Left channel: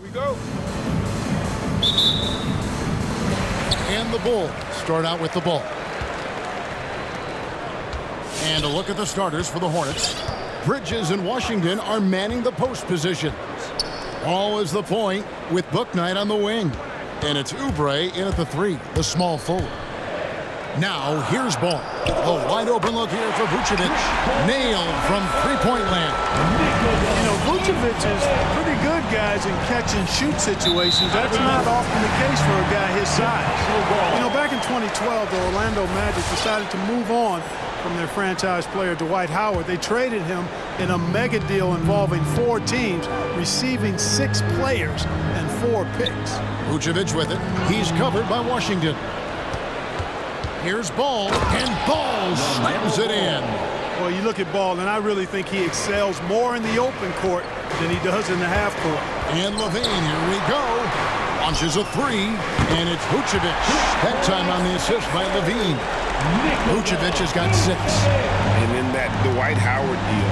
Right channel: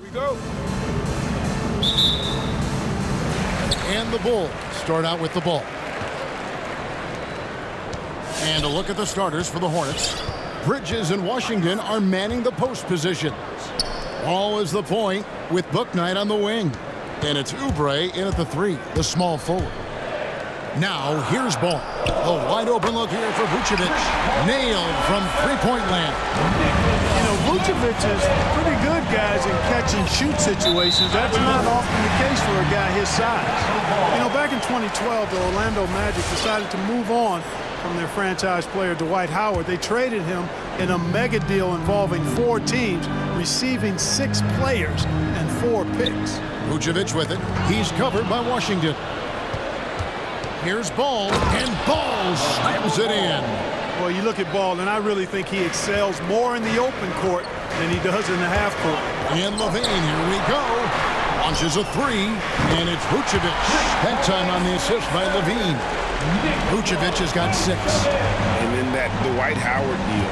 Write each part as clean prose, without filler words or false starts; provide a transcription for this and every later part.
Here we go. And the Bulls start out with the ball. And a look at the starters for the Hornets. Bridges and Washington are manning the post positions. Ball is the point with Bouknight on the wing. And it's Oubre in at the 3, the small forward. Now, here's Ball. A wide open look here for Vucevic. Nailed from three-point land. You know, Vucevic is pretty good, guys, in catch-and-shoot situations. That's not often the case for a guy his size. You know, back in 2012, the Orlando Magic decided to move on from their franchise player Dwight Howard. They traded him in a mega deal involving 4 teams, receiving 6 players and 4 picks. Vucevic with it. He's covered by Washington. Here's Ball, and Ball slams it in. Well, you look at Ball, and I really think he excels more in the open court than he does in the half court. And LaVine, here we go. Launches a 3, and it's Vucevic. That time on the assist by LaVine. Vucevic has got 6. And in that Dwight Howard deal,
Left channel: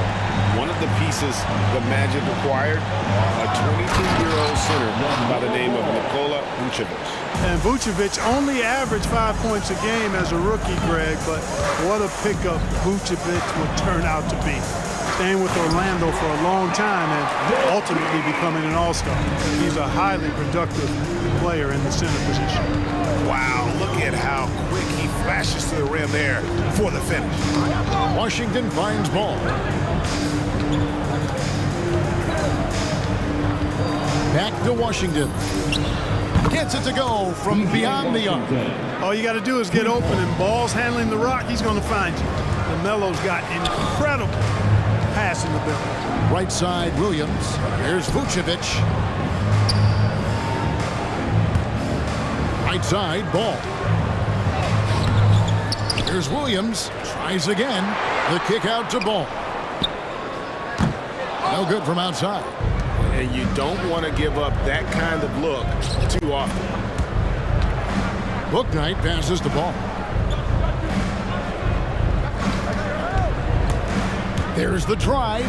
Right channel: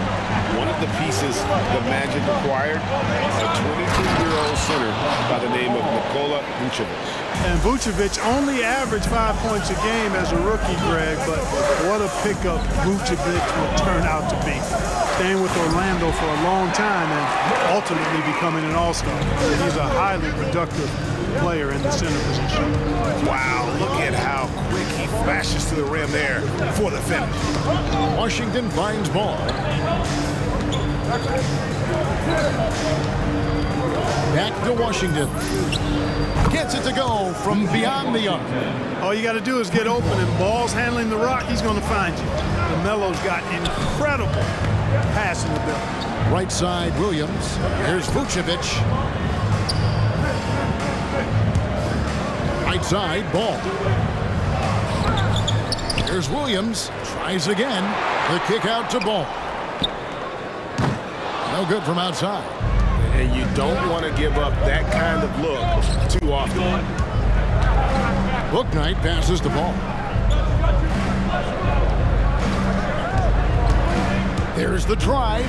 one of the pieces the Magic acquired, a 22-year-old center by the name of Nikola Vucevic. And Vucevic only averaged 5 points a game as a rookie, Greg, but what a pickup Vucevic would turn out to be. Staying with Orlando for a long time and ultimately becoming an all-star. He's a highly productive player in the center position. Wow, look at how quick he flashes to the rim there for the finish. Washington finds Ball. Back to Washington. Gets it to go from beyond the arc. All you got to do is get open, and Ball's handling the rock. He's going to find you. LaMelo's got incredible passing ability. Right side, Williams. Here's Vucevic. Right side, Ball. Here's Williams. Tries again. The kick out to Ball. No good from outside. And you don't want to give up that kind of look too often. Bouknight passes the ball. There's the drive.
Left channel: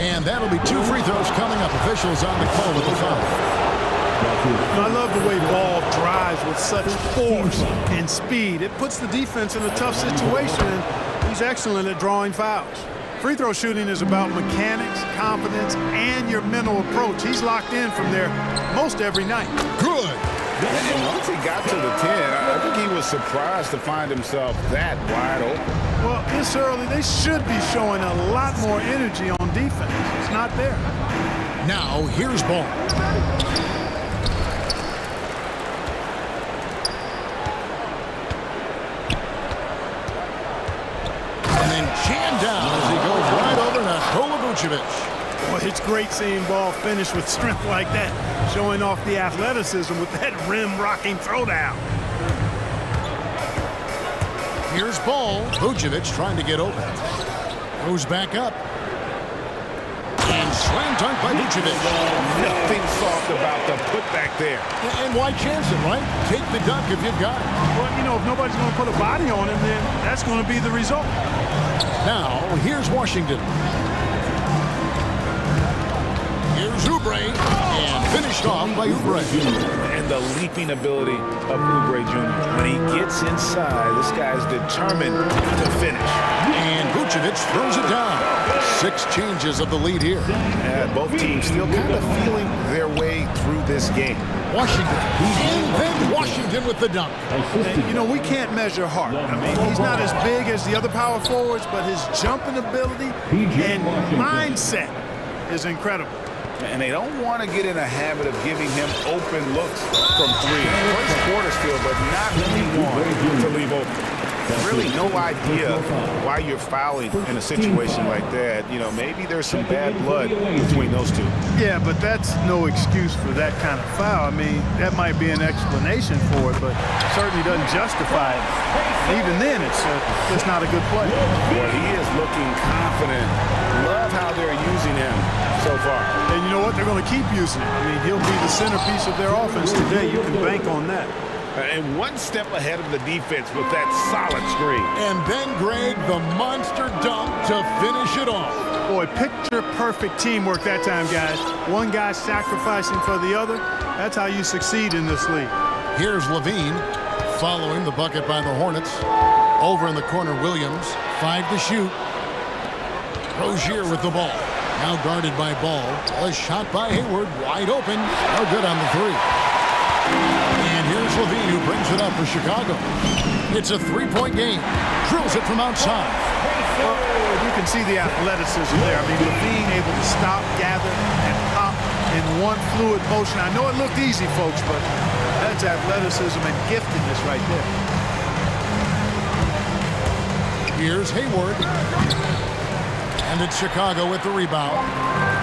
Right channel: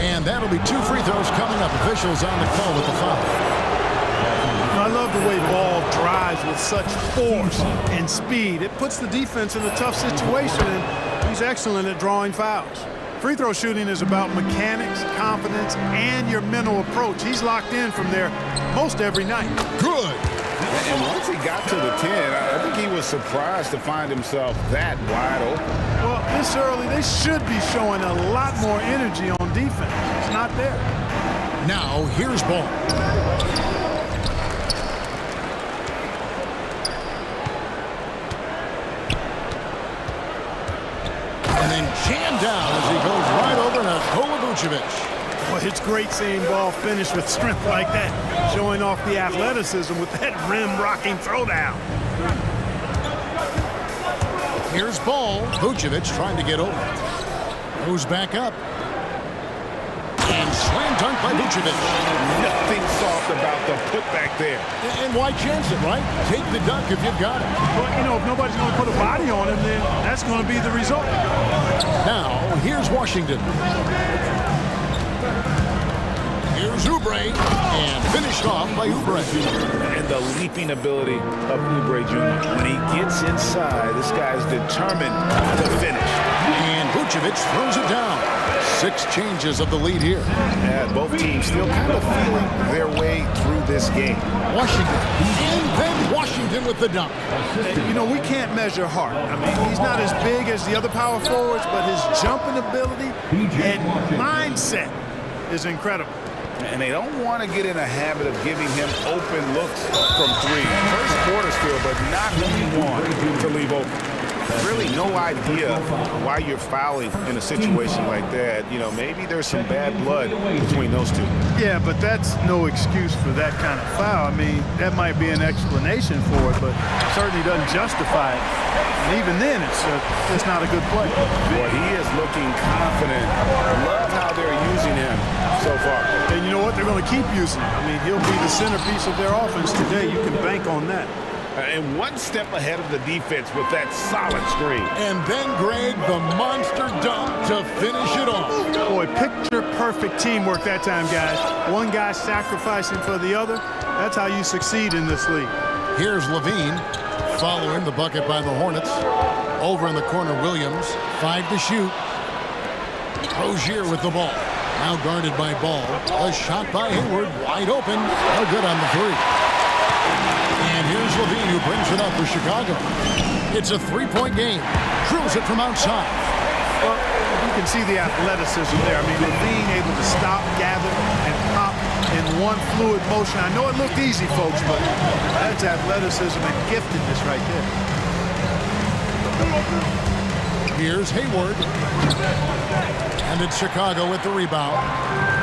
And that'll be 2 free throws coming up. Officials on the call with the foul. I love the way Ball drives with such force and speed. It puts the defense in a tough situation, and he's excellent at drawing fouls. Free throw shooting is about mechanics, confidence, and your mental approach. He's locked in from there most every night. Good. And once he got to the 10, I think he was surprised to find himself that wide open. Well, this early, they should be showing a lot more energy on defense. It's not there. Now, here's Ball. And then jammed down as he goes right over Nikola Vucevic. Boy, it's great seeing Ball finish with strength like that, showing off the athleticism with that rim-rocking throwdown. Here's Ball. Vucevic trying to get over. Goes back up. And slam dunk by Vucevic. Nothing soft about the putback there. And why chance it, right? Take the dunk if you've got it. Well, you know, if nobody's going to put a body on him, then that's going to be the result. Now, here's Washington. Here's Oubre, and finished off by Oubre. And the leaping ability of Oubre Jr. When he gets inside, this guy's determined to finish. And Vucevic throws it down. 6 changes of the lead here. And both teams still kind of feeling their way through this game. Washington, and then Washington with the dunk. You know, we can't measure heart. I mean, he's not as big as the other power forwards, but his jumping ability and mindset is incredible. And they don't want to get in a habit of giving him open looks from 3. First quarter still, but not who you want to leave open. Really no idea why you're fouling in a situation like that. You know, maybe there's some bad blood between those two. Yeah, but that's no excuse for that kind of foul. I mean, that might be an explanation for it, but certainly doesn't justify it. And even then, it's just not a good play. Boy, he is looking confident. Love how they're using him so far. And you know what? They're going to keep using him. I mean, he'll be the centerpiece of their offense today. You can bank on that. And one step ahead of the defense with that solid screen. And then, Greg, the monster dunk to finish it off. Boy, picture-perfect teamwork that time, guys. One guy sacrificing for the other. That's how you succeed in this league. Here's Levine following the bucket by the Hornets. Over in the corner, Williams. 5 to shoot. Rozier with the ball. Now guarded by Ball. A shot by Hayward. Wide open. No good on the three. And here's Levine, who brings it up for Chicago. It's a three-point game. Drills it from outside. Well, you can see the athleticism there. I mean, Levine able to stop, gather, and pop in one fluid motion. I know it looked easy, folks, but that's athleticism and giftedness right there. Here's Hayward. And it's Chicago with the rebound.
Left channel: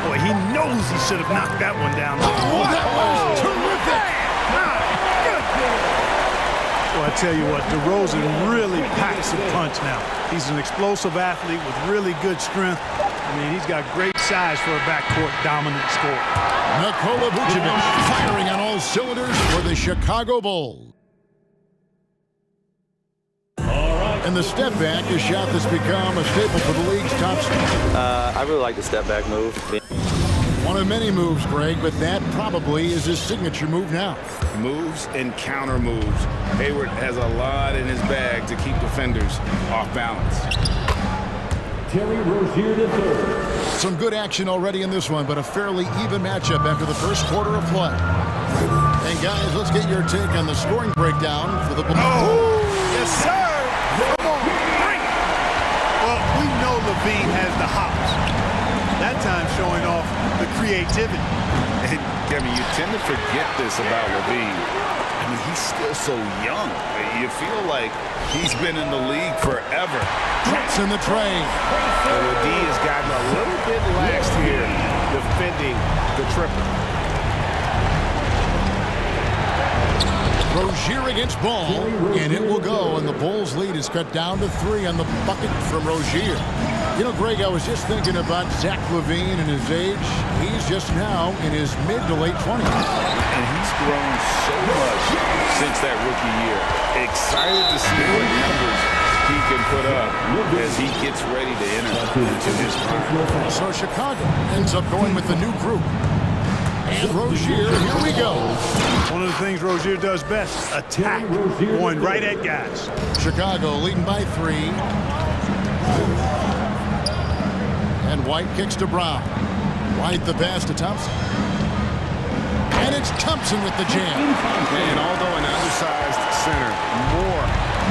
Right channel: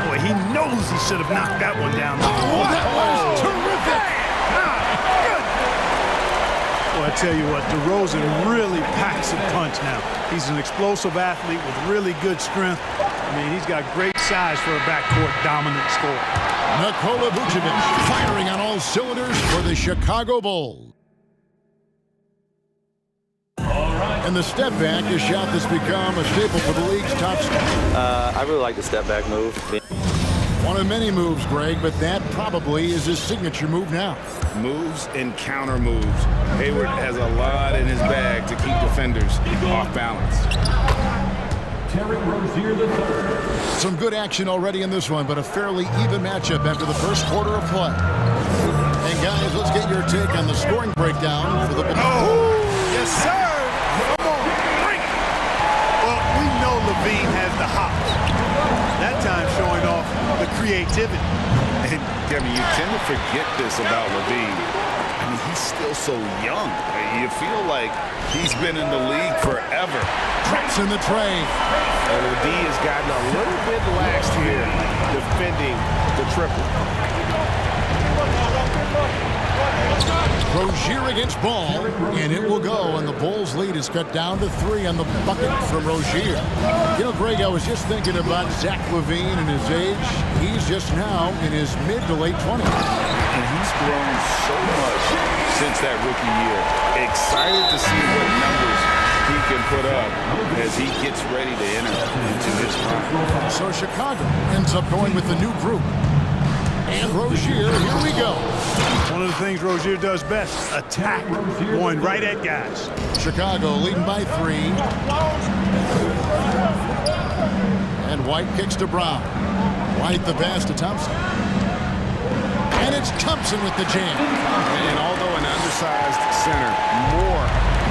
Boy, he knows he should have knocked that one down. Oh, that was terrific. Good. Well, I tell you what, DeRozan really packs a punch now. He's an explosive athlete with really good strength. I mean, he's got great size for a backcourt dominant scorer. Nikola Vucevic firing on all cylinders for the Chicago Bulls. And the step back, a shot that's become a staple for the league's top star. I really like the step back move. One of many moves, Greg, but that probably is his signature move now. Moves and counter moves. Hayward has a lot in his bag to keep defenders off balance. Terry Rozier III. Some good action already in this one, but a fairly even matchup after the first quarter of play. And guys, let's get your take on the scoring breakdown for the Bulls. Oh, yes, sir. Come on, bring it. Well, we know Levine has the hops. That time showing off the creativity. And Kevin, you tend to forget this about Levine. I mean, he's still so young. You feel like he's been in the league forever. Drops in the tray. And the D has gotten a little bit laxed here defending the triple. Rozier against Ball, and it will go, and the Bulls' lead is cut down to 3 on the bucket from Rozier. You know, Greg, I was just thinking about Zach LaVine and his age. He's just now in his mid to late 20s. And he's grown so much since that rookie year. Excited to see what numbers he can put up as he gets ready to enter into his prime. So Chicago ends up going with the new group. And Rozier, here we go. One of the things Rozier does best, attack, going right at guys. Chicago leading by 3. And White kicks to Brown. White the pass to Thompson. And it's Thompson with the jam. And although an undersized center, more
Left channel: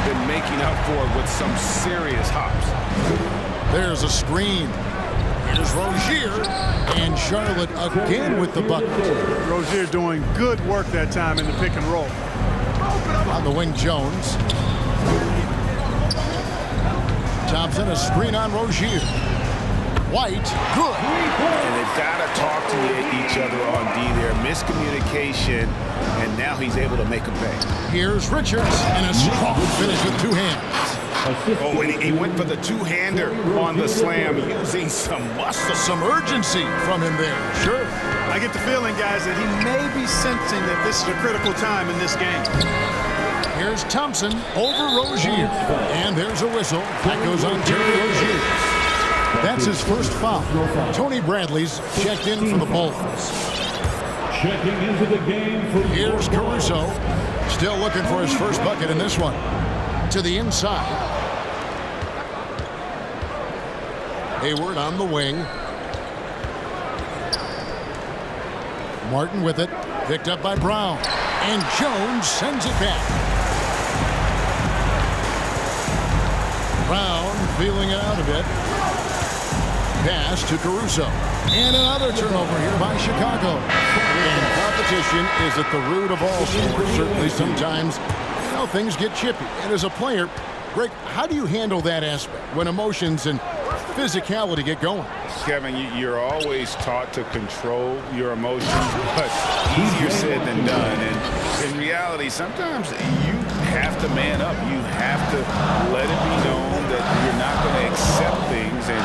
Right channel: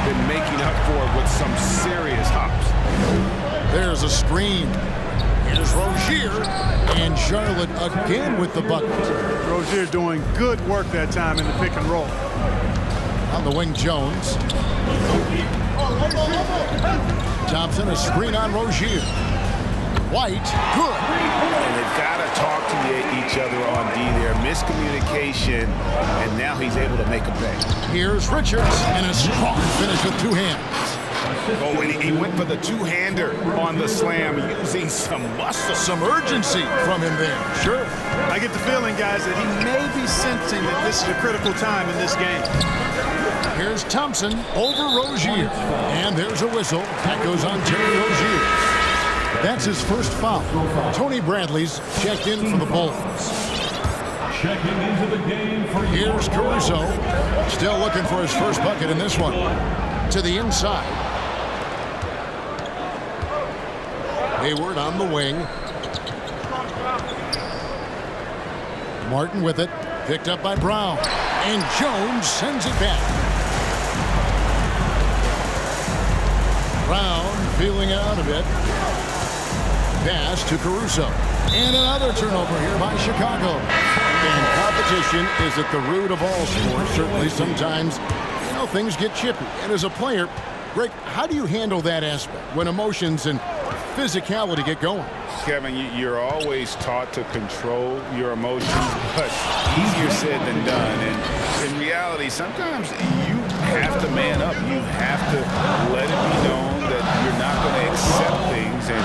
than making up for it with some serious hops. There's a screen. Here's Rozier, and Charlotte again with the bucket. Rozier doing good work that time in the pick and roll. On the wing, Jones. Thompson, a screen on Rozier. White, good. And they've got to talk to each other on D there. Miscommunication, and now he's able to make a pay. Here's Richards, and a strong finish with 2 hands. Oh, and he went for the two-hander on the slam, using some muscle. Some urgency from him there, sure. I get the feeling, guys, that he may be sensing that this is a critical time in this game. Here's Thompson over Rozier. And there's a whistle. That goes on Terry Rozier. That's his first foul. Tony Bradley's checked in for the Bulls. Checking into the game for Here's Caruso. Still looking for his first bucket in this one. To the inside. Hayward on the wing. Martin with it. Picked up by Brown. And Jones sends it back. Brown feeling it out a bit. Pass to Caruso. And another turnover here by Chicago. And competition is at the root of all sports. Certainly sometimes, you know, things get chippy. And as a player, Greg, how do you handle that aspect when emotions and physicality get going? Kevin, you're always taught to control your emotions, but easier said than done. And in reality, sometimes you have to man up. You have to let it be known that you're not going to accept things, and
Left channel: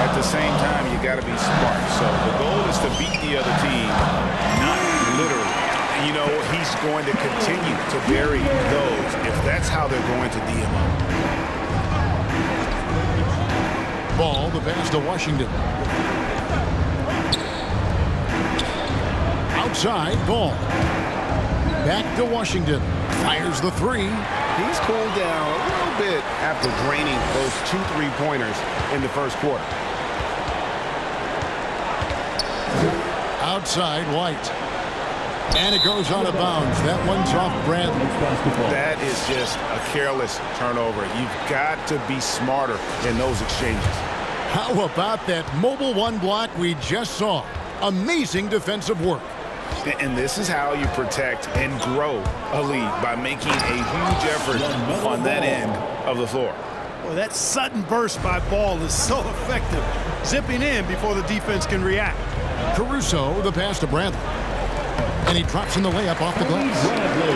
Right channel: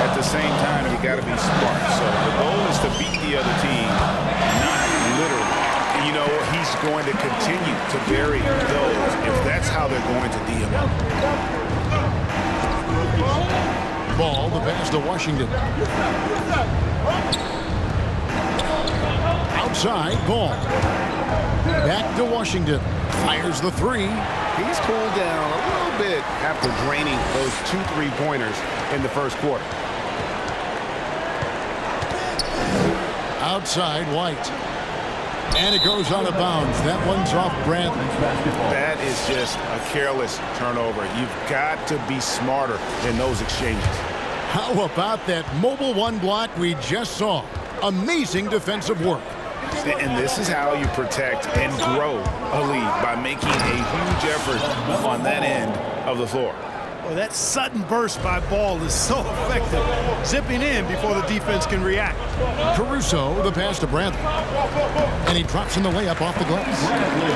at the same time, you got to be smart. So the goal is to beat the other team, not literally. And you know, he's going to continue to bury those if that's how they're going to D him up. Ball, the pass to Washington. Outside, ball. Back to Washington. Fires the three. He's cooled down a little bit after draining those 2 3-pointers in the first quarter. Outside, White. And it goes out of bounds. That one's off Bradley. That is just a careless turnover. You've got to be smarter in those exchanges. How about that mobile one block we just saw? Amazing defensive work. And this is how you protect and grow a lead, by making a huge effort on that end of the floor. Well, that sudden burst by Ball is so effective, zipping in before the defense can react. Caruso, the pass to Bradley. And he drops in the layup off the glass.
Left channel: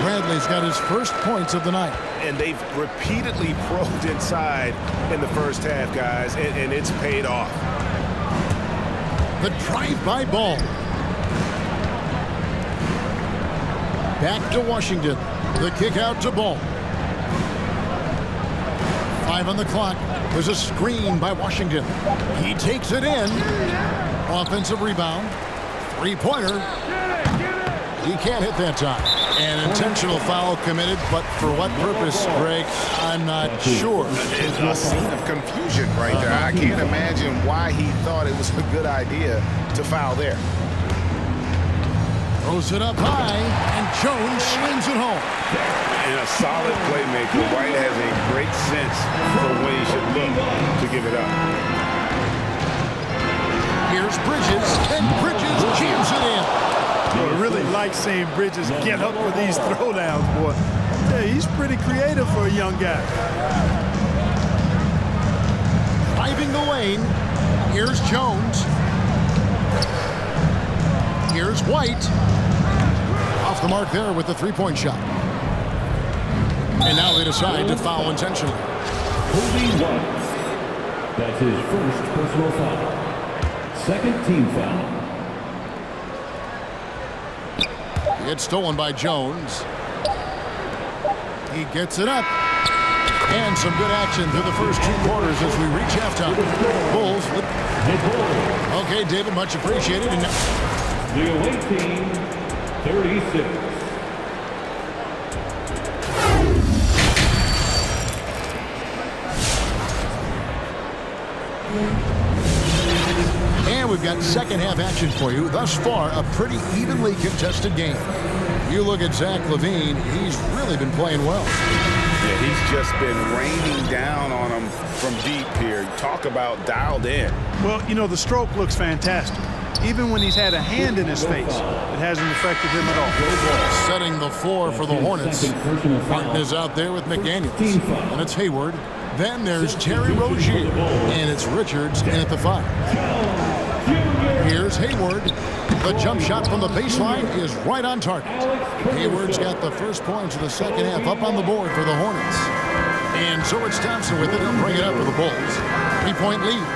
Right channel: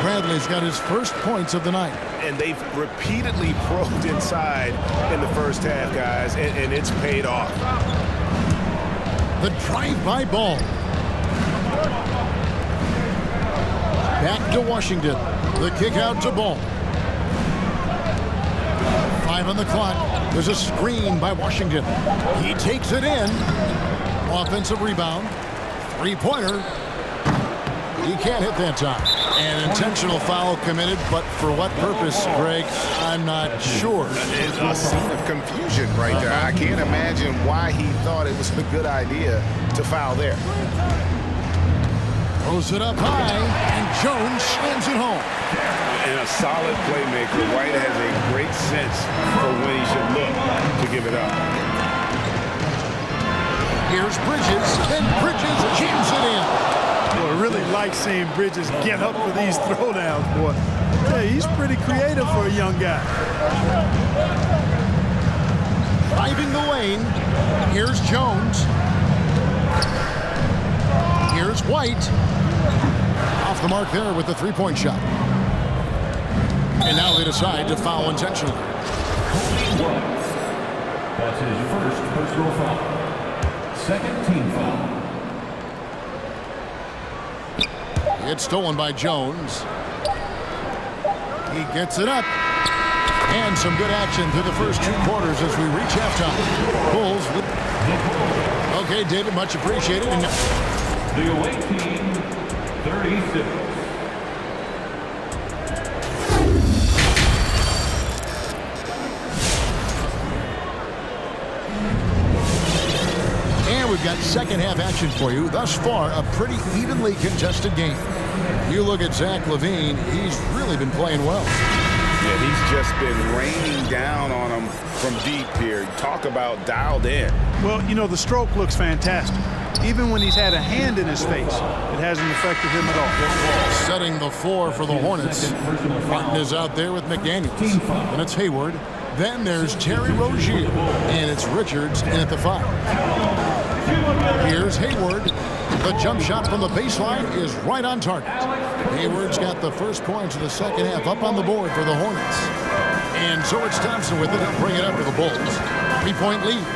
Bradley's got his first points of the night. And they've repeatedly probed inside in the first half, guys, and it's paid off. The drive-by Ball. Back to Washington. The kick out to Ball. 5 on the clock. There's a screen by Washington. He takes it in. Offensive rebound. 3-pointer. He can't hit that time. An intentional foul committed, but for what purpose, Greg, I'm not sure. It's a scene of confusion right there. I can't imagine why he thought it was a good idea to foul there. Throws it up high, and Jones slams it home. And a solid playmaker. White has a great sense for when he should look to give it up. Here's Bridges, and Bridges jams it in. Boy, I really like seeing Bridges get up for these throwdowns, boy. I tell you, he's pretty creative for a young guy. Driving the lane. Here's Jones. Here's White. Off the mark there with the 3-point shot. And now they decide to foul intentionally. That's his first personal foul. Second team foul. It's stolen by Jones. He gets it up. And some good action through the first 2 quarters as we reach halftime. Bulls. Okay, David, much appreciated. And the away team, 36. And we've got second half action for you. Thus far, a pretty evenly contested game. You look at Zach LaVine, he's really been playing well. Yeah, he's just been raining down on them from deep here. Talk about dialed in. Well, you know, the stroke looks fantastic. Even when he's had a hand in his face, it hasn't affected him at all. Setting the floor for the Hornets. Martin is out there with McDaniels. And it's Hayward. Then there's Terry Rozier. And it's Richards in at the 5. Here's Hayward. The jump shot from the baseline is right on target. Hayward's got the first points of the second half up on the board for the Hornets. And so it's Thompson with it. He'll bring it up for the Bulls. 3-point lead.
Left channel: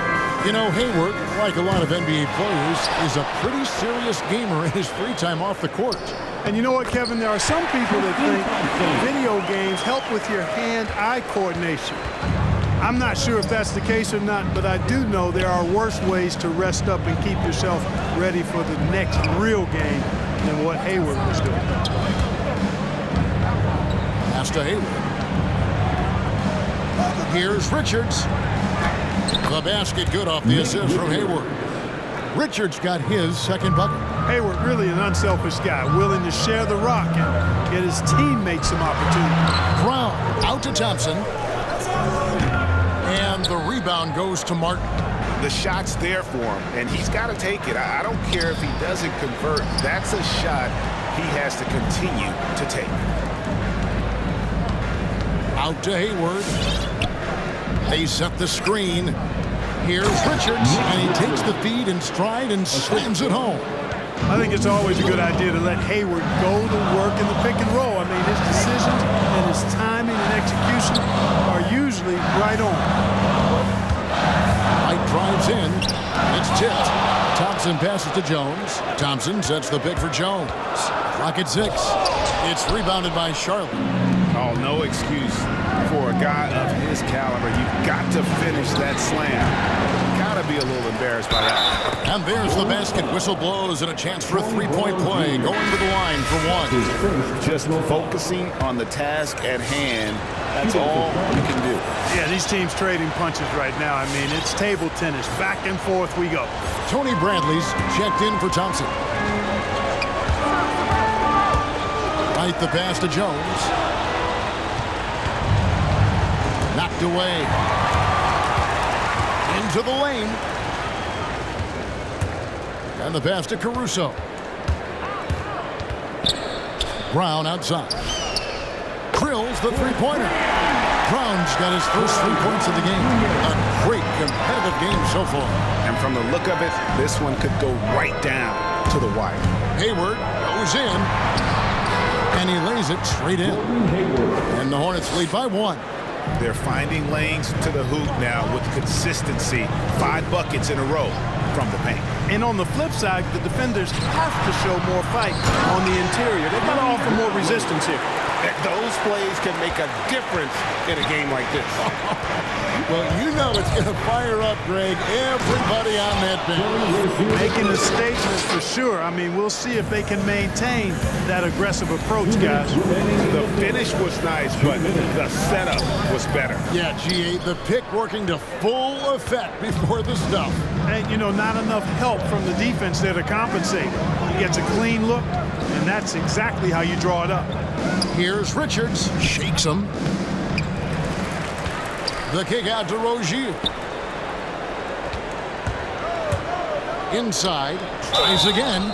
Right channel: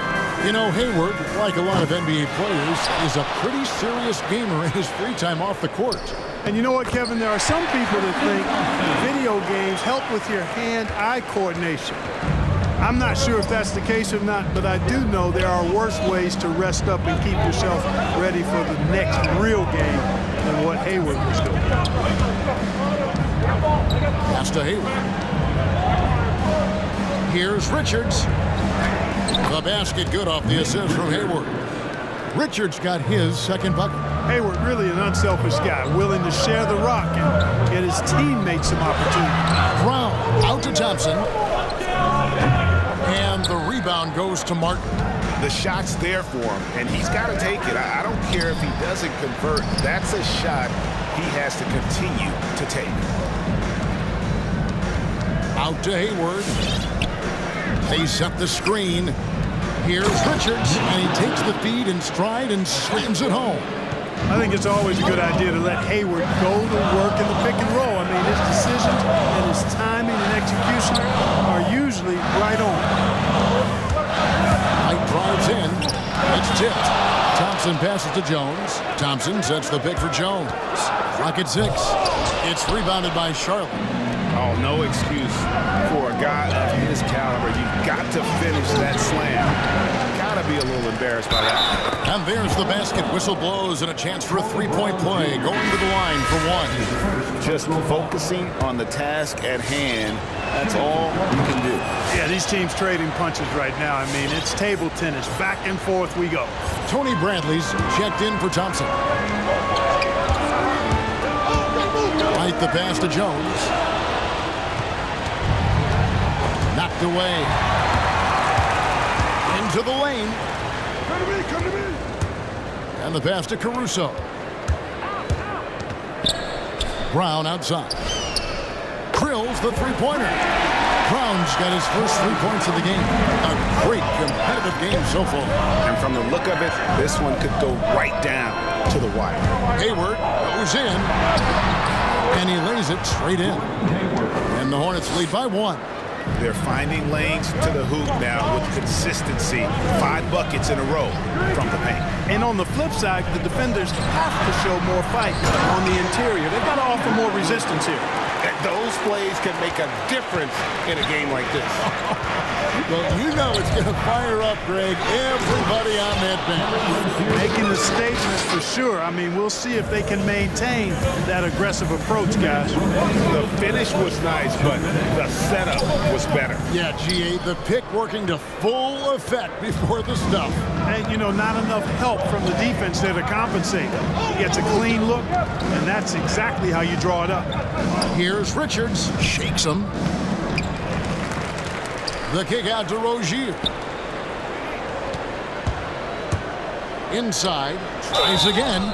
You know, Hayward, like a lot of NBA players, is a pretty serious gamer in his free time off the court. And you know what, Kevin? There are some people that think video games help with your hand-eye coordination. I'm not sure if that's the case or not, but I do know there are worse ways to rest up and keep yourself ready for the next real game than what Hayward was doing. Pass to Hayward. Here's Richards. The basket good off the assist from Hayward. Richards got his second bucket. Hayward really an unselfish guy, willing to share the rock and get his teammates some opportunity. Brown out to Thompson. And the rebound goes to Martin. The shot's there for him, and he's got to take it. I don't care if he doesn't convert. That's a shot he has to continue to take. Out to Hayward. They set the screen. Here's Richards, and he takes the feed in stride and slams it home. I think it's always a good idea to let Hayward go to work in the pick and roll. I mean, his decisions and his timing and execution are usually right on. White drives in. It's tipped. Thompson passes to Jones. Thompson sets the pick for Jones. Clock at 6. It's rebounded by Charlotte. Oh, no excuse for a guy of his caliber. You've got to finish that slam. Got to be a little embarrassed by that. And there's the basket. Whistle blows and a chance for a three-point play. Going to the line for one. Just focusing on the task at hand. That's all you can do. Yeah, these teams trading punches right now. I mean, it's table tennis. Back and forth we go. Tony Bradley's checked in for Thompson. Right the pass to Jones. Knocked away. Into the lane. And the pass to Caruso. Brown outside. Drills the three-pointer. Brown's got his first 3 points of the game. A great competitive game so far. And from the look of it, this one could go right down to the wire. Hayward goes in. And he lays it straight in. And the Hornets lead by 1. They're finding lanes to the hoop now with consistency. 5 buckets in a row from the paint. And on the flip side, the defenders have to show more fight on the interior. They've got to offer more resistance here. Those plays can make a difference in a game like this. Well, you know it's going to fire up, Greg, everybody on that bench. Making a statement for sure. I mean, we'll see if they can maintain that aggressive approach, guys. The finish was nice, but the setup was better. Yeah, G8, the pick working to full effect before the stuff. And, you know, not enough help from the defense there to compensate. He gets a clean look, and that's exactly how you draw it up. Here's Richards, shakes him. The kick out to Rozier. Inside, tries again.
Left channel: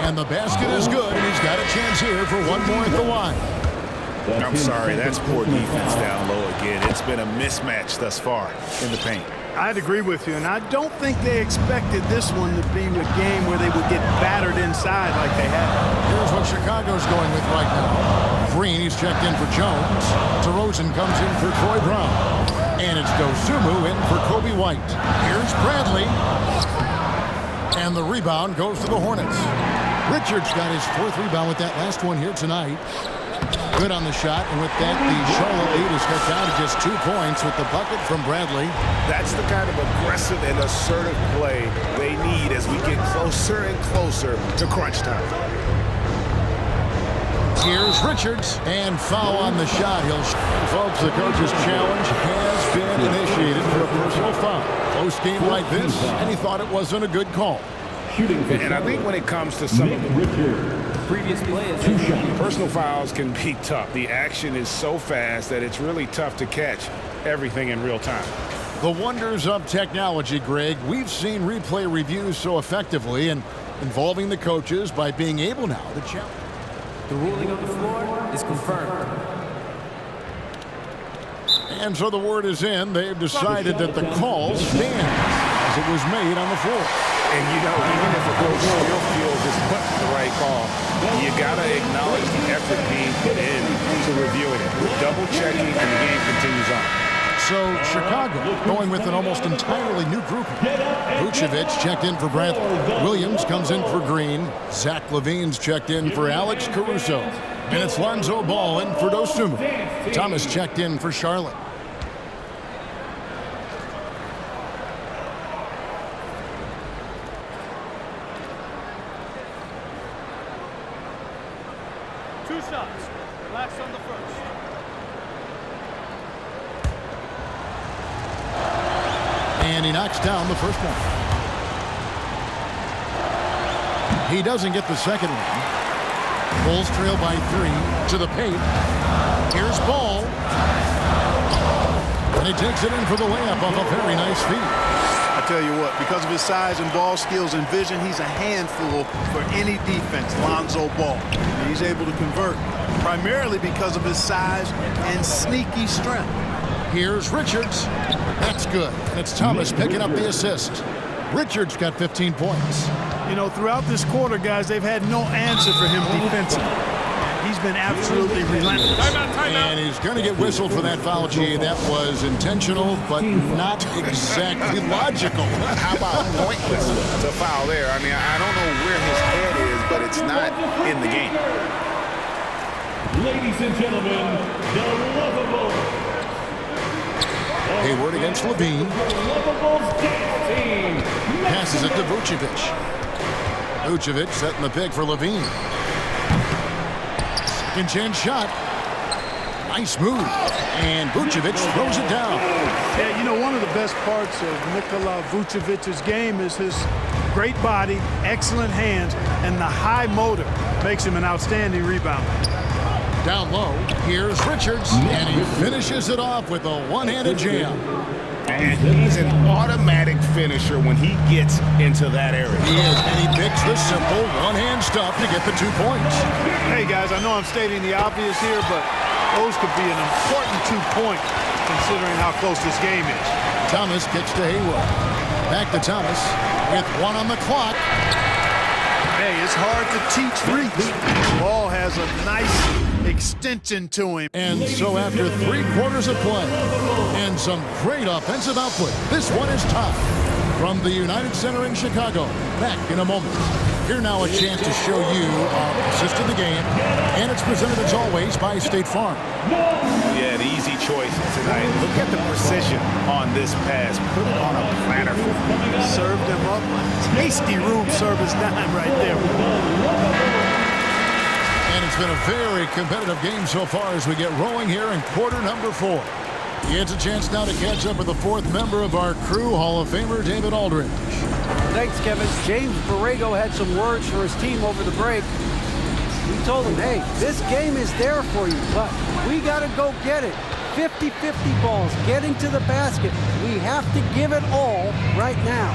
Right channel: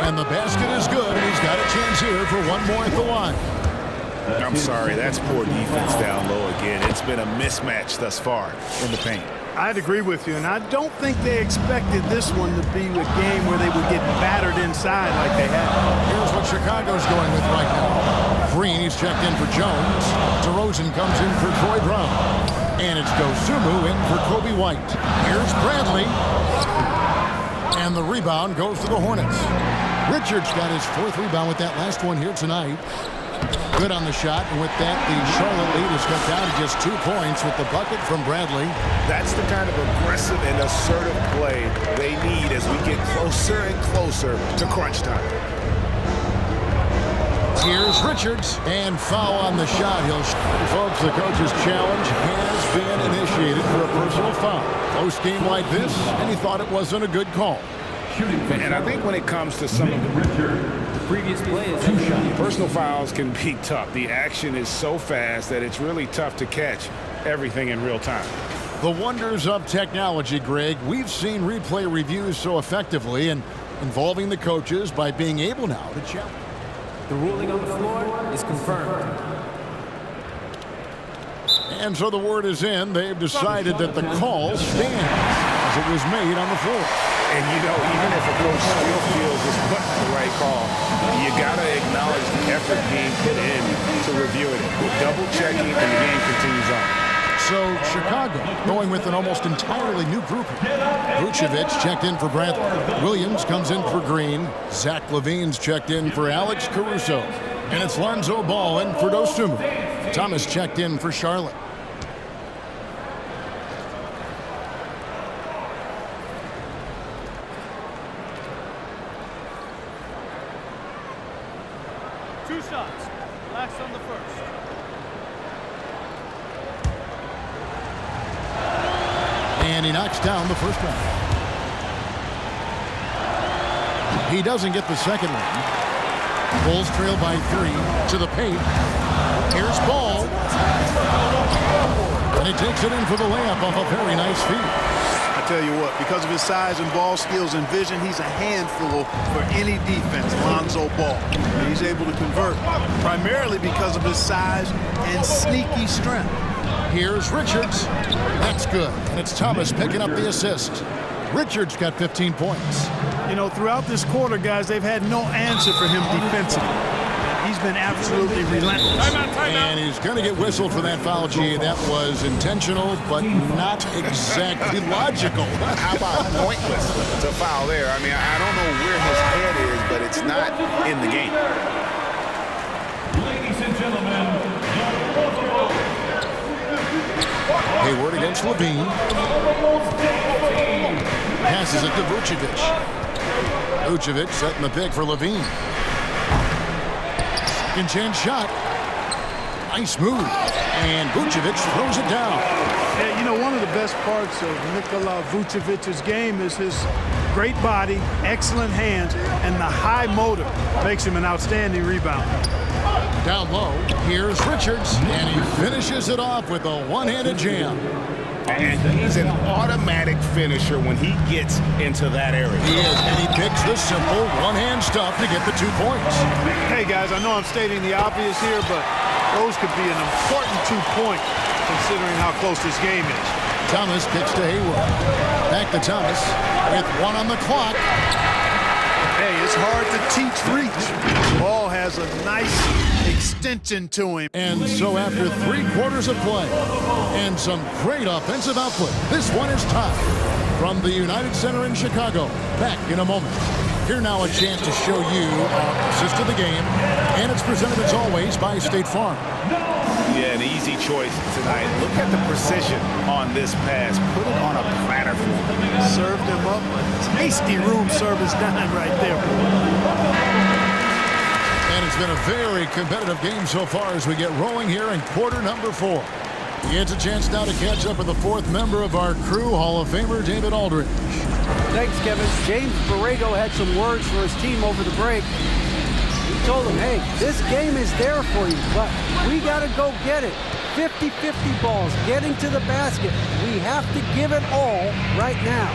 And the basket is good, and he's got a chance here for one more at the line. I'm sorry, that's poor defense down low again. It's been a mismatch thus far in the paint. I'd agree with you, and I don't think they expected this one to be a game where they would get battered inside like they have. Here's what Chicago's going with right now. Green, he's checked in for Jones. DeRozan comes in for Troy Brown. And it's Dosumu in for Kobe White. Here's Bradley. And the rebound goes to the Hornets. Richards got his 4th rebound with that last one here tonight. Good on the shot, and with that, the Charlotte lead is cut down to just 2 points with the bucket from Bradley. That's the kind of aggressive and assertive play they need as we get closer and closer to crunch time. Here's Richards, and foul on the shot. Folks, the coach's challenge has been initiated for a personal foul. Close game like this, and he thought it wasn't a good call. And I think when it comes to some of the previous play is personal fouls can be tough. The action is so fast that it's really tough to catch everything in real time. The wonders of technology, Greg. We've seen replay reviews so effectively and involving the coaches by being able now to challenge. The ruling on the floor is confirmed. And so the word is in. They've decided that the call stands as it was made on the floor. And, you know, even if a coach still feels this wasn't the right call, you got to acknowledge the effort being put in to reviewing it. Double checking, and the game continues on. So Chicago going with an almost entirely new group. Vucevic checked in for Bradley. Williams comes in for Green. Zach LaVine's checked in for Alex Caruso. And it's Lonzo Ball in for Dosumu. Thomas checked in for Charlotte. Two shots. Relax on the first. And he knocks down the first one. He doesn't get the second one. Bulls trail by 3 to the paint. Here's Ball. And he takes it in for the layup off a very nice feed. I tell you what, because of his size and ball skills and vision, he's a handful for any defense, Lonzo Ball. And he's able to convert, primarily because of his size and sneaky strength. Here's Richards. That's good. And it's Thomas picking up the assist. Richards got 15 points. You know, throughout this quarter, guys, they've had no answer for him defensively. And He's been absolutely relentless. And he's going to get whistled for that foul, G. That was intentional, but not exactly logical. How about pointless to foul there? I mean, I don't know where his head is, but it's not in the game. Ladies and gentlemen, the Lovables. Hayward against Levine. Lovables dance team. Passes it to Vucevic. Vucevic setting the pick for Levine. Second chance shot. Nice move. And Vucevic throws it down. Yeah, you know, one of the best parts of Nikola Vucevic's game is his great body, excellent hands, and the high motor makes him an outstanding rebounder. Down low, here's Richards, and he finishes it off with a one-handed jam. And he's an automatic finisher when he gets into that area. He is, and he picks the simple one-hand stuff to get the 2 points. Hey, guys, I know I'm stating the obvious here, but those could be an important 2 points considering how close this game is. Thomas kicks to Hayward. Back to Thomas with 1 on the clock. Hey, it's hard to teach reach. Ball has a nice extension to him. And so after 3 quarters of play and some great offensive output, this one is tied. From the United Center in Chicago, back in a moment. Here now a chance to show you our assist of the game, and it's presented as always by State Farm. Yeah, an easy choice tonight. Look at the precision on this pass. Put it on a platter for him. Served him up a tasty room service dime right there. And it's been a very competitive game so far as we get rolling here in quarter number 4. He gets a chance now to catch up with the 4th member of our crew, Hall of Famer David Aldridge. Thanks, Kevin. James Borrego had some words for his team over the break. We told him, hey, this game is there for you, but we got to go get it. 50-50 balls, getting to the basket. We have to give it all right now.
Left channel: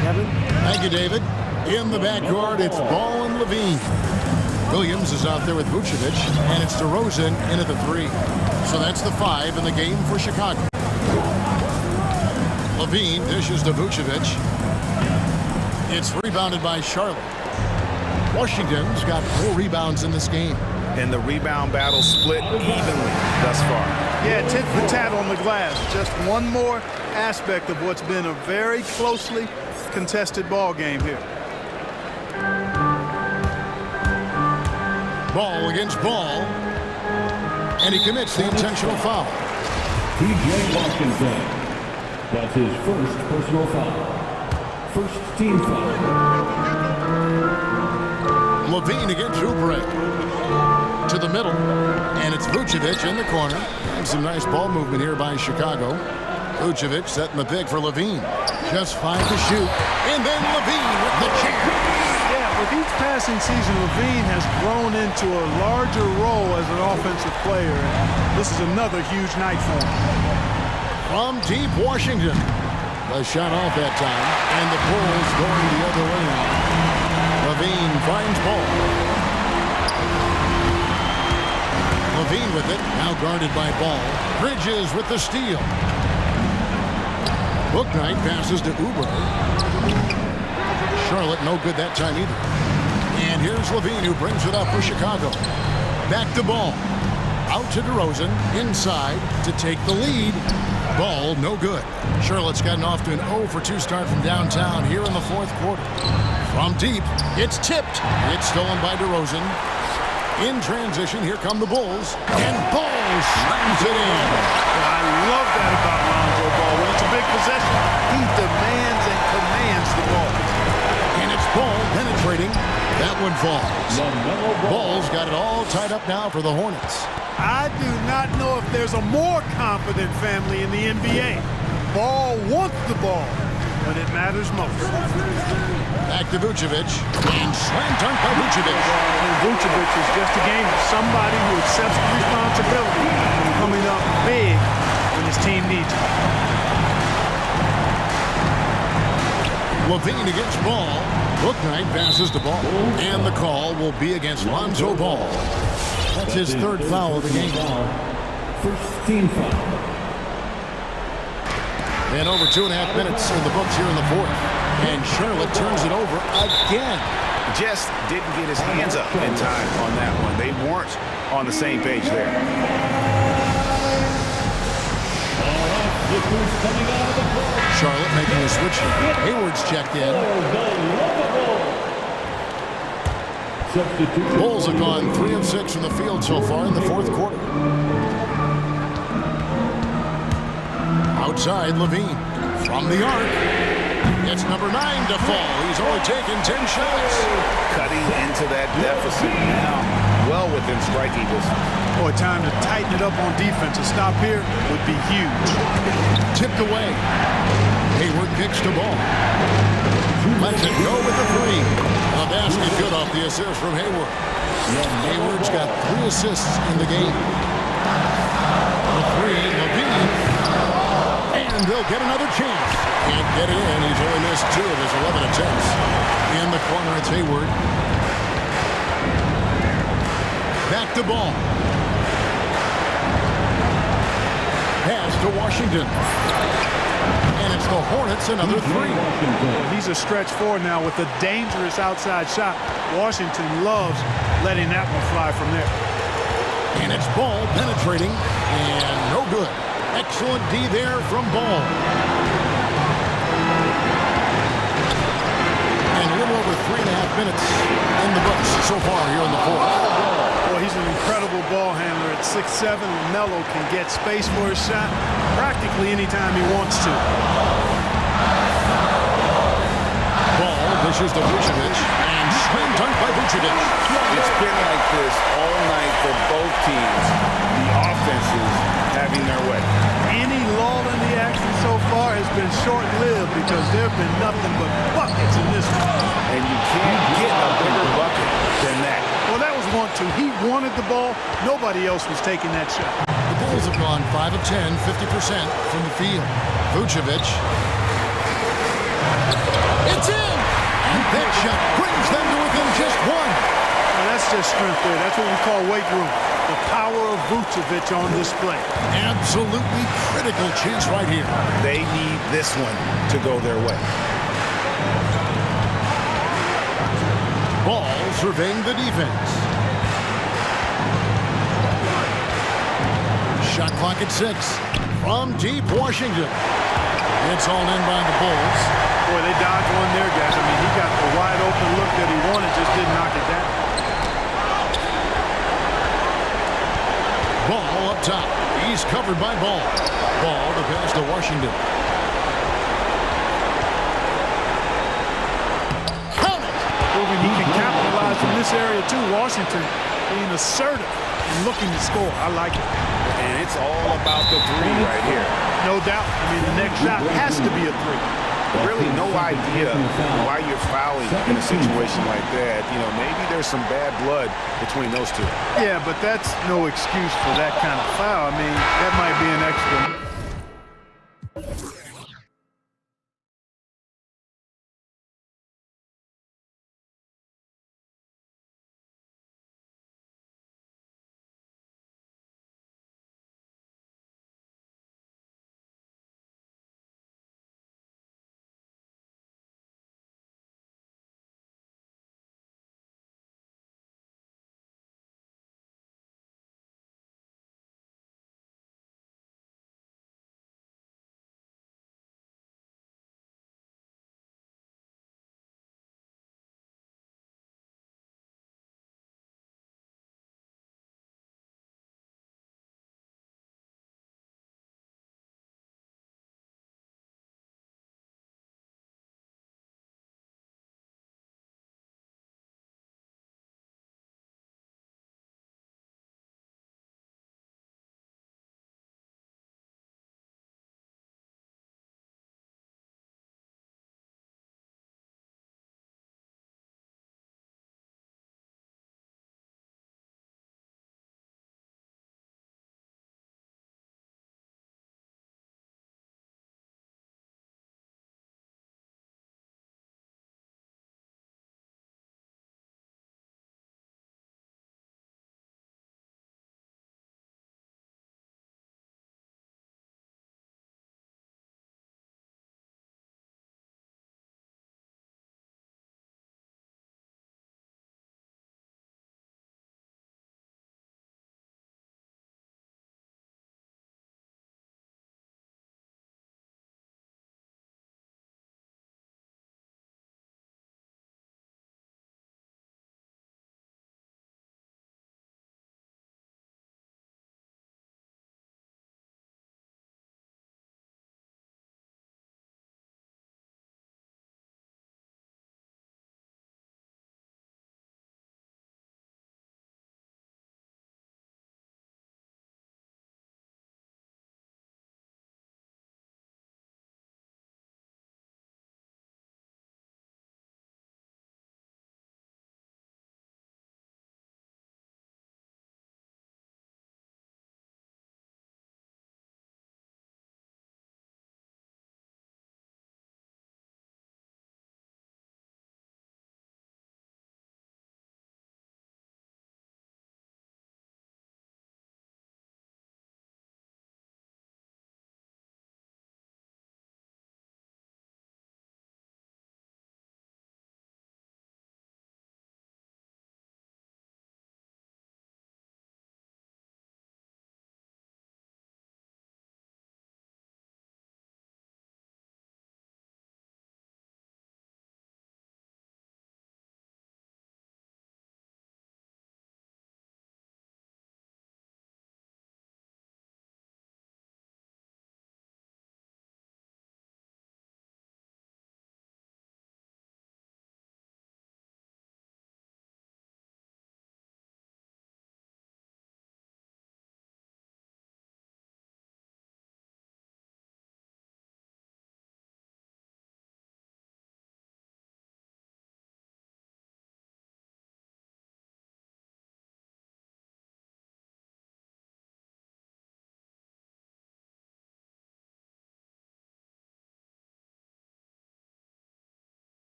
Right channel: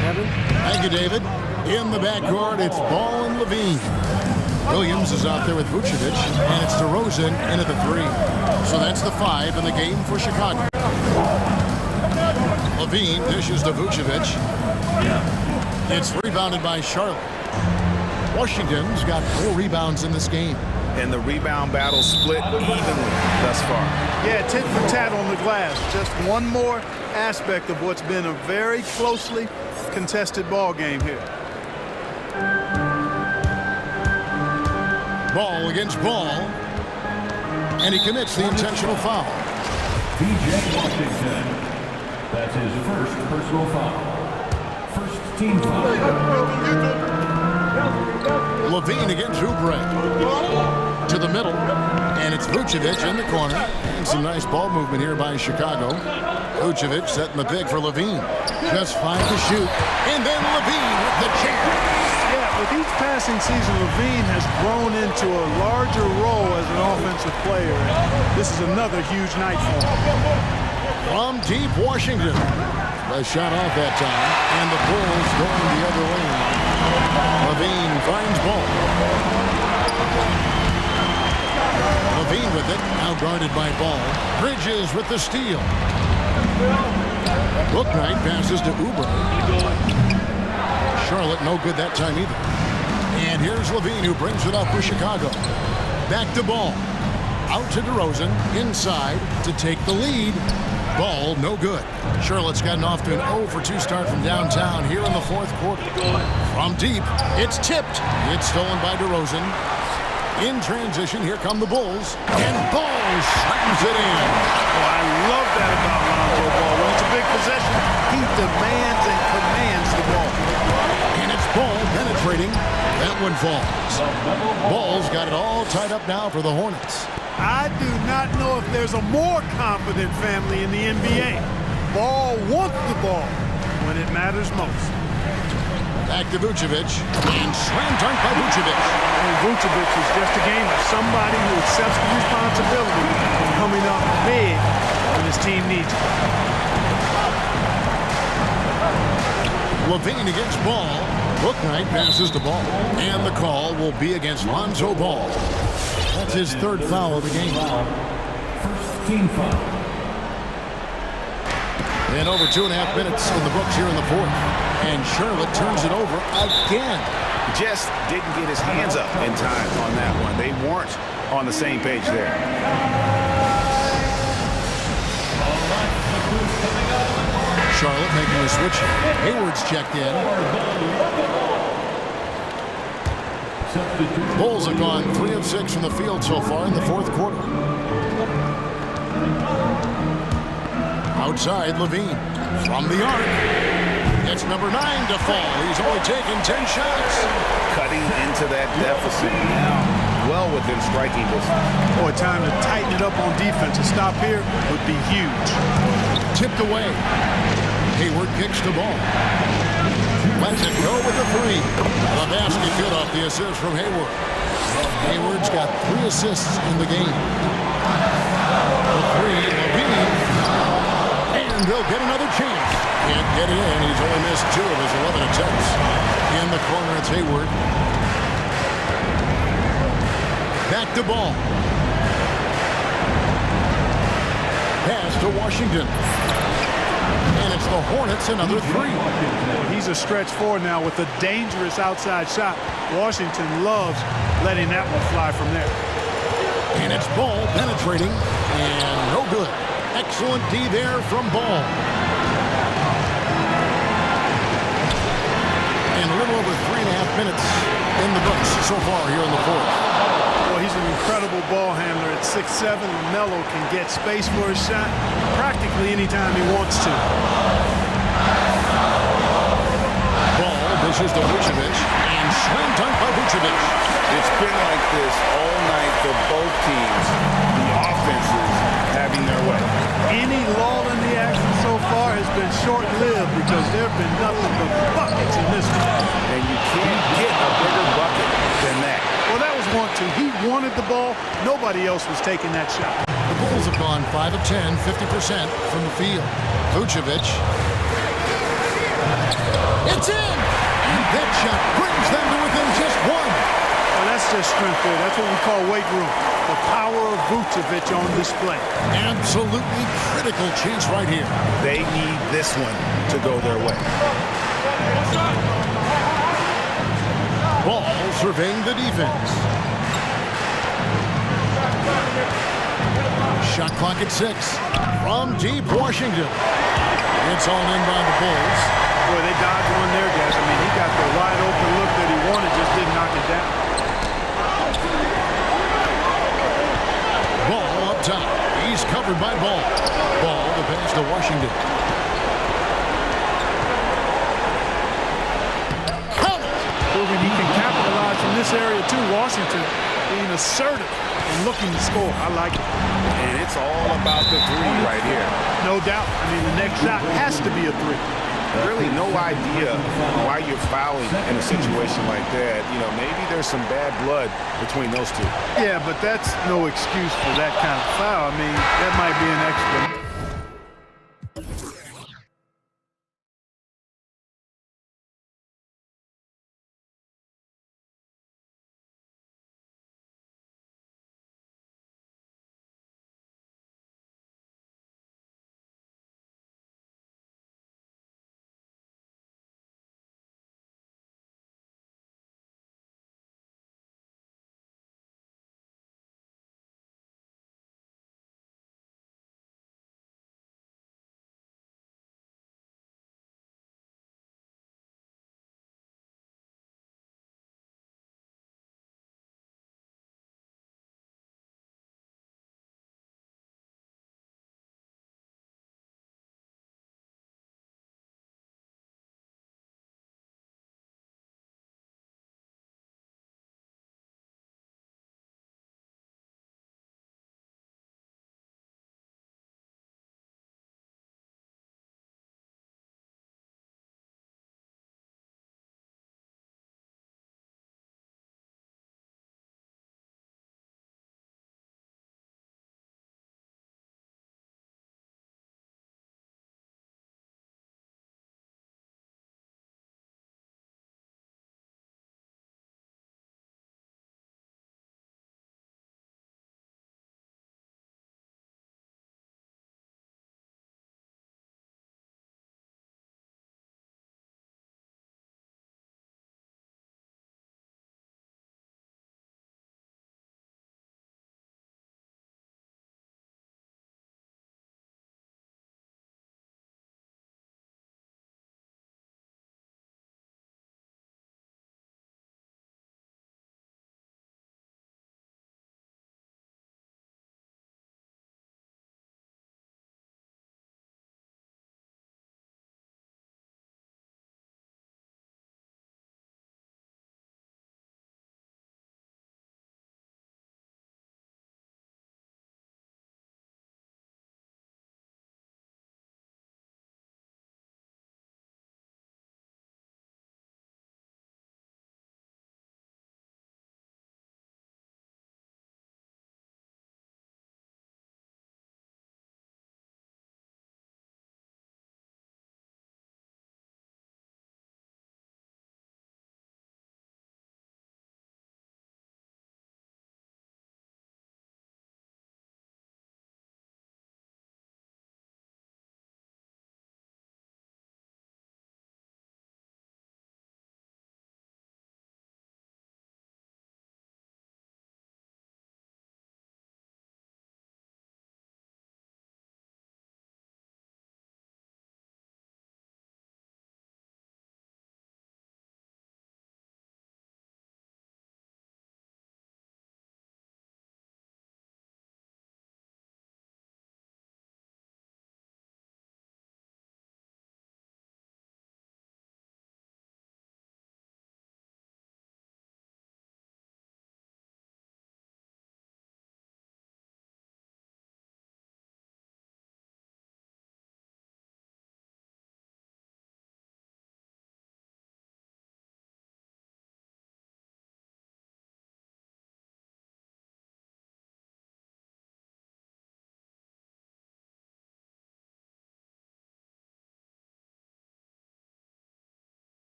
Kevin? Thank you, David. In the backcourt, it's Ball and Levine. Williams is out there with Vucevic, and it's DeRozan in at the 3. So that's the 5 in the game for Chicago. Levine dishes to Vucevic. It's rebounded by Charlotte. Washington's got 4 rebounds in this game. And the rebound battle split evenly thus far. Yeah, tit for tat on the glass. Just one more aspect of what's been a very closely contested ball game here. Ball against Ball. And he commits the intentional foul. P.J. Washington. That's his first personal foul. First team foul. Levine against Oubre. To the middle. And it's Vucevic in the corner. And some nice ball movement here by Chicago. Vucevic setting the pick for Levine. Just 5 to shoot. And then Levine with the jam. Yeah, with each passing season, Levine has grown into a larger role as an offensive player. And this is another huge night for him. From deep Washington. The shot off that time. And the Bulls going the other way now. Levine finds Ball. Levine with it. Now guarded by Ball. Bridges with the steal. Bouknight passes to Oubre. Charlotte no good that time either. And here's Levine who brings it up for Chicago. Back to Ball. Out to DeRozan. Inside to take the lead. Ball no good. Charlotte's gotten off to an 0 for 2 start from downtown here in the 4th quarter. From deep, it's tipped. It's stolen by DeRozan. In transition, here come the Bulls. And Ball slams it in. Oh, I love that about Lonzo Ball. When it's a big possession, he demands and commands the ball. And it's Ball penetrating. That one falls. Ball's got it all tied up now for the Hornets. I do not know if there's a more confident family in the NBA. Ball wants the ball when it matters most. Back to Vucevic. And slam dunk by Vucevic. And Vucevic is just a gamer, somebody who accepts the responsibility of coming up big when his team needs it. Levine against Ball. Bouknight passes the Ball. And the call will be against Lonzo Ball. That's his 3rd foul of the game. First team foul. And over 2.5 minutes in the books here in the 4th. And Charlotte turns it over again. Just didn't get his hands up in time on that one. They weren't on the same page there. Charlotte making a switch here. Hayward's checked in. Bulls have gone 3 of 6 from the field so far in the fourth quarter. Outside, Levine. From the arc. It's number 9 to fall. He's only taken 10 shots. Cutting into that deficit now, well within striking distance. Boy, time to tighten it up on defense. A stop here would be huge. Tipped away. Hayward kicks the ball. Lets it go with the 3. The basket good off the assist from Hayward. Hayward's got 3 assists in the game. The 3, Levine. And they'll get another chance. Can't get it in. He's only missed 2 of his 11 attempts. In the corner, it's Hayward. Back to ball. Pass to Washington. And it's the Hornets, another 3. Well, he's a stretch 4 now with a dangerous outside shot. Washington loves letting that one fly from there. And it's Ball penetrating, and no good. Excellent D there from Ball. And a little over 3.5 minutes in the books so far here in the fourth. Well, he's an incredible ball handler. At 6'7", LaMelo can get space for his shot practically anytime he wants to. Ball dishes to Vucevic, and slam dunk by Vucevic. It's been like this all night for both teams. The offenses having their way. Any lull in the action so far has been short-lived because there have been nothing but buckets in this one. And you can't get a bigger bucket than that. Well, that was 1-2. He wanted the ball. Nobody else was taking that shot. The Bulls have gone 5 of 10, 50% from the field. Vucevic. It's in! And that shot brings them to within just 1. Well, that's just strength there. That's what we call weight room. The power of Vucevic on display. Absolutely critical chance right here. They need this one to go their way. Ball surveying the defense. Shot clock at 6. From deep, Washington. It's all in by the Bulls. Boy, they dodged one there, guys. I mean, he got the wide open look that he wanted, just didn't knock it down. Ball up top. He's covered by Ball. Ball to pass to Washington. Count it! Proving he can capitalize from this area, too. Washington being assertive and looking to score. I like it. And it's all about the 3 right here. No doubt. I mean, the next shot has to be a 3. Really no idea why you're fouling in a situation like that. You know, maybe there's some bad blood between those 2. Yeah, but that's no excuse for that kind of foul. I mean, that might be an explanation.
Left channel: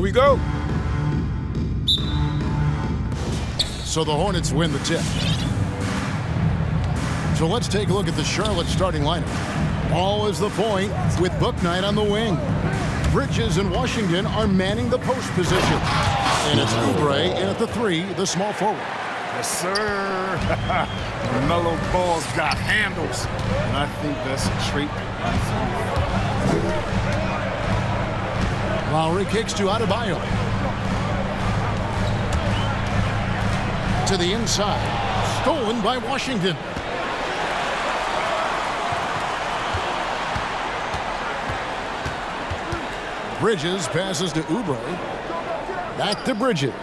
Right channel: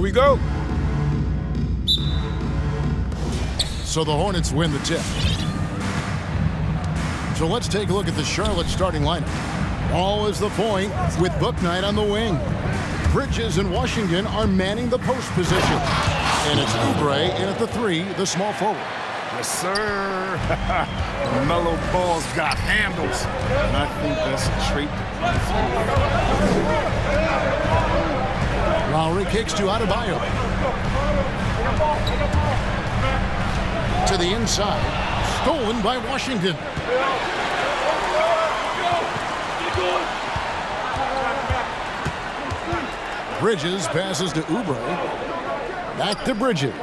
Here we go. So the Hornets win the tip. So let's take a look at the Charlotte starting lineup. Ball is the point with Bouknight on the wing. Bridges and Washington are manning the post position. And it's Oubre in at the 3, the small forward. Yes, sir. Mellow ball's got handles. And I think that's a trait. Lowry kicks to Adebayo. To the inside. Stolen by Washington. Bridges passes to Oubre. Back to Bridges.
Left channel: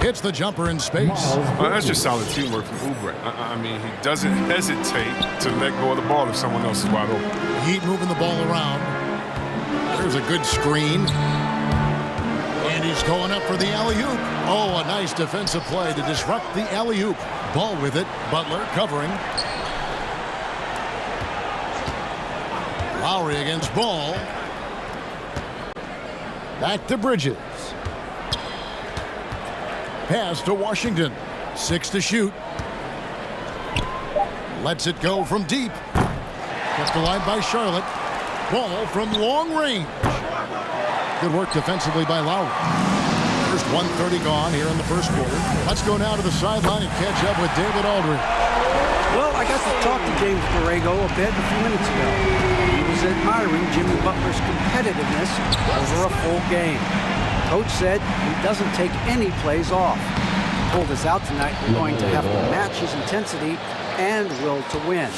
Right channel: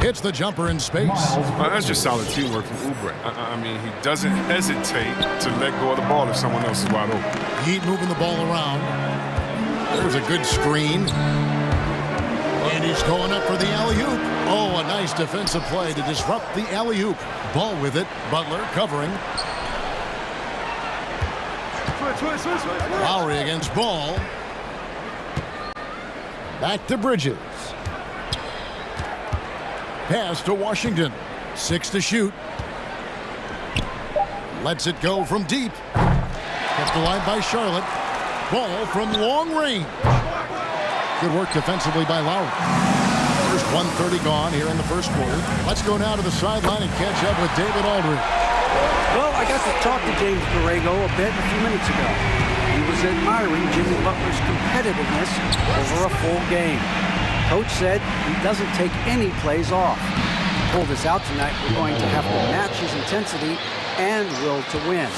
Hits the jumper in space. That's just solid teamwork from Oubre. I mean, he doesn't hesitate to let go of the ball if someone else is wide open. Heat moving the ball around. There's a good screen. And he's going up for the alley-oop. Oh, a nice defensive play to disrupt the alley-oop. Ball with it. Butler covering. Lowry against Ball. Back to Bridges. Pass to Washington. 6 to shoot. Lets it go from deep. Kept alive by Charlotte. Ball from long range. Good work defensively by Lowry. First 1:30 gone here in the first quarter. Let's go now to the sideline and catch up with David Aldridge. Well, I got to talk to James Borrego a bit a few minutes ago. He was admiring Jimmy Butler's competitiveness over a full game. Coach said he doesn't take any plays off. He pulled us out tonight. We're going to have to match his intensity and will to win.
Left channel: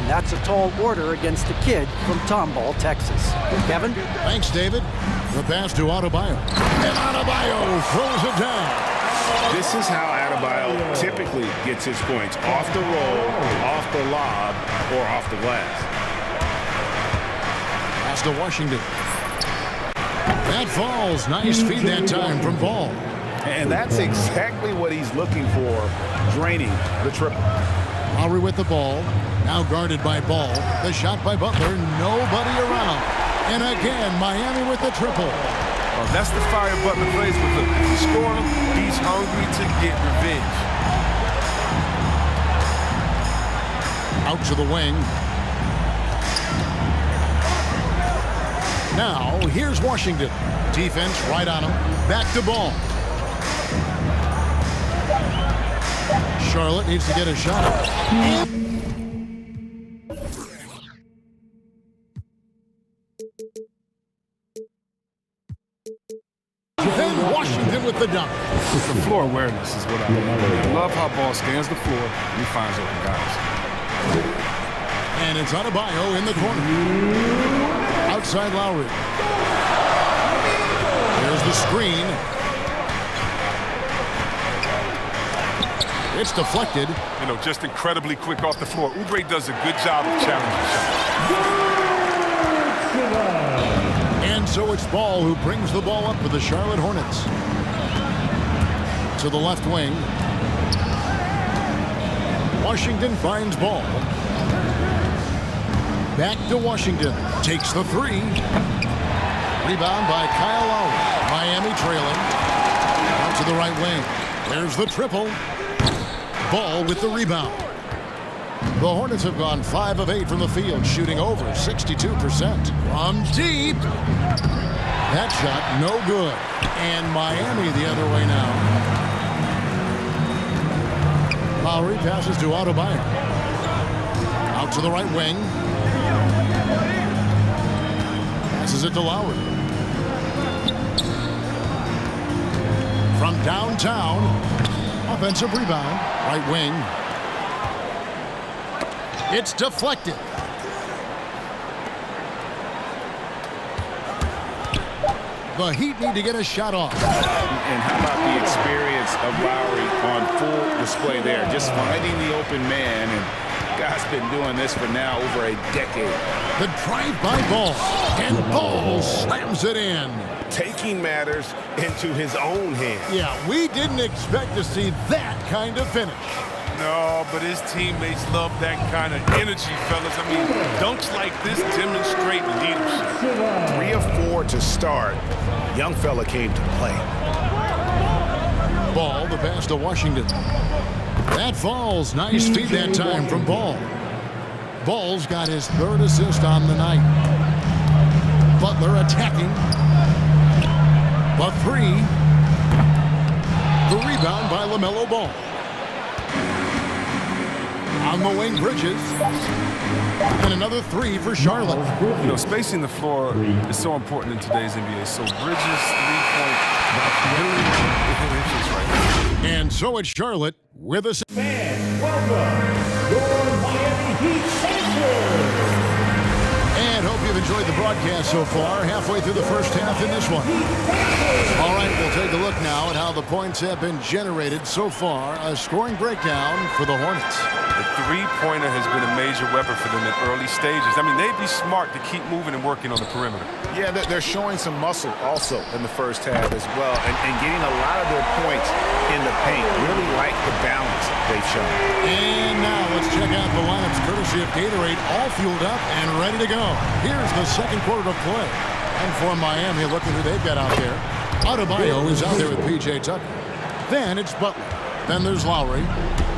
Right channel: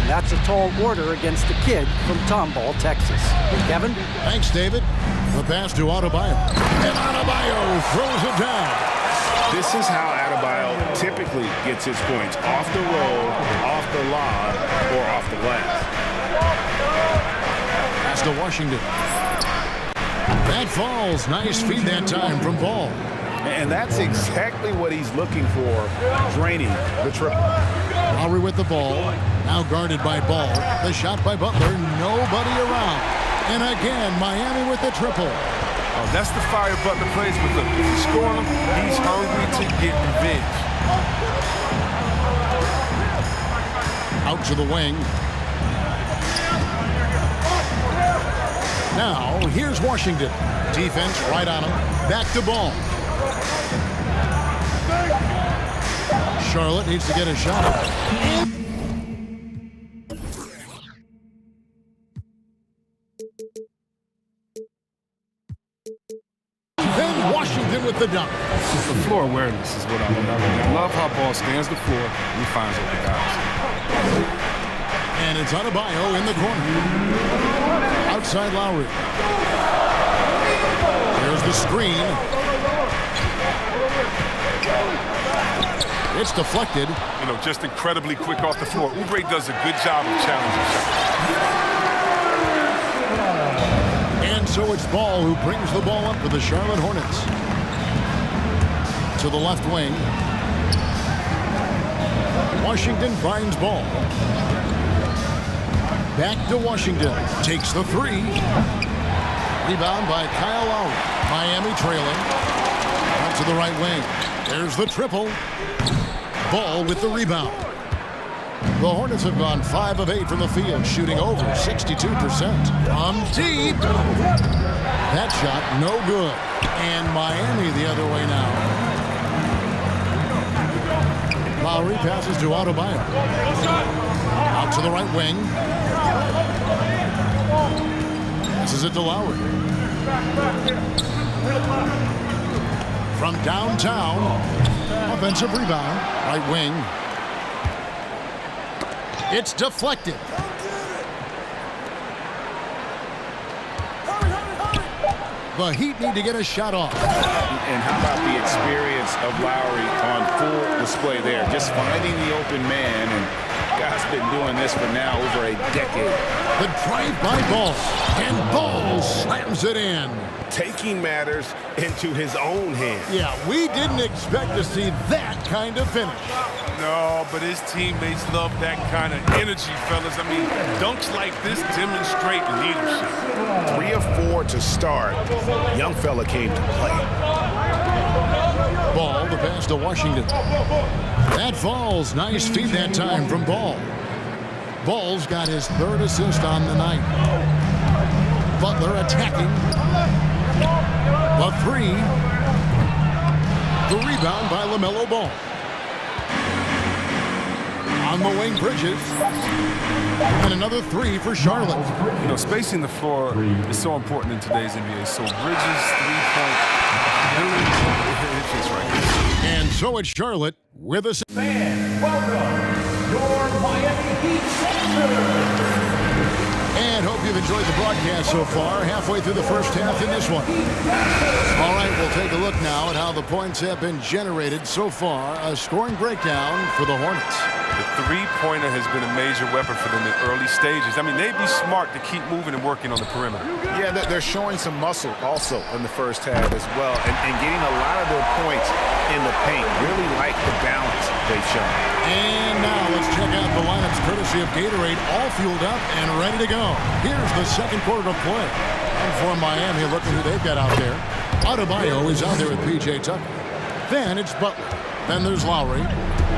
And that's a tall order against the kid from Tomball, Texas. Kevin? Thanks, David. The pass to Adebayo. And Adebayo throws it down. This is how Adebayo typically gets his points. Off the roll, off the lob, or off the glass. Pass to Washington. That falls. Nice feed that time from Ball. And that's exactly what he's looking for, draining the triple. Lowry with the ball. Now guarded by Ball. The shot by Butler. Nobody around. And again, Miami with the triple. Oh, that's the fire Butler plays with. Look, if you score him, he's hungry to get revenge. Out to the wing. Now, here's Washington. Defense right on him. Back to Ball. Charlotte needs to get a shot. Then Washington with the dunk. The floor awareness is what I love. I love how Ball scans the floor and he finds open guys. And it's Adebayo in the corner. Outside Lowry. There's the screen. It's deflected. You know, just incredibly quick off the floor. Oubre does a good job of challenging shots. And so it's Ball who brings the ball up for the Charlotte Hornets. To the left wing. Washington finds Ball. Back to Washington. Takes the 3. Rebound by Kyle Lowry. Miami trailing. Out to the right wing. There's the triple. Ball with the rebound. The Hornets have gone 5 of 8 from the field, shooting over 62%. From deep. That shot no good. And Miami the other way now. Lowry passes to Adebayo. Out to the right wing. Passes it to Lowry. From downtown. Offensive rebound. Right wing. It's deflected. The Heat need to get a shot off. And how about the experience of Lowry on full display there? Just finding the open man, and guy's been doing this for now over a decade. The drive by Ball, and Ball slams it in. Taking matters into his own hands. Yeah, we didn't expect to see that kind of finish. No, but his teammates love that kind of energy, fellas. I mean, dunks like this demonstrate leadership. 3 of 4 to start. Young fella came to play. Ball, the pass to Washington. That falls. Nice feed that time from Ball. Ball's got his 3rd assist on the night. Butler attacking. The 3. The rebound by LaMelo Ball. On the wing, Bridges. And another 3 for Charlotte. You know, spacing the floor is so important in today's NBA. So Bridges' three-point ability, it's just right. And so it's Charlotte with a... Fans, welcome your Miami Heat Sixers. And hope you've enjoyed the broadcast so far. Halfway through the first half in this one. All right, we'll take a look now at how the points have been generated so far. A scoring breakdown for the Hornets. The three-pointer has been a major weapon for them in early stages. I mean, they'd be smart to keep moving and working on the perimeter. Yeah, they're showing some muscle also in the first half as well, and getting a lot of their points in the paint. Really like the balance they've shown. And now let's check out the lineups courtesy of Gatorade, all fueled up and ready to go. Here's the second quarter of play. And for Miami, look at who they've got out there. Adebayo is out there with P.J. Tucker. Then it's Butler. Then there's Lowry.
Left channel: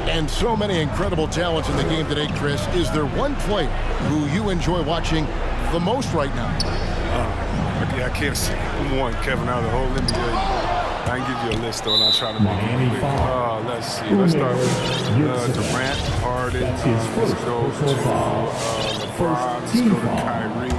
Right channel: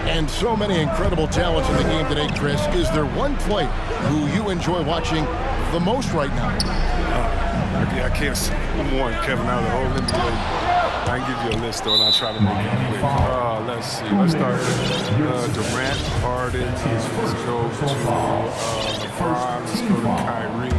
And so many incredible talents in the game today, Chris. Is there one player who you enjoy watching the most right now? I can't say one, Kevin, out of the whole NBA. I can give you a list, though, and I'll try to make it quick. Let's see. Let's start with Durant, Harden. Let's go to LeBron. Let's go to Kyrie.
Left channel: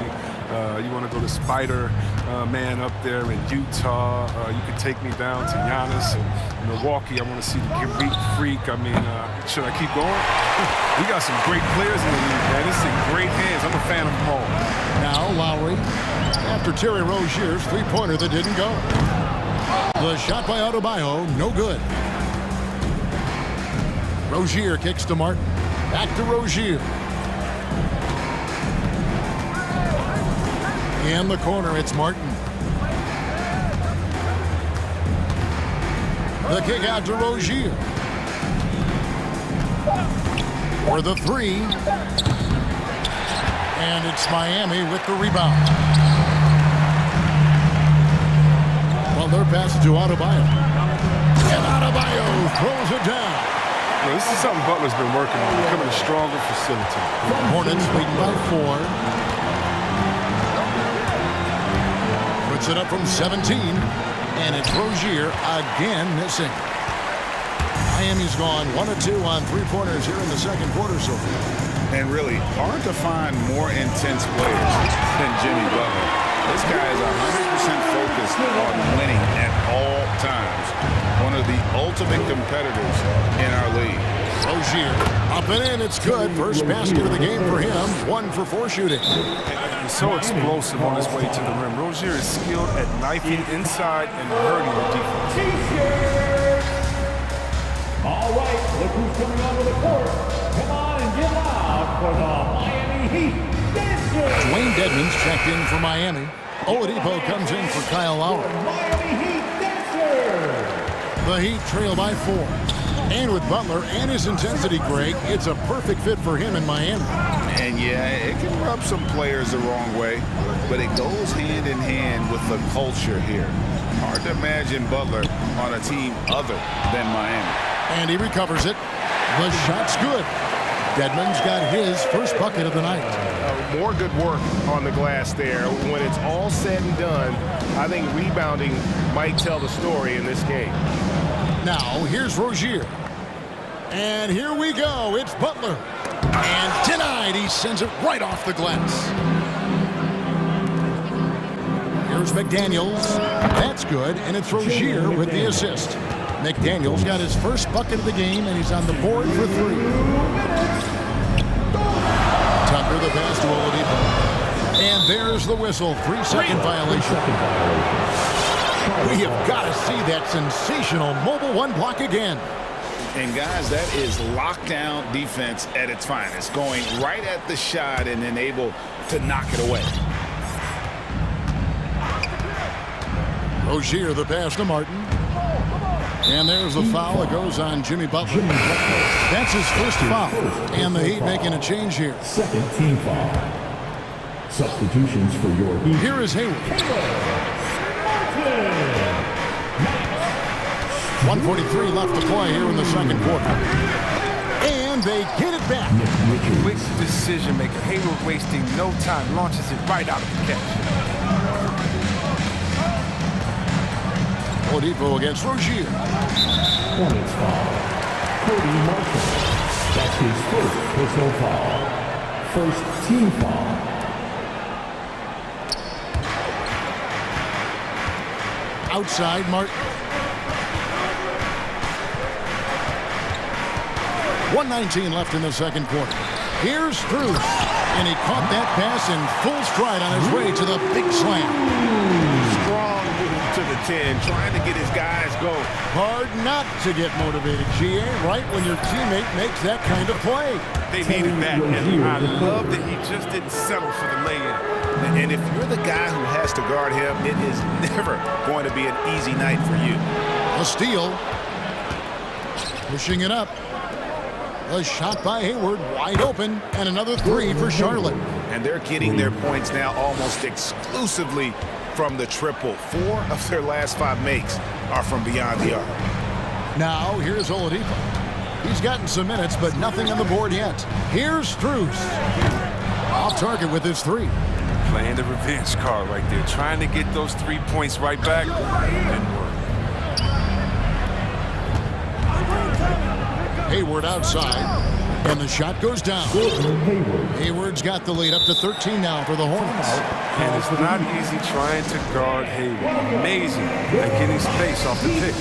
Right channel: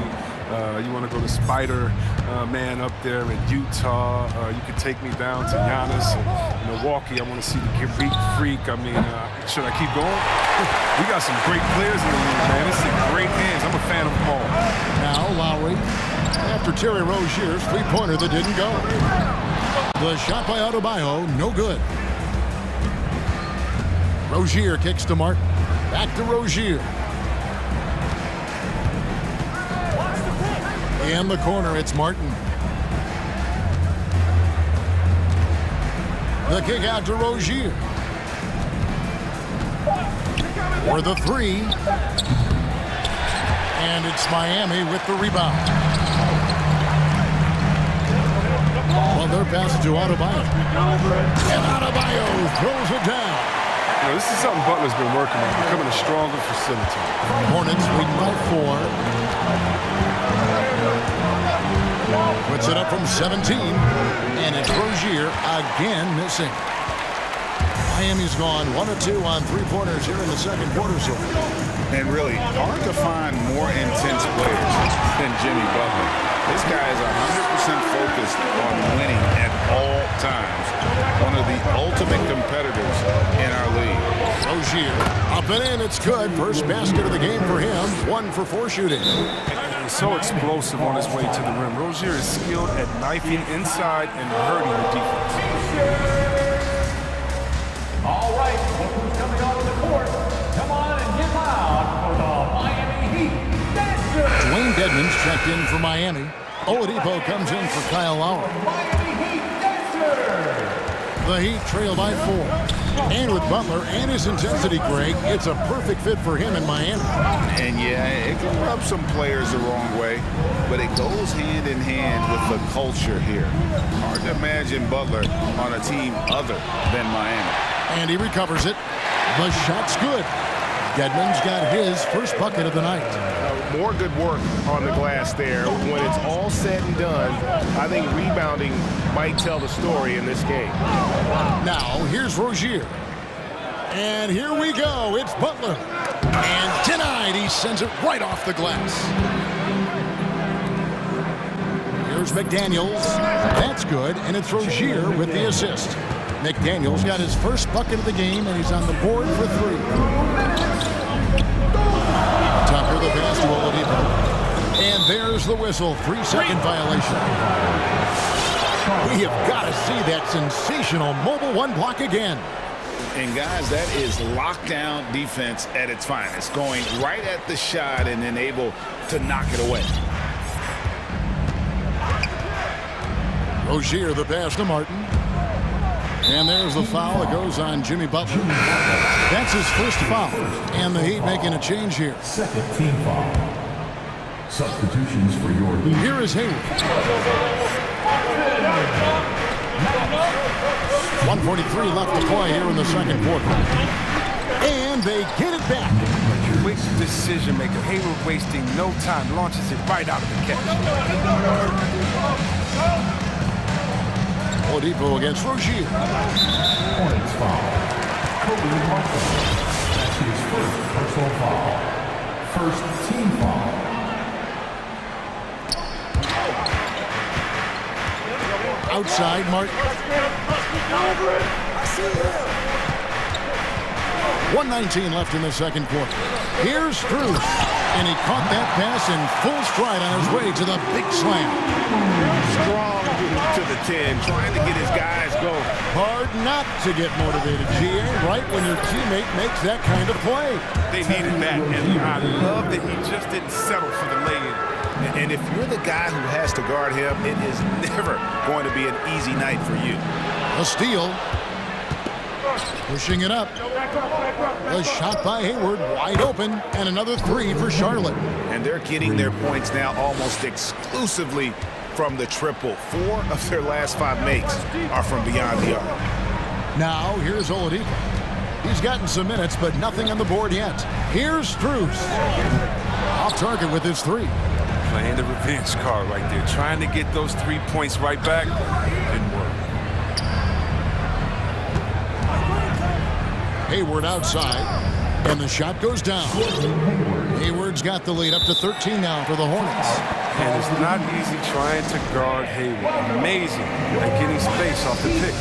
You want to go to Spider-Man up there in Utah. You could take me down to Giannis in Milwaukee. I want to see the Greek Freak. I mean, should I keep going? We got some great players in the league, man. It's in great hands. I'm a fan of them all. Now Lowry, after Terry Rozier's three-pointer that didn't go. The shot by Adebayo, no good. Rozier kicks to Martin. Back to Rozier. In the corner, it's Martin. The kick out to Rozier. For the 3. And it's Miami with the rebound. Well, they're passing to Adebayo. And Adebayo throws it down. You know, this is something Butler's been working on, becoming a stronger facilitator. Hornets leading by 4. Puts it up from 17, and it's Rozier again missing. Miami's gone 1 of 2 on three-pointers here in the second quarter so far. And really hard to find more intense players than Jimmy Butler. This guy is 100% focused on winning at all times. One of the ultimate competitors in our league. Rozier up and in, it's good. First basket of the game for him. 1 for 4 shooting. And so explosive on his way to the rim. Rozier is skilled at knifing inside and hurting the defense. All right, look who's coming onto the court. Come on and get loud for the Miami Heat Dancers. Dwayne Dedmon's checked in for Miami. Oladipo comes in for Kyle Lowry. Miami Heat Dancers. The Heat trail by 4. And with Butler and his intensity, Greg, it's a perfect fit for him in Miami. And yeah, it can rub some players the wrong way, but it goes hand in hand with the culture here. Hard to imagine Butler on a team other than Miami. And he recovers it. The shot's good. Dedmon's got his first bucket of the night. More good work on the glass there. When it's all said and done, I think rebounding might tell the story in this game. Now, here's Rozier. And here we go. It's Butler. And denied. He sends it right off the glass. Here's McDaniels. That's good. And it's Rozier with the assist. McDaniels got his first bucket of the game, and he's on the board for 3. Tucker, the pass to Oladipo. And there's the whistle. 3-second violation. We have got to see that sensational mobile 1 block again. And guys, that is lockdown defense at its finest. Going right at the shot and then able to knock it away. Rozier, the pass to Martin. And there's the foul that goes on Jimmy Butler. That's his first foul. And the Heat making a change here. Second team foul. Substitutions for your Heat. Here is Hayward. 1:43 left to play here in the second quarter. And they get it back. Quick decision maker. Hayward wasting no time. Launches it right out of the catch. Oladipo against Rozier. Hornets foul. Cody Marshall. That's his first personal foul. First team foul. Outside, Martin. 1:19 left in the second quarter. Here's Strus. And he caught that pass in full stride on his way to the big slam. Strong move to the 10, trying to get his guys going. Hard not to get motivated, GA, right when your teammate makes that kind of play. They needed that, and I love that he just didn't settle for the lay-in. And if you're the guy who has to guard him, it is never going to be an easy night for you. A steal. Pushing it up. A shot by Hayward, wide open, and another three for Charlotte. And they're getting their points now almost exclusively from the triple. 4 of their last 5 makes are from beyond the arc. Now, here's Oladipo. He's gotten some minutes, but nothing on the board yet. Here's Strus. Off target with his 3. Playing the revenge card right there. Trying to get those 3 points right back. Didn't work. Hayward outside, and the shot goes down. Hayward's got the lead up to 13 now for the Hornets. And it's not easy trying to guard Hayward. Amazing at getting space off the pick.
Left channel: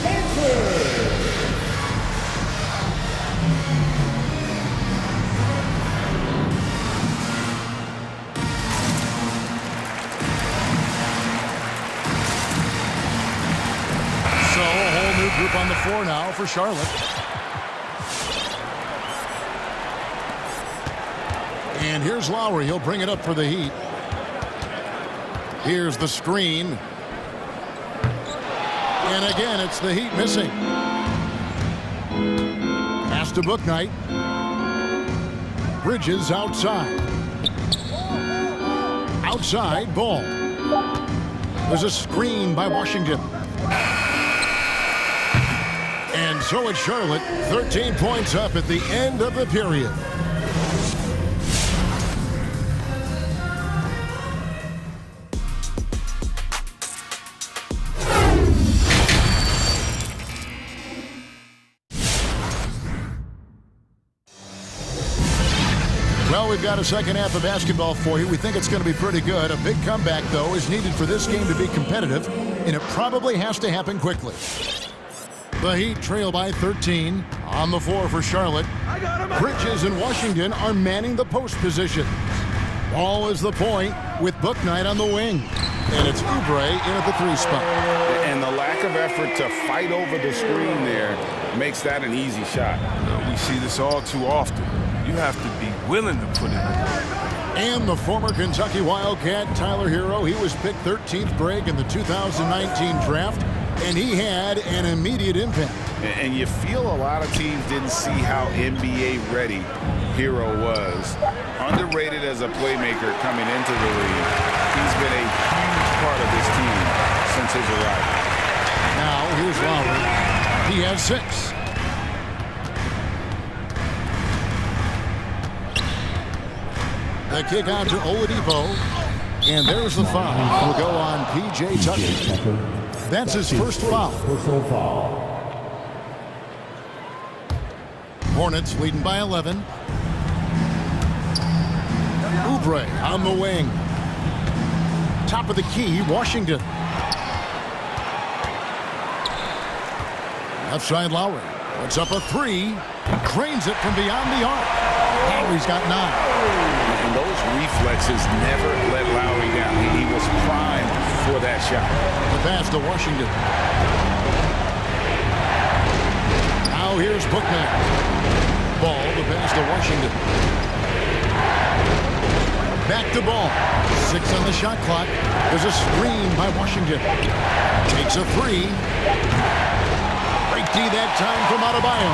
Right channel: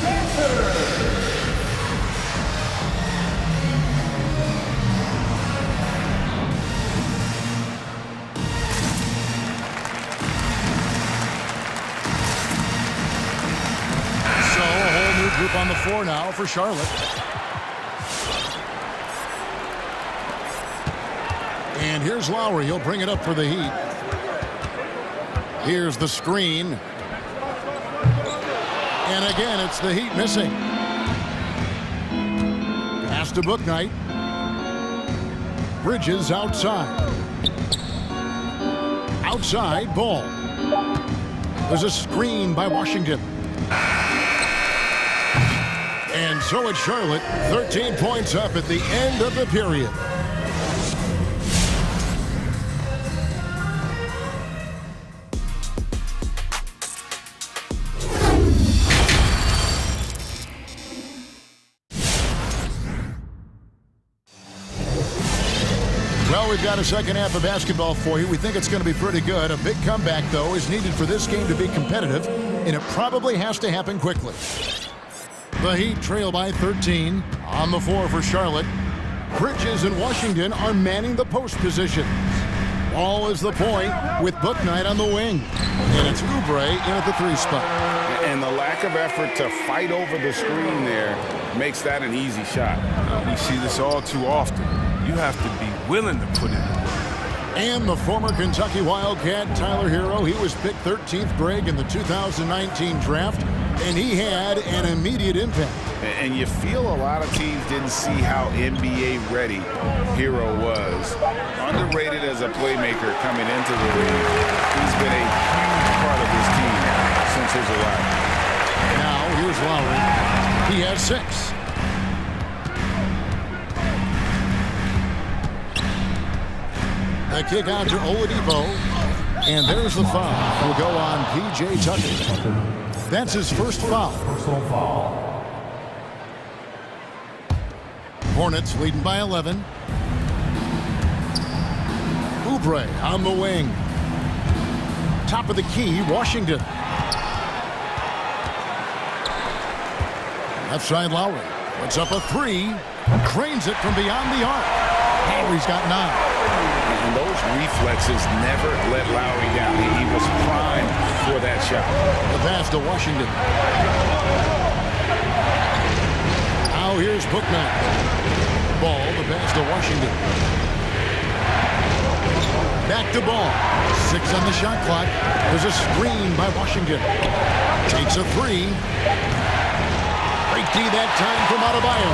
So a whole new group on the floor now for Charlotte. And here's Lowry. He'll bring it up for the Heat. Here's the screen. And again, it's the Heat missing. Pass to Bouknight. Bridges outside. Outside, ball. There's a screen by Washington. And so it's Charlotte, 13 points up at the end of the period. Well, we've got a second half of basketball for you. We think it's going to be pretty good. A big comeback, though, is needed for this game to be competitive, and it probably has to happen quickly. The Heat trail by 13. On the floor for Charlotte. Bridges and Washington are manning the post positions. Ball is the point with Bouknight on the wing. And it's Oubre in at the 3 spot. And the lack of effort to fight over the screen there makes that an easy shot. We see this all too often. You have to be willing to put in the work. And the former Kentucky Wildcat, Tyler Hero, he was picked 13th grade in the 2019 draft, and he had an immediate impact. And you feel a lot of teams didn't see how NBA ready Hero was. Underrated as a playmaker coming into the league. He's been a huge part of this team since his arrival. Now, here's Lowry. He has 6. The kick out to Oladipo. And there's the foul. Will go on P.J. Tucker. That's his first foul. Personal foul. Hornets leading by 11. Oubre on the wing. Top of the key, Washington. Left side, Lowry. Puts up a 3. Drains it from beyond the arc. Lowry's got 9. And those reflexes never let Lowry down. He was primed for that shot. The pass to Washington. Now here's Bouknight. Ball, the pass to Washington. Back to Ball. 6 on the shot clock. There's a screen by Washington. Takes a 3. Straight D that time from Adebayo.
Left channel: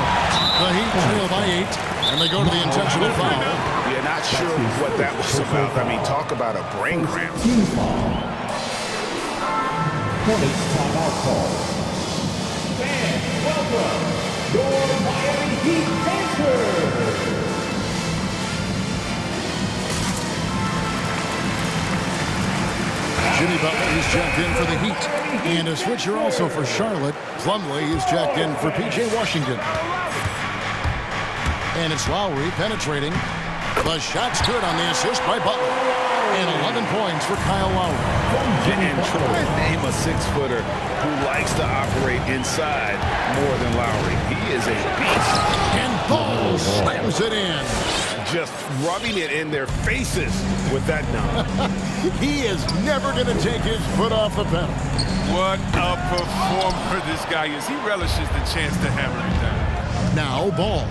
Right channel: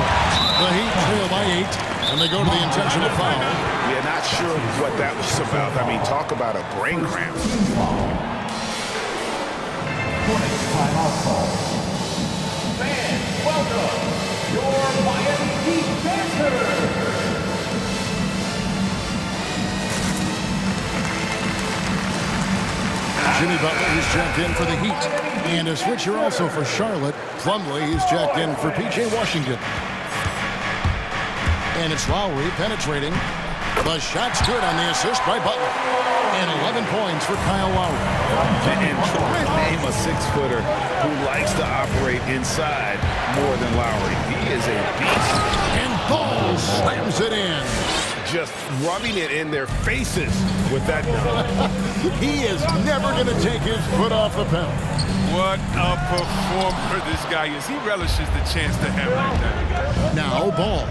The Heat trail by 8, and they go to the intentional foul. Yeah, not sure what that was about. I mean, talk about a brain cramp. Hornets timeout call. Fans, welcome your Miami Heat Panthers. Jimmy Butler is checked in for the Heat. And a switcher also for Charlotte. Plumlee is checked in for P.J. Washington. And it's Lowry penetrating. The shot's good on the assist by Butler. And 11 points for Kyle Lowry. And try to name a six-footer who likes to operate inside more than Lowry. He is a beast. And Ball slams it in. Just rubbing it in their faces with that dunk. He is never going to take his foot off the pedal. What a performer this guy is. He relishes the chance to hammer it down. Now Ball,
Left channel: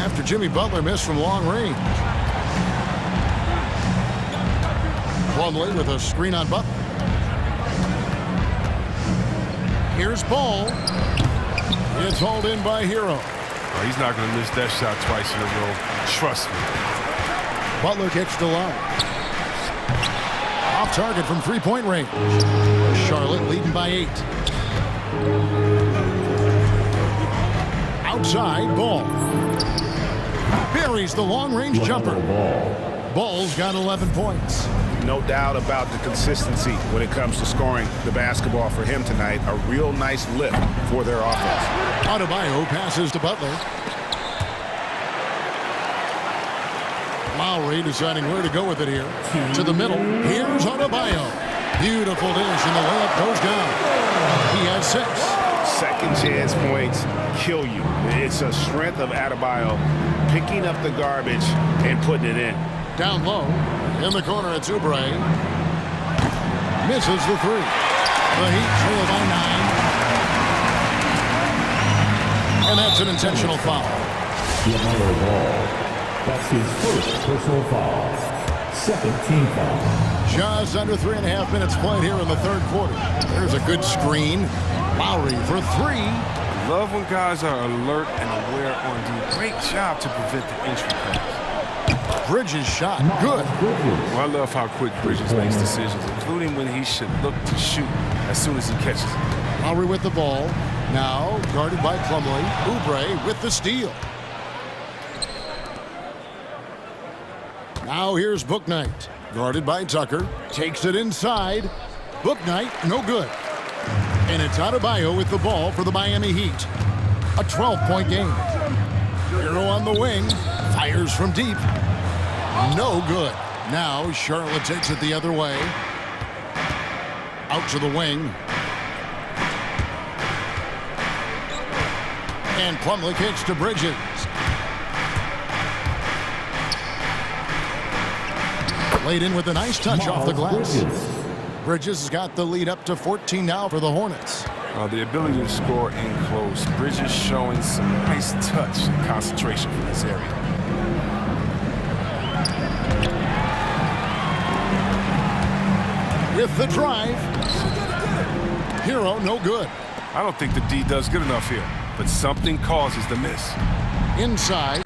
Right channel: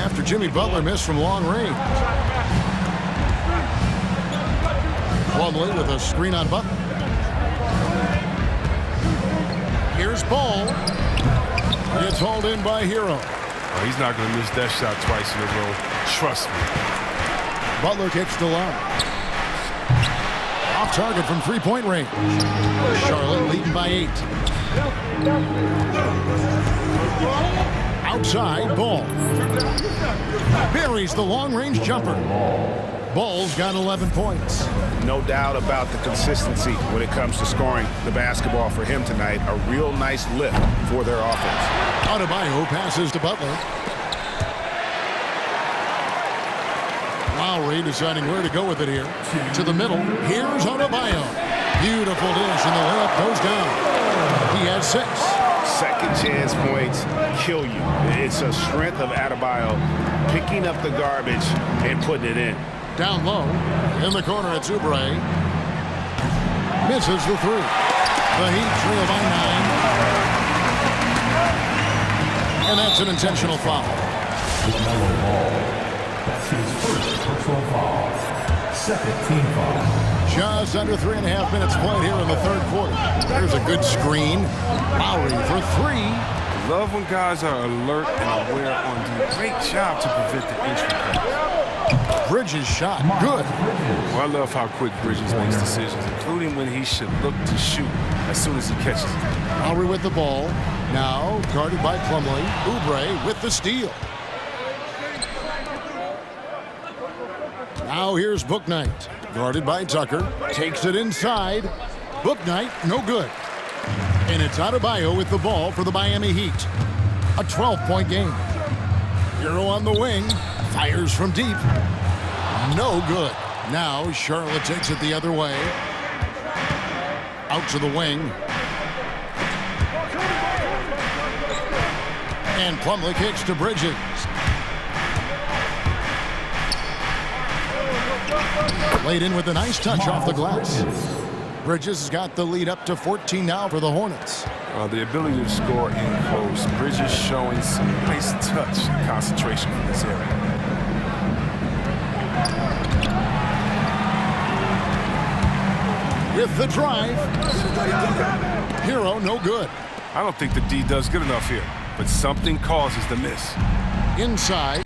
after Jimmy Butler missed from long range. Plumlee with a screen on Butler. Here's Ball. It's hauled in by Hero. Oh, he's not going to miss that shot twice in a row. Trust me. Butler kicks to Lowry. Off target from three-point range. Charlotte leading by 8. Outside, Ball. Buries the long-range jumper. Ball's got 11 points. No doubt about the consistency when it comes to scoring the basketball for him tonight. A real nice lift for their offense. Adebayo passes to Butler. Lowry deciding where to go with it here. To the middle. Here's Adebayo. Beautiful dish, and the layup goes down. He has 6. Second chance points kill you. It's a strength of Adebayo picking up the garbage and putting it in. Down low. In the corner, it's Oubre. Misses the 3. The Heat trail by 9. And that's an intentional foul. LaMelo Ball. That's his first personal foul. Second team foul. Just under 3.5 minutes played here in the third quarter. There's a good screen. Lowry for 3. Love when guys are alert and aware on D. Great job to prevent the entry pass. Bridges shot. Good. Well, I love how quick Bridges makes decisions, including when he should look to shoot as soon as he catches it. Lowry with the ball. Now guarded by Plumlee. Oubre with the steal. Now here's Bouknight. Guarded by Tucker. Takes it inside. Bouknight, no good. And it's Adebayo with the ball for the Miami Heat. A 12-point game. Hero on the wing. Fires from deep. No good. Now Charlotte takes it the other way. Out to the wing. And Plumlee kicks to Bridges. Laid in with a nice touch off the glass. Bridges has got the lead up to 14 now for the Hornets. The ability to score in close. Bridges showing some nice touch and concentration from this area. With the drive. Hero, no good. I don't think the D does good enough here, but something causes the miss. Inside.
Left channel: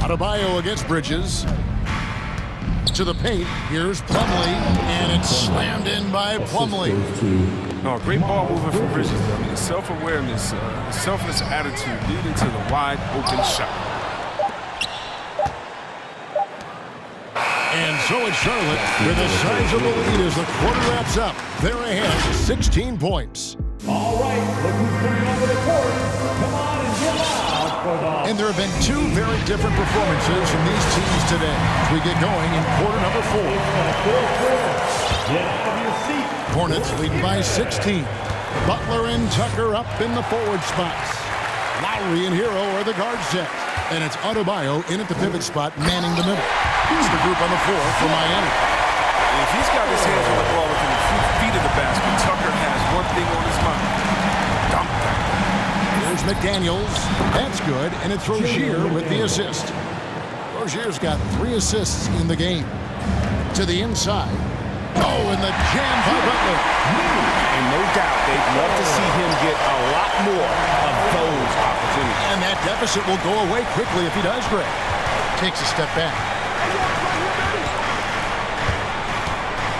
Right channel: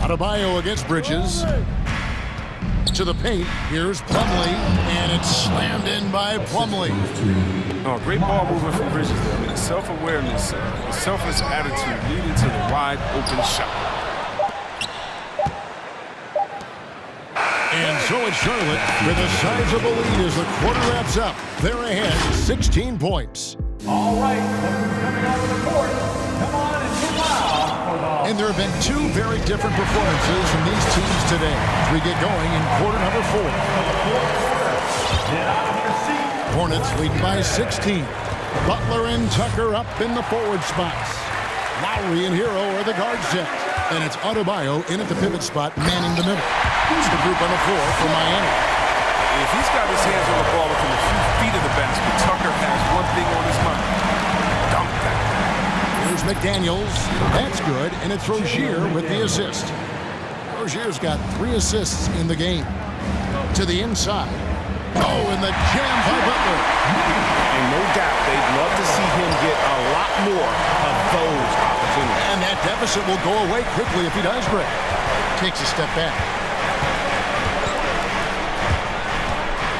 Adebayo against Bridges. To the paint. Here's Plumlee, and it's slammed in by Plumlee. Oh, great ball movement from Bridges there. I mean, the self-awareness, the selfless attitude leading to the wide open shot. And so it's Charlotte with a sizable lead as the quarter wraps up. They're ahead 16 points. All right, look who's coming onto the court. Come on and get loud for the... And there have been 2 very different performances from these teams today as we get going in quarter number 4. Get out of your seat. Hornets leading by 16. Butler and Tucker up in the forward spots. Lowry and Hero are the guard set. And it's Adebayo in at the pivot spot, manning the middle. He's the group on the floor for Miami. If he's got his hands on the ball within a few feet of the basket, Tucker has one thing on his mind. Dump that. Here's McDaniels. That's good, and it's Rozier with the assist. Rozier's got 3 assists in the game. To the inside. Oh, and the jam by Butler. And no doubt they'd love to see him get a lot more of those opportunities. And that deficit will go away quickly if he does, Greg. Takes a step back.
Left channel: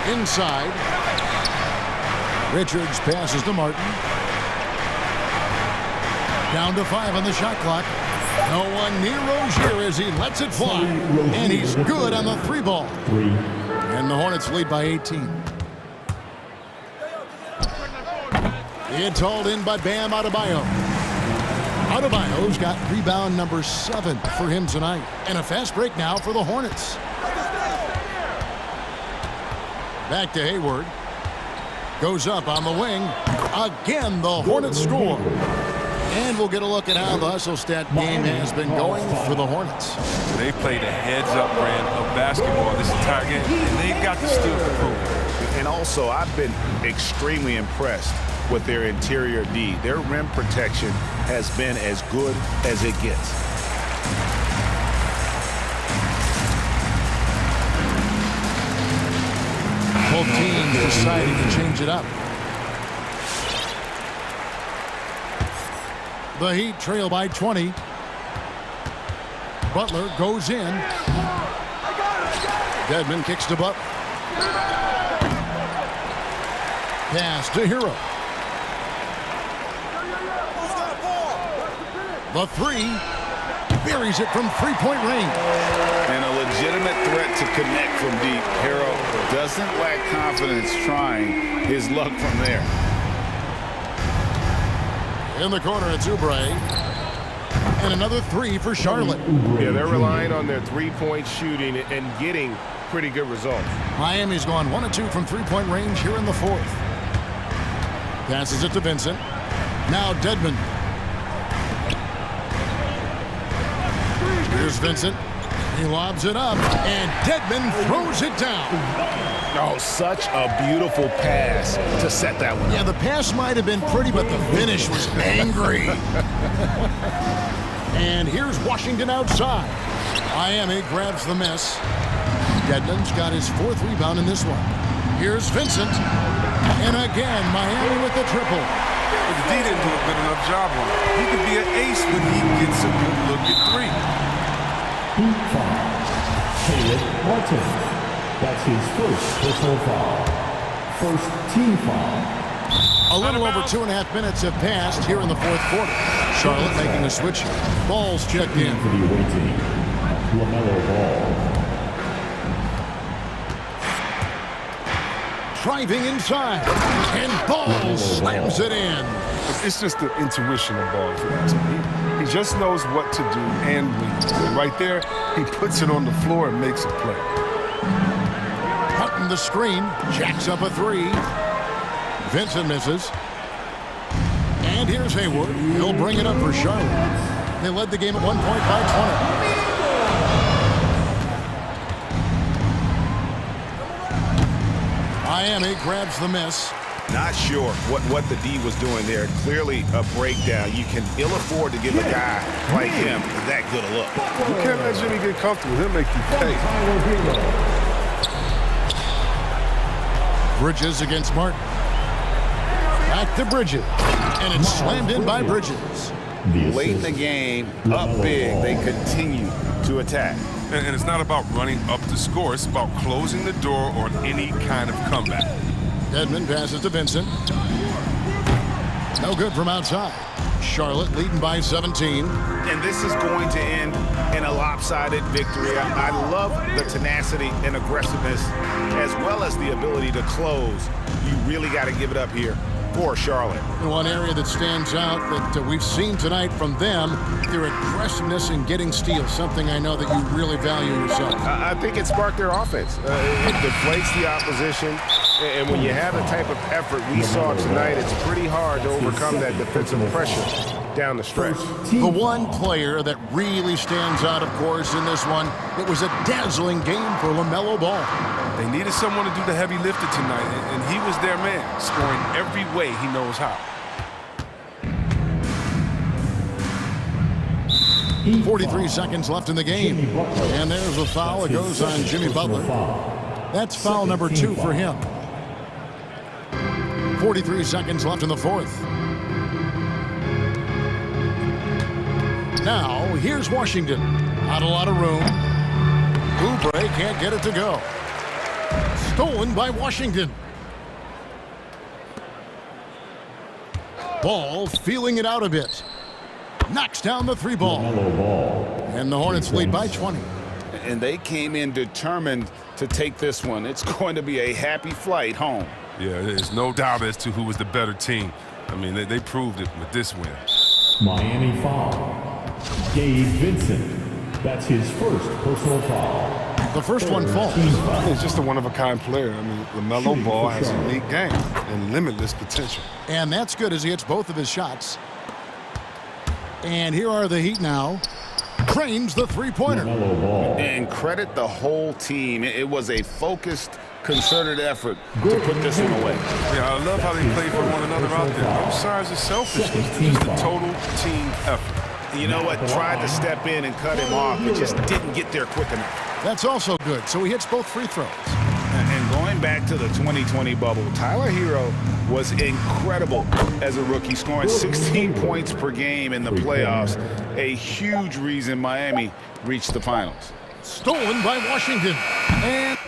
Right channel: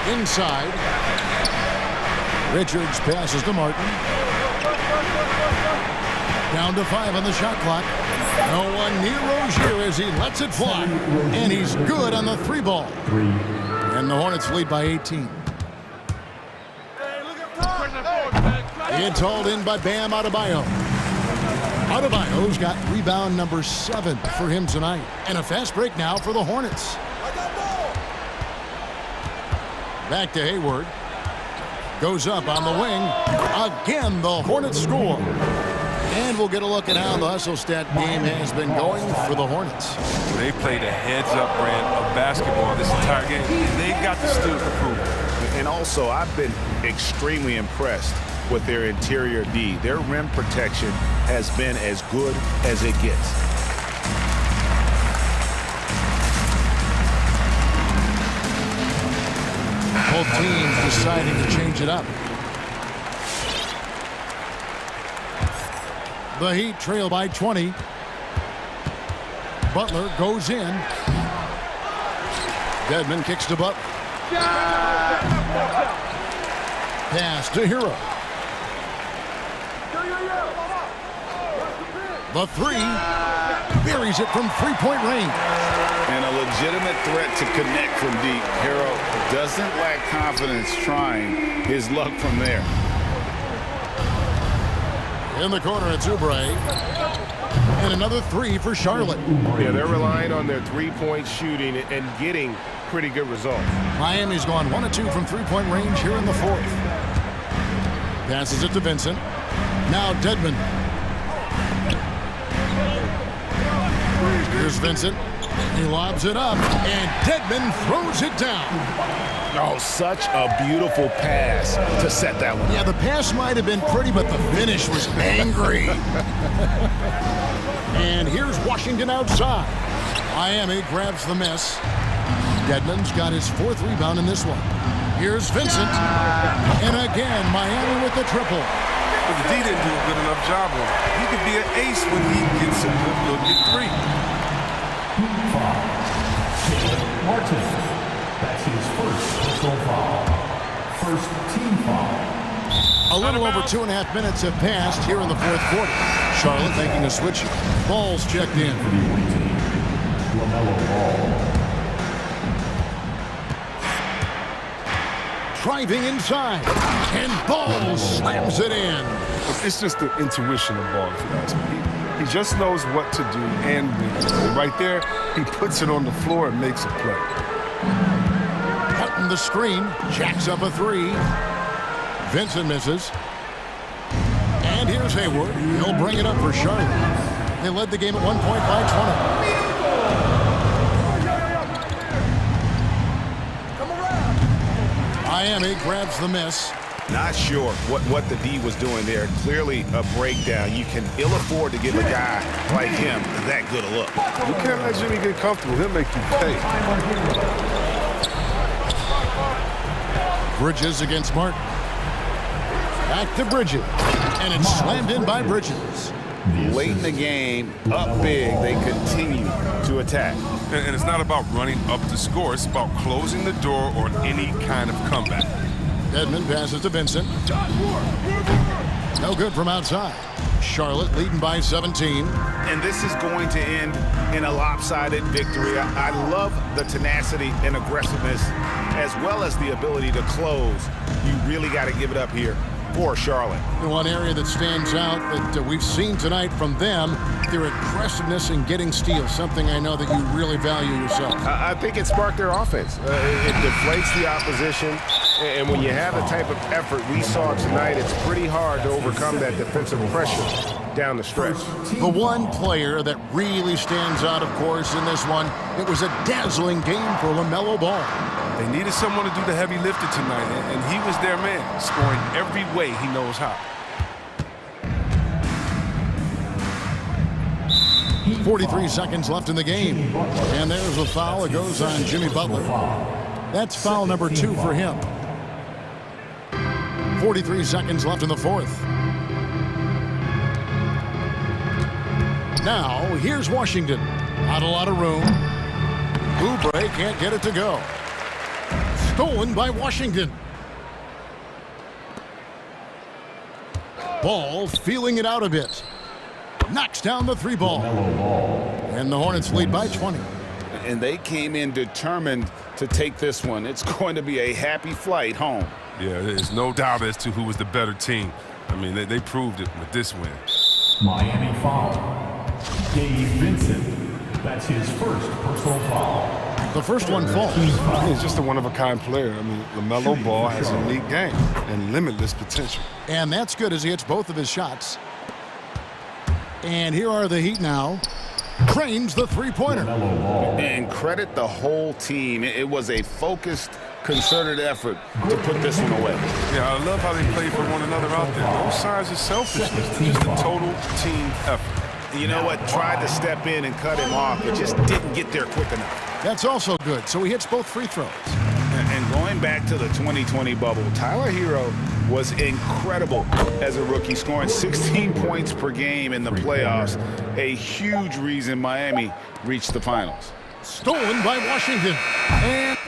Inside. Richards passes to Martin. Down to 5 on the shot clock. No one near Rozier as he lets it fly. And he's good on the 3 ball. And the Hornets lead by 18. It's hauled in by Bam Adebayo. Adebayo's got rebound number 7 for him tonight. And a fast break now for the Hornets. Back to Hayward. Goes up on the wing. Again, the Hornets score. And we'll get a look at how the hustle stat game has been going for the Hornets. They played a heads-up brand of basketball this entire game, and they've got the steals to prove it. And also, I've been extremely impressed with their interior D. Their rim protection has been as good as it gets. Both teams deciding to change it up. The Heat trail by 20. Butler goes in. Dedmon kicks to Butler. Pass to Hero. The 3. Buries it from 3-point range. And a legitimate threat to connect from deep. Hero doesn't lack confidence trying his luck from there. In the corner, it's Oubre. And another 3 for Charlotte. Yeah, they're relying on their 3-point shooting and getting pretty good results. Miami's gone 1 of 2 from 3-point range here in the 4th. Passes it to Vincent. Now Dedmon. Here's Vincent. He lobs it up, and Dedmon throws it down. Oh, such a beautiful pass to set that one up. Yeah, the pass might have been pretty, but the finish was angry. And here's Washington outside. Miami grabs the miss. Dedmon's got his 4th rebound in this one. Here's Vincent. And again, Miami with the triple. But the D didn't do a good enough job on it. He could be an ace when he gets a good look at 3. Heat foul. Caleb Martin. That's his first personal foul. First team foul. A little over 2.5 minutes have passed here in the 4th quarter. Charlotte making a switch here. Ball's checked in. For the away team, LaMelo Ball. Driving inside. And Ball slams it in. It's just the intuition of Ball, if you ask me. He just knows what to do and when. And right there, he puts it on the floor and makes a play. Cutting the screen, jacks up a 3. Vincent misses. And here's Hayward. He'll bring it up for Charlotte. They led the game at 1 point by 20. Miami grabs the miss. Not sure what the D was doing there. Clearly a breakdown. You can ill afford to give a guy like him that good a look. You can't let Jimmy get comfortable. He'll make you pay. Bridges against Martin. Back to Bridges. And it's slammed in by Bridges. Late in the game, up big, they continue to attack. And it's not about running up the score. It's about closing the door on any kind of comeback. Dedmon passes to Vincent. No good from outside. Charlotte leading by 17. And this is going to end in a lopsided victory. I love the tenacity and aggressiveness as well as the ability to close. You really got to give it up here for Charlotte. And one area that stands out that we've seen tonight from them, their aggressiveness in getting steals, something I know that you really value yourself. I think it sparked their offense. It deflates the opposition. And when you have the type of effort we saw tonight, it's pretty hard to overcome that defensive pressure down the stretch. The one player that really stands out, of course, in this one, it was a dazzling game for LaMelo Ball. They needed someone to do the heavy lifting tonight, and he was their man, scoring every way he knows how. 43 seconds left in the game. And there's a foul. It goes on Jimmy Butler. That's foul number 2 for him. 43 seconds left in the fourth. Now, here's Washington. Not a lot of room. Oubre can't get it to go. Stolen by Washington. Ball feeling it out a bit. Knocks down the 3 ball. And the Hornets lead by 20. And they came in determined to take this one. It's going to be a happy flight home. Yeah, there's no doubt as to who was the better team. I mean, they proved it with this win. Miami foul. Gabe Vincent. That's his first personal foul. The first one falls. He's just a one-of-a-kind player. I mean, LaMelo Ball has a unique game and limitless potential. And that's good as he hits both of his shots. And here are the Heat now. Cranes the three-pointer. And credit the whole team. It was a focused, concerted effort to put this one away. Yeah, I love how they play for one another out there. No signs of selfishness. Just a total team effort. You know what? Tried to step in and cut him off, but just didn't get there quick enough. That's also good. So he hits both free throws. And going back to the 2020 bubble, Tyler Hero was incredible as a rookie, scoring 16 points per game in the playoffs. A huge reason Miami reached the finals. Stolen by Washington. And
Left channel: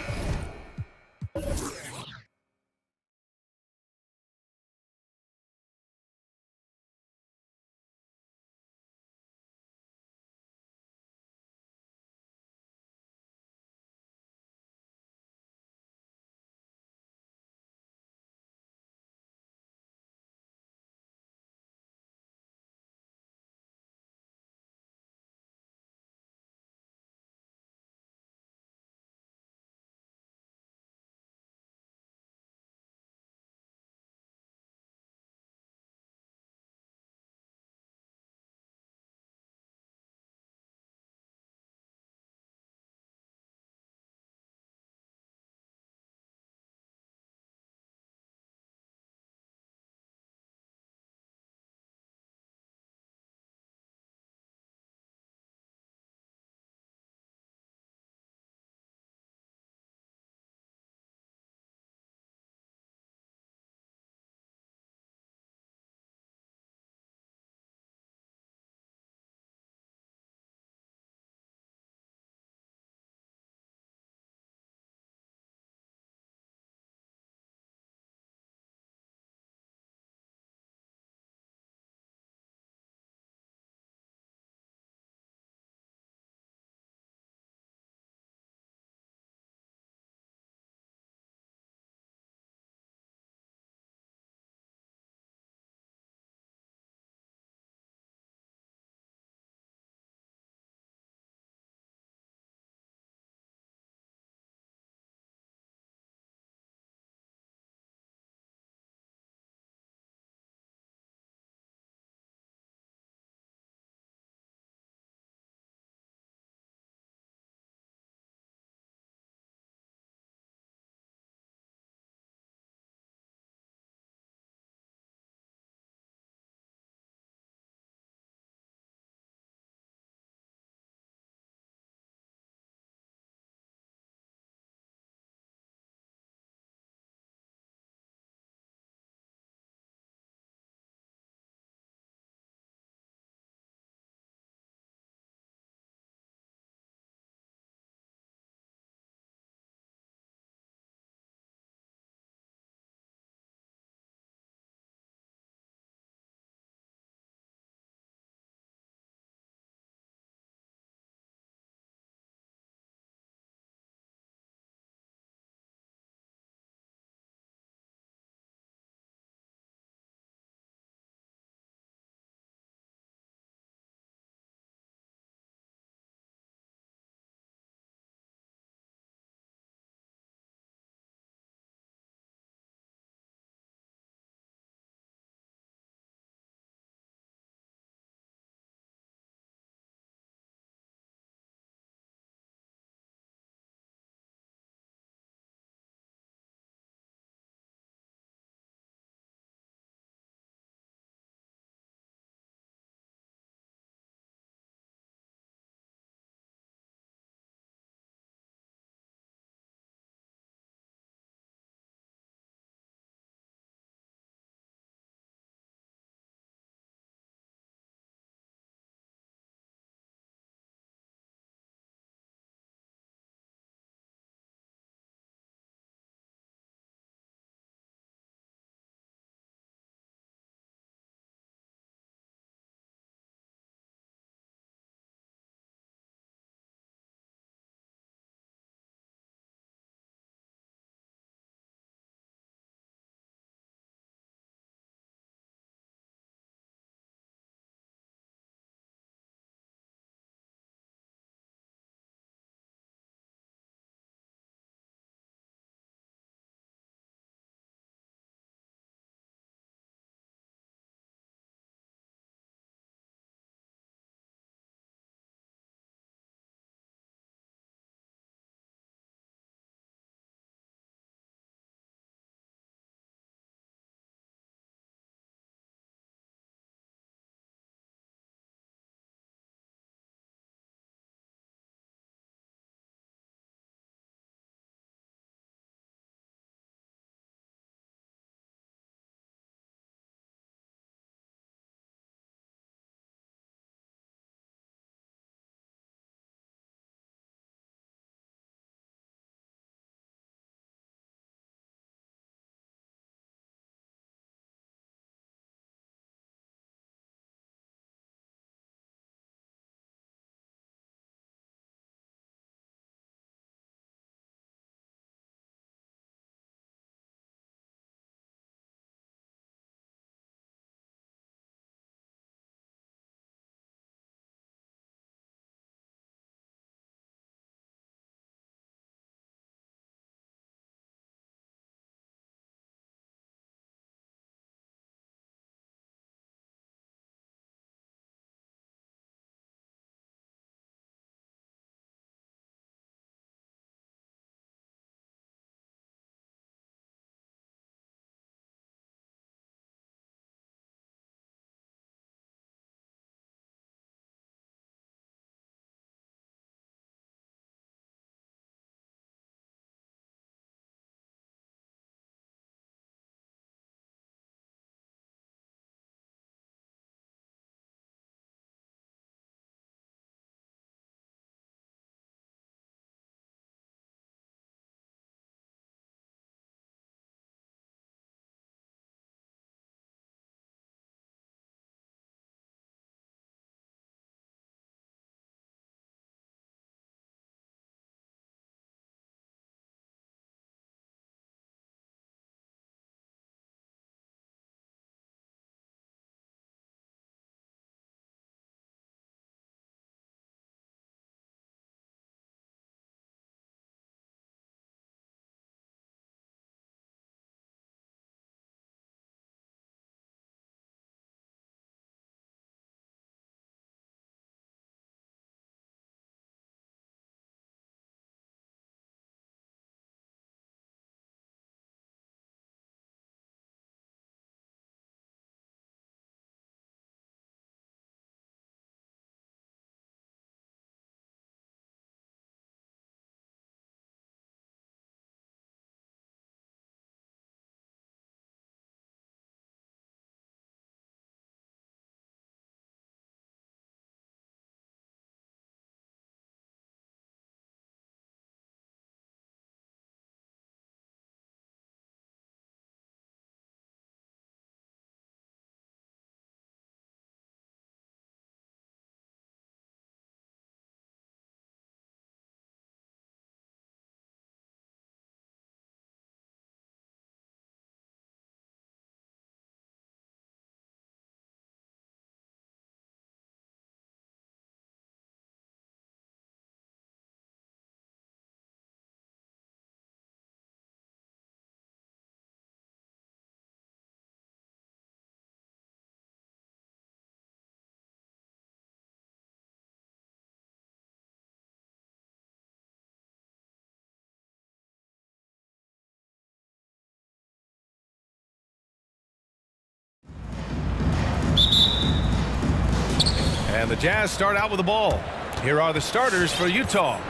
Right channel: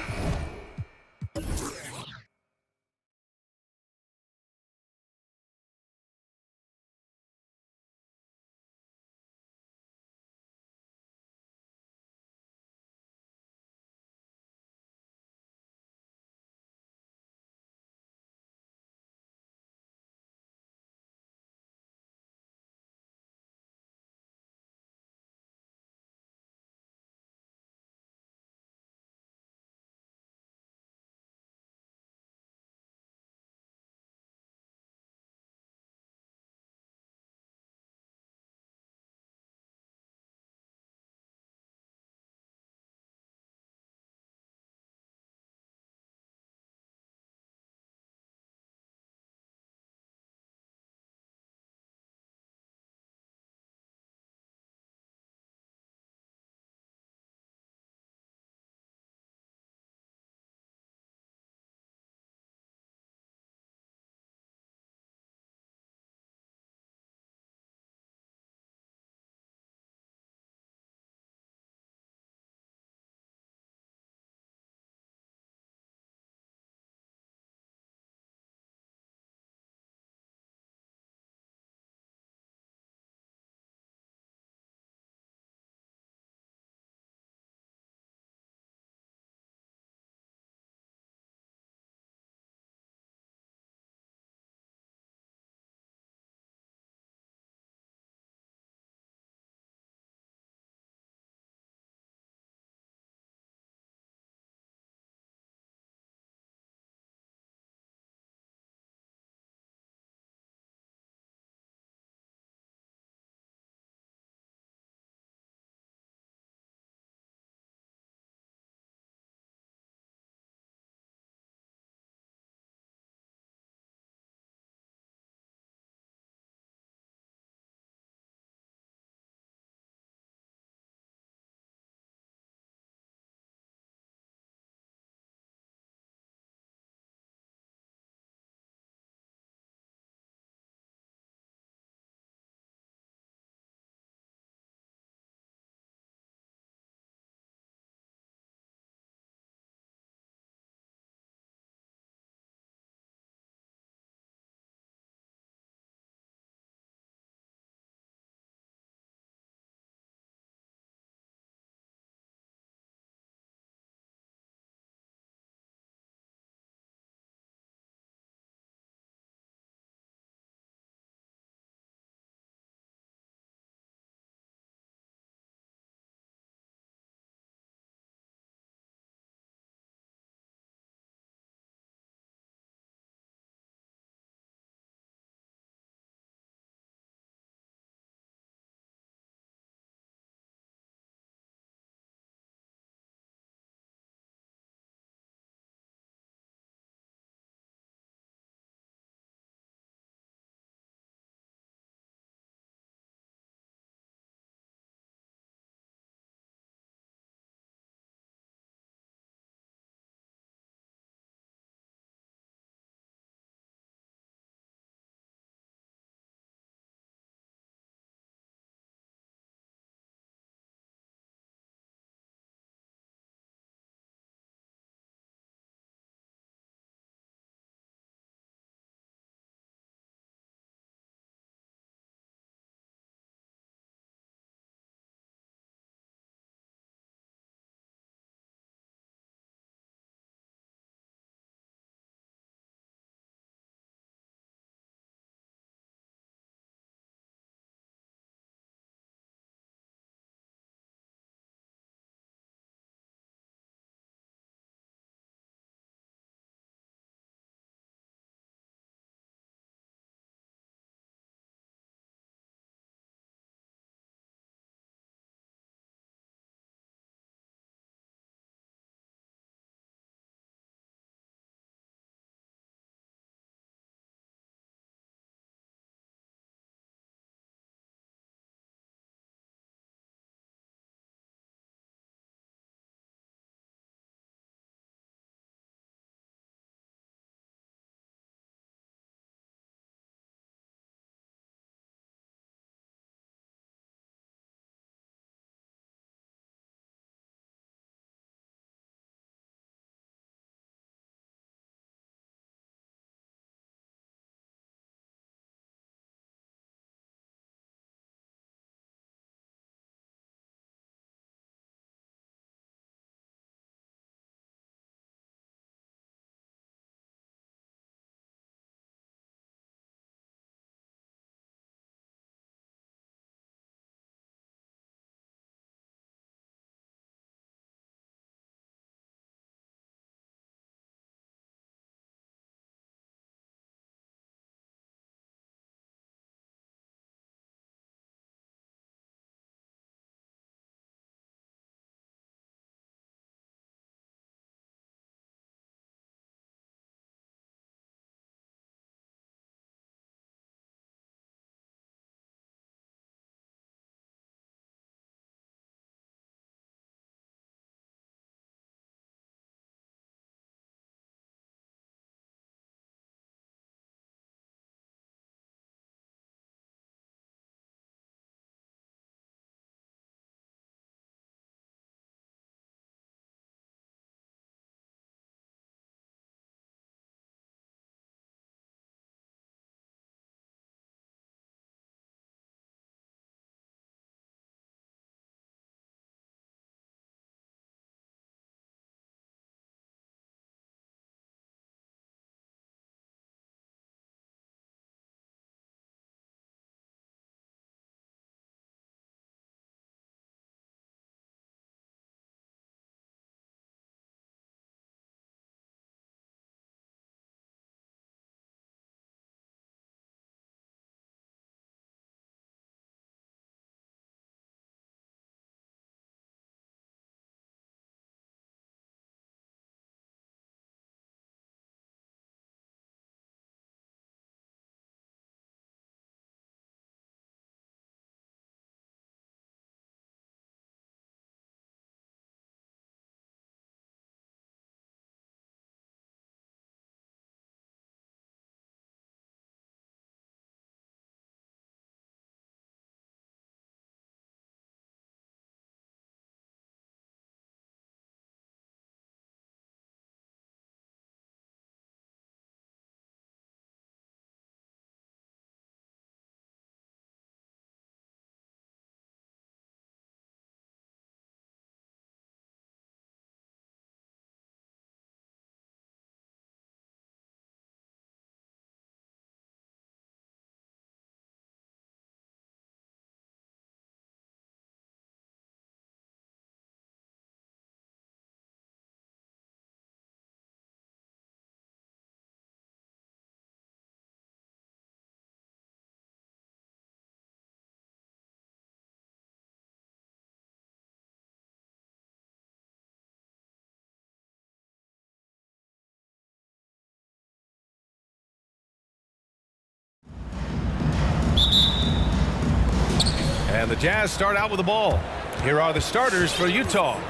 And the Jazz start out with the ball. Here are the starters for Utah.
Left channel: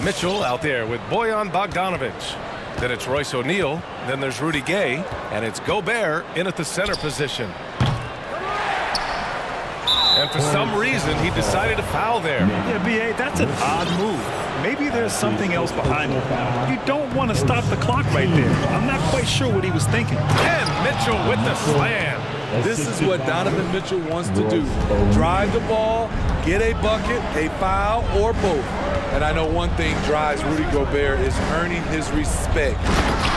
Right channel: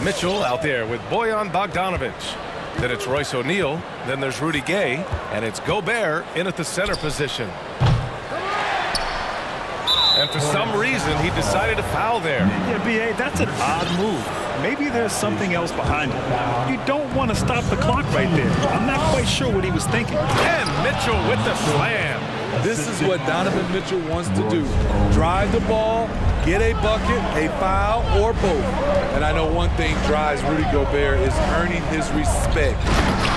Mitchell out there with Bojan Bogdanovic. Then it's Royce O'Neal. Then there's Rudy Gay. And it's Gobert in at the center position. And for some reason, he decided to foul there. Yeah, B.A., that's an odd move. Maybe there's something else behind it. You don't want to stop the clock right there. I'm not quite sure what he was thinking. And Mitchell with the slam. This is what Donovan Mitchell wants to do. Drive the ball, get a bucket, a foul, or both. And I know one thing drives Rudy Gobert is earning his respect.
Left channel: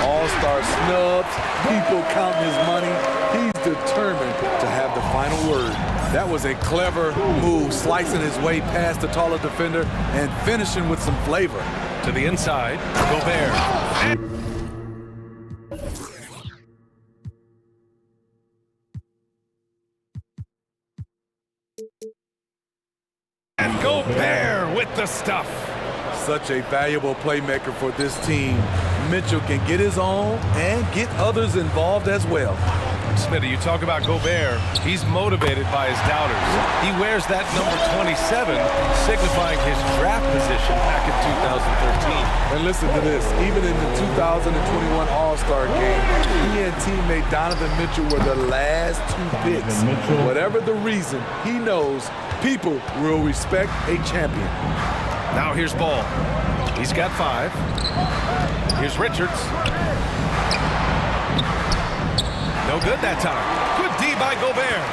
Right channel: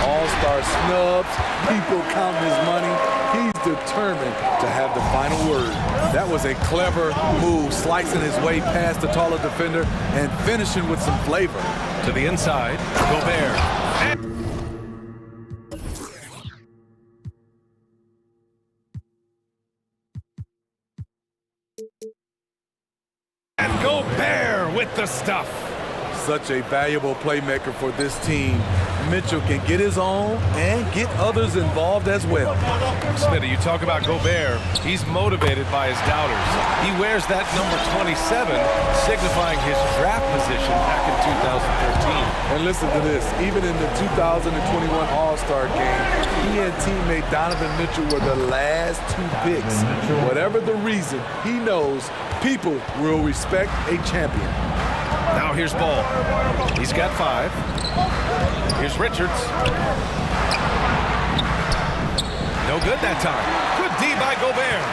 All-star snubs, people counting his money. He's determined to have the final word. That was a clever move, slicing his way past the taller defender and finishing with some flavor. To the inside, Gobert. And Gobert with the stuff. Such a valuable playmaker for this team. Mitchell can get his own and get others involved as well. Smitty, you talk about Gobert. He's motivated by his doubters. He wears that number 27, signifying his draft position back in 2013. And listen to this. Even in the 2021 All-Star game, he and teammate Donovan Mitchell were the last two picks. Whatever the reason, he knows people will respect a champion. Now here's Ball. He's got 5. Here's Richards. No good that time. Good D by Gobert.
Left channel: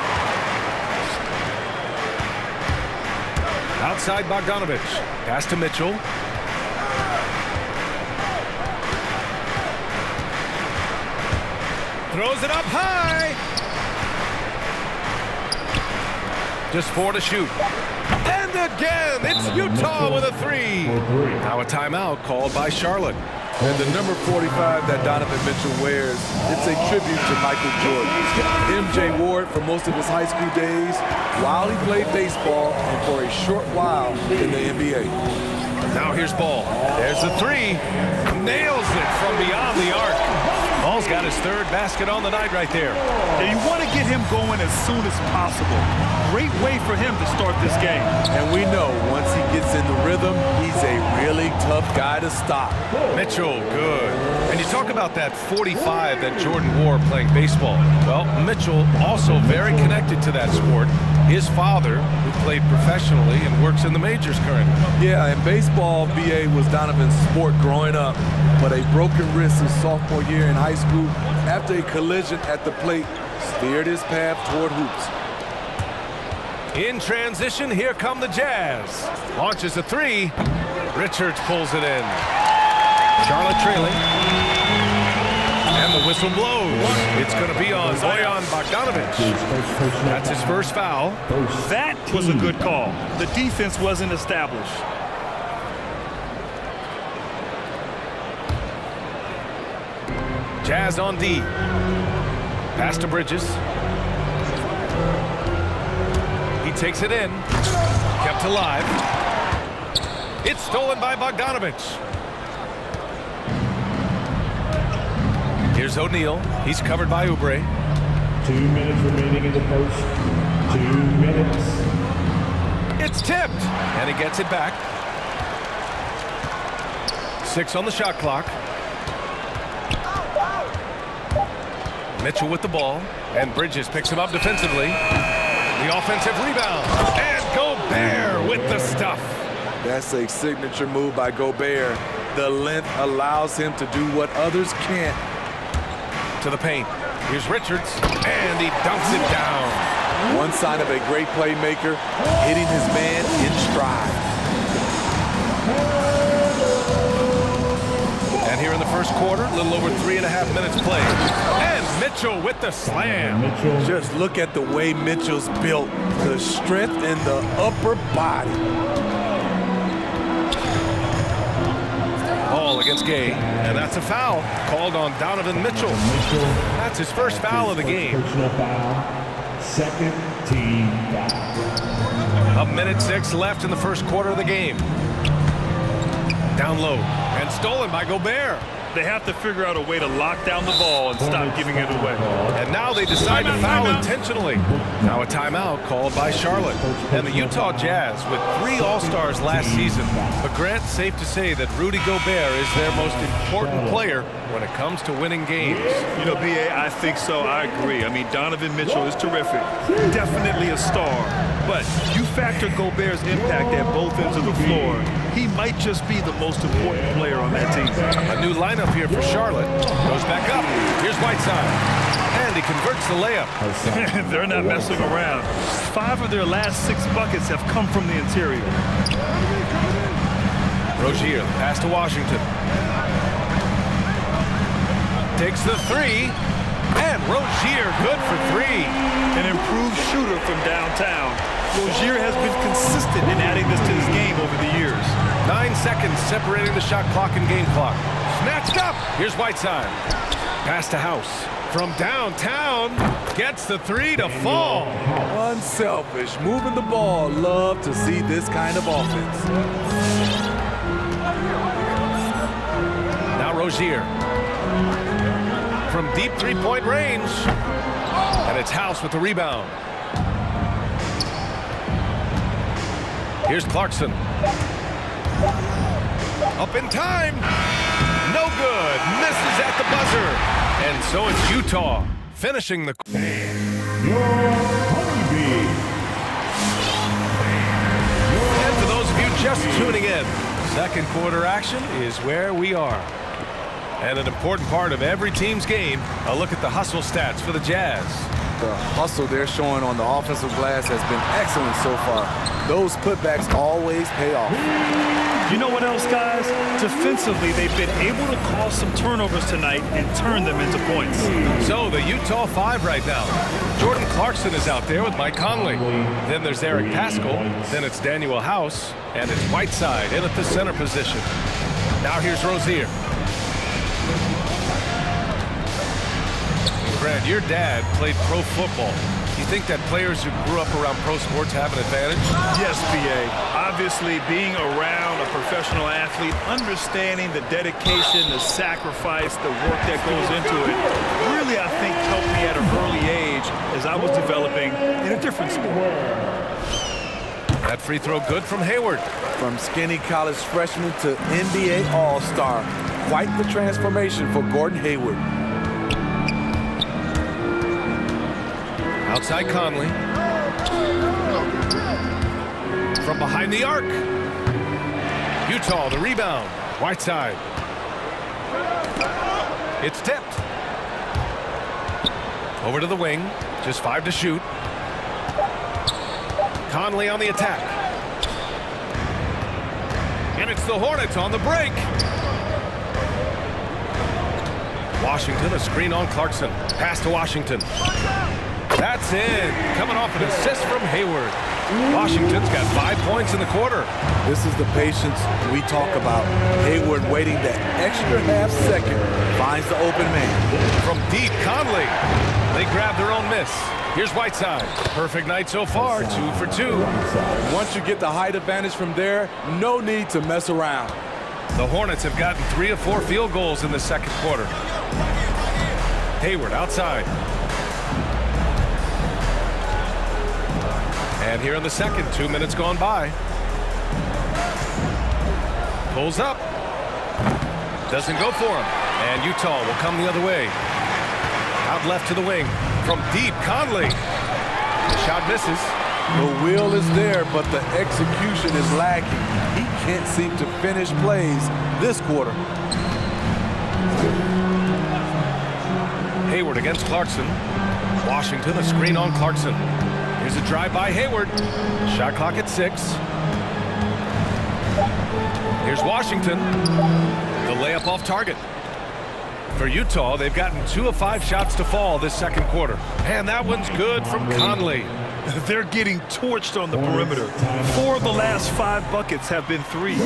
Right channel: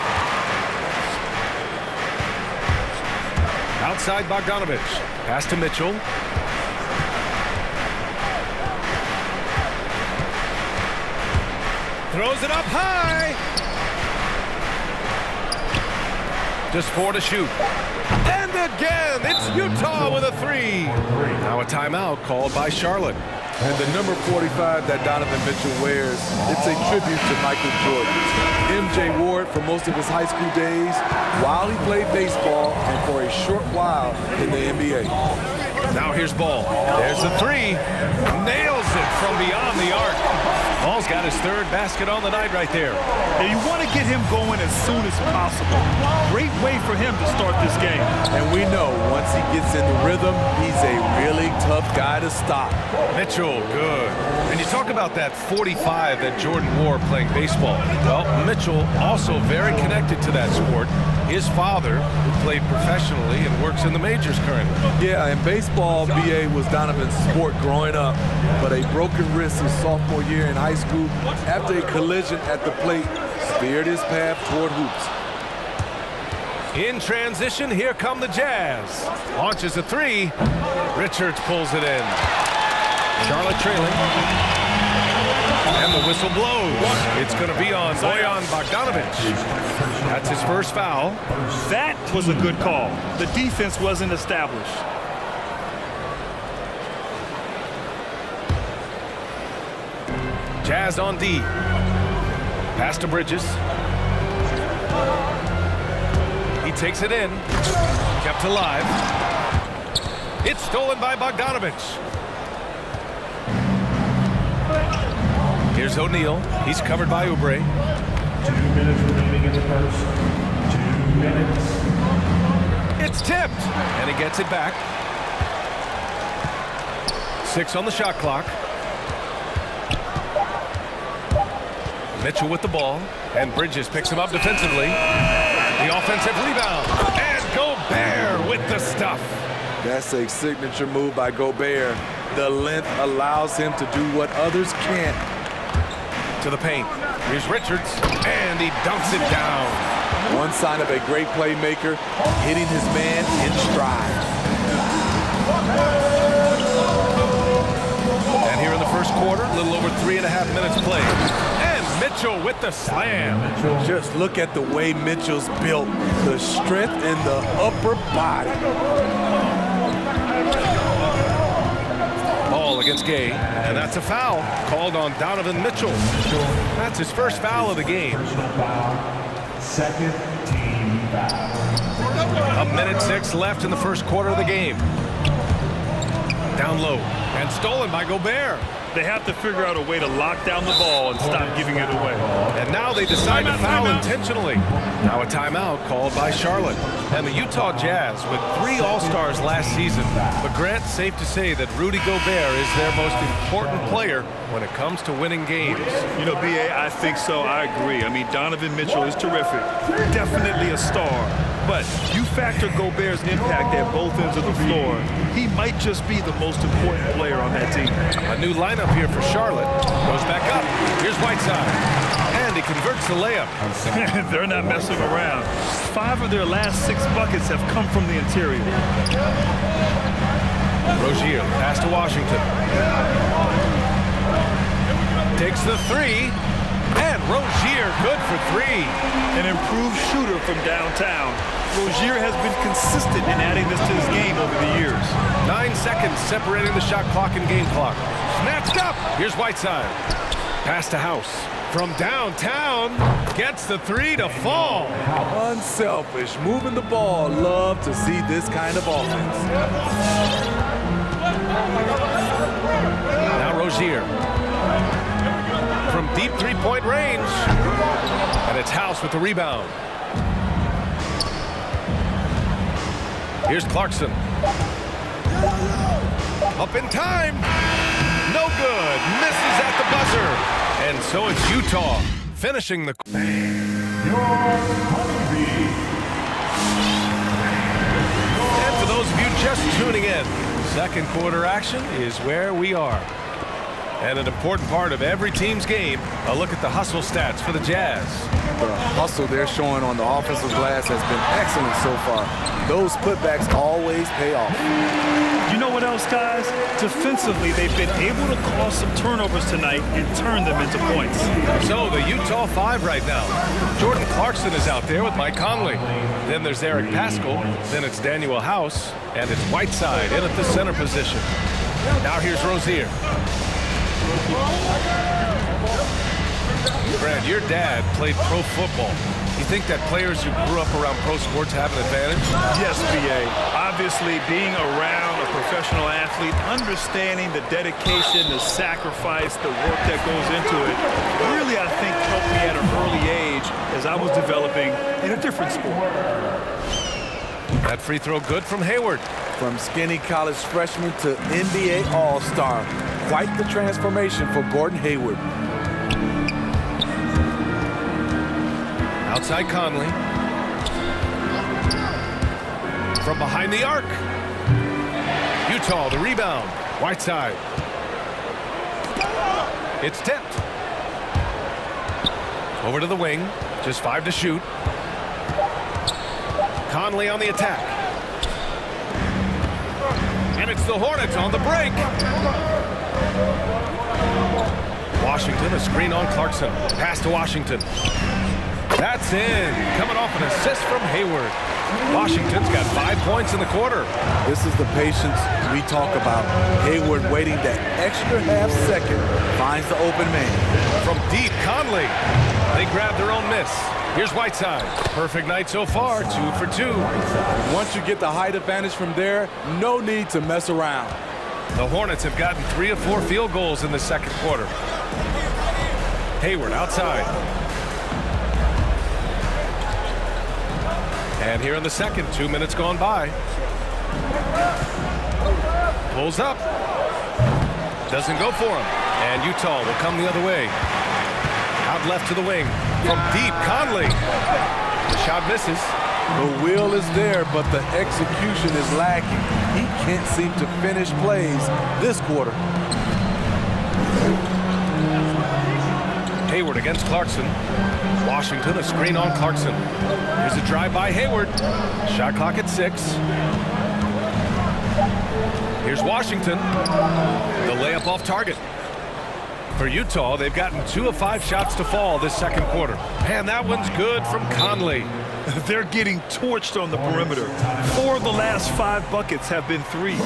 Outside Bogdanovic. Pass to Mitchell. Throws it up high. Just 4 to shoot. And again, it's Utah with a 3. Now a timeout called by Charlotte. And the number 45 that Donovan Mitchell wears, it's a tribute to Michael Jordan. MJ wore it for most of his high school days while he played baseball and for a short while in the NBA. Now here's Ball. There's the 3. Nails it from beyond the arc. Ball's got his 3rd basket on the night right there. And you want to get him going as soon as possible. Great way for him to start this game. And we know once he gets in the rhythm, he's a really tough guy to stop. Mitchell, good. And you talk about that 45 that Jordan wore playing baseball. Well, Mitchell also very connected to that sport. His father, who played professionally and works in the majors currently. Yeah, and baseball, B.A., was Donovan's sport growing up. But a broken wrist his sophomore year in high school after a collision at the plate steered his path toward hoops. In transition, here come the Jazz. Launches a 3. Richards pulls it in. Charlotte trailing. And the whistle blows. It's going to be on Bojan Bogdanovic. That's his first foul. That was a good call. The defense wasn't established. Jazz on D. Pass to Bridges. He takes it in. Kept alive. It's stolen by Bogdanovic. Here's O'Neal. He's covered by Oubre. 2 minutes remaining in the first. 2 minutes. It's tipped. And he gets it back. 6 on the shot clock. Mitchell with the ball. And Bridges picks him up defensively. The offensive rebound. And Gobert with the stuff. That's a signature move by Gobert. The length allows him to do what others can't. To the paint. Here's Richards. And he dunks it down. One sign of a great playmaker, hitting his man in stride. And here in the first quarter, a little over 3.5 minutes played. And Mitchell with the slam. Just look at the way Mitchell's built. The strength in the upper body. Ball against Gay. And that's a foul called on Donovan Mitchell. That's his first foul of the game. Personal foul. Second team foul. 1:06 left in the first quarter of the game. Down low. And stolen by Gobert. They have to figure out a way to lock down the ball and stop giving it away. And now they decide to foul intentionally. Now a timeout called by Charlotte. And the Utah Jazz with 3 All-Stars last season. But Grant, safe to say that Rudy Gobert is their most important player when it comes to winning games. You know, B.A., I think so. I agree. I mean, Donovan Mitchell is terrific. Definitely a star. But you factor Gobert's impact at both ends of the floor, he might just be the most important player on that team. A new lineup here for Charlotte. Goes back up. Here's Whiteside. And he converts the layup. They're not messing around. 5 of their last 6 buckets have come from the interior. Rozier, pass to Washington. Takes the 3. And Rozier, good for 3. An improved shooter from downtown. Rozier has been consistent in adding this to his game over the years. 9 seconds separating the shot clock and game clock. Snatched up. Here's Whiteside. Pass to House. From downtown, gets the 3 to fall. Unselfish, moving the ball. Love to see this kind of offense. Now Rozier. From deep three-point range. And it's House with the rebound. Here's Clarkson. Up in time. No good. Misses at the buzzer. And so it's Utah finishing the... And for those of you just tuning in, second quarter action is where we are. And an important part of every team's game, a look at the hustle stats for the Jazz. The hustle they're showing on the offensive glass has been excellent so far. Those putbacks always pay off. You know what else, guys? Defensively, they've been able to cause some turnovers tonight and turn them into points. So the Utah 5 right now. Jordan Clarkson is out there with Mike Conley. Then there's Eric Paschall. Then it's Daniel House. And it's Whiteside in at the center position. Now here's Rozier. Grant, your dad played pro football. You think that players who grew up around pro sports have an advantage? Yes, B.A. Obviously, being around a professional athlete, understanding the dedication, the sacrifice, the work that goes into it, really, I think, helped me at an early age as I was developing in a different sport. That free throw good from Hayward. From skinny college freshman to NBA All-Star. Quite the transformation for Gordon Hayward. Outside Conley. From behind the arc. Utah, the rebound. Whiteside. It's tipped. Over to the wing. Just 5 to shoot. Conley on the attack. And it's the Hornets on the break. Washington, a screen on Clarkson. Pass to Washington. That's in. Coming off an assist from Hayward. Washington's got 5 points in the quarter. This is the patience we talk about. Hayward waiting that extra half second. Finds the open man. From deep, Conley. They grab their own miss. Here's Whiteside. Perfect night so far, 2 for 2. Once you get the height advantage from there, no need to mess around. The Hornets have gotten 3 of 4 field goals in the second quarter. Hayward outside. And here in the second, 2 minutes gone by. Pulls up. Doesn't go for him. And Utah will come the other way. Out left to the wing. From deep, Conley. The shot misses. The will is there, but the execution is lacking. He can't seem to finish plays this quarter. Hayward against Clarkson. Washington, a screen on Clarkson. Here's a drive by Hayward. Shot clock at 6. Here's Washington. The layup off target. For Utah, they've gotten 2 of 5 shots to fall this second quarter. And that one's good from Conley. They're getting torched on the perimeter. 4 of the last 5 buckets have been threes. A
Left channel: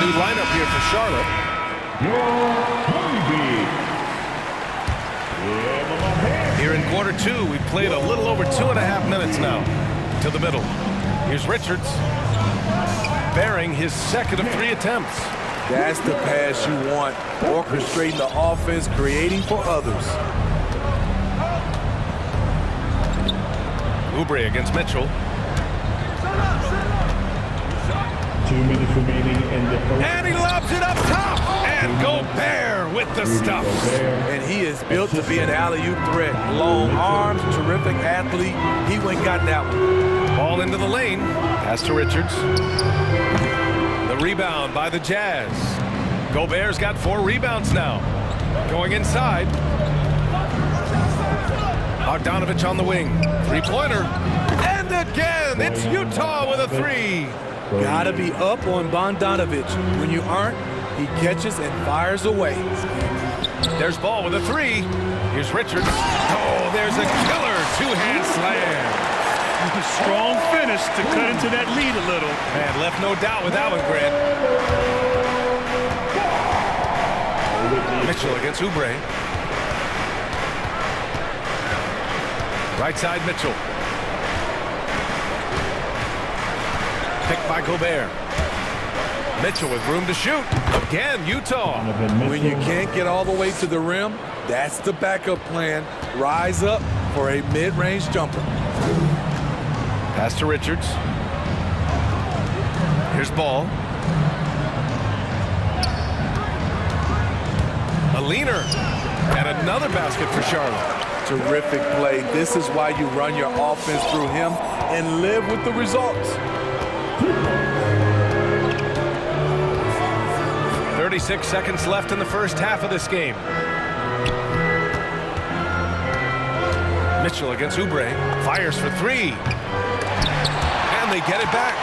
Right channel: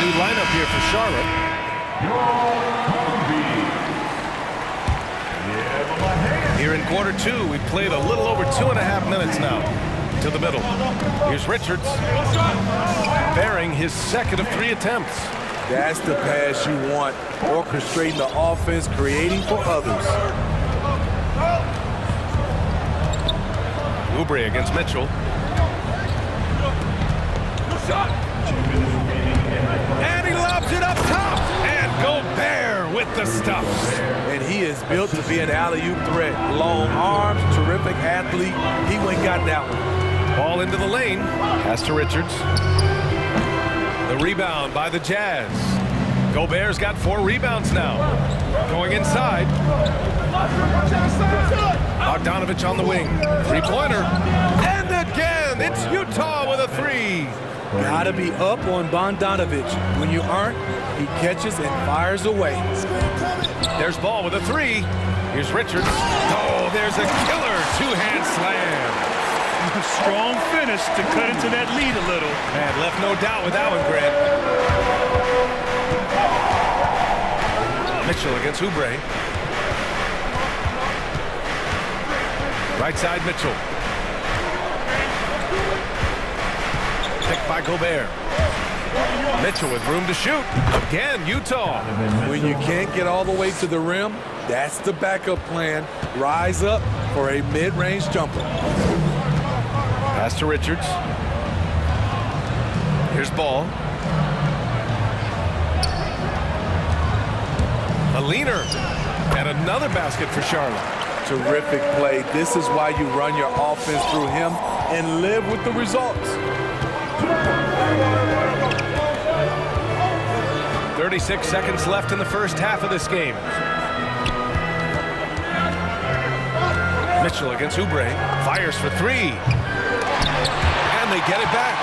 new lineup here for Charlotte. Here in quarter 2, we've played a little over 2.5 minutes now. To the middle. Here's Richards. sparing his second of 3 attempts. That's the pass you want, orchestrating the offense, creating for others. Oubre against Mitchell. 2 minutes remaining in the first. And he lobs it up top. And Gobert with the stuff. And he is built to be an alley-oop threat. Long arms, terrific athlete. He went and got that one. Ball into the lane. Pass to Richards. The rebound by the Jazz. Gobert's got 4 rebounds now. Going inside. Bogdanovich on the wing. 3-pointer. And again, it's Utah with a 3. Gotta be up on Bogdanovich. When you aren't, he catches and fires away. There's Ball with a 3. Here's Richards. Oh, there's a killer 2-hand slam. Strong finish to cut into that lead a little. Man, left no doubt with that one, Grant. Mitchell against Oubre. Right side, Mitchell. Picked by Gobert. Mitchell with room to shoot. Again, Utah. When you can't get all the way to the rim, that's the backup plan. Rise up for a mid-range jumper. Pass to Richards. Here's Ball. A leaner. And another basket for Charlotte. Terrific play. This is why you run your offense through him and live with the results. 36 seconds left in the first half of this game. Mitchell against Oubre. Fires for 3. And they get it back.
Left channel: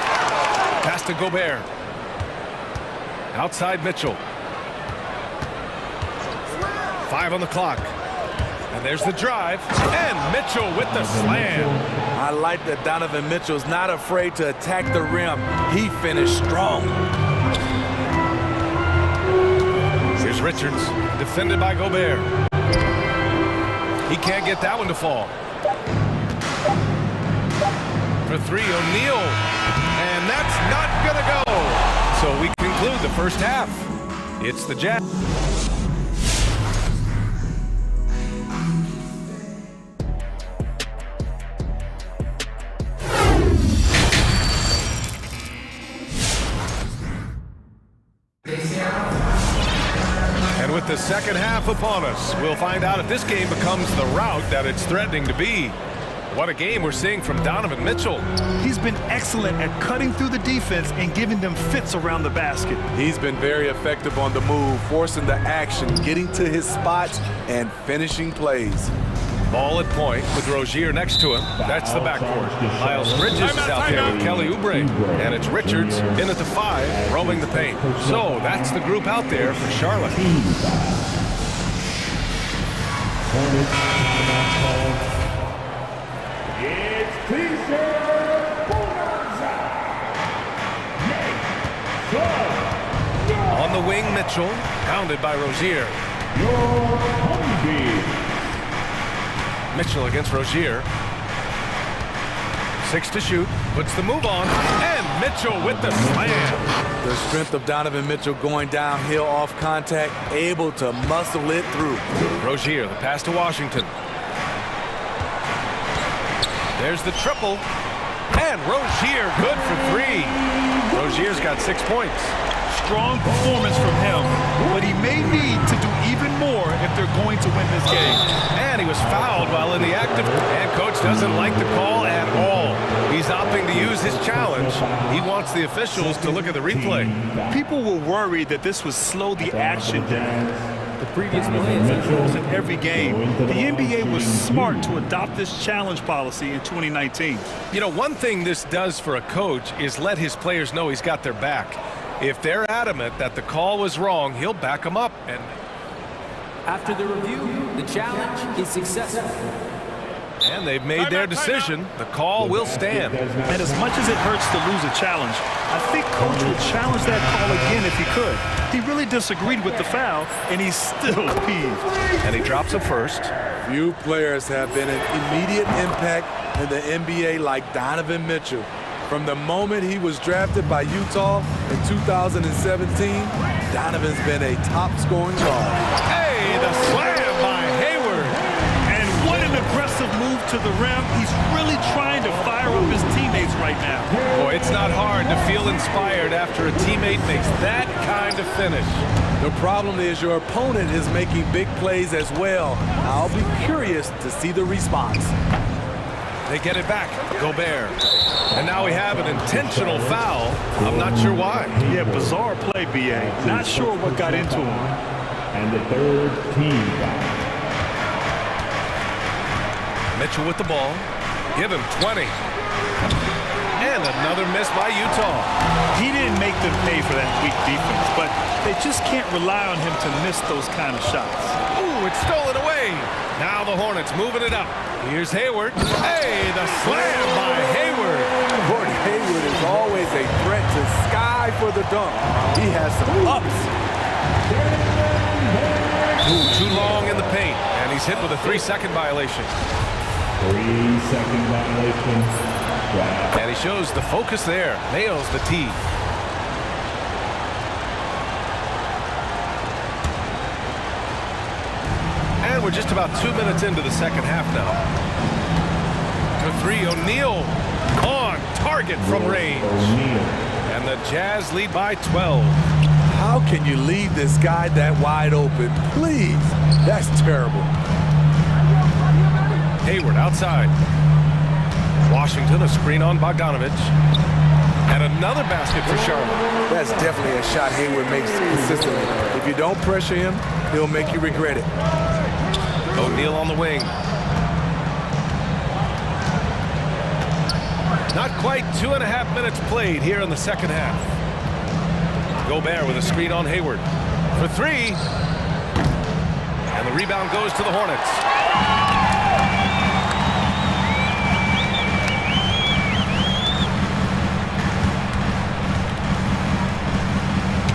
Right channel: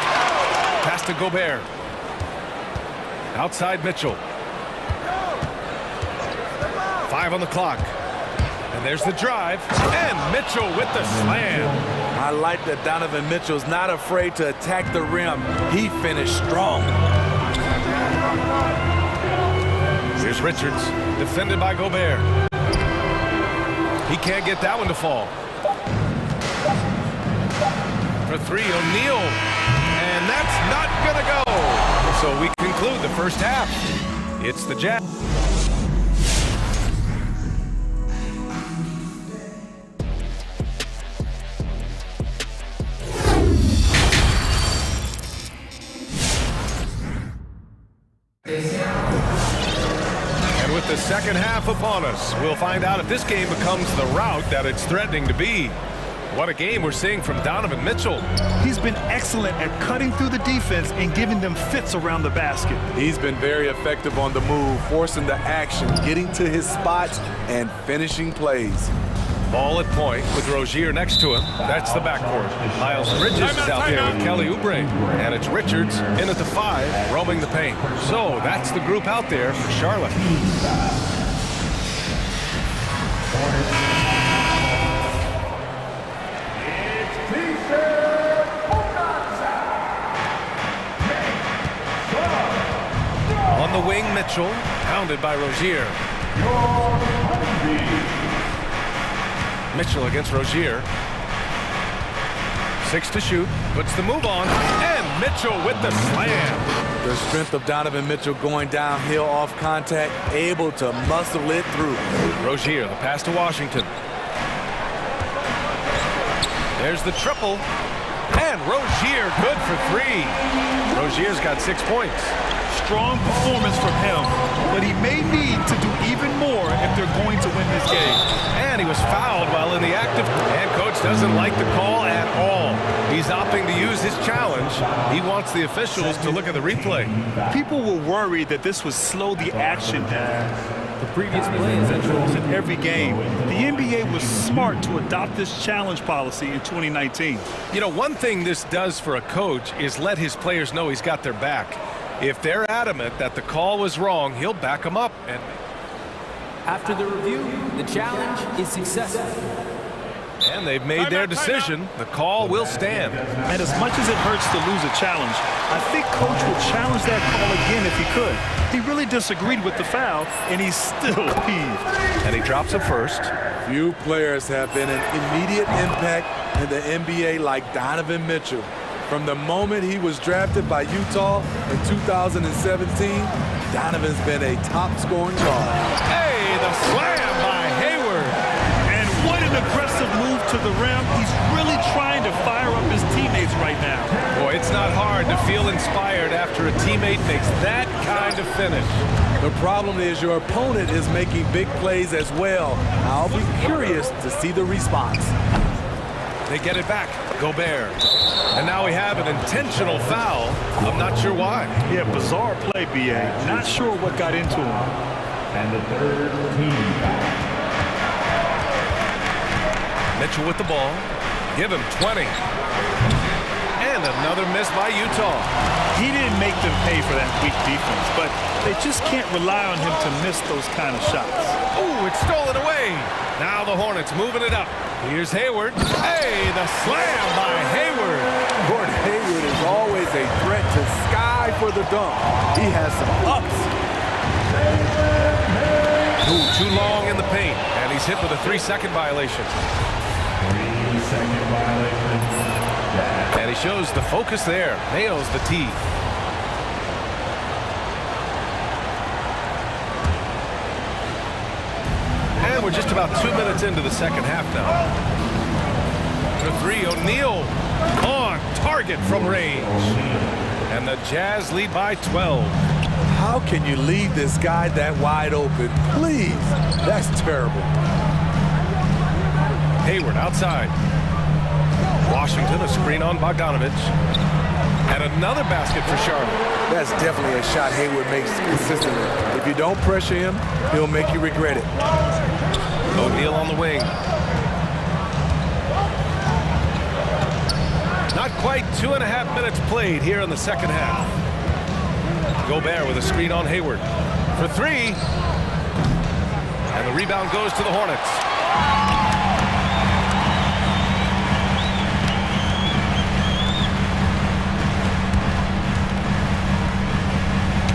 Pass to Gobert. Outside Mitchell. 5 on the clock. And there's the drive. And Mitchell with the slam. I like that Donovan Mitchell's not afraid to attack the rim. He finished strong. Here's Richards, defended by Gobert. He can't get that one to fall. For 3, O'Neal. And that's not gonna go. So we conclude the first half. It's the Jazz. And with the second half upon us, we'll find out if this game becomes the rout that it's threatening to be. What a game we're seeing from Donovan Mitchell. He's been excellent at cutting through the defense and giving them fits around the basket. He's been very effective on the move, forcing the action, getting to his spots, and finishing plays. Ball at point with Rozier next to him. That's the backcourt. Miles Bridges is out there with Kelly Oubre. And it's Richards in at the 5, roaming the paint. So that's the group out there for Charlotte. It's T-shirt Bonanza. On the wing, Mitchell, pounded by Rozier. Your Honeybee. Mitchell against Rozier. 6 to shoot, puts the move on, and Mitchell with the slam. The strength of Donovan Mitchell going downhill off contact, able to muscle it through. Rozier, the pass to Washington. There's the triple, and Rozier good for 3. Rozier's got 6 points. Strong performance from him, but he may need to do even more if they're going to win this game. And he was fouled while in the act of, and coach doesn't like the call at all. He's opting to use his challenge. He wants the officials to look at the replay. People were worried that this would slow the action down. The previous play is in every game. The NBA was smart to adopt this challenge policy in 2019. You know, one thing this does for a coach is let his players know he's got their back. If they're adamant that the call was wrong, he'll back them up. And after the review, the challenge is successful. And they've made their decision. The call will stand. And as much as it hurts to lose a challenge, I think coach would challenge that call again if he could. He really disagreed with the foul, and he's still peeved. And he drops a first. Few players have been an immediate impact in the NBA like Donovan Mitchell. From the moment he was drafted by Utah in 2017, Donovan's been a top-scoring guard. Hey, the slam by Hayward. And what an aggressive move to the rim. He's really trying to fire up his teammates right now. Boy, it's not hard to feel inspired after a teammate makes that kind of finish. The problem is your opponent is making big plays as well. I'll be curious to see the response. They get it back, Gobert. And now we have an intentional foul. I'm not sure why. Yeah, bizarre play, B.A. Not sure what got into him. And the third team foul. Mitchell with the ball. Give him 20. And another miss by Utah. He didn't make them pay for that weak defense, but they just can't rely on him to miss those kind of shots. Ooh, it's stolen away. Now the Hornets moving it up. Here's Hayward. Hey, the slam by Hayward. Gordon Hayward is always a threat to Sky for the dunk. He has some ups. Ooh, too long in the paint, and he's hit with a 3-second violation. 3-second violation. And he shows the focus there. Nails the tee. And we're just about 2 minutes into the second half now. To three, O'Neal on target from range. And the Jazz lead by 12. How can you leave this guy that wide open? Please, that's terrible. Hayward outside. Washington, a screen on Bogdanovich. And another basket for Charlotte. That's definitely a shot Hayward makes consistently. If you don't pressure him, he'll make you regret it. O'Neal on the wing. Not quite 2.5 minutes played here in the second half. Gobert with a screen on Hayward. For three. And the rebound goes to the Hornets.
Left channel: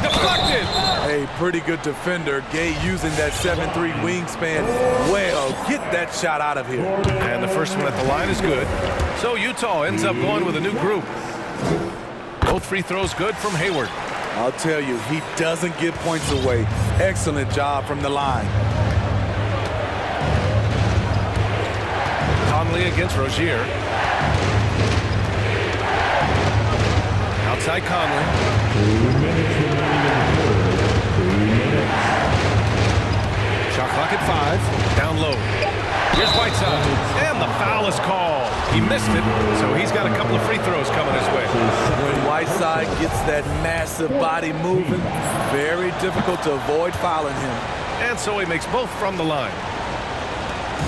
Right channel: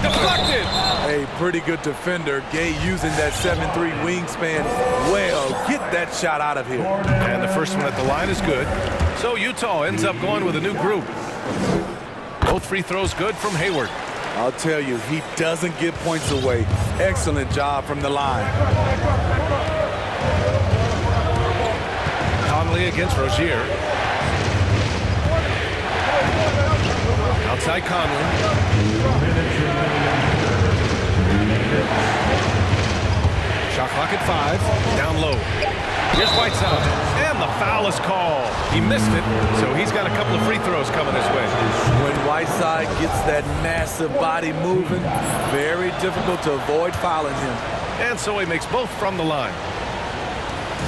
Deflected. A pretty good defender. Gay using that 7'3" wingspan well. Get that shot out of here. And the first one at the line is good. So Utah ends up going with a new group. Both free throws good from Hayward. I'll tell you, he doesn't give points away. Excellent job from the line. Conley against Rozier. Outside Conley. 2 minutes remaining in the quarter. 2 minutes. Shot clock at 5. Down low. Here's Whiteside. And the foul is called. He missed it, so he's got a couple of free throws coming his way. When Whiteside gets that massive body moving, very difficult to avoid fouling him. And so he makes both from the line.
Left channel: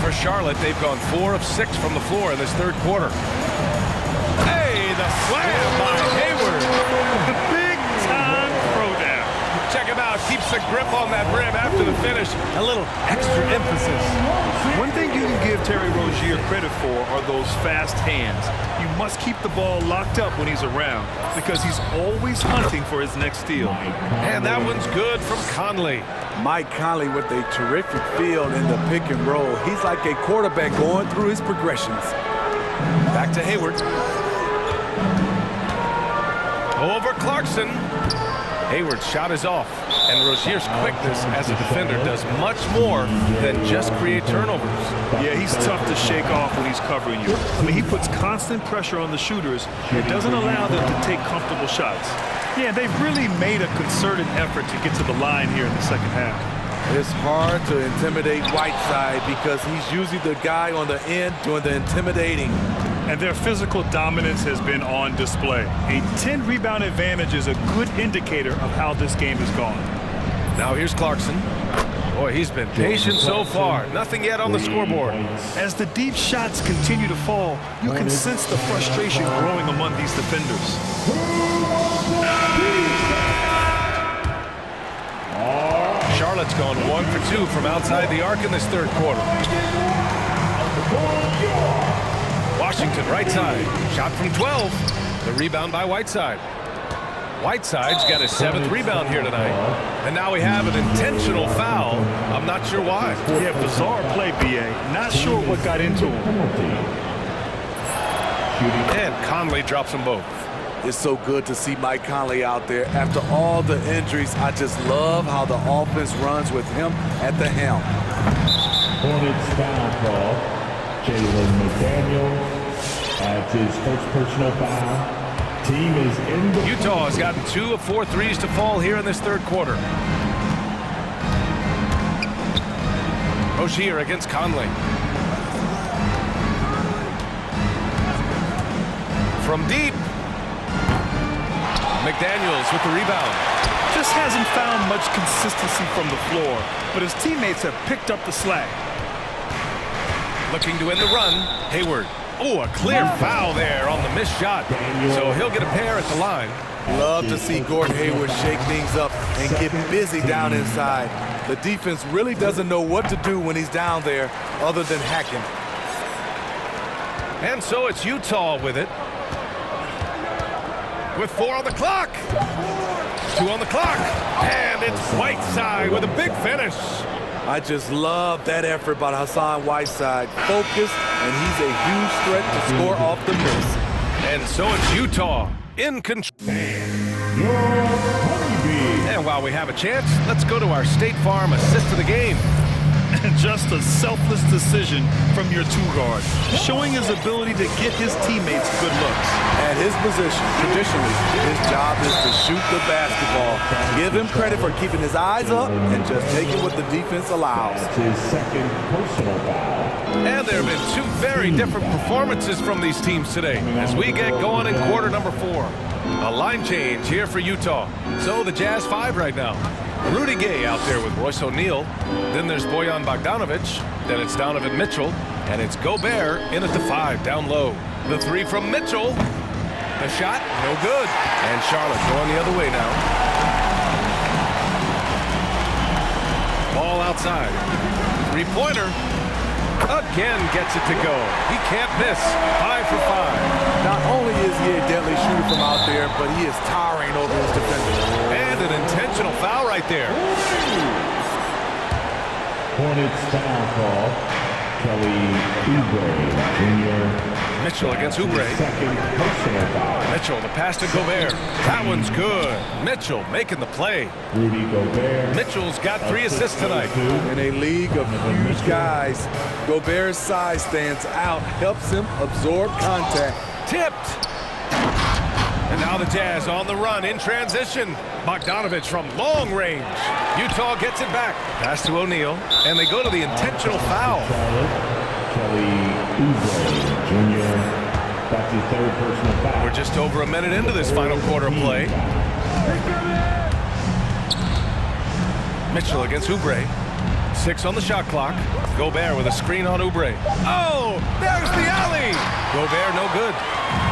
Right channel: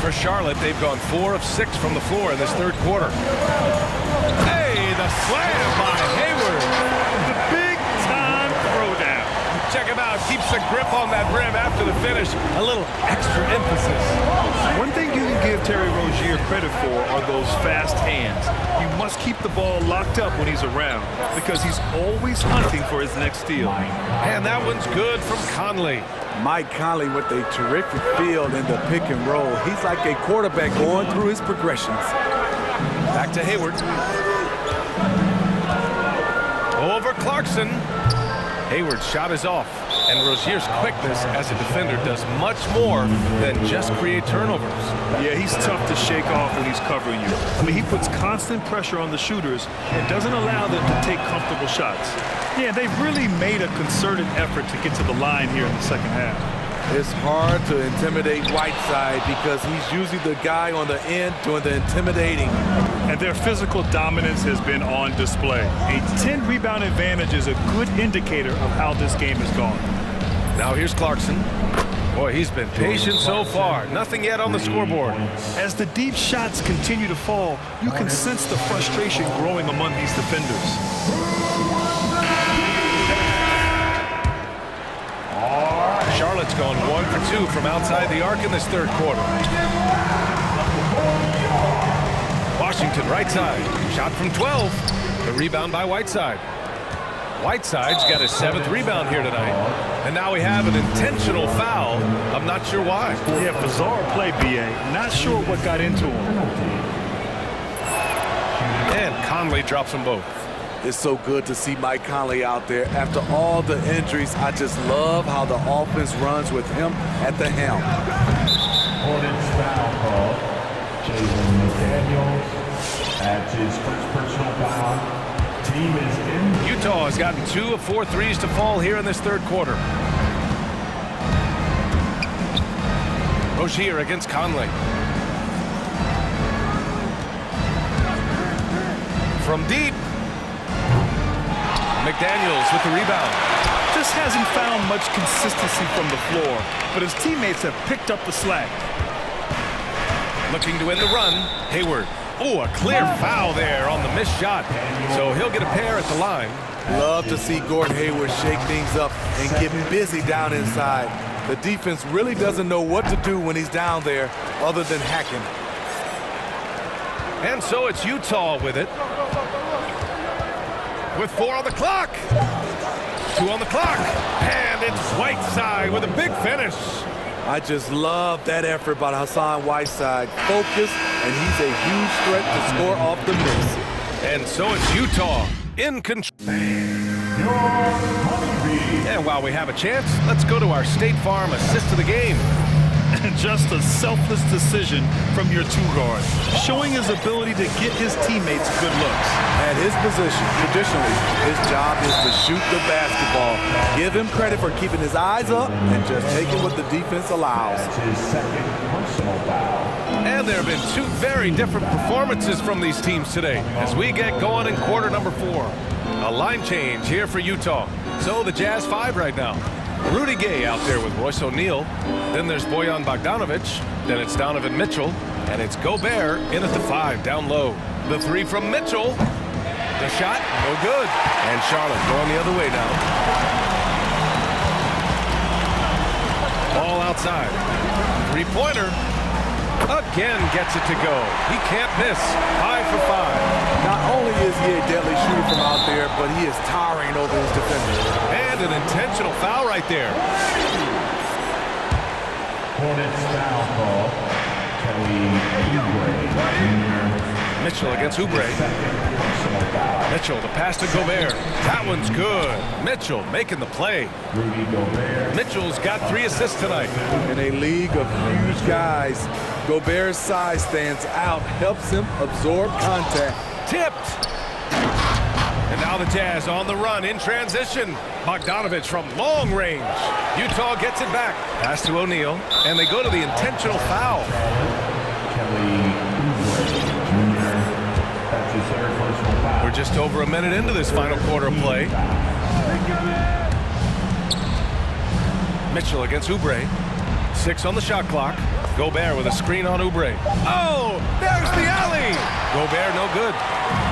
For Charlotte, they've gone 4 of 6 from the floor in this third quarter. Hey, the slam by Hayward. The big-time throwdown. Check him out. Keeps the grip on that rim after the finish. A little extra emphasis. One thing you can give Terry Rozier credit for are those fast hands. You must keep the ball locked up when he's around because he's always hunting for his next steal. And that one's good from Conley. Mike Conley with a terrific field in the pick and roll. He's like a quarterback going through his progressions. Back to Hayward. Over Clarkson. Hayward's shot is off. And Rozier's quickness as a defender does much more than just create turnovers. Yeah, he's tough to shake off when he's covering you. I mean, he puts constant pressure on the shooters and doesn't allow them to take comfortable shots. Yeah, they've really made a concerted effort to get to the line here in the second half. It's hard to intimidate Whiteside because he's usually the guy on the end doing the intimidating. And their physical dominance has been on display. A 10-rebound advantage is a good indicator of how this game has gone. Now here's Clarkson. Boy, he's been patient so far. Nothing yet on the scoreboard. As the deep shots continue to fall, you can sense the frustration growing among these defenders. Charlotte's gone 1 for 2 from outside the arc in this third quarter. Washington right side. Shot from 12. The rebound by Whiteside. Whiteside's got his 7th rebound here tonight. And now we have an intentional foul. I'm not sure why. Yeah, bizarre play, B.A. Not sure what got into him. And Conley drops them both. It's so good to see Mike Conley out there. After all the injuries, I just love how the offense runs with him at the helm. Hornets foul call. Jalen McDaniels adds his first personal foul. Team is in the... Utah has gotten 2 of 4 threes to fall here in this third quarter. Rozier against Conley. From deep. McDaniels with the rebound. Just hasn't found much consistency from the floor, but his teammates have picked up the slack. Looking to end the run, Hayward. Oh, a clear foul there on the missed shot. So he'll get a pair at the line. Love to see Gordon Hayward shake things up and get busy down inside. The defense really doesn't know what to do when he's down there other than hack him. And so it's Utah with it. With 4 on the clock. 2 on the clock. And it's Whiteside with a big finish. I just love that effort by Hassan Whiteside. Focused, and he's a huge threat to score off the miss. And so it's Utah in control. And while we have a chance, let's go to our State Farm assist of the game. Just a selfless decision from your two-guard, showing his ability to get his teammates good looks. At his position, traditionally, his job is to shoot the basketball. Give him credit for keeping his eyes up and just taking what the defense allows. That's his second personal foul. And there have been 2 very different performances from these teams today as we get going in quarter number 4. A line change here for Utah. So the Jazz 5 right now. Rudy Gay out there with Royce O'Neal. Then there's Bojan Bogdanovic. Then it's Donovan Mitchell. And it's Gobert in at the 5 down low. The 3 from Mitchell. The shot, no good. And Charlotte going the other way now. Ball outside. 3-pointer. Again gets it to go. He can't miss. 5 for 5. Not only is he a deadly shooter from out there, but he is towering over his defenders. And an intentional foul right there. Hornets foul call. Kelly Oubre Jr. Mitchell against Oubre. Second personal foul. Mitchell, the pass to Gobert. That one's good. Mitchell making the play. Rudy Gobert. Mitchell's got 3 assists tonight. In a league of huge guys, Gobert's size stands out, helps him absorb contact. Tipped. And now the Jazz on the run in transition. Bogdanovic from long range. Utah gets it back. Pass to O'Neal, and they go to the intentional foul. Kelly Oubre Jr. That's his third personal foul. We're just over a minute into this final quarter of play. Mitchell against Oubre. 6 on the shot clock. Gobert with a screen on Oubre. Oh, there's the alley. Gobert no good.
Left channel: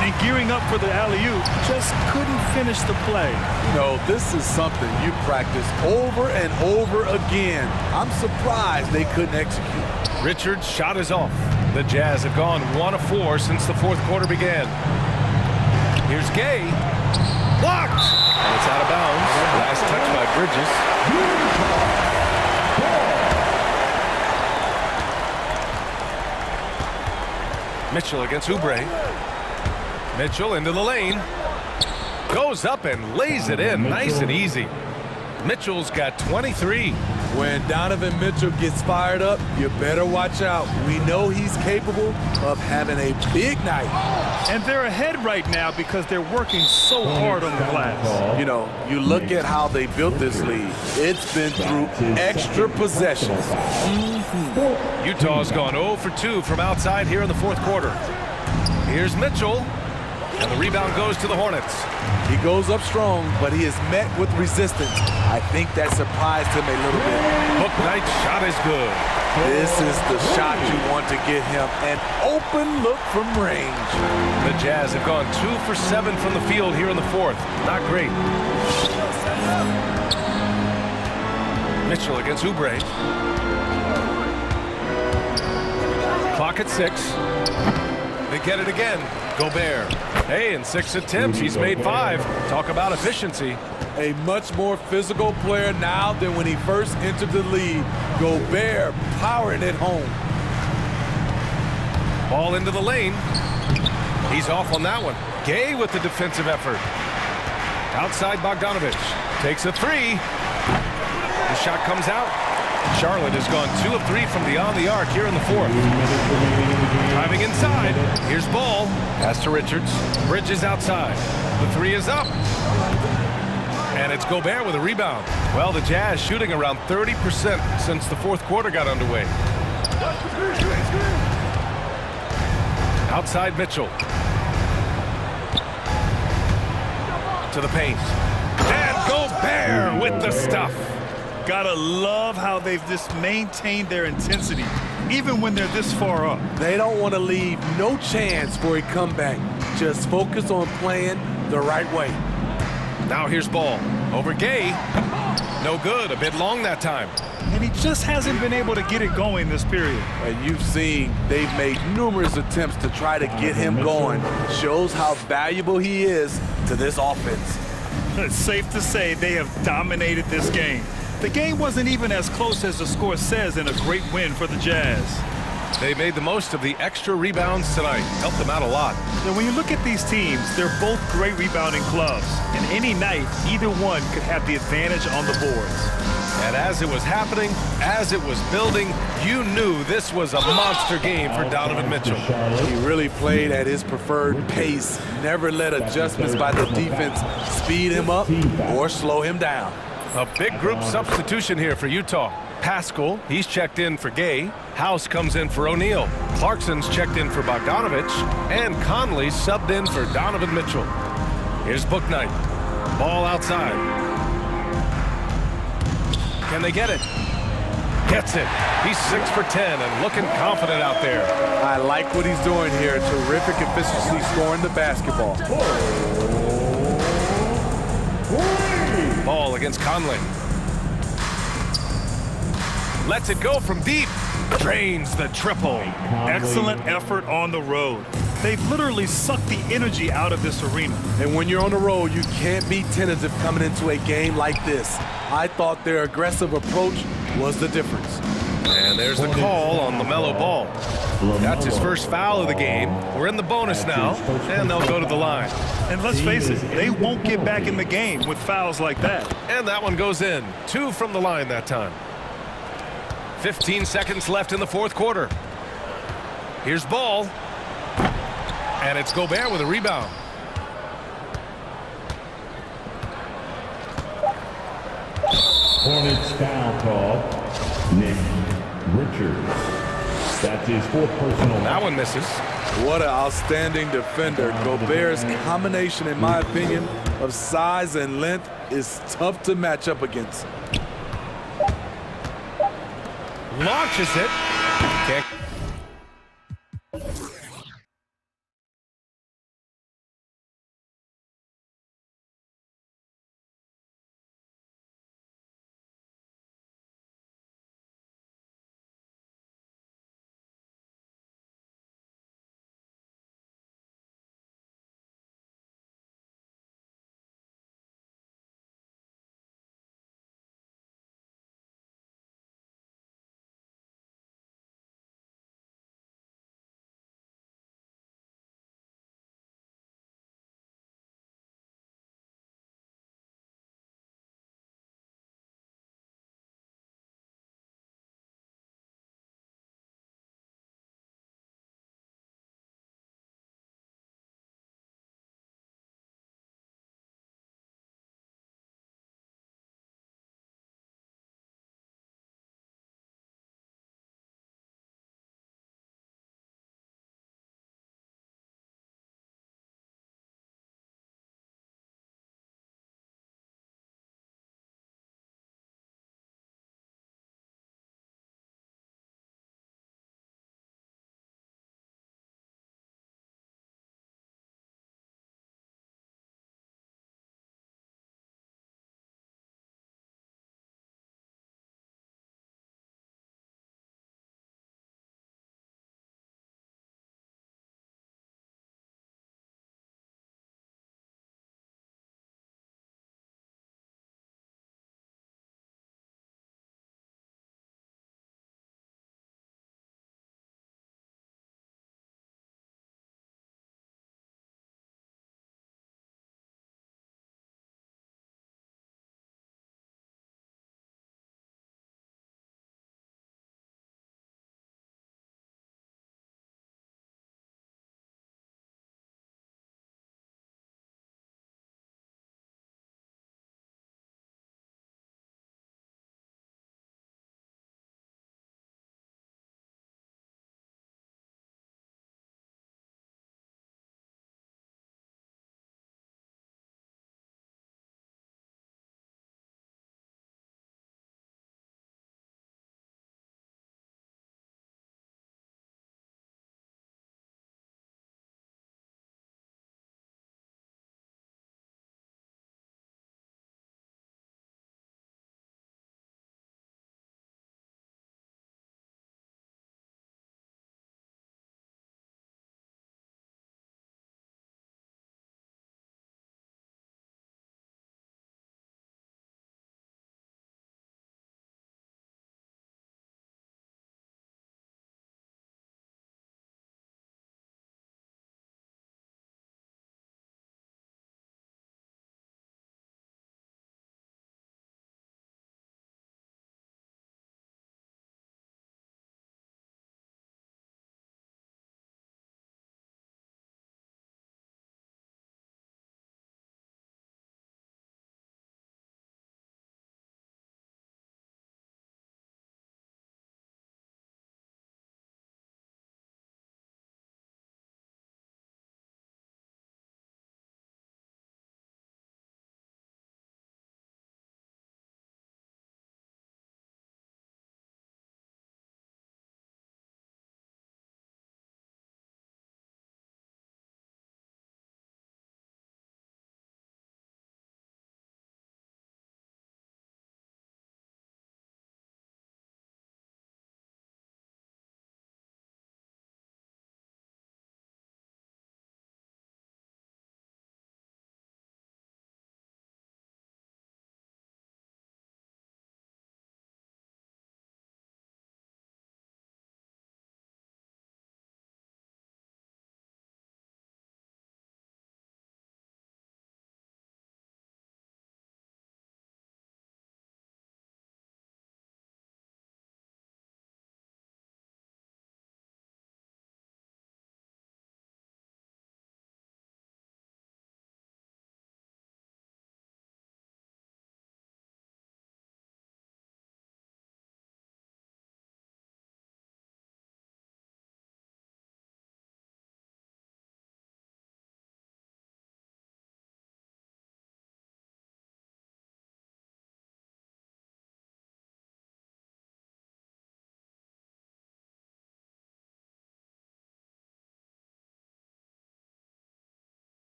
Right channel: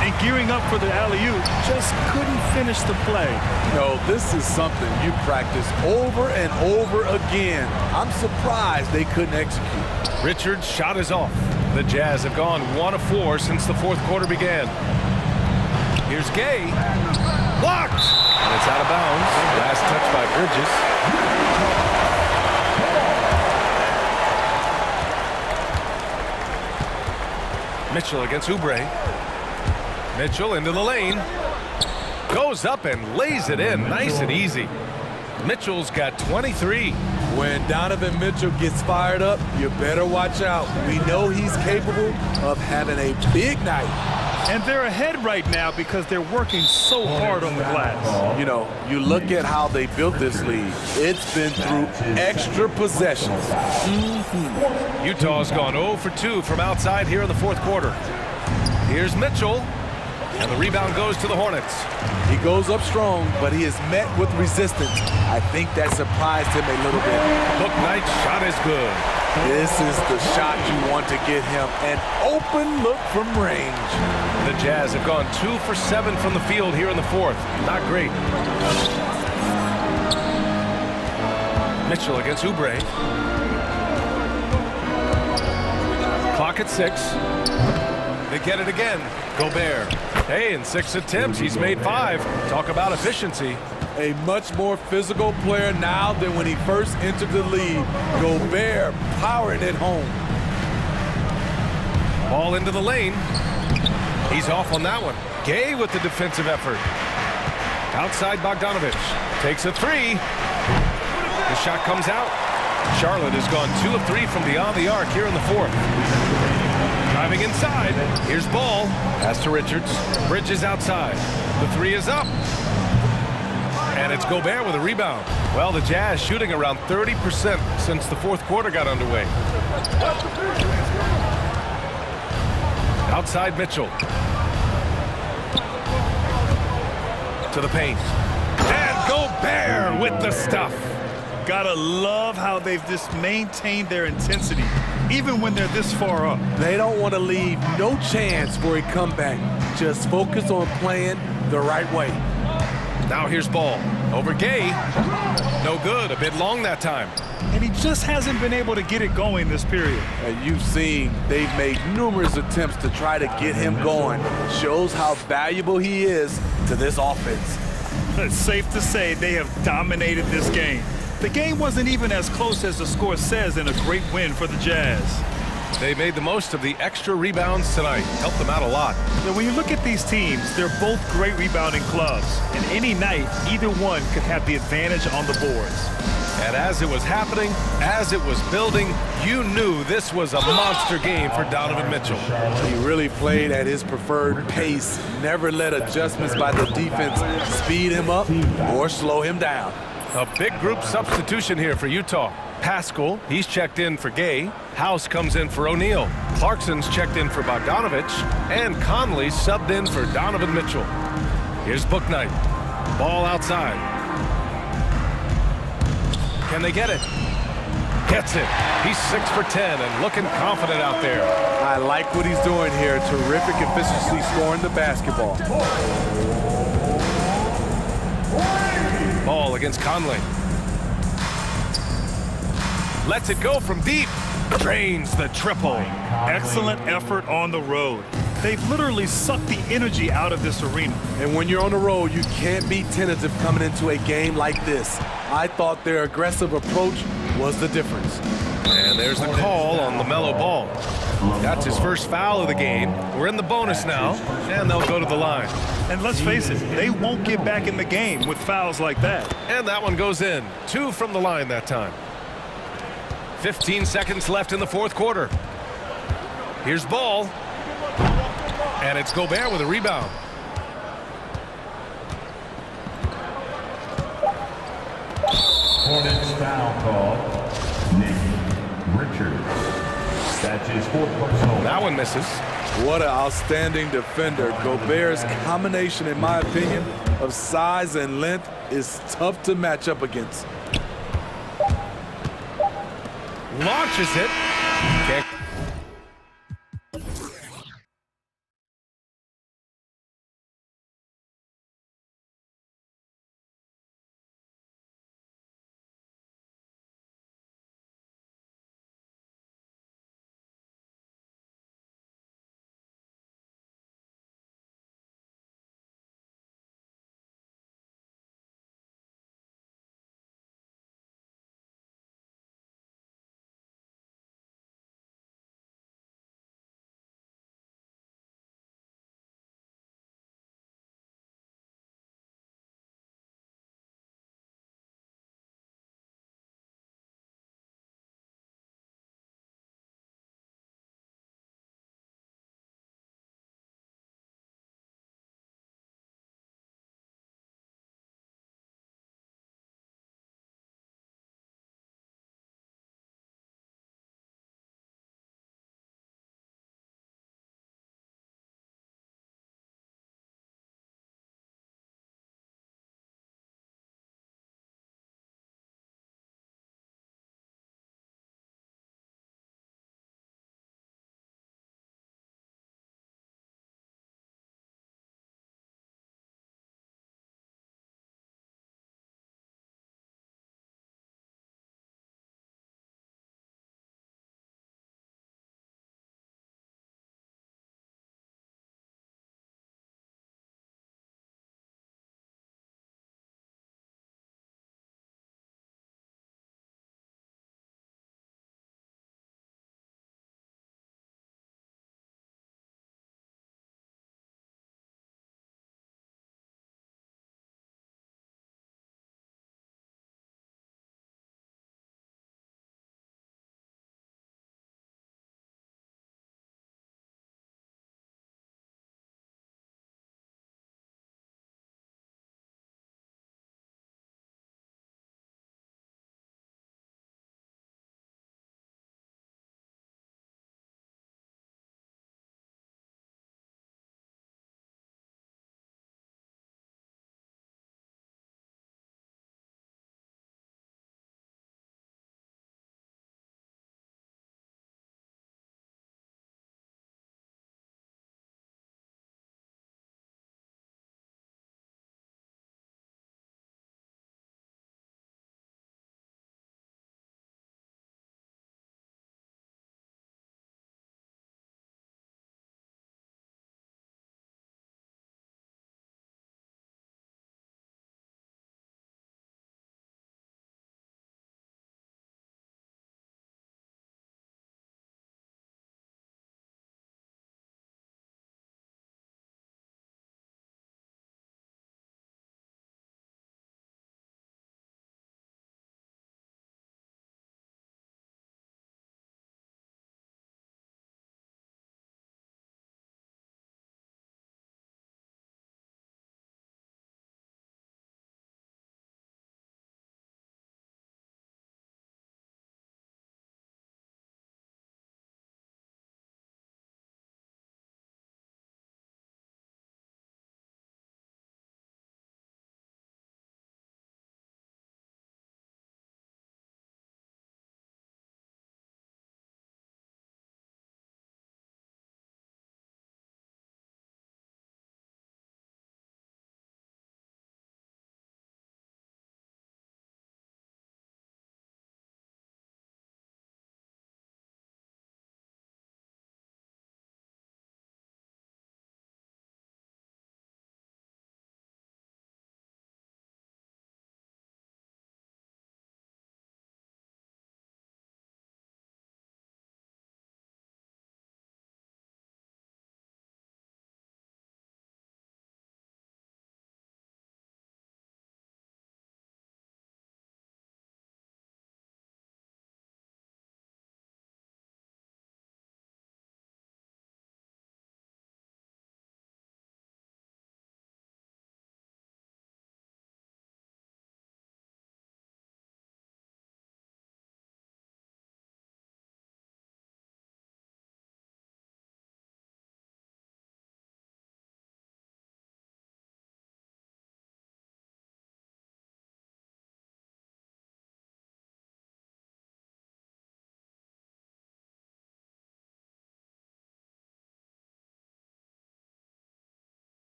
And gearing up for the alley-oop, just couldn't finish the play. You know, this is something you practice over and over again. I'm surprised they couldn't execute. Richard's shot is off. The Jazz have gone 1 of 4 since the fourth quarter began. Here's Gay. Blocked. And it's out of bounds. Last touch by Bridges. Mitchell against Oubre. Mitchell into the lane. Goes up and lays it in. Nice and easy. Mitchell's got 23. When Donovan Mitchell gets fired up, you better watch out. We know he's capable of having a big night. And they're ahead right now because they're working so hard on the glass. You know, you look at how they built this lead. It's been through extra possessions. Utah's gone 0 for 2 from outside here in the fourth quarter. Here's Mitchell. And the rebound goes to the Hornets. He goes up strong, but he is met with resistance. I think that surprised him a little bit. Bouknight's shot is good. This is the shot you want to get him. An open look from range. The Jazz have gone 2 for 7 from the field here in the fourth. Not great. Mitchell against Oubre. Clock at 6. They get it again. Gobert. Hey, in 6 attempts, he's made 5. Talk about efficiency. A much more physical player now than when he first entered the league. Gobert powering it home. Ball into the lane. He's off on that one. Gay with the defensive effort. Outside Bogdanovich. Takes a three. The shot comes out. Charlotte has gone 2 of 3 from beyond the arc here in the fourth. Driving inside. Here's Ball. Pass to Richards. Bridges outside. The three is up. And it's Gobert with a rebound. Well, the Jazz shooting around 30% since the fourth quarter got underway. Outside Mitchell. To the paint. And Gobert with the stuff. Gotta love how they've just maintained their intensity, even when they're this far up. They don't want to leave no chance for a comeback. Just focus on playing the right way. Now here's Ball. Over Gay. No good. A bit long that time. And he just hasn't been able to get it going this period. And you've seen they've made numerous attempts to try to get him going. Shows how valuable he is to this offense. It's safe to say they have dominated this game. The game wasn't even as close as the score says in a great win for the Jazz. They made the most of the extra rebounds tonight. Helped them out a lot. Now, when you look at these teams, they're both great rebounding clubs. And any night, either one could have the advantage on the boards. And as it was happening, as it was building, you knew this was a monster game for Donovan Mitchell. He really played at his preferred pace. Never let adjustments by the defense speed him up or slow him down. A big group substitution here for Utah. Pascal, he's checked in for Gay. House comes in for O'Neal. Clarkson's checked in for Bogdanovich. And Conley subbed in for Donovan Mitchell. Here's Bouknight. Ball outside. Can they get it? Gets it. He's 6 for 10 and looking confident out there. I like what he's doing here. Terrific efficiency scoring the basketball. Ball against Conley. Lets it go from deep. Drains the triple. Excellent effort on the road. They've literally sucked the energy out of this arena. And when you're on the road, you can't be tentative coming into a game like this. I thought their aggressive approach was the difference. And there's the call on LaMelo Ball. That's his first foul of the game. We're in the bonus now, and they'll go to the line. And let's face it, they won't get back in the game with fouls like that. And that one goes in. 2 from the line that time. 15 seconds left in the fourth quarter. Here's Ball. And it's Gobert with a rebound. Hornets foul call. Nick Richards. That's his 4th personal. That one misses. What an outstanding defender. Gobert's combination, in my opinion, of size and length is tough to match up against. Launches it. Can't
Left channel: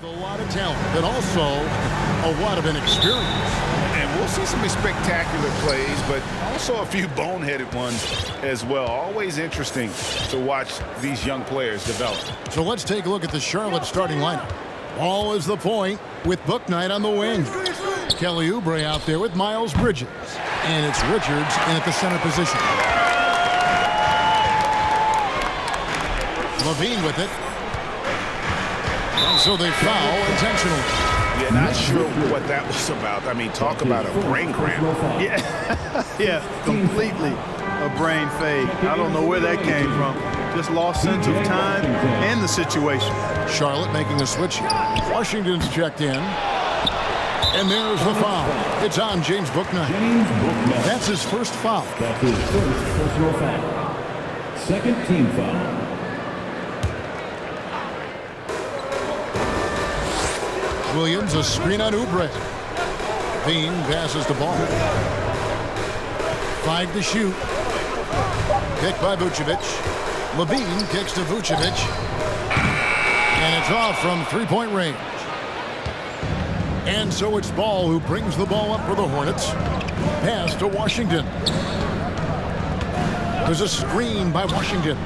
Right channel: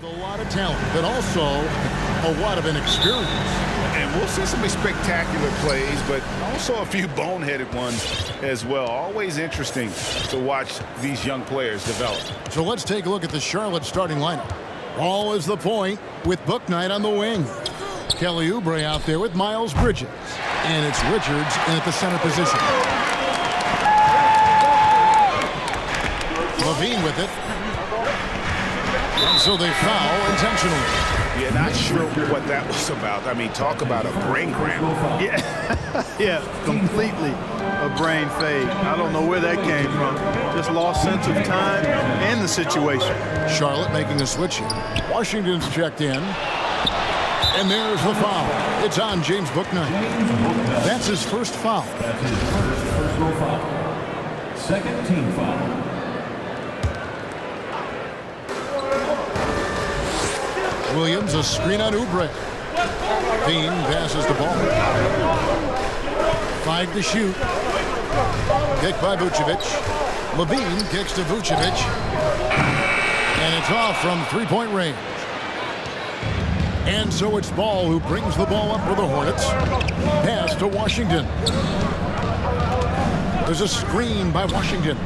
With a lot of talent, but also a lot of inexperience. And we'll see some spectacular plays, but also a few boneheaded ones as well. Always interesting to watch these young players develop. So let's take a look at the Charlotte starting lineup. Ball is the point with Bouknight on the wing. Kelly Oubre out there with Miles Bridges. And it's Richards in at the center position. Levine with it. And so they foul intentionally. Yeah, not sure what that was about. I mean, talk about a brain cramp. Yeah, yeah, completely a brain fade. I don't know where that came from. Just lost sense of time and the situation. Charlotte making a switch here. Washington's checked in. And there's the foul. It's on James Bouknight. That's his first foul. That's his first personal foul. Second team foul. Williams, a screen on Oubre. Bean passes the ball. 5 to shoot. Kick by Vucevic. Levine kicks to Vucevic. And it's off from three-point range. And so it's Ball who brings the ball up for the Hornets. Pass to Washington. There's a screen by Washington.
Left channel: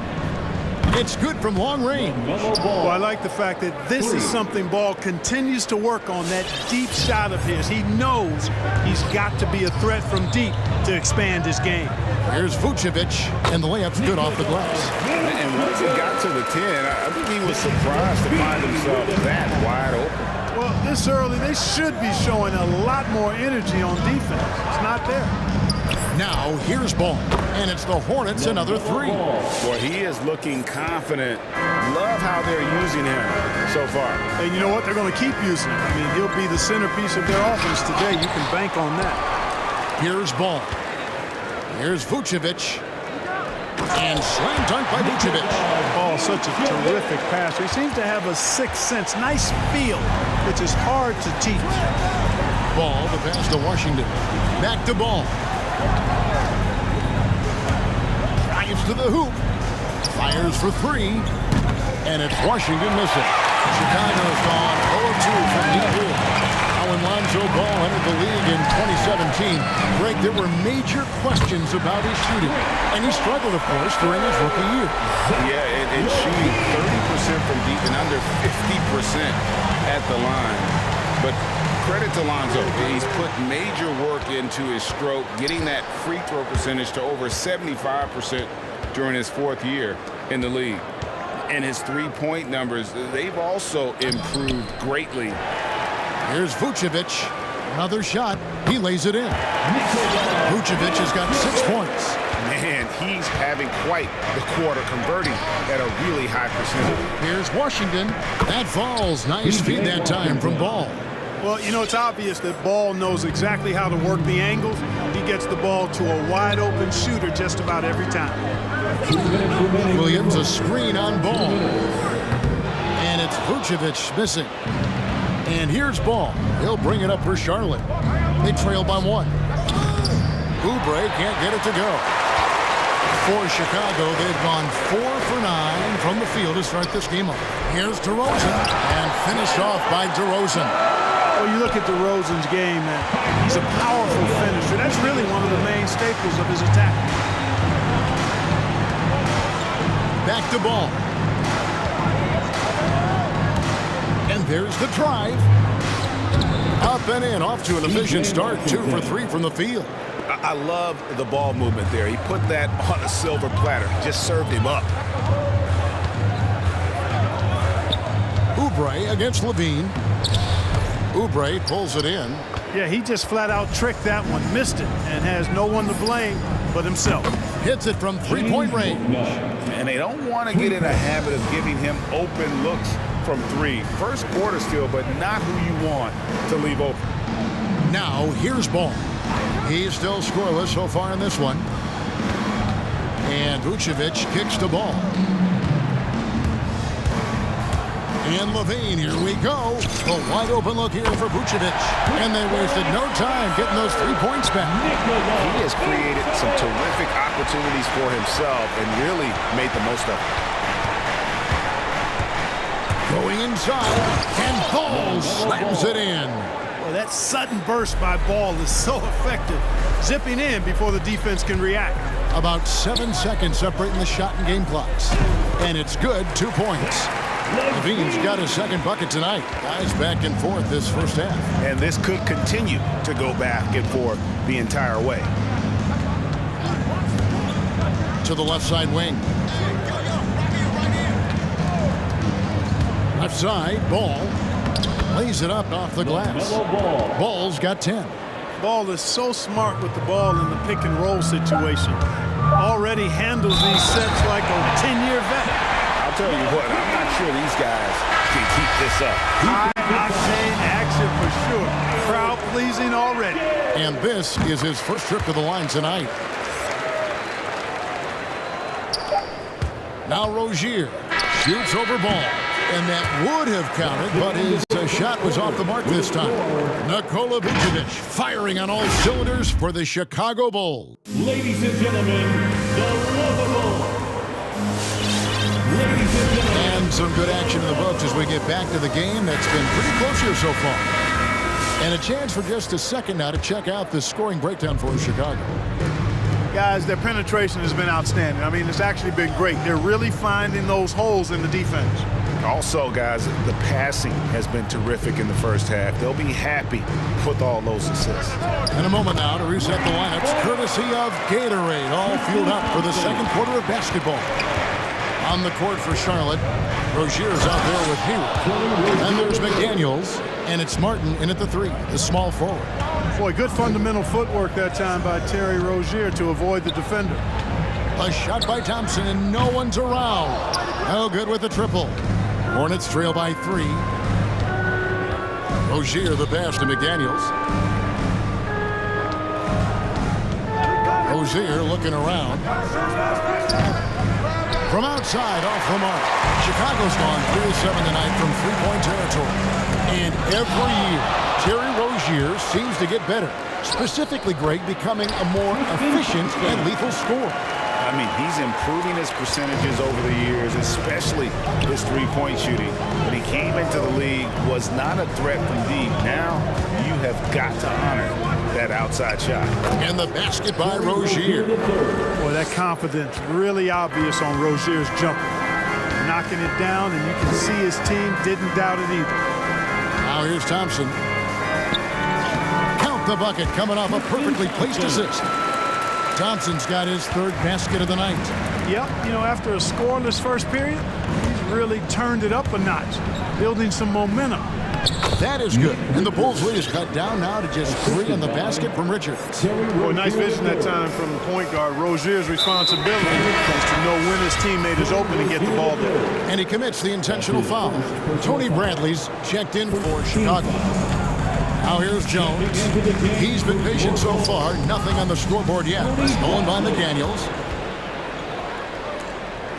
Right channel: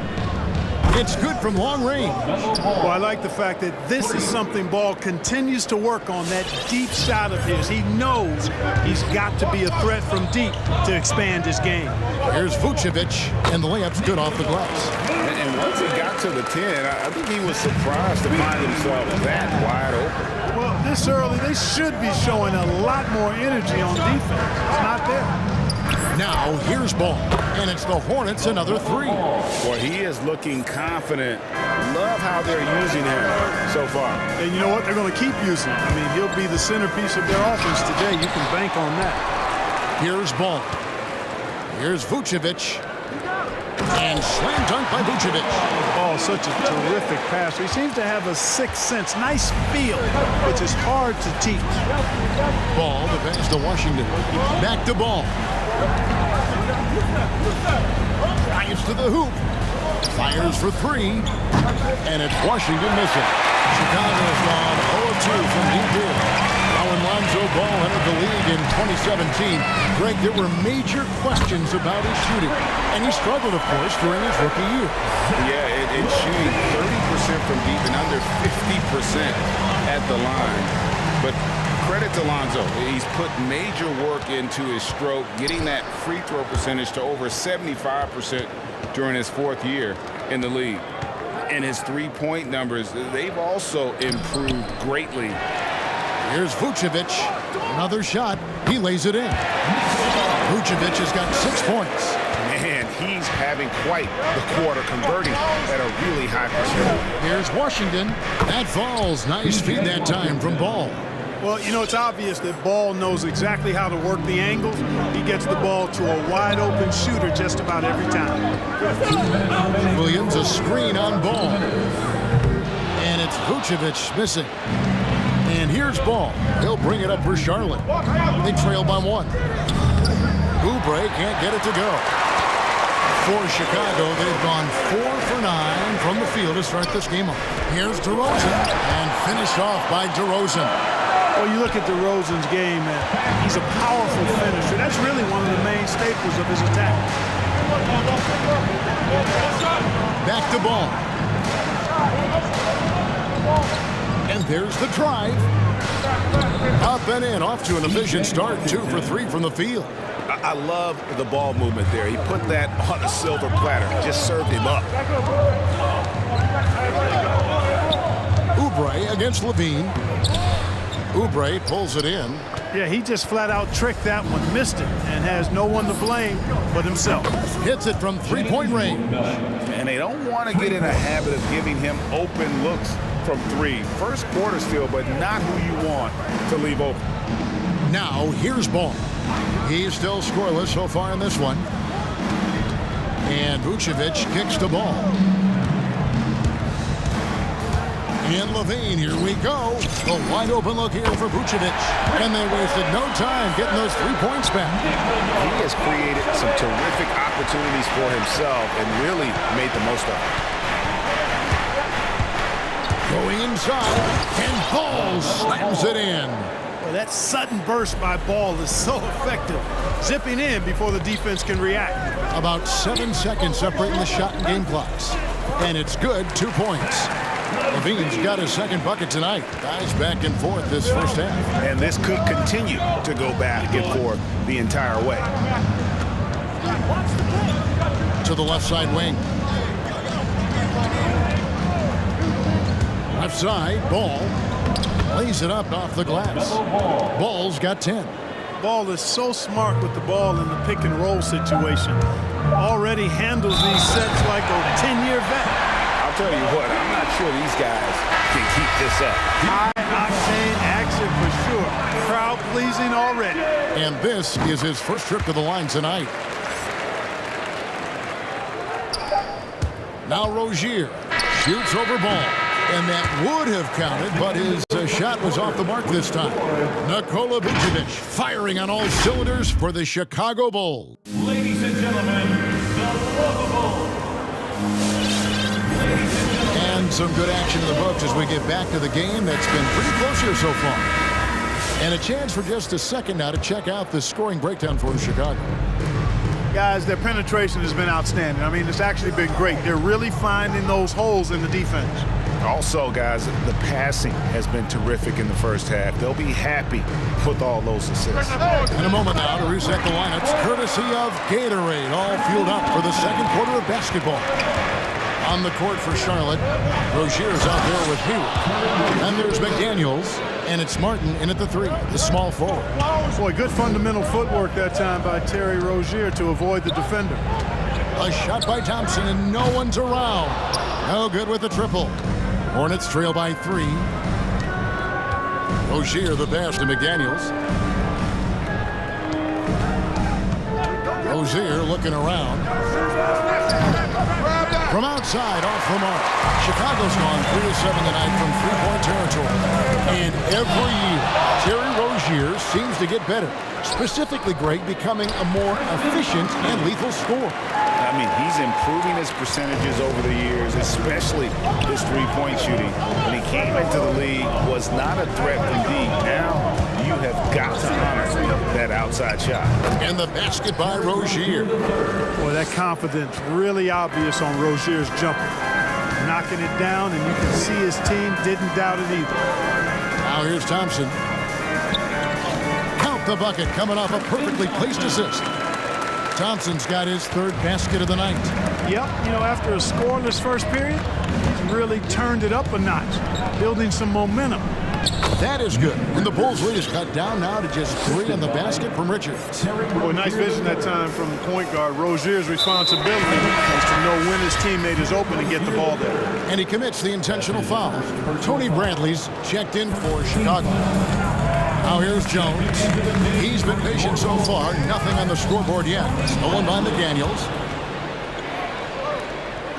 It's good from long range. Well, I like the fact that this is something Ball continues to work on, that deep shot of his. He knows he's got to be a threat from deep to expand his game. Here's Vucevic, and the layup's good off the glass. And once he got to the 10, I think he was surprised to find himself that wide open. Well, this early, they should be showing a lot more energy on defense. It's not there. Now, here's Ball, and it's the Hornets another 3. Boy, he is looking confident. Love how they're using him so far. And you know what? They're going to keep using him. I mean, he'll be the centerpiece of their offense today. You can bank on that. Here's Ball. Here's Vucevic. And slam dunk by Vucevic. Oh, such a terrific passer. He seems to have a sixth sense, nice feel, which is hard to teach. Ball, the pass to Washington. Back to Ball. Drives to the hoop. Fires for 3. And it's Washington missing. Chicago's gone 0-2 from deep here. Now when Lonzo Ball entered the league in 2017, Greg, there were major questions about his shooting. And he struggled, of course, during his rookie year. Yeah, and shooting 30% from deep and under 50% at the line. But credit to Lonzo. He's put major work into his stroke, getting that free throw percentage to over 75% during his 4th year in the league. And his three-point numbers, they've also improved greatly. Here's Vucevic. Another shot. He lays it in. Vucevic has got 6 points. Man, he's having quite the quarter, converting at a really high percentage. Here's Washington. That falls. Nice feed that time from Ball. Well, you know, it's obvious that Ball knows exactly how to work the angles. He gets the ball to a wide-open shooter just about every time. Williams, a screen on Ball. And it's Vucevic missing. And here's Ball. He'll bring it up for Charlotte. They trail by 1. Oubre can't get it to go. For Chicago, they've gone 4 for 9 from the field to start this game off. Here's DeRozan, and finished off by DeRozan. Well, you look at DeRozan's game, and he's a powerful finisher. That's really one of the main staples of his attack. Back to Ball. And there's the drive. Up and in, off to an efficient start. 2 for 3 from the field. I love the ball movement there. He put that on a silver platter. Just served him up. Oubre against Levine. Oubre pulls it in. Yeah, he just flat out tricked that one, missed it, and has no one to blame but himself. Hits it from three-point range. And they don't want to get in a habit of giving him open looks from 3. First quarter still, but not who you want to leave open. Now, here's Ball. He's still scoreless so far in this one. And Vucevic kicks the ball. And Levine, here we go. A wide open look here for Vucevic. And they wasted no time getting those 3 points back. He has created some terrific opportunities for himself and really made the most of it. Moving inside, and Ball slams it in. Well, that sudden burst by Ball is so effective, zipping in before the defense can react. About 7 seconds separating the shot and game clocks. And it's good, 2 points. Levine's got his second bucket tonight. Guys back and forth this first half. And this could continue to go back and forth the entire way. To the left side wing. Left side, Ball lays it up off the glass. Ball's got 10. Ball is so smart with the ball in the pick and roll situation. Already handles these sets like a 10-year vet. I'll tell you what, I'm not sure these guys can keep this up. High-octane action for sure. Crowd-pleasing already. And this is his first trip to the line tonight. Now Rozier shoots over Ball. And that would have counted, but his shot was off the mark this time. Nikola Vucevic firing on all cylinders for the Chicago Bulls. Ladies and gentlemen, the lovable. And some good action in the books as we get back to the game that's been pretty close here so far. And a chance for just a second now to check out the scoring breakdown for Chicago. Guys, their penetration has been outstanding. I mean, it's actually been great. They're really finding those holes in the defense. Also, guys, the passing has been terrific in the first half. They'll be happy with all those assists. In a moment now to reset the lineups, courtesy of Gatorade, all fueled up for the second quarter of basketball. On the court for Charlotte, Rozier's out there with Hayward. And there's McDaniels, and it's Martin in at the 3, the small forward. Boy, good fundamental footwork that time by Terry Rozier to avoid the defender. A shot by Thompson, and no one's around. No good with the triple. Hornets trail by 3. Rozier the pass to McDaniels. Rozier looking around. From outside, off the mark. Chicago's gone 3 of 7 tonight from three-point territory. And every year, Terry Rozier seems to get better. Specifically, Greg, becoming a more efficient and lethal scorer. I mean, he's improving his percentages over the years, especially his three-point shooting. When he came into the league, was not a threat from deep. Now, you have got to honor that outside shot. And the basket by Rozier. Boy, that confidence really obvious on Rozier's jumper. Knocking it down, and you can see his team didn't doubt it either. Now here's Thompson. Count the bucket coming off a perfectly placed assist. Thompson's got his 3rd basket of the night. Yep, you know, after a scoreless first period, he's really turned it up a notch, building some momentum. That is good. And the Bulls' lead is cut down now to just 3 on the basket from Richards. Boy, nice vision that time from the point guard. Rozier's responsibility is to know when his teammate is open and get the ball there. And he commits the intentional foul. Tony Bradley's checked in for Chicago. Now here's Jones. He's been patient so far. Nothing on the scoreboard yet. Stolen by McDaniels.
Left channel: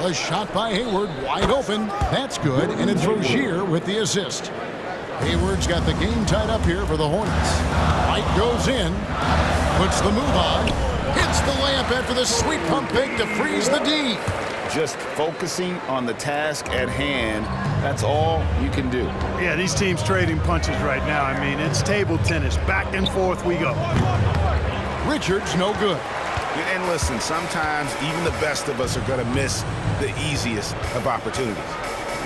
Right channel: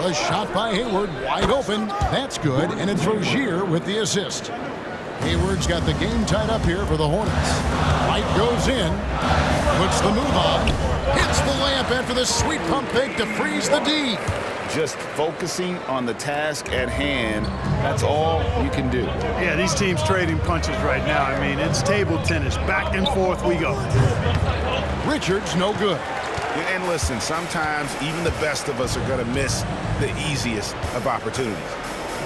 A shot by Hayward, wide open. That's good, and it's Rozier with the assist. Hayward's got the game tied up here for the Hornets. White goes in, puts the move on, hits the layup after the sweet pump fake to freeze the D. Just focusing on the task at hand, that's all you can do. Yeah, these teams trading punches right now. I mean, it's table tennis. Back and forth we go. Richards, no good. And listen, sometimes even the best of us are going to miss the easiest of opportunities.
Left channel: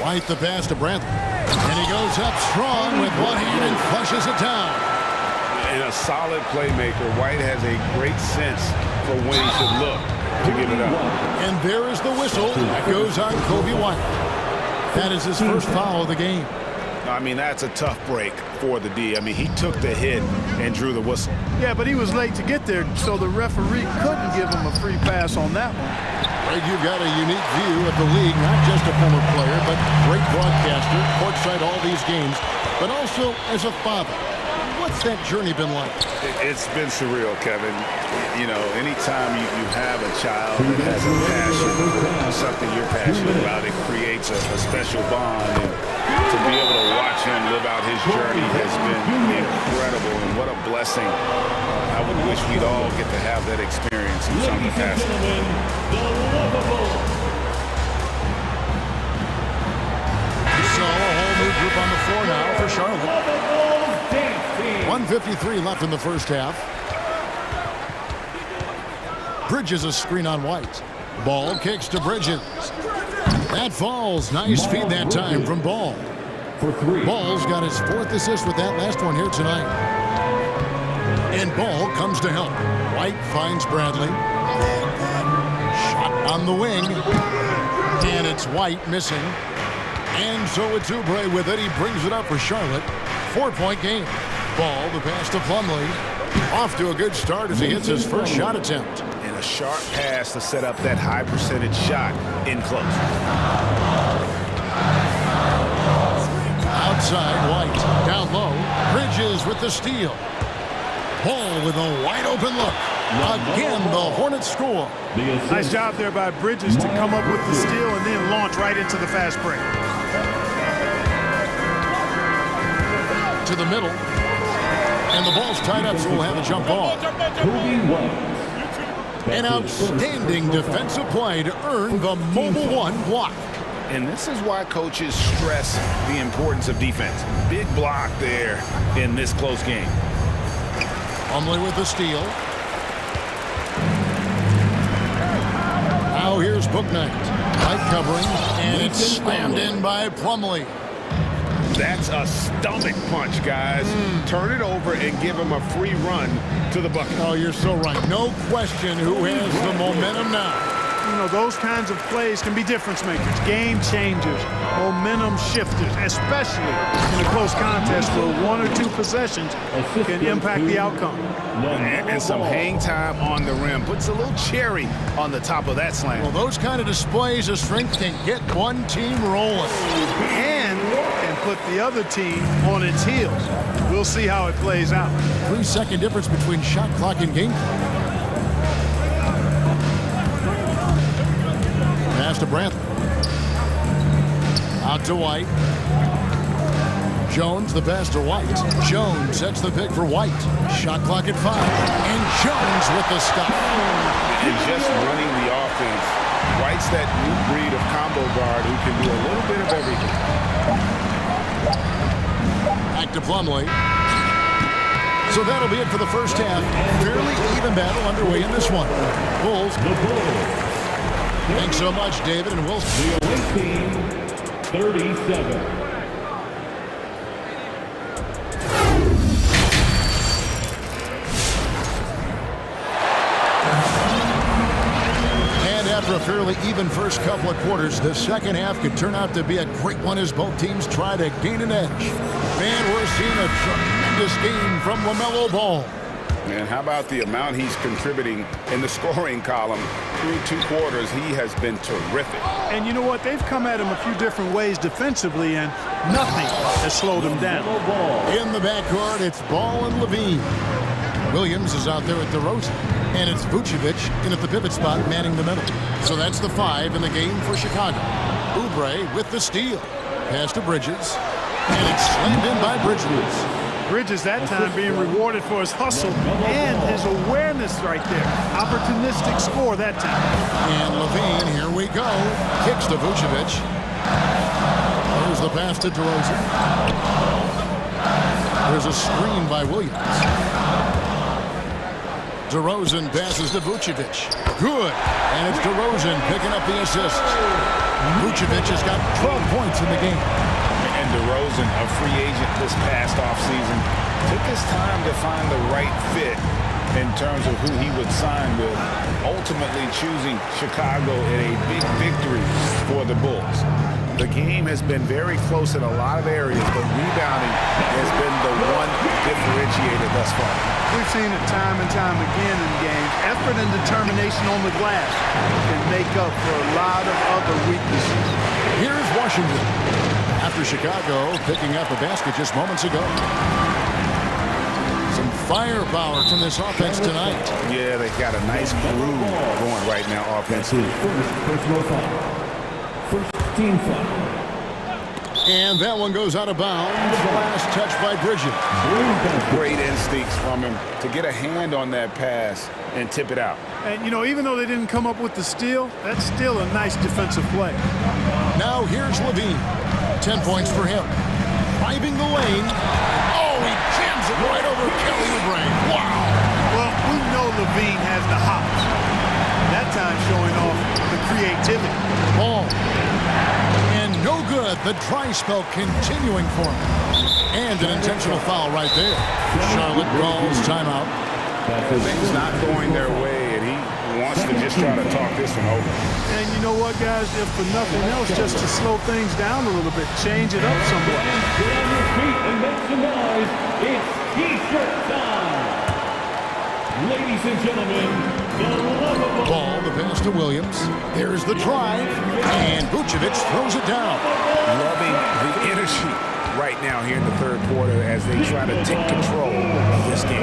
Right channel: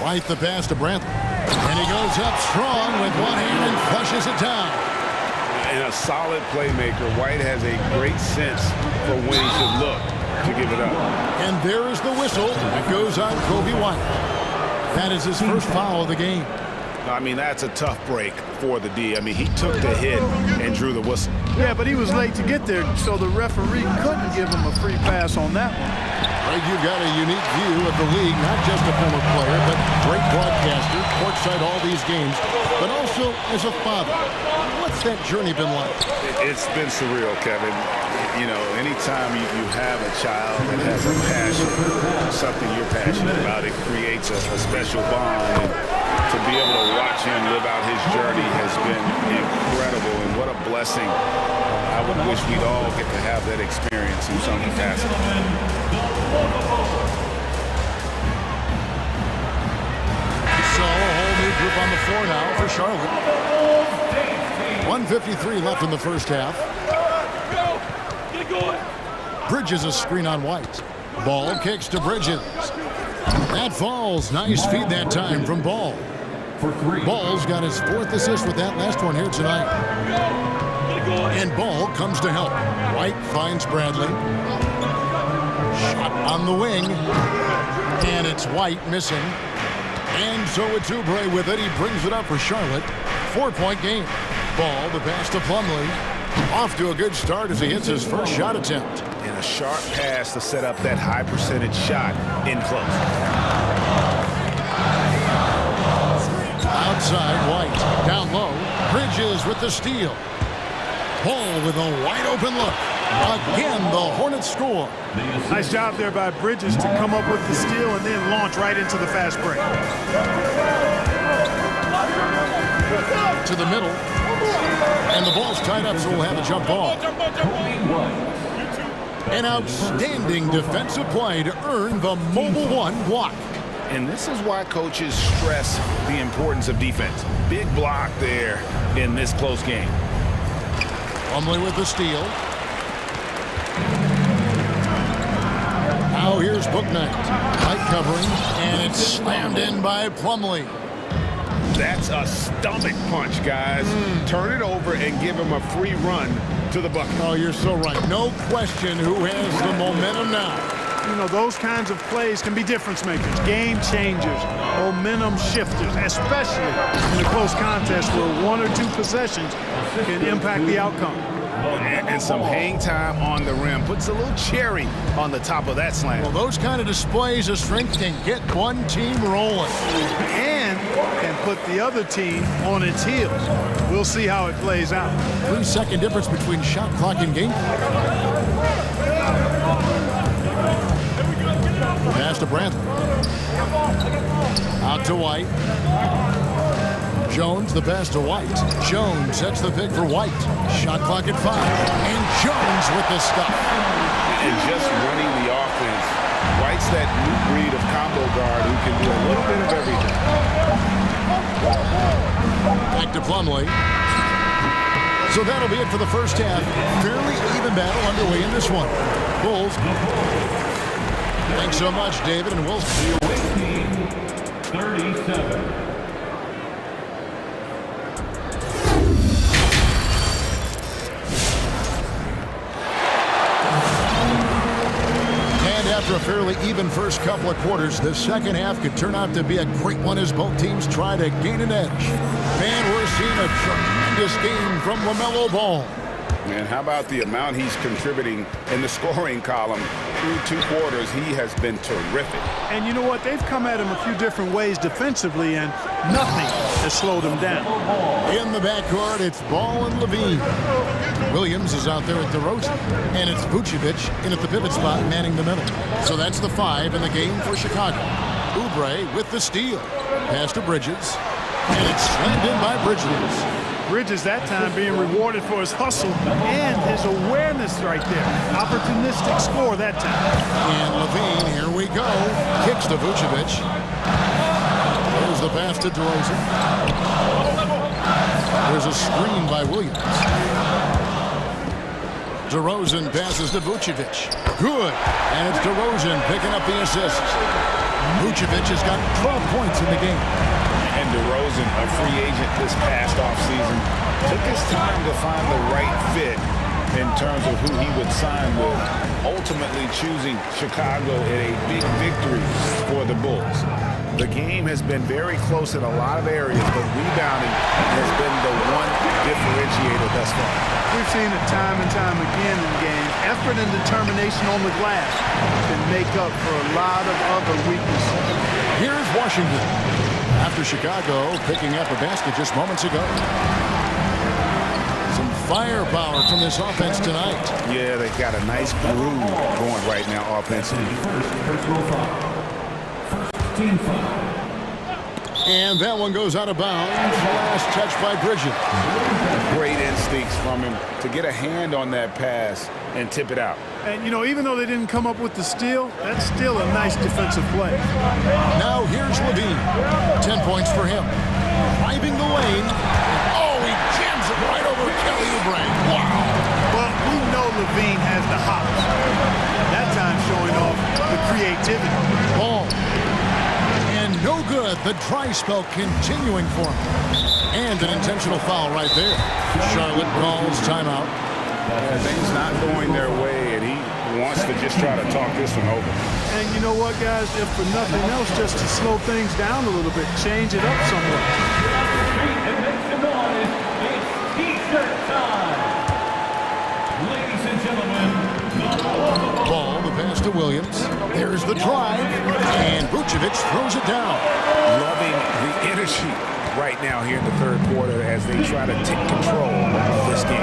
White the pass to Bradley. And he goes up strong with one hand and flushes it down. And a solid playmaker. White has a great sense for when he should look to give it up. And there is the whistle that goes on Kobe White. That is his first foul of the game. I mean, that's a tough break for the D. I mean, he took the hit and drew the whistle. Yeah, but he was late to get there, so the referee couldn't give him a free pass on that one. Greg, you've got a unique view of the league, not just a former player, but great broadcaster, courtside all these games, but also as a father. What's that journey been like? It's been surreal, Kevin. You know, anytime you have a child that has a passion for something you're passionate about, it creates a special bond. And to be able to watch him live out his journey has been incredible, and what a blessing. I would wish we'd all get to have that experience in some capacity. So a whole new regroup on the floor now for Charlotte. 1:53 left in the first half. Bridges a screen on White. Ball kicks to Bridges. That falls. Nice feed that time from Ball. Ball's got his 4th assist with that last one here tonight. And Ball comes to help. White finds Bradley. Shot on the wing. And it's White missing. And so it's Oubre with it. He brings it up for Charlotte. 4-point game. Ball, the pass to Plumlee. Off to a good start as he hits his first shot attempt. And a sharp pass to set up that high percentage shot in close. Outside, White. Down low. Bridges with the steal. Ball with a wide open look. Again, the Hornets score. Nice job there by Bridges to come up with the steal and then launch right into the fast break. To the middle. And the ball's tied up, so we'll have a jump ball. An outstanding defensive play to earn the mobile one block. And this is why coaches stress the importance of defense. Big block there in this close game. Plumlee with the steal. Now here's Bouknight. Light covering, and it's slammed in by Plumlee. That's a stomach punch, guys. Turn it over and give him a free run to the bucket. Oh, you're so right. No question who has the momentum now. You know, those kinds of plays can be difference makers, game changers, momentum shifters, especially in a close contest where 1 or 2 possessions can impact the outcome. And some hang time on the rim. Puts a little cherry on the top of that slam. Well, those kind of displays of strength can get one team rolling. And can put the other team on its heels. We'll see how it plays out. 3-second difference between shot clock and game clock. Pass to Bradley. Out to White. Jones, the pass to White. Jones sets the pick for White. Shot clock at 5. And Jones with the stop. And just running the offense. White's that new breed of combo guard who can do a little bit of everything. Back to Plumlee. So that'll be it for the first half. Fairly even battle underway in this one. Bulls. Thanks so much, David, and we'll see you. 37. And after a fairly even first couple of quarters, the second half could turn out to be a great one as both teams try to gain an edge. And we're seeing a tremendous game from LaMelo Ball. And how about the amount he's contributing in the scoring column through 2 quarters? He has been terrific. And you know what? They've come at him a few different ways defensively, and nothing has slowed him down. In the backcourt, it's Ball and Levine. Williams is out there at DeRozan. And it's Vucevic in at the pivot spot, manning the middle. So that's the 5 in the game for Chicago. Oubre with the steal. Pass to Bridges. And it's slammed in by Bridges. Bridges that time being rewarded for his hustle and his awareness right there. Opportunistic score that time. And Levine, here we go. Kicks to Vucevic. There's the pass to DeRozan. There's a screen by Williams. DeRozan passes to Vucevic. Good. And it's DeRozan picking up the assists. Vucevic has got 12 points in the game. And DeRozan, a free agent this past offseason, took his time to find the right fit in terms of who he would sign with, ultimately choosing Chicago in a big victory for the Bulls. The game has been very close in a lot of areas, but rebounding has been the one differentiator thus far. We've seen it time and time again in games. Effort and determination on the glass can make up for a lot of other weaknesses. Here's Washington. After Chicago picking up a basket just moments ago. Some firepower from this offense tonight. Yeah, they got a nice groove going right now offensively. First personal foul. First team foul. And that one goes out of bounds. The last touch by Bridges. Great instincts from him to get a hand on that pass and tip it out. And, you know, even though they didn't come up with the steal, that's still a nice defensive play. Now here's Levine. 10 points for him. driving the lane. Oh, he jams it right over Kelly Oubre. Wow. Well, we know Levine has the hops. That time showing off the creativity. Ball. And no good. The dry spell continuing for him. And an intentional foul right there. Charlotte calls timeout. Things not going their way, and he wants to just try to talk this one over. And you know what, guys? If for nothing else, just to slow things down a little bit, change it up somewhat. Get on your feet and make some noise. It's T-shirt time. Ladies and gentlemen, the lovable Ball, the pass to Williams. There's the drive, and Vucevic throws it down. Loving the energy right now here in the third quarter as they try to take control of this game.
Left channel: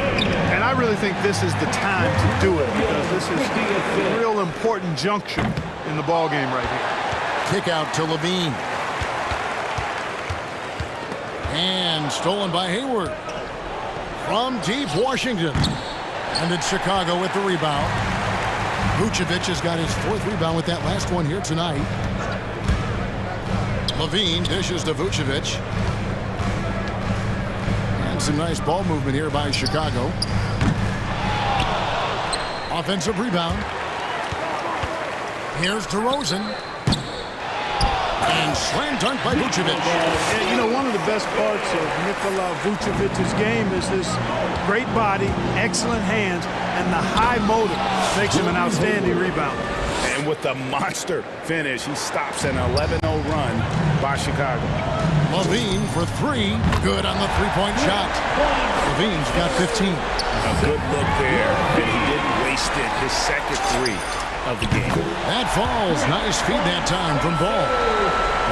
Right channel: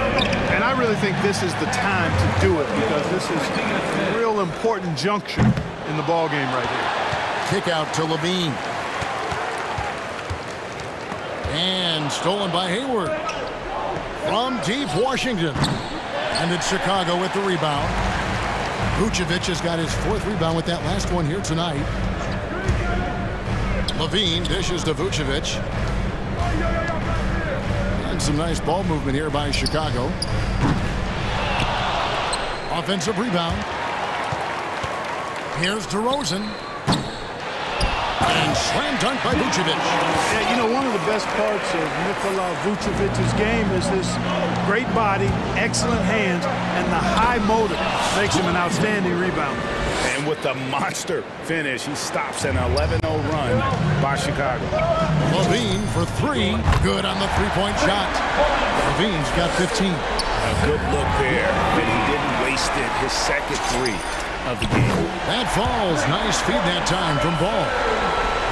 And I really think this is the time to do it because this is a real important juncture in the ball game right here. Kick out to Levine. And stolen by Hayward. From deep Washington. And it's Chicago with the rebound. Vucevic has got his fourth rebound with that last one here tonight. Levine dishes to Vucevic. And some nice ball movement here by Chicago. Offensive rebound. Here's DeRozan. And slam dunk by Vucevic. Yeah, you know, one of the best parts of Nikola Vucevic's game is his great body, excellent hands, and the high motor makes him an outstanding rebounder. And with the monster finish, he stops an 11-0 run by Chicago. Levine for three. Good on the three-point shot. Levine's got 15. A good look there, and he didn't waste it. His second three of the game. That falls. Nice feed that time from Ball.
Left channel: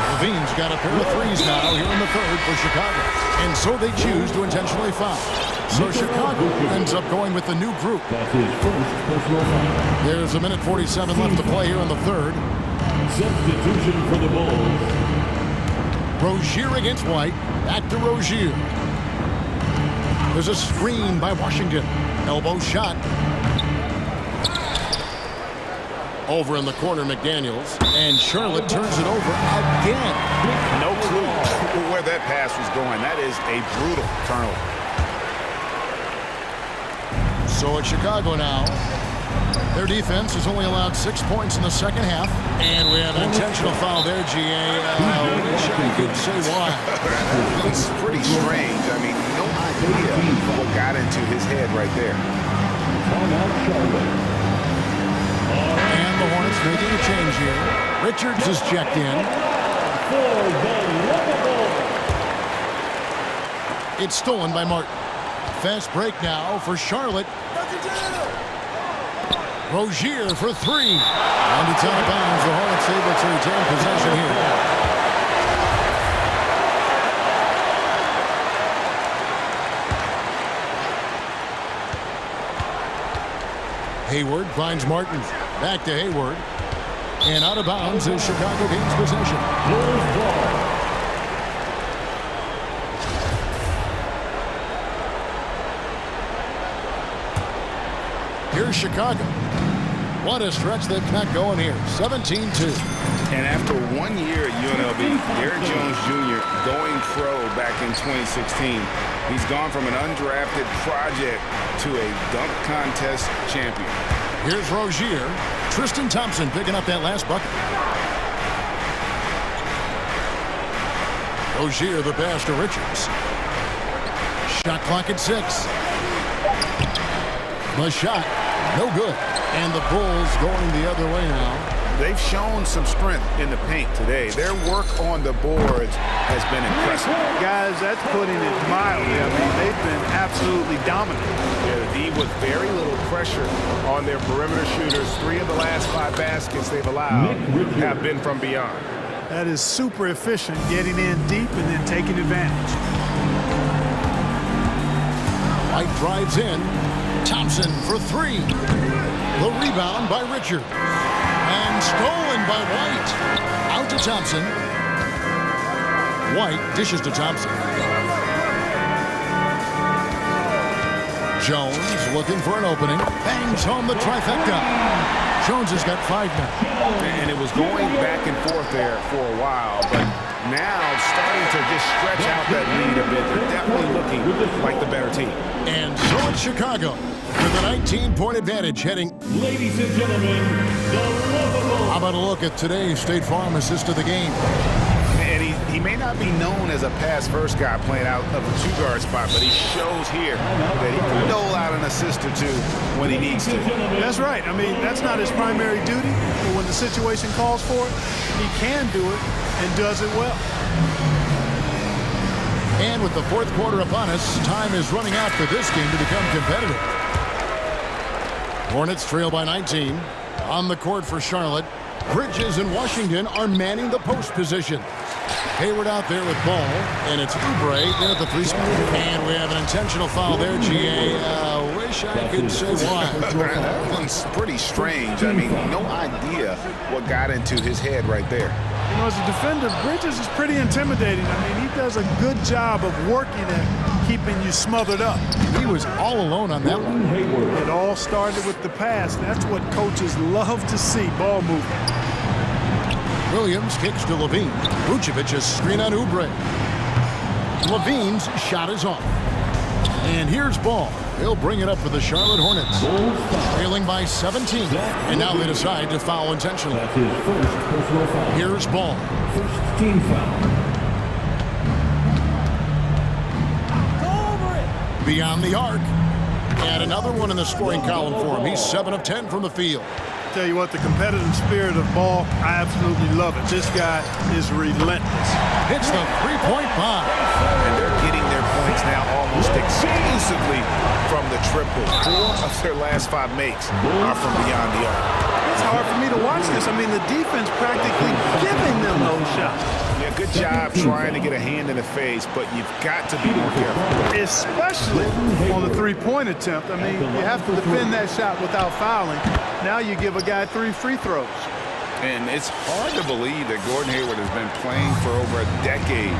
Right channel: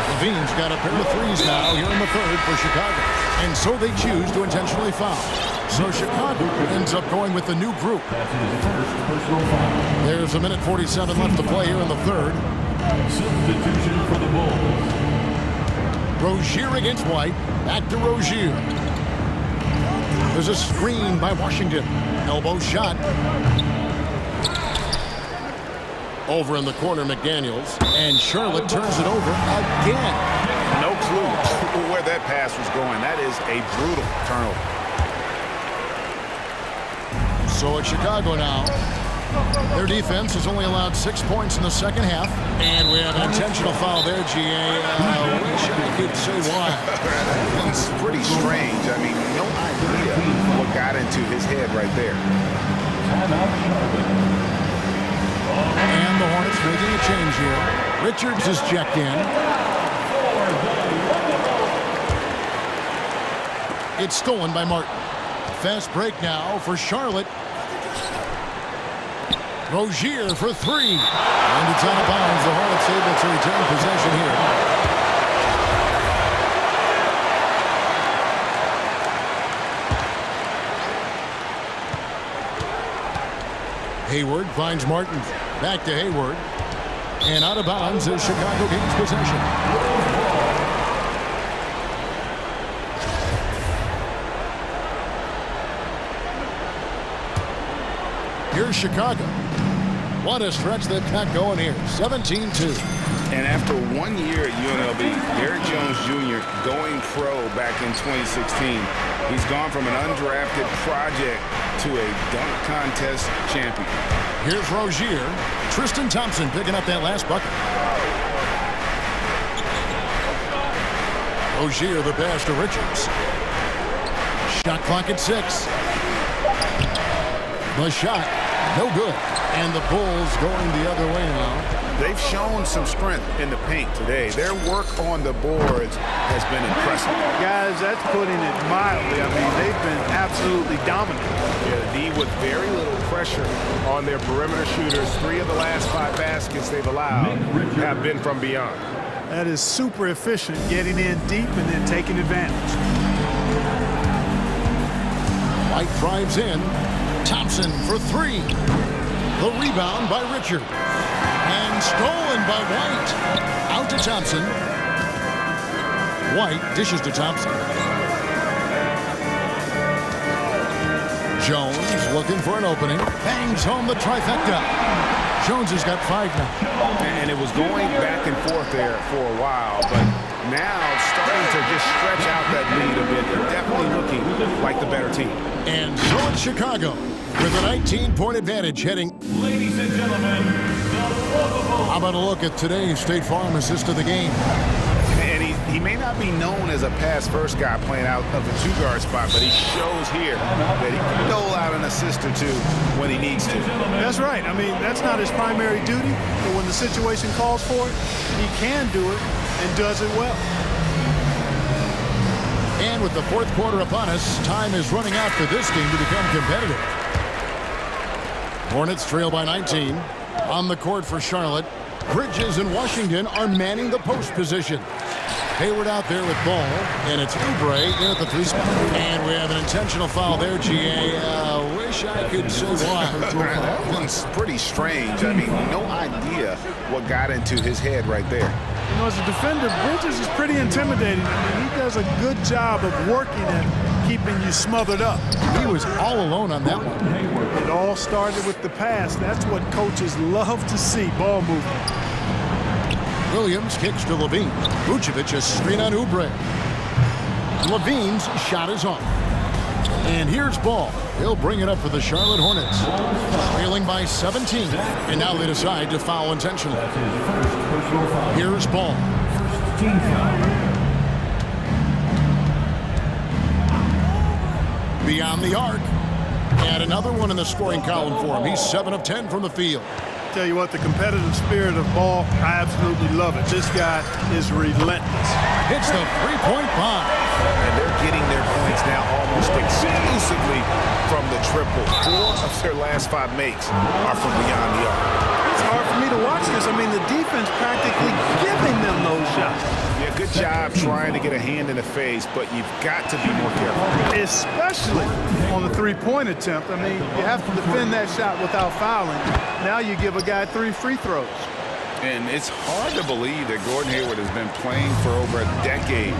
Levine's got a pair of threes now here in the third for Chicago. And so they choose to intentionally foul. So Chicago ends up going with the new group. That's his first personal foul. There's a minute 47 left to play here in the third. Substitution for the Bulls. Rozier against White. Back to Rozier. There's a screen by Washington. Elbow shot. Over in the corner, McDaniels. And Charlotte turns it over again. No clue where that pass was going. That is a brutal turnover. So it's Chicago now. Their defense has only allowed 6 points in the second half. And we have an intentional foul there, GA. I wish I could say why. It's pretty strange. I mean, no idea what got into his head right there. Timeout, Charlotte. And the Hornets making a change here. Richards is checked in. It's stolen by Martin. Fast break now for Charlotte. Rozier for three. And it's out of bounds. The Hornets able to retain possession here. Hayward finds Martin. Back to Hayward. And out of bounds as Chicago gains possession. Here's Chicago. What a stretch they've got going here. 17-2. And after 1 year at UNLV, Derrick Jones Jr. going pro back in 2016, he's gone from an undrafted project to a dunk contest champion. Here's Rozier. Tristan Thompson picking up that last bucket. Rozier, the pass to Richards. Shot clock at 6. The shot, no good. And the Bulls going the other way now. They've shown some strength in the paint today. Their work on the boards has been impressive. Guys, that's putting it mildly. I mean, they've been absolutely dominant. Yeah, the D with very little pressure on their perimeter shooters. 3 of the last 5 baskets they've allowed have been from beyond. That is super efficient, getting in deep and then taking advantage. White drives in. Thompson for 3. The rebound by Richards. And stolen by White. Out to Thompson. White dishes to Thompson. Jones looking for an opening. Bangs home the trifecta. Jones has got 5 now. And it was going back and forth there for a while, but now starting to just stretch out that lead a bit. They're definitely looking like the better team. And so it's Chicago with a 19-point advantage heading. Ladies and gentlemen, the lovable. How about a look at today's State Farm assist of the game? And he may not be known as a pass-first guy playing out of the two-guard spot, but he shows here that he can dole out an assist or two when he needs to. That's right. I mean, that's not his primary duty, but when the situation calls for it, he can do it and does it well. And with the fourth quarter upon us, time is running out for this game to become competitive. Hornets trail by 19. On the court for Charlotte, Bridges and Washington are manning the post position. Hayward out there with ball, and it's Oubre in at the 3 spot. And we have an intentional foul there, GA. Wish I could say why. That one's pretty strange. I mean, no idea what got into his head right there. You know, as a defender, Bridges is pretty intimidating. I mean, he does a good job of working at keeping you smothered up. He was all alone on that one. It all started with the pass. That's what coaches love to see, ball movement. Williams kicks to Levine. Vucevic a screen on Oubre. Levine's shot is off. And here's Ball. He'll bring it up for the Charlotte Hornets. Trailing by 17. And now they decide to foul intentionally. That's his first personal foul. Here's Ball. First team foul. Beyond the arc. And another one in the scoring column for him. He's 7 of 10 from the field. Tell you what, the competitive spirit of Ball, I absolutely love it. This guy is relentless. Hits the three-point bomb. And they're getting their points now almost exclusively from the triple. 4 of their last 5 makes are from beyond the arc. It's hard for me to watch this. I mean, the defense practically giving them those shots. Yeah, good job trying to get a hand in the face, but you've got to be more careful. Especially on the three-point attempt. I mean, you have to defend that shot without fouling. Now you give a guy 3 free throws. And it's hard to believe that Gordon Hayward has been playing for over a decade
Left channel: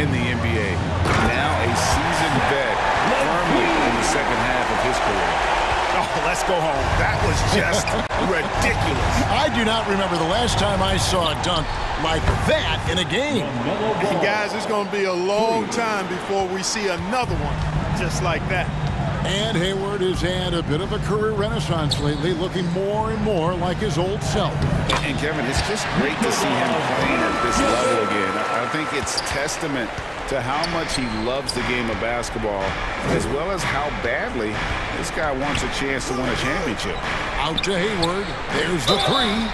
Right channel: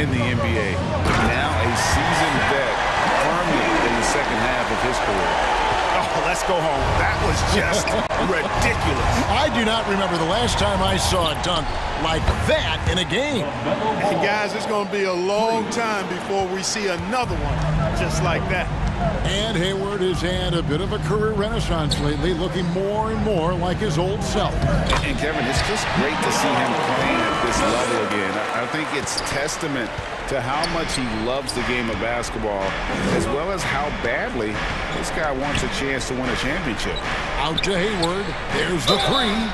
in the NBA. Now a seasoned vet firmly in the second half of his career. Oh, let's go home. That was just ridiculous. I do not remember the last time I saw a dunk like that in a game. And guys, it's going to be a long time before we see another one just like that. And Hayward has had a bit of a career renaissance lately, looking more and more like his old self. And Kevin, it's just great to see him playing at this level again. I think it's testament to how much he loves the game of basketball, as well as how badly this guy wants a chance to win a championship. Out to Hayward. There's the 3.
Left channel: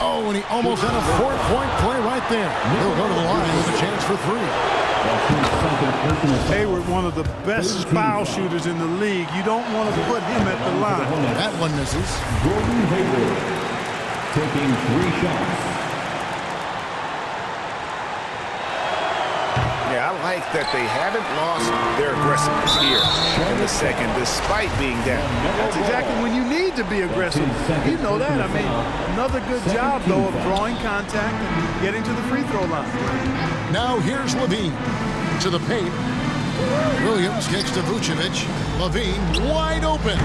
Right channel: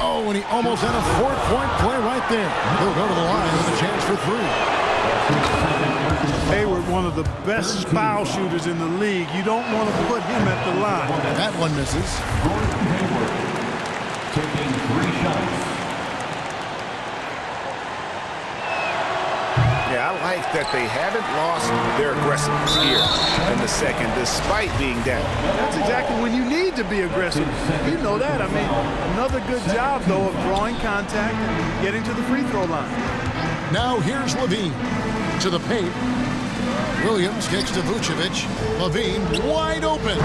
Oh, and he almost had a 4-point play right there. He'll go to the line with a chance for 3. Hayward, one of the best foul shooters in the league. You don't want to put him at the line. That one misses. Gordon Hayward taking 3 shots. Yeah, I like that they haven't lost their aggressiveness here in the second, despite being down. That's exactly when you need to be aggressive. You know that. I mean, another good job, though, of drawing contact and getting to the free throw line. Now here's Levine to the paint. Williams kicks to Vucevic. Levine wide open.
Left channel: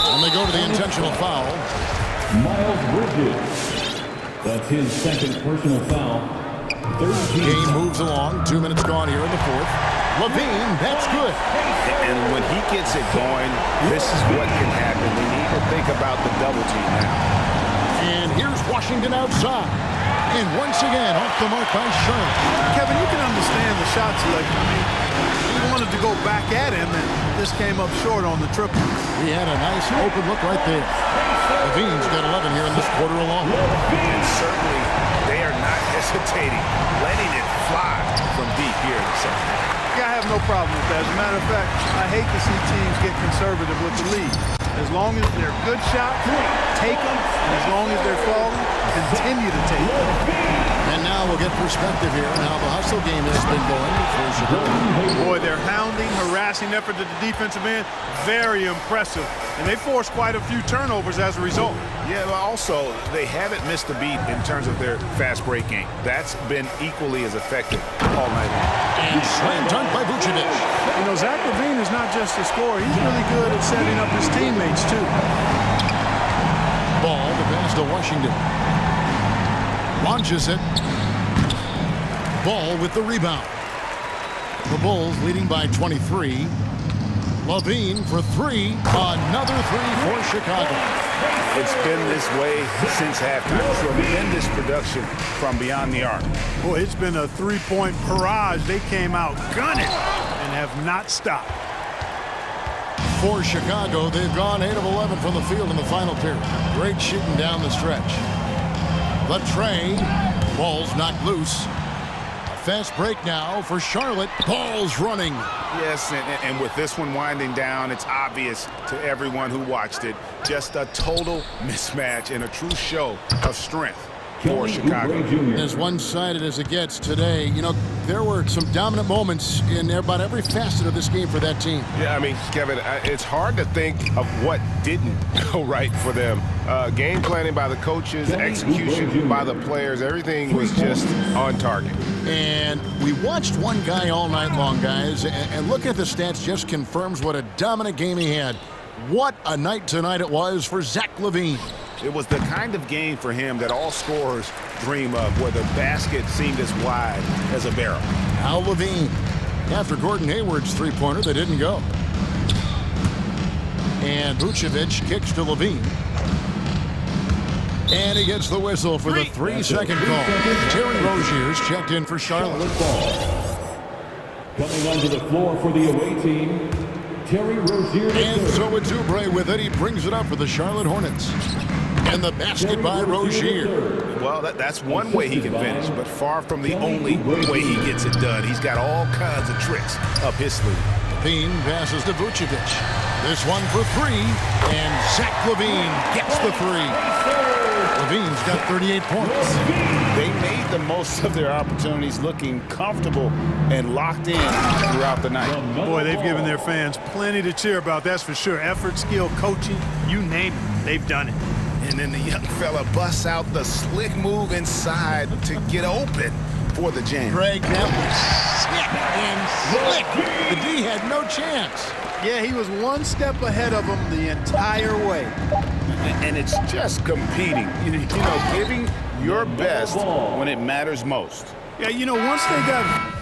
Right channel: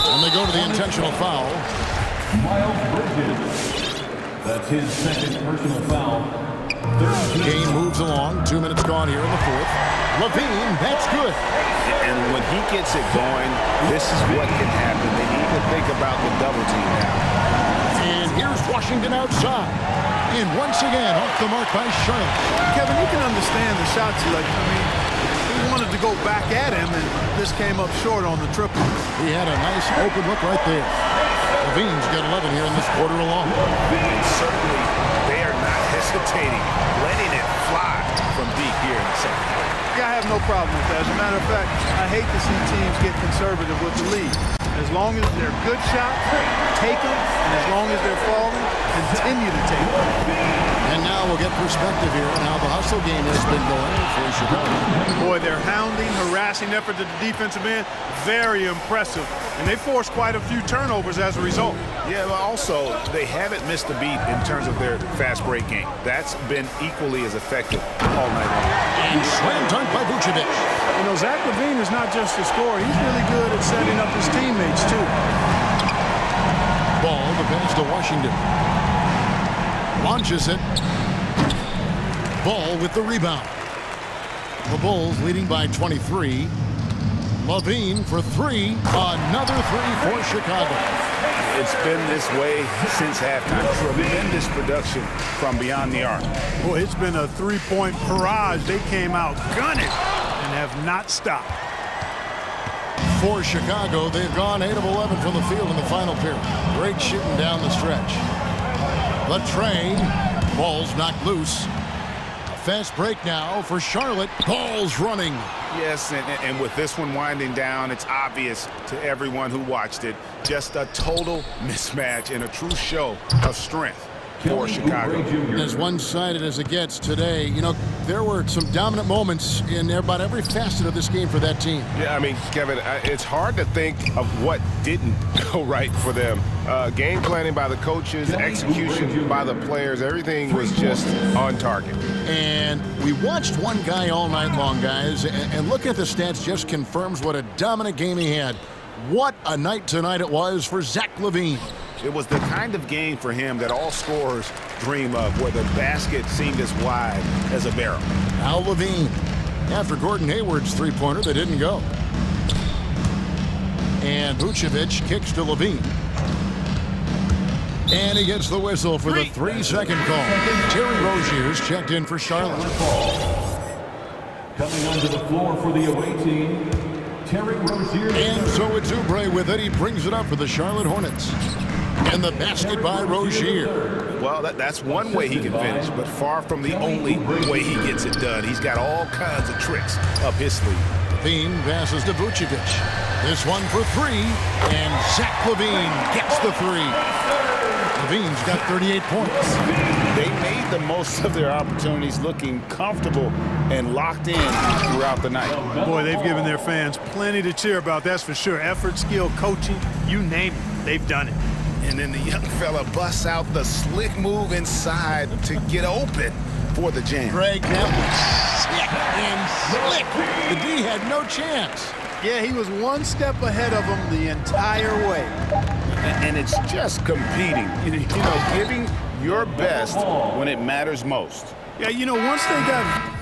And they go to the intentional foul. Miles Bridges. That's his second personal foul. Game moves along. 2 minutes gone here in the 4th. Levine, that's good. And when he gets it going, this is what can happen. They need to think about the double team now. And here's Washington outside. And once again, off the mark by Charlotte. Kevin, you can understand the shot selection. I mean, he wanted to go back at him, and this came up short on the triple. He had a nice open look right there. Levine's got 11 here in this quarter alone. And certainly, they are not hesitating, letting it fly from deep here in the second half. Yeah, I have no problem with that. As a matter of fact, I hate to see teams get conservative with the lead. As long as they're good shots, take them. And as long as they're falling, continue to take them. And now we'll get perspective here on how the hustle game has been going for Chicago. Boy, their hounding, harassing effort at the defensive end, very impressive. And they forced quite a few turnovers as a result. Yeah, but also, they haven't missed a beat in terms of their fast break game. That's been equally as effective all night long. And slam dunk by Vucevic. You know, Zach LaVine is not just a scorer. He's really good at setting up his teammates, too. Ball, the pass to Washington. Launches it. Ball with the rebound. The Bulls leading by 23. LaVine for three. Another three for Chicago. It's been this way since halftime. Tremendous production from beyond the arc. Boy, it's been a three-point barrage. They came out gunning and have not stopped. For Chicago, they've gone 8 of 11 from the field in the final period. Great shooting down the stretch. The tray. Ball's knocked loose. A fast break now for Charlotte. Ball's running. Yes, and with this one winding down, it's obvious to everyone who watched it. Just a total mismatch and a true show of strength for Chicago. As one-sided as it gets today, you know, there were some dominant moments in about every facet of this game for that team. Yeah, I mean, Kevin, it's hard to think of what didn't go right for them. Game planning by the coaches, execution by the players, everything was just on target. And we watched one guy all night long, guys, and looking at the stats just confirms what a dominant game he had. What a night tonight it was for Zach LaVine. It was the kind of game for him that all scorers dream of, where the basket seemed as wide as a barrel. Now LaVine, after Gordon Hayward's three-pointer that didn't go. And Vucevic kicks to LaVine. And he gets the whistle for the 3-second call. Terry Rozier's checked in for Charlotte. Coming onto the floor for the away team, Terry Rozier. And so it's Oubre with it. He brings it up for the Charlotte Hornets. And the basket by Rozier. Well, that's one way he can finish, but far from the only way he gets it done. He's got all kinds of tricks up his sleeve. LaVine passes to Vucevic. This one for three, and Zach LaVine gets the three. LaVine's got 38 points. They made the most of their opportunities, looking comfortable and locked in throughout the night. Boy, they've given their fans plenty to cheer about, that's for sure. Effort, skill, coaching, you name it, they've done it. And then the young fella busts out the slick move inside to get open for the jam. Greg, that was sick and slick. The D had no chance. Yeah, he was one step ahead of him the entire way. And it's just competing, you know, giving your best when it matters most. Yeah, you know, once they got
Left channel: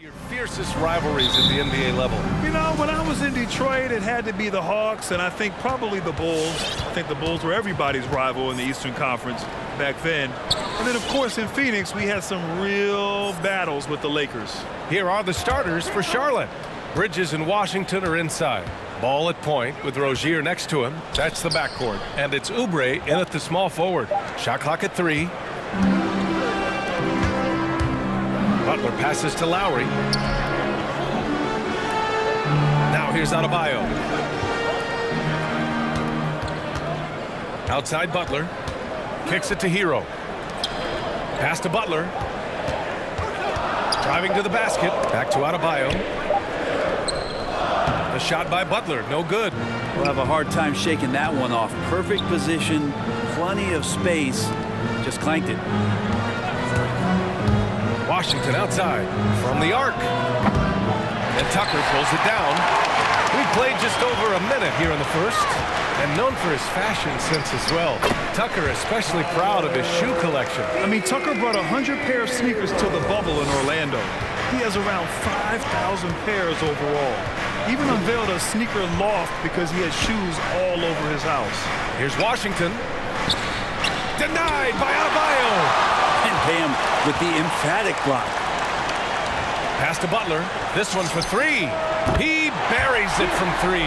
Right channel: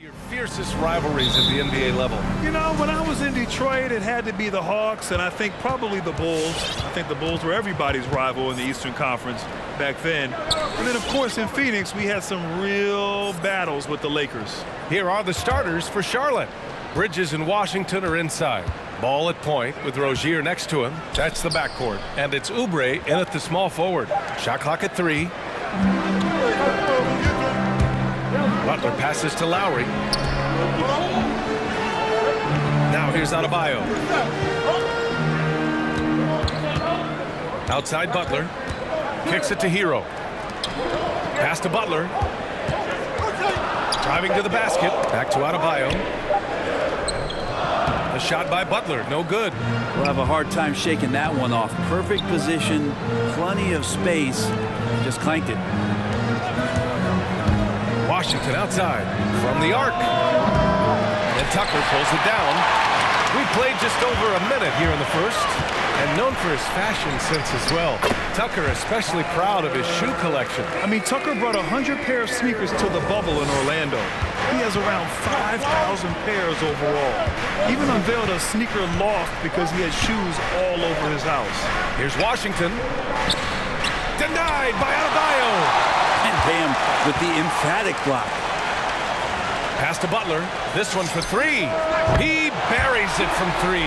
Your fiercest rivalries at the NBA level. You know, when I was in Detroit, it had to be the Hawks, and I think probably the Bulls. I think the Bulls were everybody's rival in the Eastern Conference back then. And then, of course, in Phoenix, we had some real battles with the Lakers. Here are the starters for Charlotte. Bridges and Washington are inside. Ball at point with Rozier next to him. That's the backcourt. And it's Oubre in at the small forward. Shot clock at 3. Butler passes to Lowry. Now here's Adebayo. Outside Butler. Kicks it to Hero. Pass to Butler. Driving to the basket. Back to Adebayo. The shot by Butler, no good. We'll have a hard time shaking that one off. Perfect position, plenty of space. Just clanked it. Washington outside from the arc. And Tucker pulls it down. We played just over a minute here in the first, and known for his fashion sense as well. Tucker especially proud of his shoe collection. I mean, Tucker brought 100 pair of sneakers to the bubble in Orlando. He has around 5,000 pairs overall. Even unveiled a sneaker loft because he had shoes all over his house. Here's Washington. Denied by Adebayo. And Bam with the emphatic block. Pass to Butler. This one for 3. He buries it from 3.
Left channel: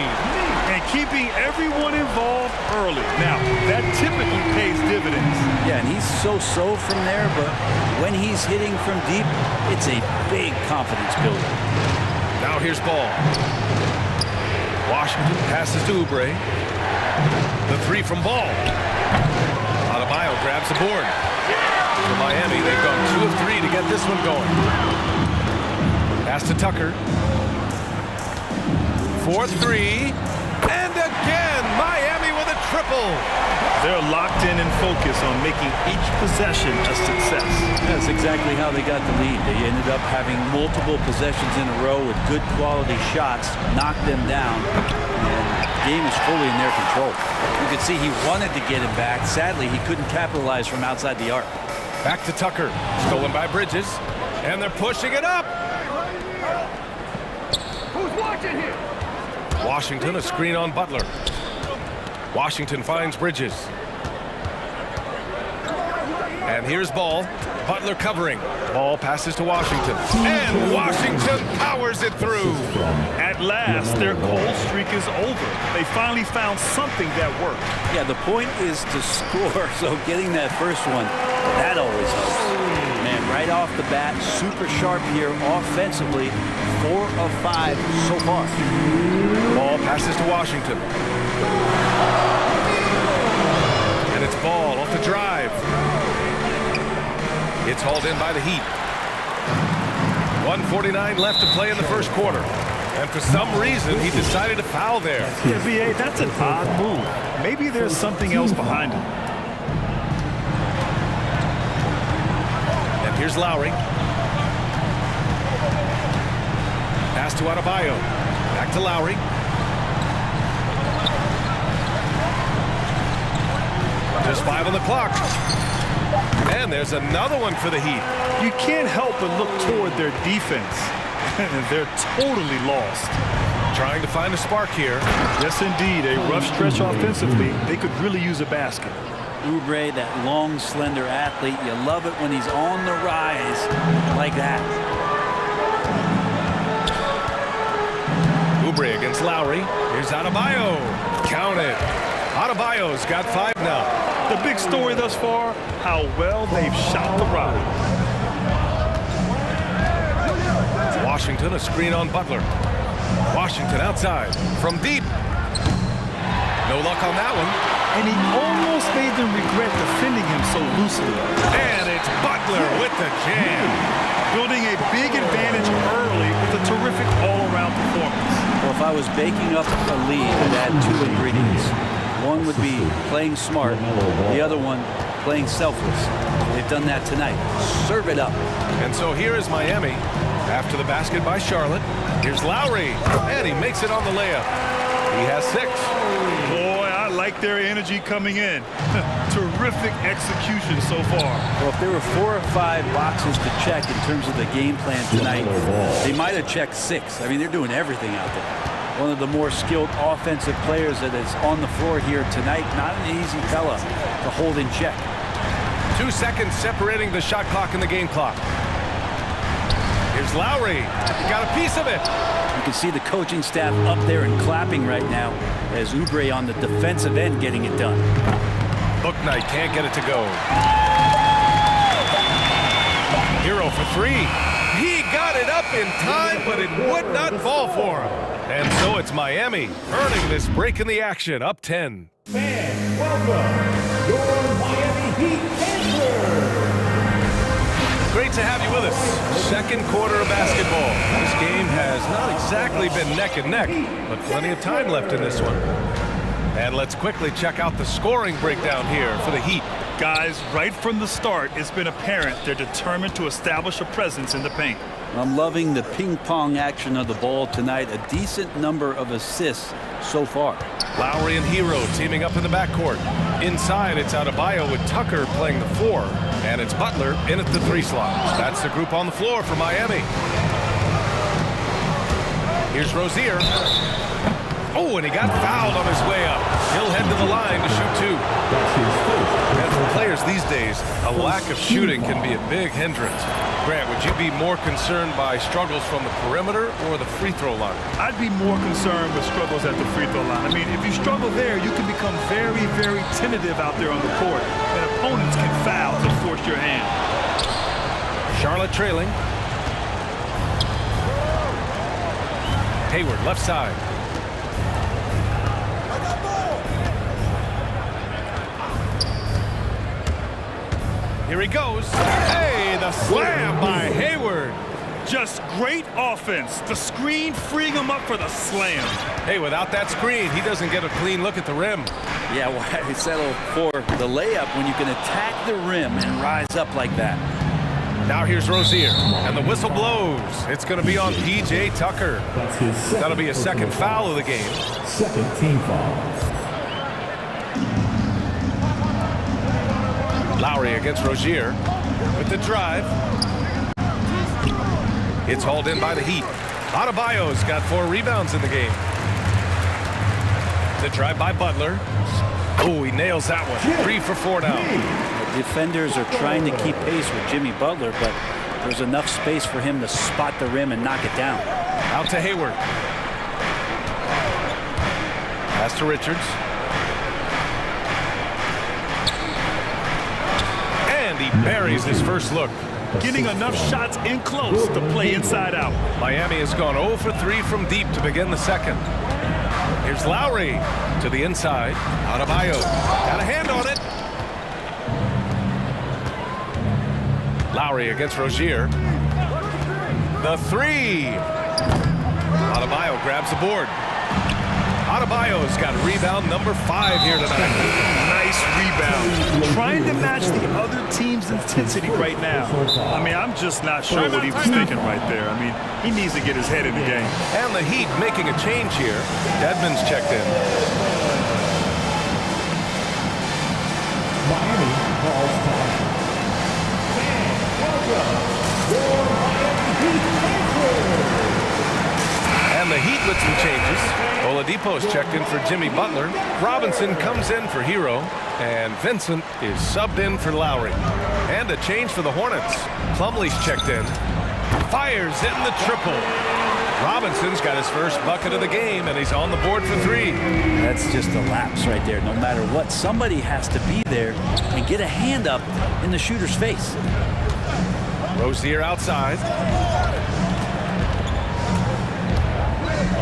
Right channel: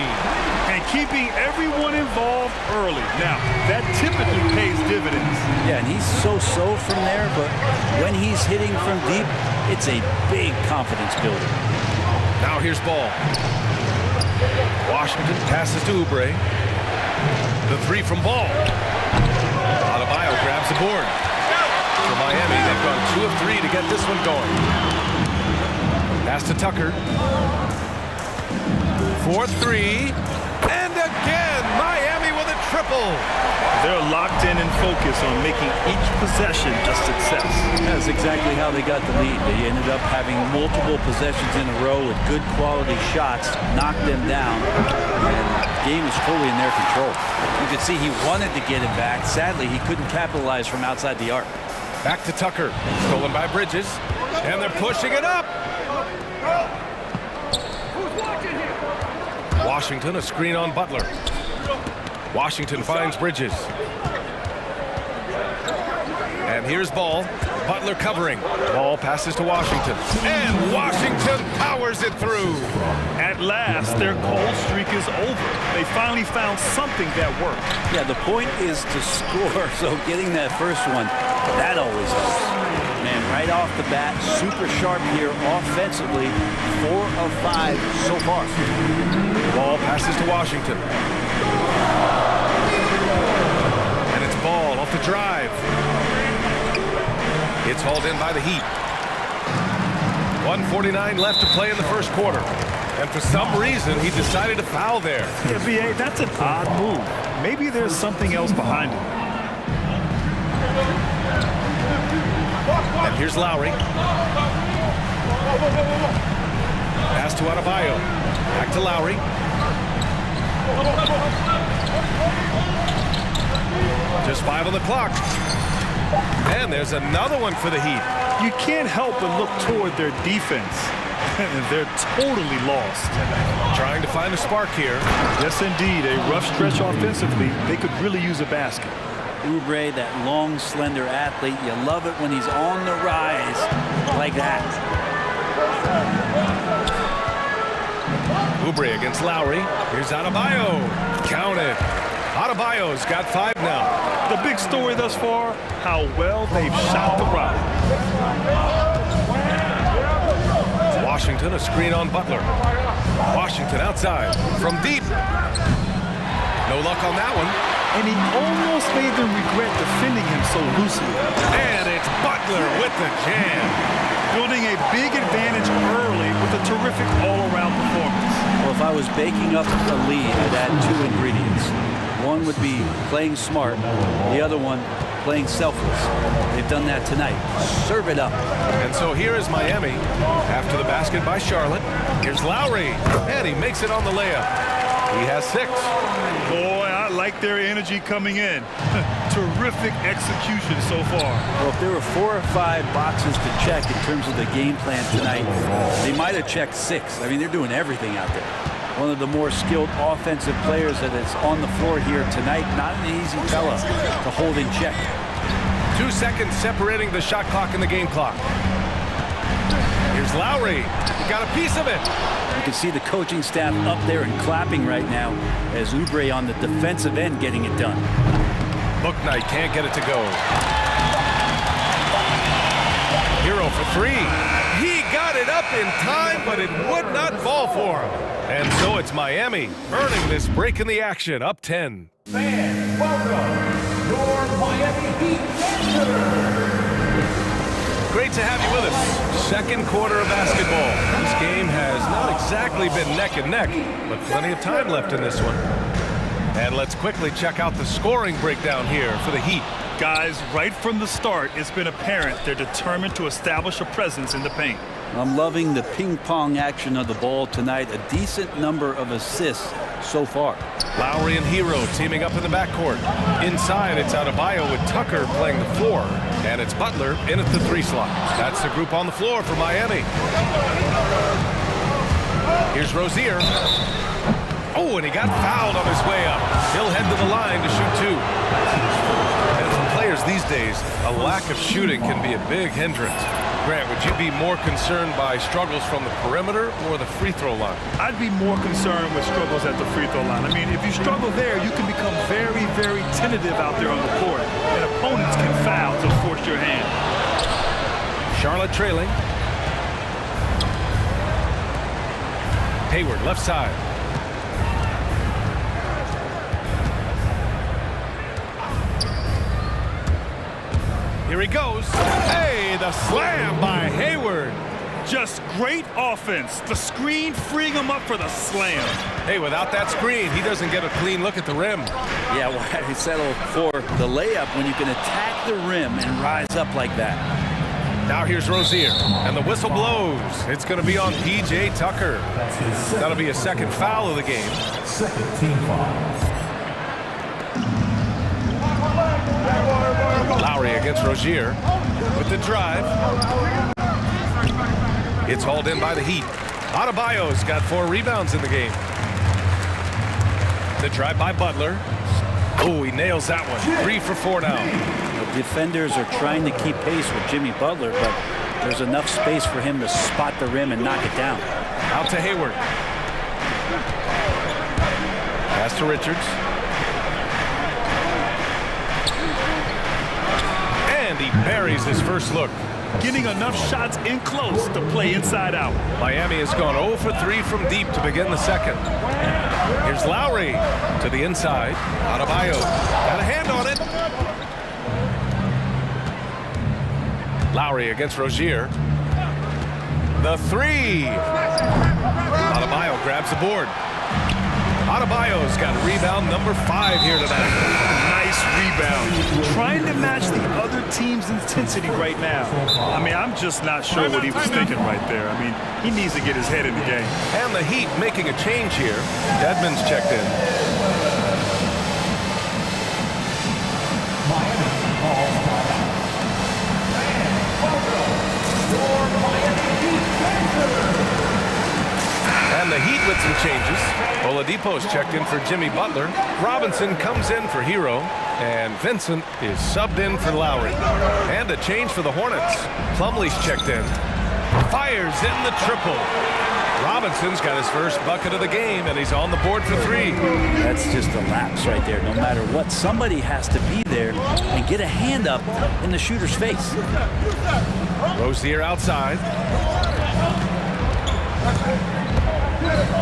And keeping everyone involved early. Now, that typically pays dividends. Yeah, and he's so-so from there, but when he's hitting from deep, it's a big confidence builder. Now here's Ball. Washington passes to Oubre. The 3 from Ball. Adebayo grabs the board. For Miami, they've gone 2 of 3 to get this one going. Pass to Tucker. 4-3. And again, Miami with a triple. They're locked in and focused on making each possession a success. That's exactly how they got the lead. They ended up having multiple possessions in a row with good quality shots, knocked them down, and the game is fully in their control. You could see he wanted to get him back. Sadly, he couldn't capitalize from outside the arc. Back to Tucker. Stolen by Bridges. And they're pushing it up. Who's watching here? Washington, a screen on Butler. Washington finds Bridges. And here's Ball. Butler covering. Ball passes to Washington. And Washington powers it through. At last, their cold streak is over. They finally found something that worked. Yeah, the point is to score, so getting that first one, that always helps. Man, right off the bat, super sharp here offensively. 4 of 5 so far. Ball passes to Washington. And it's Ball off the drive. It's hauled in by the Heat. 1:49 left to play in the first quarter. And for some reason, he decided to foul there. Yeah, B.A., that's an odd move. Maybe there's something else behind it. And here's Lowry. Pass to Adebayo. Back to Lowry. Just 5 on the clock. And there's another one for the Heat. You can't help but look toward their defense. They're totally lost. Trying to find a spark here. Yes, indeed. A rough stretch offensively. They could really use a basket. Oubre, that long, slender athlete. You love it when he's on the rise like that. Oubre against Lowry. Here's Adebayo. Count it. Adebayo's got 5 now. The big story thus far, how well they've shot the rock. Washington, a screen on Butler. Washington outside from deep. No luck on that one. And he almost made them regret defending him so loosely. And it's Butler with the jam. Building a big advantage early with a terrific all-around performance. Well, if I was baking up a lead, I'd add 2 ingredients. One would be playing smart. The other one, playing selfless. They've done that tonight. Serve it up. And so here is Miami. After the basket by Charlotte. Here's Lowry. And he makes it on the layup. He has 6. Boy, I like their energy coming in. Terrific execution so far. Well, if there were 4 or 5 boxes to check in terms of the game plan tonight, they might have checked 6. I mean, they're doing everything out there. One of the more skilled offensive players that is on the floor here tonight. Not an easy fella to hold in check. 2 seconds separating the shot clock and the game clock. Here's Lowry. He got a piece of it. You can see the coaching staff up there and clapping right now as Oubre on the defensive end getting it done. Bouknight can't get it to go. Hero for 3. He got it up in time, but it would not fall for him. And so it's Miami earning this break in the action, up 10. Fans, welcome your Miami Heat Dancers. Great to have you with us. Second quarter of basketball. This game has not exactly been neck and neck, but plenty of time left in this one. And let's quickly check out the scoring breakdown here for the Heat. Guys, right from the start, it's been apparent they're determined to establish a presence in the paint. I'm loving the ping-pong action of the ball tonight. A decent number of assists so far. Lowry and Hero teaming up in the backcourt. Inside, it's Adebayo with Tucker playing the 4, and it's Butler in at the 3 slot. That's the group on the floor for Miami. Here's Rozier. Oh, and he got fouled on his way up. He'll head to the line to shoot 2. And for players these days, a lack of shooting can be a big hindrance. Grant, would you be more concerned by struggles from the perimeter or the free throw line? I'd be more concerned with struggles at the free throw line. I mean, if you struggle there, you can become very, very tentative out there on the court, and opponents can foul to force your hand. Charlotte trailing. Hayward, left side. Here he goes. Hey, the slam by Hayward. Just great offense. The screen freeing him up for the slam. Hey, without that screen, he doesn't get a clean look at the rim. Yeah, why settle for the layup when you can attack the rim and rise up like that? Now here's Rozier, and the whistle blows. It's going to be on P.J. Tucker. That'll be a second foul of the game. Second team foul. Lowry against Rozier with the drive. It's hauled in by the Heat. Adebayo's got 4 rebounds in the game. The drive by Butler. Oh, he nails that one. 3 for 4 now. The defenders are trying to keep pace with Jimmy Butler, but there's enough space for him to spot the rim and knock it down. Out to Hayward. Pass to Richards. And he buries his first look. Getting enough shots in close to play inside out. Miami has gone 0 for 3 from deep to begin the second. Here's Lowry to the inside. Adebayo got a hand on it. Lowry against Rozier. The 3. Adebayo grabs the board. Adebayo's got rebound number 5 here tonight. Nice rebound. Trying to match the other team's intensity right now. I mean, I'm just not sure what he was thinking right there. I mean, he needs to get his head in the game. And the Heat making a change here. Dedmon's checked in. Miami calls timeout. Fans, welcome your Miami Heat Dancers. And the Heat with some changes. Oladipo's checked in for Jimmy Butler. Robinson comes in for Hero. And Vincent is subbed in for Lowry. And a change for the Hornets. Plumlee's checked in. Fires in the triple. Robinson's got his first bucket of the game, and he's on the board for 3. That's just a lapse right there. No matter what, somebody has to be there and get a hand up in the shooter's face. Rozier outside.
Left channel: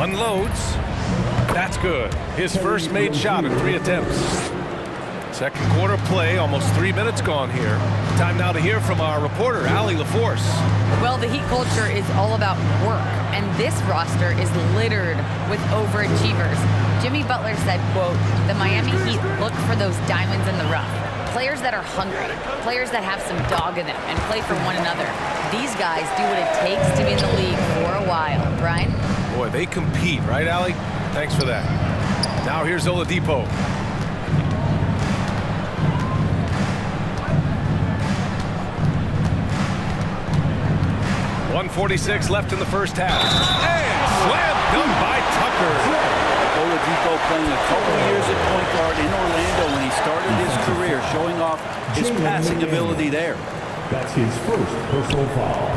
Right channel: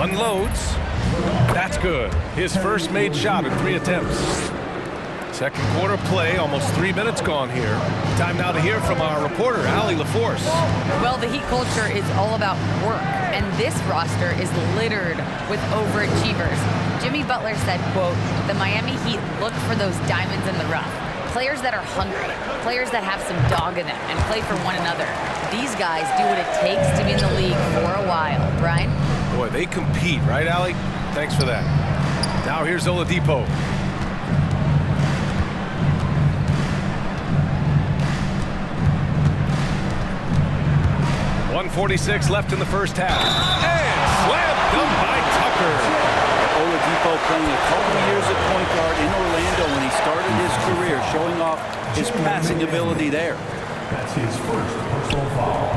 Unloads. That's good. His first made shot in 3 attempts. Second quarter play, almost 3 minutes gone here. Time now to hear from our reporter, Allie LaForce. Well, the Heat culture is all about work, and this roster is littered with overachievers. Jimmy Butler said, quote, "The Miami Heat look for those diamonds in the rough. Players that are hungry, players that have some dog in them and play for one another. These guys do what it takes to be in the league for a while." Brian? Boy, they compete, right, Allie? Thanks for that. Now here's Oladipo. 1:46 left in the first half. And slam dunk by Tucker. Oladipo playing a couple of years at point guard in Orlando when he started his career, showing off his passing ability there. That's his first personal foul.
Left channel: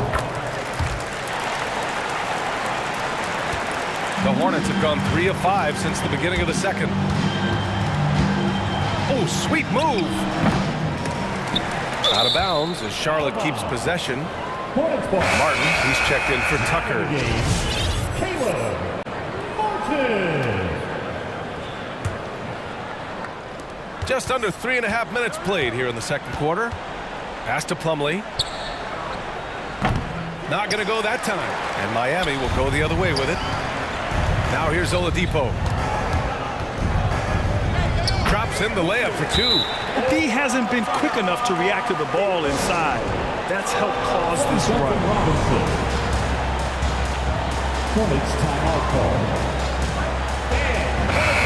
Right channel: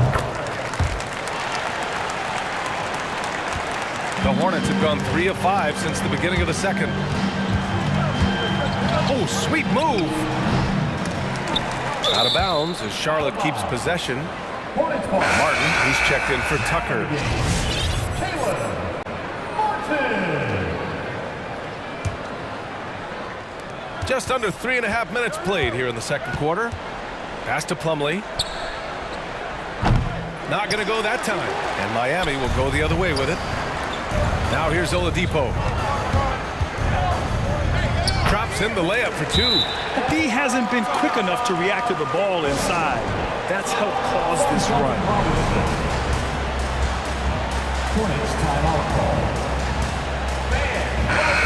The Hornets have gone 3 of 5 since the beginning of the second. Oh, sweet move. Out of bounds as Charlotte keeps possession. Martin, he's checked in for Tucker. Just under 3.5 minutes played here in the second quarter. Pass to Plumlee. Not going to go that time. And Miami will go the other way with it. Now here's Oladipo. Drops in the layup for 2. The D hasn't been quick enough to react to the ball inside. That's helped cause this run. Hornets timeout call.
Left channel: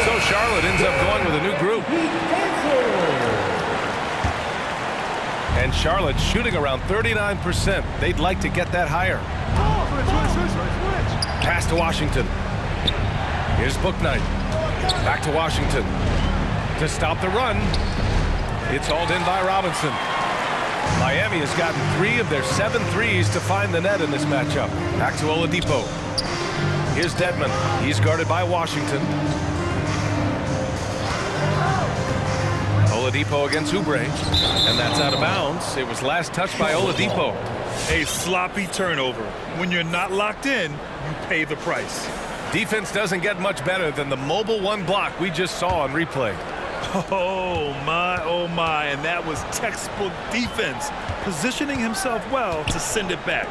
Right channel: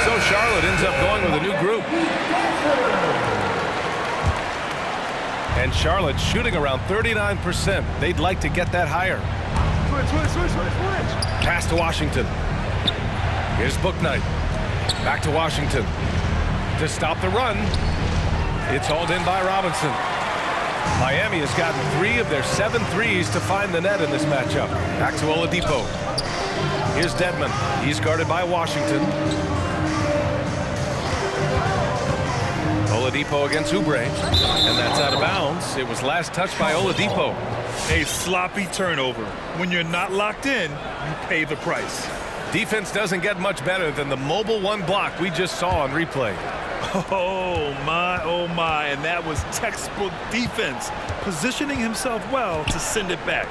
So Charlotte ends up going with a new group. And Charlotte shooting around 39%. They'd like to get that higher. Switch. Pass to Washington. Here's Bouknight. Back to Washington. To stop the run, it's hauled in by Robinson. Miami has gotten 3 of their 7 threes to find the net in this matchup. Back to Oladipo. Here's Dedmon. He's guarded by Washington. Oladipo against Oubre, and that's out of bounds. It was last touched by Oladipo. A sloppy turnover. When you're not locked in, you pay the price. Defense doesn't get much better than the mobile 1 block we just saw on replay. Oh my, and that was textbook defense, positioning himself well to send it back.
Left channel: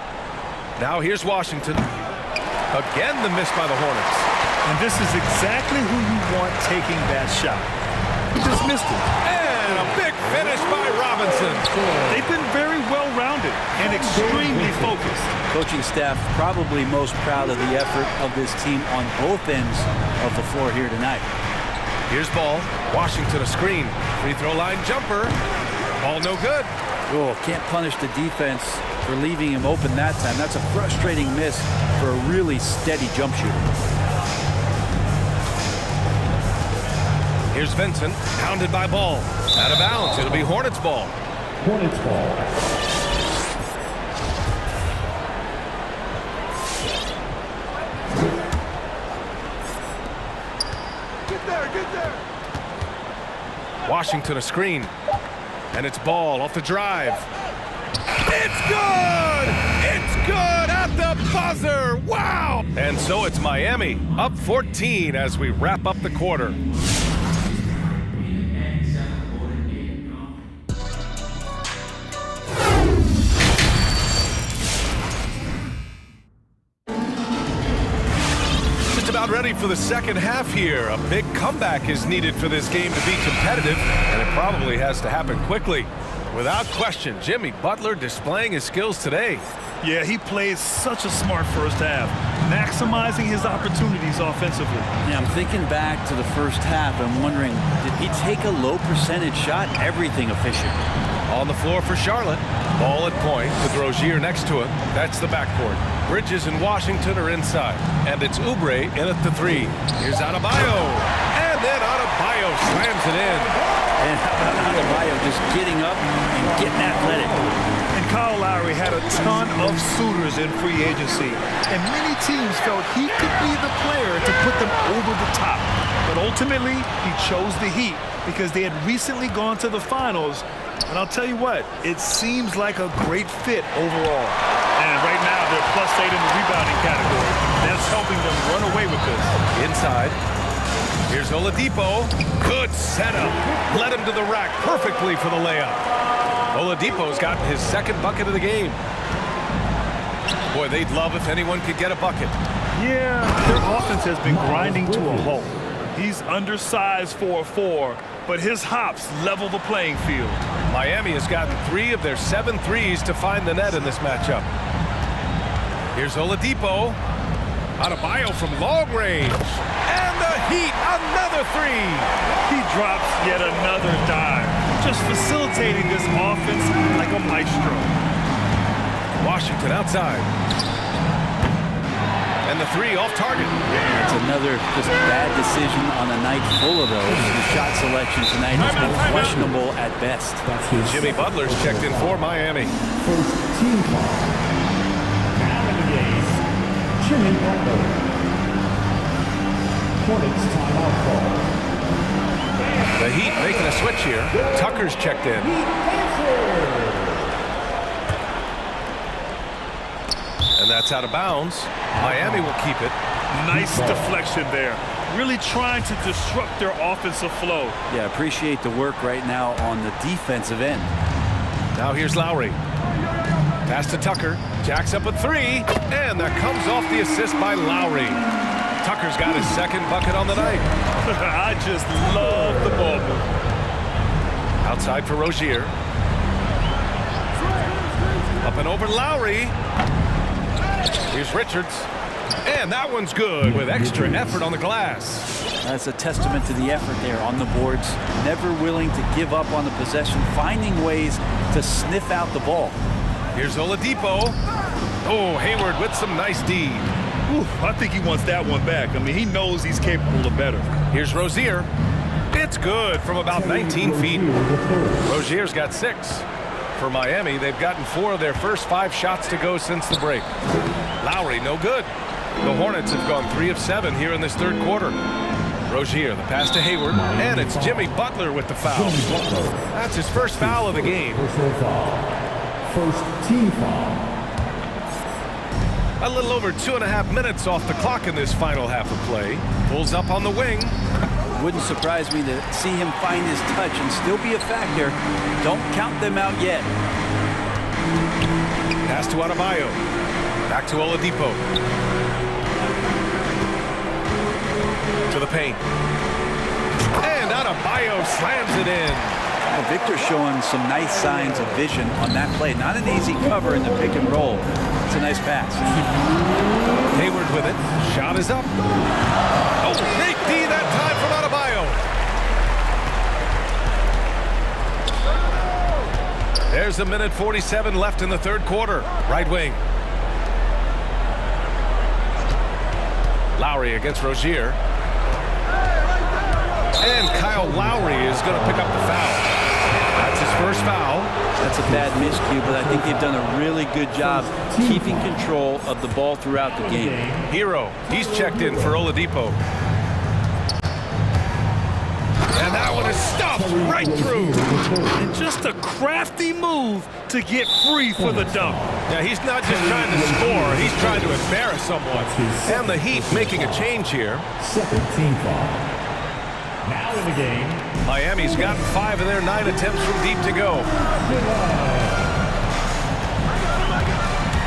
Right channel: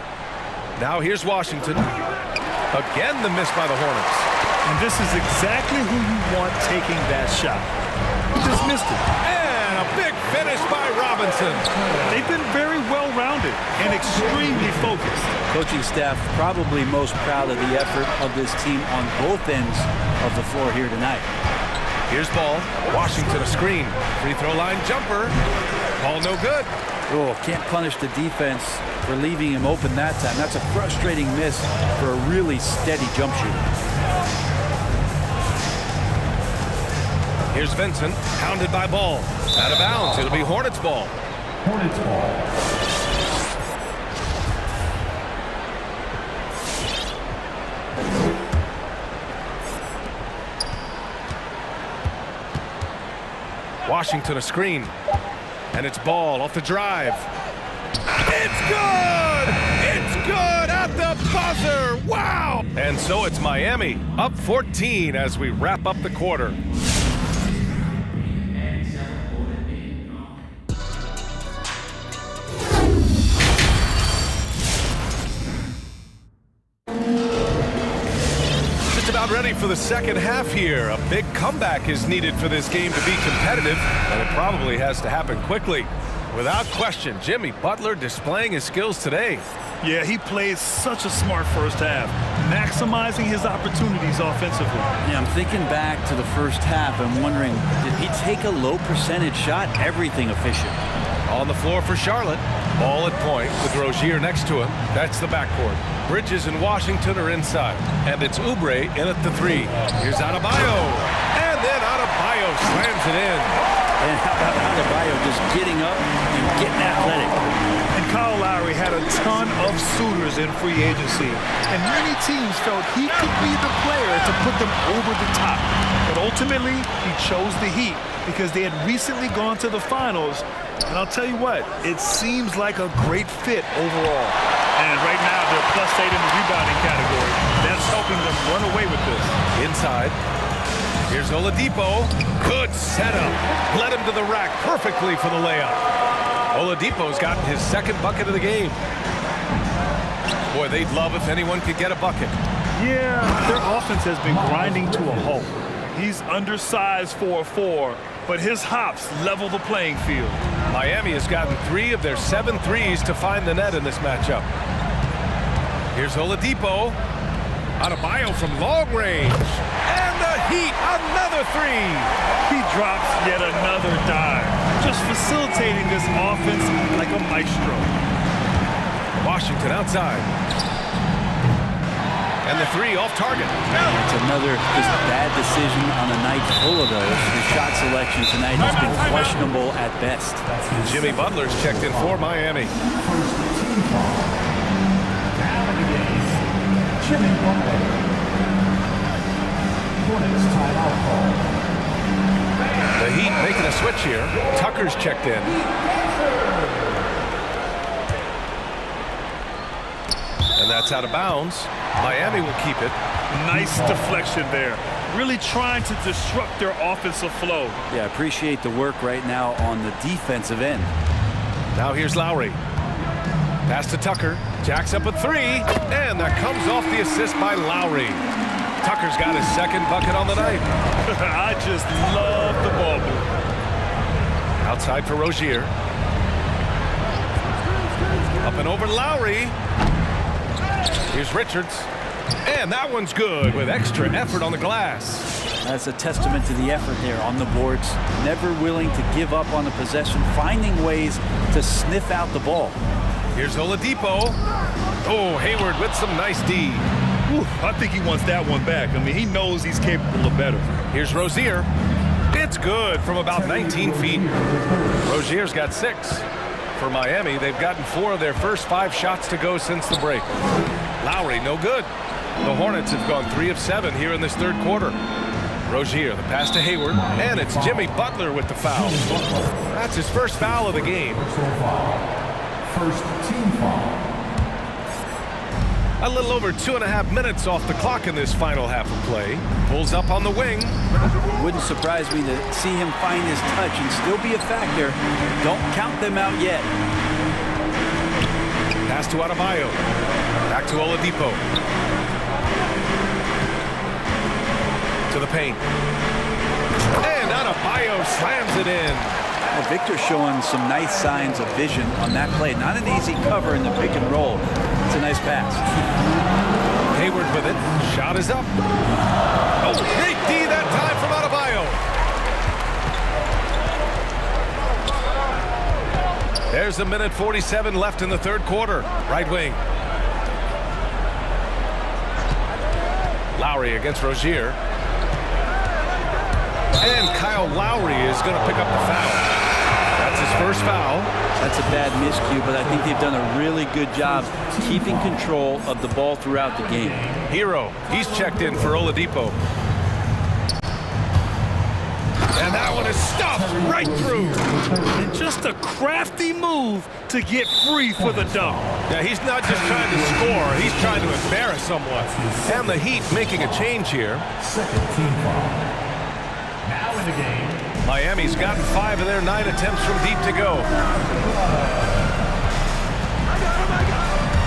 Now here's Washington. Again, the miss by the Hornets. And this is exactly who you want taking that shot. He just missed it. And a big finish by Robinson. They've been very well-rounded and extremely focused. Coaching staff probably most proud of the effort of this team on both ends of the floor here tonight. Here's Ball. Washington a screen. Free throw line jumper. Ball no good. Oh, can't punish the defense for leaving him open that time. That's a frustrating miss for a really steady jump shooter. Here's Vincent, pounded by Ball. Out of bounds, it'll be Hornets ball. Hornets ball. Washington a screen. And it's Ball off the drive. It's good! It's good at the buzzer! Wow! And so it's Miami, up 14 as we wrap up the quarter. About ready for the second half here. A big comeback is needed for this game to be competitive, and it probably has to happen quickly. Without question, Jimmy Butler displaying his skills today. Yeah, he plays such a smart first half, maximizing his opportunities offensively. Yeah, I'm thinking back to the first half and wondering, did he take a low percentage shot? Everything efficient. On the floor for Charlotte. Ball at point with Rozier next to him. That's the backcourt. Bridges and Washington are inside. And it's Oubre in at the 3. Here's Adebayo. And then Adebayo slams it in. And how about Adebayo just getting up and getting athletic? And Kyle Lowry had a ton of suitors in free agency. And many teams felt he could be the player to put them over the top. But ultimately, he chose the Heat because they had recently gone to the finals. And I'll tell you what, it seems like a great fit overall. And right now, they're +8 in the rebounding category. That's helping them run away with this. Inside. Here's Oladipo. Good setup. Led him to the rack perfectly for the layup. Oladipo's gotten his second bucket of the game. Boy, they'd love if anyone could get a bucket. Yeah, their offense has been grinding to a halt. He's undersized for a 4, but his hops level the playing field. Miami has gotten 3 of their 7 threes to find the net in this matchup. Here's Oladipo. Adebayo from long range. And the Heat, another 3. He drops yet another dime, just facilitating this offense like a maestro. Washington outside. And the three off target. It's another just bad decision on a night full of those. His shot selection tonight has been questionable at best. Jimmy Butler's checked in for Miami. First team foul. Now in the game, Jimmy Butler. Hornets timeout call. The Heat making a switch here. Tucker's checked in. And that's out of bounds. Miami will keep it. Nice deflection there. Really trying to disrupt their offensive flow. Yeah, appreciate the work right now on the defensive end. Now here's Lowry. Pass to Tucker. Jacks up a three. And that comes off the assist by Lowry. Tucker's got his second bucket on the night. I just love the ball move. Outside for Rozier. Up and over Lowry. Here's Richards. And that one's good with extra effort on the glass. That's a testament to the effort there on the boards. Never willing to give up on the possession, finding ways to sniff out the ball. Here's Oladipo. Oh, Hayward with some nice D. Ooh, I think he wants that one back. I mean, he knows he's capable of better. Here's Rozier. It's good from about 19 feet. Rozier's got 6. For Miami, they've gotten 4 of their first 5 shots to go since the break. Lowry, no good. The Hornets have gone 3 of 7 here in this third quarter. Rozier, the pass to Hayward, and it's Jimmy Butler with the foul. That's his first foul of the game. Personal foul. First team foul. A little over 2.5 minutes off the clock in this final half of play. Pulls up on the wing. Wouldn't surprise me to see him find his touch and still be a factor. Don't count them out yet. Pass to Adebayo. Back to Oladipo. To the paint. And Adebayo slams it in. Well, Victor showing some nice signs of vision on that play. Not an easy cover in the pick and roll. It's a nice pass. Hayward with it. Shot is up. Oh, great D that time from Adebayo. There's 1:47 left in the third quarter. Right wing. Lowry against Rozier. And Kyle Lowry is going to pick up the foul. That's his first foul. That's a bad miscue, but I think they've done a really good job keeping control of the ball throughout the game. Hero, he's checked in for Oladipo. And that one is stuffed right through. And just a crafty move to get free for the dunk. Yeah, he's not just trying to score, he's trying to embarrass someone. And the Heat making a change here. Second team foul. Now in the game, Miami's gotten 5 of their 9 attempts from deep to go.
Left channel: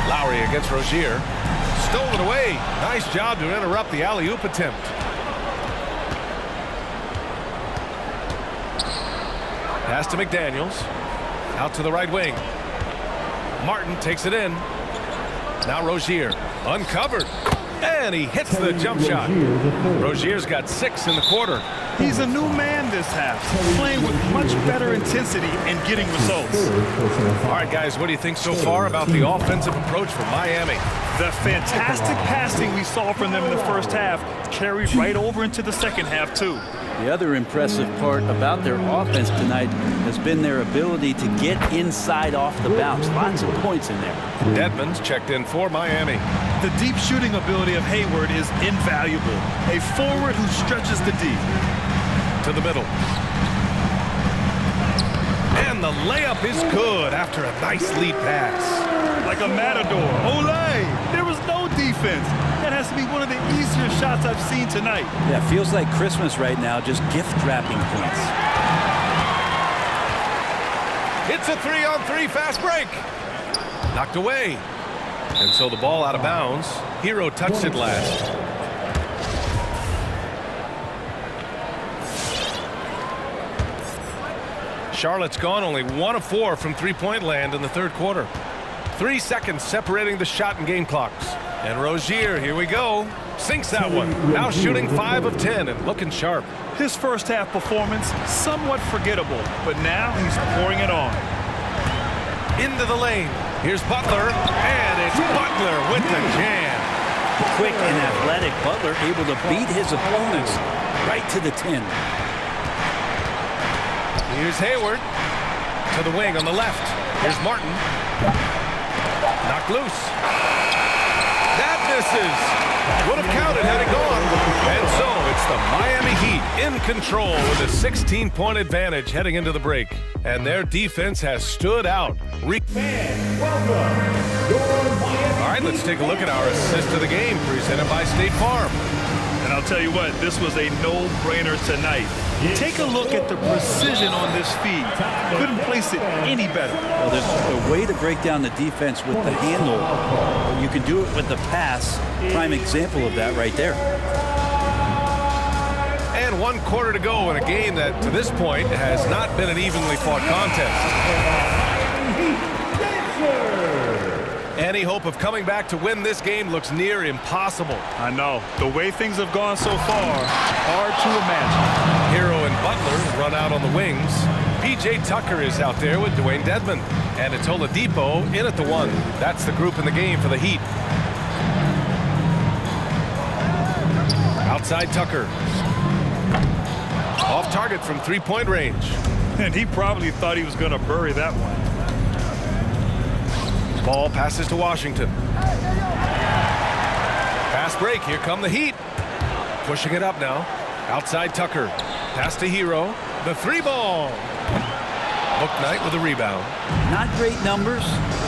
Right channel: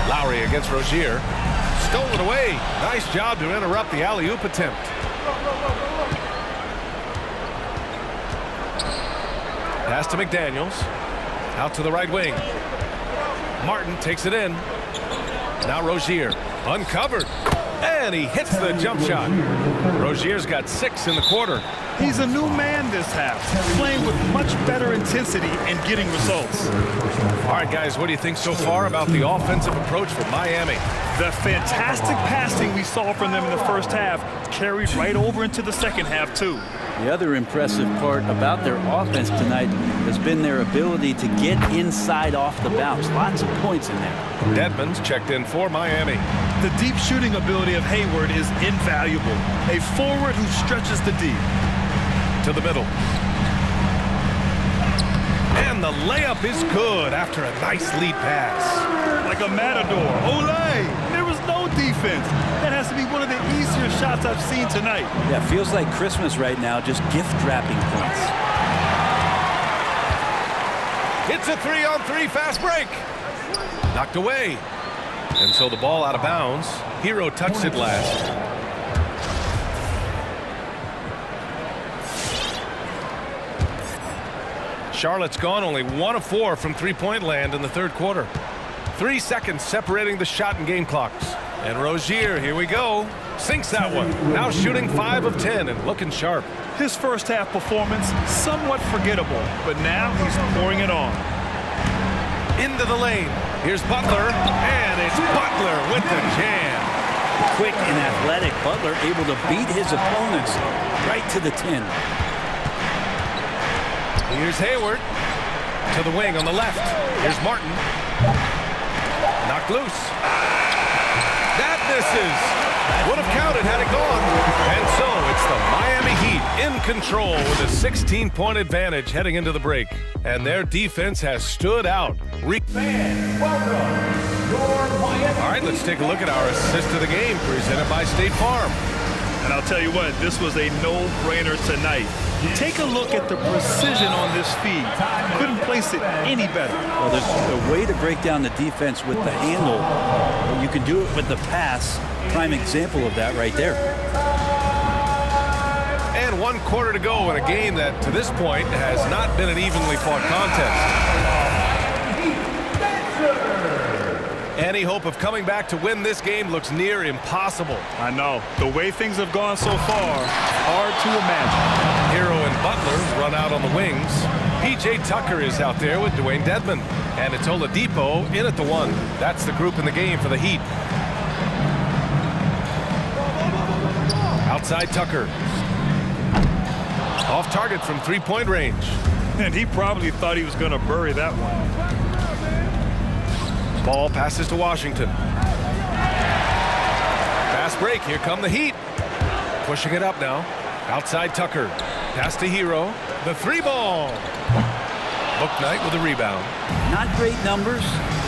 Lowry against Rozier. Stole it away. Nice job to interrupt the alley-oop attempt. Pass to McDaniels. Out to the right wing. Martin takes it in. Now Rozier. Uncovered. And he hits the jump shot. Rozier's got 6 in the quarter. He's a new man this half, playing with much better intensity and getting results. All right, guys, what do you think so far about the offensive approach for Miami? The fantastic passing we saw from them in the first half carried right over into the second half, too. The other impressive part about their offense tonight has been their ability to get inside off the bounce. Lots of points in there. Dedmon's checked in for Miami. The deep shooting ability of Hayward is invaluable. A forward who stretches the D. To the middle. And the layup is good after a nice lead pass. Like a matador. Olay! There was no defense. That has to be one of the easier shots I've seen tonight. Yeah, feels like Christmas right now, just gift wrapping points. It's a 3-on-3 fast break. Knocked away. And so the ball out of bounds. Hero touched it last. Charlotte's gone only 1 of 4 from three-point land in the third quarter. 3 seconds separating the shot and game clocks. And Rozier, here we go. Sinks that one. Now shooting 5 of 10 and looking sharp. His first half performance, somewhat forgettable, but now he's pouring it on. Into the lane. Here's Butler, and it's Butler with the jam. Quick and athletic, Butler able to beat his opponents right to the 10. Here's Hayward to the wing on the left. Here's Martin. Knocked loose. That misses. Would have counted had it gone. And so it's the Miami Heat in control with a 16-point advantage heading into the break. And their defense has stood out. All right, let's take a look at our assist of the game presented by State Farm. And I'll tell you what, this was a no-brainer tonight. Take a look at the precision on this feed. Couldn't place it any better. Well, there's a way to break down the defense with the handle. But you can do it with the pass. Prime example of that right there. And 1 quarter to go in a game that, to this point, has not been an evenly fought contest. Any hope of coming back to win this game looks near impossible. I know. The way things have gone so far, hard to imagine. Hero and Butler run out on the wings. P.J. Tucker is out there with Dwayne Dedmon. And it's Oladipo in at the 1. That's the group in the game for the Heat. Outside Tucker. Off target from 3-point range. And he probably thought he was going to bury that one. Ball passes to Washington. Fast break. Here come the Heat. Pushing it up now. Outside Tucker. Pass to Hero. The 3-ball. Bouknight with a rebound. Not great numbers,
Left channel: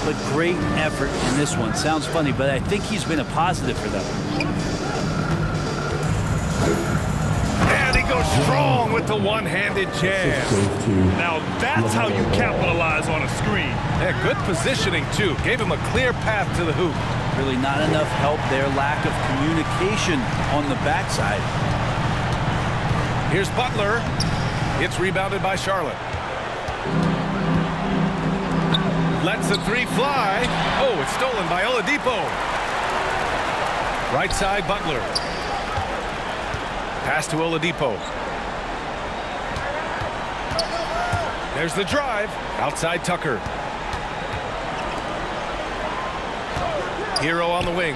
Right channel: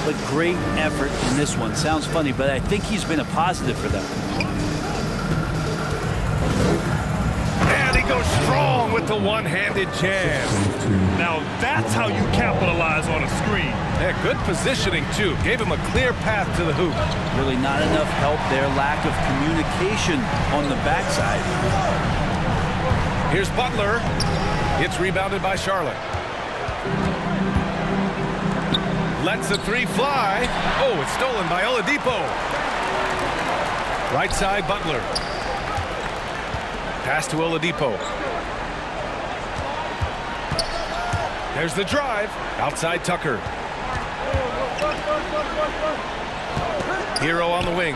but great effort in this one. Sounds funny, but I think he's been a positive for them. And he goes strong with the one-handed jam. Now that's how you capitalize on a screen. Yeah, good positioning, too. Gave him a clear path to the hoop. Really not enough help there. Lack of communication on the backside. Here's Butler. It's rebounded by Charlotte. Lets the 3 fly. Oh, it's stolen by Oladipo. Right side, Butler. Pass to Oladipo. There's the drive. Outside Tucker. Hero on the wing.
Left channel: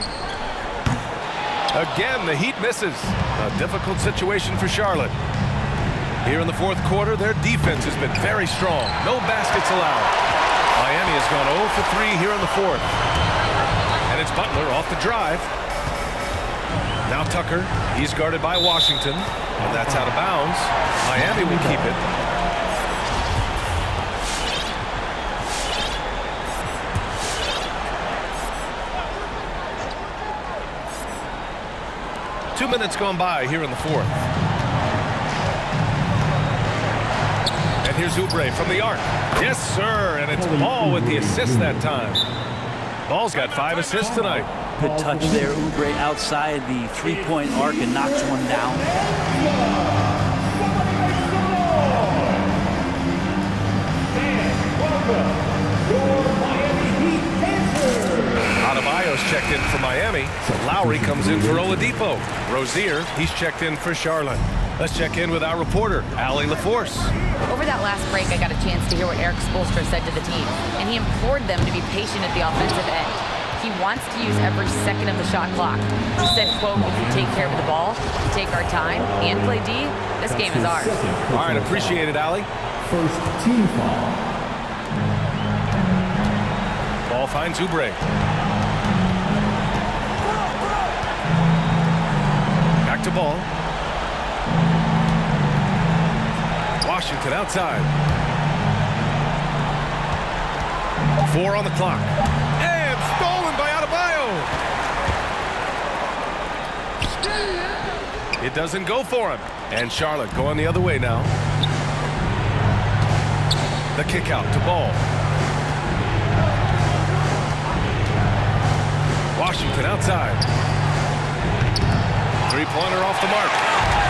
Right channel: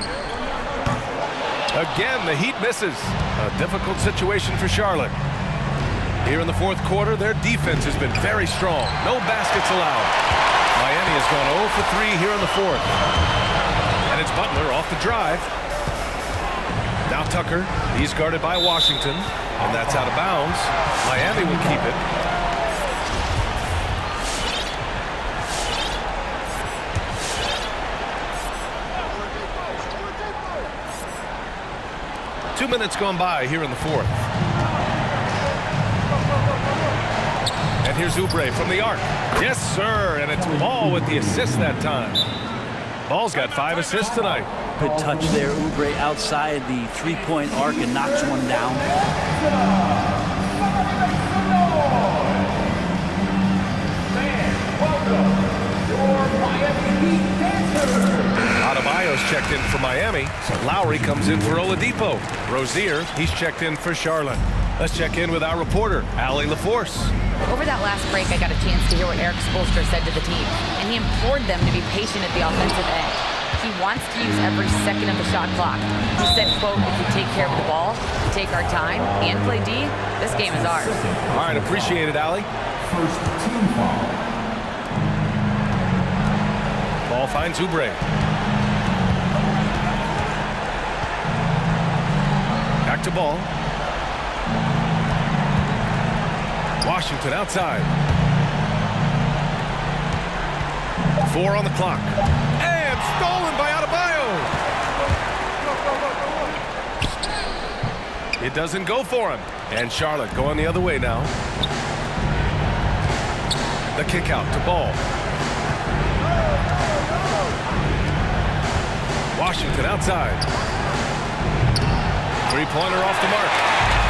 Again, the Heat misses. A difficult situation for Charlotte. Here in the 4th quarter, their defense has been very strong. No baskets allowed. Miami has gone 0 for 3 here in the 4th. And it's Butler off the drive. Now Tucker. He's guarded by Washington. And that's out of bounds. Miami will keep it. Two minutes gone by here in the 4th. And here's Oubre from the arc. Yes, sir. And it's Ball with the assist that time. Ball's got 5 assists tonight. Good touch there. Oubre outside the 3-point arc and knocks one down. Adebayo's checked in for Miami. Lowry comes in for Oladipo. Rozier, he's checked in for Charlotte. Let's check in with our reporter, Allie LaForce. Over that last break, I got a chance to hear what Eric Spoelstra said to the team, and he implored them to be patient at the offensive end. He wants to use every second of the shot clock. He said, quote, if we take care of the ball, take our time, and play D, this game is ours. All right, appreciate it, Allie. First team foul. Ball finds Oubre. Back to Ball. Washington outside. 4 on the clock. And stolen by Adebayo. It doesn't go for him. And Charlotte going the other way now. The kick out to Ball. Washington outside. 3-pointer off the mark.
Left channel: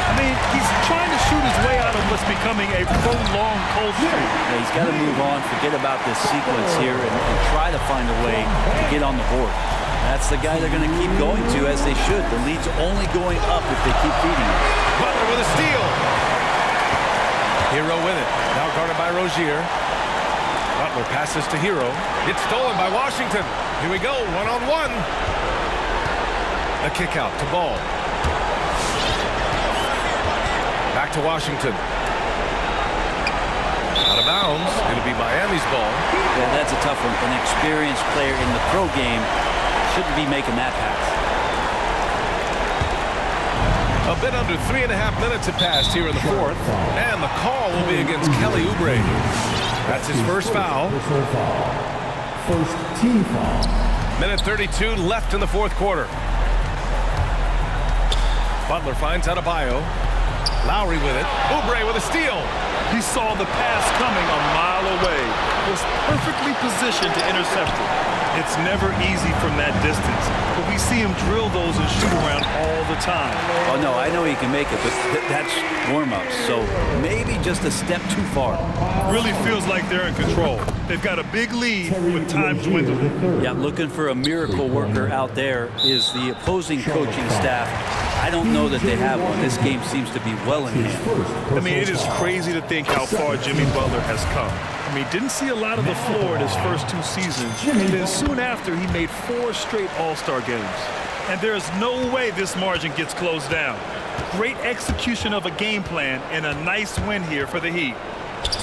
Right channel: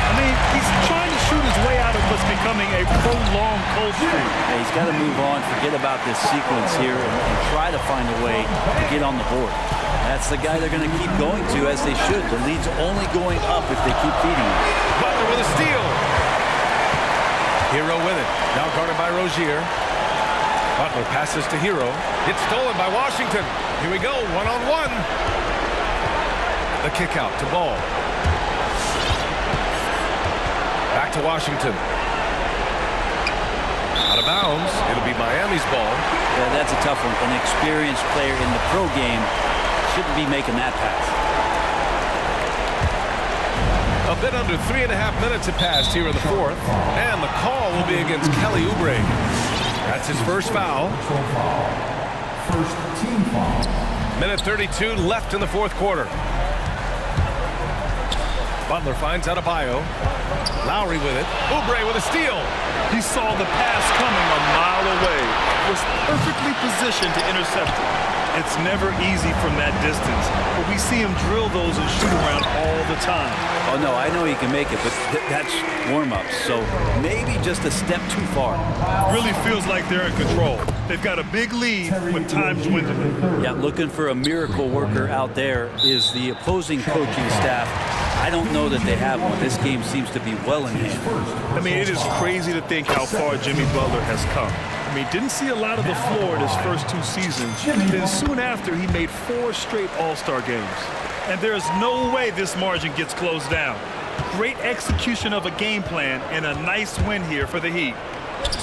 I mean, he's trying to shoot his way out of what's becoming a prolonged cold streak. Yeah, he's got to move on, forget about this sequence here, and try to find a way to get on the board. That's the guy they're going to keep going to, as they should. The lead's only going up if they keep feeding him. Butler with a steal. Hero with it. Now guarded by Rozier. Butler passes to Hero. It's stolen by Washington. Here we go, one-on-one. The kick out to Ball. Back to Washington. Out of bounds. It'll be Miami's ball. Yeah, that's a tough one. An experienced player in the pro game shouldn't be making that pass. A bit under 3.5 minutes have passed here in the fourth. And the call will be against Kelly Oubre. That's his first foul. First team foul. Minute 32 left in the fourth quarter. Butler finds Adebayo. Lowry with it. Oubre with a steal. He saw the pass coming a mile away, was perfectly positioned to intercept it. It's never easy from that distance, but we see him drill those and shoot around all the time. Oh, no, I know he can make it, but that's warm-ups, so maybe just a step too far. Really feels like they're in control. They've got a big lead with time dwindling. Yeah, looking for a miracle worker out there is the opposing coaching staff. I don't know that they have one. This game seems to be well in hand. I mean, it is crazy to think how far Jimmy Butler has come. I mean, didn't see a lot of the floor in his first 2 seasons. Then soon after, he made 4 straight All-Star games. And there's no way this margin gets closed down. Great execution of a game plan and a nice win here for the Heat.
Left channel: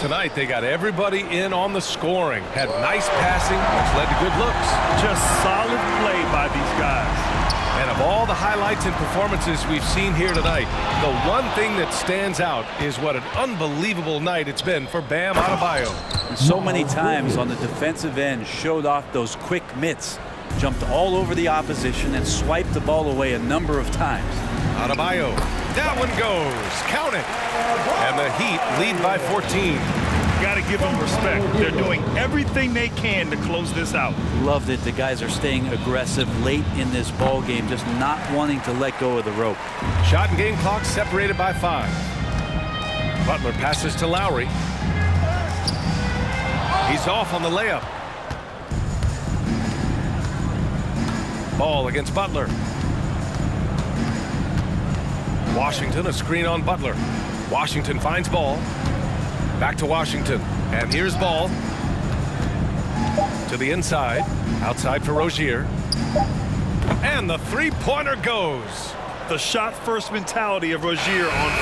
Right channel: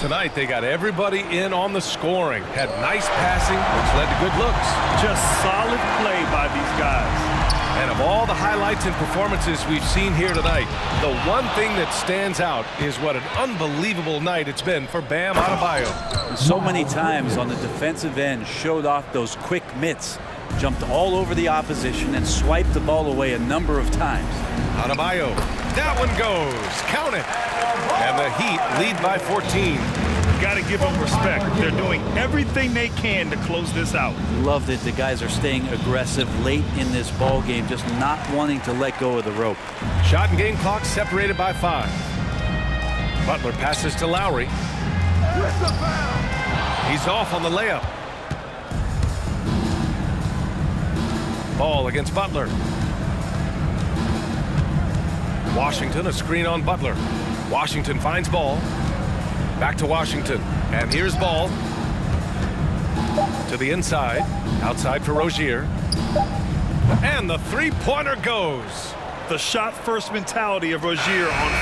Tonight, they got everybody in on the scoring. Had nice passing, which led to good looks. Just solid play by these guys. And of all the highlights and performances we've seen here tonight, the one thing that stands out is what an unbelievable night it's been for Bam Adebayo. And so many times on the defensive end, showed off those quick mitts, jumped all over the opposition and swiped the ball away a number of times. Adebayo, that one goes, count it. And the Heat lead by 14. Got to give them respect. They're doing everything they can to close this out. Loved it. The guys are staying aggressive late in this ball game, just not wanting to let go of the rope. Shot and game clock separated by 5. Butler passes to Lowry. He's off on the layup. Ball against Butler. Washington, a screen on Butler. Washington finds Ball. Back to Washington. And here's Ball. To the inside. Outside for Rozier. And the three-pointer goes. The shot-first mentality of Rozier on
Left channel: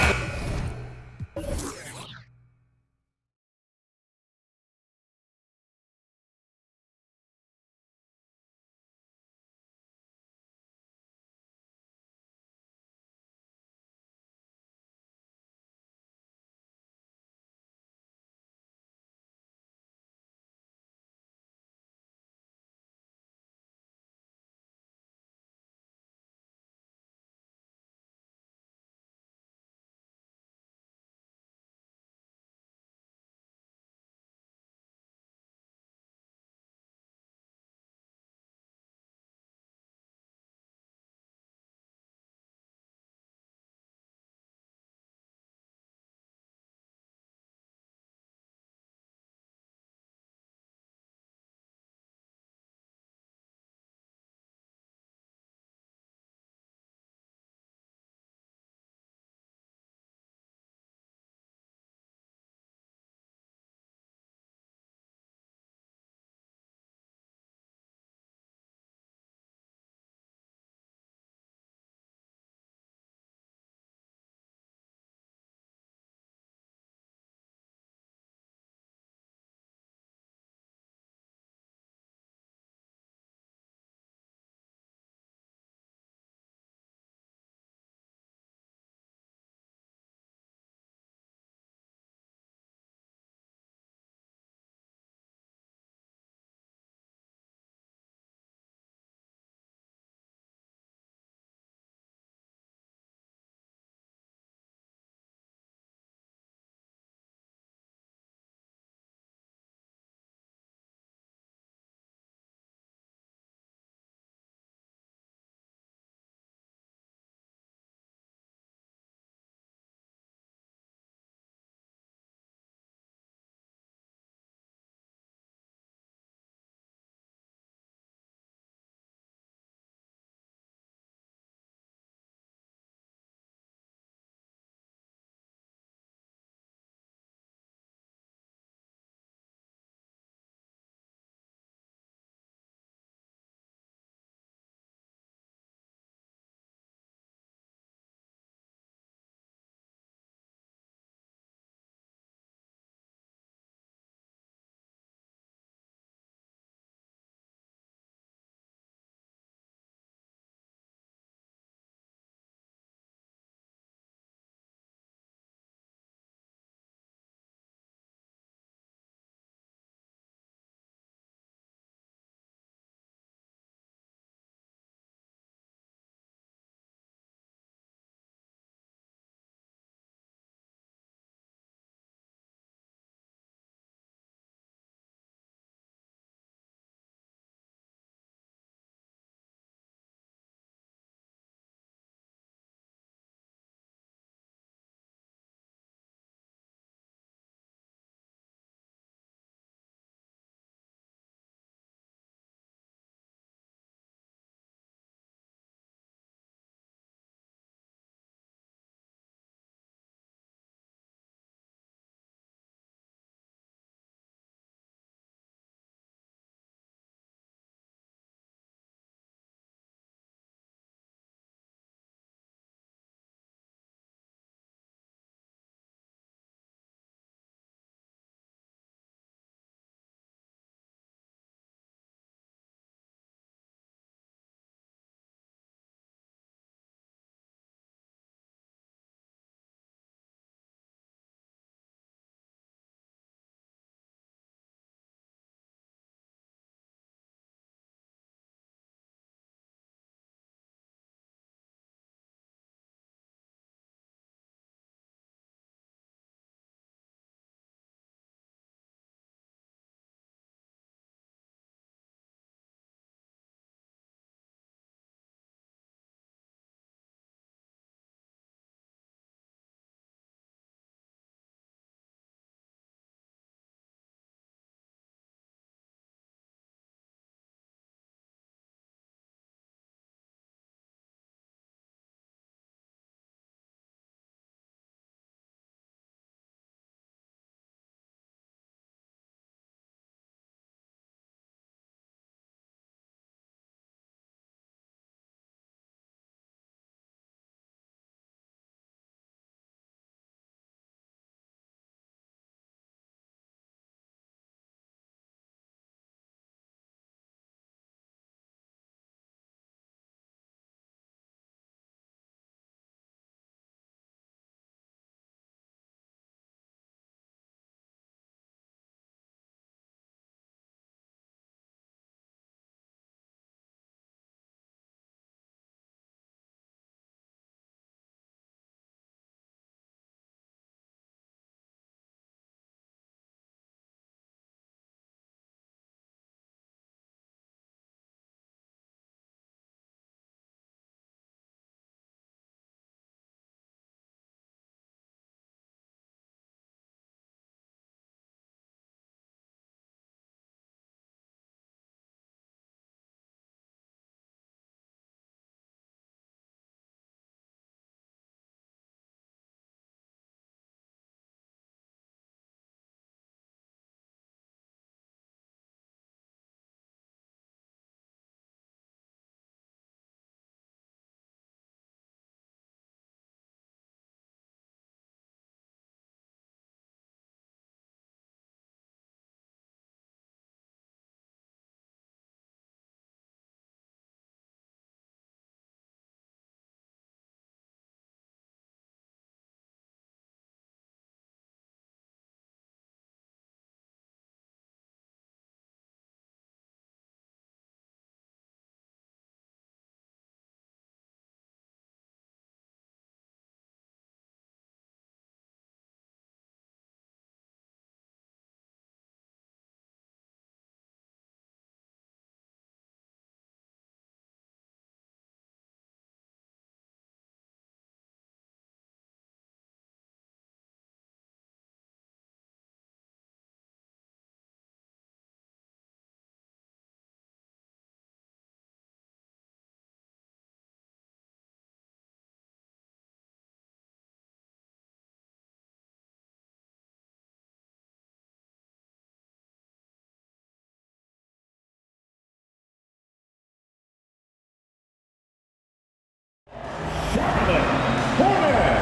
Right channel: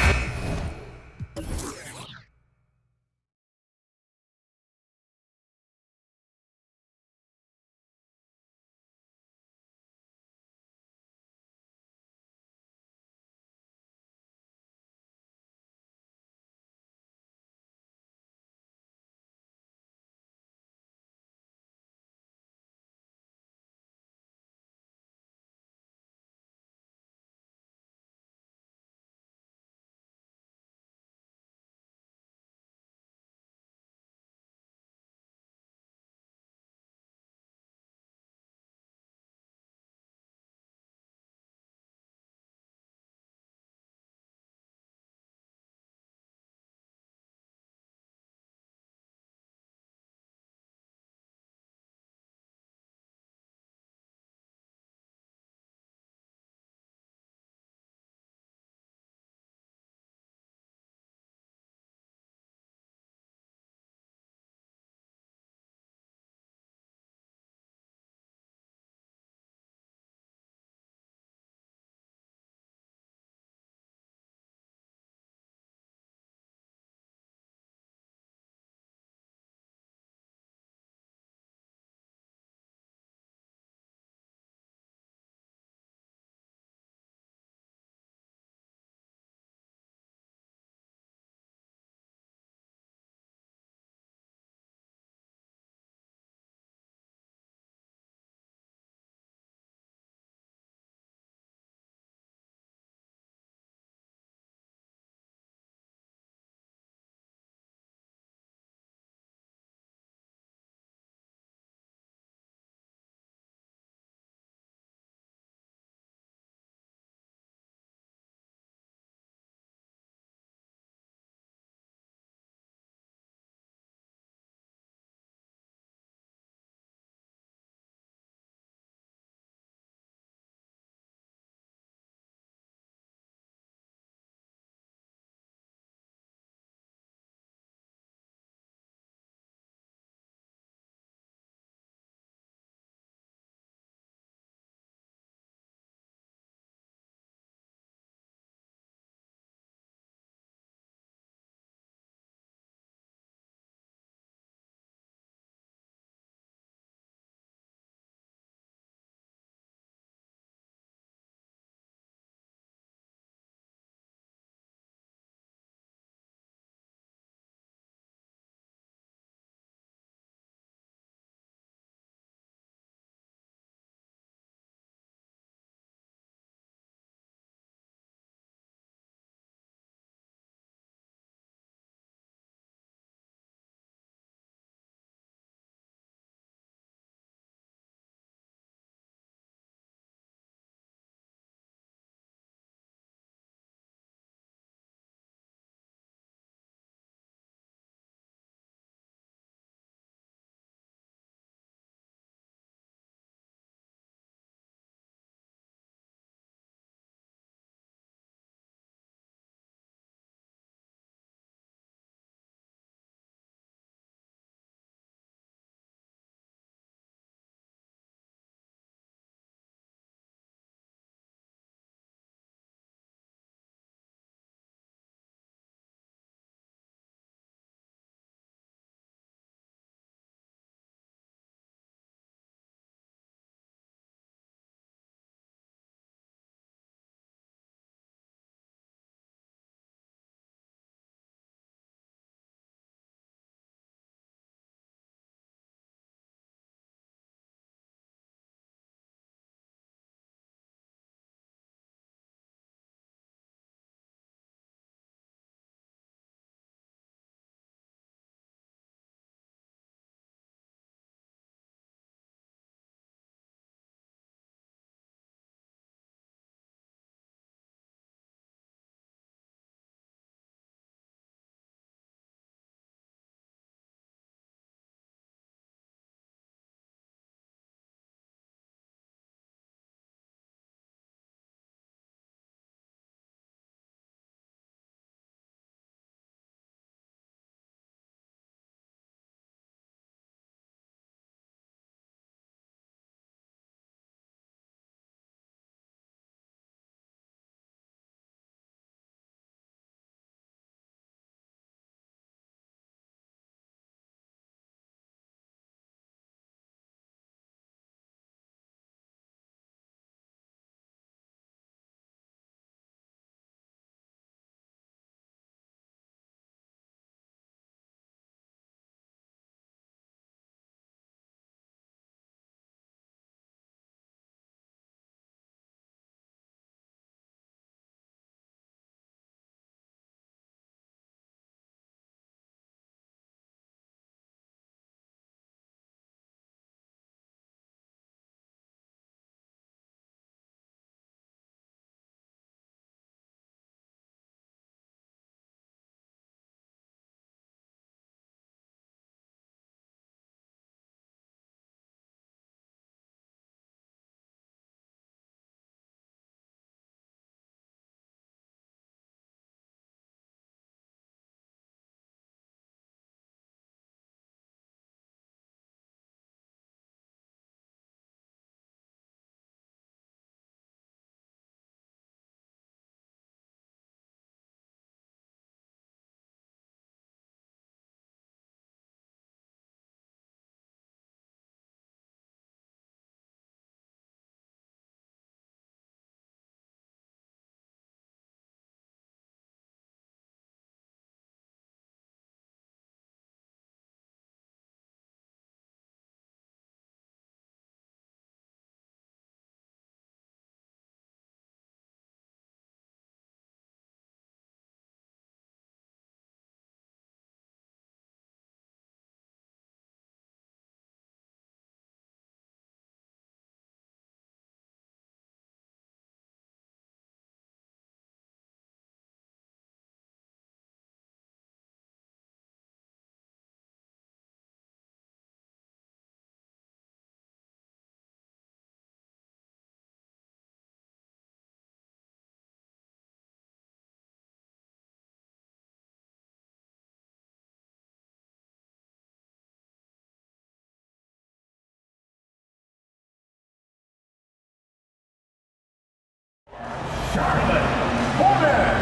Hornets.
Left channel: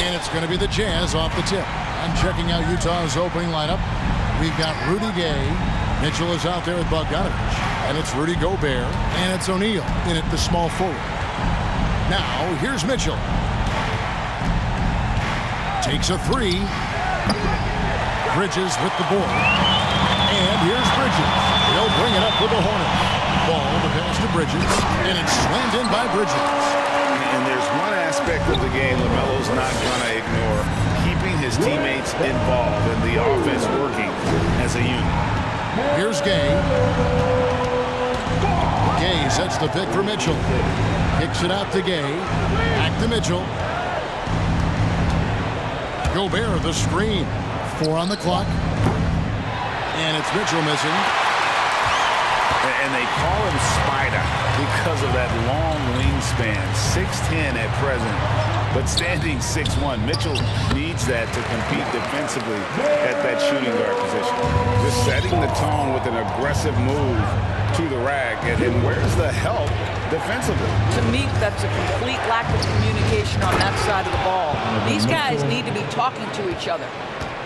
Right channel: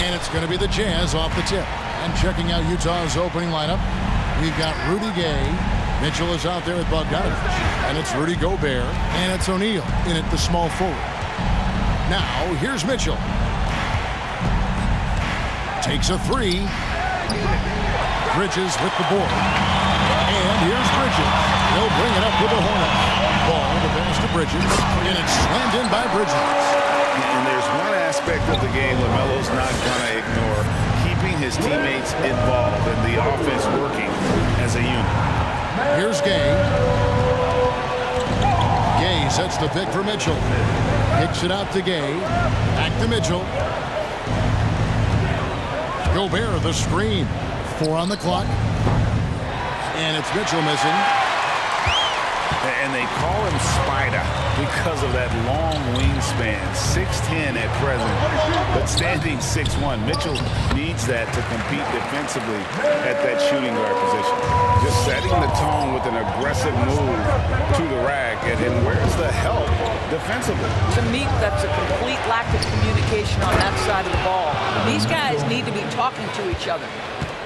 And it's going to be the Jazz off the tip. And checking out Utah's opening lineup, we've got Rudy Gay. Mitchell is out there with Bogdanovich. And it's Rudy Gobert. And it's O'Neal in at the small forward. Now, here's Mitchell. Takes a three. Bridges with the board. And here's Bridges. He'll bring it up with the Hornets. Ball, the pass to Bridges. And it's slammed in by Bridges. And there's one aspect of the game LaMelo's not going to ignore, keeping his teammates involved and the offense working as a unit. Here's Gay. Gay sets the pick for Mitchell. Kicks it out to Gay. Back to Mitchell. Gobert, the screen. 4 on the clock. And it's Mitchell missing. And they call him Spider because of that long wingspan, 6'10" at present, but standing 6'1". Mitchell needs that to compete defensively at that shooting guard position. Just setting the tone with an aggressive move to the rack. And where's the help defensively? To me, that's a complete lack of communication on that side of the ball. These guys need to be talking to each other.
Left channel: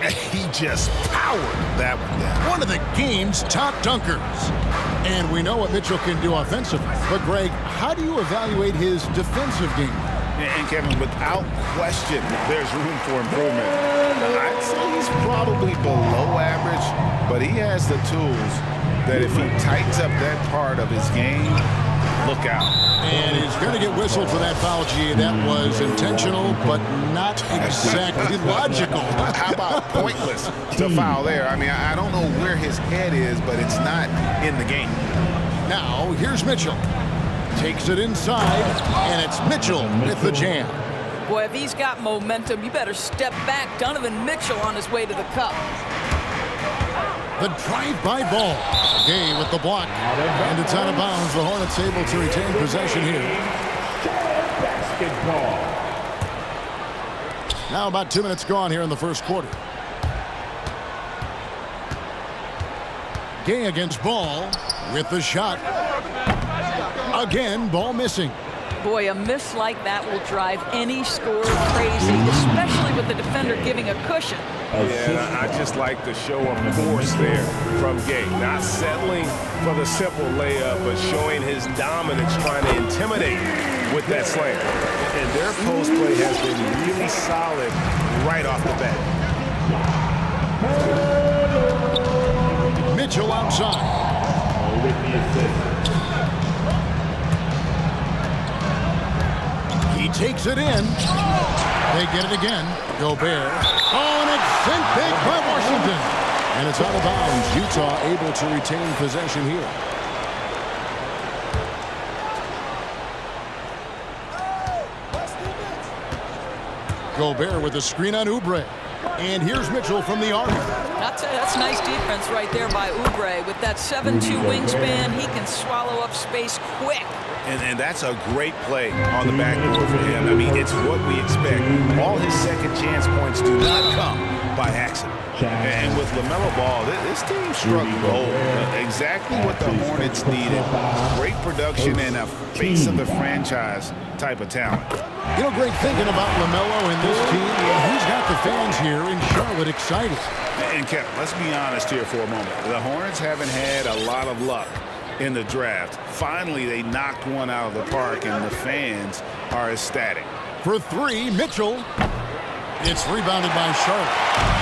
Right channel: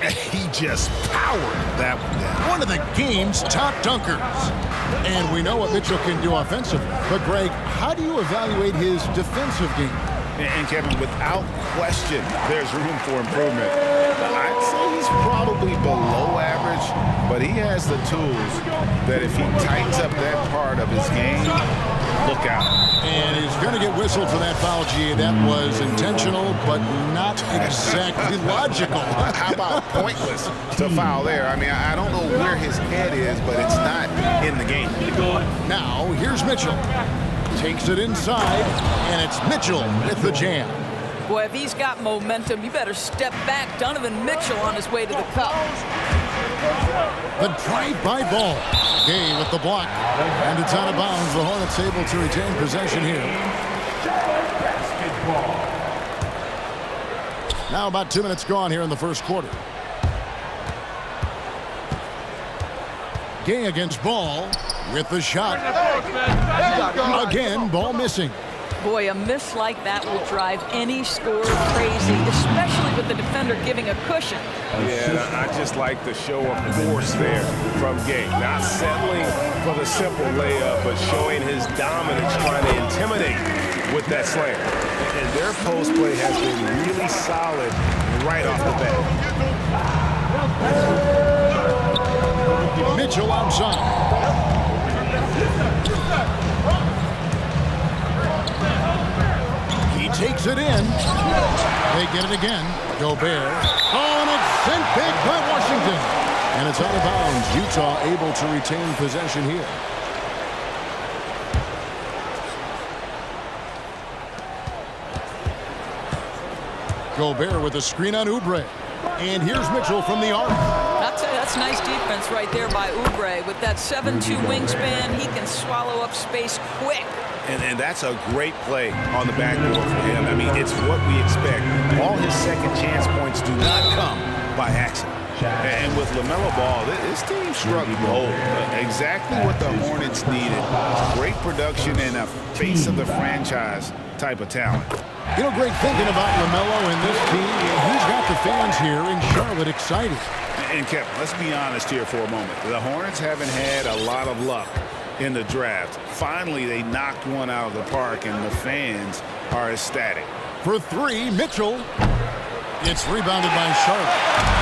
He just powered that one down. One of the game's top dunkers. And we know what Mitchell can do offensively. But, Greg, how do you evaluate his defensive game? And Kevin, without question, there's room for improvement. I'd say he's probably below average, but he has the tools that if he tightens up that part of his game, look out. And he's going to get whistled for that foul, G. That was intentional, but not exactly logical. How about pointless to foul there? I mean, I don't know where his head is, but it's not in the game. Now, here's Mitchell. Takes it inside, and it's Mitchell with the jam. Boy, if he's got momentum, you better step back. Donovan Mitchell on his way to the cup. The drive-by ball. Gay with the block. And it's out of bounds. The Hornets able to retain possession here. Basketball. Now about 2 minutes gone here in the first quarter. Gay against Ball with the shot. Again, Ball missing. Boy, a miss like that will drive any scorer crazy, especially with the defender giving a cushion. Yeah, I just like the show of force there from Gay. Not settling for the simple layup, but showing his dominance, trying to intimidate with that slam. And their post play has been really solid right off the bat. Mitchell outside. He takes it in. They get it again. Gobert. Oh, and it's sent big by Washington. And it's out of bounds. Utah able to retain possession here. Gobert with a screen on Oubre. And here's Mitchell from the arc. That's nice defense right there by Oubre. With that 7'2" wingspan, he can swallow up space quick. And that's a great play on the backboard for him. I mean, it's what we expect. All his second chance points do not come by accident. And with LaMelo Ball, this team struck gold. Exactly what the Hornets needed. Great production and a face of the franchise type of talent. You know, Greg, thinking about LaMelo and this team, he's got the fans here in Charlotte excited. And Kevin, let's be honest here for a moment. The Hornets haven't had a lot of luck in the draft. Finally, they knocked one out of the park, and the fans are ecstatic. For three, Mitchell. It's rebounded by Charlotte.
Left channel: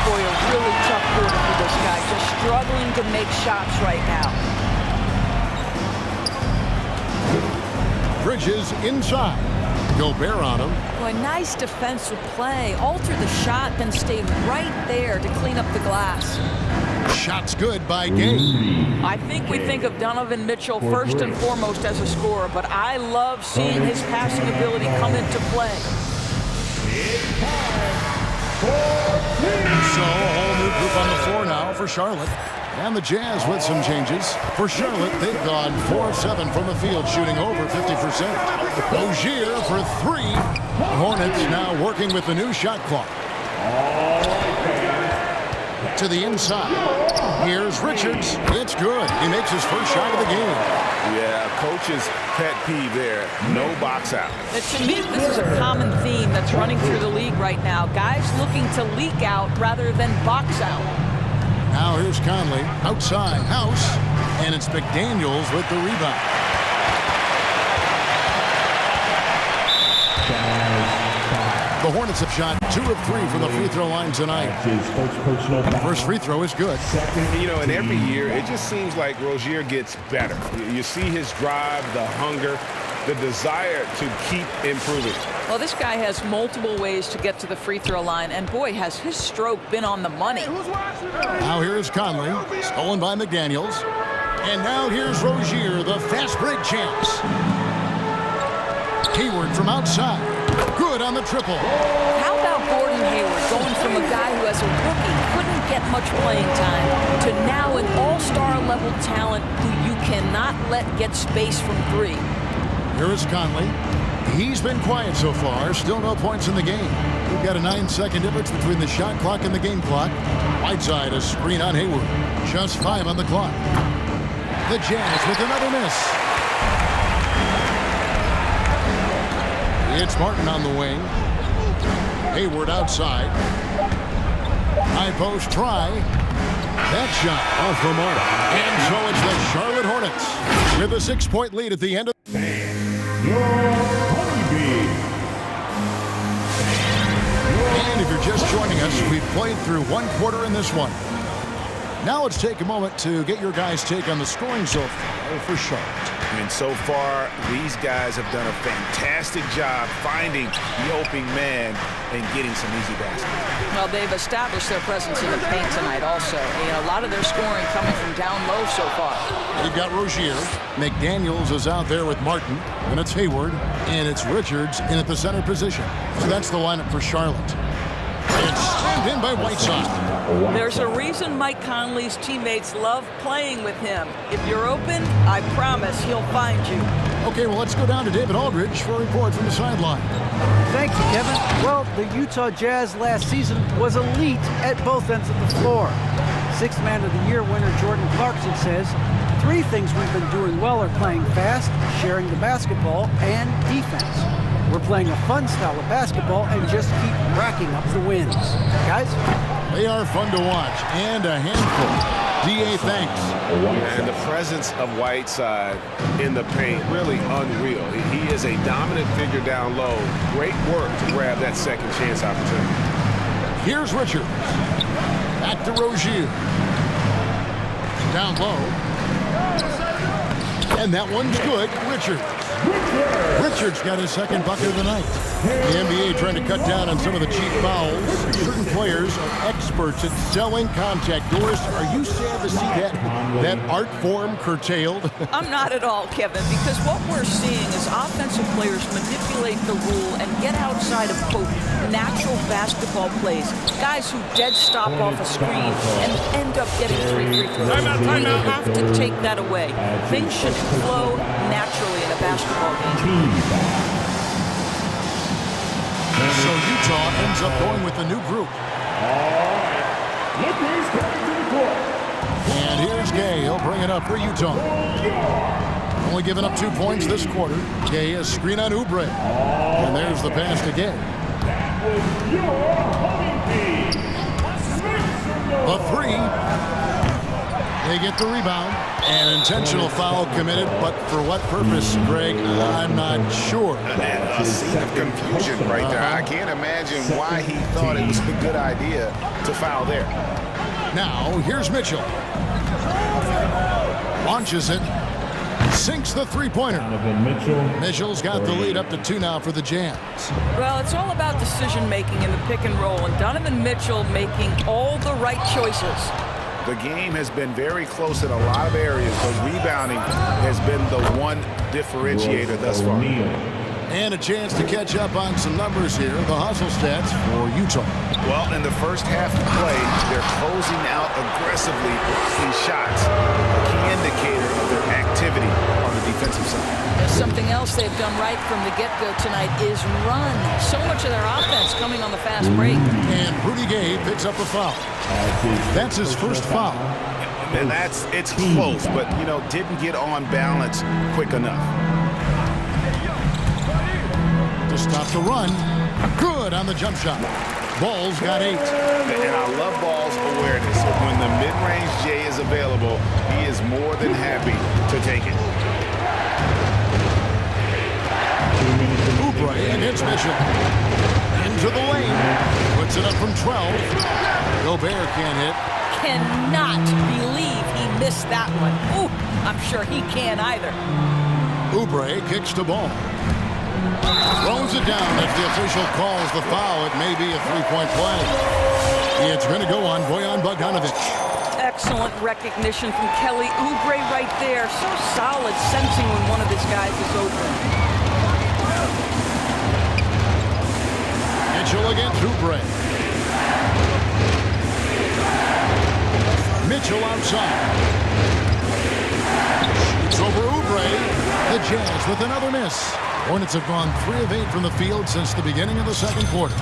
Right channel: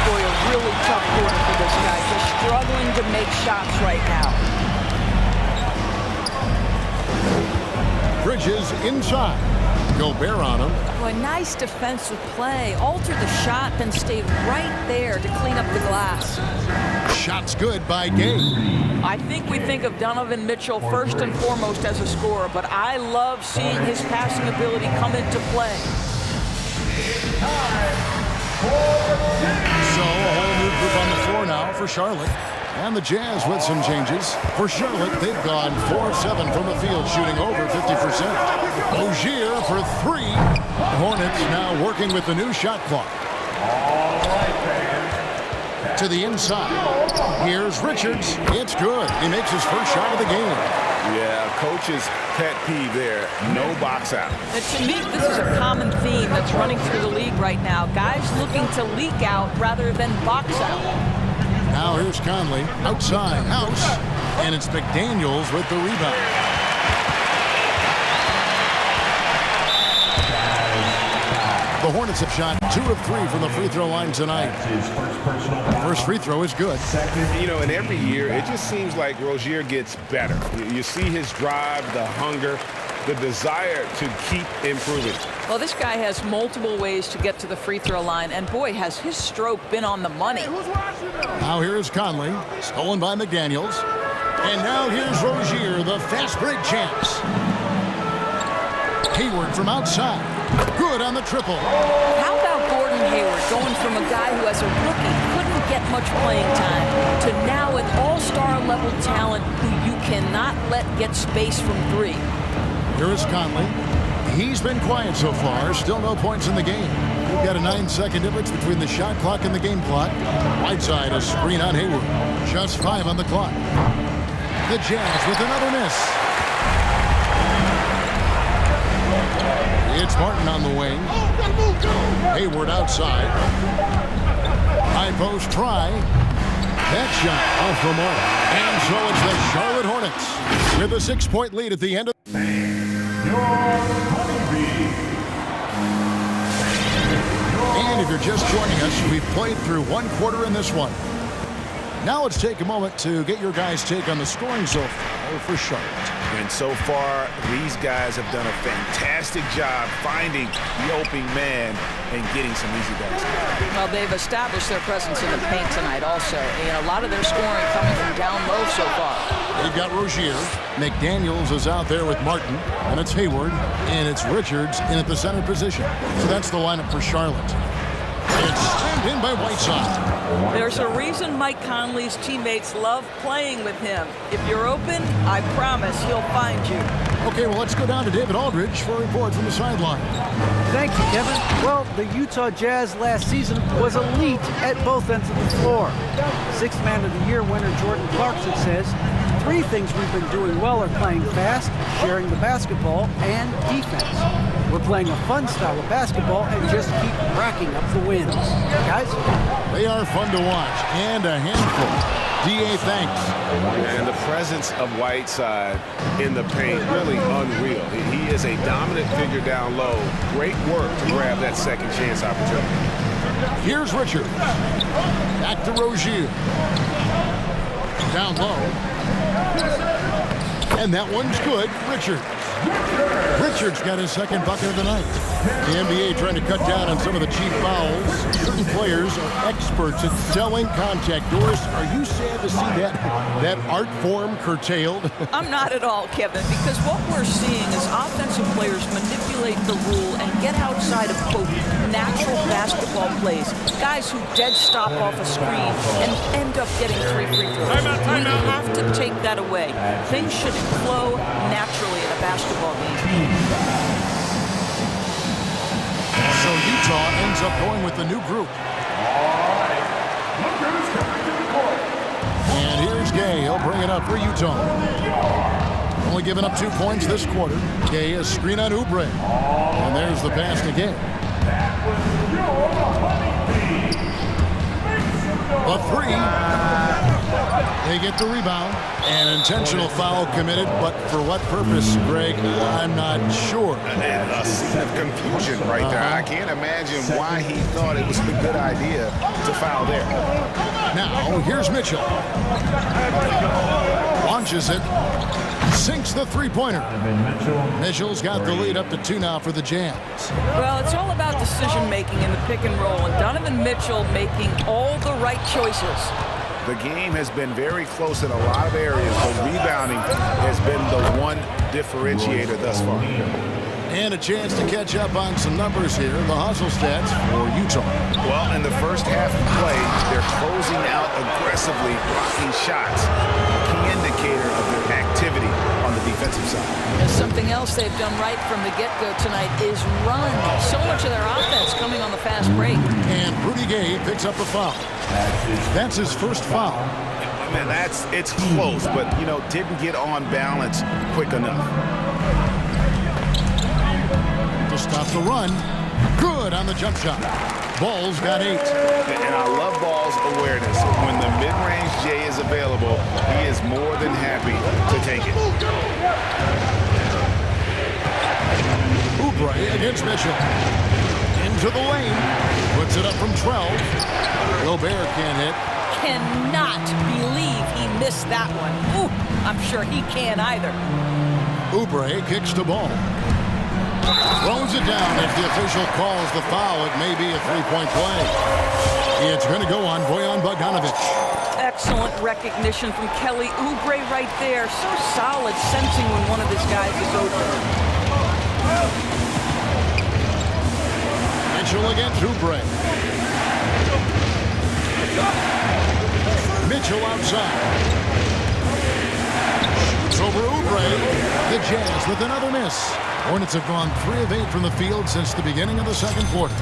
Boy, a really tough quarter for this guy. Just struggling to make shots right now. Bridges inside. Gobert on him. Boy, nice defensive play. Altered the shot, then stayed right there to clean up the glass. Shot's good by Gay. I think we think of Donovan Mitchell first and foremost as a scorer, but I love seeing his passing ability come into play. So a whole new group on the floor now for Charlotte. And the Jazz with some changes. For Charlotte, they've gone 4 of 7 from the field, shooting over 50%. Ogier for 3. The Hornets now working with the new shot clock. To the inside. Here's Richards. It's good. He makes his first shot of the game. Yeah, coach's pet peeve there. No box out. To me, this is a common theme that's running through the league right now. Guys looking to leak out rather than box out. Now here's Conley. Outside. House. And it's McDaniels with the rebound. The Hornets have shot 2 of 3 from the free throw line tonight. First free throw is good. You know, and every year, it just seems like Rozier gets better. You see his drive, the hunger, the desire to keep improving. Well, this guy has multiple ways to get to the free throw line, and boy, has his stroke been on the money. Now here's Conley, stolen by McDaniels. And now here's Rozier, the fast break chance. Hayward from outside. Good on the triple. How about Gordon Hayward going from a guy who as a rookie couldn't get much playing time to now an all-star level talent who you cannot let get space from 3? Here is Conley. He's been quiet so far. Still no points in the game. We've got a 9-second difference between the shot clock and the game clock. Whiteside, a screen on Hayward. Just 5 on the clock. The Jazz with another miss. It's Martin on the wing. Hayward outside. High post try. That shot off the mark. And so it's the Charlotte Hornets with a 6-point lead at the end of And if you're just joining us, we've played through 1 quarter in this one. Now let's take a moment to get your guys' take on the scoring so far for Charlotte. And so far, these guys have done a fantastic job finding the open man and getting some easy baskets. Well, they've established their presence in the paint tonight also. And a lot of their scoring coming from down low so far. They've got Rozier. McDaniels is out there with Martin. And it's Hayward. And it's Richards in at the center position. So that's the lineup for Charlotte. It's slammed in by Whiteside. There's a reason Mike Conley's teammates love playing with him. If you're open, I promise he'll find you. Okay, well, let's go down to David Aldridge for a report from the sideline. Thank you, Kevin. Well, the Utah Jazz last season was elite at both ends of the floor. 6th Man of the Year winner Jordan Clarkson says, 3 things we've been doing well are playing fast, sharing the basketball, and defense. We're playing a fun style of basketball and just keep racking up the wins. Guys? They are fun to watch and a handful. D.A., thanks. And the presence of Whiteside in the paint, really unreal. He is a dominant figure down low. Great work to grab that second chance opportunity. Here's Richards. Back to Rozier. Down low. And that one's good. Richards got his second bucket of the night. The NBA trying to cut down on some of the cheap fouls. Certain players are experts at selling contact. Doris, are you sad to see that art form curtailed? I'm not at all, Kevin, because what we're seeing is offensive players manipulate the rule and get outside of, quote, natural basketball plays. Guys who dead stop off a screen and end up getting 3 free throws. We have to take that away. Things should flow naturally in a basketball game. So Utah ends up going with the new group. All right. Look who's coming to the court. And here's Gay. He'll bring it up for Utah. Only giving up 2 points this quarter. Gay, a screen on Oubre. And there's the pass to Gay. That was your honeybee. The 3. They get the rebound. An intentional foul committed, but for what purpose, Greg? I'm not sure. A scene of confusion right there. I can't imagine why he thought it was a good idea to foul there. Now, here's Mitchell. Launches it. Sinks the three-pointer. Mitchell's got the lead up to 2 now for the Jazz. Well, it's all about decision-making in the pick and roll, and Donovan Mitchell making all the right choices. The game has been very close in a lot of areas, but rebounding has been the one differentiator thus far. And a chance to catch up on some numbers here. The hustle stats for Utah. Well, in the first half of play, they're closing out aggressively, blocking shots, a key indicator of their activity on the defensive side. There's something else they've done right from the get-go tonight is run. So much of their offense coming on the fast break. And Rudy Gay picks up the foul. That's his first foul. Man, it's close, but, you know, didn't get on balance quick enough. To stop the run. Good on the jump shot. Ball's got 8. And I love Ball's awareness. When the mid-range J is available, he is more than happy to take it. Oubre against Mitchell. Into the lane. Puts it up from 12. Gobert can't hit. Cannot believe he missed that one. Ooh, I'm sure he can't either. Oubre kicks the ball. Throws it down as the official calls the foul. It may be a three-point play. It's going to go on Bojan Bogdanovic. Excellent recognition from Kelly Oubre right there. So solid, sensing when one of his guys is open. Mitchell against Oubre. Mitchell outside. Shoots over Oubre. The Jazz with another miss. Hornets have gone 3 of 8 from the field since the beginning of the second quarter.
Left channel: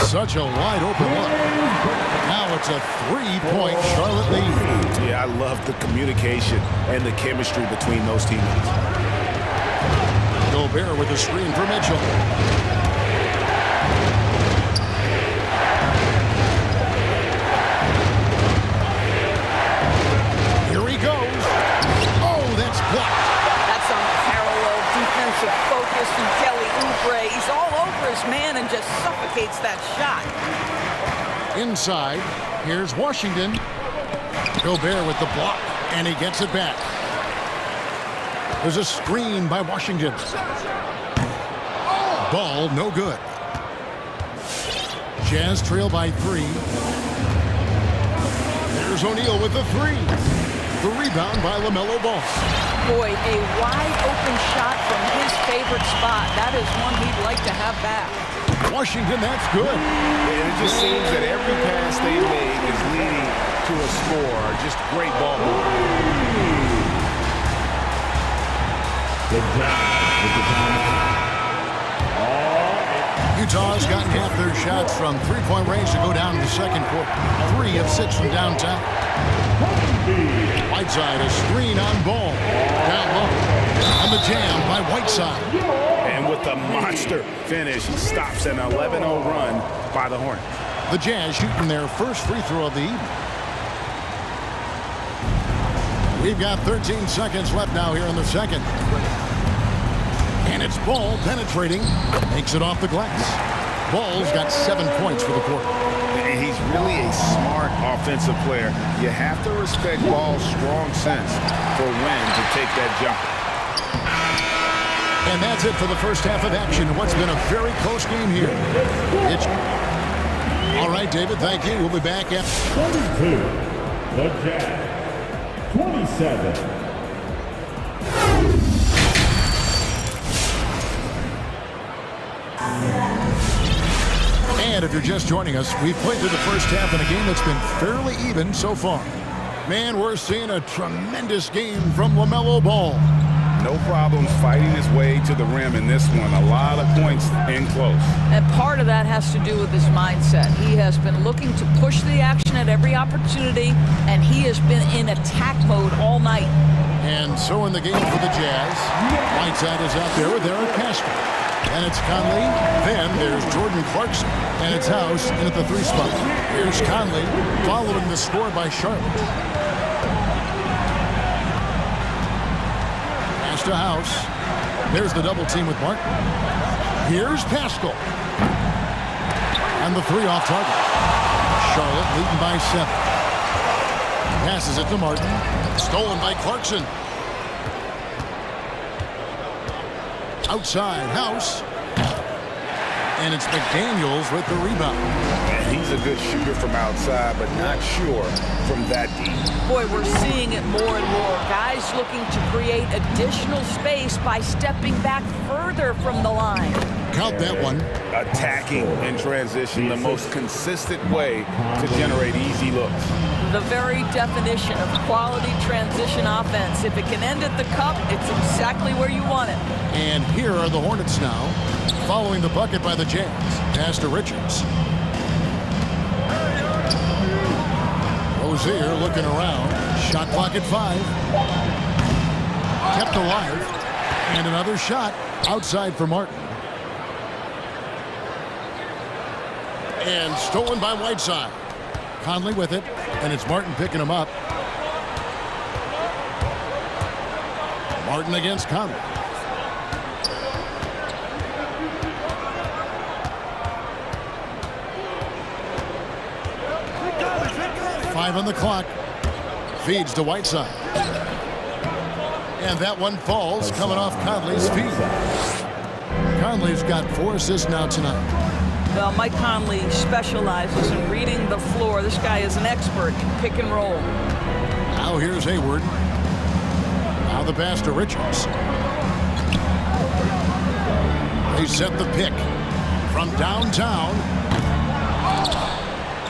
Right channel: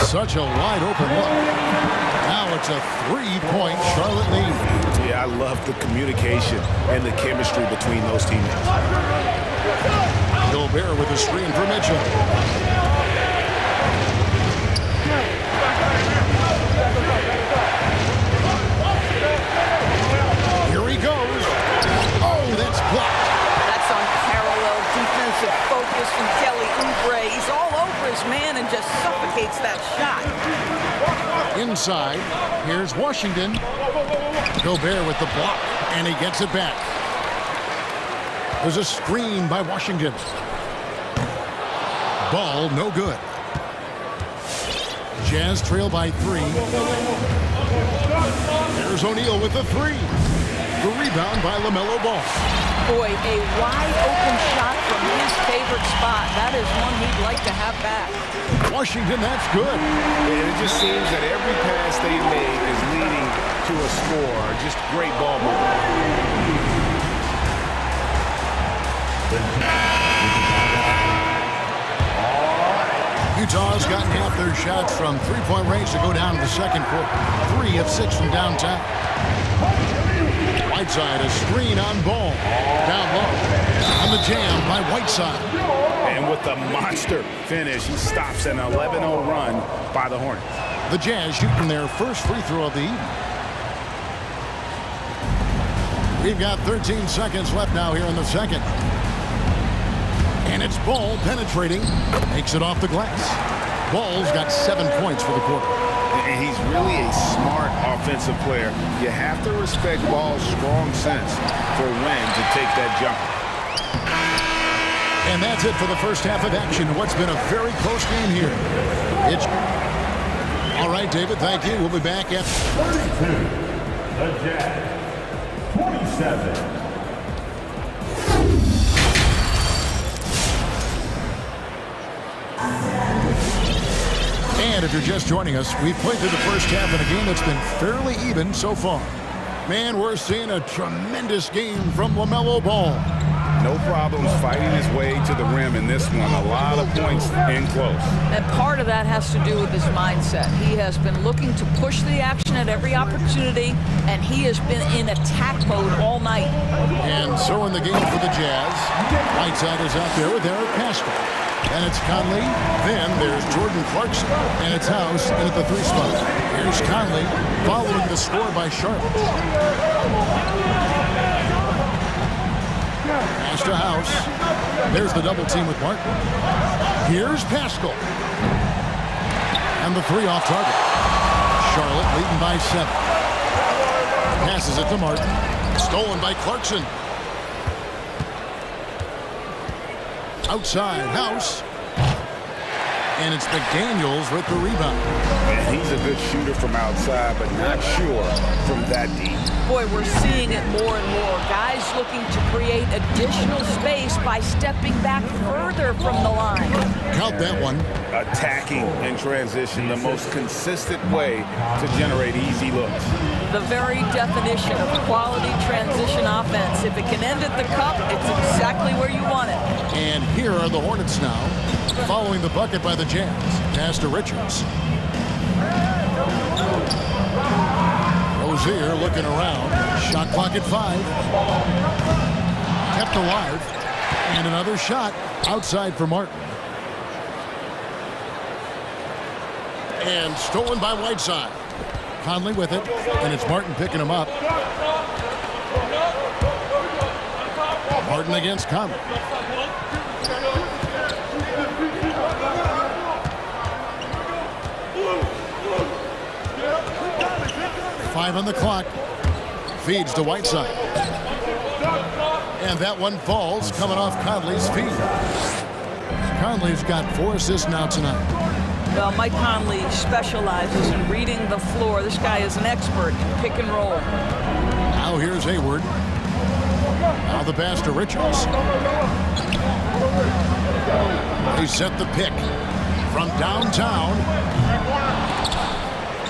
Such a wide open look. Now it's a 3-point Charlotte lead. Yeah, I love the communication and the chemistry between those teammates. Gobert with a screen for Mitchell. Here he goes. Oh, that's blocked. That's unparalleled defensive focus from Kelly Oubre. He's all over his man and just suffocates that shot. Inside, here's Washington. Gobert with the block, and he gets it back. There's a screen by Washington. Ball no good. Jazz trail by 3. There's O'Neal with the 3. The rebound by LaMelo Ball. Boy, a wide open shot from his favorite spot. That is one he'd like to have back. Washington, that's good. And it just seems that every pass they make is leading to a score. Just great ball movement. Utah's gotten half their shots from three-point range to go down to the second quarter. 3 of 6 from downtown. Whiteside, a screen on Ball. Down low. On the jam by Whiteside. And with the monster finish, he stops an 11-0 run by the Hornets. The Jazz shooting their first free throw of the evening. We've got 13 seconds left now here in the second. And it's Ball penetrating. Makes it off the glass. Ball's got 7 points for the quarter. And he's really a smart offensive player. You have to respect Ball's strong sense for when to take that jumper. And that's it for the first half of action. What's been a very close game here. All right, David, thank you. We'll be back after 22. The Jazz. 27. And if you're just joining us, we've played through the first half in a game that's been fairly even so far. Man, we're seeing a tremendous game from LaMelo Ball. No problems fighting his way to the rim in this one. A lot of points in close. And part of that has to do with his mindset. He has been looking to push the action at every opportunity, and he has been in attack mode all night. And so in the game for the Jazz, Whiteside is out there with Eric Pascal. Then it's Conley. Then there's Jordan Clarkson. And it's House in at the 3 spot. Here's Conley following the score by Charlotte. Pass to House. There's the double team with Martin. Here's Pascal. And the 3 off target. Charlotte leading by 7. Passes it to Martin. Stolen by Clarkson. Outside, House. And it's McDaniels with the rebound. And he's a good shooter from outside, but not sure from that deep. Boy, we're seeing it more and more. Guys looking to create additional space by stepping back further from the line. Count that one. Attacking in transition, the most consistent way to generate easy looks. The very definition of quality transition offense. If it can end at the cup, it's exactly where you want it. And here are the Hornets now, following the bucket by the Jazz. Pass to Richards. Rozier looking around. Shot clock at 5. Kept alive. And another shot outside for Martin. And stolen by Whiteside. Conley with it, and it's Martin picking him up. Martin against Conley. Five on the clock. Feeds to Whiteside. And that one falls, coming off Conley's feet. Conley's got 4 assists now tonight. Well, Mike Conley specializes in reading the floor. This guy is an expert in pick and roll. Now here's Hayward. Now the pass to Richards. They set the pick from downtown.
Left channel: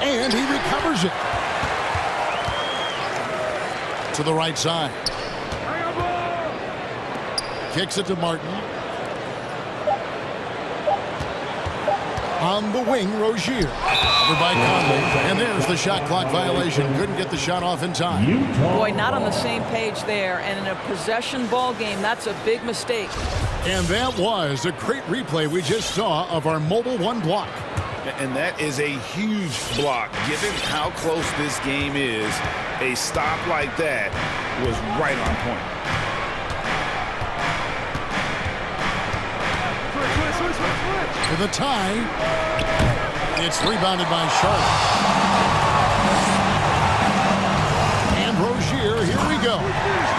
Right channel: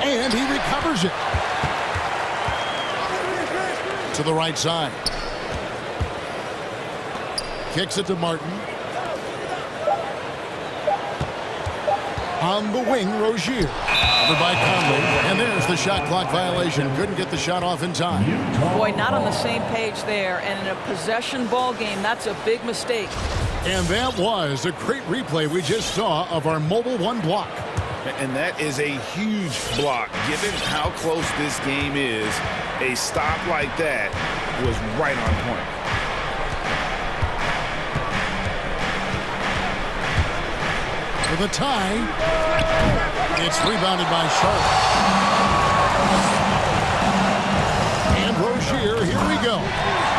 And he recovers it. To the right side. Kicks it to Martin. On the wing, Rozier. Over by Conley. And there's the shot clock violation. Couldn't get the shot off in time. Boy, not on the same page there. And in a possession ball game, that's a big mistake. And that was a great replay we just saw of our mobile one block. And that is a huge block. Given how close this game is, a stop like that was right on point. For the tie, it's rebounded by Charlotte. And Rozier, here we go.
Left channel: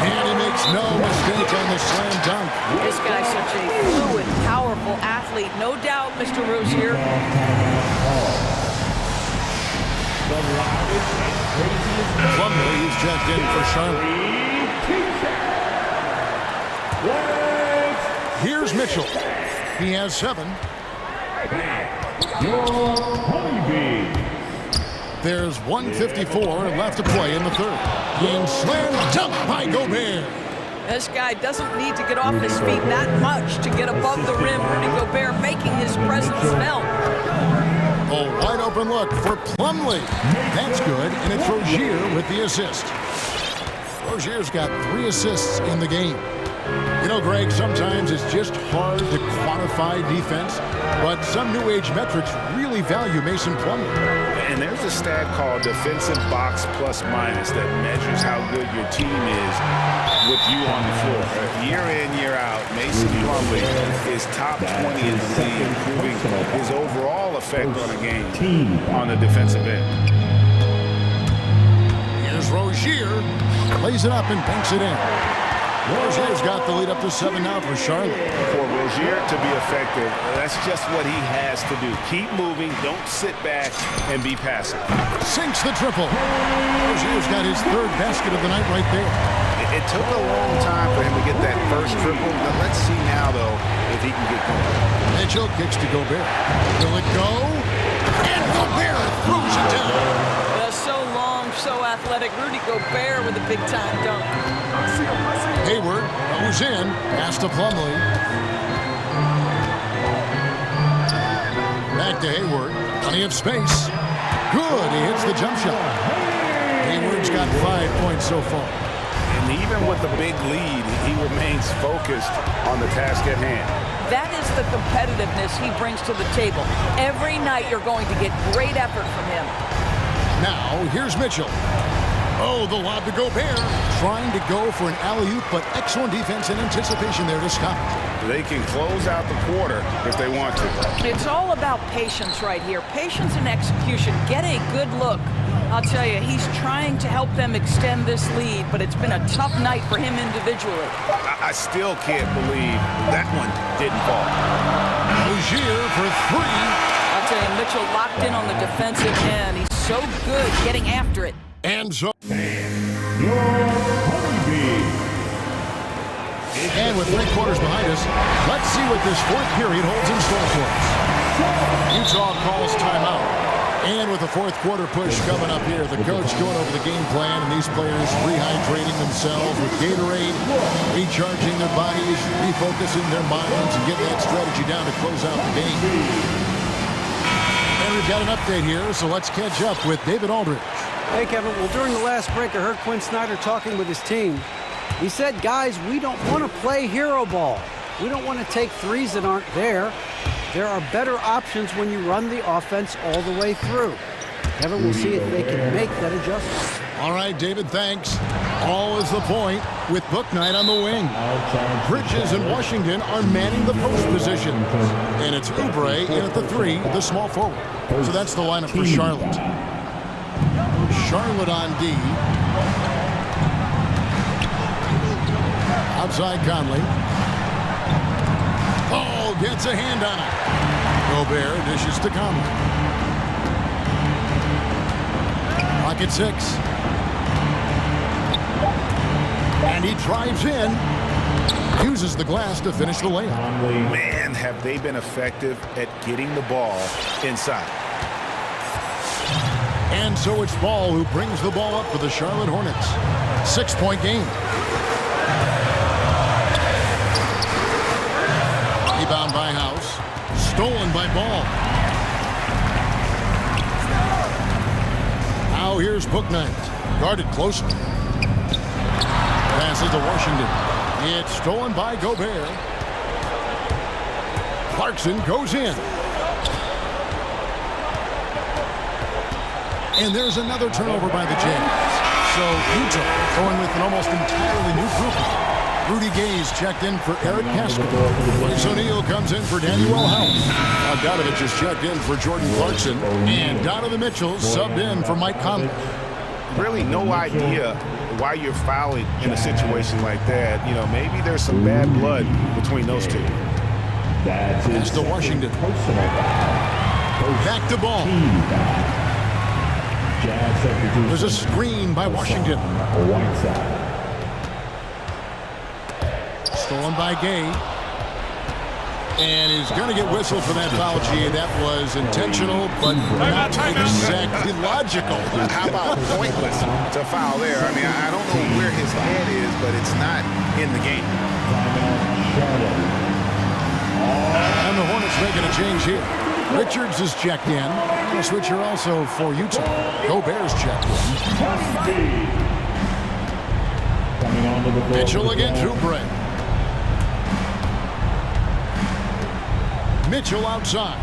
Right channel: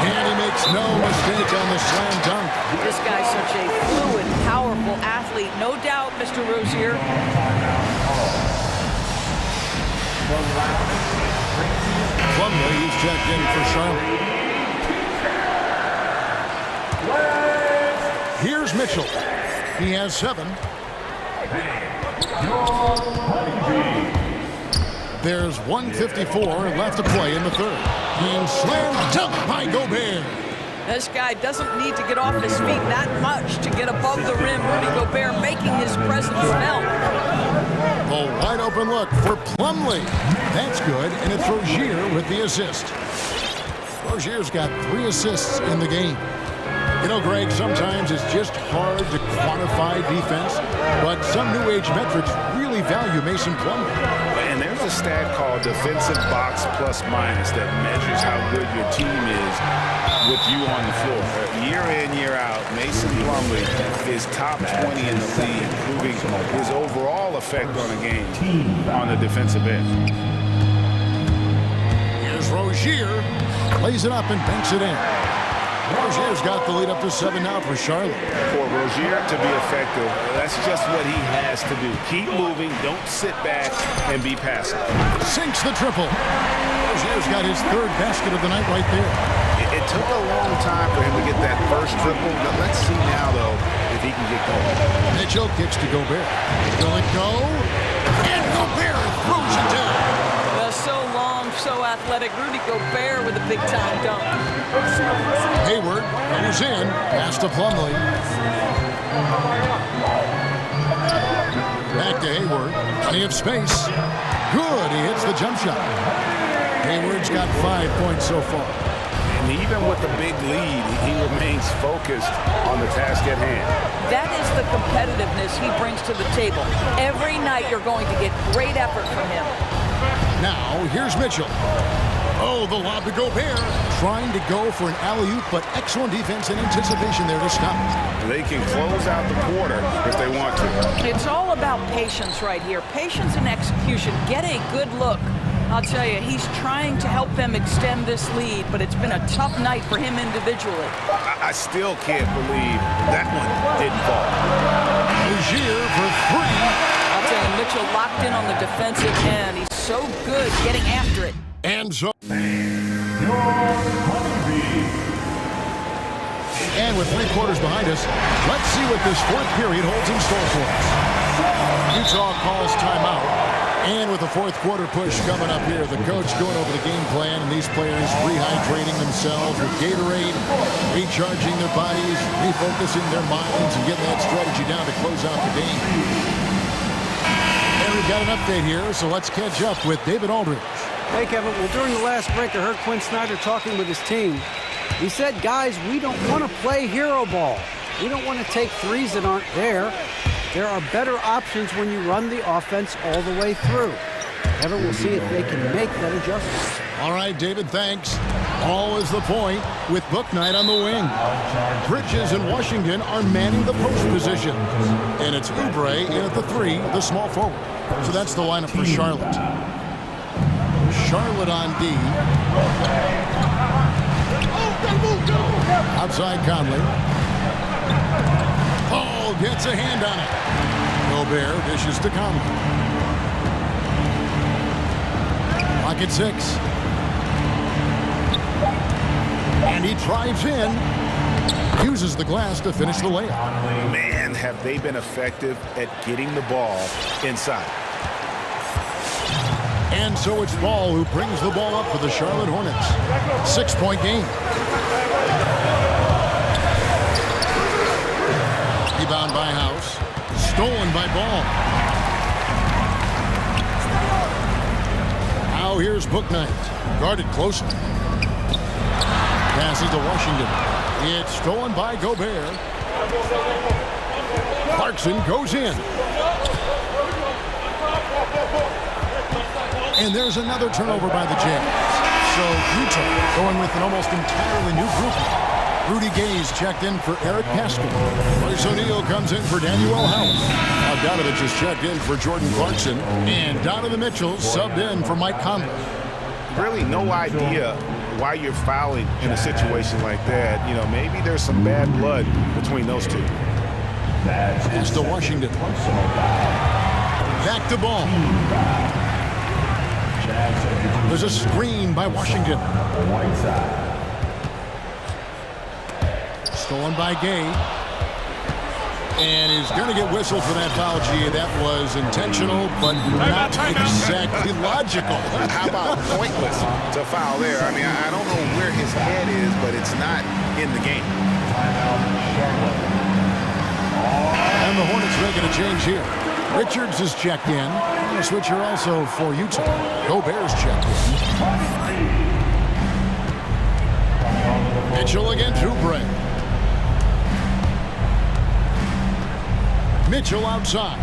And he makes no mistake on the slam dunk. This guy's such a fluid, powerful athlete. No doubt, Mr. Rozier. Plumlee is checked in for Charlotte. Here's Mitchell. He has 7. There's 1:54 left to play in the third. And slam dunk by Gobert. This guy doesn't need to get off his feet that much to get above the rim. Rudy Gobert making his presence felt. A wide open look for Plumlee. That's good, and it's Rozier with the assist. Rozier's got 3 assists in the game. You know, Greg, sometimes it's just hard to quantify defense, but some new age metrics really value Mason Plumlee. And there's a stat called defensive box plus minus that measures how good your team is with you on the floor. Year in, year out, Mason Plumlee is top 20 in the league, proving his overall effect on a game on the defensive end. Here's Rozier, lays it up and banks it in. Rozier's got the lead up to 7 now for Charlotte. For Rozier to be effective, that's just what he has to do. Keep moving, don't sit back and be passive. Sinks the triple. Rozier's got his 3rd basket of the night right there. It took a long time for him to get that first triple. But let's see now, though, if he can get going. Mitchell kicks to Gobert. Will it go? And Gobert throws it down. So long, so athletic. Rudy Gobert with a big-time dunk. Hayward goes in, pass to Plumlee. Back to Hayward, plenty of space. Good, he hits the jump shot. Hayward's got 5 points so far. And even with the big lead, he remains focused on the task at hand. That is the competitiveness he brings to the table. Every night you're going to get great effort from him. Now, here's Mitchell. Oh, the lob to Gobert. Trying to go for an alley-oop, but excellent defense and anticipation there to stop it. They can close out the quarter if they want to. It's all about patience right here. Patience and execution. Get a good look. I'll tell you, he's trying to help them extend this lead, but it's been a tough night for him individually. I still can't believe that one didn't fall. Rozier for three. I'll tell you, Mitchell locked in on the defensive end. He's so good getting after it. And so. And with 3 quarters behind us, let's see what this fourth period holds in store for us. Utah calls timeout. And with the fourth quarter push coming up here, the coach going over the game plan, and these players rehydrating themselves with Gatorade, recharging their bodies, refocusing their minds, and getting that strategy down to close out the game. And we've got an update here, so let's catch up with David Aldridge. Hey, Kevin. Well, during the last break, I heard Quinn Snyder talking with his team. He said, guys, we don't want to play hero ball. We don't want to take threes that aren't there. There are better options when you run the offense all the way through. Kevin, we'll see if they can make that adjustment. All right, David, thanks. All is the point with Book Night on the wing. Bridges and Washington are manning the post position. And it's Oubre in at the 3, the small forward. So that's the lineup for Charlotte. Charlotte on D. Outside Conley. Paul gets a hand on it. Gobert dishes to Conley. Clock at 6. And he drives in. Uses the glass to finish the layup. Man, have they been effective at getting the ball inside. And so it's Ball who brings the ball up for the Charlotte Hornets. 6-point game. Rebound by House. Stolen by Ball. Now here's Book Night. Guarded closely. Passes to Washington. It's stolen by Gobert. Clarkson goes in. And there's another turnover by the Jazz. So Utah going with an almost entirely new grouping. Rudy Gay's checked in for Eric Pascal. Bryce O'Neal comes in for Daniel House. Bogdanovich is checked in for Jordan Clarkson. And Donovan Mitchell subbed in for Mike Conley. Really no idea why you're fouling in a situation like that. You know, maybe there's some bad blood between those two. Pass to Washington. Back to Ball. There's a screen by Washington. Stolen by Gay. And he's going to get whistled for that foul, G. That was intentional, but not exactly logical. How about pointless to foul there? I mean, I don't know where his head is, but it's not in the game. And the Hornets making a change here. Richards is checked in. And a switcher also for Utah. Gobert's checked in. Mitchell against Oubre. Mitchell outside.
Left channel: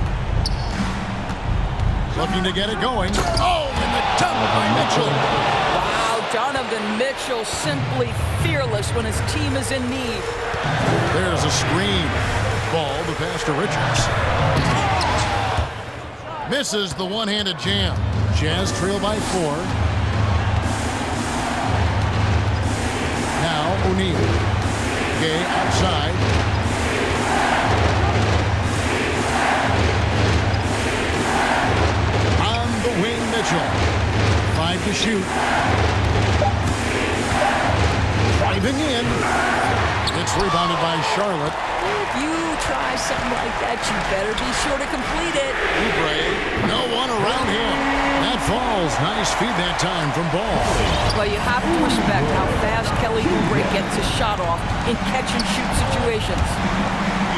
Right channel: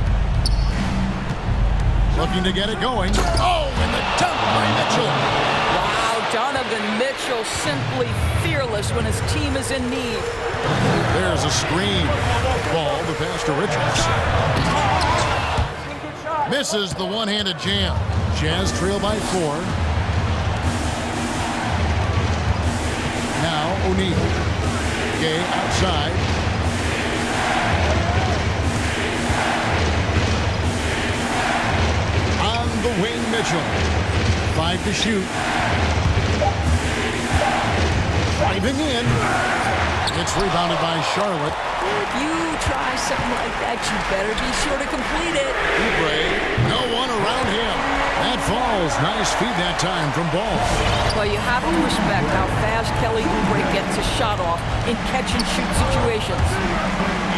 Looking to get it going. Oh, and the dunk by Mitchell. Wow, Donovan Mitchell simply fearless when his team is in need. There's a screen. Ball, the pass to Richards. Misses the one-handed jam. Jazz trail by 4. Now O'Neal. Gay outside. On the wing, Mitchell. 5 to shoot. Driving in. It's rebounded by Charlotte. If you try something like that, you better be sure to complete it. Oubre, no one around him. That falls. Nice feed that time from Ball. Well, you have to respect how fast Kelly Oubre gets his shot off in catch-and-shoot situations.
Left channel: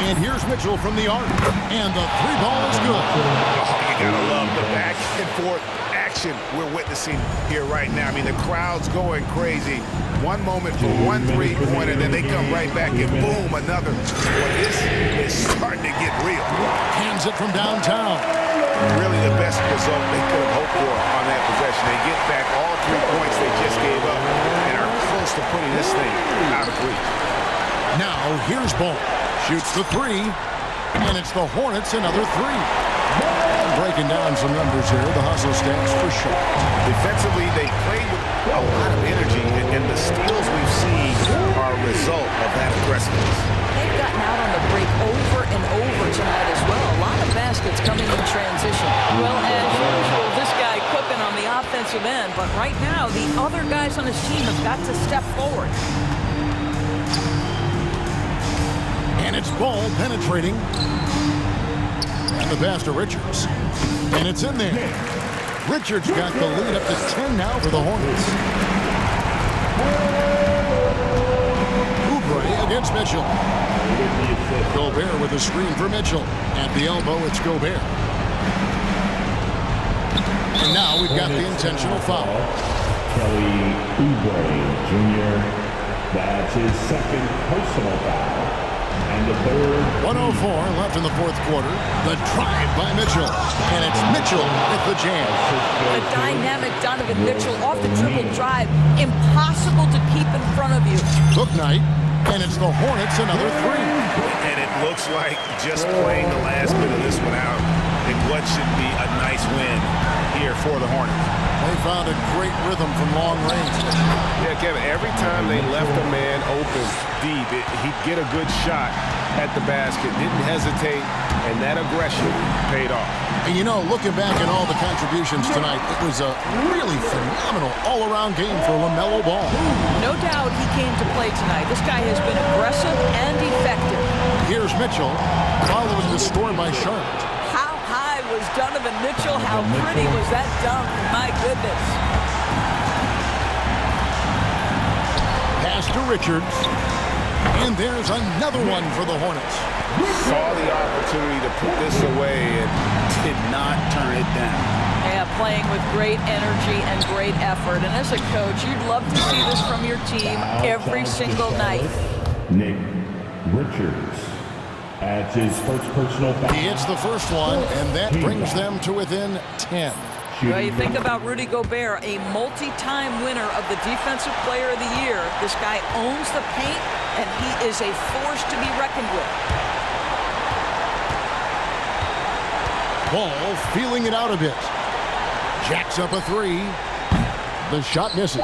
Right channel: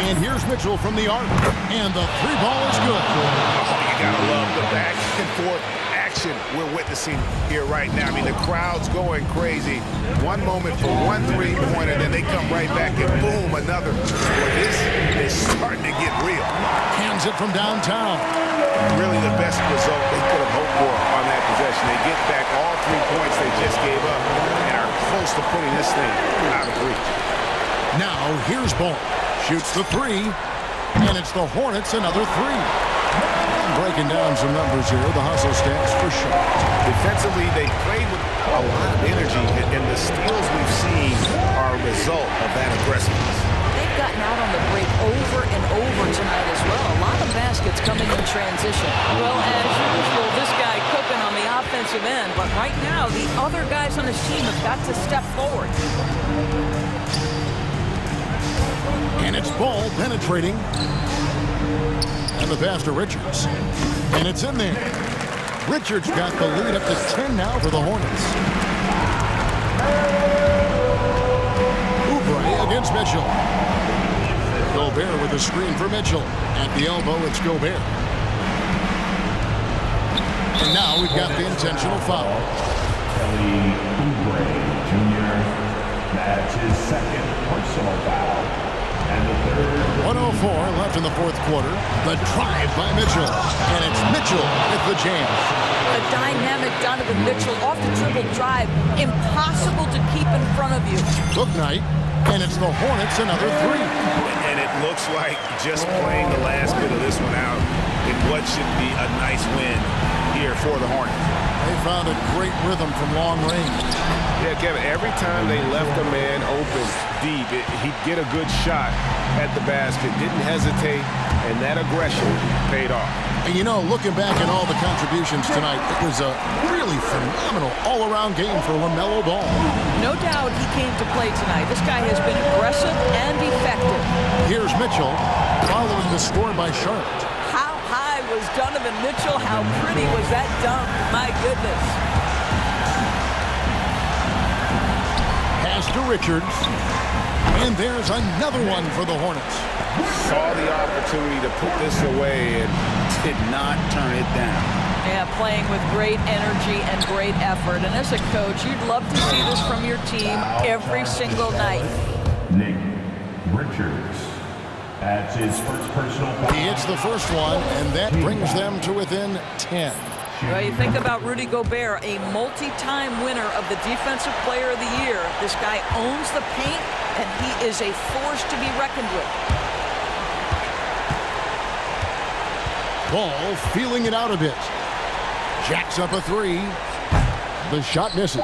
And here's Mitchell from the arc. And the 3-ball is good. Oh, you gotta love the back and forth action we're witnessing here right now. I mean, the crowd's going crazy. One moment for one 3-pointer, then they come right back and boom, another. Boy, this is starting to get real. Hands it from downtown. Really the best result they could have hoped for on that possession. They get back all 3 points they just gave up and are close to putting this thing out of reach. Now here's Ball. Shoots the 3, and it's the Hornets another 3. And breaking down some numbers here, the hustle stats for Charlotte. Defensively, they played with a lot of energy, and the steals we've seen are a result of that aggressiveness. They've gotten out on the break over and over tonight as well. A lot of baskets coming in transition. Well, as usual, this guy cooking on the offensive end, but right now, the other guys on his team have got to step forward. And it's ball penetrating. And the pass to Richards. And it's in there. Richards got the lead up to 10 now for the Hornets. Oubre against Mitchell. Gobert with a screen for Mitchell. At the elbow, it's Gobert. And now we've got the intentional foul. Kelly Oubre Jr. That's his second personal foul. And the third. 1:04 left in the fourth quarter. The drive by Mitchell. And it's Mitchell with the jam. A dynamic Donovan Mitchell off the dribble drive. Impossible to keep in front of you. Book night. And it's the Hornets another three. And it looks like just playing the last bit of this one out in what should be a nice win here for the Hornets. They found a great rhythm from long range. Yeah, Kevin, every time they left a man open deep, he'd get a good shot at the basket, didn't hesitate, and that aggression paid off. And you know, looking back at all the contributions tonight, it was a really phenomenal all-around game for LaMelo Ball. No doubt he came to play tonight. This guy has been aggressive and effective. Here's Mitchell following the score by Charlotte. How high was Donovan Mitchell? How pretty was that dunk? My goodness. Pass to Richards. And there's another one for the Hornets. Saw the opportunity to put this away and did not turn it down. Yeah, playing with great energy and great effort. And as a coach, you'd love to see this from your team every single night. Nick Richards. That's his first personal foul. He hits the first one, and that brings them to within 10. Well, you think about Rudy Gobert, a multi-time winner of the Defensive Player of the Year. This guy owns the paint, and he is a force to be reckoned with. Ball feeling it out a bit. Jacks up a three. The shot misses.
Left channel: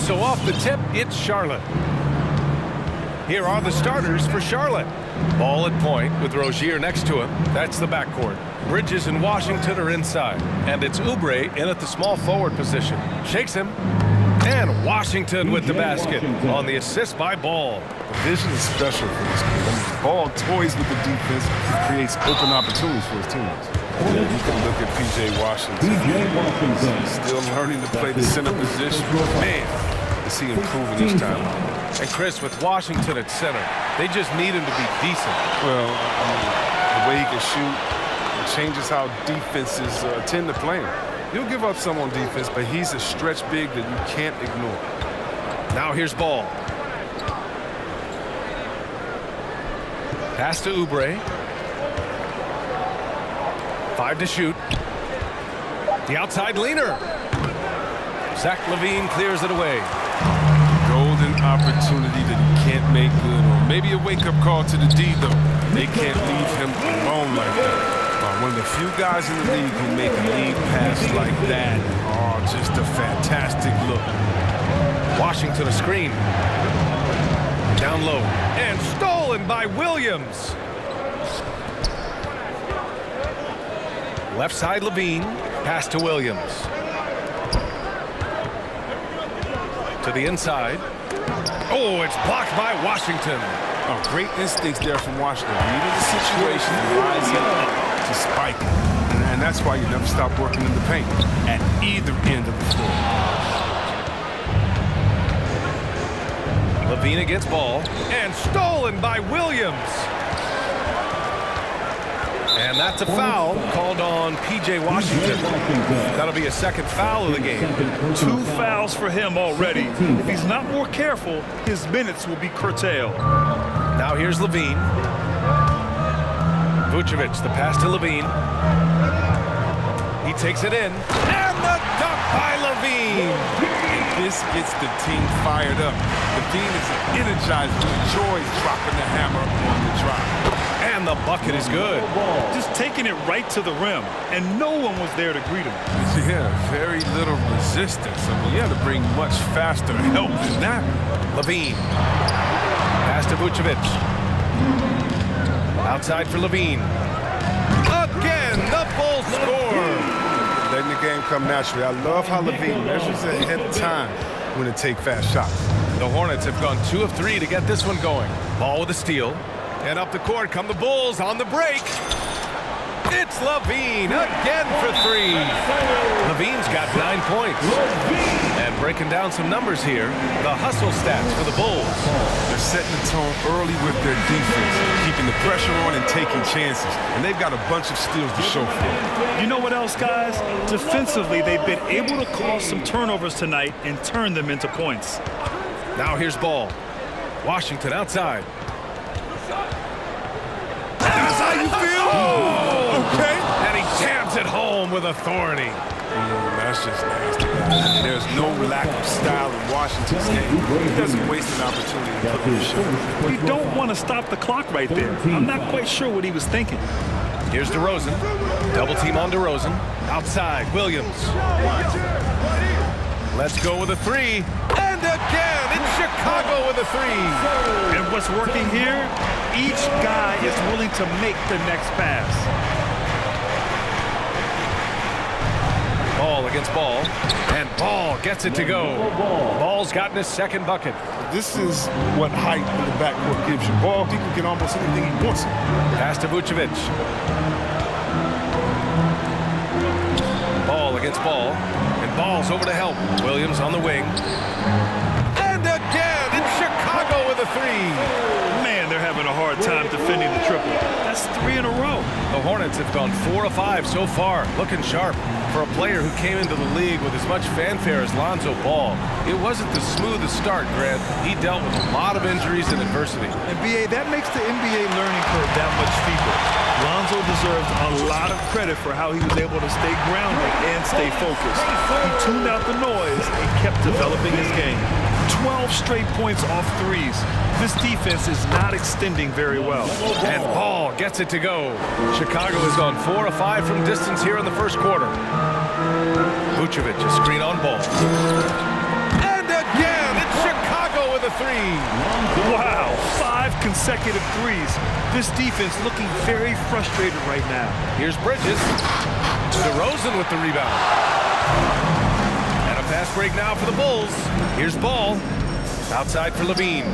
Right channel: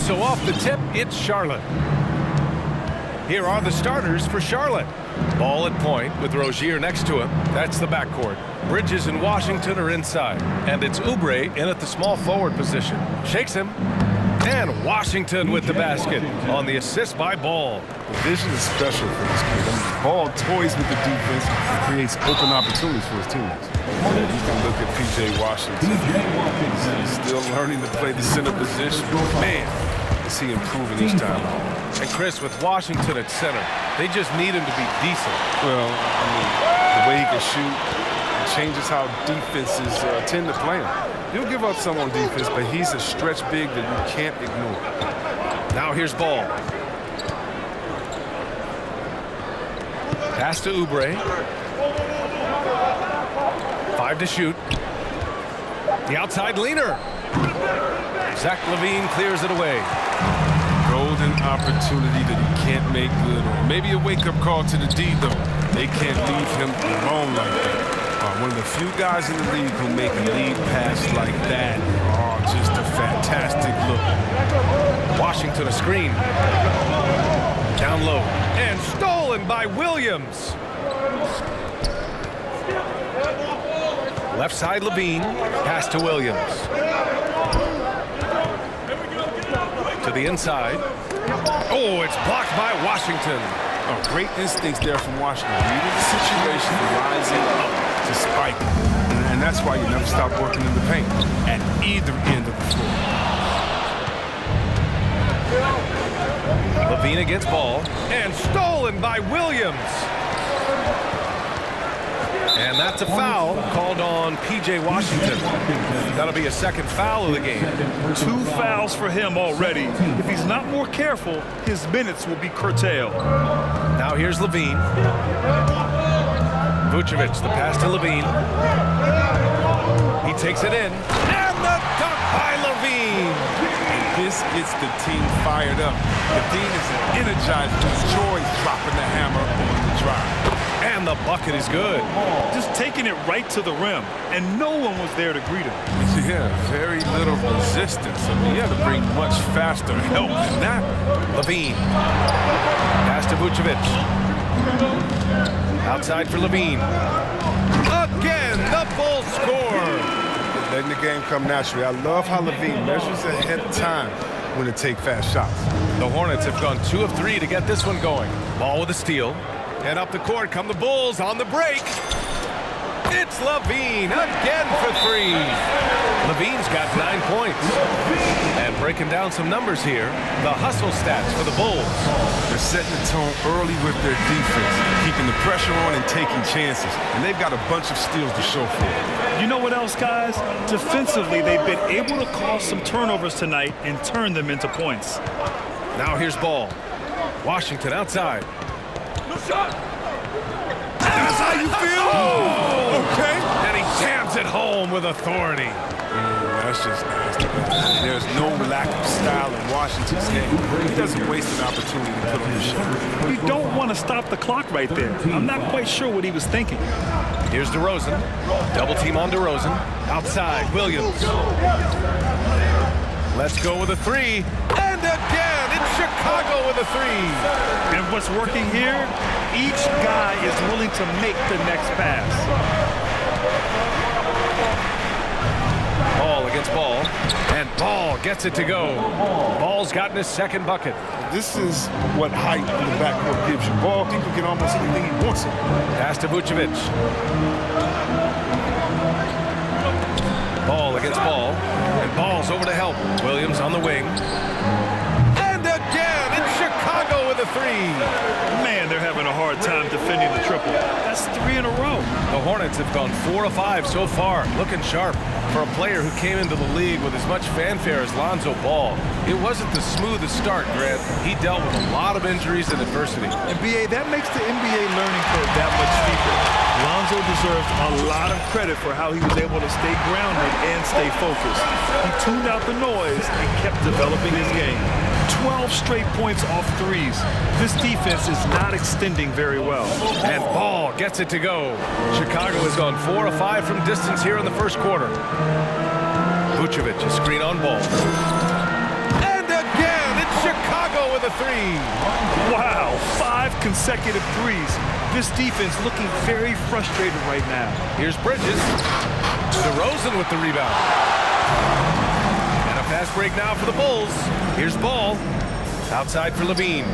And so off the tip, it's Charlotte. Here are the starters for Charlotte. Ball at point with Rozier next to him. That's the backcourt. Bridges and Washington are inside. And it's Oubre in at the small forward position. Shakes him. And Washington with the basket on the assist by Ball. The vision is special for this kid. I mean, Ball toys with the defense and creates open opportunities for his teammates. Yeah, you can look at P.J. Washington. He's still learning to play the center position. Man, is he improving each time out. And Chris, with Washington at center, they just need him to be decent. Well, I mean, the way he can shoot changes how defenses tend to play him. He'll give up some on defense, but he's a stretch big that you can't ignore. Now here's Ball. Pass to Oubre. 5 to shoot. The outside leaner. Zach LaVine clears it away. Golden opportunity that he can't make good on. Maybe a wake-up call to the D, though. They can't leave him alone like that. One of the few guys in the league who make a lead pass like that. Oh, just a fantastic look. Washington a screen. Down low. And stolen by Williams. Left side LaVine. Pass to Williams. To the inside. Oh, it's blocked by Washington. Oh, great instincts there from Washington. Reading the situation and rising up to spike. And that's why you never stop working in the paint at either end of the floor. LaVine against Ball. And stolen by Williams. And that's a foul called on P.J. Washington. That'll be a second foul of the game. 2 fouls for him already. If he's not more careful, his minutes will be curtailed. Now here's LaVine. Vucevic, the pass to LaVine. He takes it in. And the dunk by LaVine. And this gets the team fired up. LaVine is an energizer who enjoys dropping the hammer on the drive. And the bucket is good. Just taking it right to the rim, and no one was there to greet him. Yeah, very little resistance. I mean, you had to bring much faster help than that. LaVine. Pass to Vucevic. Outside for LaVine. Again, the Bulls score. Letting the game come naturally. I love how LaVine measures ahead of time when to take fast shots. The Hornets have gone 2 of 3 to get this one going. Ball with a steal. And up the court come the Bulls on the break. It's LaVine again for 3. LaVine's got 9 points. And breaking down some numbers here, the hustle stats for the Bulls. They're setting the tone early with their defense, keeping the pressure on and taking chances. And they've got a bunch of steals to show for it. You know what else, guys? Defensively, they've been able to cause some turnovers tonight and turn them into points. Now here's Ball. Washington outside. That's how you feel? Oh, okay. And he jams it home with authority. That's just nasty, guys. There's no lack of style in Washington's game. He doesn't waste an opportunity to put on the show. You don't want to stop the clock right there. I'm not quite sure what he was thinking. Here's DeRozan. Double team on DeRozan. Outside, Williams. Let's go with a 3. And again, it's Chicago with a 3. And what's working here? Each guy is willing to make the next pass. Ball against Ball. And Ball gets it to go. Ball's gotten his second bucket. This is what height in the backcourt gives you. Ball, he can get almost anything he wants it. Pass to Vucevic. Ball against Ball. And Ball's over to help. Williams on the wing. And again, it's Chicago with a 3. Man, they're having a hard time defending the triple. That's 3 in a row. The Hornets have gone 4 of 5 so far, looking sharp. For a player who came into the league with as much fanfare as Lonzo Ball, it wasn't the smoothest start, Grant. He dealt with a lot of injuries and adversity. And BA, that makes the NBA learning curve that much steeper. Lonzo deserves a lot of credit for how he was able to stay grounded and stay focused. He tuned out the noise and kept developing his game. 12 straight points off threes. This defense is not extending very well. And Ball gets it to go. Chicago has gone 4 of 5 from distance here in the first quarter. Vucevic, a screen on Ball. And again! Chicago with a three. Wow, 5 consecutive threes. This defense looking very frustrated right now. Here's Bridges. DeRozan with the rebound. And a fast break now for the Bulls. Here's Ball. Outside for Levine.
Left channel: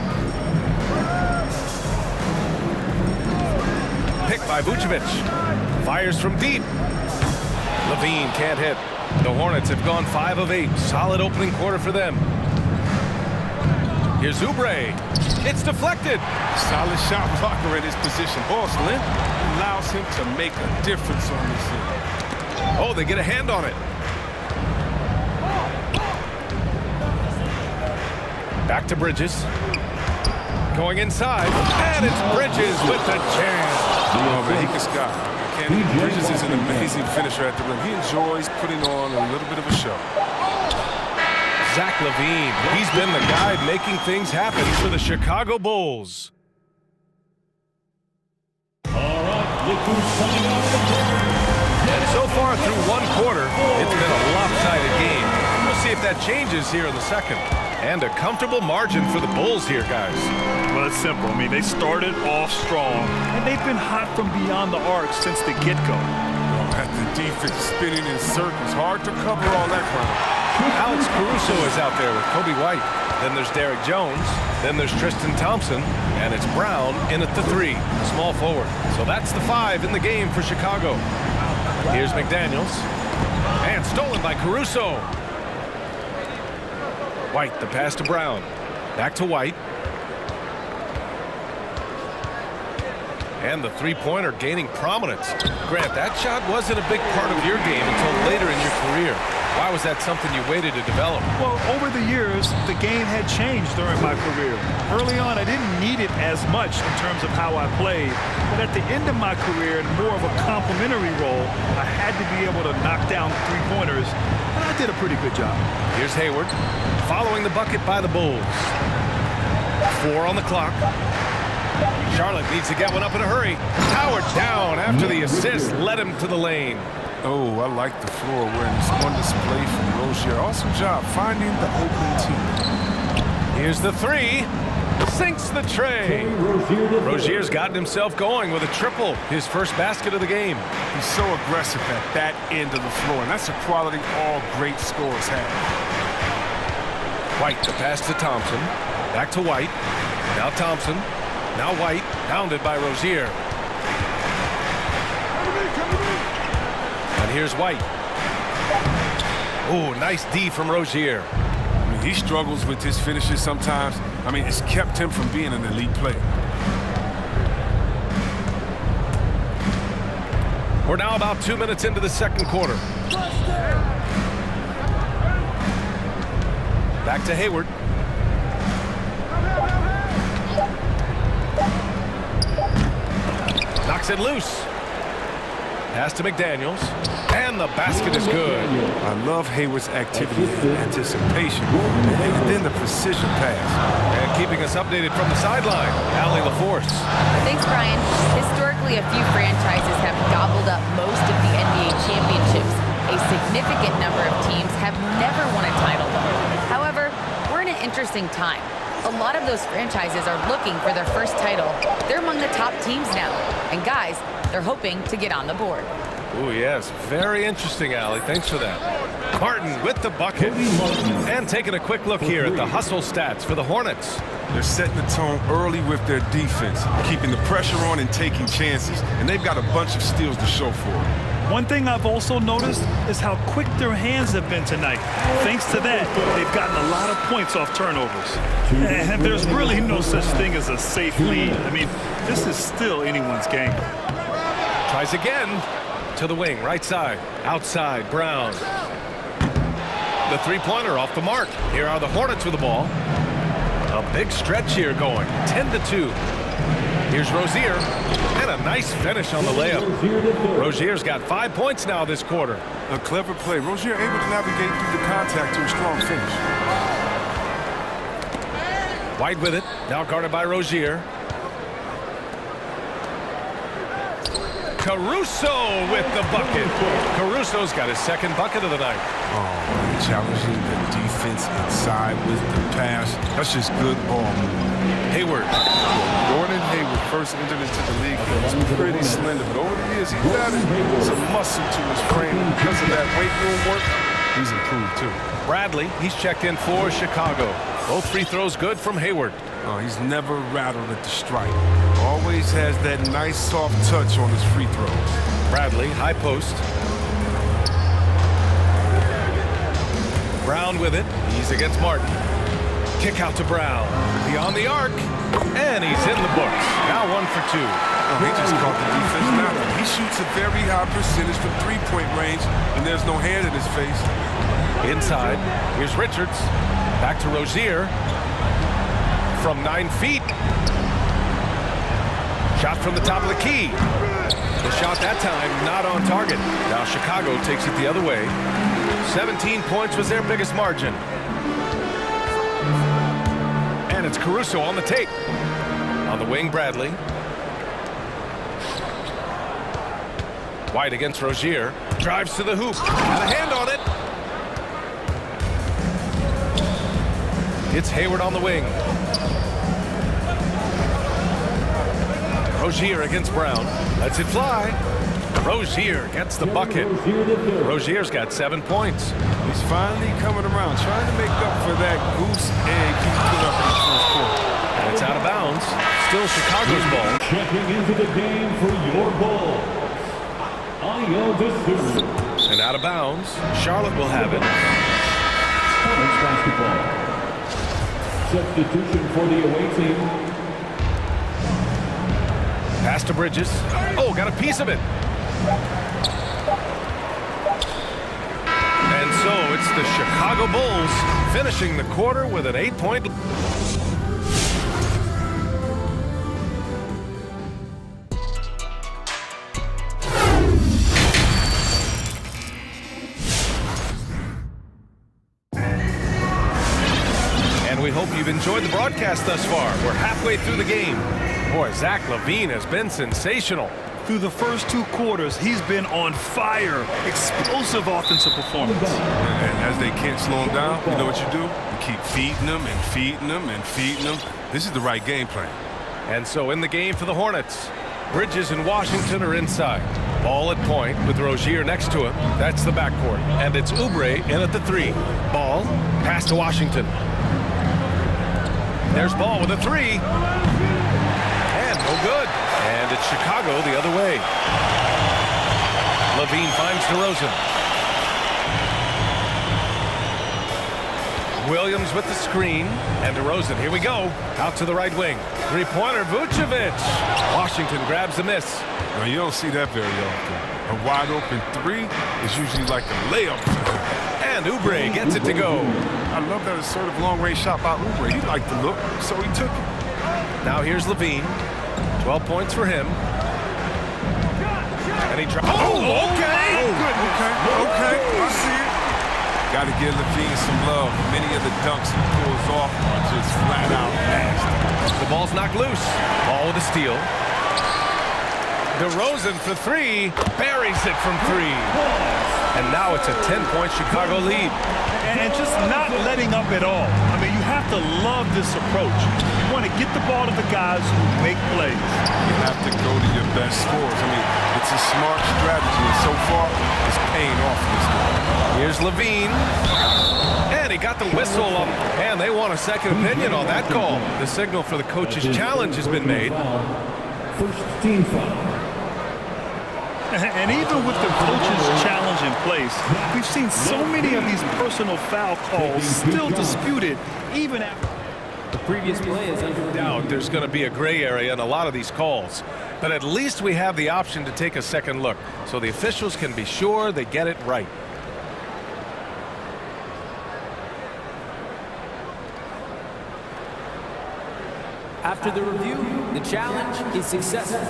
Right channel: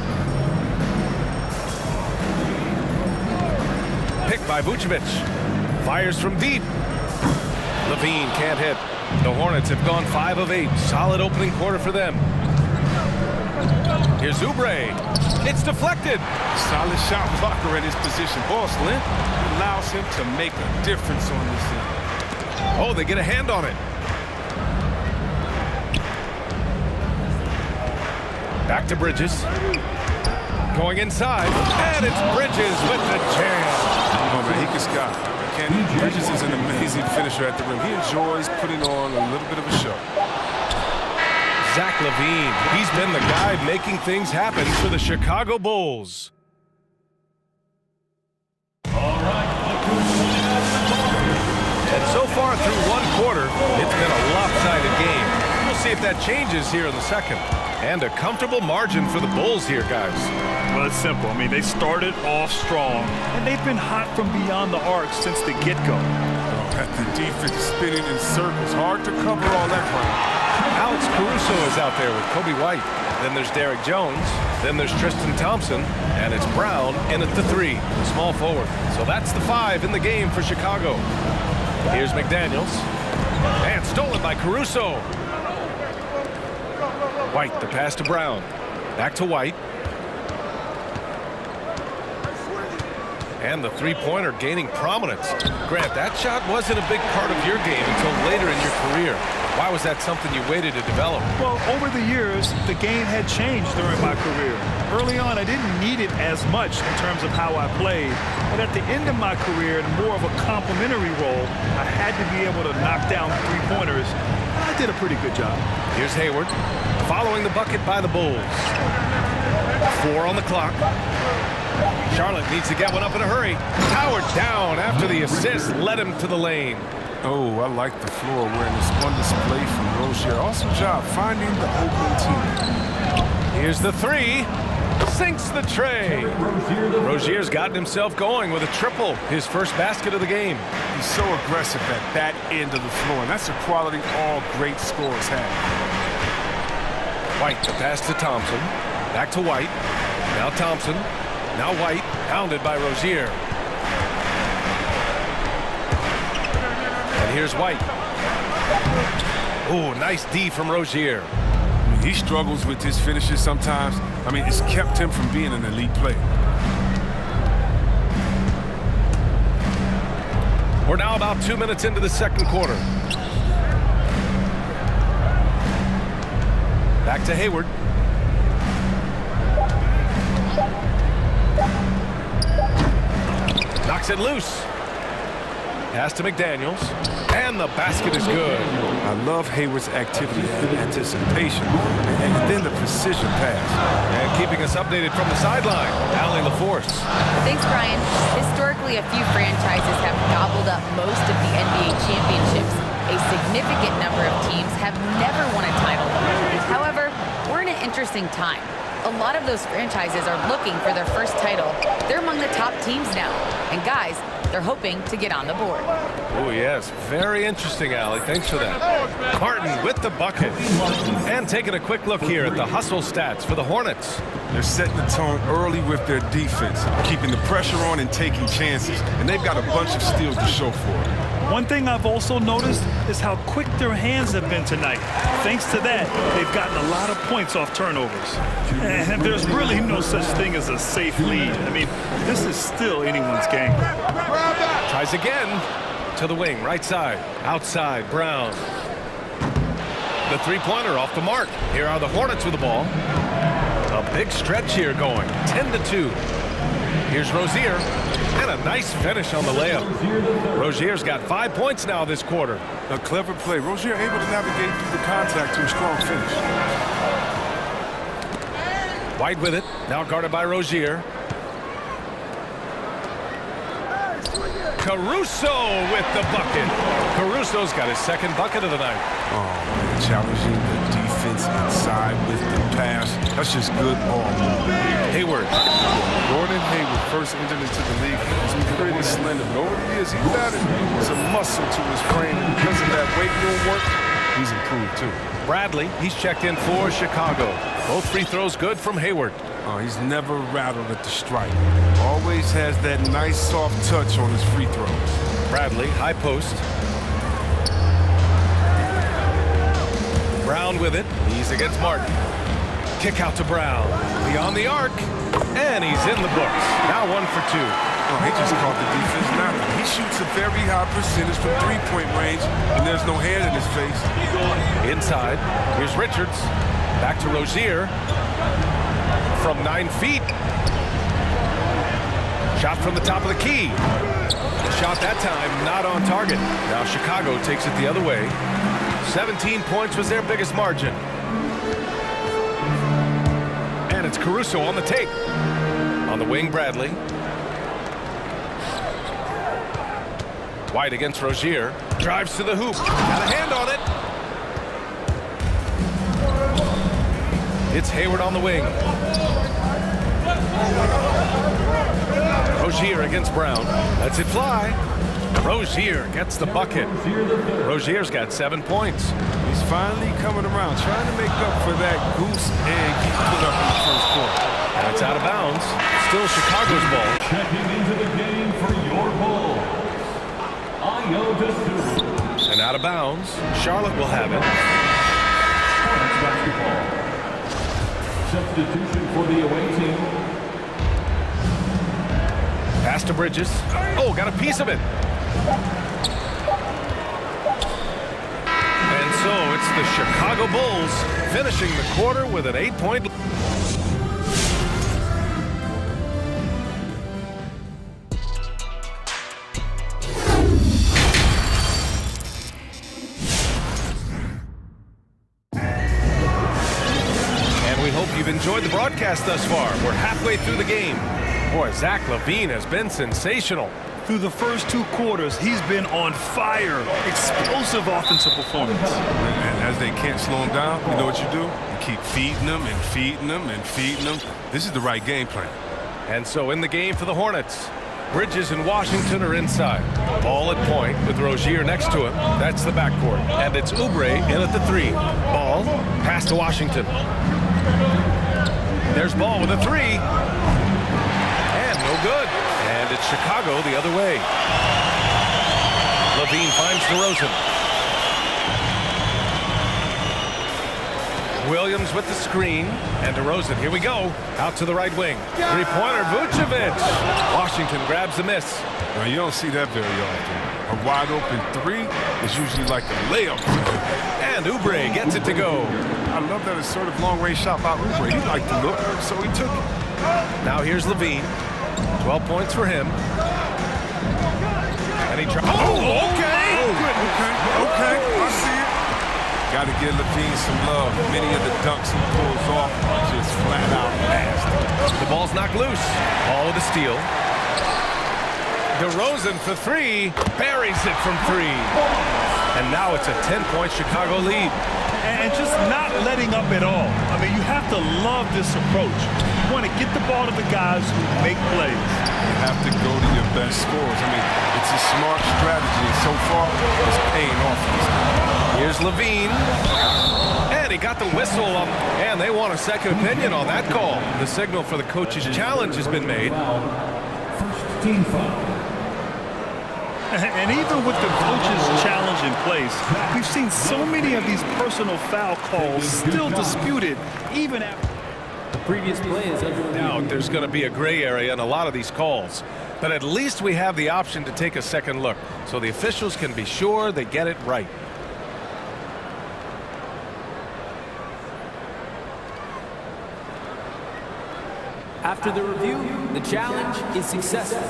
Picked by Vucevic. Fires from deep. Levine can't hit. The Hornets have gone 5 of 8. Solid opening quarter for them. Here's Oubre. It's deflected. Solid shot blocker in his position. Ball slim allows him to make a difference on this end. Oh, they get a hand on it. Back to Bridges. Going inside. And it's Bridges with the jam. Oh, man, he can sky. Bridges is an amazing finisher at the rim. He enjoys putting on a little bit of a show. Zach LaVine. He's been the guy making things happen for the Chicago Bulls. And so far through one quarter, it's been a lopsided game. We'll see if that changes here in the second. And a comfortable margin for the Bulls here, guys. Well, it's simple. I mean, they started off strong, and they've been hot from beyond the arc since the get-go. At the defense spinning in circles. Hard to cover all that ground. Alex Caruso is out there with Kobe White. Then there's Derek Jones. Then there's Tristan Thompson. And it's Brown in at the 3, the small forward. So that's the 5 in the game for Chicago. Here's McDaniels. And stolen by Caruso. White, the pass to Brown. Back to White. And the three-pointer gaining prominence. Grant, that shot wasn't a big part of your game until later in your career. Why was that something you waited to develop? Well, over the years, the game had changed during my career. Early on, I didn't need it as much in terms of how I played. But at the end of my career, in more of a complementary role, I had to be able to knock down three-pointers, and I did a pretty good job. Here's Hayward, following the bucket by the Bulls. 4 on the clock. Charlotte needs to get one up in a hurry. Howard down after the assist led him to the lane. Oh, I like the floor awareness on display from Rozier. Awesome job finding the open team. Here's the 3. Sinks the tray. Rozier's gotten himself going with a triple, his first basket of the game. He's so aggressive at that end of the floor, and that's a quality all great scorers have. White, the pass to Thompson. Back to White. Now Thompson. Now White, pounded by Rozier. And here's White. Oh, nice D from Rozier. I mean, he struggles with his finishes sometimes. I mean, it's kept him from being an elite player. We're now about 2 minutes into the second quarter. Back to Hayward. Knocks it loose. Pass to McDaniels. And the basket is good. I love Hayward's activity and anticipation. And then the precision pass. And keeping us updated from the sideline, Allie LaForce. Thanks, Brian. Historically, a few franchises have gobbled up most of the NBA championships. A significant number of teams have never won a title, though. However, we're in an interesting time. A lot of those franchises are looking for their first title. They're among the top teams now. And guys, they're hoping to get on the board. Oh, yes. Very interesting, Allie. Thanks for that. Martin with the bucket. And taking a quick look here at the hustle stats for the Hornets. They're setting the tone early with their defense, keeping the pressure on and taking chances. And they've got a bunch of steals to show for it. One thing I've also noticed is how quick their hands have been tonight. Thanks to that, they've gotten a lot of points off turnovers. And there's really no such thing as a safe lead. I mean, this is still anyone's game. Tries again. To the wing, right side. Outside, Brown. The three-pointer off the mark. Here are the Hornets with the ball. A big stretch here going. 10-2. Here's Rozier. And a nice finish on the layup. Rozier's got 5 points now this quarter. A clever play. Rozier able to navigate through the contact to a strong finish. White with it. Now guarded by Rozier. Caruso with the bucket. Caruso's got his second bucket of the night. Oh, man, challenging the defense inside with the pass. That's just good ball movement. Hayward. Gordon Hayward first entered into the league. He was pretty slender, but over the years, he's added some muscle to his frame. And because of that weight room work, he's improved too. Bradley, he's checked in for Chicago. Both free throws good from Hayward. Oh, he's never rattled at the stripe. Always has that nice soft touch on his free throws. Bradley, high post. Brown with it. He's against Martin. Kick out to Brown. Beyond the arc. And he's in the books. Now 1 for 2. Oh, he just caught the defense napping. He shoots a very high percentage from three-point range, and there's no hand in his face. Inside. Here's Richards. Back to Rozier. From 9 feet. Shot from the top of the key. The shot that time not on target. Now Chicago takes it the other way. 17 points was their biggest margin. And it's Caruso on the tape. On the wing, Bradley. White against Rozier. Drives to the hoop. Got a hand on it. It's Hayward on the wing. Rozier against Brown. Lets it fly. Rozier gets the bucket. Rozier's got 7 points. He's finally coming around, trying to make up for that goose egg he put up in the first quarter. And it's out of bounds. Still Chicago's ball. Checking into the game for your Bulls, Ayo Dessou. And out of bounds. Charlotte will have it. Hornets basketball. Substitution for the away team. Pass to Bridges. Oh, got a piece of it. And so it's the Chicago Bulls finishing the quarter with an 8-point lead. And we hope you've enjoyed the broadcast thus far. We're halfway through the game. Boy, Zach LaVine has been sensational. Through the first 2 quarters, he's been on fire. Explosive offensive performance. And as they can't slow him down, you know what you do? You keep feeding them and feeding them and feeding them. This is the right game plan. And so in the game for the Hornets, Bridges and Washington are inside. Ball at point with Rozier next to him. That's the backcourt. And it's Oubre in at the 3. Ball, pass to Washington. There's Ball with a 3. And no good. And it's Chicago the other way. LaVine finds DeRozan. Williams with the screen. And DeRozan, here we go. Out to the right wing. Three-pointer, Vucevic. Washington grabs the miss. Now, you don't see that very often. A wide-open 3 is usually like a layup for him. And Oubre gets it to go. I love that assertive long-range shot by Oubre. He liked the look, so he took it. Now here's LaVine. 12 points for him. And he tries. Oh, okay. Okay. I see it. Got to give LaVine some love. Many of the dunks he pulls off are just flat out nasty. The ball's knocked loose. Ball with a steal. DeRozan for 3. Buries it from 3. And now it's a 10-point Chicago lead. And just not letting up at all. I mean, you have to love this approach. You want to get the ball to the guys who make plays. You have to go to your best scorers. I mean, it's a smart strategy, and so far, it's paying off in this game. Here's LaVine. And he got the whistle on, and they want a second opinion on that call. The signal for the coach's challenge has been made. First team foul. And even with the coach's challenge in place, we've seen so many of these personal foul calls still disputed even after. The previous play is under doubt there's going to be a gray area in a lot of these calls. But at least we have the option to take a second look, so the officials can be sure they get it right. After the review, the challenge is successful.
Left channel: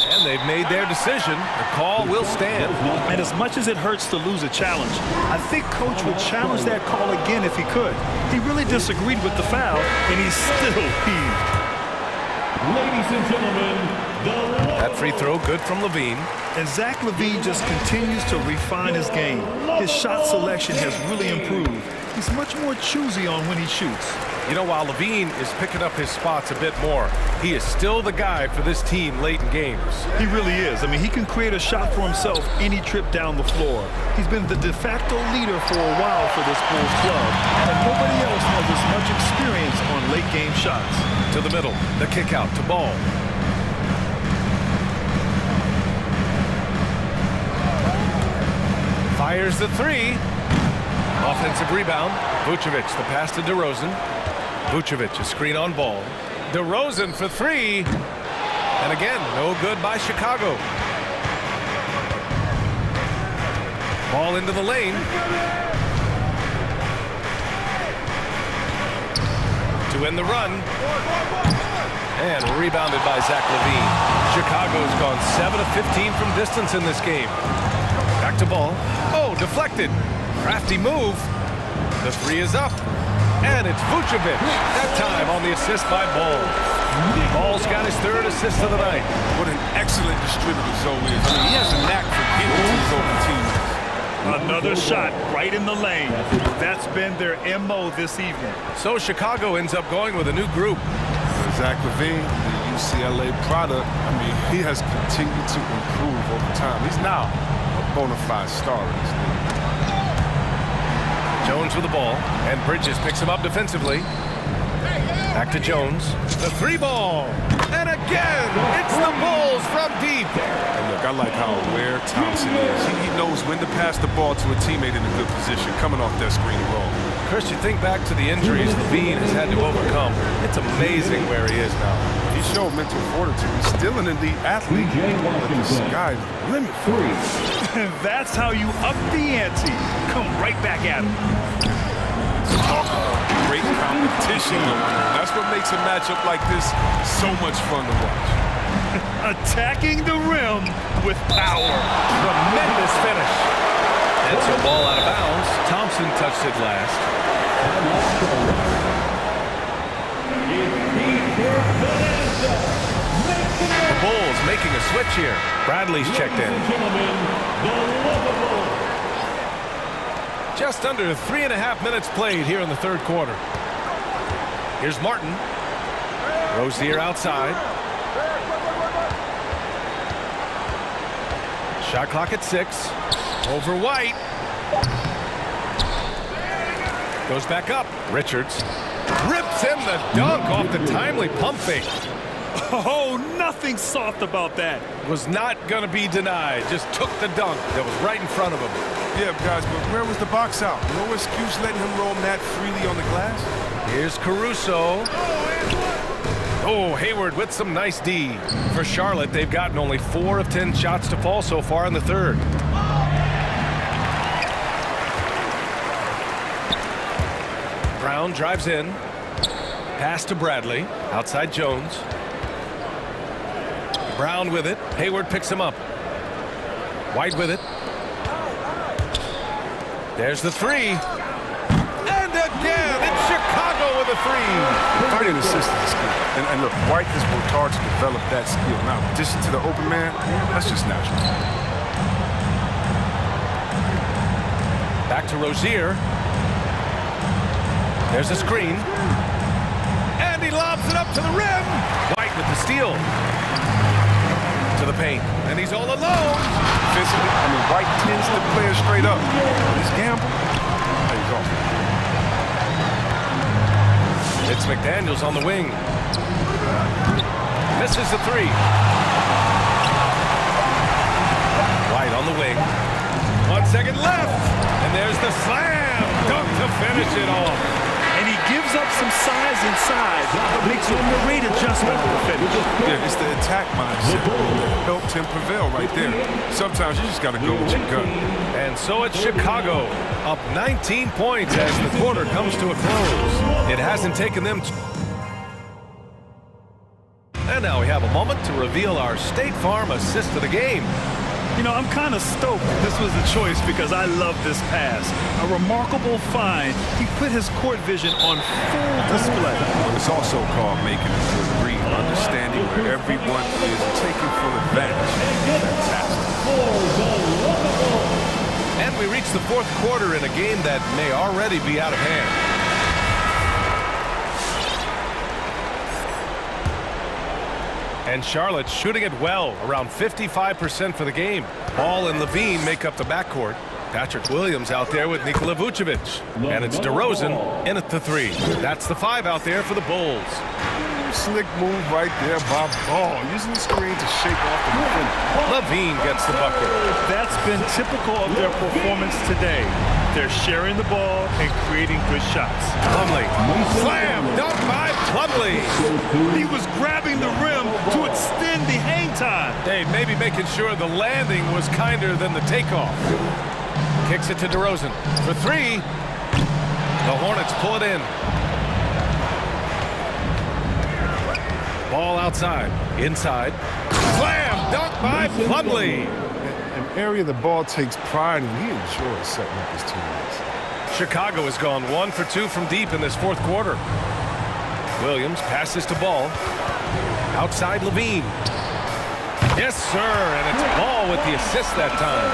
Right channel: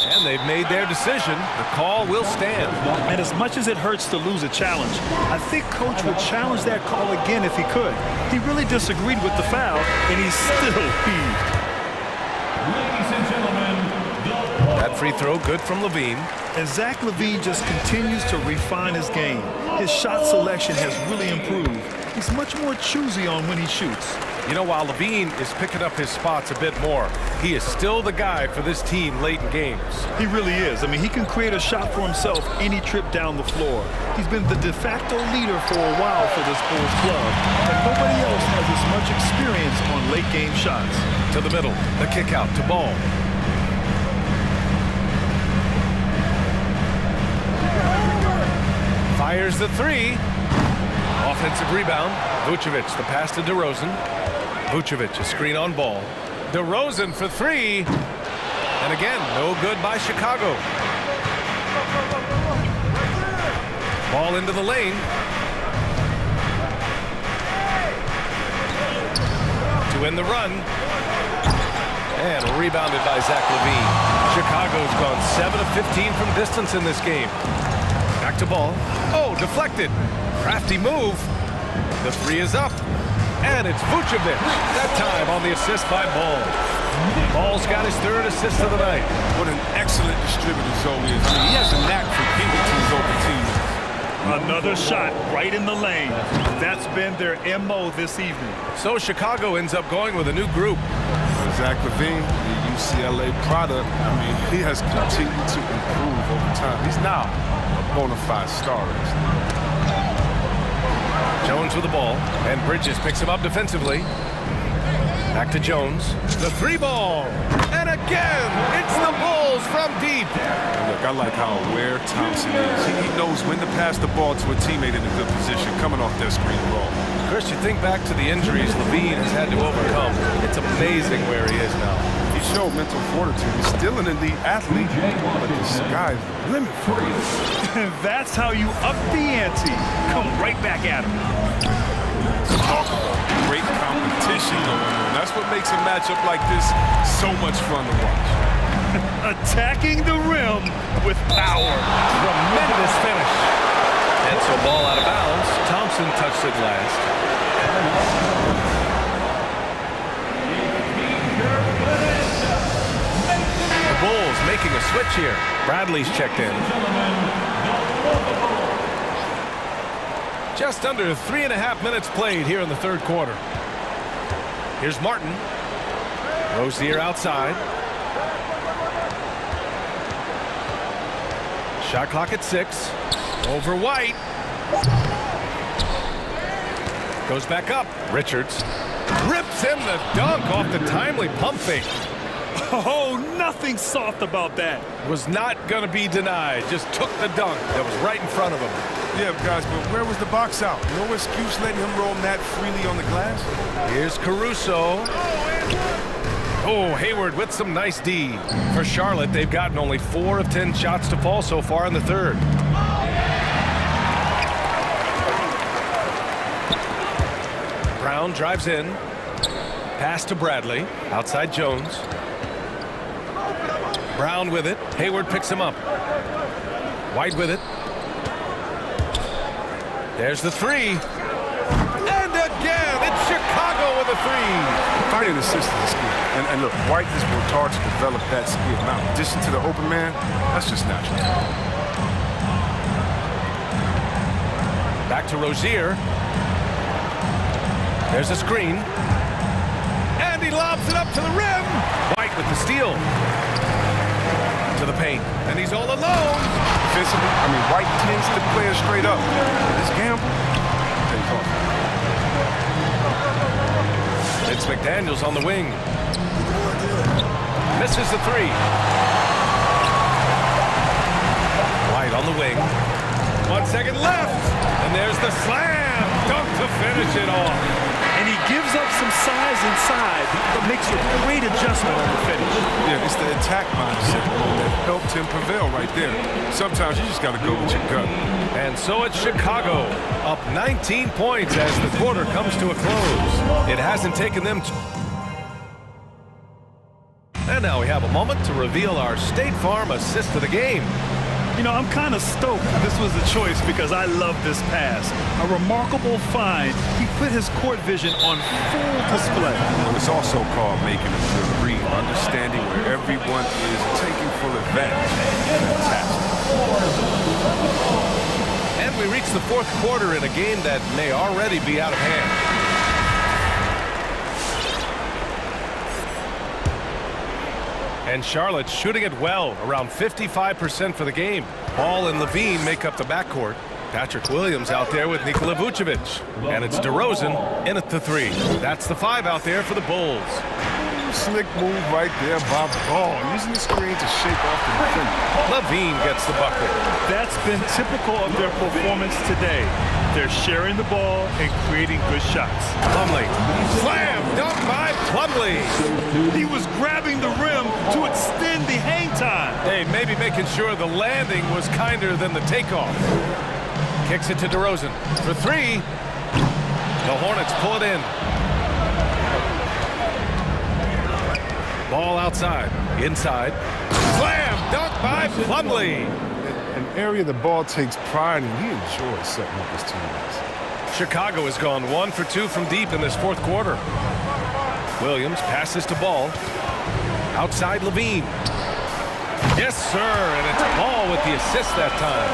And they've made their decision. The call will stand. And as much as it hurts to lose a challenge, I think Coach would challenge that call again if he could. He really disagreed with the foul, and he's still peeved. Ladies and gentlemen, the That free throw good from Levine. And Zach LaVine just continues to refine his game. His shot selection has really improved. He's much more choosy on when he shoots. You know, while Levine is picking up his spots a bit more, he is still the guy for this team late in games. He really is. I mean, he can create a shot for himself any trip down the floor. He's been the de facto leader for a while for this Bulls club, and nobody else has as much experience on late game shots. To the middle, the kick out to Ball. Fires the three. Offensive rebound. Vucevic, the pass to DeRozan. Vucevic, a screen on Ball. DeRozan for three. And again, no good by Chicago. Ball into the lane. To end the run. And rebounded by Zach LaVine. Chicago's gone 7 of 15 from distance in this game. Back to Ball. Oh, deflected. Crafty move. The three is up. And it's Vucevic. That time on the assist by Ball. Ball's got his third assist of the night. What an excellent distributor Zoe is. I mean, he has a knack for giving to his open teammates. Another shot right in the lane. That's been their MO this evening. So Chicago ends up going with a new group. Zach LaVine, the UCLA product, I mean, he has continued to improve over time. He's now a bona fide star in this league. Jones with the ball, and Bridges picks him up defensively. Back to Jones. The three ball. And again, it's the Bulls from deep. And look, I like how aware Thompson is. He knows when to pass the ball to a teammate in a good position, coming off that screen roll. Chris, you think back to the injuries Levine has had to overcome. It's amazing where he is now. He showed mental fortitude. He's still an elite athlete, but the sky's the limit for him. That's how you up the ante. Come right back at him. Talk about great competition going on. That's what makes a matchup like this so much fun to watch. Attacking the rim with power. Tremendous finish. And so ball out of bounds. Thompson touched it last. The Bulls making a switch here. Bradley's checked in. Just under 3.5 minutes played here in the third quarter. Here's Martin. Rozier outside. Shot clock at 6. Over White. Goes back up. Richards rips in the dunk off the timely pump fake. Oh, nothing soft about that. Was not going to be denied. Just took the dunk that was right in front of him. Yeah, guys, but where was the box out? No excuse letting him roam that freely on the glass. Here's Caruso. Oh, Hayward with some nice D. For Charlotte, they've gotten only 4 of 10 shots to fall so far in the third. Brown drives in. Pass to Bradley. Outside Jones. Brown with it. Hayward picks him up. White with it. There's the three. And again, it's Chicago with a three. Finding assists is a skill. And look, White has worked hard to develop that skill. Now, in addition to the open man, that's just natural. Back to Rozier. There's a screen. And he lobs it up to the rim. White with the steal. To the paint. And he's all alone. Defensively, I mean, White tends to play it straight up. But his gamble pays off. It's McDaniels on the wing. Misses the three. White on the wing. 1 second left. And there's the slam. Dunk to finish it off. And he gives up some size inside, but makes a great adjustment on the finish. Yeah, it's the attack mindset that helped him prevail right there. Sometimes you just got to go with your gut. And so it's Chicago, up 19 points as the quarter comes to a close. It hasn't taken them. And now we have a moment to reveal our State Farm assist of the game. You know, I'm kind of stoked this was the choice because I love this pass. A remarkable find. He put his court vision on full display. Well, it's also called making a good read, understanding where everyone is and taking full advantage. Fantastic. And we reach the fourth quarter in a game that may already be out of hand. And Charlotte shooting it well, around 55% for the game. Ball and Levine make up the backcourt. Patrick Williams out there with Nikola Vucevic. And it's DeRozan in at the 3. That's the 5 out there for the Bulls. Slick move right there by Ball, using the screen to shake off the defender. Levine gets the bucket. That's been typical of their performance today. They're sharing the ball and creating good shots. Plumlee, slam, dunk by Plumlee. He was grabbing the rim to extend the hang time. Hey, maybe making sure the landing was kinder than the takeoff. Kicks it to DeRozan for 3. The Hornets pull it in. Ball outside, inside. Slam, dunk by Plumlee. An area the Ball takes pride in. He enjoys setting up his teammates. Chicago has gone 1 for 2 from deep in this fourth quarter. Williams passes to Ball. Outside Levine. Yes, sir, and it's Ball with the assist that time.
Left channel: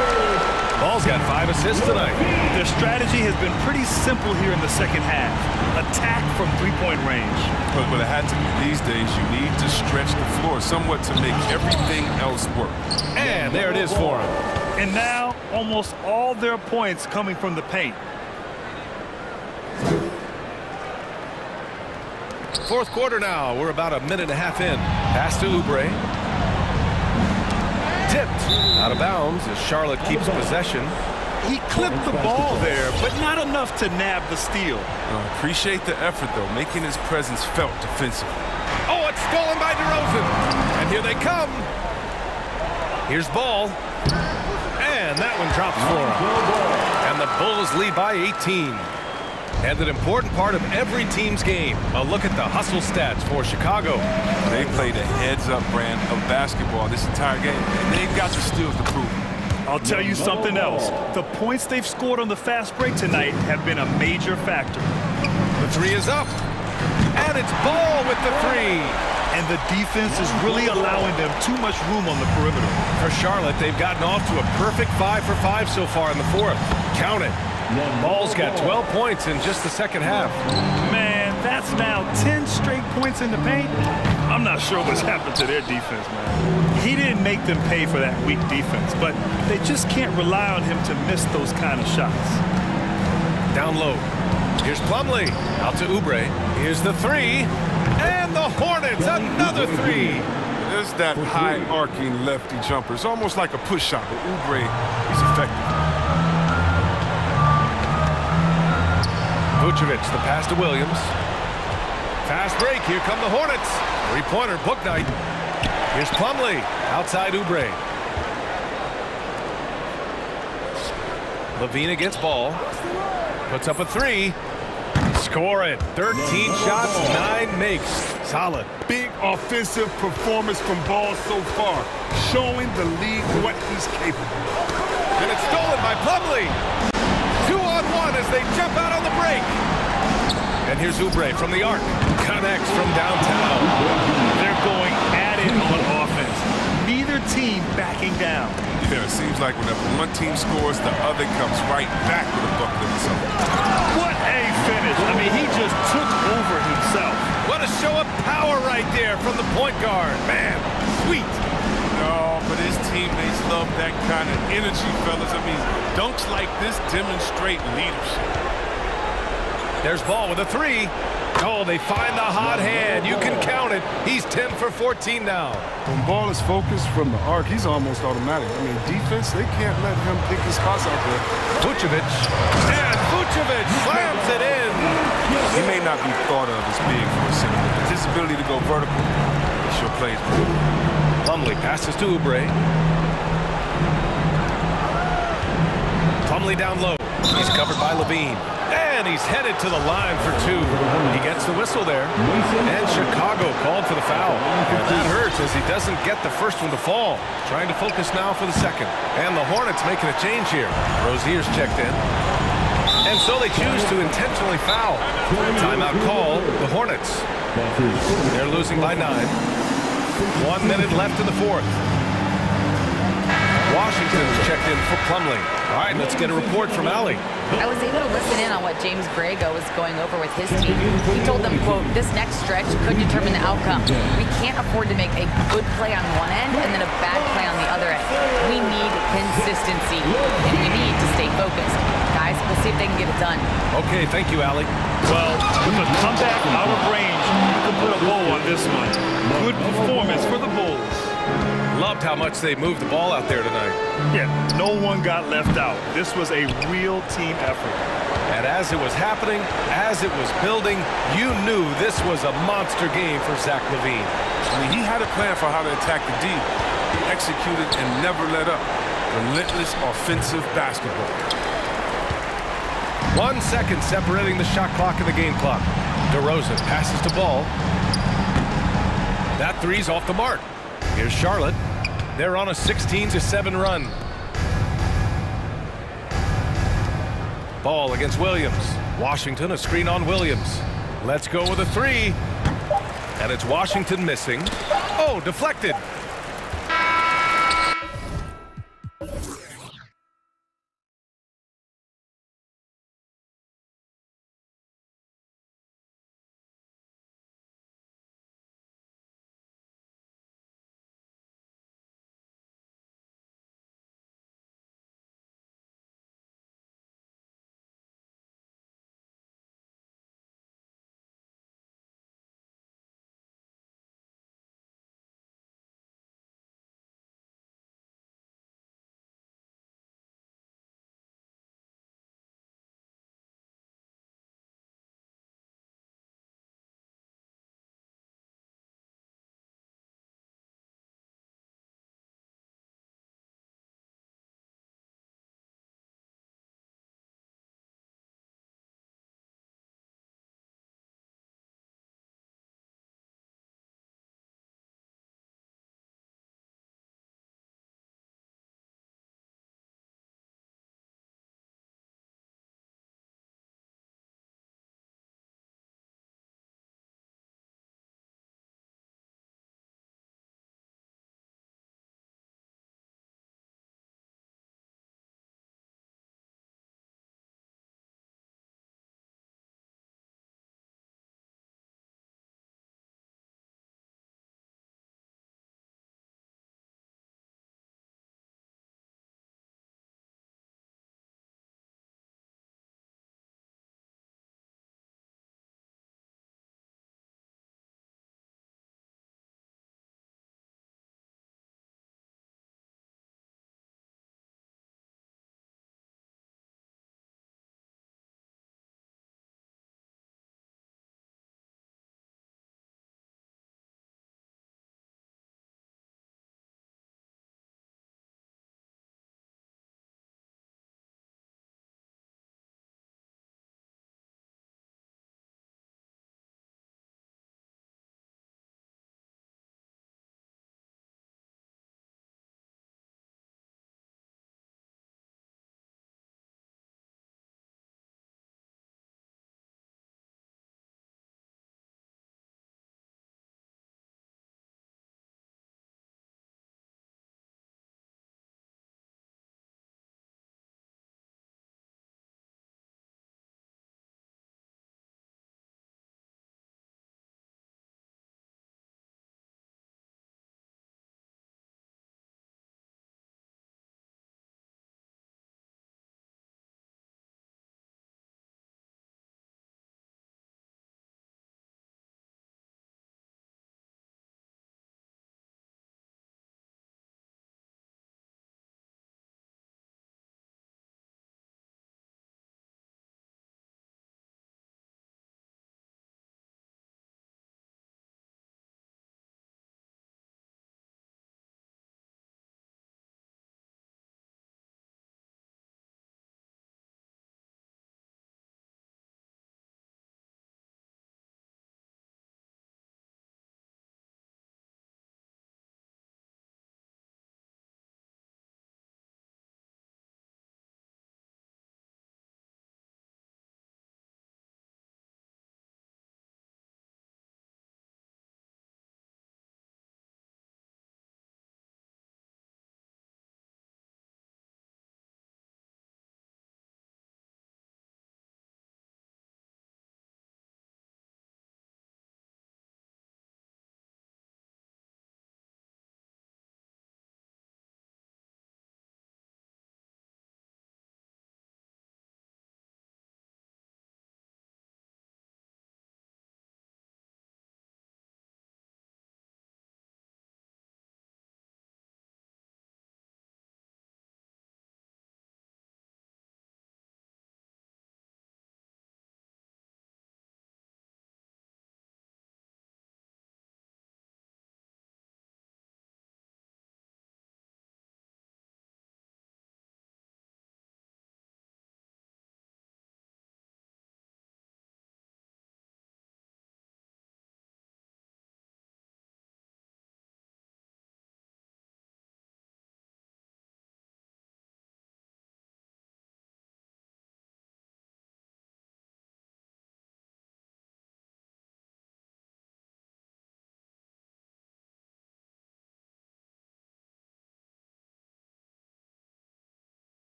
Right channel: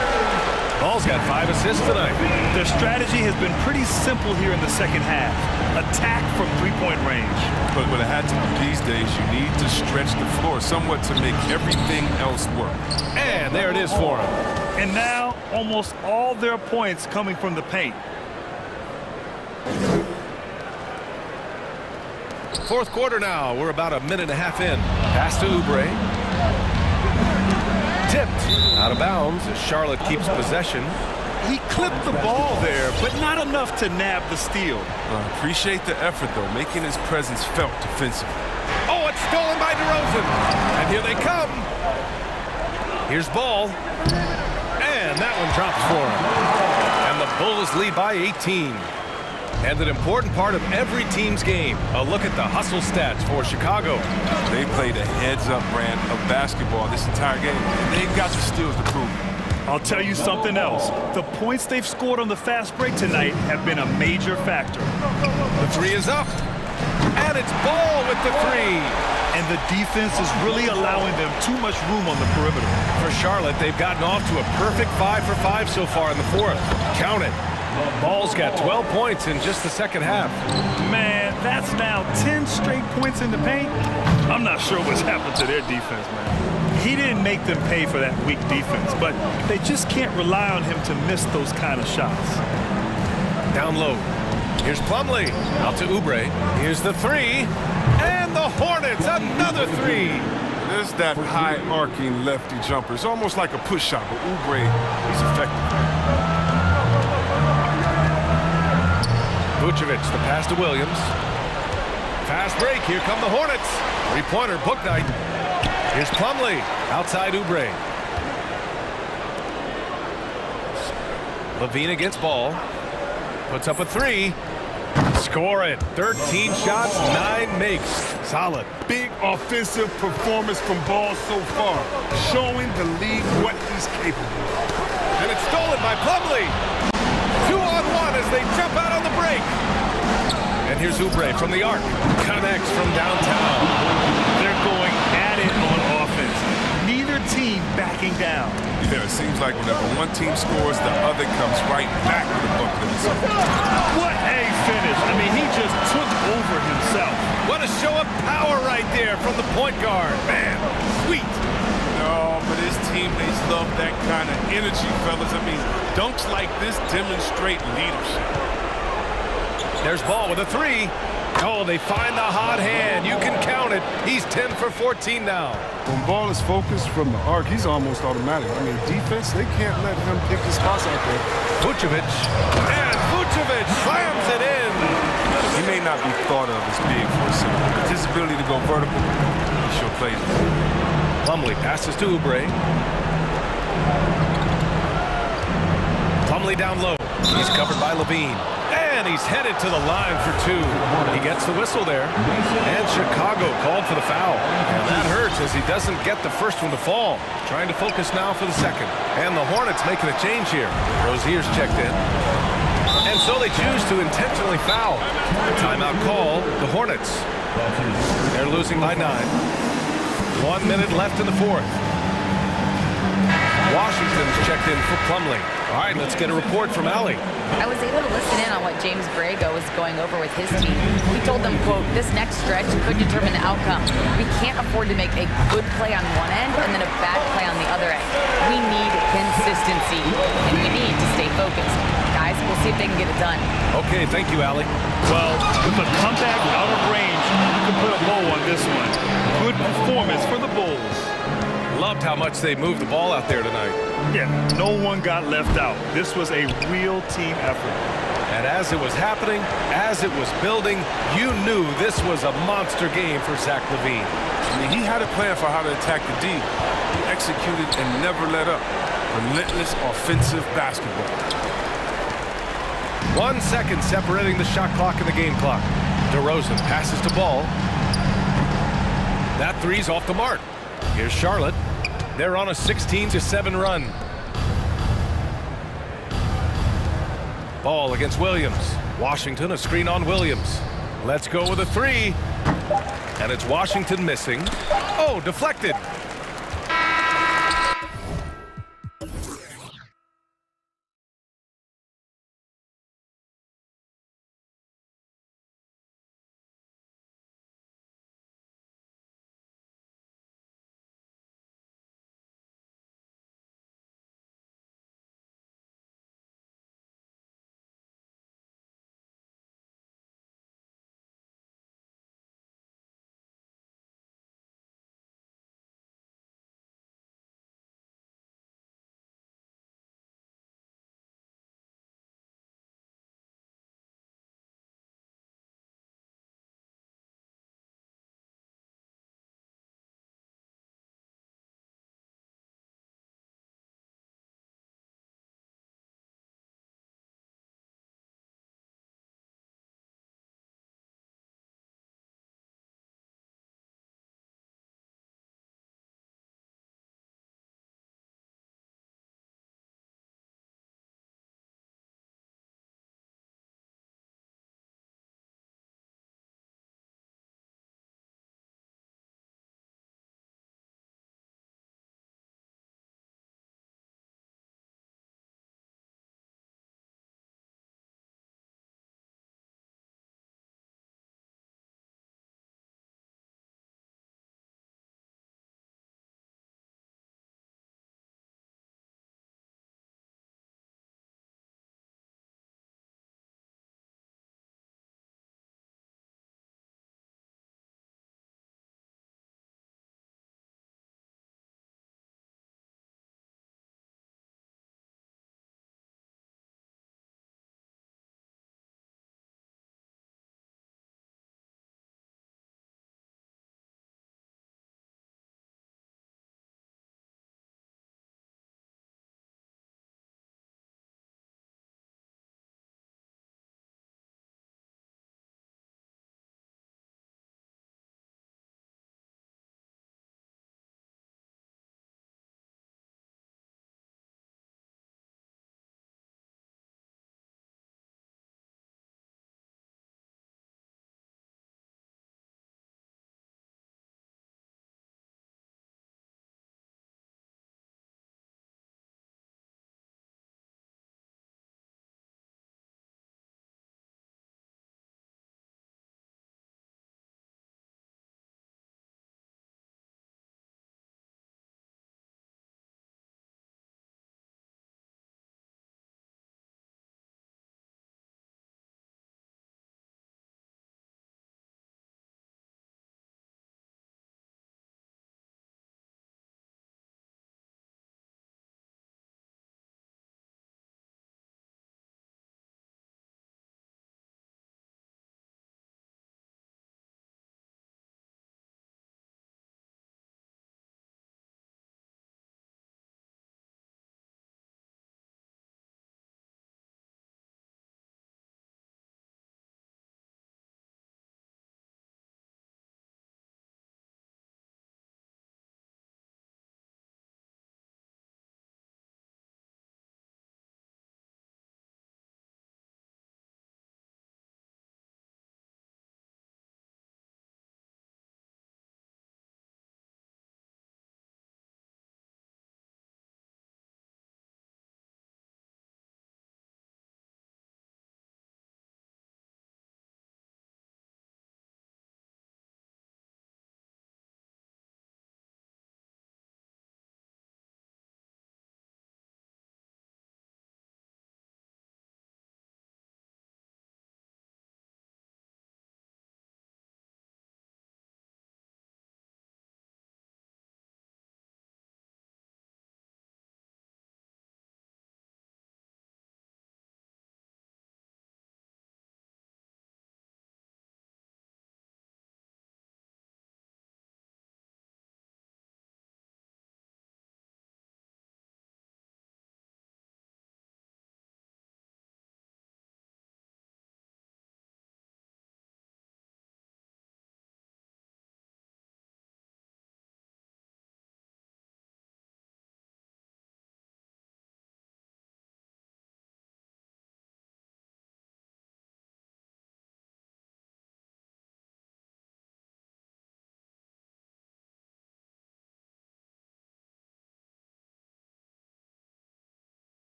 Ball's got 5 assists tonight. Their strategy has been pretty simple here in the second half. Attack from three-point range. But it had to be these days, you need to stretch the floor somewhat to make everything else work. And there it is for him. And now, almost all their points coming from the paint. Fourth quarter now. We're about a minute and a half in. Pass to Oubre. Tipped out of bounds as Charlotte keeps possession. He clipped the ball there, but not enough to nab the steal. Appreciate the effort, though, making his presence felt defensively. Oh, it's stolen by DeRozan. And here they come. Here's Ball. And that one drops for him. And the Bulls lead by 18. And an important part of every team's game. A look at the hustle stats for Chicago. They played a heads-up brand of basketball this entire game, and they've got the steals to prove it. I'll tell you something else. The points they've scored on the fast break tonight have been a major factor. The 3 is up. And it's Ball with the 3. And the defense is really allowing them too much room on the perimeter. For Charlotte, they've gotten off to a perfect 5 for 5 so far in the fourth. Count it. Ball's got 12 points in just the second half. Man, that's now 10 straight points in the paint. I'm not sure what's happened to their defense, man. He didn't make them pay for that weak defense, but they just can't rely on him to miss those kind of shots. Down low. Here's Plumlee. Out to Oubre. Here's the 3. And the Hornets, another 3. There's that high-arcing lefty jumper. It's almost like a push shot, but Oubre, he's effective. Vucevic, the pass to Williams. Fast break, here come the Hornets. Three-pointer, book night. Here's Plumlee, outside Oubre. Levine against Ball. Puts up a 3. Score it. 13 shots, 9 makes. Solid. Big offensive performance from Ball so far, showing the league what he's capable of. And it's stolen by Plumlee. 2-on-1 as they jump out on the break. And here's Oubre from the arc. Connects from downtown. They're going at it on offense. Neither team backing down. Yeah, it seems like whenever one team scores, the other comes right back with a bucket of its own. What a finish. I mean, he just took over himself. What a show of power right there from the point guard. Man, sweet. No, but his teammates love that kind of energy, fellas. I mean, dunks like this demonstrate leadership. There's Ball with a 3. Oh, they find the hot hand. You can count it. He's 10 for 14 now. When Ball is focused from the arc, he's almost automatic. I mean, defense, they can't let him pick his spots out there. Vucevic. And Vucevic slams it in. He may not be thought of as big for a center, but his ability to go vertical, he sure plays with. Plumlee passes to Oubre. Plumlee down low. He's covered by Levine. And he's headed to the line for two. He gets the whistle there. And Chicago called for the foul. And that hurts as he doesn't get the first one to fall. Trying to focus now for the second. And the Hornets making a change here. Rozier's checked in. And so they choose to intentionally foul. Timeout call, the Hornets. They're losing by 9. 1 minute left in the fourth. Washington's checked in for Plumlee. All right, let's get a report from Allie. I was able to listen in on what James Borrego was going over with his team. He told them, quote, this next stretch could determine the outcome. We can't afford to make a good play on one end and then a bad play on the other end. We need consistency, and we need to stay focused. Guys, we'll see if they can get it done. Okay, thank you, Allie. Well, with a comeback out of range, you can put a bow on this one. Good performance for the Bulls. Loved how much they moved the ball out there tonight. Yeah, no one got left out. This was a real team effort. And as it was happening, as it was building, you knew this was a monster game for Zach LaVine. I mean, he had a plan for how to attack the D. He executed and never let up. Relentless offensive basketball. 1 second separating the shot clock and the game clock. DeRozan passes to Ball. That three's off the mark. Here's Charlotte. They're on a 16-7 run. Ball against Williams. Washington, a screen on Williams. Let's go with a three. And it's Washington missing. Oh, deflected.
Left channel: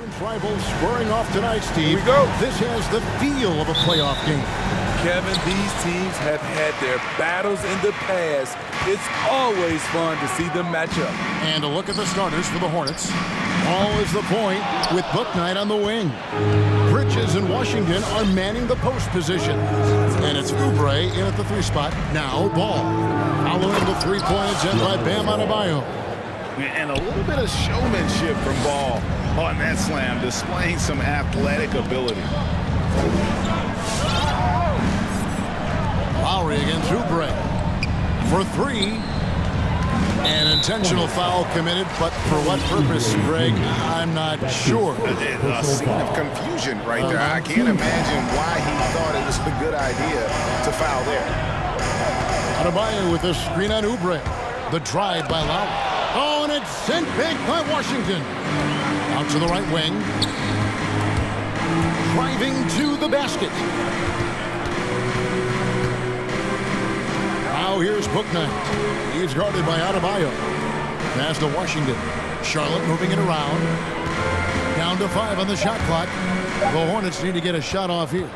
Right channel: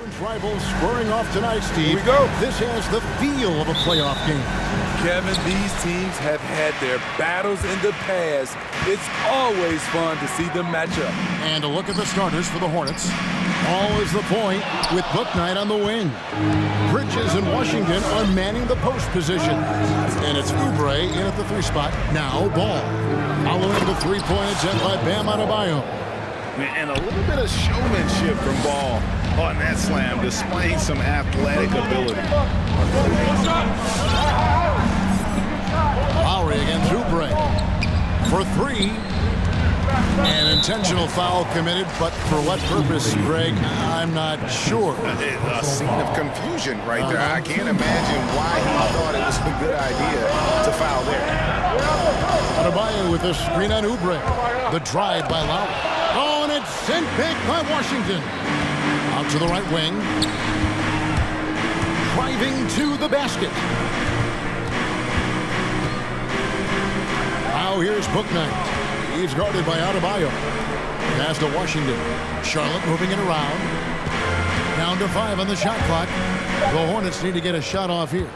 Rivals squaring off tonight, Steve. Here we go. This has the feel of a playoff game. Kevin, these teams have had their battles in the past. It's always fun to see them match up. And a look at the starters for the Hornets. Ball is the point with Bouknight on the wing. Bridges and Washington are manning the post position. And it's Oubre in at the 3 spot. Now Ball. Following the 3-point attempt by Bam Adebayo. And a little bit of showmanship from Ball on that slam, displaying some athletic ability. Lowry against Oubre for 3. An intentional foul committed, but for what purpose, Greg? I'm not sure. A scene of confusion right there. I can't imagine why he thought it was a good idea to foul there. Adebayo with a screen on Oubre. The drive by Lowry. Oh, and it's sent back by Washington. Out to the right wing. Driving to the basket. Now here's Bouknight. He's guarded by Adebayo. Pass to Washington. Charlotte moving it around. Down to 5 on the shot clock. The Hornets need to get a shot off here.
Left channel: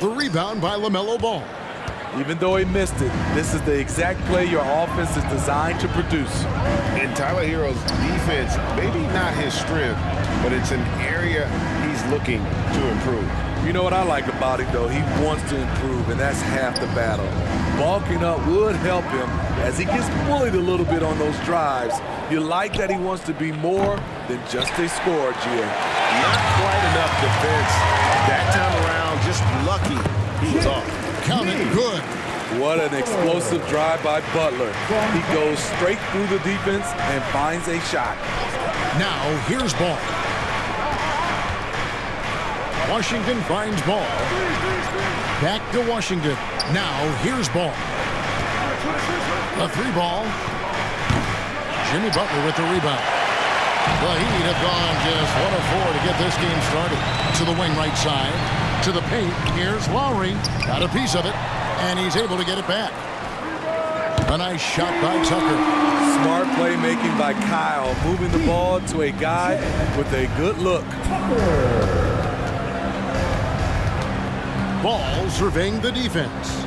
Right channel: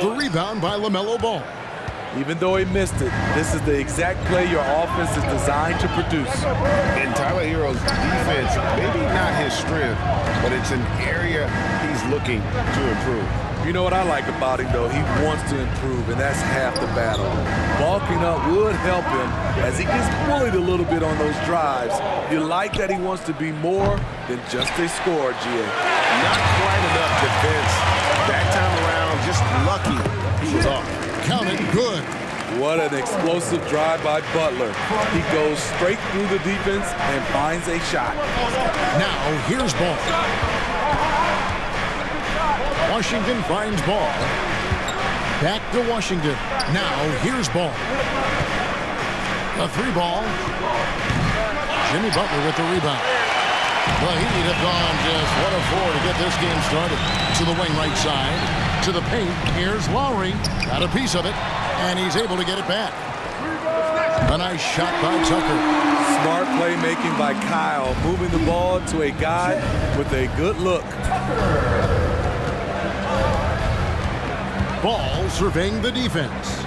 The rebound by LaMelo Ball. Even though he missed it, this is the exact play your offense is designed to produce. In Tyler Hero's defense, maybe not his strength, but it's an area he's looking to improve. You know what I like about him, though? He wants to improve, and that's half the battle. Bulking up would help him as he gets bullied a little bit on those drives. You like that he wants to be more than just a scorer, GA. Not quite enough defense. That time around, just lucky he was off. Count it good. What an explosive drive by Butler. He goes straight through the defense and finds a shot. Now here's Ball. Washington finds Ball. Back to Washington. Now here's Ball. The 3 ball. Jimmy Butler with the rebound. The Heat have gone just 1 of 4 to get this game started. To the wing right side. To the paint. Here's Lowry. Got a piece of it. And he's able to get it back. A nice shot by Tucker. Smart playmaking by Kyle. Moving the ball to a guy with a good look. Ball surveying the defense.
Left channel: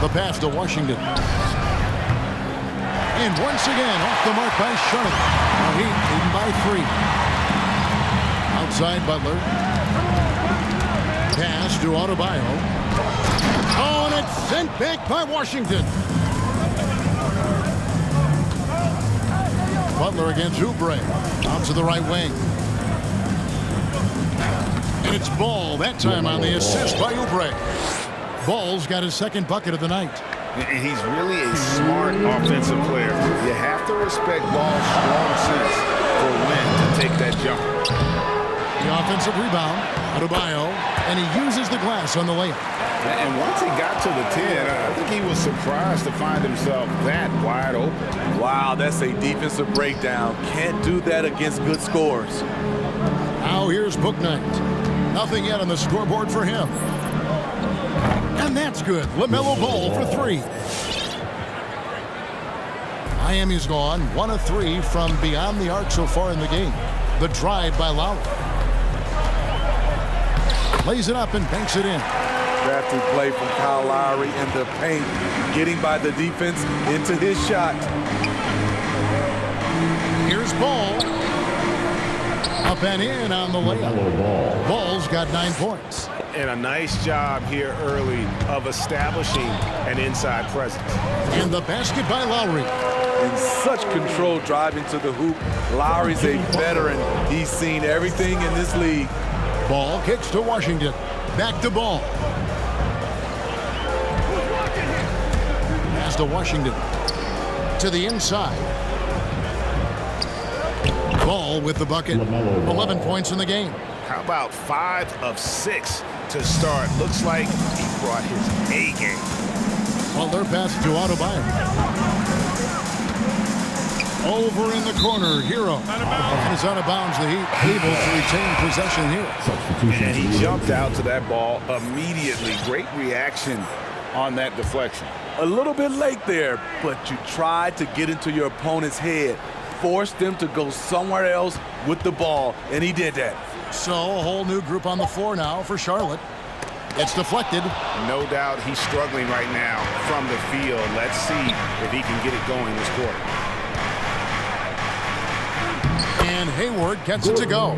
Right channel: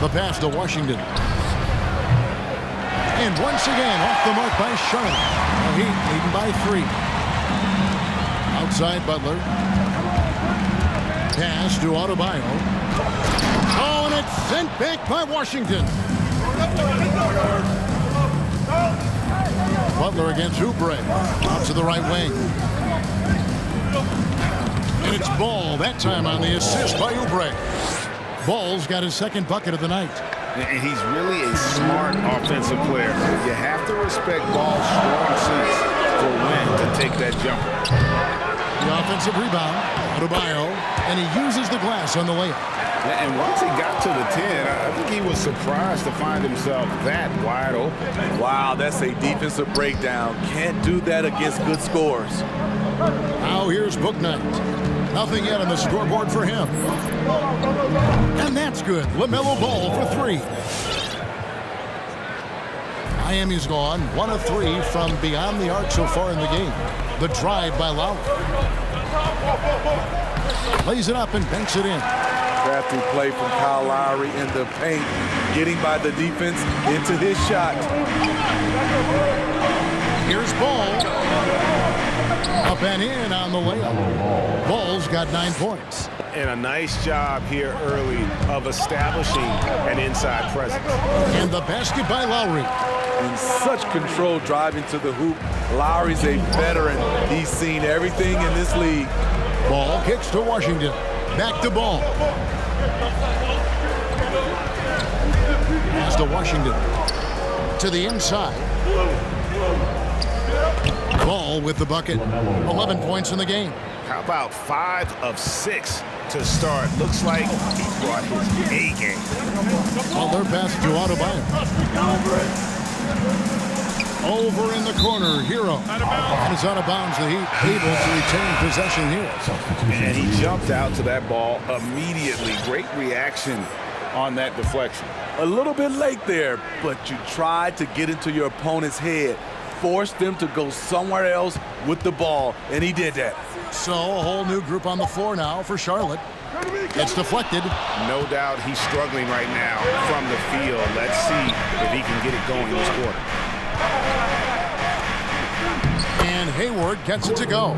The pass to Washington. And once again, off the mark by Charlotte. The Heat leading by 3. Outside Butler. Pass to Adebayo. Oh, and it's sent back by Washington. Butler against Oubre. Out to the right wing. And it's Ball, that time on the assist by Oubre. Ball's got his 2nd bucket of the night. And he's really a smart offensive player. You have to respect Ball's strong sense for when to take that jumper. The offensive rebound, Adebayo, and he uses the glass on the layup. And once he got to the 10, I think he was surprised to find himself that wide open. Wow, that's a defensive breakdown. Can't do that against good scores. Now here's Bouknight. Nothing yet on the scoreboard for him. And that's good. LaMelo Ball for 3. Miami's gone 1 of 3 from beyond the arc so far in the game. The drive by Lowry. Lays it up and banks it in. Crafty play from Kyle Lowry in the paint, getting by the defense into his shot. Here's Ball. Up and in on the layup. Ball's got 9 points. And a nice job here early of establishing an inside presence. And the basket by Lowry. In such control driving to the hoop. Lowry's a veteran. He's seen everything in this league. Ball kicks to Washington. Back to Ball. Pass to Washington. To the inside. Ball with the bucket. 11 points in the game. How about 5 of 6 to start? Looks like he brought his A game. Butler pass to Adebayo. Over in the corner, Hero. And it's out of bounds. The Heat able to retain possession here. And he jumped out to that ball immediately. Great reaction on that deflection. A little bit late there, but you tried to get into your opponent's head. Force them to go somewhere else with the ball, and he did that. So a whole new group on the floor now for Charlotte. It's deflected. No doubt he's struggling right now from the field. Let's see if he can get it going this quarter. And Hayward gets it to go.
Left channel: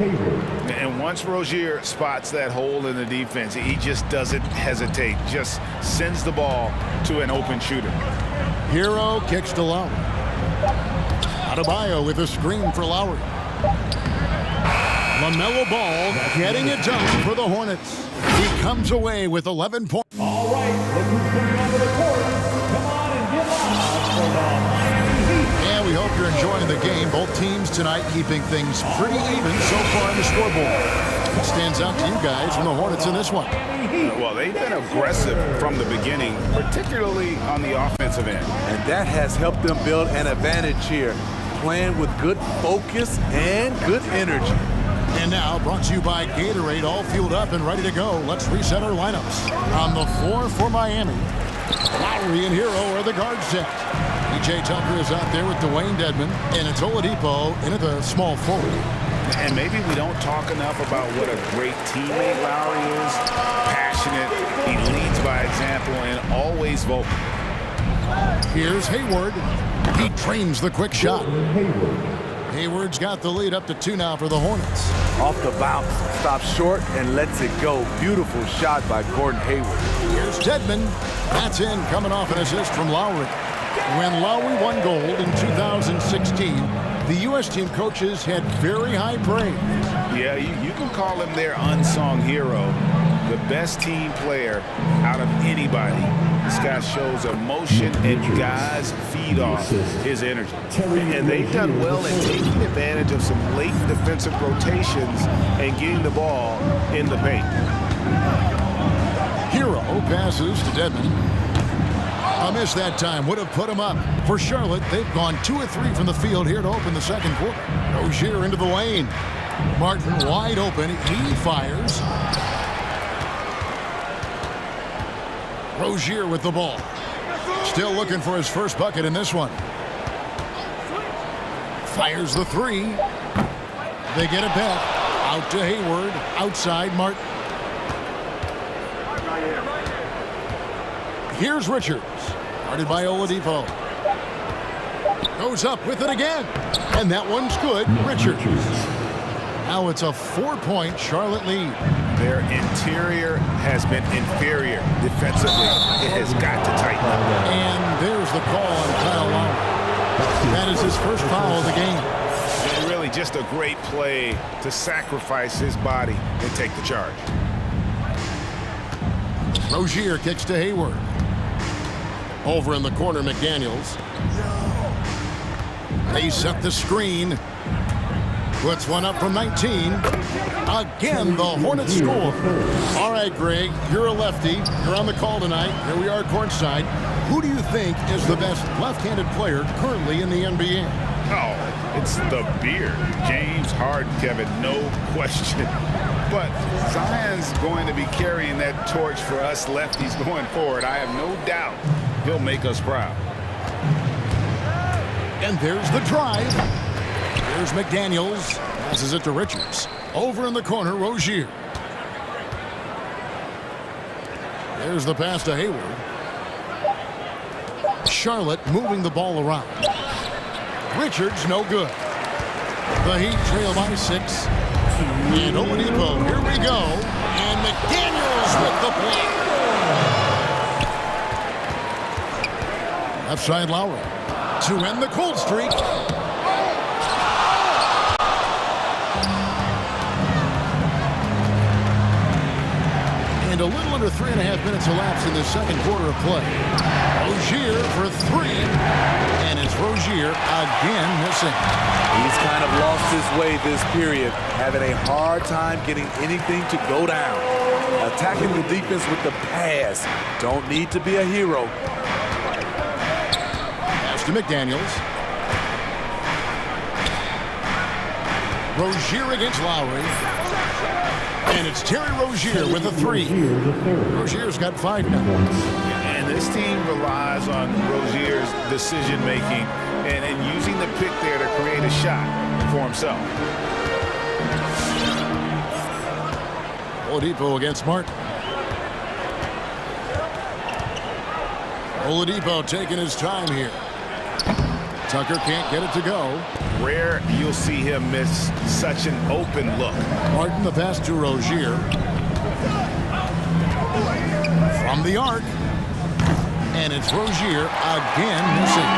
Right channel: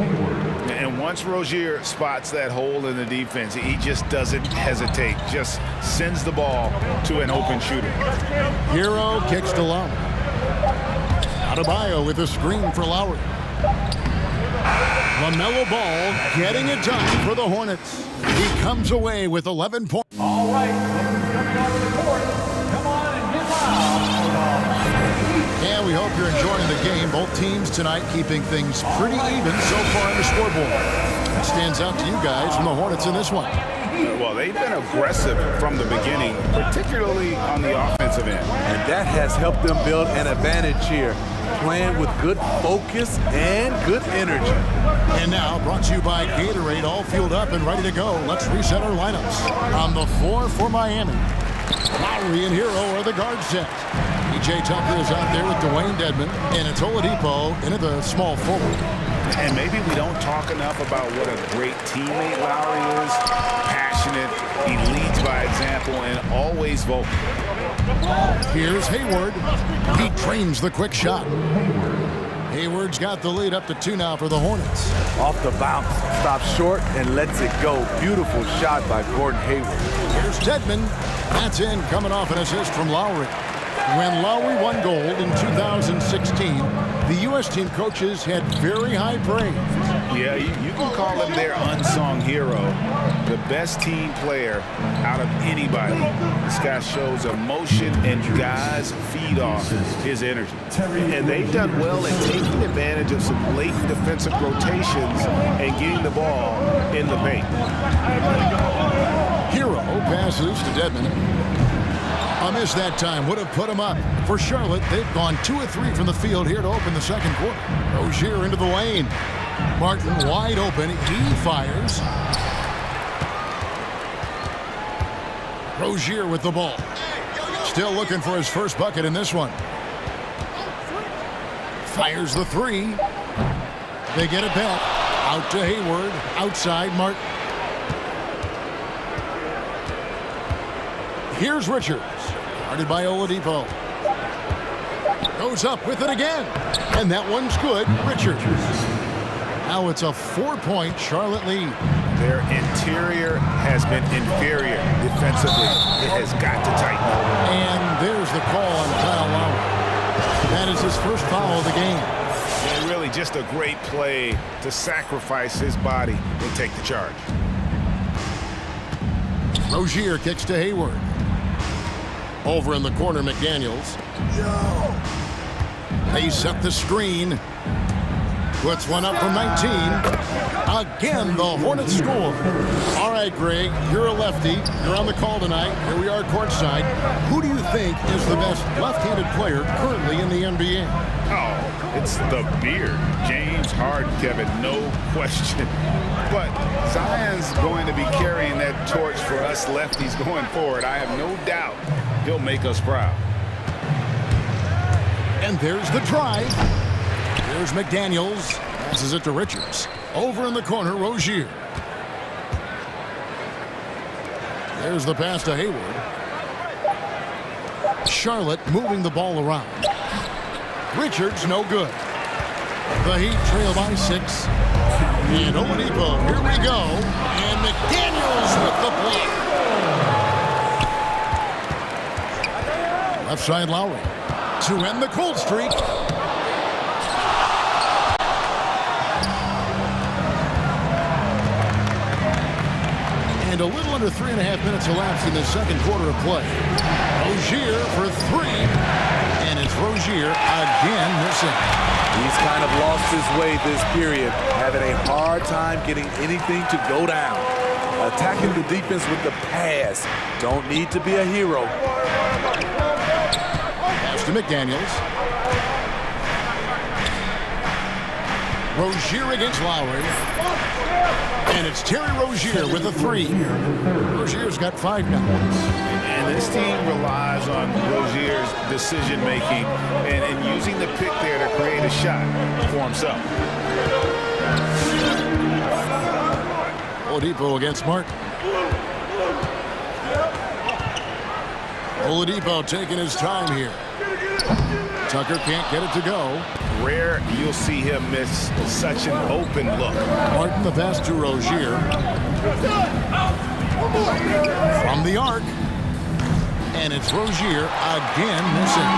And once Rozier spots that hole in the defense, he just doesn't hesitate. Just sends the ball to an open shooter. Hero kicks to Lowry. Adebayo with a screen for Lowry. LaMelo Ball getting it done for the Hornets. He comes away with 11 points. All right, look who's coming onto the court. Come on and get loud for the Miami Heat. And we hope you're enjoying the game. Both teams tonight keeping things pretty even so far on the scoreboard. What stands out to you guys from the Hornets in this one? Well, they've been aggressive from the beginning, particularly on the offensive end. And that has helped them build an advantage here, playing with good focus and good energy. And now, brought to you by Gatorade, all fueled up and ready to go. Let's reset our lineups. On the floor for Miami, Lowry and Hero are the guard set. PJ Tucker is out there with Dwayne Dedmon, and it's Oladipo in at the small forward. And maybe we don't talk enough about what a great teammate Lowry is. Passionate, he leads by example, and always vocal. Here's Hayward. He trains the quick shot. Hayward's got the lead up to 2 now for the Hornets. Off the bounce, stops short and lets it go. Beautiful shot by Gordon Hayward. Here's Dedmon. That's in, coming off an assist from Lowry. When Lowry won gold in 2016, the U.S. team coaches had very high praise. Yeah, you can call him their unsung hero. The best team player out of anybody. This guy shows emotion, and guys feed off his energy. And they've done well at taking advantage of some late defensive rotations and getting the ball in the paint. Hero passes to Dedmon. A miss that time would have put him up. For Charlotte, they've gone 2 of 3 from the field here to open the second quarter. Rozier into the lane. Martin wide open. He fires. Rozier with the ball. Still looking for his first bucket in this one. Fires the 3. They get it back. Out to Hayward. Outside Martin. Here's Richards. Guarded by Oladipo. Goes up with it again. And that one's good. Richards. Now it's a 4-point Charlotte lead. Their interior has been inferior defensively. It has got to tighten up. And there's the call on Kyle Lowry. That is his first foul of the game. And really just a great play to sacrifice his body and take the charge. Rozier kicks to Hayward. Over in the corner, McDaniels. They set the screen. Puts one up from 19. Again, the Hornets score. All right, Greg, you're a lefty. You're on the call tonight. Here we are courtside. Who do you think is the best left-handed player currently in the NBA? Oh, it's the beard. James Harden, Kevin, no question. But Zion's going to be carrying that torch for us lefties going forward. I have no doubt he'll make us proud. And there's the drive. Here's McDaniels. Passes it to Richards. Over in the corner, Rozier. There's the pass to Hayward. Charlotte moving the ball around. Richards, no good. The Heat trail by 6. And Oladipo, here we go. And McDaniels with the block. Left side Lowry. To end the cold streak. And a little under 3.5 minutes elapsed in the second quarter of play. Rozier for 3. And it's Rozier again missing. He's kind of lost his way this period, having a hard time getting anything to go down. Attacking the defense with the pass. Don't need to be a hero. Pass to McDaniels. Rozier against Lowry. And it's Terry Rozier with a 3. Rozier's got 5 now. And this team relies on Rozier's decision-making and using the pick there to create a shot for himself. Oladipo against Martin. Oladipo taking his time here. Tucker can't get it to go. Rare you'll see him miss such an open look. Martin the pass to Rozier. From the arc. And it's Rozier again missing.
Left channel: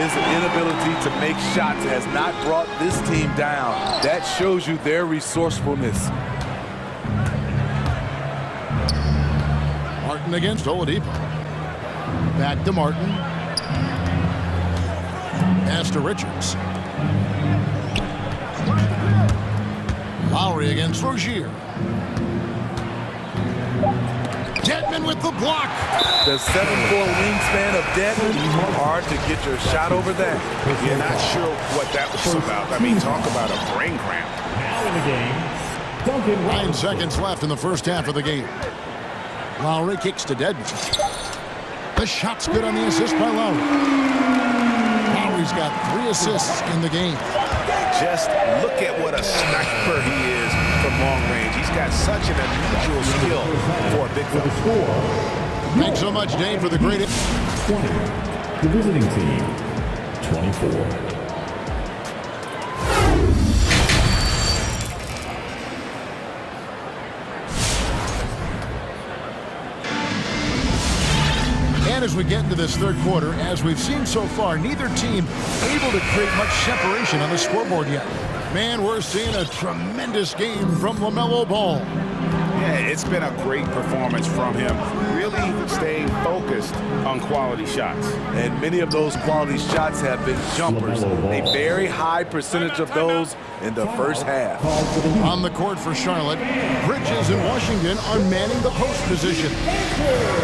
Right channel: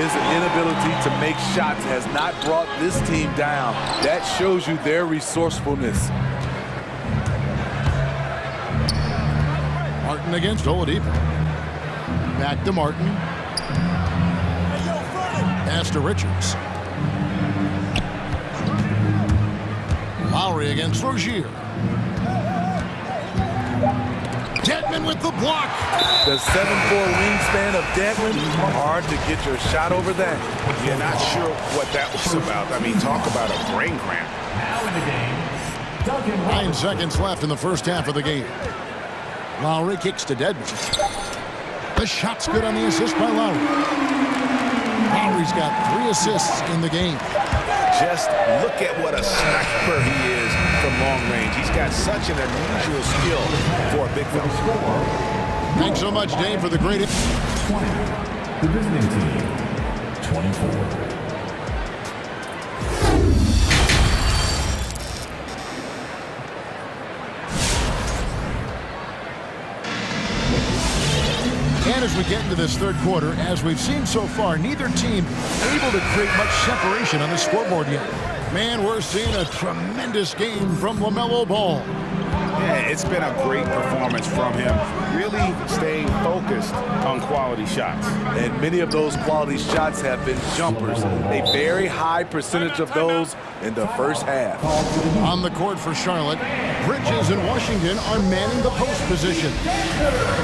His inability to make shots has not brought this team down. That shows you their resourcefulness. Martin against Oladipo. Back to Martin. Pass to Richards. Lowry against Rozier. Dedmon with the block. The 7'4" wingspan of Dedmon, hard to get your shot over that. You're not sure what that was about. I mean, talk about a brain cramp. Now in the game, Duncan. 9 seconds left in the first half of the game. Lowry kicks to Dedmon. The shot's good on the assist by Lowry. Lowry's got 3 assists in the game. Just look at what a sniper he is from long range. He's got such an unusual skill for a big fella. Thanks so much, Dave, for the great... 20. The visiting team, 24. And as we get into this third quarter, as we've seen so far, neither team able to create much separation on the scoreboard yet. Man, we're seeing a tremendous game from LaMelo Ball. Yeah, it's been a great performance from him, really staying focused on quality shots. And many of those quality shots have been jumpers. A very high percentage of those in the first half. On the court for Charlotte, Bridges and Washington are manning the post position.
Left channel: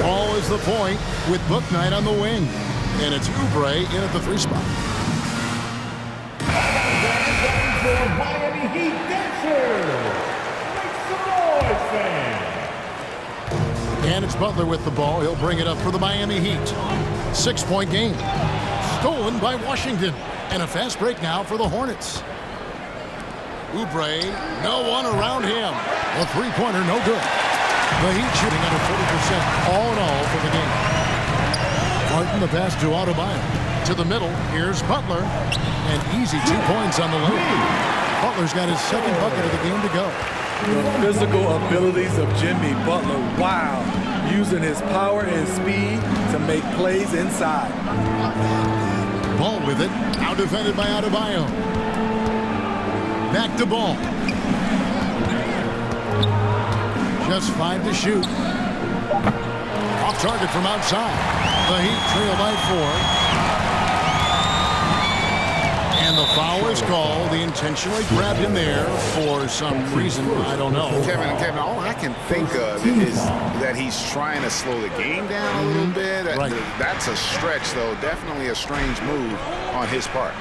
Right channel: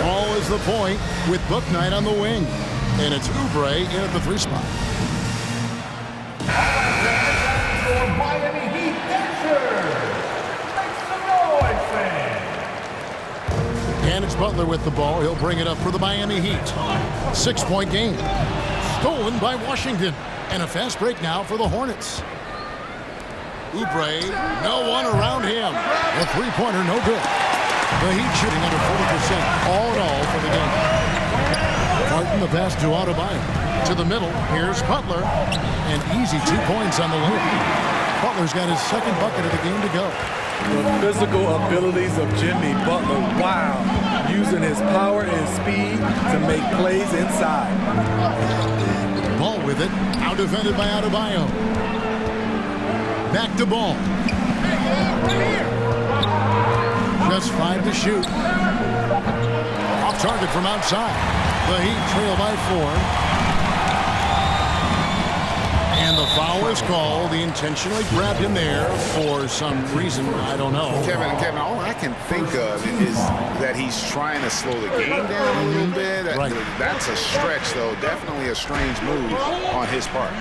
Ball is the point with Bouknight on the wing. And it's Oubre in at the 3 spot. Miami Heat dancers. Make some noise, fans. And it's Butler with the ball. He'll bring it up for the Miami Heat. 6-point game. Stolen by Washington. And a fast break now for the Hornets. Oubre, no one around him. The 3-pointer, no good. The Heat shooting under 40% all in all for the game. Martin the pass to Adebayo. To the middle, here's Butler. And easy 2 points on the layup. Butler's got his second bucket of the game to go. The physical abilities of Jimmy Butler, wow. Using his power and speed to make plays inside. Ball with it, out defended by Adebayo. Back to Ball. Just 5 to shoot. Off target from outside. The Heat trail by 4. And the foul is called. He intentionally grabbed him there for some reason. I don't know. Kevin, all I can think of is that he's trying to slow the game down a little bit. Right. That's a stretch, though. Definitely a strange move on his part.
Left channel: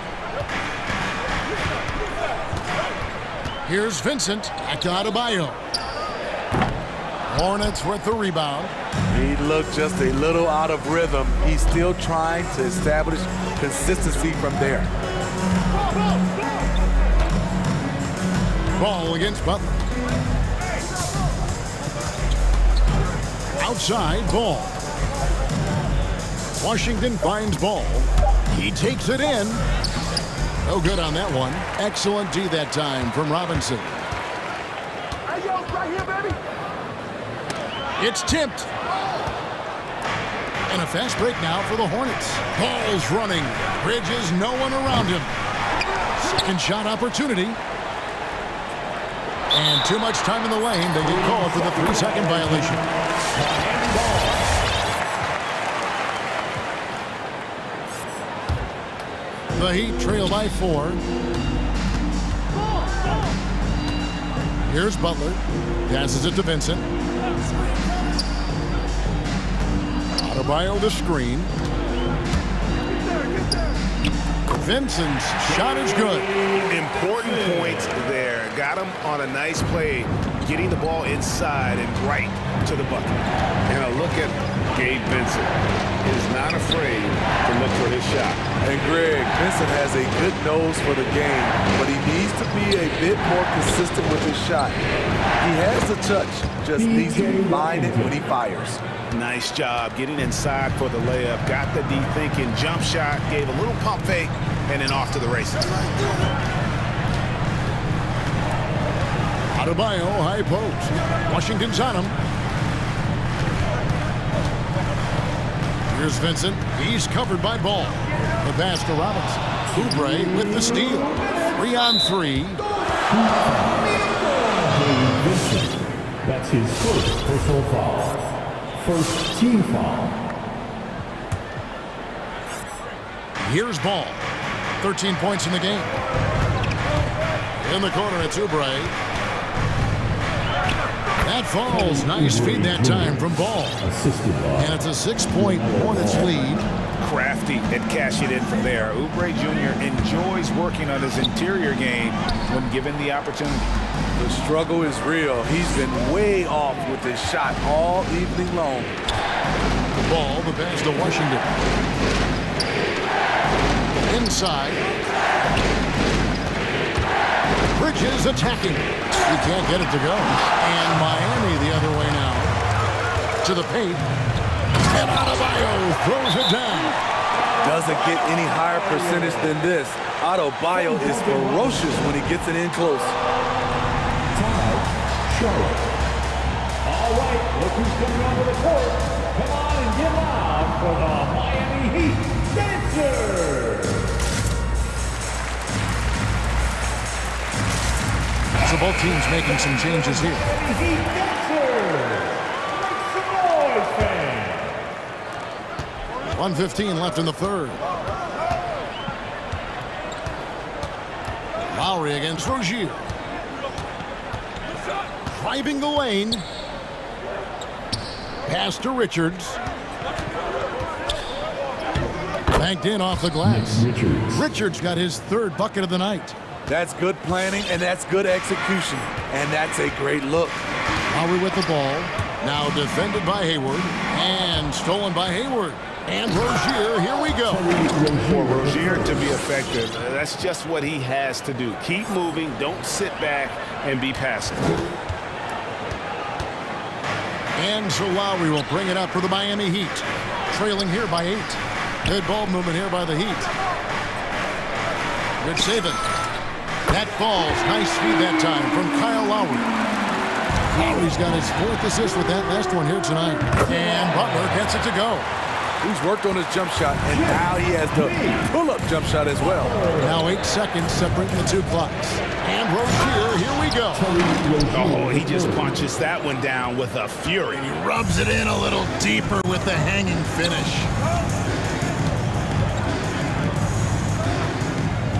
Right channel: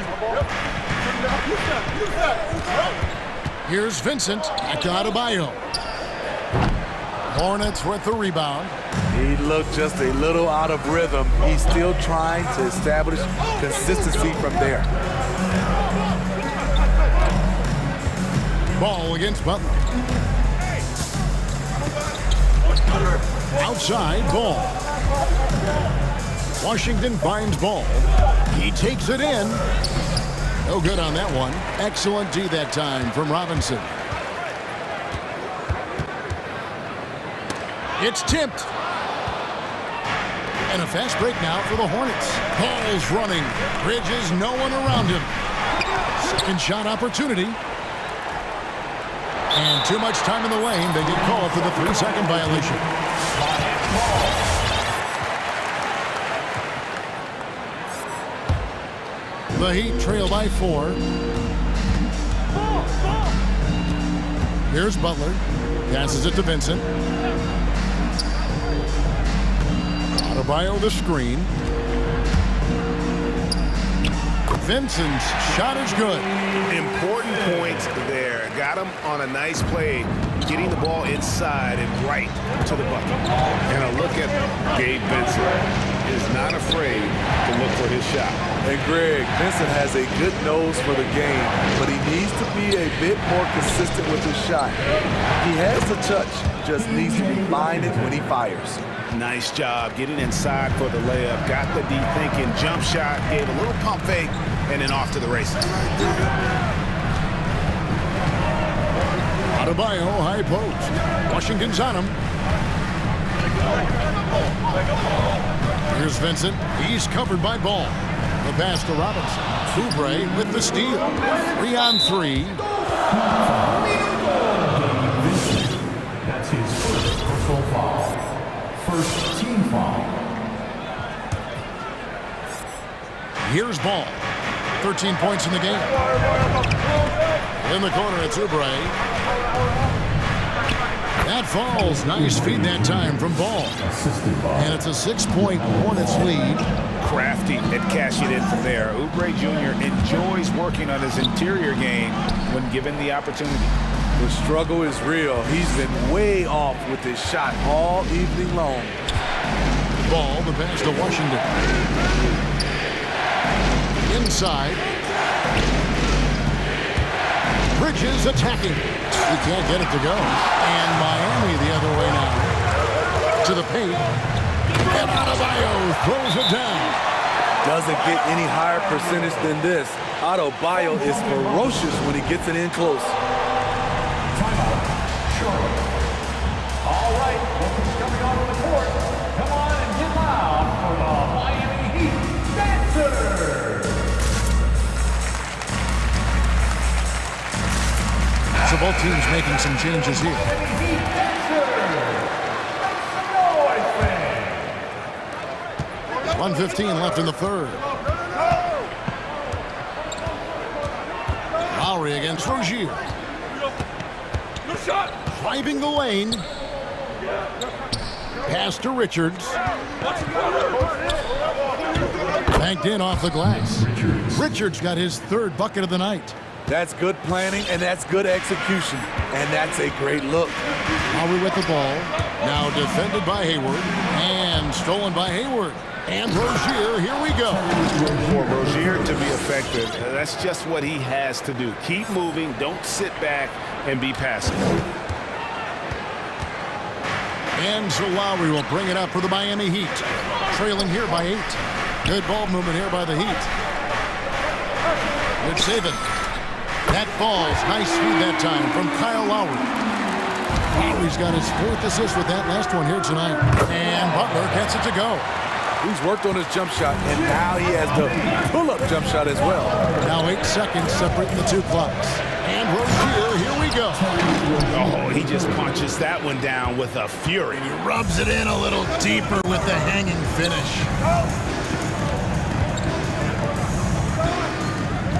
Here's Vincent. Back to Adebayo. Hornets with the rebound. He looked just a little out of rhythm. He's still trying to establish consistency from there. Ball against Butler. Outside, Ball. Washington finds Ball. He takes it in. No good on that one. Excellent D that time from Robinson. It's tipped. And a fast break now for the Hornets. Ball's running. Bridges, no one around him. Second shot opportunity. And too much time in the lane. They get called for the 3-second violation. The Heat trail by 4. Here's Butler. Passes it to Vincent. Adebayo the screen. Vincent's shot is good. Important points there. Got him on a nice play getting the ball inside and right to the bucket. And a look at Gabe Vincent. He is not afraid to look for his shot. And Greg, Vincent has a good nose for the game, but he needs to be a bit more consistent with his shot. He has the touch, just needs to refine it when he fires. Nice job getting inside for the layup. Got the D thinking, jump shot, gave a little pump fake, and then off to the races. Adebayo, high post. Washington's on him. Here's Vincent. He's covered by Ball. The pass to Robinson. Oubre with the steal. 3-on-3. Vincent. That's his first personal foul. First team foul. Here's Ball. 13 points in the game. In the corner, it's Oubre. That falls. Nice feed that time from Ball. And it's a 6-point Hornets lead. Crafty at cashing in from there. Oubre Jr. enjoys working on his interior game when given the opportunity. The struggle is real. He's been way off with his shot all evening long. Ball, the pass to Washington. Inside. Bridges attacking. He can't get it to go. And Miami the other way now. To the paint. And Adebayo throws it down. Doesn't get any higher percentage than this. Adebayo is ferocious when he gets it in close. Timeout, Charlotte. All right, look who's coming onto the court. Come on and get loud for the Miami Heat Dancers. So both teams making some changes here. Miami Heat Dancers. Make some noise, fans. 1:15 left in the third. Lowry against Rozier. Driving the lane. Pass to Richards. Banked in off the glass. Richards got his third bucket of the night. That's good planning, and that's good execution. And that's a great look. Lowry with the ball. Now defended by Hayward. And stolen by Hayward. And Rozier, here we go. For Rozier to be effective, that's just what he has to do. Keep moving, don't sit back and be passive. And so Lowry will bring it up for the Miami Heat. Trailing here by 8. Good ball movement here by the Heat. Good saving. That falls. Nice feed that time from Kyle Lowry. Lowry's got his 4th assist with that last one here tonight. And Butler gets it to go. He's worked on his jump shot, and now he has the pull-up jump shot as well. Now 8 seconds separating the two clocks. And Rozier, here we go. Oh, he just punches that one down with a fury. And he rubs it in a little deeper with the hanging finish.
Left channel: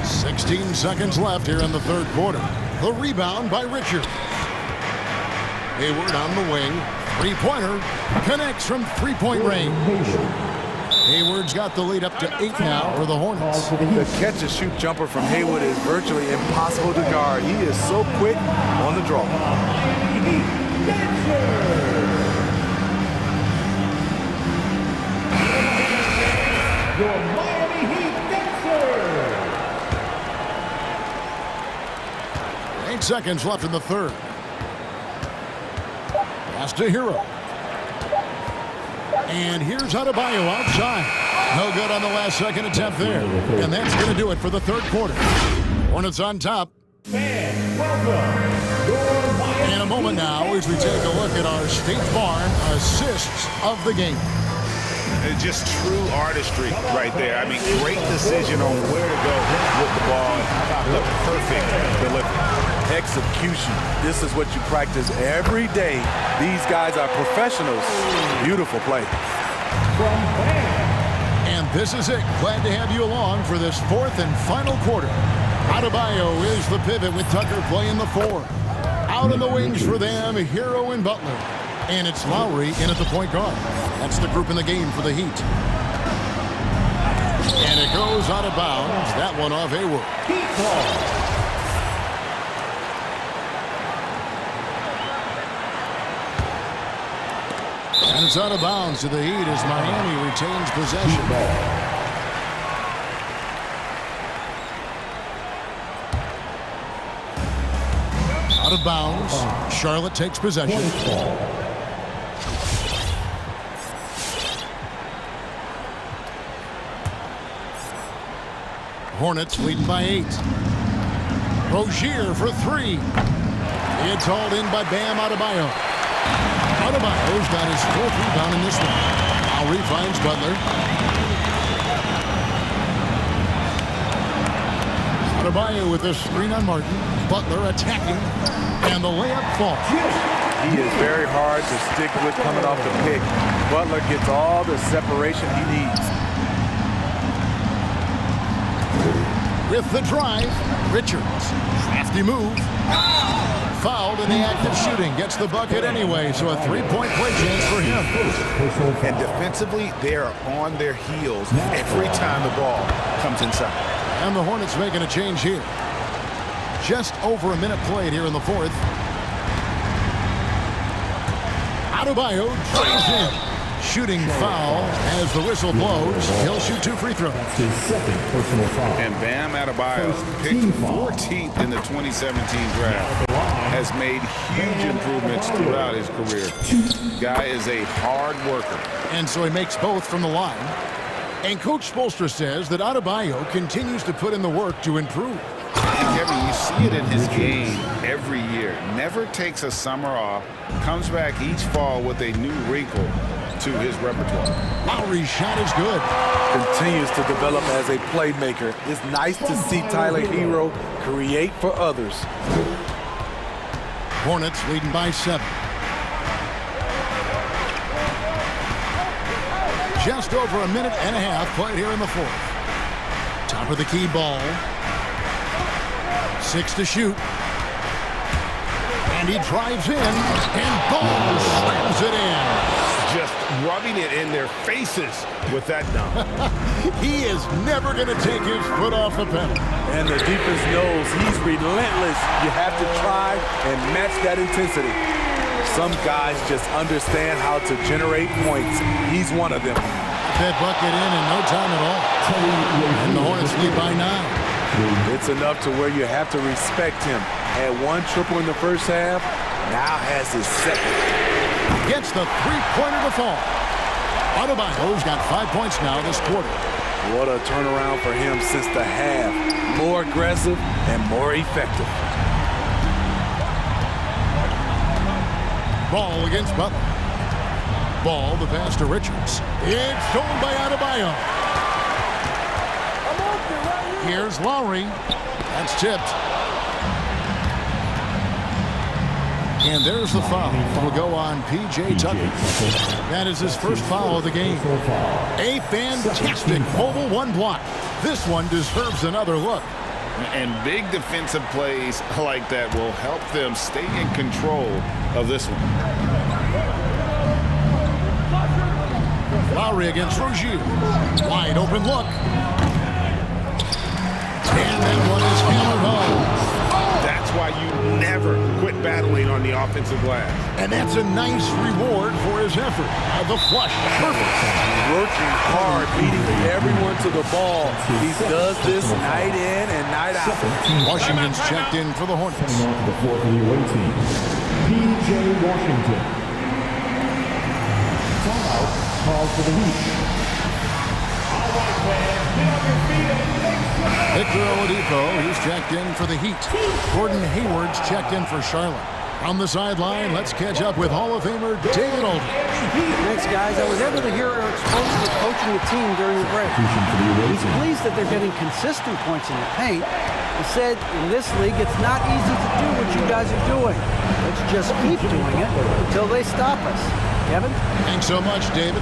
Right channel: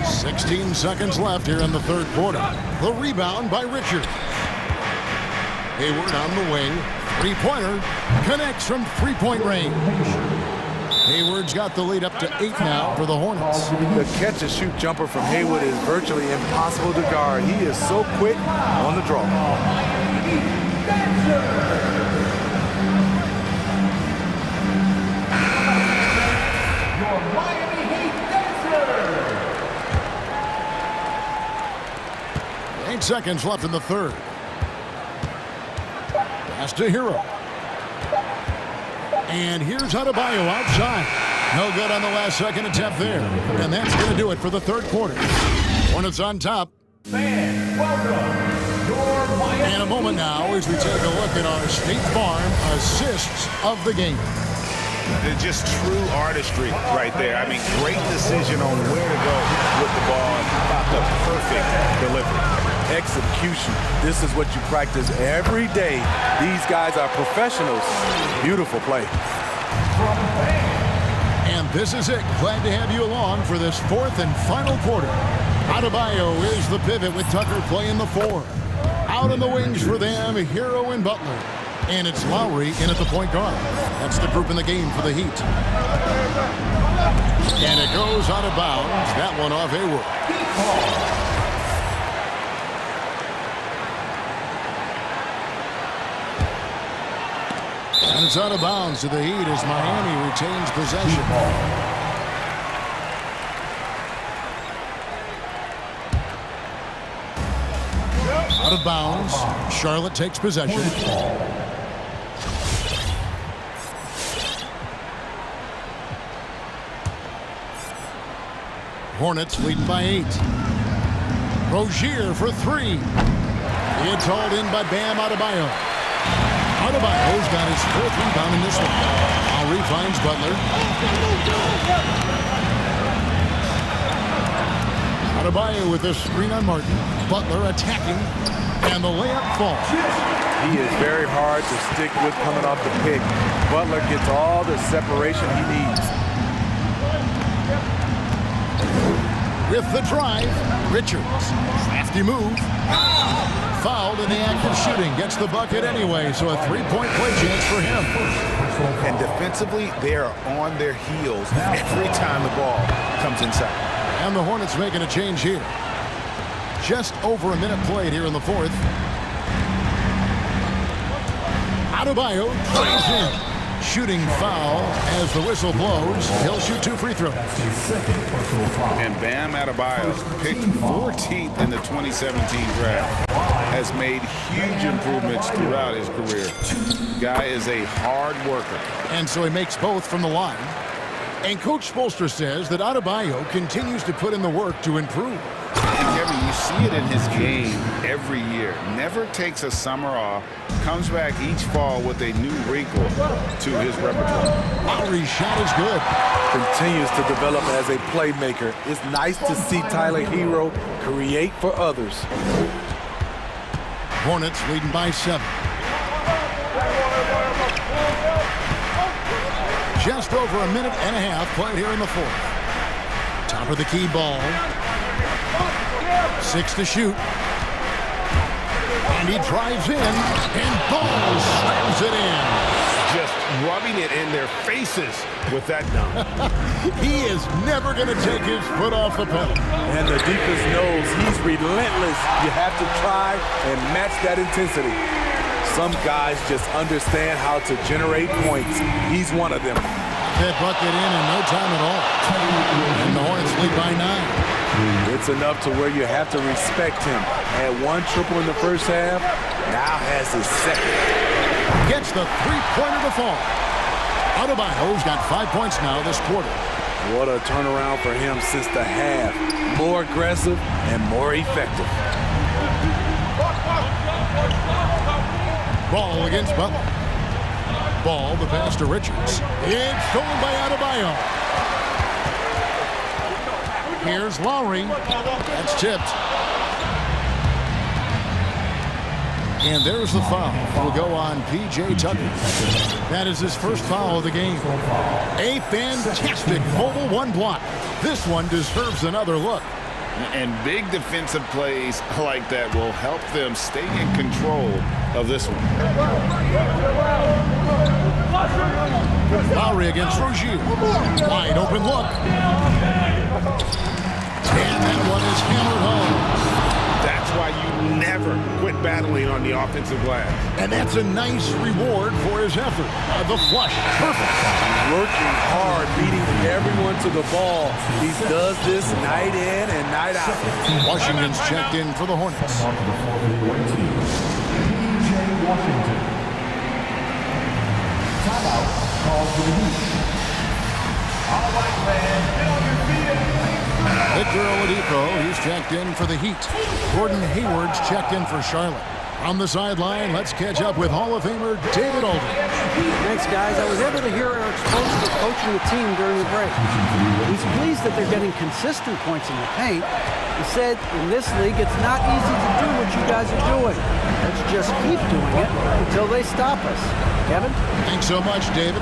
16 seconds left here in the third quarter. The rebound by Richards. Hayward on the wing. Three-pointer connects from three-point range. Hayward's got the lead up to 8 now for the Hornets. The catch-and-shoot jumper from Hayward is virtually impossible to guard. He is so quick on the draw. Your Miami Heat Dancers. 8 seconds left in the third. Pass to Hero. And here's Adebayo outside. No good on the last second attempt there. And that's going to do it for the third quarter. Hornets on top. Fans, welcome. Your Miami In a moment now as we take a look at our State Farm assists of the game. Just true artistry right there. I mean, great decision on where to go with the ball. And how about the perfect delivery? Execution. This is what you practice every day. These guys are professionals. Beautiful play. And this is it. Glad to have you along for this fourth and final quarter. Adebayo is the pivot with Tucker playing the 4. Out on the wings for them, Hero and Butler. And it's Lowry in at the point guard. That's the group in the game for the Heat. And it goes out of bounds. That one off Hayward. And it's out of bounds to the Heat as Miami retains possession. Out of bounds. Charlotte takes possession. Hornets leading by 8. Rozier for 3. It's hauled in by Bam Adebayo. Adebayo's got his 4th rebound in this one. Lowry finds Butler. Adebayo with the screen on Martin. Butler attacking. And the layup falls. He is very hard to stick with coming off the pick. Butler gets all the separation he needs. With the drive, Richards. Crafty move. Fouled in the act of shooting. Gets the bucket anyway, so a 3-point play chance for him. And defensively, they are on their heels every time the ball comes inside. And the Hornets making a change here. Just over a minute played here in the 4th. Adebayo drives in. Shooting foul as the whistle blows. He'll shoot 2 free throws. That's his 2nd personal foul. And Bam Adebayo, picked 14th in the 2017 draft, has made huge improvements throughout his career. Guy is a hard worker. And so he makes both from the line. And Coach Spoelstra says that Adebayo continues to put in the work to improve. And Kevin, you see it in his game every year. Never takes a summer off. Comes back each fall with a new wrinkle to his repertoire. Lowry's shot is good. Continues to develop as a playmaker. It's nice to see Tyler Hero create for others. Hornets leading by 7. Just over a minute and a half played here in the 4th. Top of the key ball. 6 to shoot. And he drives in, and Ball slams it in. Just rubbing it in their faces with that dunk. He is never going to take his foot off the pedal. And the defense knows he's relentless. You have to try and match that intensity. Some guys just understand how to generate points. He's one of them. Got that bucket in no time at all. And the Hornets lead by 9. It's enough to where you have to respect him. Had 1 triple in the first half, now has his 2nd. Gets the 3-pointer to fall. Adebayo's got 5 points now this quarter. What a turnaround for him since the half. More aggressive and more effective. Ball against Butler. Ball, the pass to Richards. It's stolen by Adebayo. Here's Lowry. That's tipped. And there's the foul. Will go on P.J. Tucker. That is his first foul of the game. A fantastic mobile 1 block. This one deserves another look. And big defensive plays like that will help them stay in control of this one. Lowry against Rozier. Wide open look. And that one is hammered home. That's why you never quit battling on the offensive glass. And that's a nice reward for his effort. The flush. Perfect. Working hard, beating everyone to the ball. He does this night in and night out. Washington's checked in for the Hornets. Coming on to the floor for the away team, P.J. Washington. Timeout called for the Heat. All right, fans, get on your feet and make some noise. Victor Oladipo, he's checked in for the Heat. Gordon Hayward's checked in for Charlotte. On the sideline, let's catch up with Hall of Famer David Aldridge. Thanks, guys. I was able to hear Eric Spoelstra coaching the team during the break. He's pleased that they're getting consistent points in the paint. He said, in this league, it's not easy to do what you guys are doing. Let's just keep doing it until they stop us. Kevin? Thanks so much, David.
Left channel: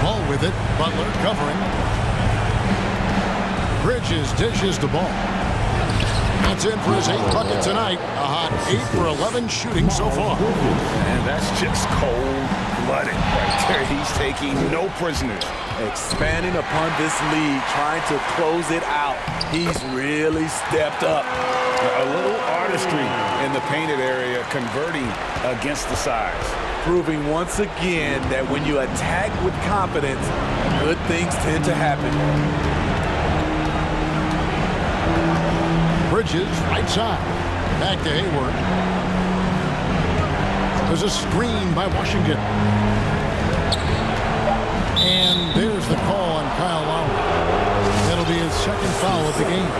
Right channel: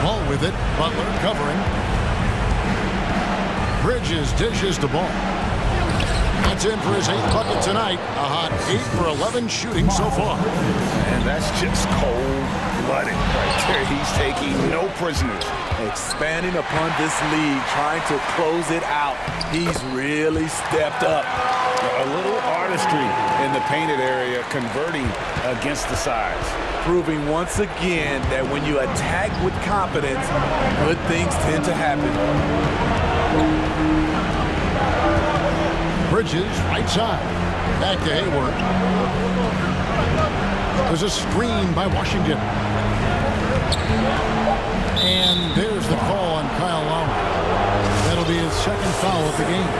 Ball with it. Butler covering. Bridges dishes the ball. That's in for his 8th bucket tonight. A hot 8 for 11 shooting so far. And that's just cold-blooded right there. He's taking no prisoners. Expanding upon this league, trying to close it out. He's really stepped up. A little artistry in the painted area, converting against the size. Proving once again that when you attack with confidence, good things tend to happen. Bridges, right side. Back to Hayward. There's a screen by Washington. And there's the call on Kyle Lowry. That'll be his second foul of the game.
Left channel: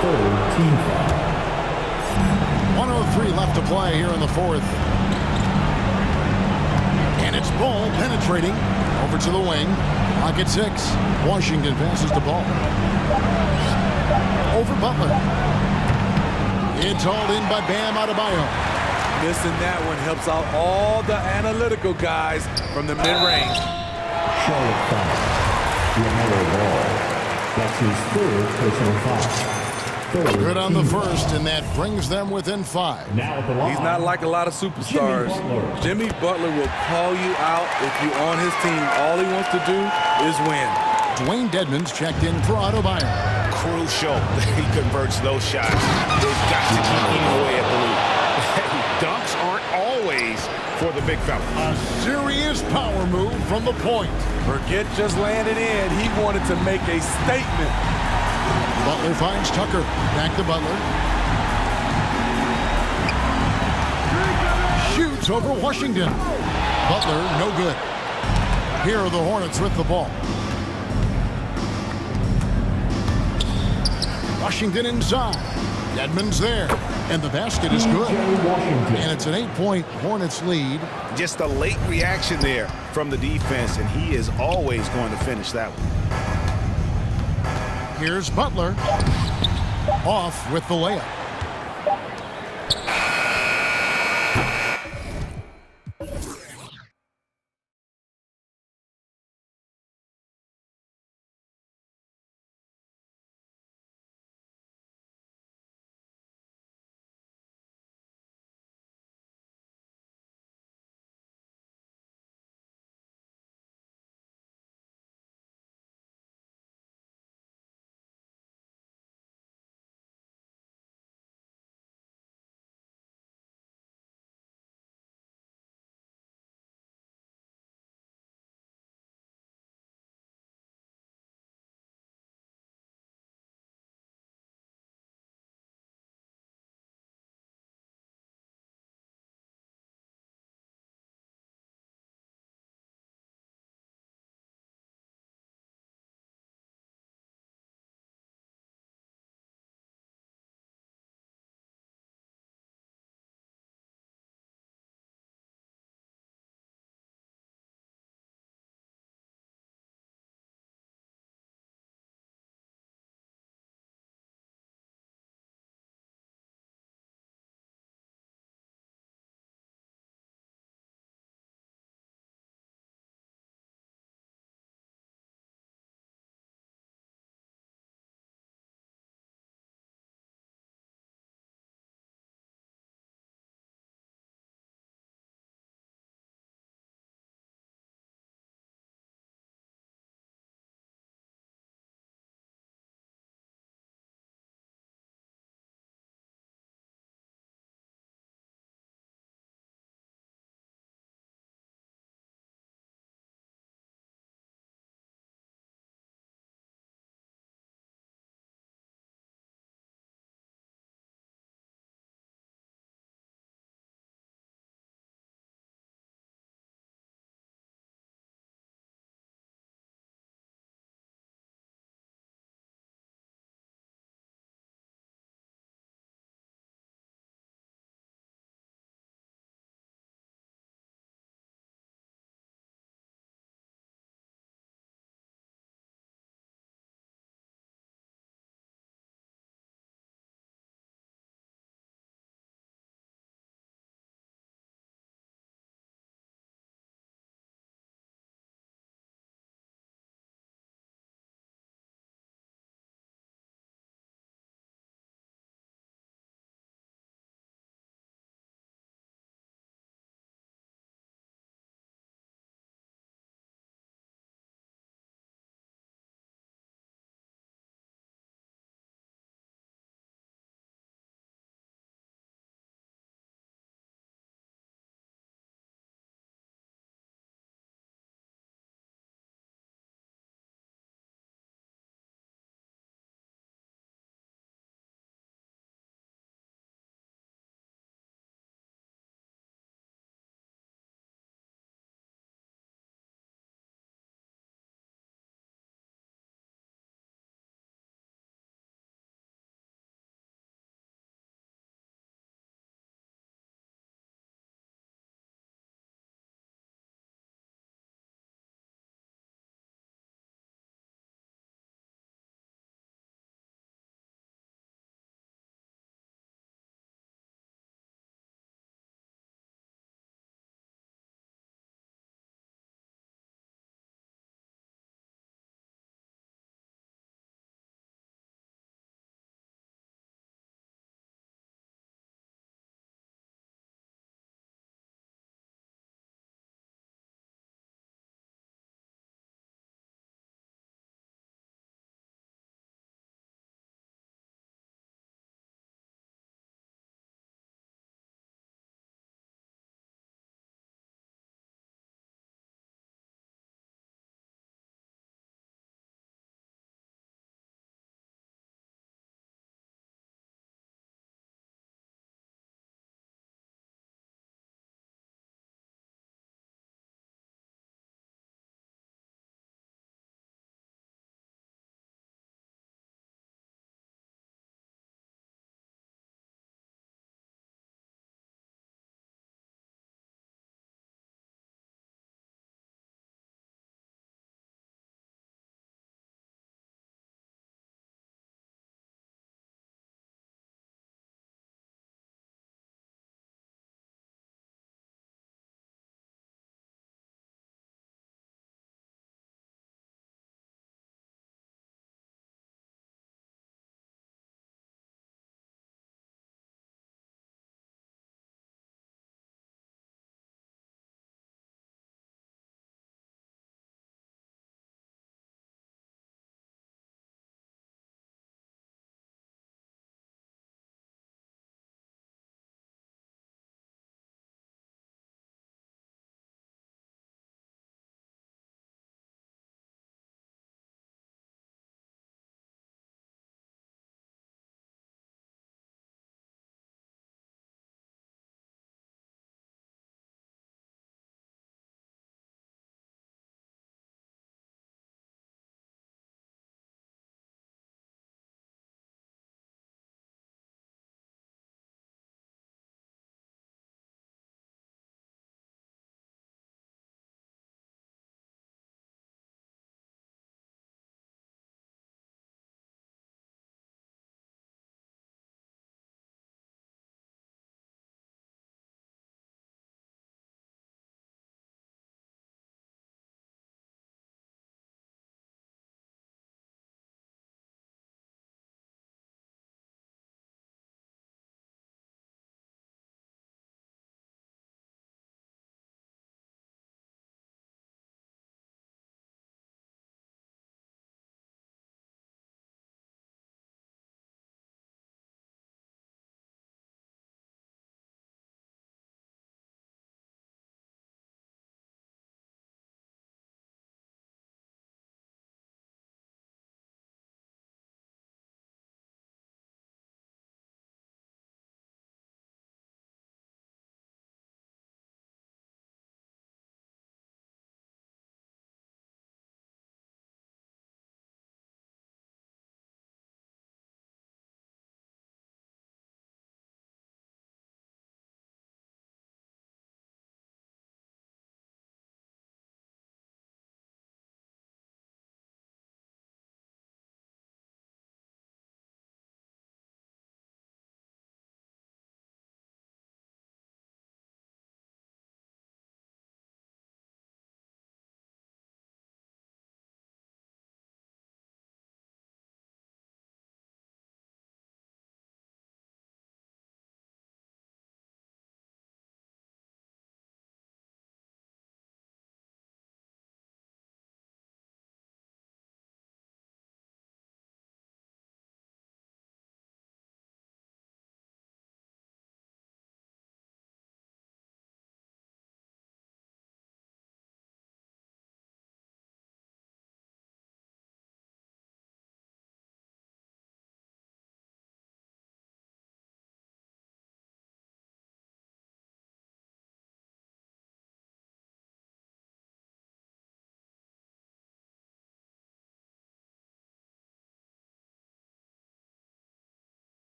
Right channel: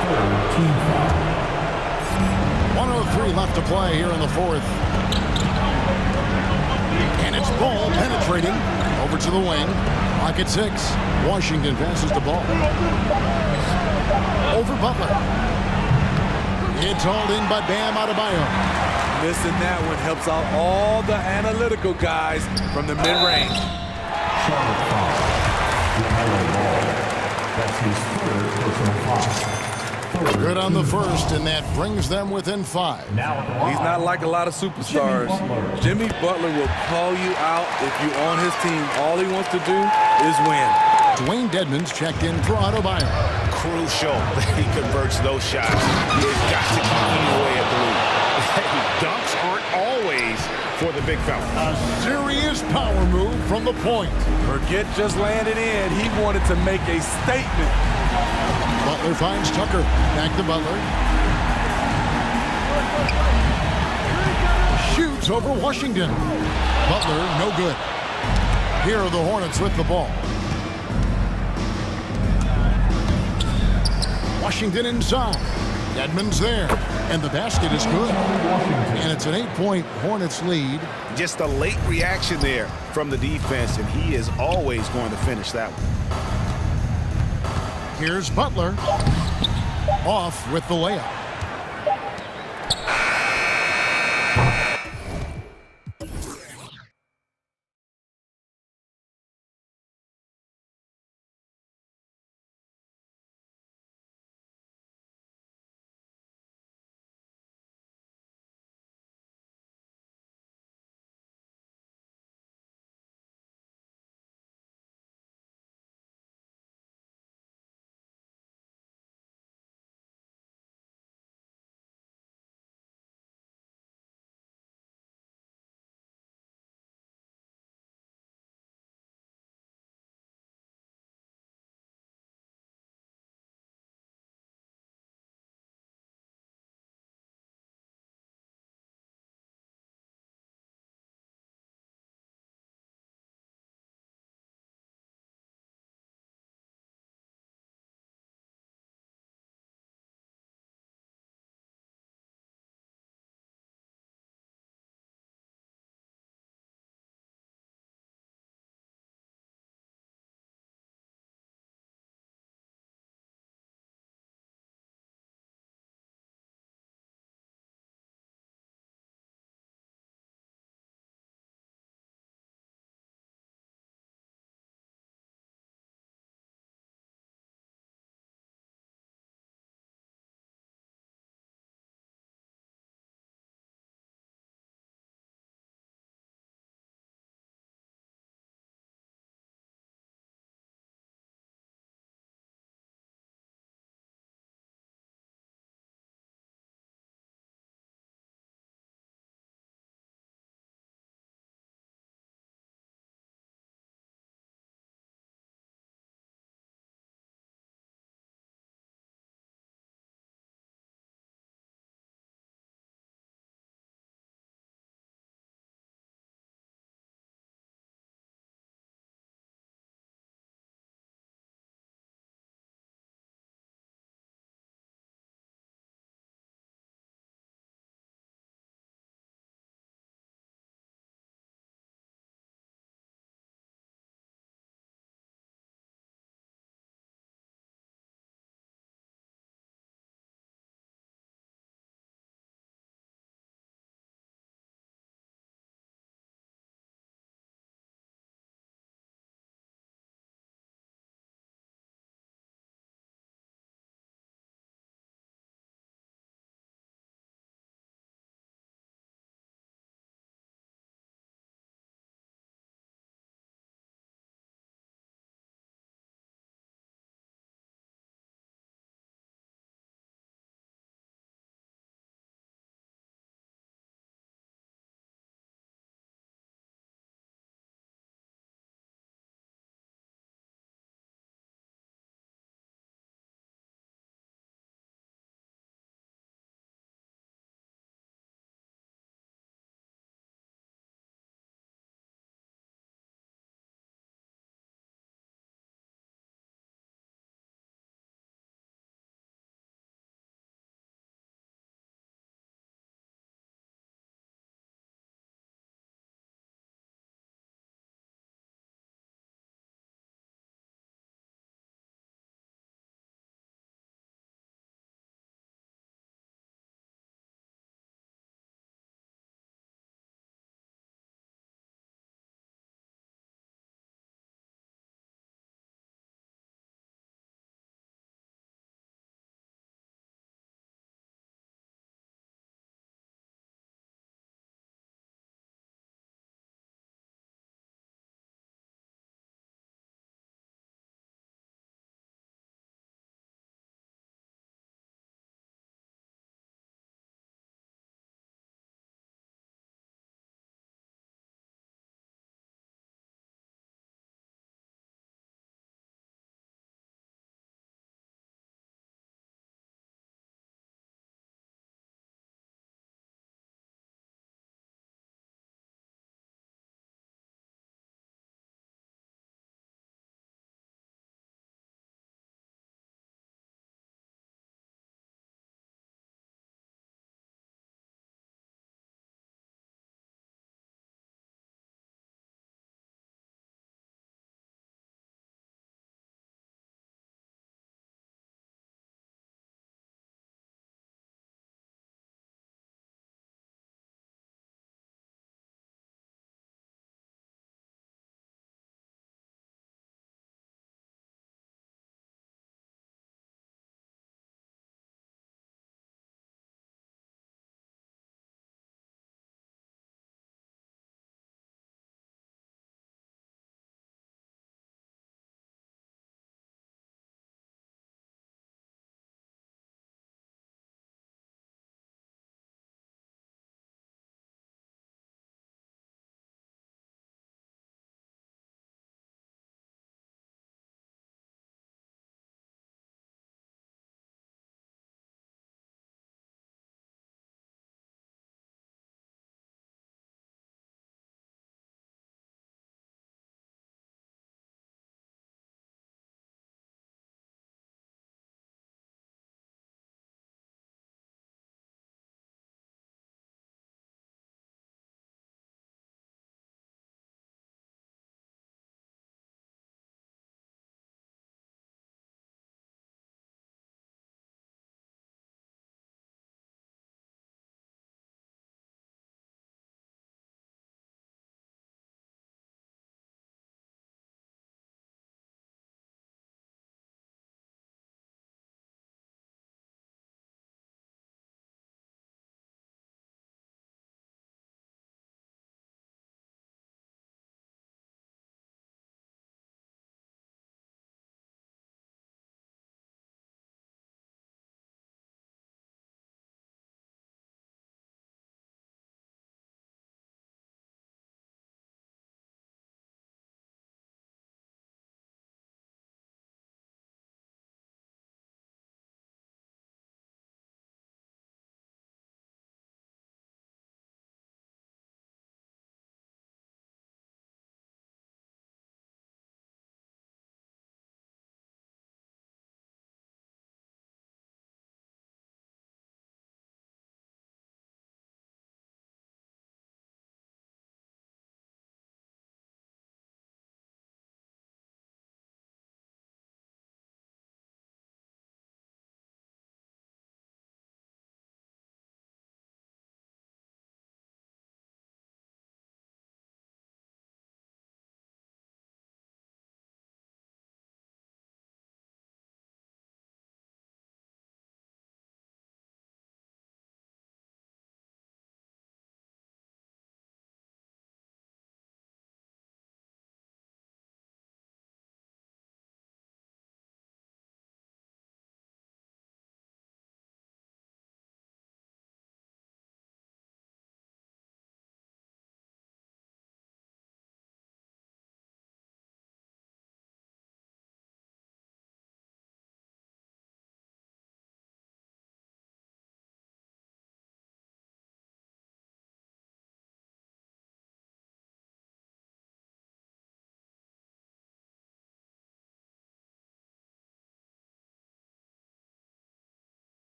Third team foul. 1:03 left to play here in the fourth. And it's ball penetrating over to the wing. Clock at 6. Washington passes the ball. Over Butler. It's hauled in by Bam Adebayo. Missing that one helps out all the analytical guys from the mid-range. Charlotte foul. LaMelo Ball. That's his third personal foul. Good on the first, and that brings them within 5. Now at the line. He's not like a lot of superstars. Jimmy Butler will call you out if you're on his team. All he wants to do is win. Dwayne Dedmon's checked in for Adebayo. Crucial that he converts those shots. They've got to keep eating away at the lead. Dunks aren't always for the big fella. A serious power move from the point. Forget just landing in. He wanted to make a statement. Butler finds Tucker. Back to Butler. Shoots over Washington. Butler, no good. Here are the Hornets with the ball. Washington inside. Dedmon's there. And the basket is good. And it's an 8-point Hornets lead. Just a late reaction there from the defense, and he is always going to finish that one. Here's Butler. Off with the layup.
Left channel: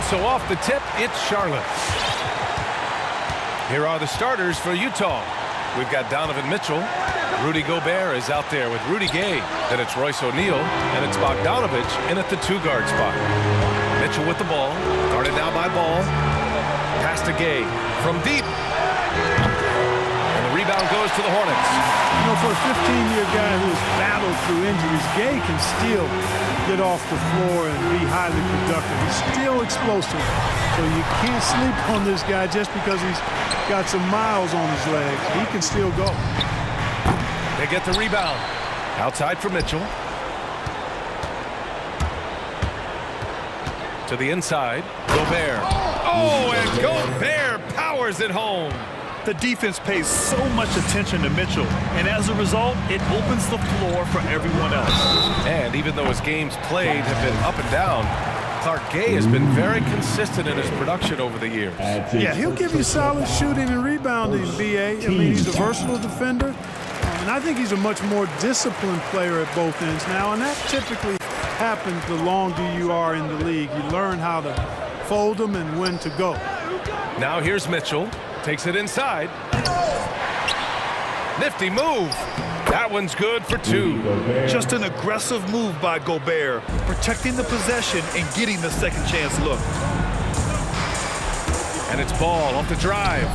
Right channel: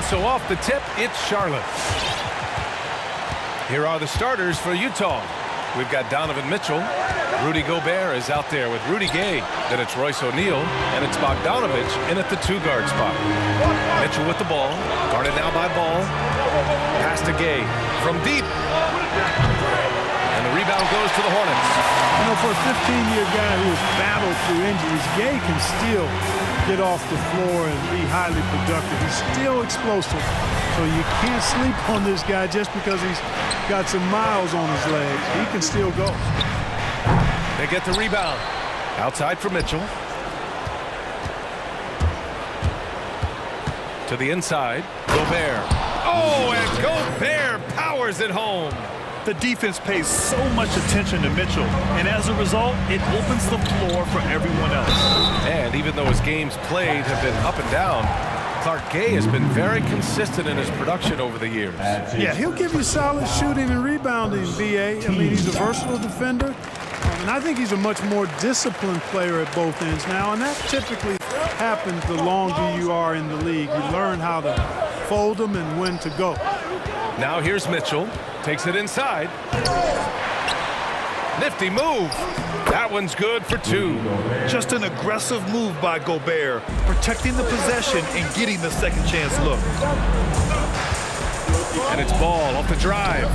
And so off the tip, it's Charlotte. Here are the starters for Utah. We've got Donovan Mitchell. Rudy Gobert is out there with Rudy Gay. Then it's Royce O'Neal, and it's Bogdanovich in at the 2-guard spot. Mitchell with the ball, guarded now by Ball. Pass to Gay from deep. And the rebound goes to the Hornets. You know, for a 15-year guy who has battled through injuries, Gay can still get off the floor and be highly productive. He's still explosive, so you can't sleep on this guy just because he's got some miles on his legs. He can still go. They get the rebound. Outside for Mitchell. To the inside, Gobert. Oh, and Gobert powers it home. The defense pays so much attention to Mitchell, and as a result, it opens the floor for everyone else. And even though his games played have been up and down, Clark Gay has been very consistent in his production over the years. Yeah, he'll give you solid shooting and rebounding, B.A. I mean, he's a versatile defender, and I think he's a much more disciplined player at both ends now, and that typically happens the longer you are in the league. You learn how to fold them and when to go. Now here's Mitchell. Takes it inside. Nifty move. That one's good for 2. Just an aggressive move by Gobert, protecting the possession and getting the second chance look. And it's Ball off the drive.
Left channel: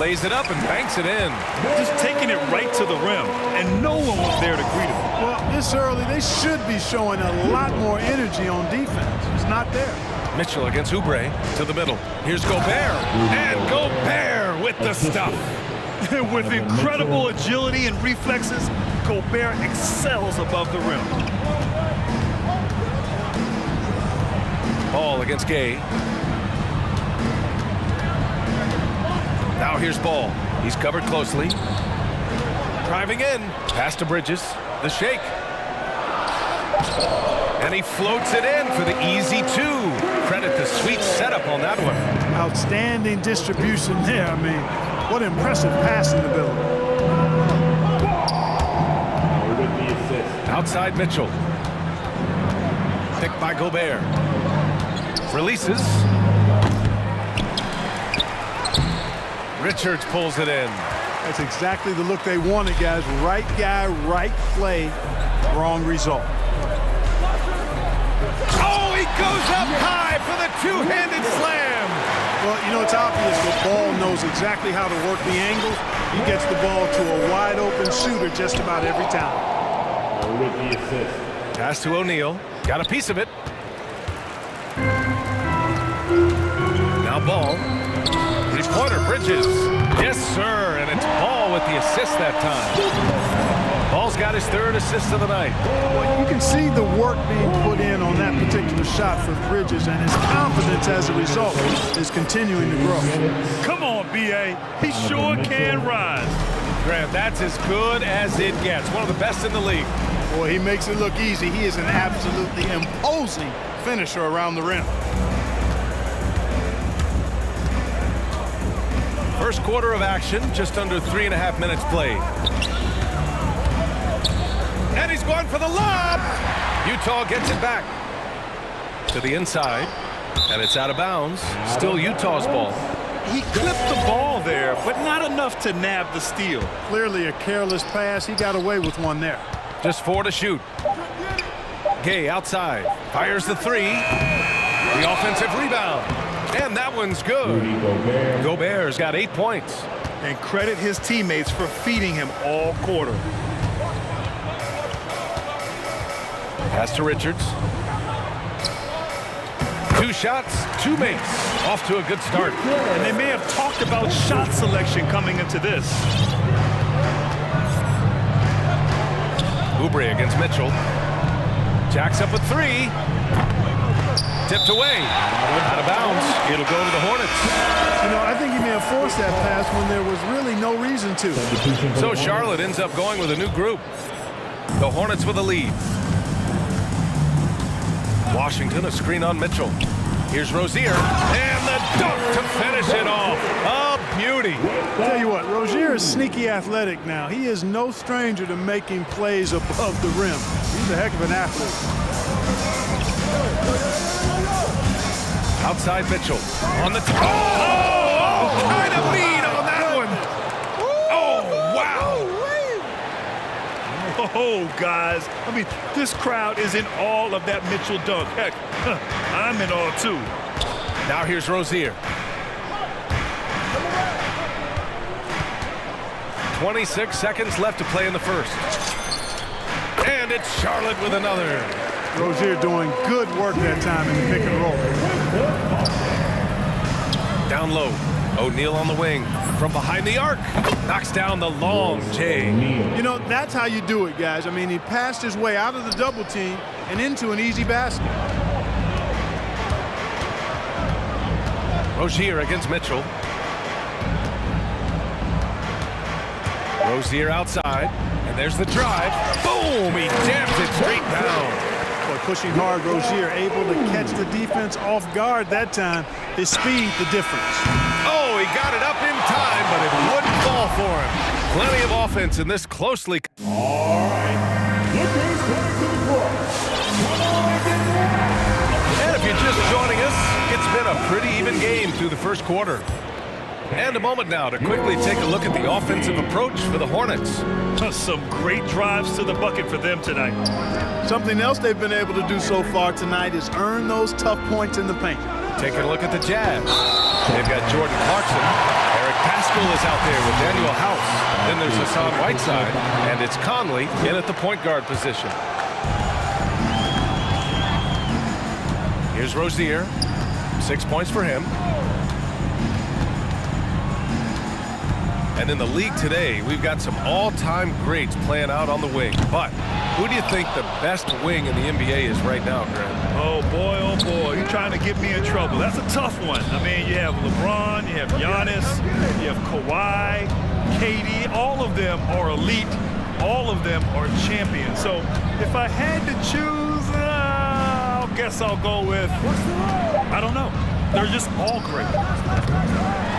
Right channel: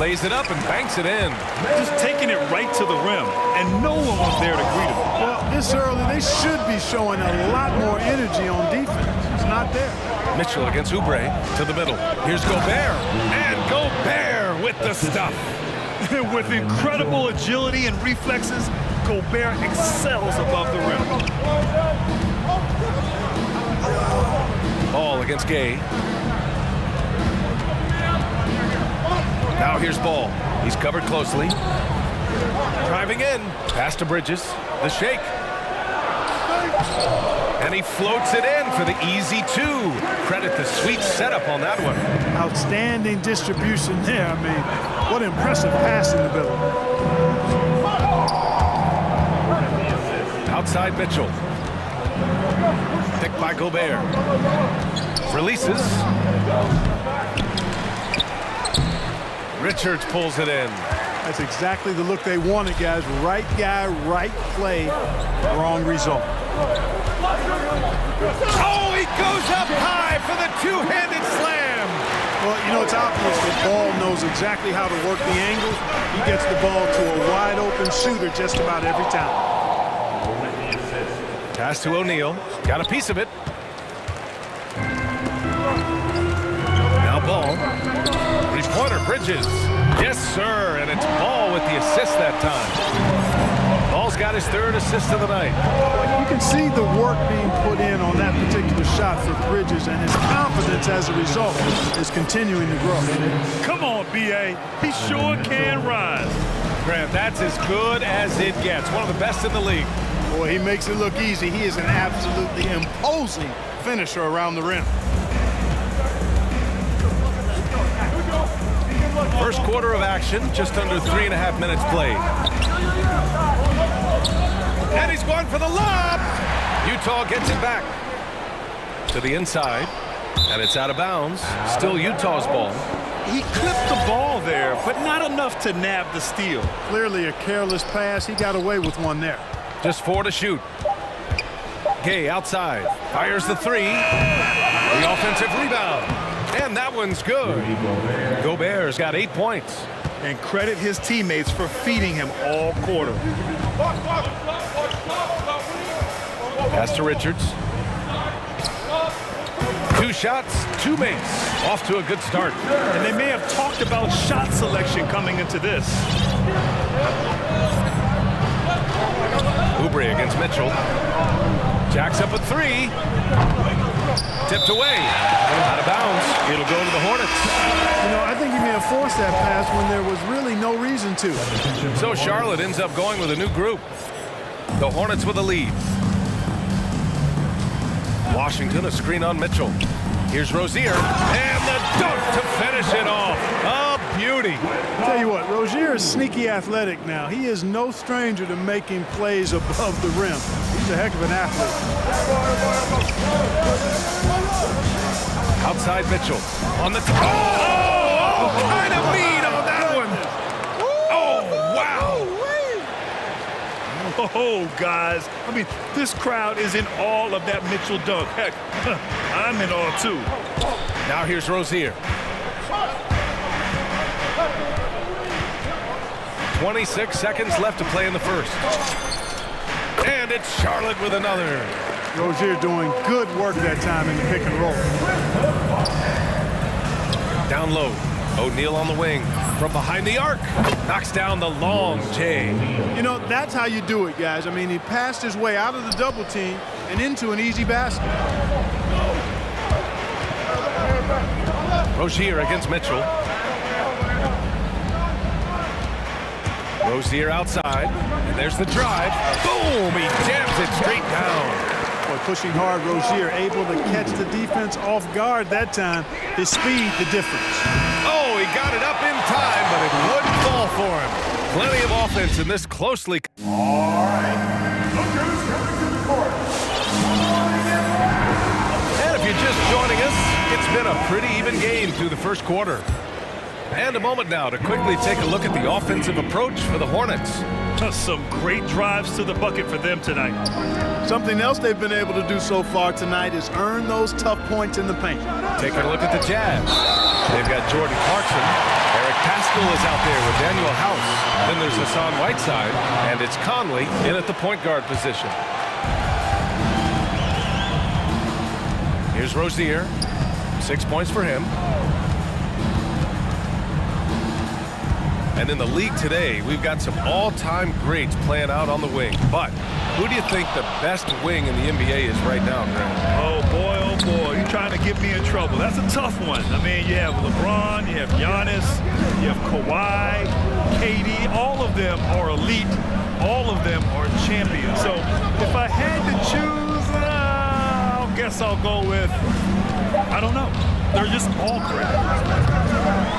Lays it up and banks it in. Just taking it right to the rim, and no one was there to greet him. Well, this early, they should be showing a lot more energy on defense. It's not there. Mitchell against Oubre to the middle. Here's Gobert. And Gobert with the stuff. With incredible agility and reflexes, Gobert excels above the rim. Ball against Gay. Now here's Ball. He's covered closely. Driving in. Pass to Bridges. The shake. And he floats it in for the easy 2. Credit the sweet setup on that one. Outstanding distribution there. I mean, what impressive passing ability. Outside Mitchell. Picked by Gobert. Releases. Richards pulls it in. That's exactly the look they wanted, guys. Right guy, right play, wrong result. Oh, he goes up high for the 2-handed slam. Well, you know, it's obvious that Ball knows exactly how to work the angles. He gets the ball to a wide-open shooter just about every time. With the assist. Pass to O'Neal. Got a piece of it. Now Ball. Three-pointer, Bridges. Yes, sir, and it's Ball with the assist that time. Ball's got his 3rd assist of the night. Well, you can see the work being put in on that particular shot for Bridges, and his confidence as a result is continuing to grow. Come on, B.A. He sure can rise. Grant, that's as good as it gets. One of the best in the league. Boy, he makes it look easy. He is an absolutely imposing finisher around the rim. First quarter of action, just under 3.5 minutes played. And he's going for the lob. Utah gets it back to the inside, and it's out of bounds. Still Utah's ball. He clipped the ball there, but not enough to nab the steal. Clearly a careless pass. He got away with one there. Just 4 to shoot. Gay outside. Fires the 3. The offensive rebound. And that one's good. Gobert's got 8 points. And credit his teammates for feeding him all quarter. Pass to Richards. 2 shots, 2 makes. Off to a good start. And they may have talked about shot selection coming into this. Oubre against Mitchell. Jacks up a 3. Tipped away. Out of bounds. It'll go to the Hornets. You know, I think he may have forced that pass when there was really no reason to. So Charlotte ends up going with a new group. The Hornets with a lead. Washington, a screen on Mitchell. Here's Rozier, and the dunk to finish it off. A beauty. Tell you what, Rozier is sneaky athletic now. He is no stranger to making plays above the rim. He's a heck of an athlete. Outside Mitchell. On the top. Oh, kind of mean on that one. Oh, wow. Whoa, guys. I mean, this crowd is in awe of that Mitchell dunk. Heck, I'm in awe, too. Now here's Rozier. 26 seconds left to play in the first. And it's Charlotte with another. Rozier doing good work that time in the pick and roll. Down low. O'Neal on the wing. From behind the arc. Knocks down the long J. You know, that's how you do it, guys. I mean, he passed his way out of the double team and into an easy basket. Rozier against Mitchell. Rozier outside, and there's the drive. Boom! He jams it straight down. Boy, pushing hard, Rozier able to catch the defense off guard that time. His speed, the difference. Oh, he got it up in time, but it wouldn't fall for him. Plenty of offense in this closely. All right, look who's coming to the court. And if you're just joining us, it's been a pretty even game through the first quarter. And a moment now to quickly take a look at the offensive approach for the Hornets. Some great drives to the bucket for them tonight. Something else they've been able to do so far tonight is earn those tough points in the paint. Taking a look at the Jazz. They've got Jordan Clarkson. Eric Paschall is out there with Daniel House. Then there's Hassan Whiteside, and it's Conley in at the point guard position. Here's Rozier. 6 points for him. And in the league today, we've got some all-time greats playing out on the wing. But who do you think the best wing in the NBA is right now, Grant? Oh, boy, you're trying to get me in trouble. That's a tough one. I mean, you have LeBron, you have Giannis, you have Kawhi, KD. All of them are elite. All of them are champions. So if I had to choose, I guess I'll go with, I don't know. They're just all great.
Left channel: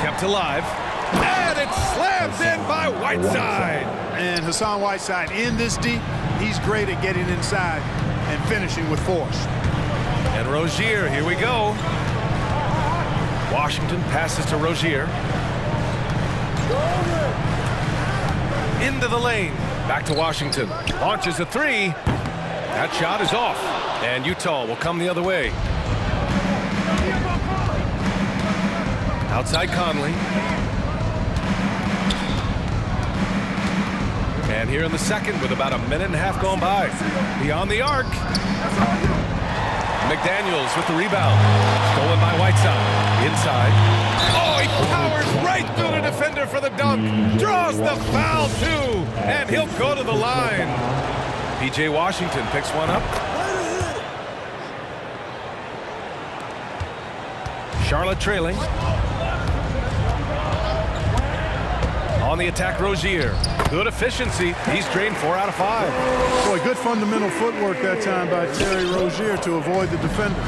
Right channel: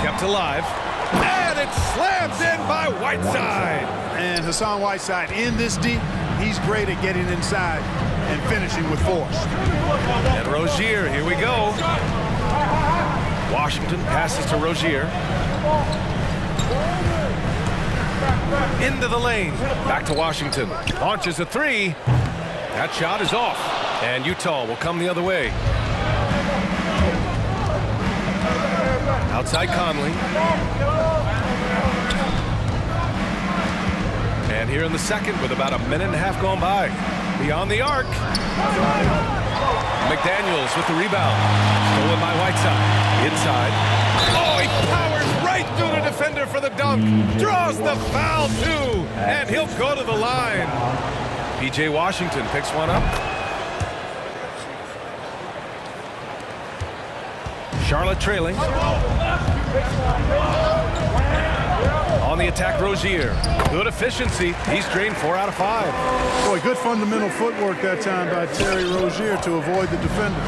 Kept alive. And it's slammed in by Whiteside. And Hassan Whiteside in this deep, he's great at getting inside and finishing with force. And Rozier, here we go. Washington passes to Rozier. Into the lane. Back to Washington. Launches a three. That shot is off. And Utah will come the other way. Outside Conley. And here in the second with about a minute and a half gone by. Beyond the arc. McDaniels with the rebound. Stolen by Whiteside. Inside. Oh, he powers right through the defender for the dunk. Draws the foul too. And he'll go to the line. P.J. Washington picks one up. Charlotte trailing. On the attack, Rozier. Good efficiency. He's drained 4 out of 5. Boy, good fundamental footwork that time by Terry Rozier to avoid the defender.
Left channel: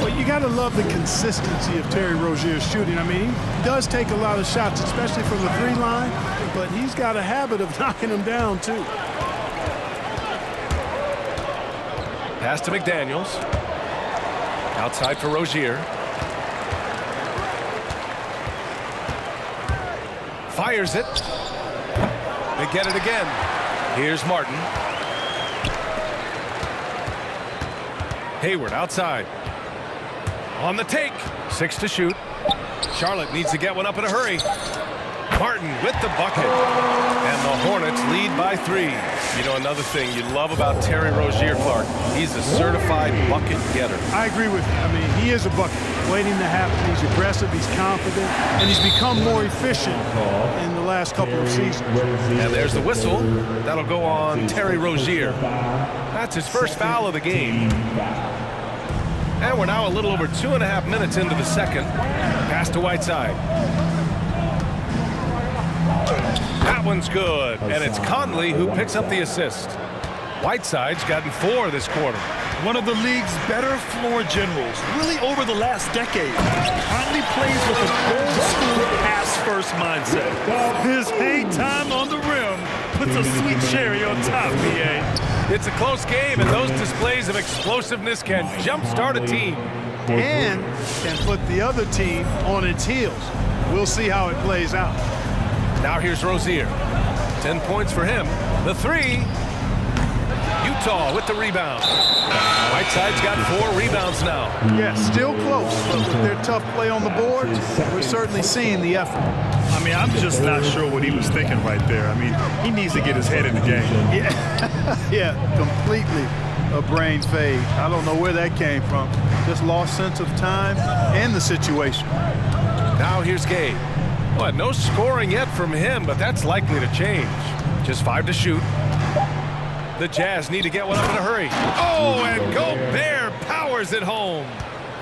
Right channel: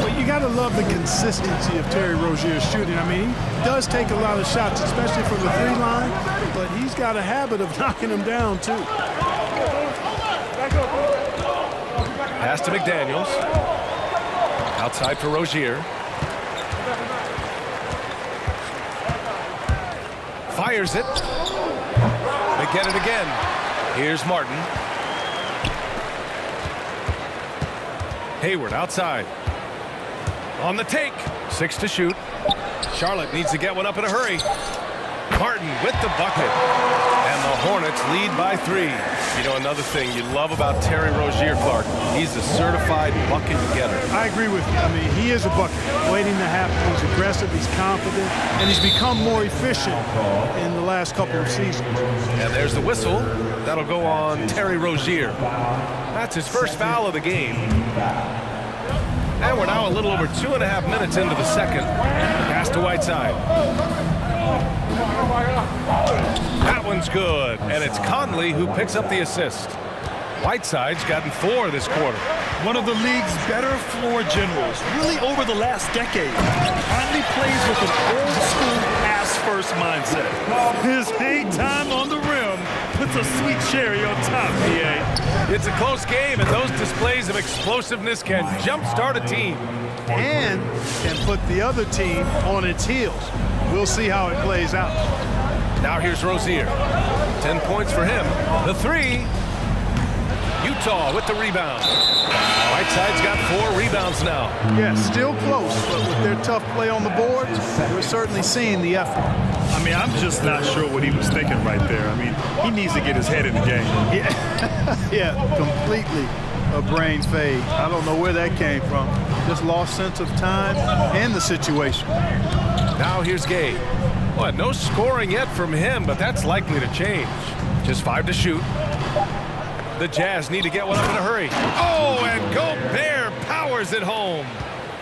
But you got to love the consistency of Terry Rozier's shooting. I mean, he does take a lot of shots, especially from the 3 line, but he's got a habit of knocking them down, too. Pass to McDaniels. Outside for Rozier. Fires it. They get it again. Here's Martin. Hayward outside. On the take. 6 to shoot. Charlotte needs to get one up in a hurry. Martin with the bucket. And the Hornets lead by 3. You know, another thing you love about Terry Rozier, Clark, he's a certified bucket getter. I agree with you. I mean, he is a bucket waiting to happen. He's aggressive, he's confident, and he's become more efficient in the last couple of seasons. And there's the whistle. That'll go on Terry Rozier. That's his first foul of the game. And we're now a little over 2.5 minutes into the second. Pass to Whiteside. That one's good, and it's Conley who picks up the assist. Whiteside's gotten 4 this quarter. One of the league's better floor generals, really over the last decade. Conley plays with an old-school pass-first mindset. His hang time on the rim puts a sweet cherry on top, PA. It's a close game, and those displays of explosiveness can jumpstart a team. and can put the other team on its heels. We'll see how it plays out. Now here's Rozier. 10 points for him. The three. Utah with the rebound. Whiteside's got 4 rebounds now. Yeah, still close, but with their tough play on the boards, we're certainly seeing the effort. I mean, I'm just not sure what he was thinking right there. I mean, he needs to get his head in the game. Yeah, completely a brain fade. I don't know where that came from. Just lost sense of time and the situation. Now here's Gabe. Well, no scoring yet from him, but that's likely to change. Just 5 to shoot. The Jazz need to get one up in a hurry. Oh, and Gobert powers it home.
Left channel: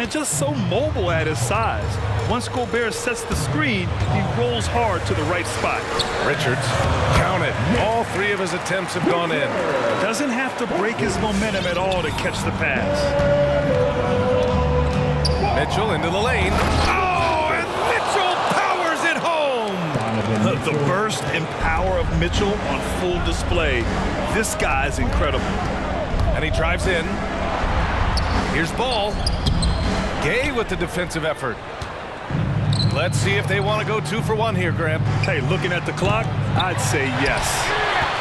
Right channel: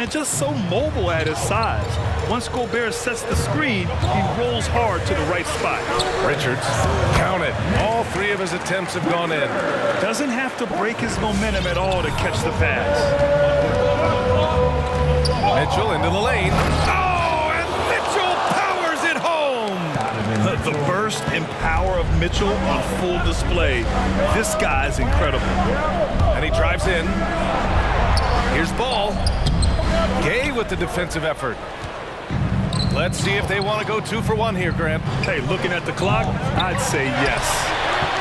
And just so mobile at his size. Once Gobert sets the screen, he rolls hard to the right spot. Richards, count it. All 3 of his attempts have gone in. Doesn't have to break his momentum at all to catch the pass. Mitchell into the lane. Oh, and Mitchell powers it home. The burst and power of Mitchell on full display. This guy's incredible. And he drives in. Here's Ball. Gay with the defensive effort. Let's see if they want to go 2 for 1 here, Grant. Hey, looking at the clock, I'd say yes.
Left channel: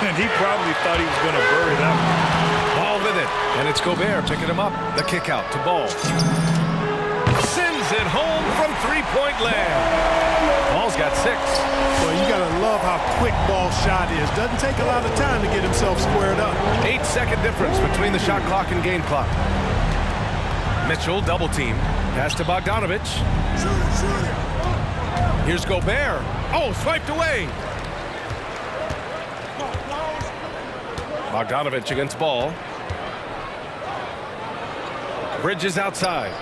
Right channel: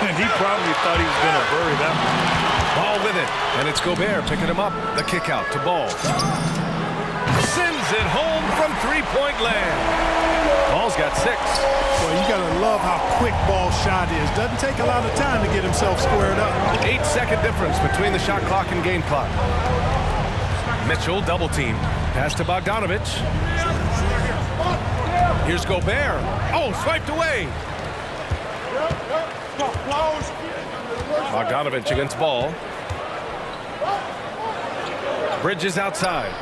And he probably thought he was going to bury that one. Ball with it, and it's Gobert picking him up. The kick out to Ball. Sends it home from 3-point land. Ball's got 6. Well, you got to love how quick Ball's shot is. Doesn't take a lot of time to get himself squared up. 8-second difference between the shot clock and game clock. Mitchell double teamed. Pass to Bogdanovich. Here's Gobert. Oh, swiped away. Bogdanovich against Ball. Bridges outside.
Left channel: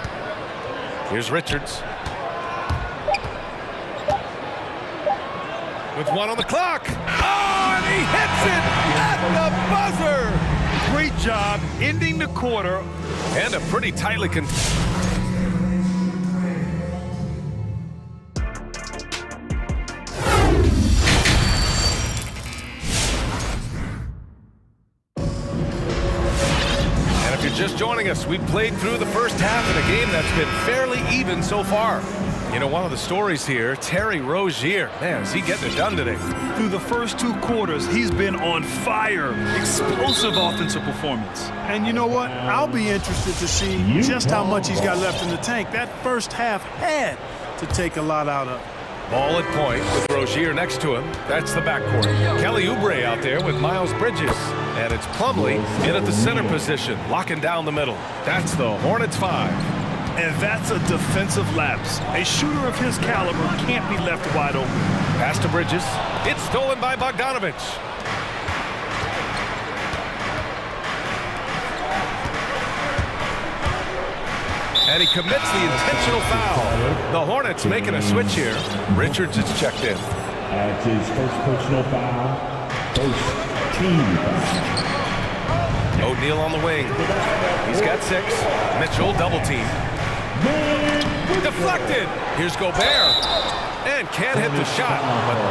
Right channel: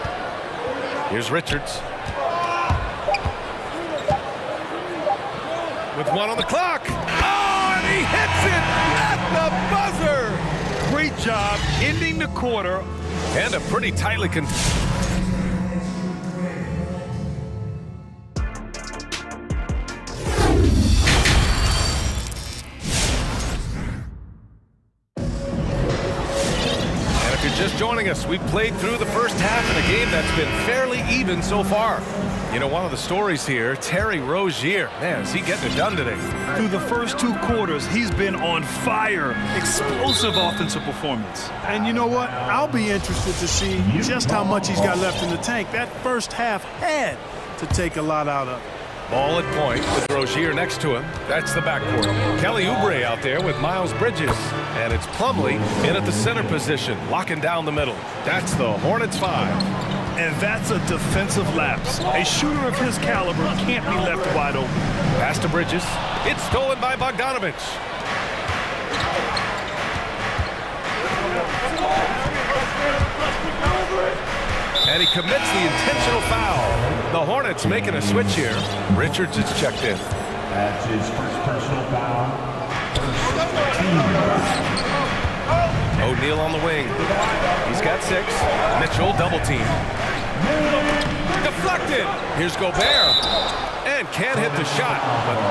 Here's Richards. With 1 on the clock. Oh, and he hits it at the buzzer. Great job ending the quarter. And a pretty tightly If you're just joining us, we played through the first half in a game that's been fairly even so far. You know, one of the stories here, Terry Rozier. Man, is he getting it done today? Through the first 2 quarters, he's been on fire. Explosive offensive performance. And you know what? I'll be interested to see just how much he's got left in the tank. That first half had to take a lot out of it. Ball at point with Rozier next to him. That's the backcourt. Kelly Oubre out there with Miles Bridges. And it's Plumlee in at the center position, locking down the middle. That's the Hornets 5. And that's a defensive lapse. A shooter of his caliber can't be left wide open. Pass to Bridges. It's stolen by Bogdanovich. And he commits the intentional foul. The Hornets making a switch here. Richards is checked in. That's his first personal foul. First team. O'Neal on the wing. He's got 6. Mitchell double team. Deflected. Here's Gobert. And can't hit the shot.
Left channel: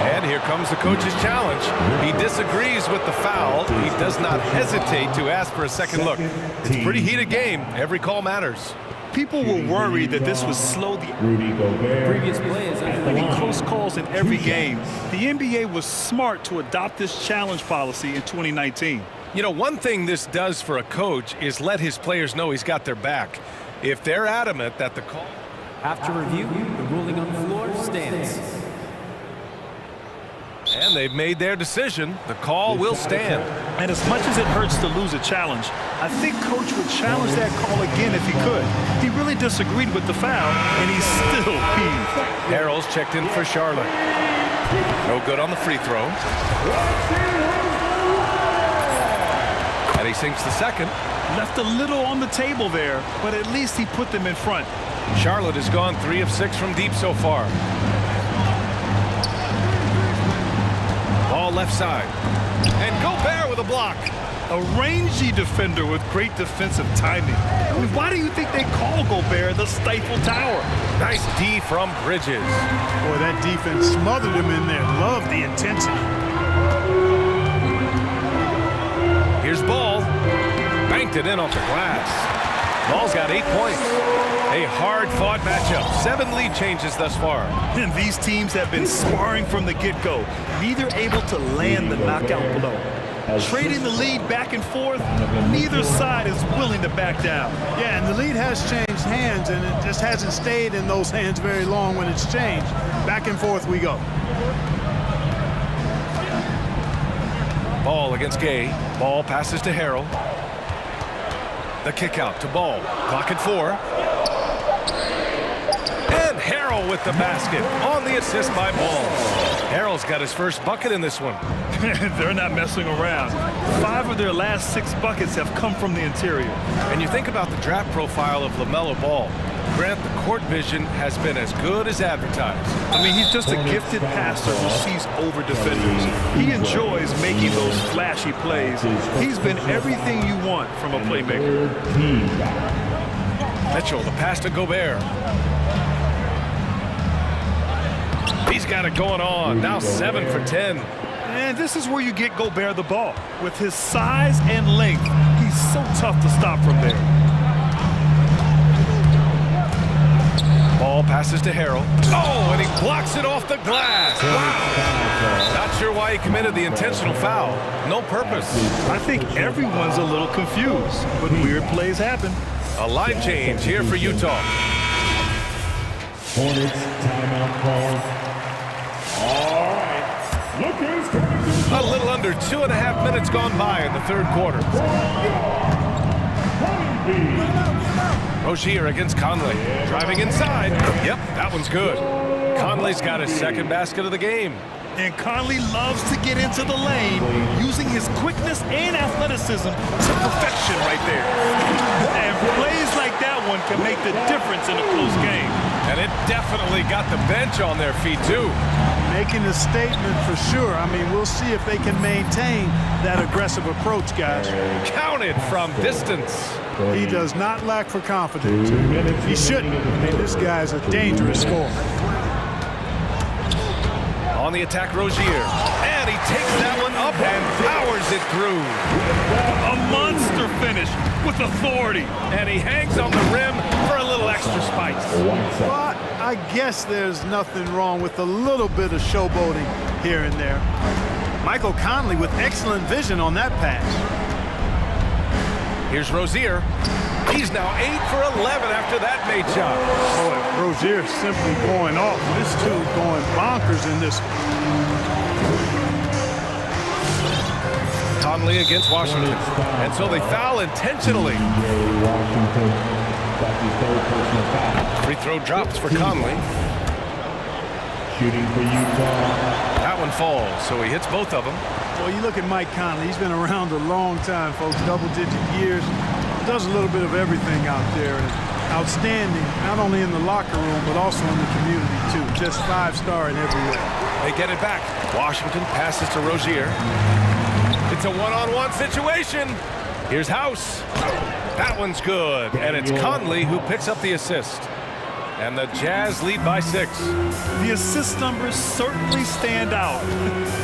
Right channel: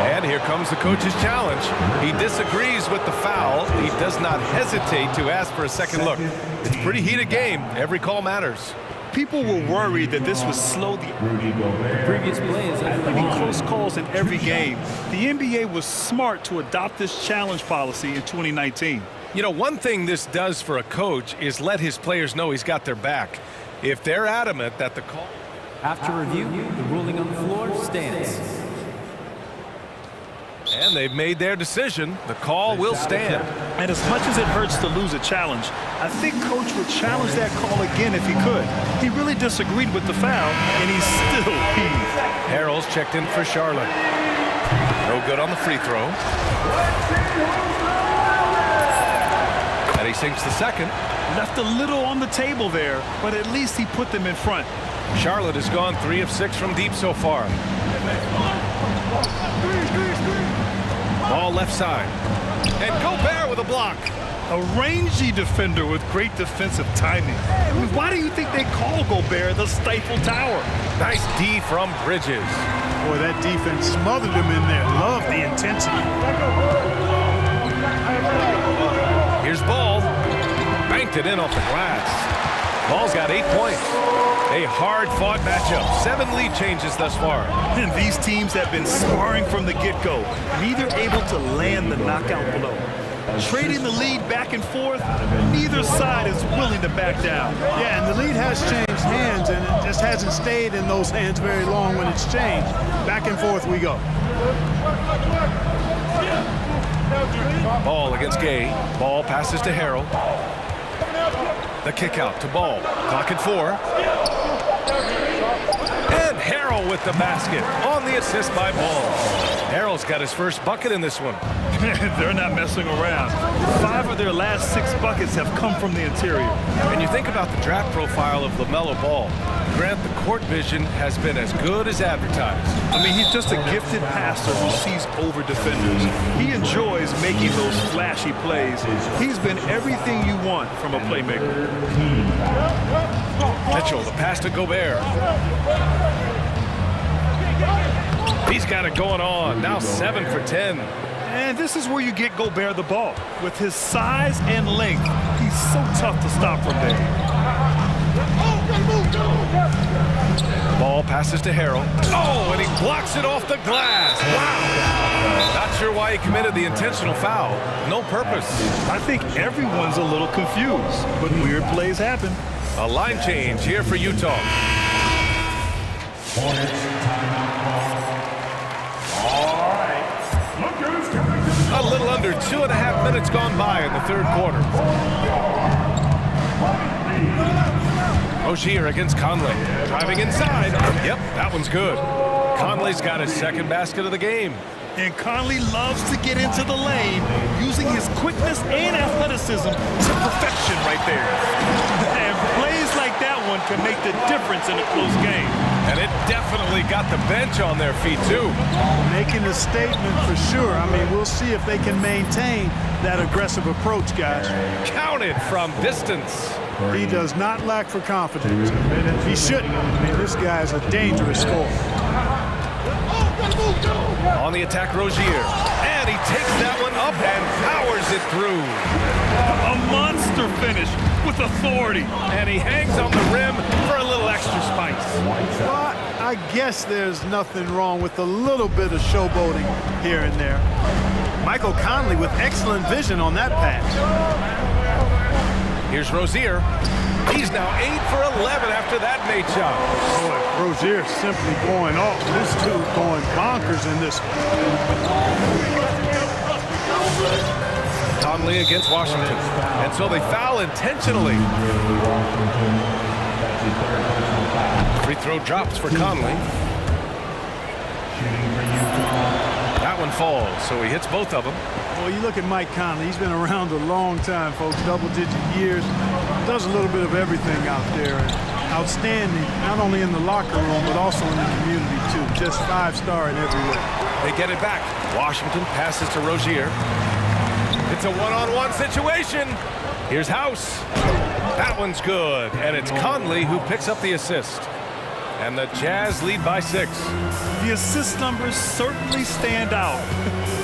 And here comes the coach's challenge. He disagrees with the foul. He does not hesitate to ask for a second look. It's a pretty heated game. Every call matters. People were worried that this would slow the previous play is winning close calls in every game. The NBA was smart to adopt this challenge policy in 2019. You know, one thing this does for a coach is let his players know he's got their back. If they're adamant that the call... After review, the ruling on the floor stands. And they've made their decision. The call will stand. And as much as it hurts to lose a challenge, I think Coach would challenge that call again if he could. He really disagreed with the foul, and he's still peeved. Harrell's checked in for Charlotte. No good on the free throw. And he sinks the second. Left a little on the table there, but at least he put them in front. Charlotte has gone 3 of 6 from deep so far. Ball left side. And Gobert with a block. A rangy defender with great defensive timing. I mean, why do you think they call Gobert the Stifle Tower? Nice D from Bridges. Boy, that defense smothered him in there. Love the intensity. Here's Ball. Banked it in off the glass. Ball's got 8 points. A hard-fought matchup. 7 lead changes thus far. And these teams have been sparring from the get-go, neither able to land the knockout blow. Trading the lead back and forth, neither side is willing to back down. Yeah, and the lead has changed hands, and it just hasn't stayed in those hands very long when it's changed. Back and forth we go. Ball against Gay. Ball passes to Harrell. The kick out to Ball. Clock at 4. And Harrell with the basket on the assist by Ball. Harrell's got his first bucket in this one. They're not messing around. 5 of their last 6 buckets have come from the interior. And you think about the draft profile of LaMelo Ball. Grant, the court vision has been as good as advertised. I mean, he's just a gifted passer who sees over defenders. He enjoys making those flashy plays. He's been everything you want from a playmaker. Mitchell, the pass to Gobert. He's got it going on. Now 7 for 10. And this is where you get Gobert the ball. With his size and length, he's so tough to stop from there. Ball passes to Harrell. Oh, and he blocks it off the glass. Wow. Not sure why he committed the intentional foul. No purpose. I think everyone's a little confused, but weird plays happen. A line change here for Utah. Hornets timeout call. All right. Look who's coming to the A little under 2.5 minutes gone by in the third quarter. Rozier against Conley. Driving inside. Yep, that one's good. Conley's got his second basket of the game. And Conley loves to get into the lane, using his quickness and athleticism to perfection right there. And plays like that one can make the difference in a close game. And it definitely got the bench on their feet, too. Making a statement for sure. I mean, we'll see if they can maintain that aggressive approach, guys. Counted from distance. He does not lack for confidence. He shouldn't. I mean, this guy's a dangerous scorer. On the attack, Rozier. And he takes that one up and powers it through. A monster finish with authority. And he hangs on the rim for a little extra spice. But I guess there's nothing wrong with a little bit of showboating here and there. Michael Conley with excellent vision on that pass. Here's Rozier. He's now 8 for 11 after that made shot. Boy, Rozier simply going off. This dude going bonkers in this one. Conley against Washington. And so they foul intentionally. Free throw drops for Conley. Shooting for Utah. That one falls, so he hits both of them. Well, you look at Mike Conley. He's been around a long time, folks. Double-digit years. Does a little bit of everything out there. And outstanding, not only in the locker room, but also in the community, too. Just 5-star in every way. They get it back. Washington passes to Rozier. It's a one-on-one situation. Here's House. That one's good. And it's Conley who picks up the assist. And the Jazz lead by 6. The assist numbers certainly stand out.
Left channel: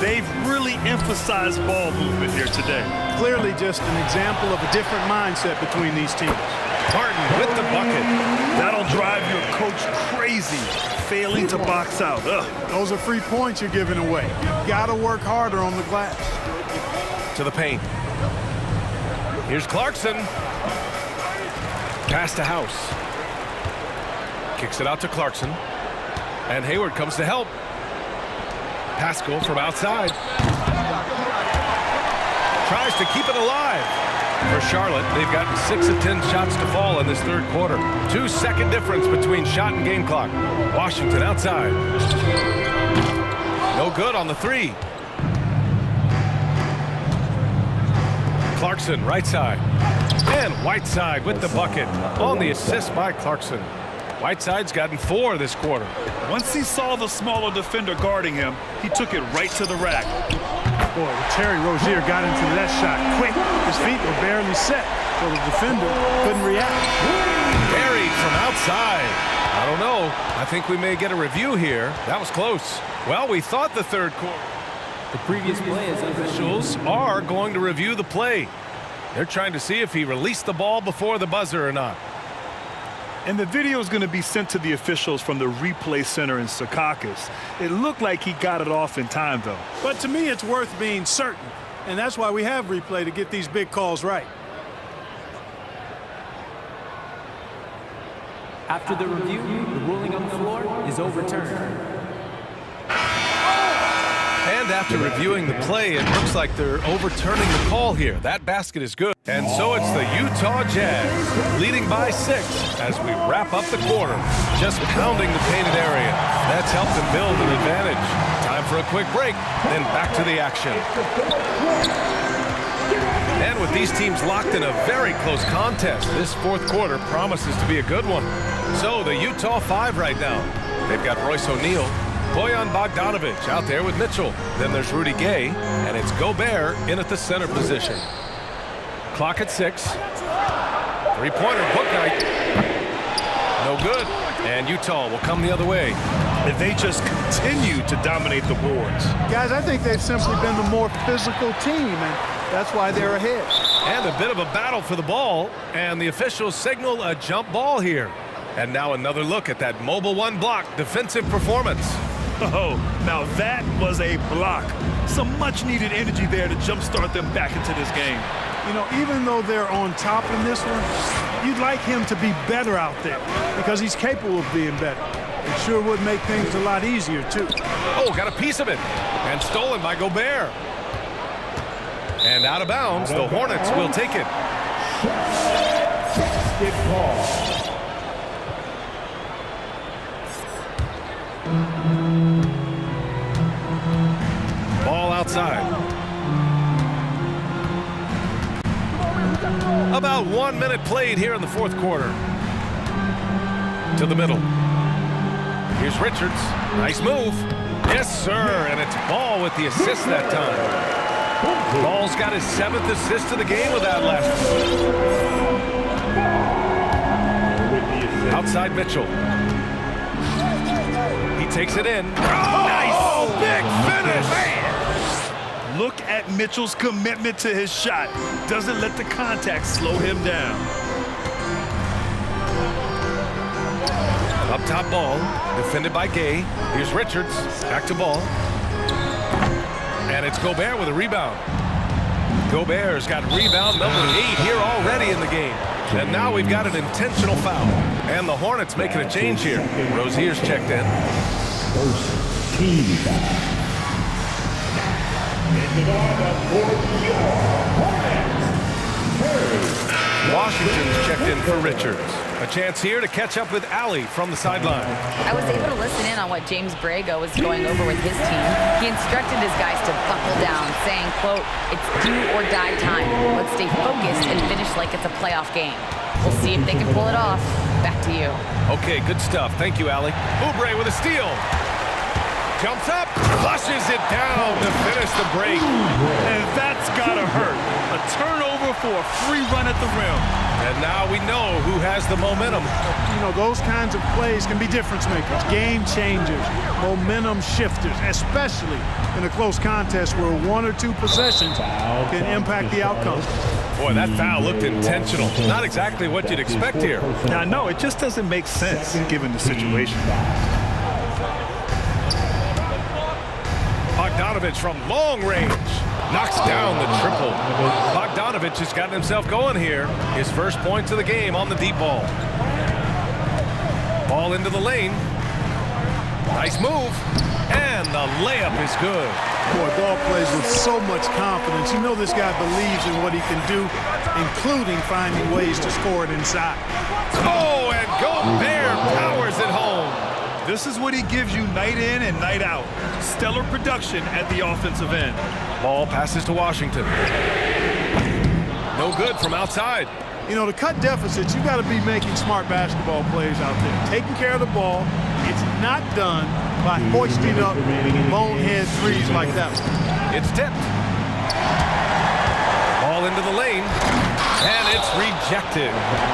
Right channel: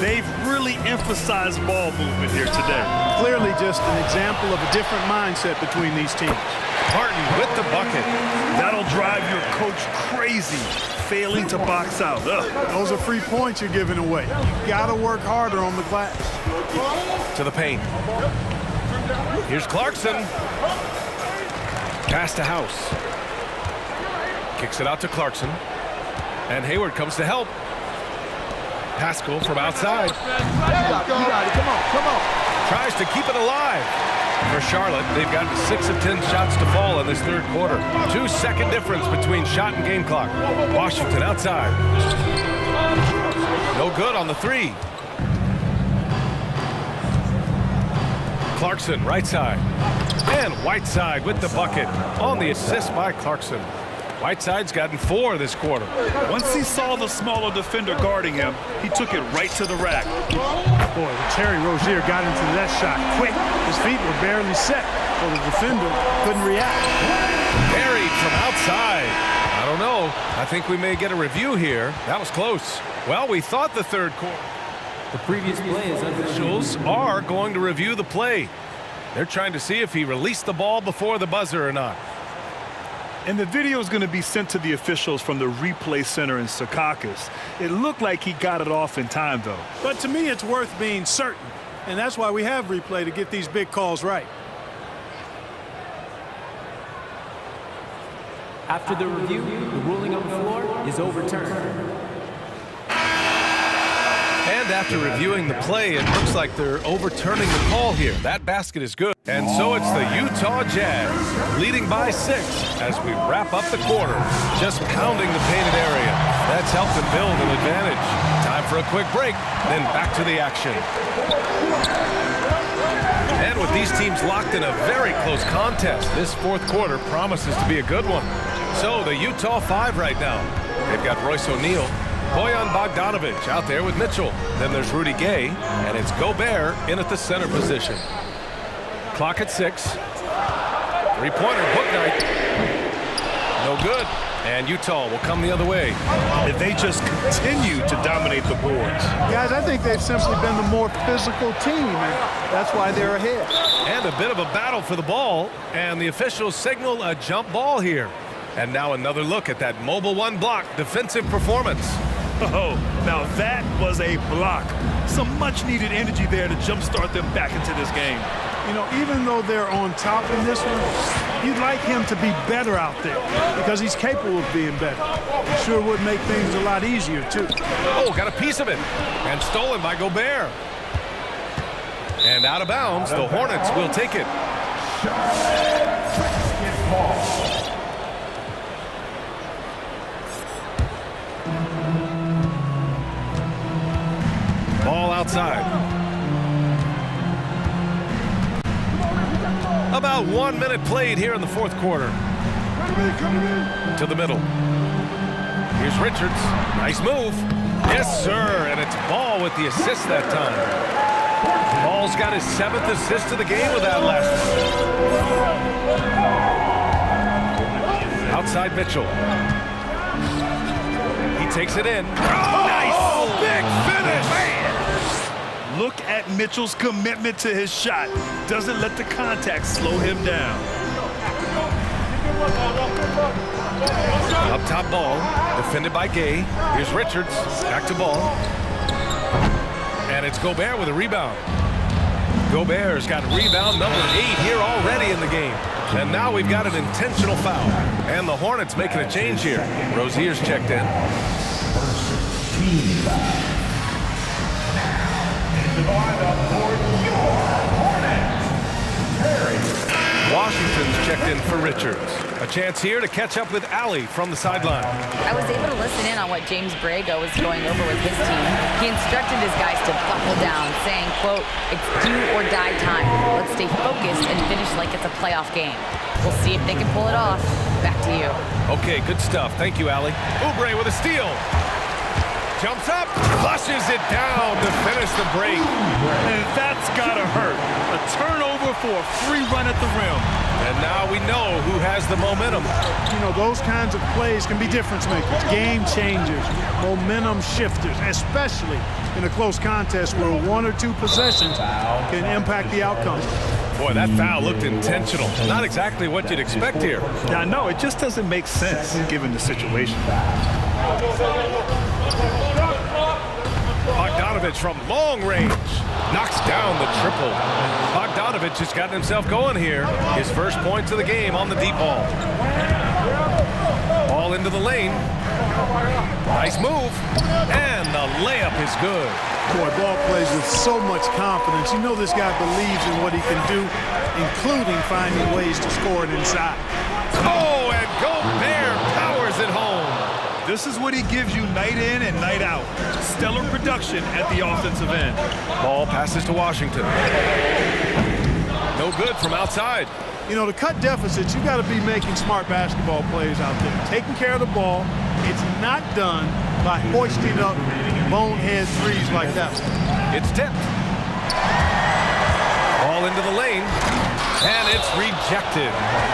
They've really emphasized ball movement here today. Clearly just an example of a different mindset between these teams. Martin with the bucket. That'll drive your coach crazy, failing to box out. Ugh. Those are free points you're giving away. You gotta work harder on the glass. To the paint. Here's Clarkson. Pass to House. Kicks it out to Clarkson. And Hayward comes to help. Pascal from outside. Come on. Tries to keep it alive. For Charlotte, they've gotten 6 of 10 shots to fall in this third quarter. 2-second difference between shot and game clock. Washington outside. No good on the 3. Clarkson right side. And Whiteside with the bucket on the assist by Clarkson. Whiteside's gotten 4 this quarter. Once he saw the smaller defender guarding him, he took it right to the rack. Boy, Terry Rozier got into that shot quick. His feet were barely set, so the defender couldn't react. Buried from outside. I don't know. I think we may get a review here. That was close. Well, we thought the third quarter. The previous play is under Officials are going to review the play. They're trying to see if he released the ball before the buzzer or not. And the video is going to be sent to the officials from the replay center in Secaucus. It looked like he got it off in time, though. But to me, it's worth being certain. And that's why we have replay, to get these big calls right. After the review, the ruling on the floor is overturned. And after reviewing the play, it looks like they're overturning the call here. That basket is good. And so it's the Utah Jazz leading by 6 as we wrap up the quarter. Just pounding the painted area. That's helped them build an advantage. Time for a quick break, then back to the action. And with these teams locked in a very close contest, this fourth quarter promises to be a good one. So the Utah 5 right now. They've got Royce O'Neal, Bojan Bogdanovic out there with Mitchell. Then there's Rudy Gay, and it's Gobert in at the center position. Clock at 6. Three-pointer, book night. No good. And Utah will come the other way. If they just continue to dominate the boards. Guys, I think they've simply been the more physical team, and that's why they're ahead. And a bit of a battle for the ball, and the officials signal a jump ball here. And now another look at that mobile one block defensive performance. Oh, now that was a block. Some much-needed energy there to jumpstart them back into this game. You know, even though they're on top in this one, you'd like him to be better out there because he's capable of being better. It sure would make things a lot easier, too. Oh, got a piece of it. And stolen by Gobert. And out of bounds, the Hornets will take it. Ball outside. About 1 minute played here in the fourth quarter. To the middle. Here's Richards. Nice move. Yes, sir. And it's Ball with the assist that time. Ball's got his 7th assist of the game with that last one. Outside Mitchell. He takes it in. Oh, nice! Big finish! Man. Look at Mitchell's commitment to his shot. Doesn't let the contact slow him down. Up top Ball, defended by Gay. Here's Richards, back to Ball. And it's Gobert with a rebound. Gobert's got rebound number 8 here already in the game. And now we've got an intentional foul. And the Hornets making a change here. Rozier's checked in. First team foul. Into the lineup for your Hornets, Terry. Washington's checked in for Richards. A chance here to catch up with Allie from the sideline. I was able to listen in on what James Borrego was going over with his team. He instructed his guys to buckle down, saying, quote, "It's do or die time. Let's stay focused and finish like it's a playoff game. We'll see if they can pull it off." Back to you. Okay, good stuff. Thank you, Allie. Oubre with a steal. Jumps up, flushes it down to finish the break. And that's gotta hurt. A turnover for a free run at the rim. And now we know who has the momentum. You know, those kinds of plays can be difference makers, game changers, momentum shifters, especially in a close contest where 1 or 2 possessions can impact the outcome. Boy, that foul looked intentional. Not exactly what you'd expect here. Yeah, no, it just doesn't make sense given the situation. Bogdanovic from long range knocks down the triple. Bogdanovic has gotten himself going here. His first points of the game on the deep ball. Ball into the lane. Nice move. And the layup is good. Boy, Ball plays with so much confidence. You know this guy believes in what he can do, including finding ways to score it inside. Oh, and Gobert powers it home. This is what he gives you night in and night out. Stellar production at the offensive end. Ball passes to Washington. No good from outside. You know, to cut deficits, you got to be making smart basketball plays out there. Taking care of the ball. It's not done by hoisting up bonehead threes like that one. It's tipped. Ball into the lane. And it's rejected.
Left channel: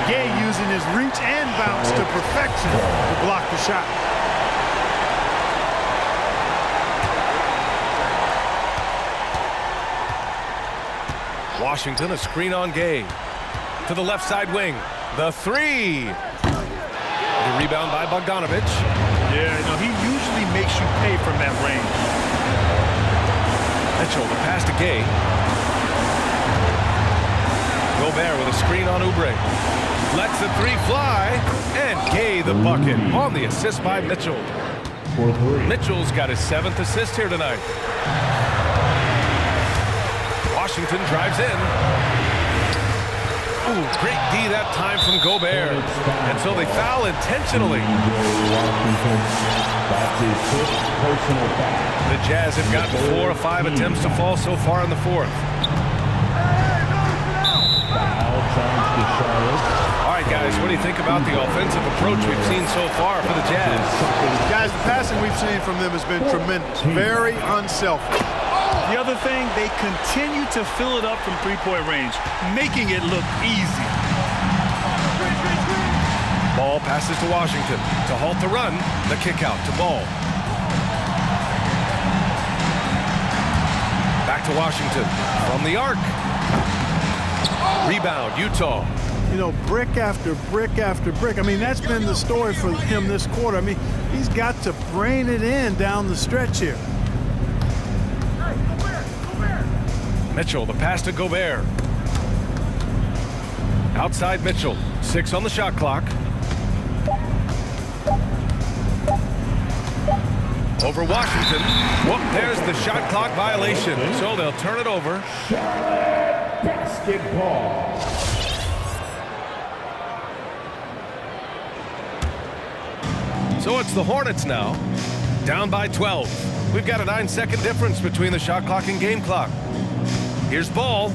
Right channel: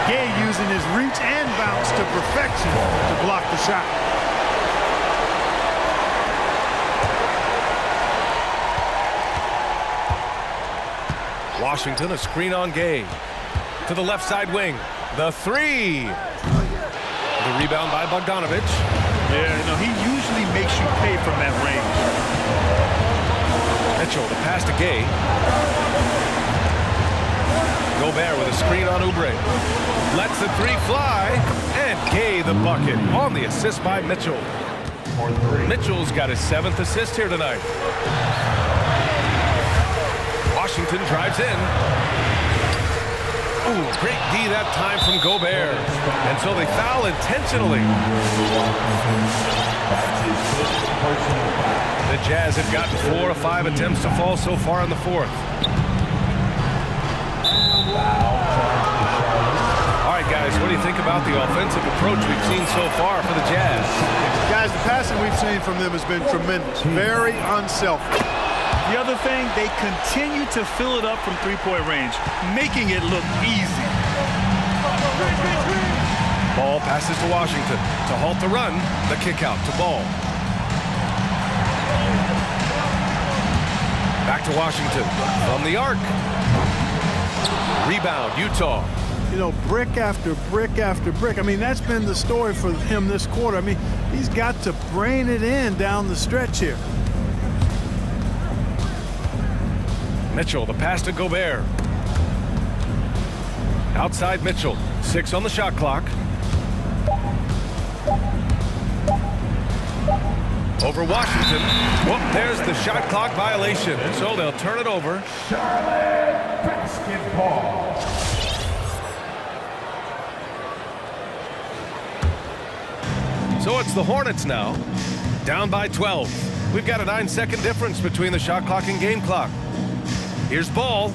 Gay using his reach and bounce to perfection to block the shot. Washington, a screen on Gay. To the left side wing. The 3. The rebound by Bogdanovich. Yeah, he usually makes you pay from that range. Mitchell, the pass to Gay. Gobert with a screen on Oubre. Lets the three fly, and Gay the bucket on the assist by Mitchell. Mitchell's got his 7th assist here tonight. Washington drives in. Ooh, great D that time from Gobert. And so they foul intentionally. The Jazz have gotten 4 of 5 attempts to fall so far in the 4th. All right, guys, what do you think about the offensive approach we've seen so far for the Jazz? Guys, the passing we've seen from them has been tremendous. Very unselfish. The other thing, they continue to fill it up from three-point range, making it look easy. Ball passes to Washington. To halt the run, the kick out to Ball. Back to Washington from the arc. Rebound, Utah. Brick after brick after brick. I mean, that's been the story for him this quarter. I mean, he's got to brain it in down the stretch here. Mitchell, the pass to Gobert. Outside Mitchell, 6 on the shot clock. Over Washington. Whoop, there's the shot clock violation. So they'll turn it over. Charlotte basketball. So it's the Hornets now, down by 12. We've got a 9-second difference between the shot clock and game clock. Here's Ball.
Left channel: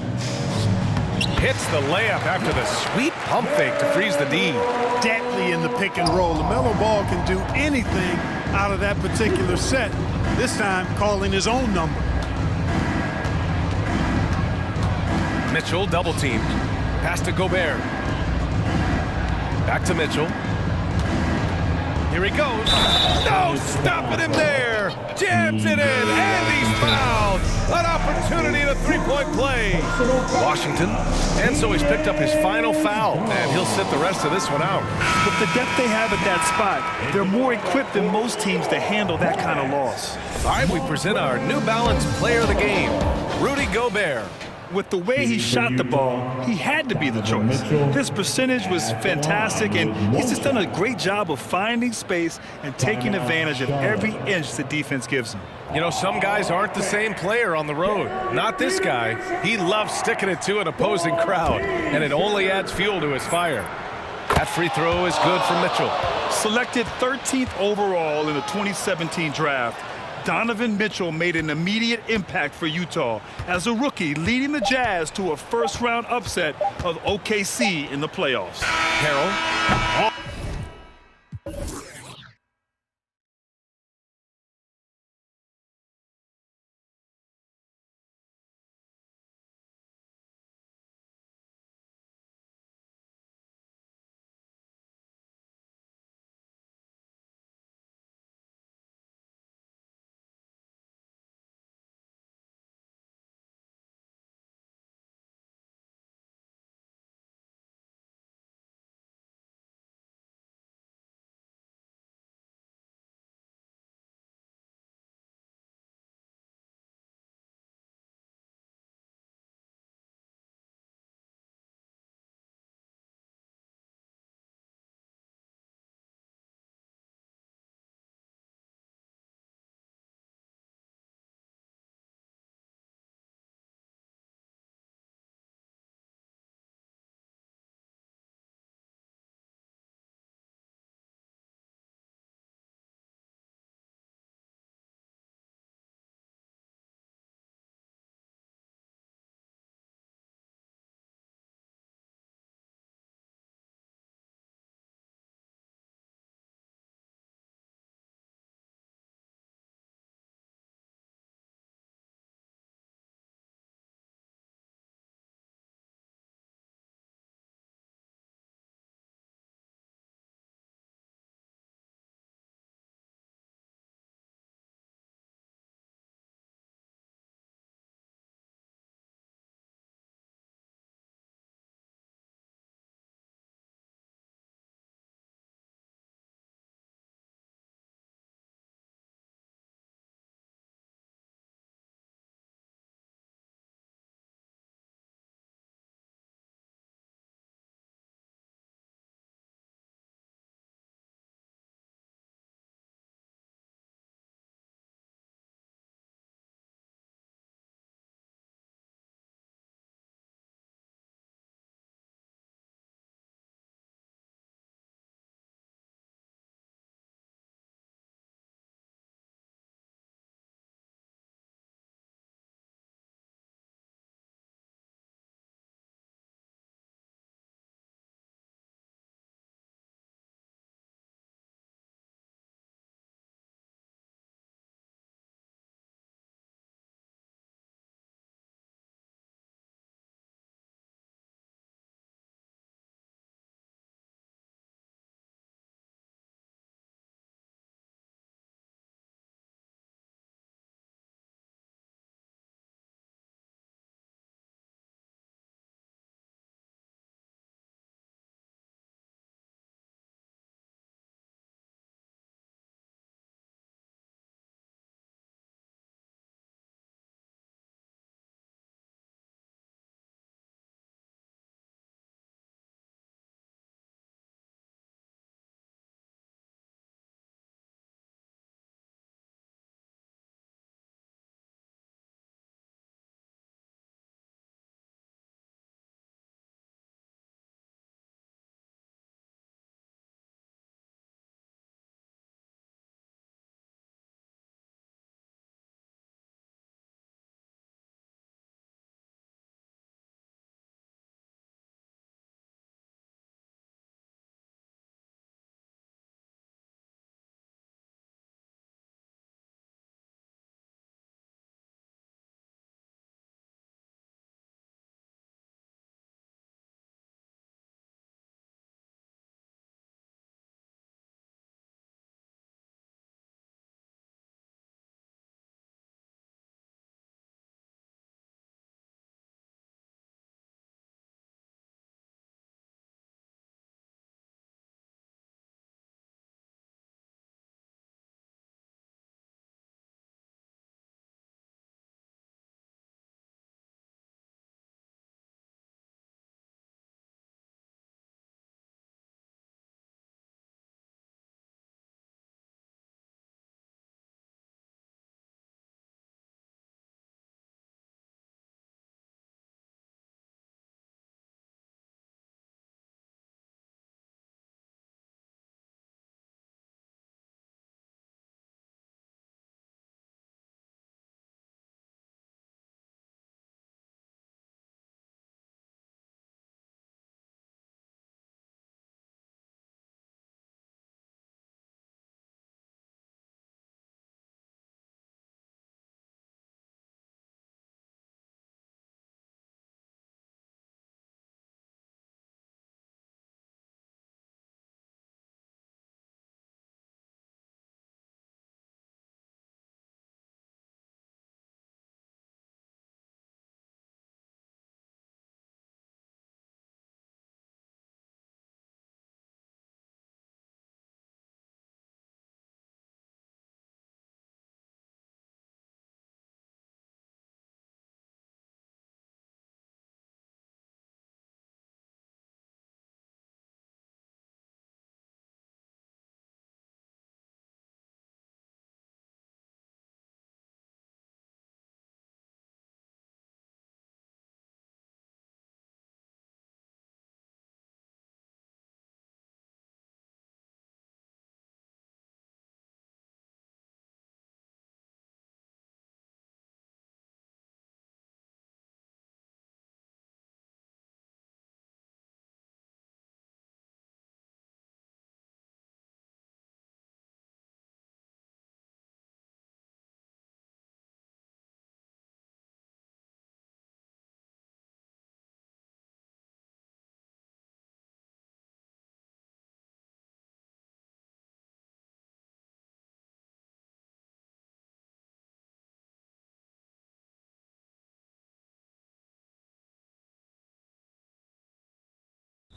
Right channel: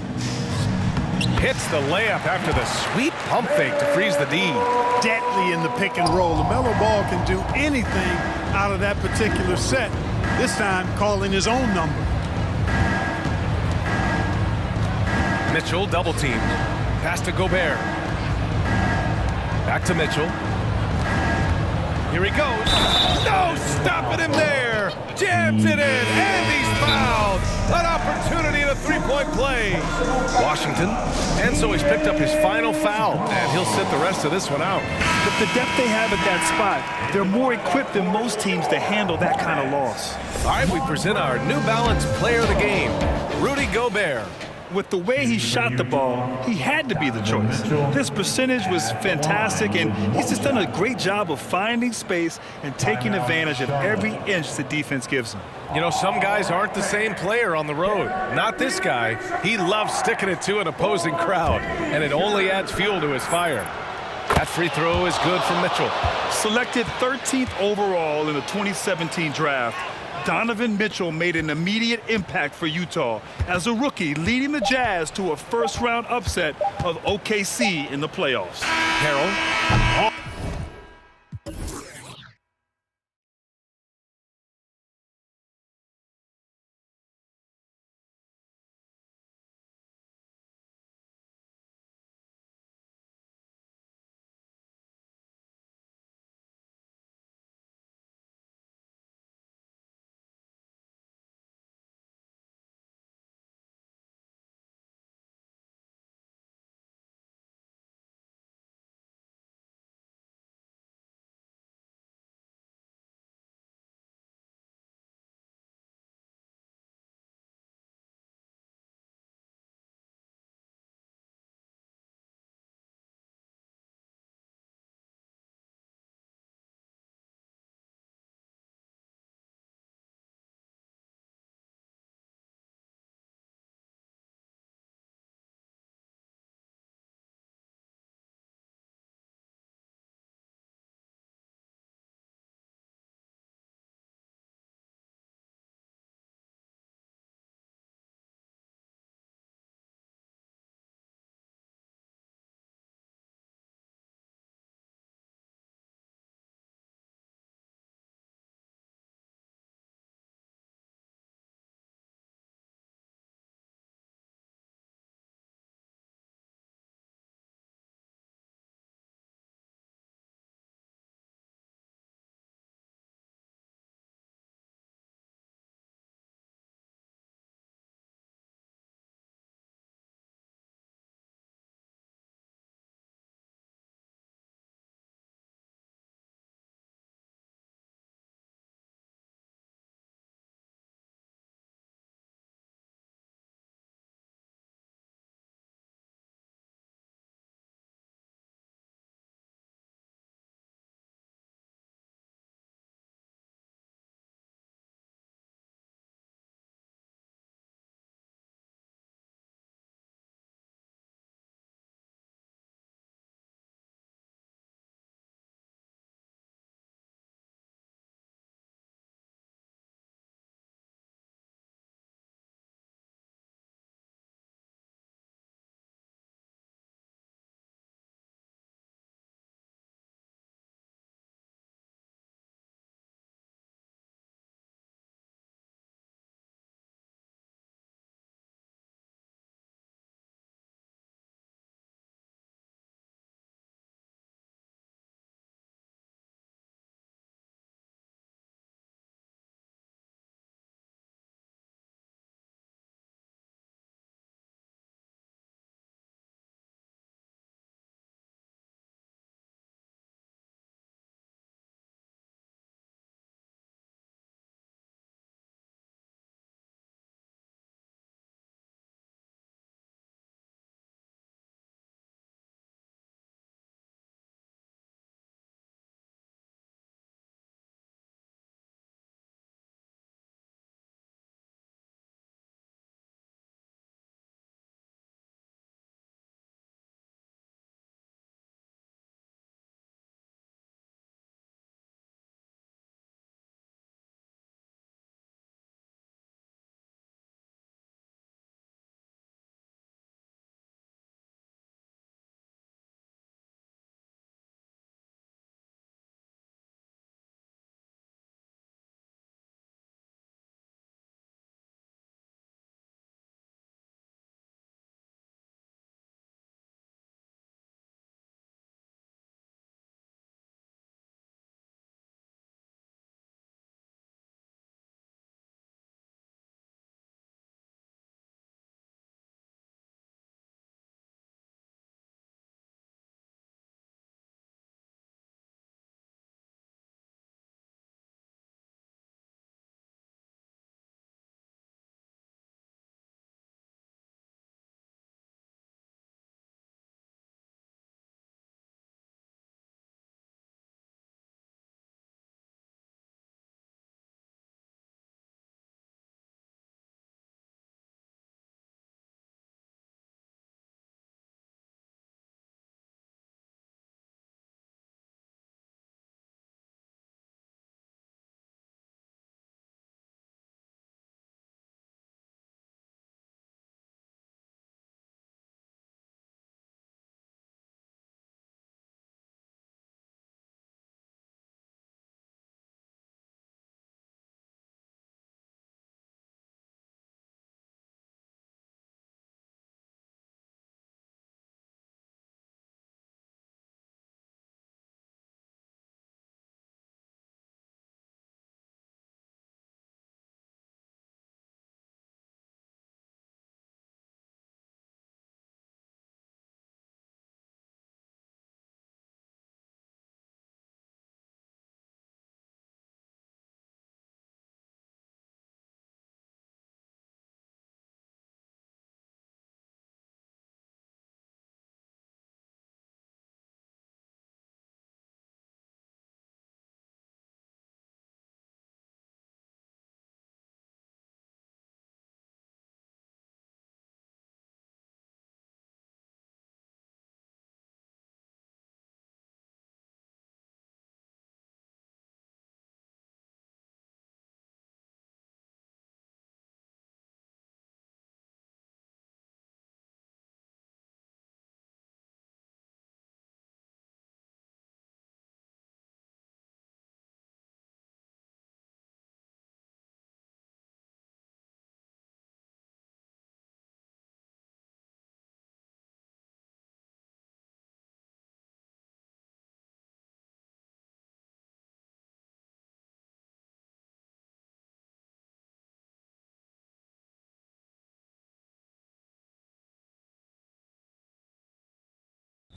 Hits the layup after the sweet pump fake to freeze the D. Deadly in the pick and roll. LaMelo Ball can do anything out of that particular set. This time calling his own number. Mitchell double teamed. Pass to Gobert. Back to Mitchell. Here he goes. No, stopping him there. Jams it in, and he's fouled. An opportunity to three-point play. Washington, and so he's picked up his final foul, and he'll sit the rest of this one out. With the depth they have at that spot, they're more equipped than most teams to handle that kind of loss. All right, we present our New Balance player of the game, Rudy Gobert. With the way he shot the ball, he had to be the choice. His percentage was fantastic, and he's just done a great job of finding space and taking advantage of every inch the defense gives him. Some guys aren't the same player on the road. Not this guy. He loves sticking it to an opposing crowd, and it only adds fuel to his fire. That free throw is good for Mitchell. Selected 13th overall in the 2017 draft, Donovan Mitchell made an immediate impact for Utah as a rookie, leading the Jazz to a first-round upset of OKC in the playoffs. Harrell.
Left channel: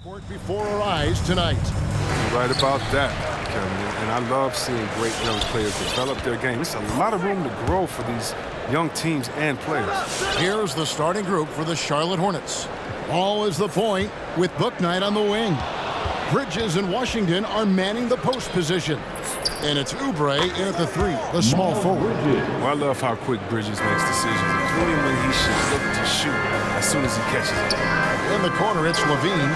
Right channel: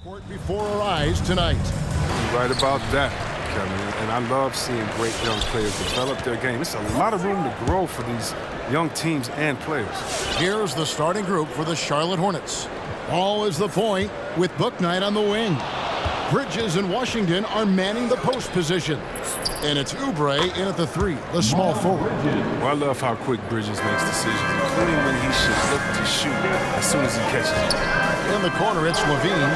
Court before our eyes tonight. You're right about that, Kevin. And I love seeing great young players develop their game. It's a lot of room to grow for these young teams and players. Here's the starting group for the Charlotte Hornets. Ball is the point with Book Knight on the wing. Bridges and Washington are manning the post position. And it's Oubre in at the 3, the small forward. Well, I love how quick Bridges makes decisions, including when he should look to shoot as soon as he catches it. In the corner, it's Levine.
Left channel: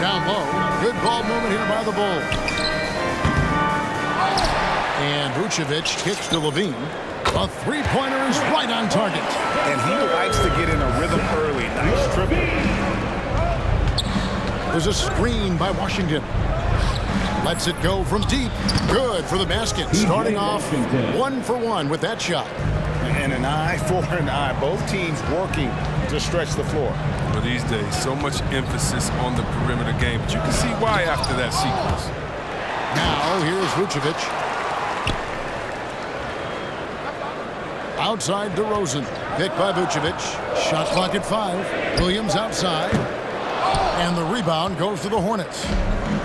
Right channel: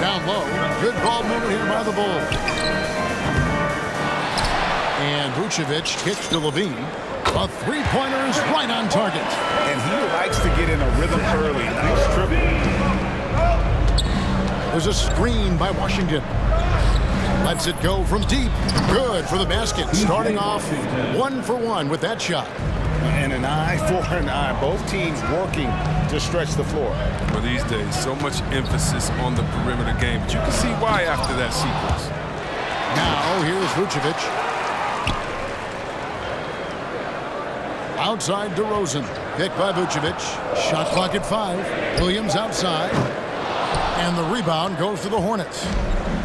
Down low. Good ball movement here by the Bulls. And Vucevic kicks to Levine. A three-pointer is right on target. And he likes to get in a rhythm early. Nice triple. There's a screen by Washington. Lets it go from deep. Good for the basket. Starting off 1 for 1 with that shot. And an eye for an eye. Both teams working to stretch the floor. Well, these days, so much emphasis on the perimeter game. But you can see why after that sequence. Now, here's Vucevic. Outside DeRozan. Picked by Vucevic. Shot clock at 5. Williams outside. And the rebound goes to the Hornets.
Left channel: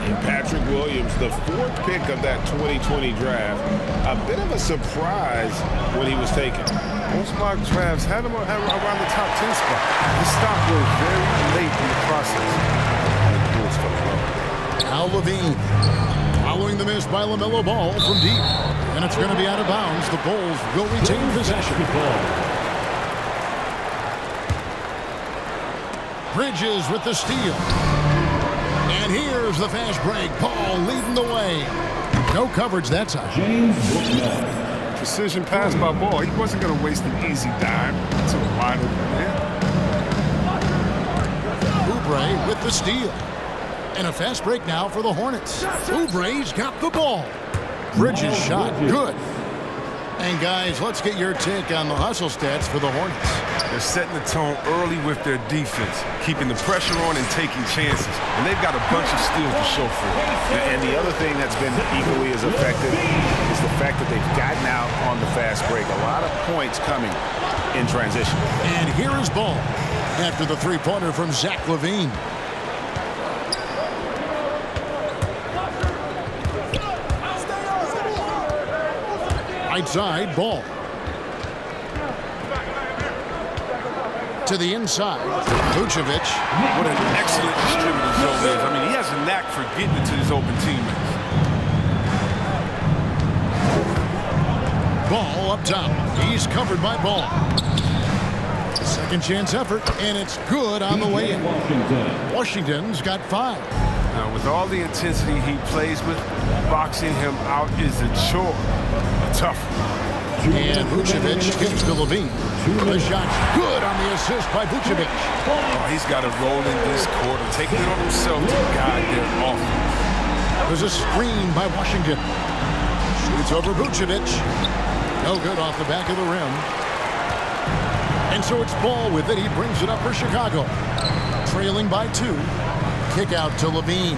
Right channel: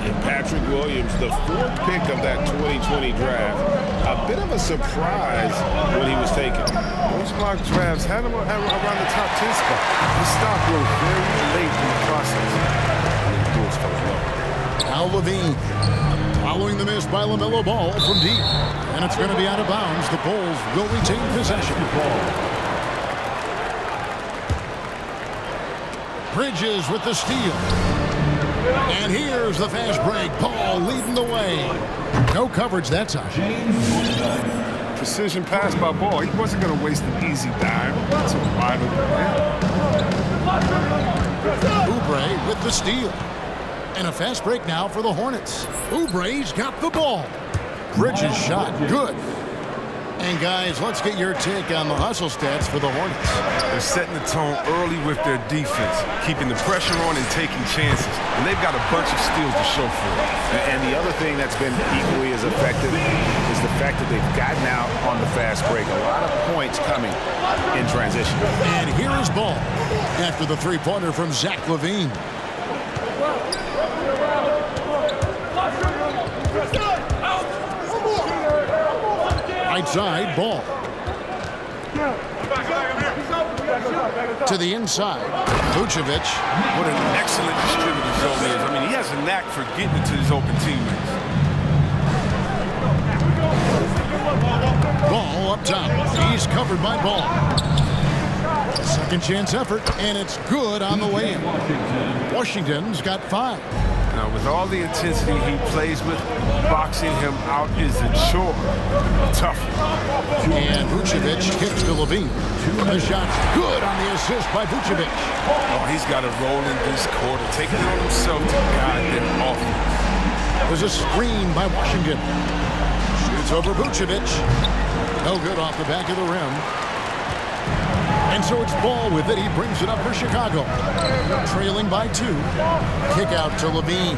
And Patrick Williams, the 4th pick of that 2020 draft. A bit of a surprise when he was taken. Most mock drafts had him around the top 10 spot. His stock rose very late in the process. And the Bulls fell in love. Now Levine. Following the miss by LaMelo Ball from deep. And it's going to be out of bounds. The Bulls will retain possession. Bridges with the steal. And here's the fast break. Paul leading the way. No coverage that time. Precision pass by Ball. He wasn't going to waste an easy dime. It's a wide open man. Oubre with the steal. And a fast break now for the Hornets. Oubre's got the ball. Bridges shot. Good. And guys, let's get your take on the hustle stats for the Hornets. They're setting the tone early with their defense, keeping the pressure on and taking chances. And they've got a bunch of steals to show for it. And the other thing that's been equally as effective is the fact that they've gotten out on the fast break. A lot of points coming in transition. And here is Ball after the three-pointer from Zach LaVine. Right side, Ball. To the inside, Vucevic. What an excellent distributor Zone is. I mean, he has a knack for getting it to his open teammates. Ball up top. He's covered by Ball. Second chance effort, and it's good on the layup. Washington's got 5. Now, with all the intensity he plays with, boxing him out is a chore. A tough one. And Vucevic kicks to Levine. The shot's good on the assist by Vucevic. Oh, he's got to roll in this quarter, taking it on himself to guide their offense. There's a screen by Washington. Shoots over Vucevic. No good off the back of the rim. And so it's Ball with it. He brings it up for Chicago. Trailing by 2. Kick out to Levine.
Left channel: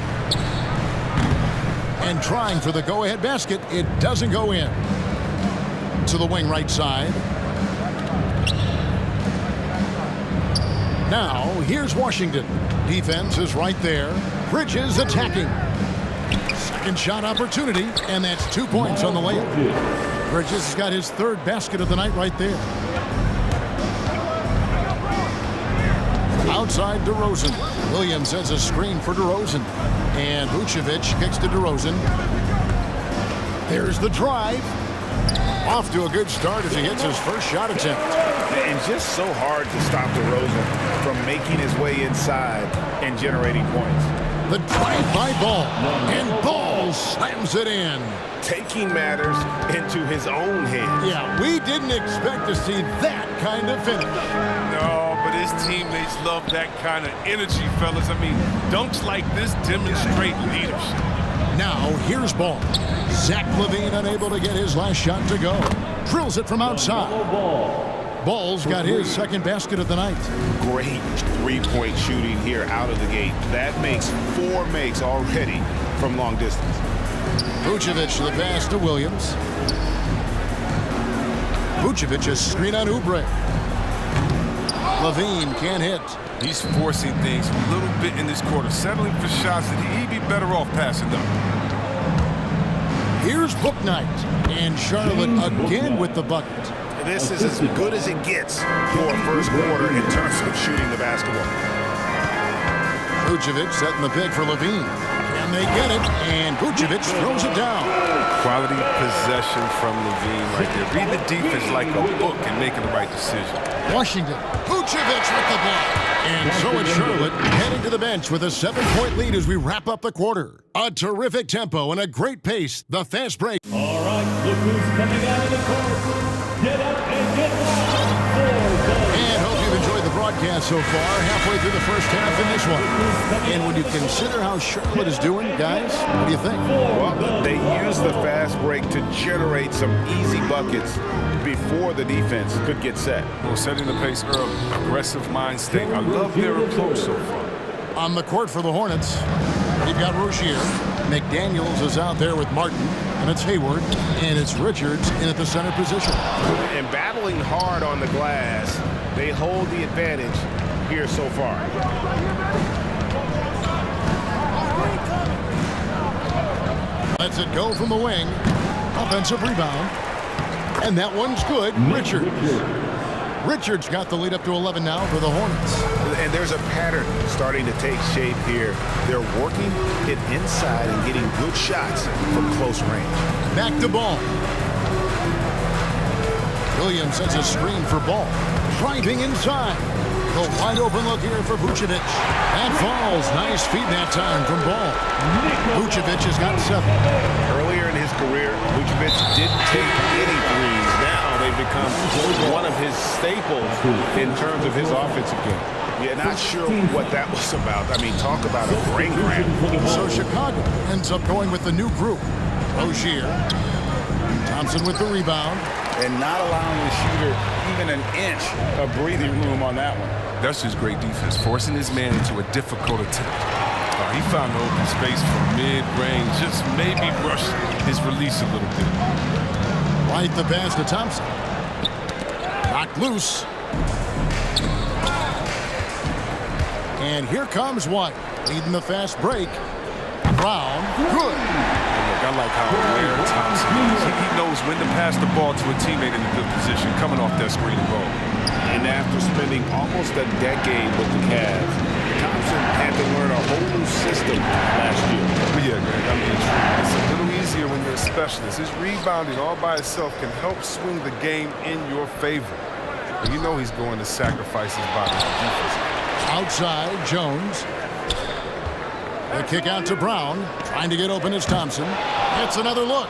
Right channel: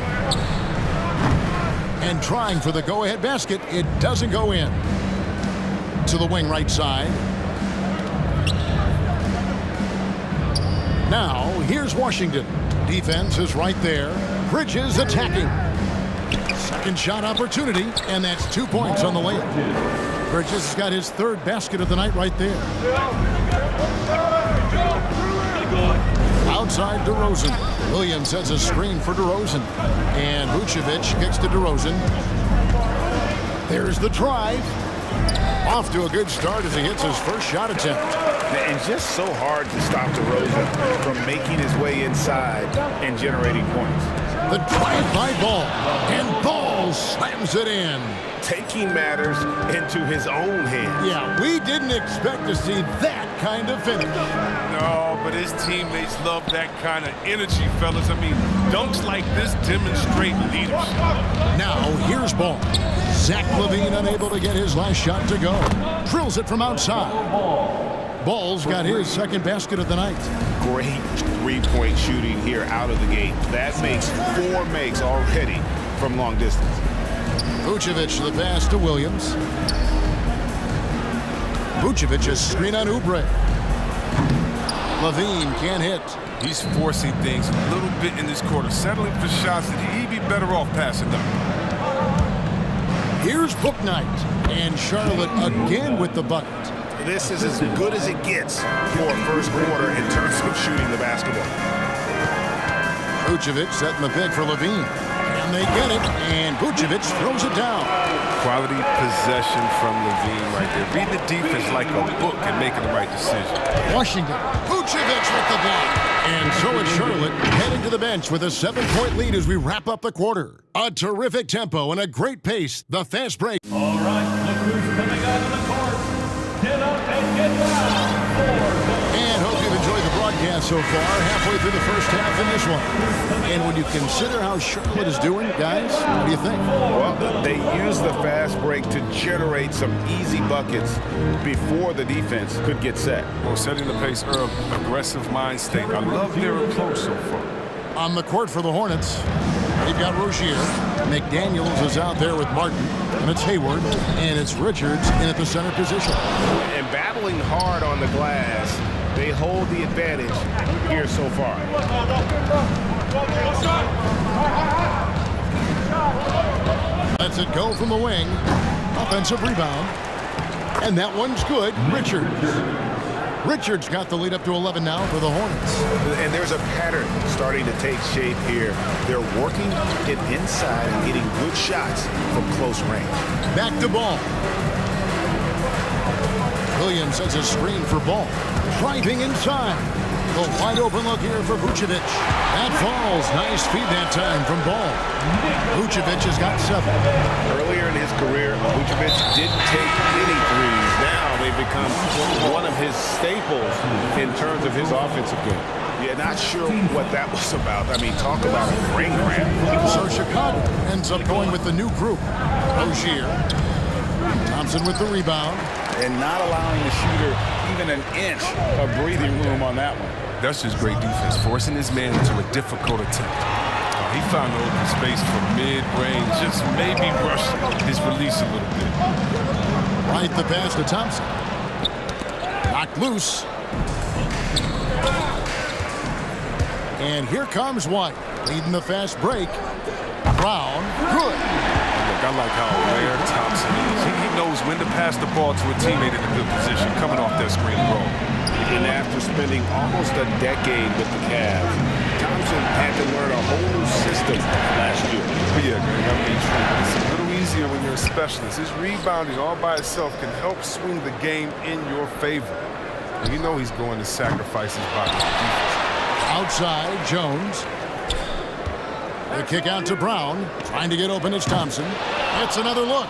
And trying for the go-ahead basket. It doesn't go in. To the wing right side. Now, here's Washington. Defense is right there. Bridges attacking. Second shot opportunity, and that's 2 points on the layup. Bridges has got his 3rd basket of the night right there. Outside DeRozan. Williams has a screen for DeRozan. And Vucevic kicks to DeRozan. There's the drive. Off to a good start as he hits his first shot attempt. And just so hard to stop DeRozan from making his way inside and generating points. The drive by Ball. And Ball slams it in. Taking matters into his own hands. Yeah, we didn't expect to see that kind of finish. No, but his teammates love that kind of energy, fellas. I mean, dunks like this demonstrate leadership. Now, here's Ball. Zach LaVine unable to get his last shot to go. Drills it from outside. Ball's got his 2nd basket of the night. Great three-point shooting here out of the gate. That makes 4 makes already from long distance. Vucevic the pass to Williams. Vucevic a screen on Oubre. LaVine can't hit. He's forcing things a little bit in this quarter, settling for shots that he'd be better off passing them. Here's Book Night, and Charlotte again with the bucket. This is as good as it gets for a first quarter in terms of shooting the basketball. Vucevic setting the pick for Levine. Can they get it? And Vucevic throws it down. Quality possession from Levine right there. Reading the defense like a book and making the right decision. Washington, Vucevic with the block. And so it's Charlotte heading to the bench with a 7-point lead as we wrap up the quarter. A terrific tempo and a great pace. The fast break. All right, look who's coming onto the court. Get up and get loud for the... And hope you've enjoyed the broadcast so far. Halfway through the first half in this one. And when you consider how Charlotte is doing, guys, what do you think? Well, they use the fast break to generate some easy buckets before the defense could get set. Well, setting the pace early. Aggressive mind state. I love their approach so far. On the court for the Hornets, we've got Rozier. McDaniels is out there with Martin. And it's Hayward. And it's Richards in at the center position. And battling hard on the glass, they hold the advantage here so far. Lets it go from the wing. Offensive rebound. And that one's good. Richards got the lead up to 11 now for the Hornets. And there's a pattern starting to take shape here. They're working it inside and getting good shots from close range. Back to Ball. Williams sets a screen for Ball. Driving inside. The wide open look here for Vucevic. That falls. Nice feed that time from Ball. Vucevic has got 7. Earlier in his career, Vucevic didn't take any threes. Now they've become one of his staples in terms of his offensive game. Yeah, not sure what that was about. I mean, talk about a brain cramp. So Chicago ends up going with the new group. Rozier. Thompson with the rebound. And not allowing the shooter even an inch of breathing room on that one. That's just great defense, forcing his man into a difficult attempt. He found the open space from mid-range, just maybe rush his release a little bit. Right the pass to Thompson. Knocked loose. And here comes White, leading the fast break. Brown, good. Look, I like how aware Thompson is. He knows when to pass the ball to a teammate in a good position, coming off that screen and roll. And after spending almost a decade with the Cavs, Thompson had to learn a whole new system last year. But yeah, Greg, I mean, true. It's a little easier when you're a specialist. His rebounding all by itself can help swing the game in your favor. And you know he's going to sacrifice his body for defense. Outside, Jones. The kick out to Brown. Trying to get open is Thompson. It's another look.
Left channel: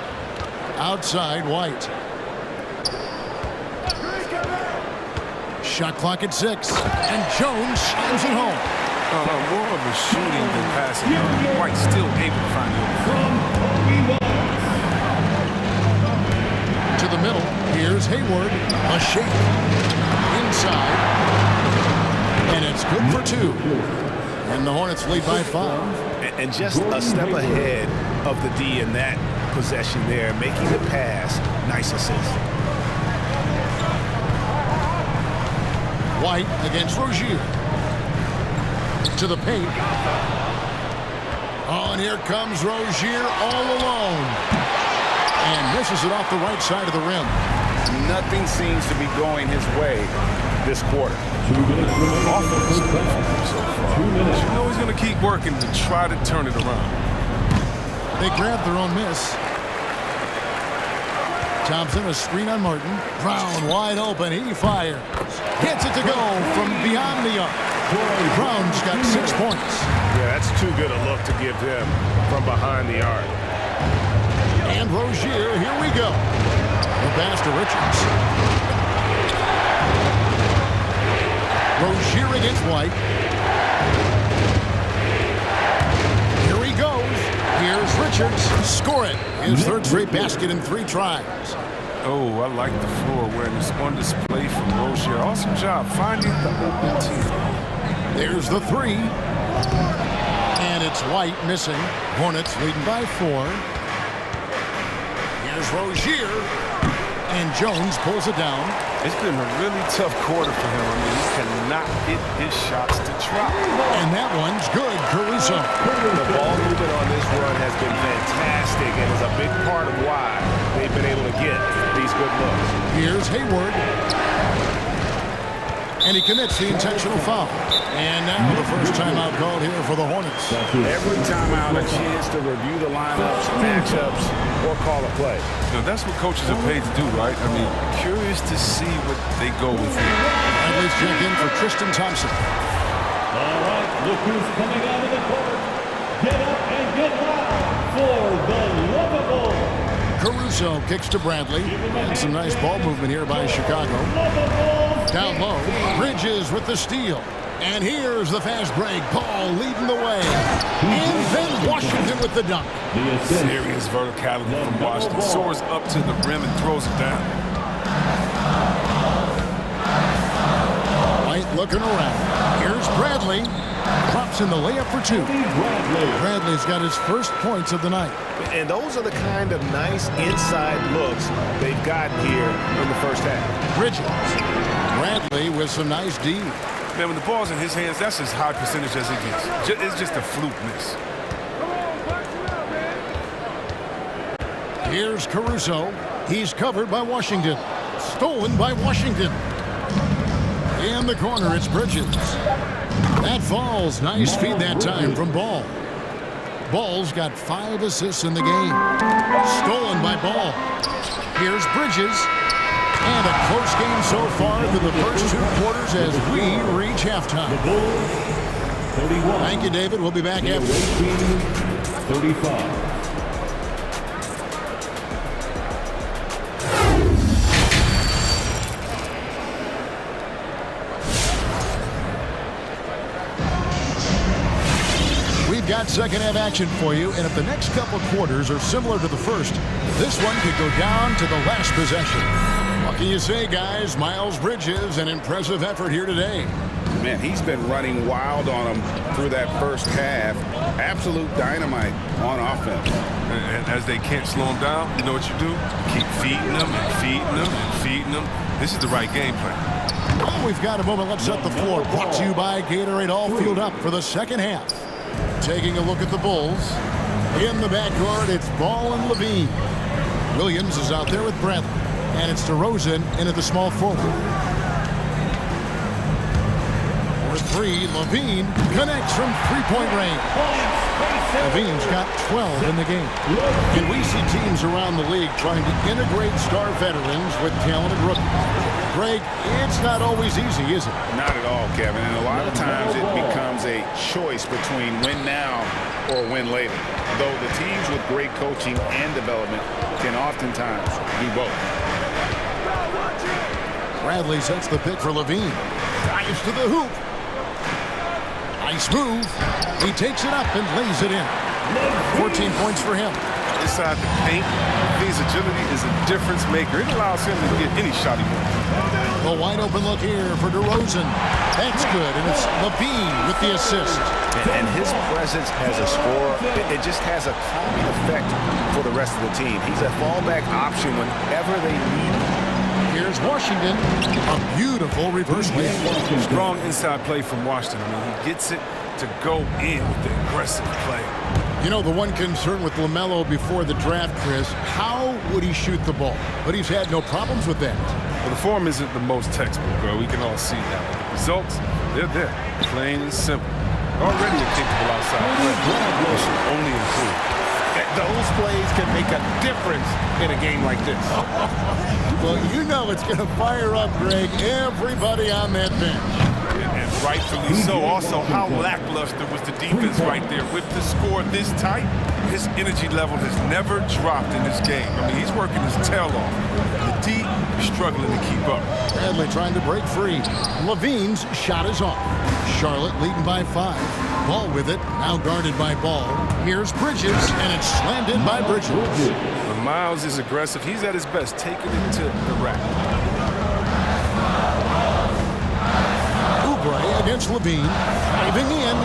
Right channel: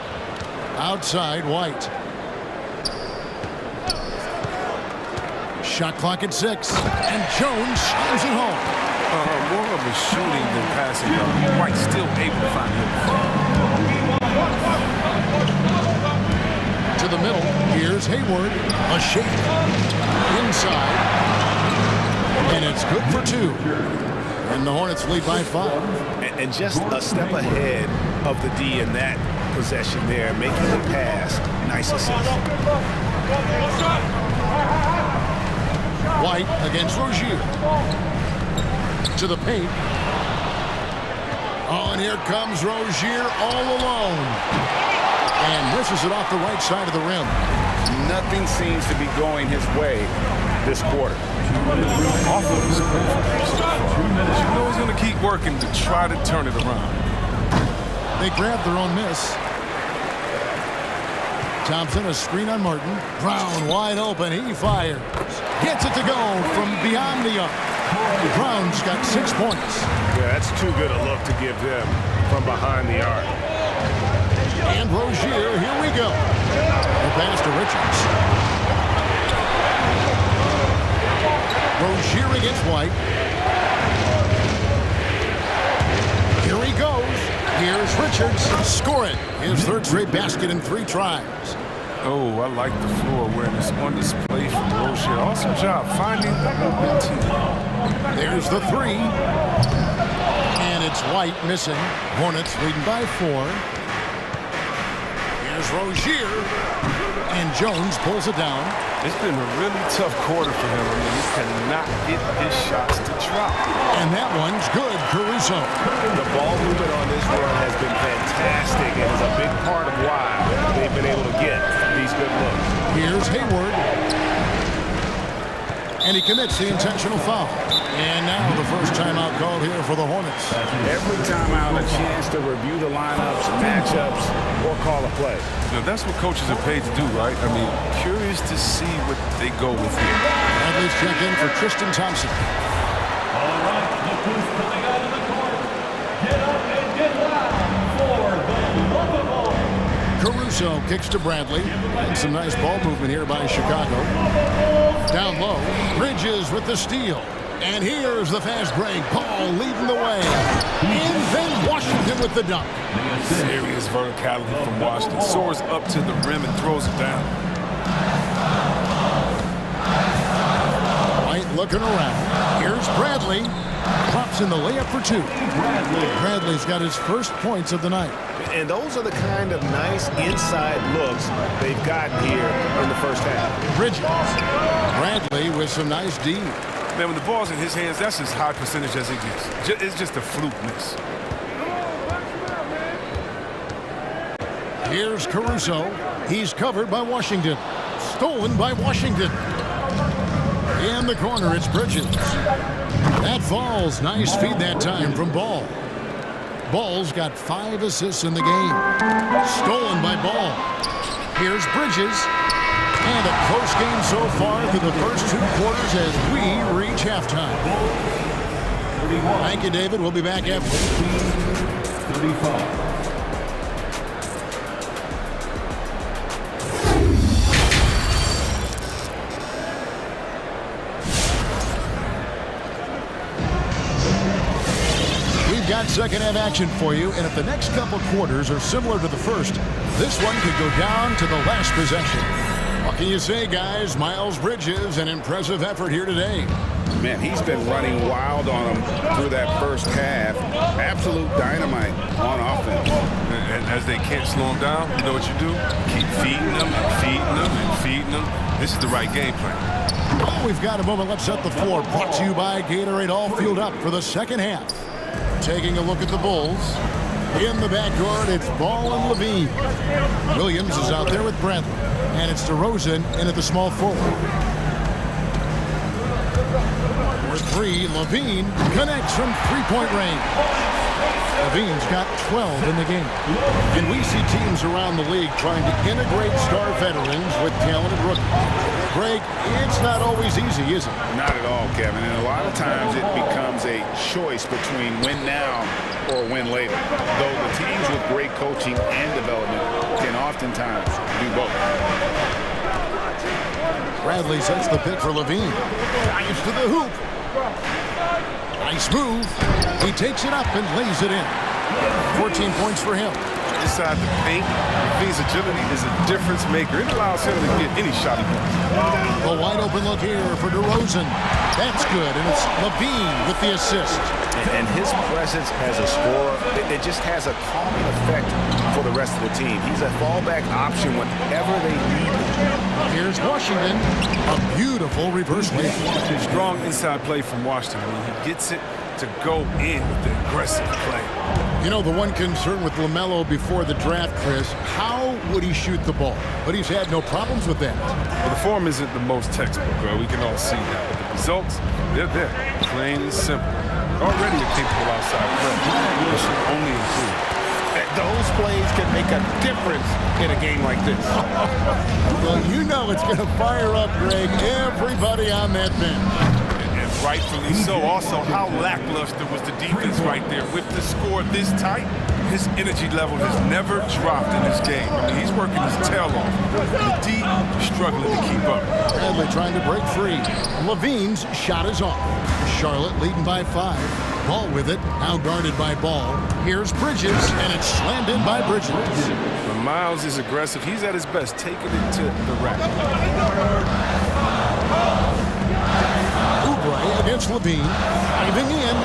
Outside, White. Shot clock at 6. And Jones slams it home. More of a shooting than passing. White still able to find the open. To the middle. Here's Hayward. A shake. Inside. And it's good for 2. And the Hornets lead by 5. And just a step ahead of the D in that possession there, making the pass. Nice assist. White against Rozier. To the paint. Oh, and here comes Rozier all alone. And misses it off the right side of the rim. Nothing seems to be going his way this quarter. Offense so far. You know he's going to keep working to try to turn it around. They grab their own miss. Thompson, a screen on Martin. Brown wide open. He fires. Gets it to go from beyond the arc. Brown's got 6 points. Yeah, that's too good a look to give him from behind the arc. And Rozier, here we go. The pass to Richards. Rozier against White. Here he goes. Here's Richards. Score it. His third straight basket in 3 tries. Oh, I like the floor awareness on display from Rozier. Awesome job finding the open team. There's the 3. And it's White missing. Hornets leading by 4. Here's Rozier. And Jones pulls it down. It's been a really tough quarter for him. I mean, he cannot get his shots to drop. And that one's good, Caruso. The ball movement on this run has been fantastic and is a big part of why they've been able to get these good looks. Here's Hayward. And he commits the intentional foul. And now the first timeout called here for the Hornets. Every timeout a chance to review the lineups, matchups, or call a play. You know, that's what coaches are paid to do, right? I mean, curious to see what they go with here. Bradley's check in for Tristan Thompson. All right, look who's coming out of the court. Get up and get loud for the Lovable. Caruso kicks to Bradley. And some nice ball movement here by Chicago. Down low, Bridges with the steal. And here's the fast break. Paul leading the way. And then Washington with the dunk. Serious verticality from Washington. Soars up to the rim and throws it down. White looking around. Here's Bradley. Drops in the layup for two. Bradley's got his first points of the night. And those are the kind of nice inside looks they've gotten here in the first half. Bridges. Bradley with some nice D. Man, when the ball's in his hands, that's as high percentage as it gets. It's just a fluke miss. Here's Caruso. He's covered by Washington. Stolen by Washington. In the corner, it's Bridges. That falls. Nice feed that time from Ball. Ball's got 5 assists in the game. Stolen by Ball. Here's Bridges. And a close game so far through the first 2 quarters as we reach halftime. Thank you, David. We'll be back after. 35. We've got second half action for you, and if the next couple quarters are similar to the first, this one could go down to the last possession. What can you say, guys? Miles Bridges, an impressive effort here today. Man, he's been running wild on them through that first half. Absolute dynamite on offense. And as they can't slow him down, you know what you do? You keep feeding them and feeding them and feeding them. This is the right game plan. Oh, we've got a moment. Let's set the floor. Brought to you by Gatorade, all fueled up for the second half. Taking a look at the Bulls. In the backcourt, it's Ball and Levine. Williams is out there with Bradley. And it's DeRozan in at the small forward. For 3, Levine connects from three-point range. Levine's got 12 in the game. And we see teams around the league trying to integrate star veterans with talented rookies. Greg, it's not always easy, is it? Not at all, Kevin. And a lot of times it becomes a choice between win now or win later. Though the teams with great coaching and development can oftentimes do both. Bradley sets the pick for Levine. Dives to the hoop. Nice move. He takes it up and lays it in. 14 points for him. Inside the paint, Levine's agility is a difference maker. It allows him to get any shot he wants. A wide open look here for DeRozan. That's good, and it's Levine with the assist. And his presence as a scorer, it just has a calming effect for the rest of the team. He's a fallback option whenever they need him. Here's Washington. A beautiful reverse layup. Strong inside play from Washington. I mean, he gets it to go in with the aggressive play. You know, the one concern with LaMelo before the draft, Chris, how would he shoot the ball? But he's had no problems with that. Well, the form isn't the most textbook, we can all see that. But the results, they're there. Plain and simple. Already a capable outside player. It should only improve. Those plays can make a difference in a game like this. Well, you know it's going to fire up, Greg, everybody on that bench. And rightfully so. Also, how lackluster was the defense right there. With the score this tight, his energy level has never dropped in this game. I mean, he's working his tail off. And the D is struggling to keep up. Bradley trying to break free. Levine's shot is off. Charlotte leading by 5. Ball with it, now guarded by Ball. Here's Bridges, and it's slammed in by Bridges. When Miles is aggressive, he's at his best, taking it to the rack. Oubre against Levine, diving in.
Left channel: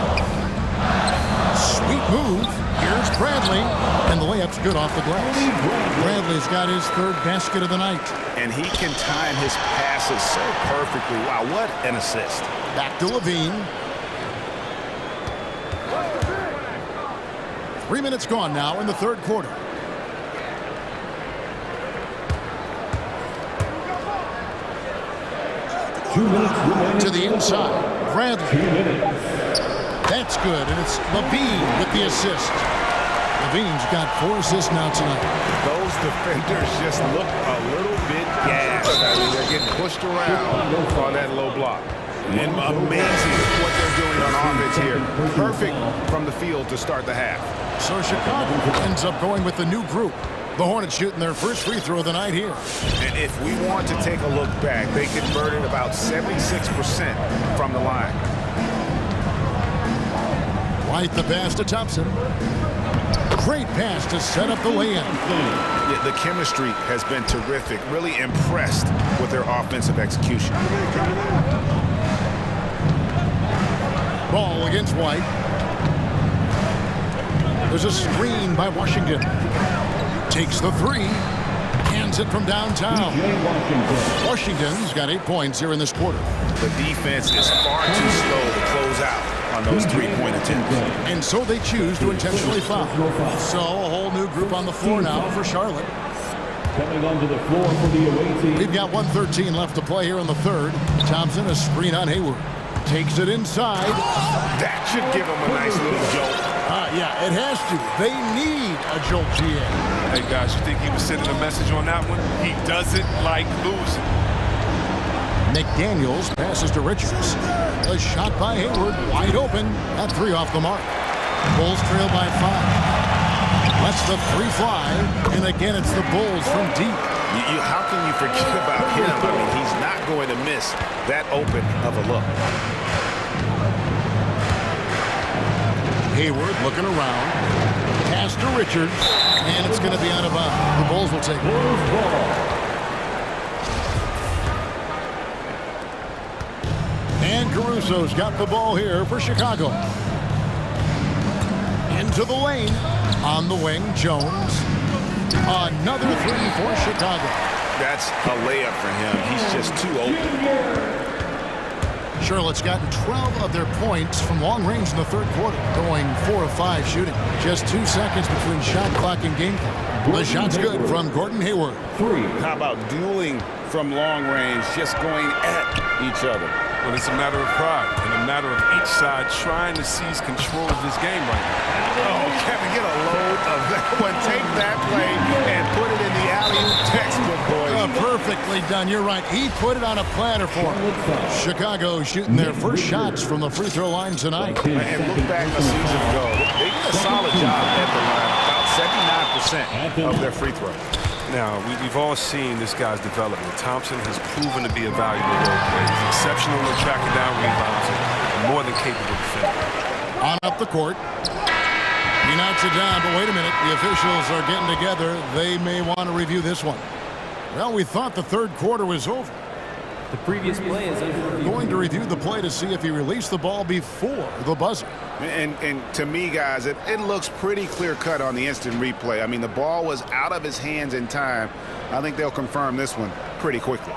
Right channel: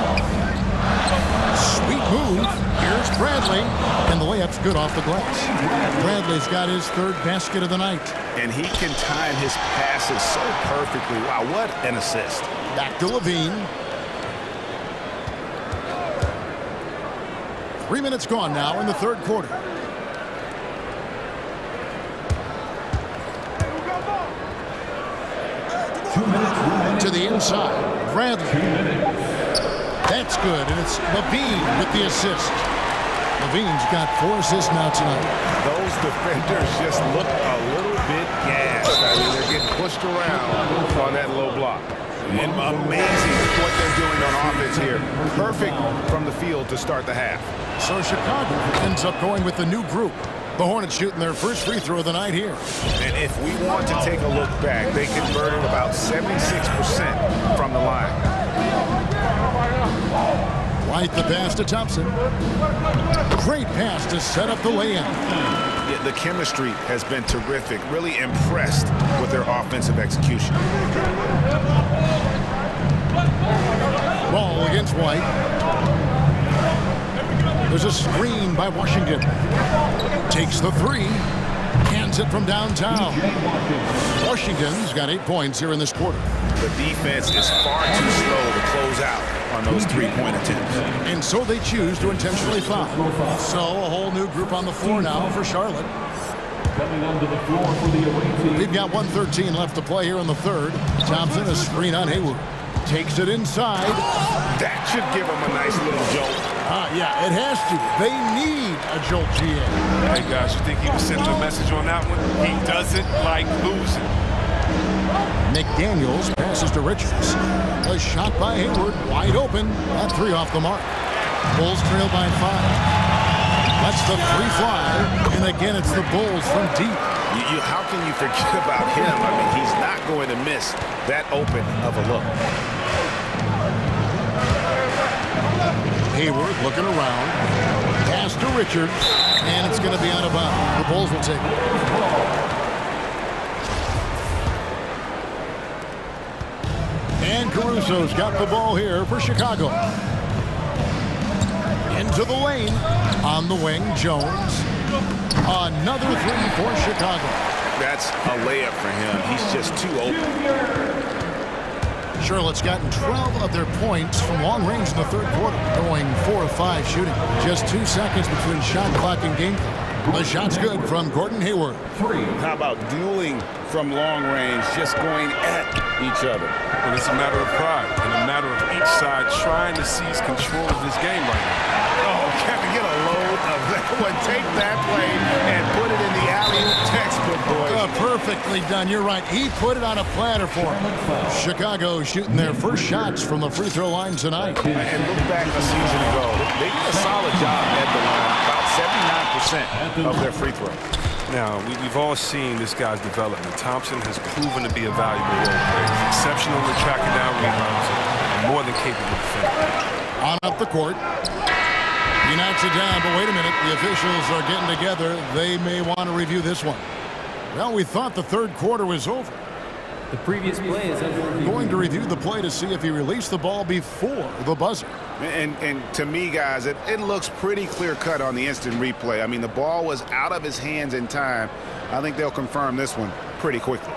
Sweet move. Here's Bradley. And the layup's good off the glass. Bradley's got his third basket of the night. And he can time his passes so perfectly. Wow, what an assist. Back to Levine. 3 minutes gone now in the third quarter. To the inside. Bradley. That's good, and it's Levine with the assist. Levine's got 4 assists now tonight. Those defenders just look a little bit gassed. I mean, they're getting pushed around on that low block. And amazing what they're doing on offense here. Perfect from the field to start the half. So Chicago ends up going with the new group. The Hornets shooting their first free throw of the night here. And if we want to take a look back, they converted about 76% from the line. White the pass to Thompson. Great pass to set up the lay-in. Yeah, the chemistry has been terrific. Really impressed with their offensive execution. Ball against White. There's a screen by Washington. Takes the three. Cans it from downtown. Washington's got 8 points here in this quarter. The defense is far too slow to close out on those three-point attempts. And so they choose to intentionally foul. So a whole new group on the floor now for Charlotte. Coming onto the floor for the away team. We've got 1:13 left to play here in the third. Thompson, a screen on Hayward. Takes it inside. That should give him a nice little jolt. Yeah, it has to. They need a jolt, GA. Hey, guys, you think he was sending a message on that one? He doesn't like losing. McDaniels passes to Richards. A shot by Hayward, wide open. That three off the mark. Bulls trail by 5. Lets the three fly, and again it's the Bulls from deep. How can you forget about him? I mean, he's not going to miss that open of a look. Hayward looking around. Pass to Richards, and it's going to be out of bounds. The Bulls will take it. And Caruso's got the ball here for Chicago. Into the lane. On the wing, Jones. Another three for Chicago. That's a layup for him. He's just too open. Charlotte's gotten 12 of their points from long range in the third quarter, going 4 of 5 shooting. Just 2 seconds between shot clock and game clock. The shot's good from Gordon Hayward. How about dueling from long range, just going at each other? Well, it's a matter of pride and a matter of each side trying to seize control of this game right now. Oh, Kevin, get a load of that one. Take that play and put it in the alley-oop textbook, boys. Perfectly done. You're right. He put it on a platter for him. Chicago shooting their first shots from the free throw line tonight. And look back a season ago. They did a solid job at the line. About 79% of their free throws. Now, we've all seen this guy's development. Thompson has proven to be a valuable role player. He's exceptional at tracking down rebounds and more than capable defender. On up the court. He knocks it down, but wait a minute. The officials are getting together. They may want to review this one. Well, we thought the third quarter was over. The previous play is under review. Going to review the play to see if he released the ball before the buzzer. And to me, guys, it looks pretty clear-cut on the instant replay. I mean, the ball was out of his hands in time. I think they'll confirm this one pretty quickly.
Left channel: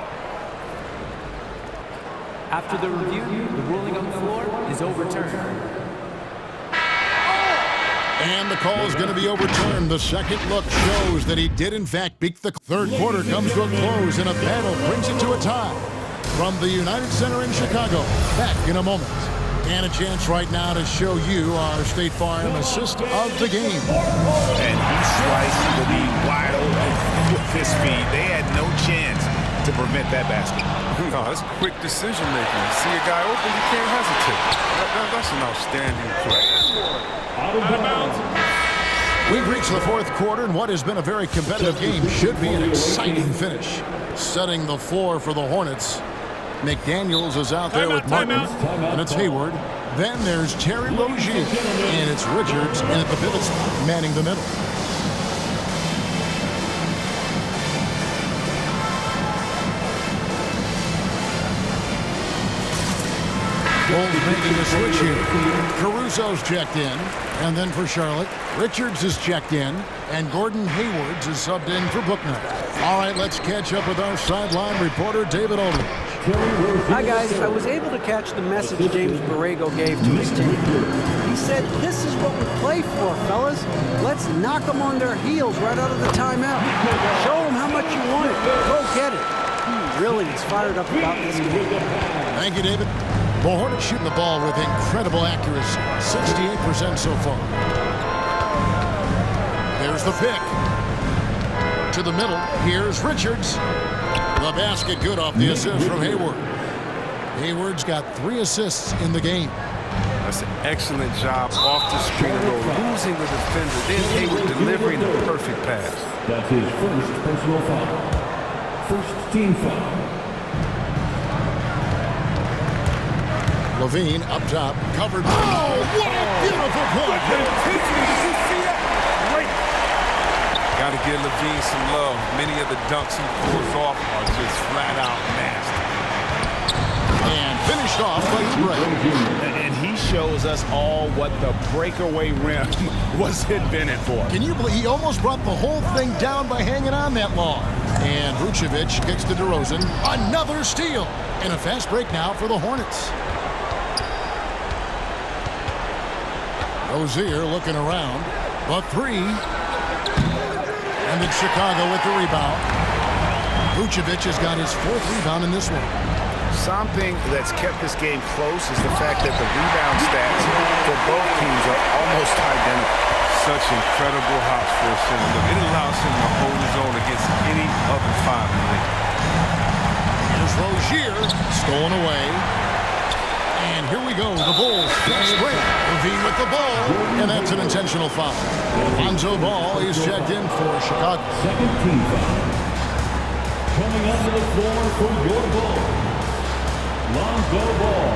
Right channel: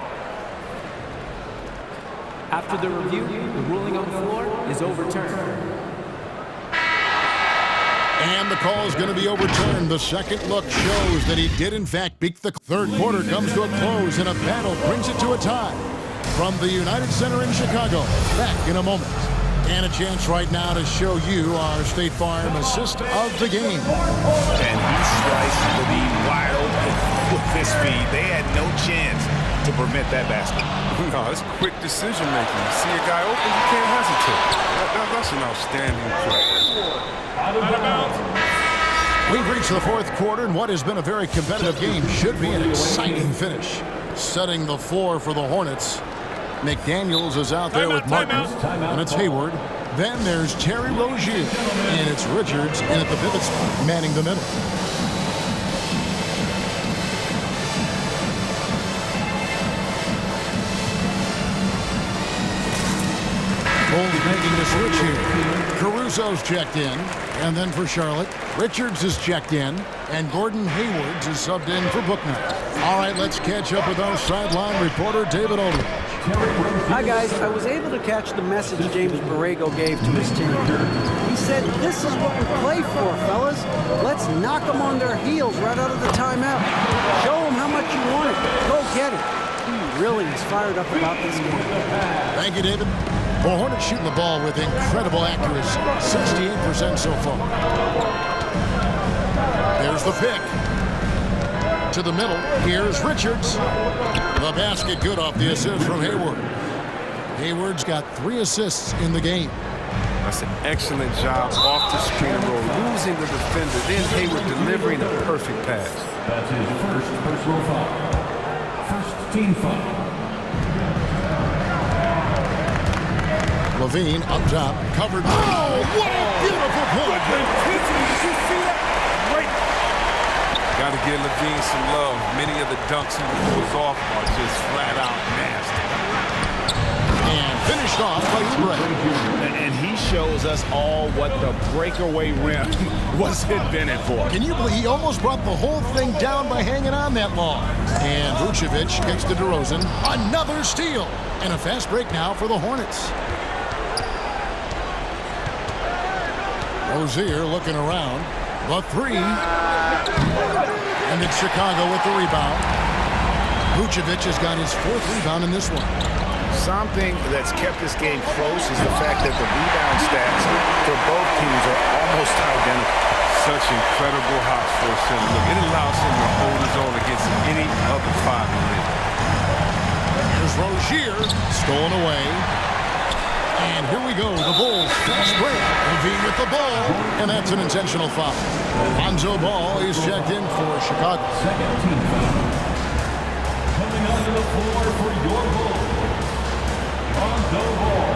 After the review, the ruling on the floor is overturned. And the call is going to be overturned. The second look shows that he did, in fact, beat the third quarter. Comes to a close, and a battle brings it to a tie. From the United Center in Chicago, back in a moment. And a chance right now to show you our State Farm assist of the game. And he sliced the D wide open with his feet. They had no chance to prevent that basket. No, it's quick decision making. You see a guy open, you can't hesitate. That's an outstanding play. Out of bounds. We've reached the fourth quarter, and what has been a very competitive game should be an exciting finish. Setting the floor for the Hornets. McDaniels is out there with Martin, and it's Hayward. Then there's Terry Rozier, and it's Richards in at the pivot spot, manning the middle. Bulls making a switch here. Caruso's checked in. And then for Charlotte, Richards is checked in. And Gordon Haywards is subbed in for Booknight. All right, let's catch up with our sideline reporter, David Aldridge. Hi, guys. I was able to catch the message James Borrego gave to his team. He said, this is what we play for, fellas. Let's knock them on their heels right out of the timeout. Show them how much you want it. Go get it. He really is fired up about this game. Thank you, David. The Hornets shooting the ball with incredible accuracy. 68% so far. There's the pick. To the middle. Here's Richards. The basket good off the assist from Hayward. Hayward's got 3 assists in the game. That's an excellent job off the screen and roll, losing the defender, then Hayward delivering a perfect pass. That's his first personal foul. First team foul. Levine up top, covered. Oh, what a beautiful point! Did you see that? Great. Got to give Levine some love. Many of the dunks he pulls off are just flat out nasty. And finished off by Oubre. And he shows us all what the breakaway rim was invented for. Can you believe he almost brought the whole thing down by hanging on that long? And Vucevic kicks to DeRozan. Another steal. And a fast break now for the Hornets. Rozier looking around. The 3. And it's Chicago with the rebound. Vucevic has got his 4th rebound in this one. Something that's kept this game close is the fact that the rebound stats for both teams are almost identical. Such incredible hops for a center. Look, it allows him to hold his own against any other 5 in the league. Here's Rozier, stolen away. And here we go, the Bulls fast break. Levine with the ball, and that's an intentional foul. Lonzo Ball is checked in for Chicago. Second team foul. Coming onto the floor for your Bulls, Lonzo Ball.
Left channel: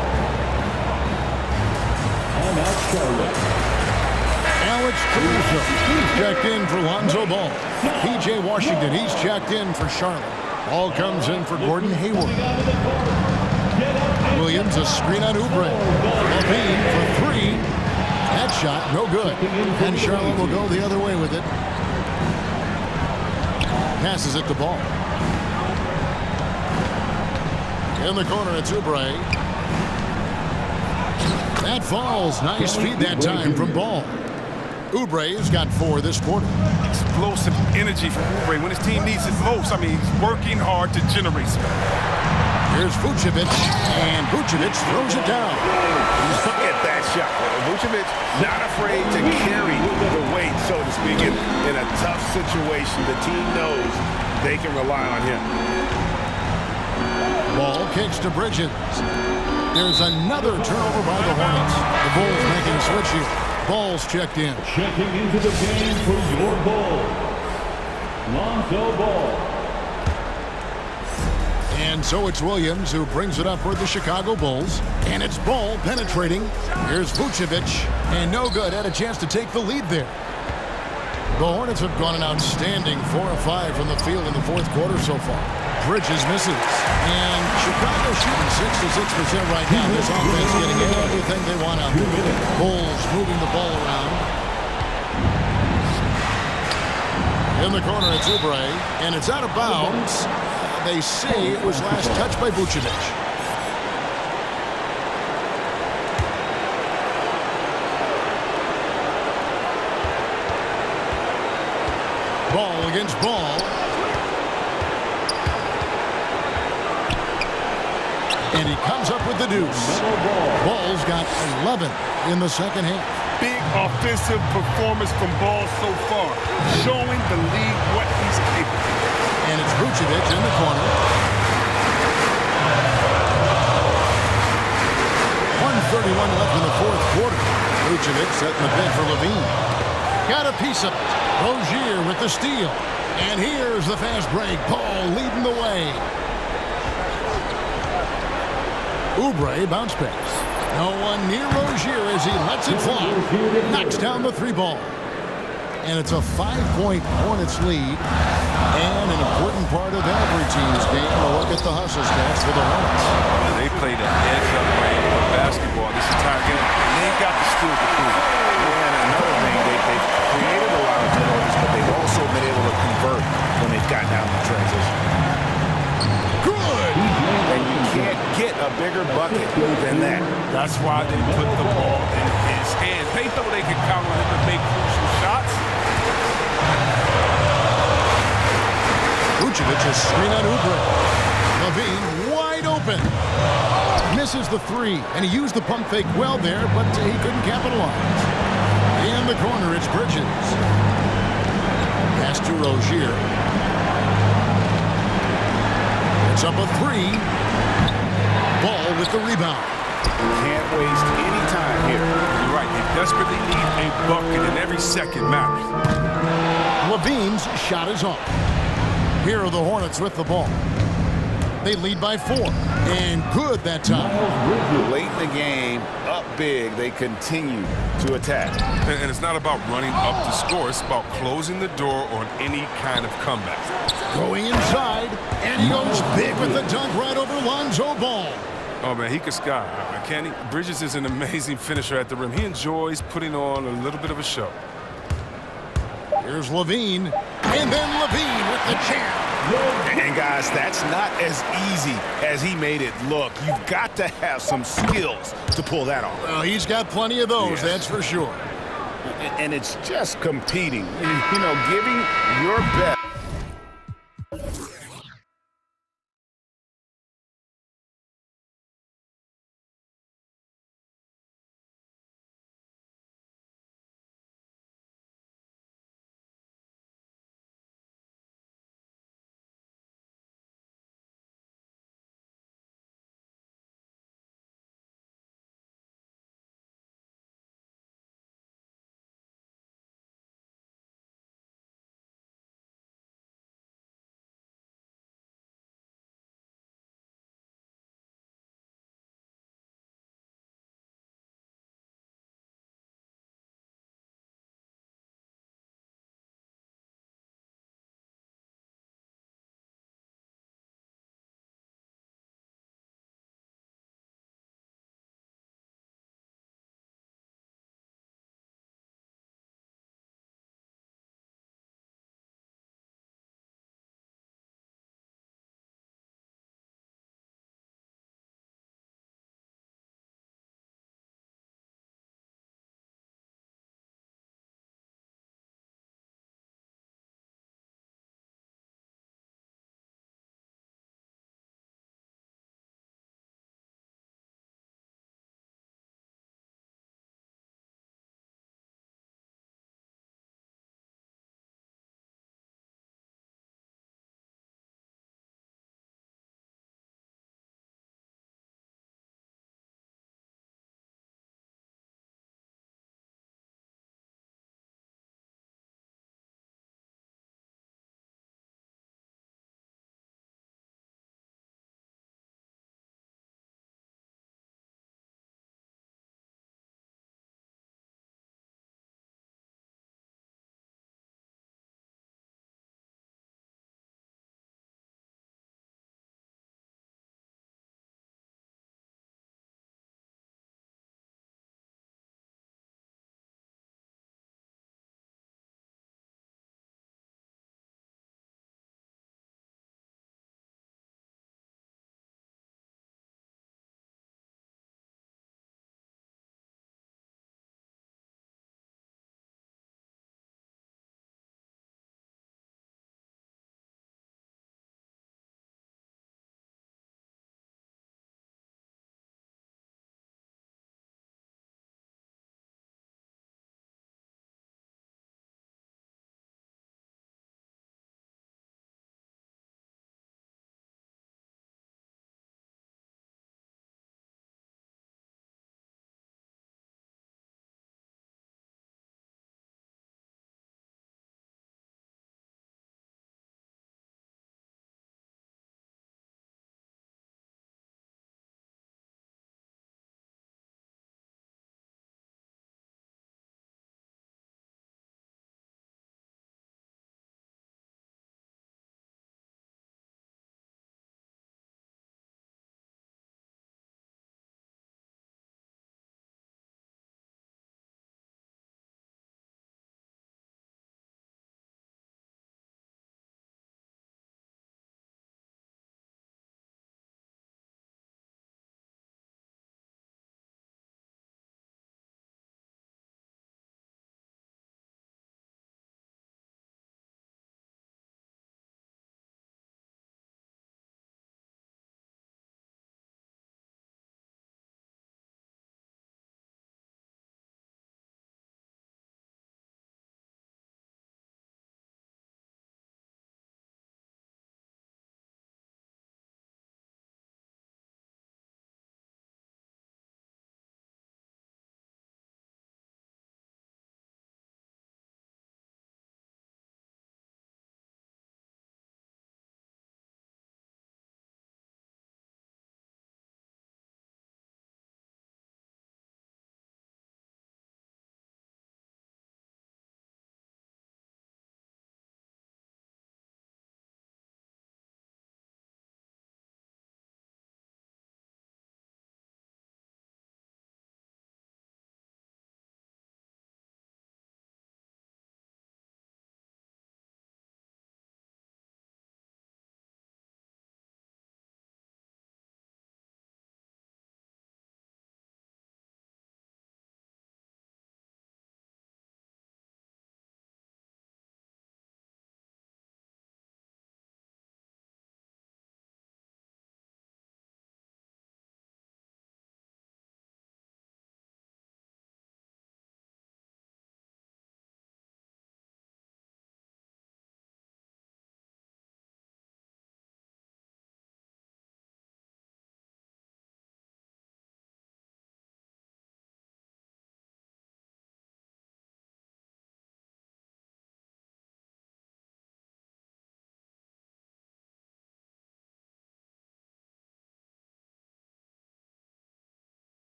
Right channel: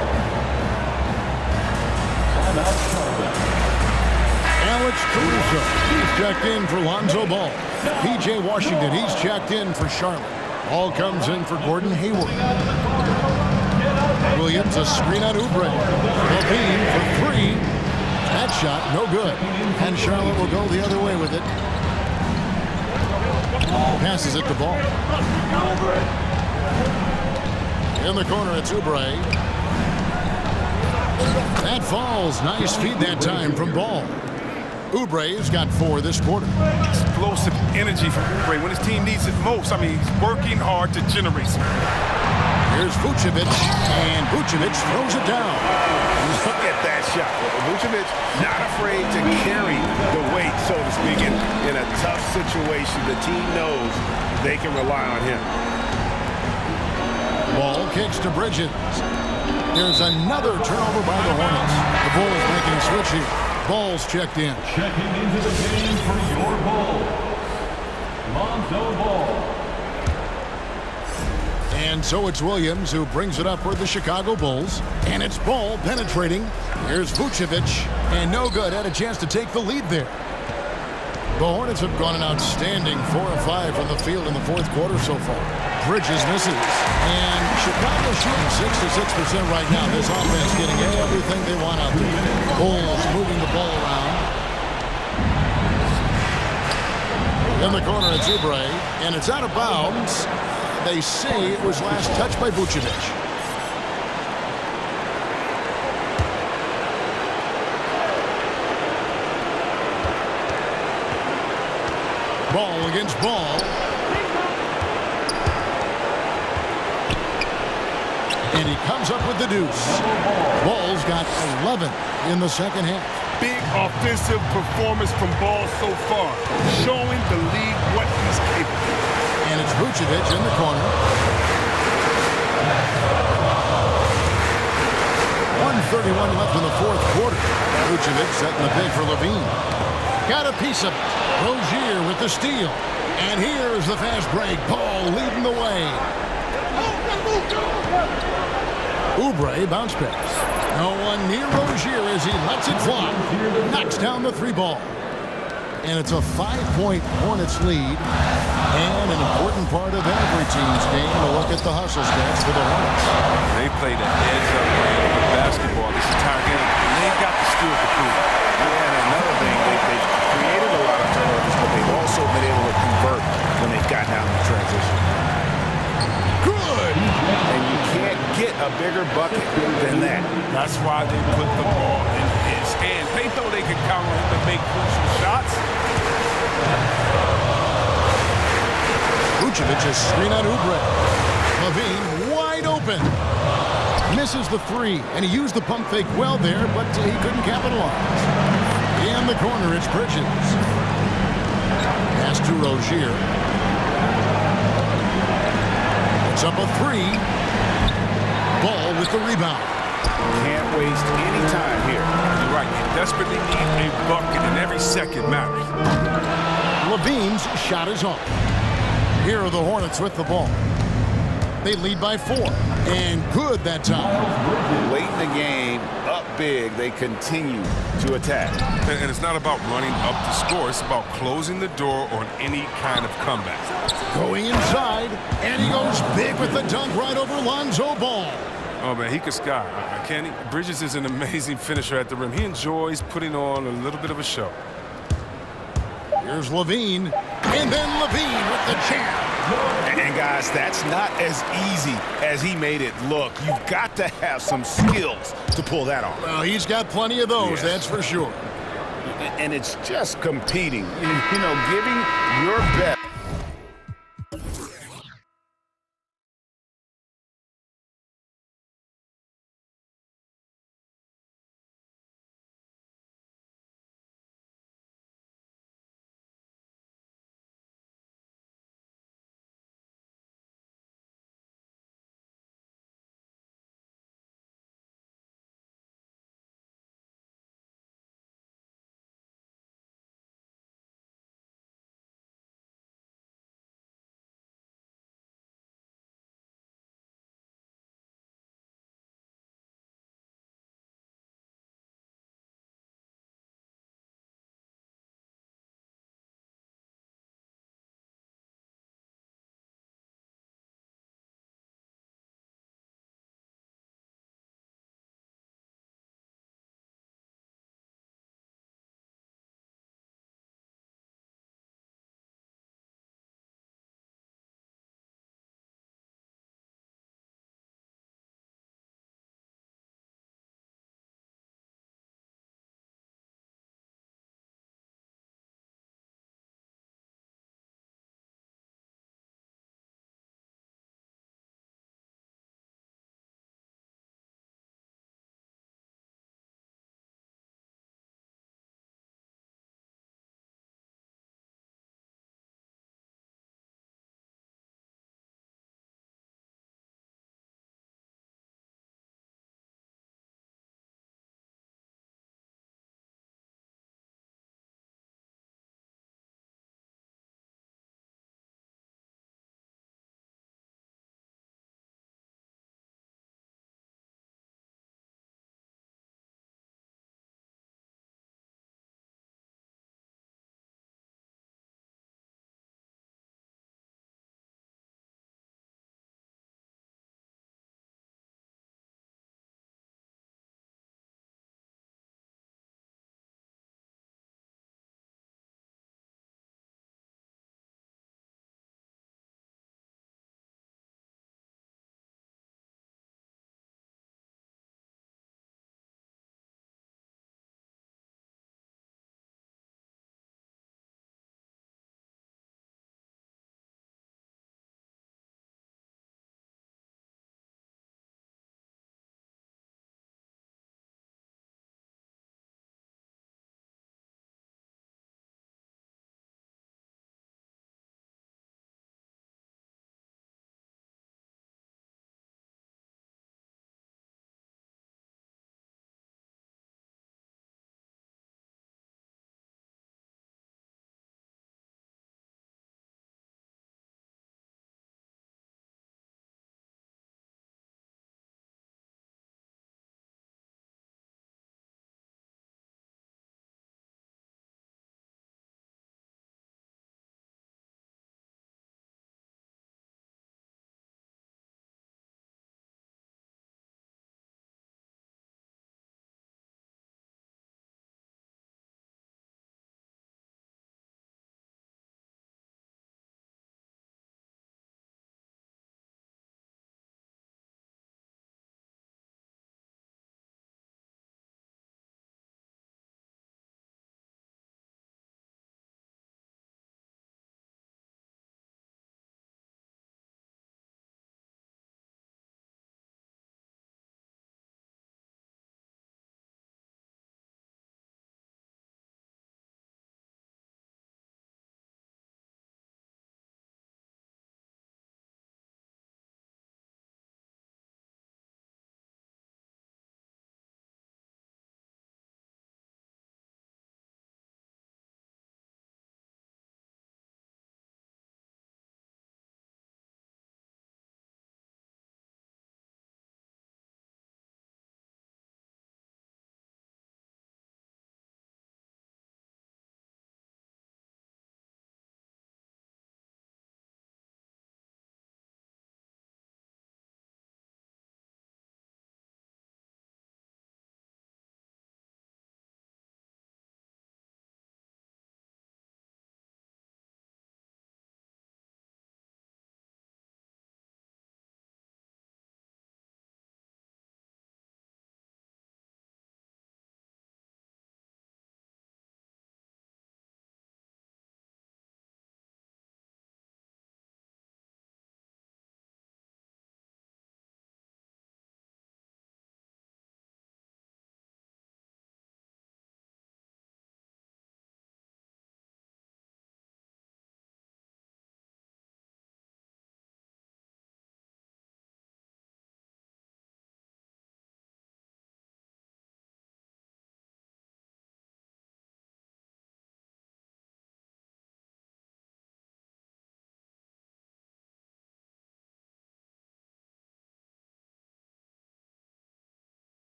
Timeout, Charlotte. Alex Caruso, he's checked in for Lonzo Ball. P.J. Washington, he's checked in for Charlotte. Ball comes in for Gordon Hayward. Williams, a screen on Oubre. Levine for 3. That shot, no good. And Charlotte will go the other way with it. Passes it to Ball. In the corner, it's Oubre. That falls. Nice feed that time from Ball. Oubre's got 4 this quarter. Explosive energy from Oubre when his team needs it most. I mean, he's working hard to generate some. Here's Vucevic, and Vucevic throws it down. Look at that shot. Vucevic not afraid to carry the weight, so to speak, in a tough situation. The team knows they can rely on him. Ball kicks to Bridges. There's another turnover by the Hornets. The Bulls making a switch here. Ball's checked in. Checking into the game for your Bulls, Lonzo Ball. And so it's Williams who brings it up for the Chicago Bulls. And it's Ball penetrating. Here's Vucevic. And no good. Had a chance to take the lead there. The Hornets have gone an outstanding 4 of 5 from the field in the 4th quarter so far. Bridges misses. And Chicago shooting 66% right now. This offense getting everything they want out there. Bulls moving the ball around. In the corner, it's Oubre. And it's out of bounds. They say it was last touched by Vucevic. Ball against Ball. And he comes up with the deuce. Ball's got 11 in the second half. Big offensive performance from Ball so far, showing the league what he's capable. And it's Vucevic in the corner. 1:31 left in the 4th quarter. Vucevic setting the pick for Levine. Got a piece of it. Rozier with the steal. And here's the fast break. Ball leading the way. Oubre bounce pass. No one near Rozier as he lets it fly. Knocks down the 3 ball. And it's a 5-point Hornets lead. And an important part of every team's game, a look at the hustle stats for the Hornets. They played a heads-up brand of basketball this entire game, and they've got the skills to prove it. Yeah, and another thing, they've created a lot of turnovers, but they've also been able to convert when they've gotten out in transition. Good! And you can't get a bigger bucket than that. That's why they put the ball in his hands. They know they can count on him to make crucial shots. Vucevic's screen on Oubre. Levine wide open. Misses the three, and he used the pump fake well there, but he couldn't capitalize. In the corner, it's Bridges. Pass to Rozier. It's up a three. Ball with the rebound. Can't waste any time here. You're right. They desperately need a bucket, and every second matters. Levine's shot is up. Here are the Hornets with the ball. They lead by 4. And good that time. Late in the game, up big, they continue to attack. And it's not about running up to score. It's about closing the door on any kind of comeback. Going inside, and he goes big with the dunk right over Lonzo Ball. Oh, man, he could sky. Can't he? Bridges is an amazing finisher at the rim. He enjoys putting on a little bit of a show. Here's Levine, and then Levine with the jam. And guys, that's not as easy as he made it look. You've got to have some skills to pull that off. Well, he's got plenty of those, Yeah. that's for sure. And it's just competing, you know, giving your best.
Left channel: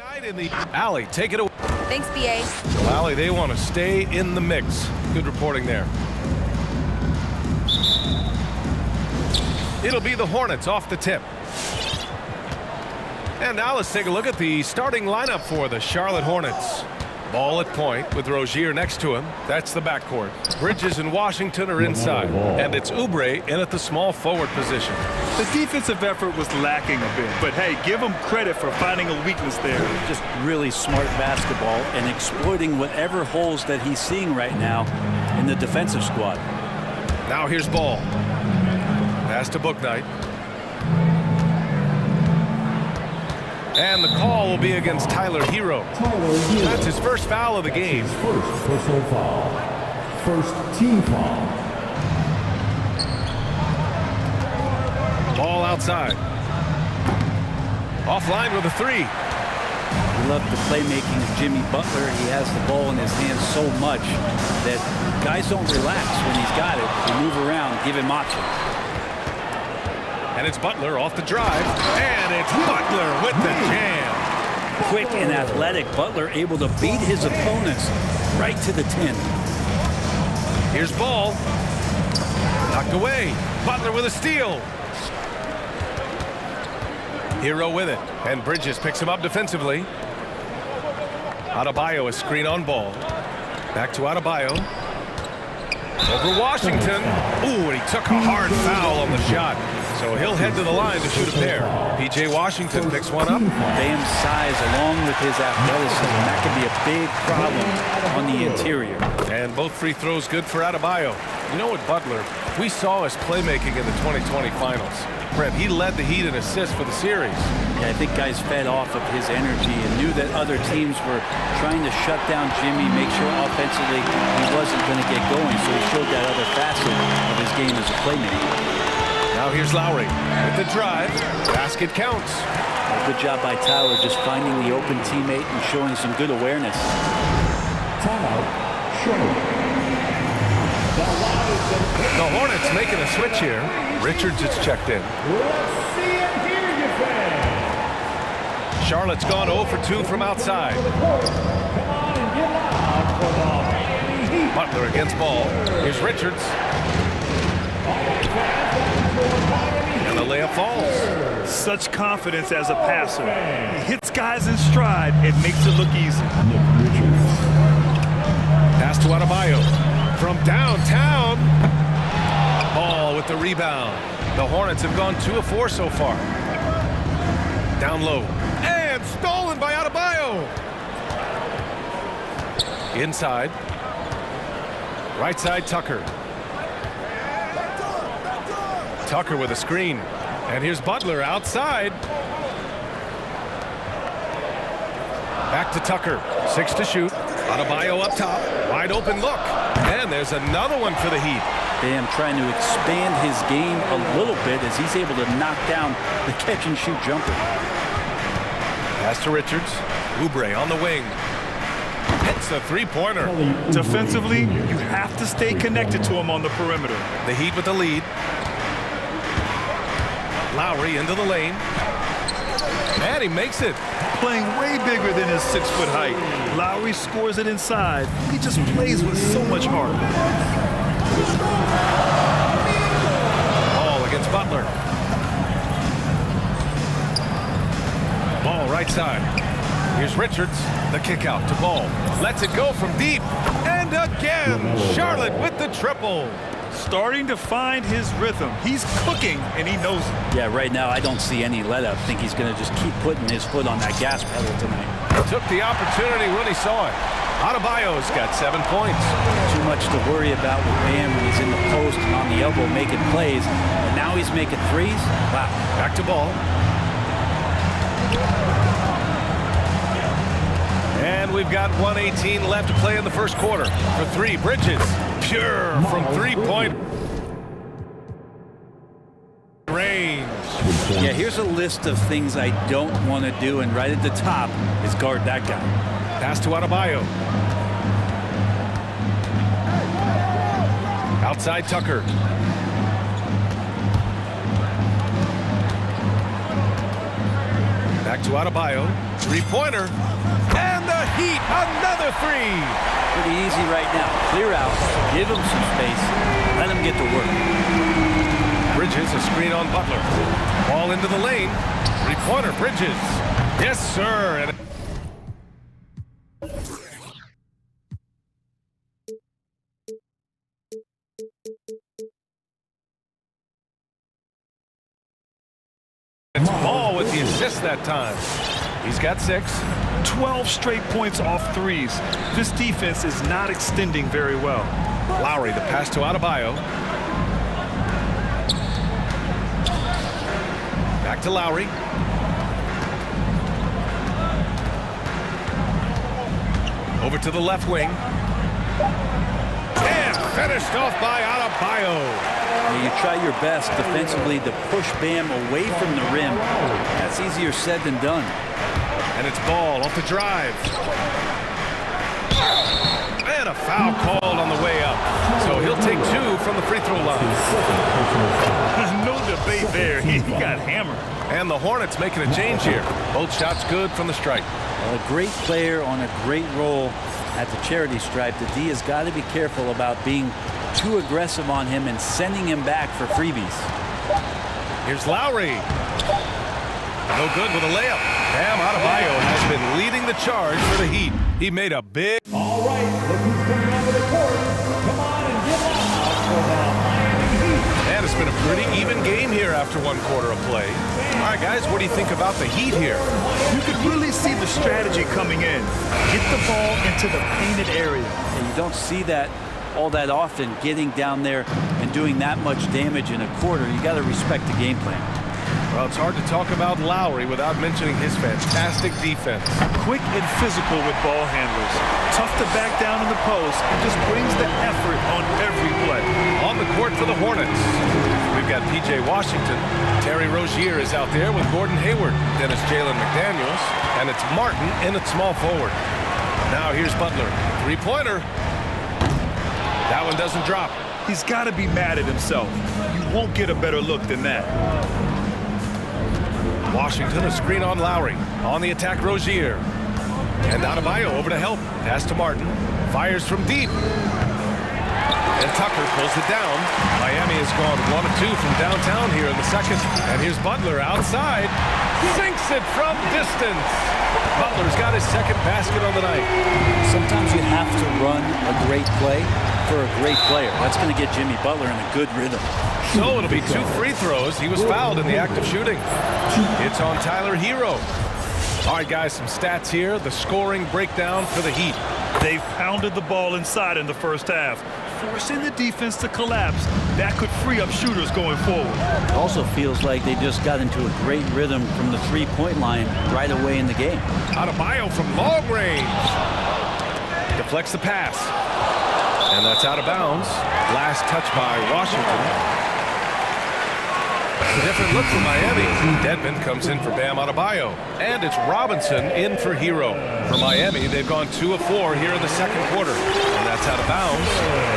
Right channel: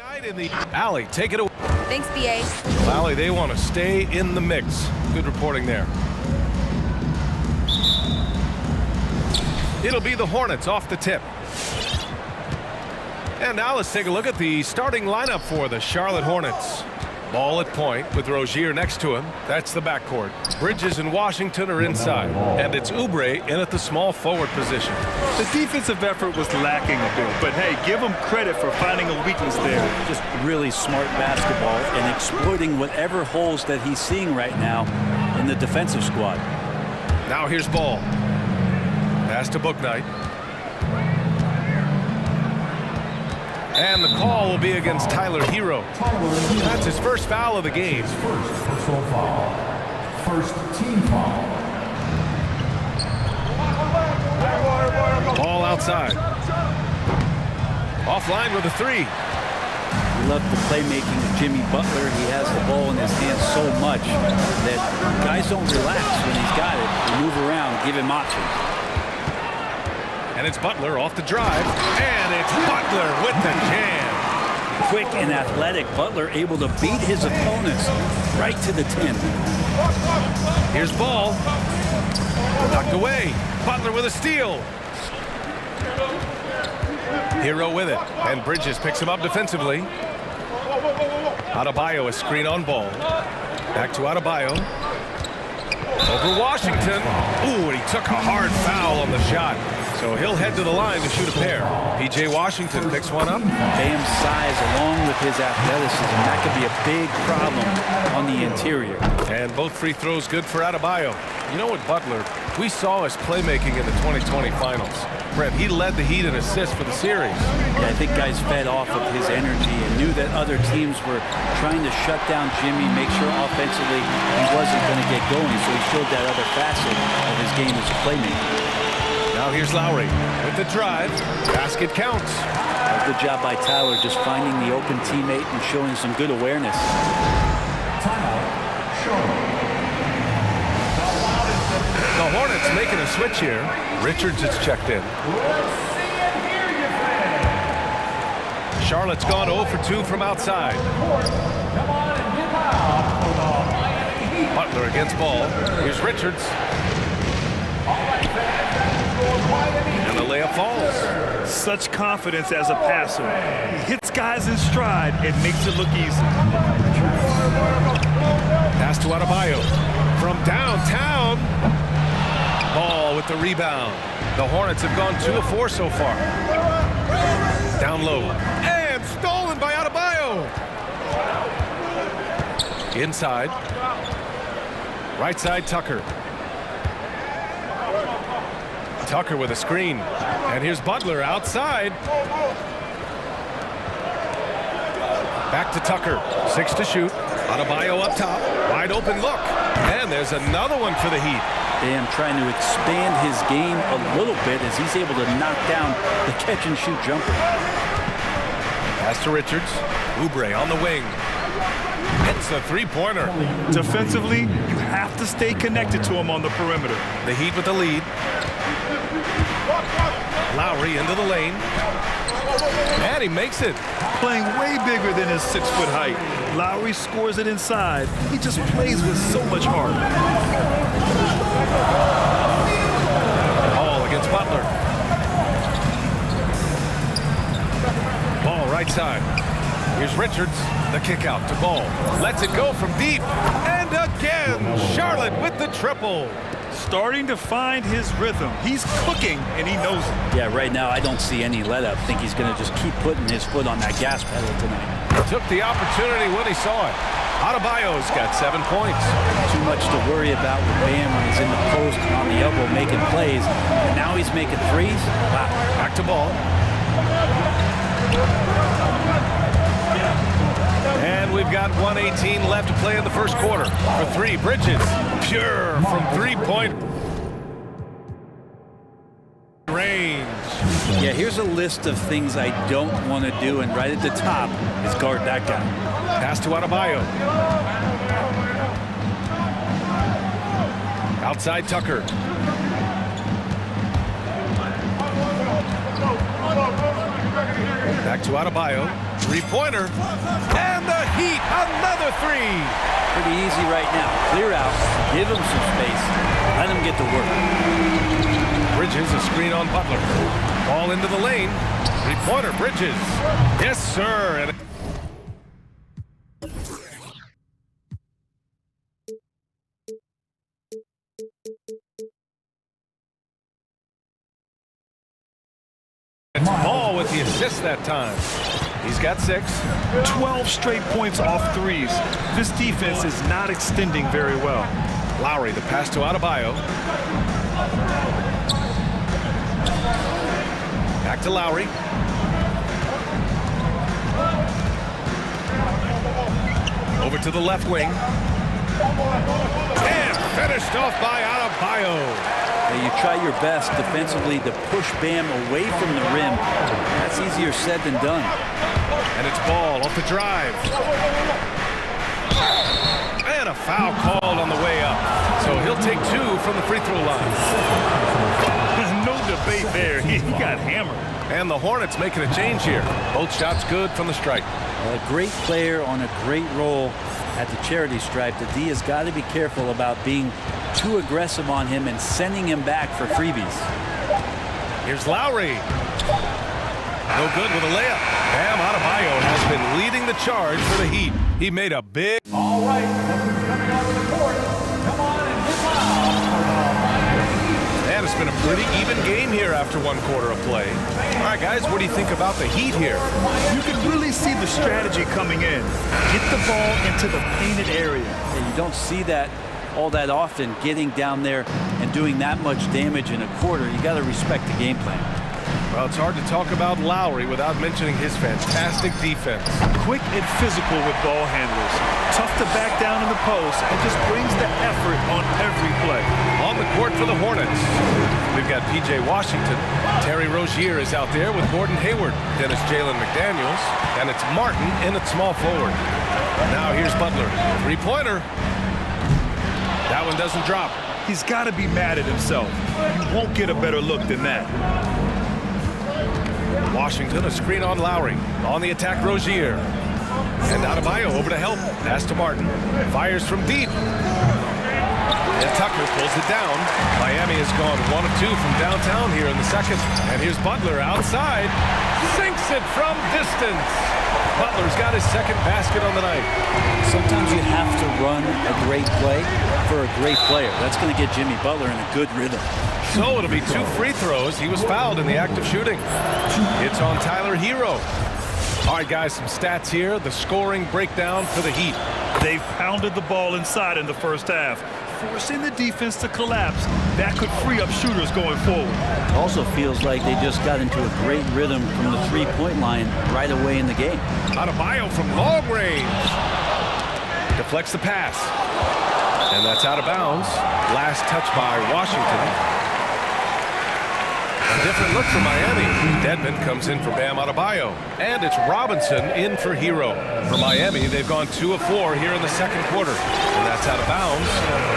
Allie, take it away. Thanks, BA. Well, Allie, they want to stay in the mix. Good reporting there. It'll be the Hornets off the tip. And now let's take a look at the starting lineup for the Charlotte Hornets. Ball at point with Rozier next to him. That's the backcourt. Bridges and Washington are inside. And it's Oubre in at the small forward position. The defensive effort was lacking a bit, but hey, give him credit for finding a weakness there. Just really smart basketball and exploiting whatever holes that he's seeing right now in the defensive squad. Now here's Ball. Pass to Bouknight. And the call will be against Tyler Hero. That's his first foul of the game. First personal foul. First team foul. Ball outside. Offline with a three. We love the playmaking of Jimmy Butler. He has the ball in his hands so much that guys don't relax when he's got it. They move around, give him options. And it's Butler off the drive. And it's Butler with the jam. Quick and athletic, Butler able to beat his opponents right to the 10. Here's Ball. Knocked away. Butler with a steal. Hero with it. And Bridges picks him up defensively. Adebayo, a screen on Ball. Back to Adebayo. Over Washington. Ooh, and he took a hard foul on the shot. So he'll head to the line to shoot a pair. P.J. Washington picks one up. Bam's size along with his athleticism, that could be a big problem on the interior. And both free throws good for Adebayo. You know what, Butler, we saw his playmaking in the 2020 finals. Brent, he led the Heat in assists for the series. Yeah, I think guys fed off of his energy and knew that other teams were trying to shut down Jimmy, make sure offensively he wasn't going to get going, so he showed that other facet of his game as a playmaker. Now here's Lowry with the drive. Basket counts. A good job by Tyler just finding the open teammate and showing some good awareness. Timeout, Charlotte. The Hornets making a switch here. Richards is checked in. Let's see and hear you, fans. Charlotte's gone 0 for 2 from outside. Come on and get loud for the Miami Heat. Butler against Ball. Here's Richards. And the layup falls. Such confidence as a passer. He hits guys in stride. It makes it look easy. Pass to Adebayo. From downtown. Ball with the rebound. The Hornets have gone 2 of 4 so far. Down low. And stolen by Adebayo. Inside. Right side, Tucker. Tucker with a screen. And here's Butler outside. Back to Tucker. 6 to shoot. Adebayo up top. Wide open look. And there's another one for the Heat. Bam trying to expand his game a little bit as he's able to knock down the catch-and-shoot jumper. Pass to Richards. Oubre on the wing. Hits a three-pointer. Defensively, you have to stay connected to him on the perimeter. The Heat with the lead. Lowry into the lane. And he makes it. Playing way bigger than his 6-foot height. Lowry scores it inside. He just plays with so much heart. Ball against Butler. Ball right side. Here's Richards. The kick out to Ball. Lets it go from deep. And again, Charlotte with the triple. Starting to find his rhythm. He's cooking, and he knows it. Yeah, right now I don't see any let-up. I think he's going to just keep putting his foot on that gas pedal tonight. He took the opportunity when he saw it. Adebayo's got 7 points. Too much to worry about with Bam when he's in the post and on the elbow making plays. And now he's making threes. Wow. Back to Ball. And we've got 1:18 left to play in the first quarter. For 3, Bridges. Pure from 3-point range. Yeah, here's a list of things I don't want to do, and right at the top is guard that guy. Pass to Adebayo. Outside Tucker. Back to Adebayo. Three-pointer. And the Heat, another three. Pretty easy right now. Clear out, give him some space, let him get to work. Bridges, a screen on Butler. Ball into the lane. Three-pointer, Bridges. Yes, sir. And it's Ball with the assist that time. He's got 6. 12 straight points off threes. This defense is not extending very well. Lowry, the pass to Adebayo. Back to Lowry. Over to the left wing. And finished off by Adebayo. Now you try your best defensively to push Bam away from the rim. That's easier said than done. And it's Ball off the drive. And a foul called on the way up. So he'll take 2 from the free throw line. No debate there. He got hammered. And the Hornets making a change here. Both shots good from the stripe. A great player on a great role at the charity stripe. The D has got to be careful about being too aggressive on him and sending him back for freebies. Here's Lowry. No good with a layup. Bam Adebayo has been leading the charge for the Heat. He made a big... All right, look who's coming onto the court. Come on and get loud for the Miami Heat. And it's been a pretty even game here after 1 quarter of play. All right, guys, what do you think about the Heat here? You could really see the strategy coming in. Get the ball into the painted area. Yeah, you don't see that all that often, getting down there and doing that much damage in a quarter. You got to respect the game plan. Well, it's hard to talk about Lowry without mentioning his fantastic defense. Quick and physical with ball handlers. Tough to back down in the post and just brings the effort on every play. On the court for the Hornets, we've got P.J. Washington. Terry Rozier is out there with Gordon Hayward. Then it's Jalen McDaniels. And it's Martin in at small forward. Now here's Butler. Three-pointer. That one doesn't drop. He's got to be mad at himself. You won't get a better look than that. Washington, a screen on Lowry. On the attack, Rozier. And Adebayo over to help. Pass to Martin. Fires from deep. And Tucker pulls it down. Miami has gone 1 of 2 from downtown here in the second. And here's Butler outside. Sinks it from distance. Butler's got his second basket on the night. Sometimes you have to run a great play for a great player. That's going to get Jimmy Butler in a good rhythm. So it'll be 2 free throws. He was fouled in the act of shooting. It's on Tyler Hero. All right, guys, some stats here. The scoring breakdown for the Heat. They've pounded the ball inside in the first half, forcing the defense to collapse. That could free up shooters going forward. It also feels like they just got into a great rhythm from the three-point line right away in the game. Adebayo from long range. Deflects the pass. And that's out of bounds. Last touch by Washington. A different look for Miami. Dedmon comes in for Bam Adebayo. And it's Robinson in for Hero. For Miami, they've gone 2 of 4 here in the second quarter. And that's out of bounds.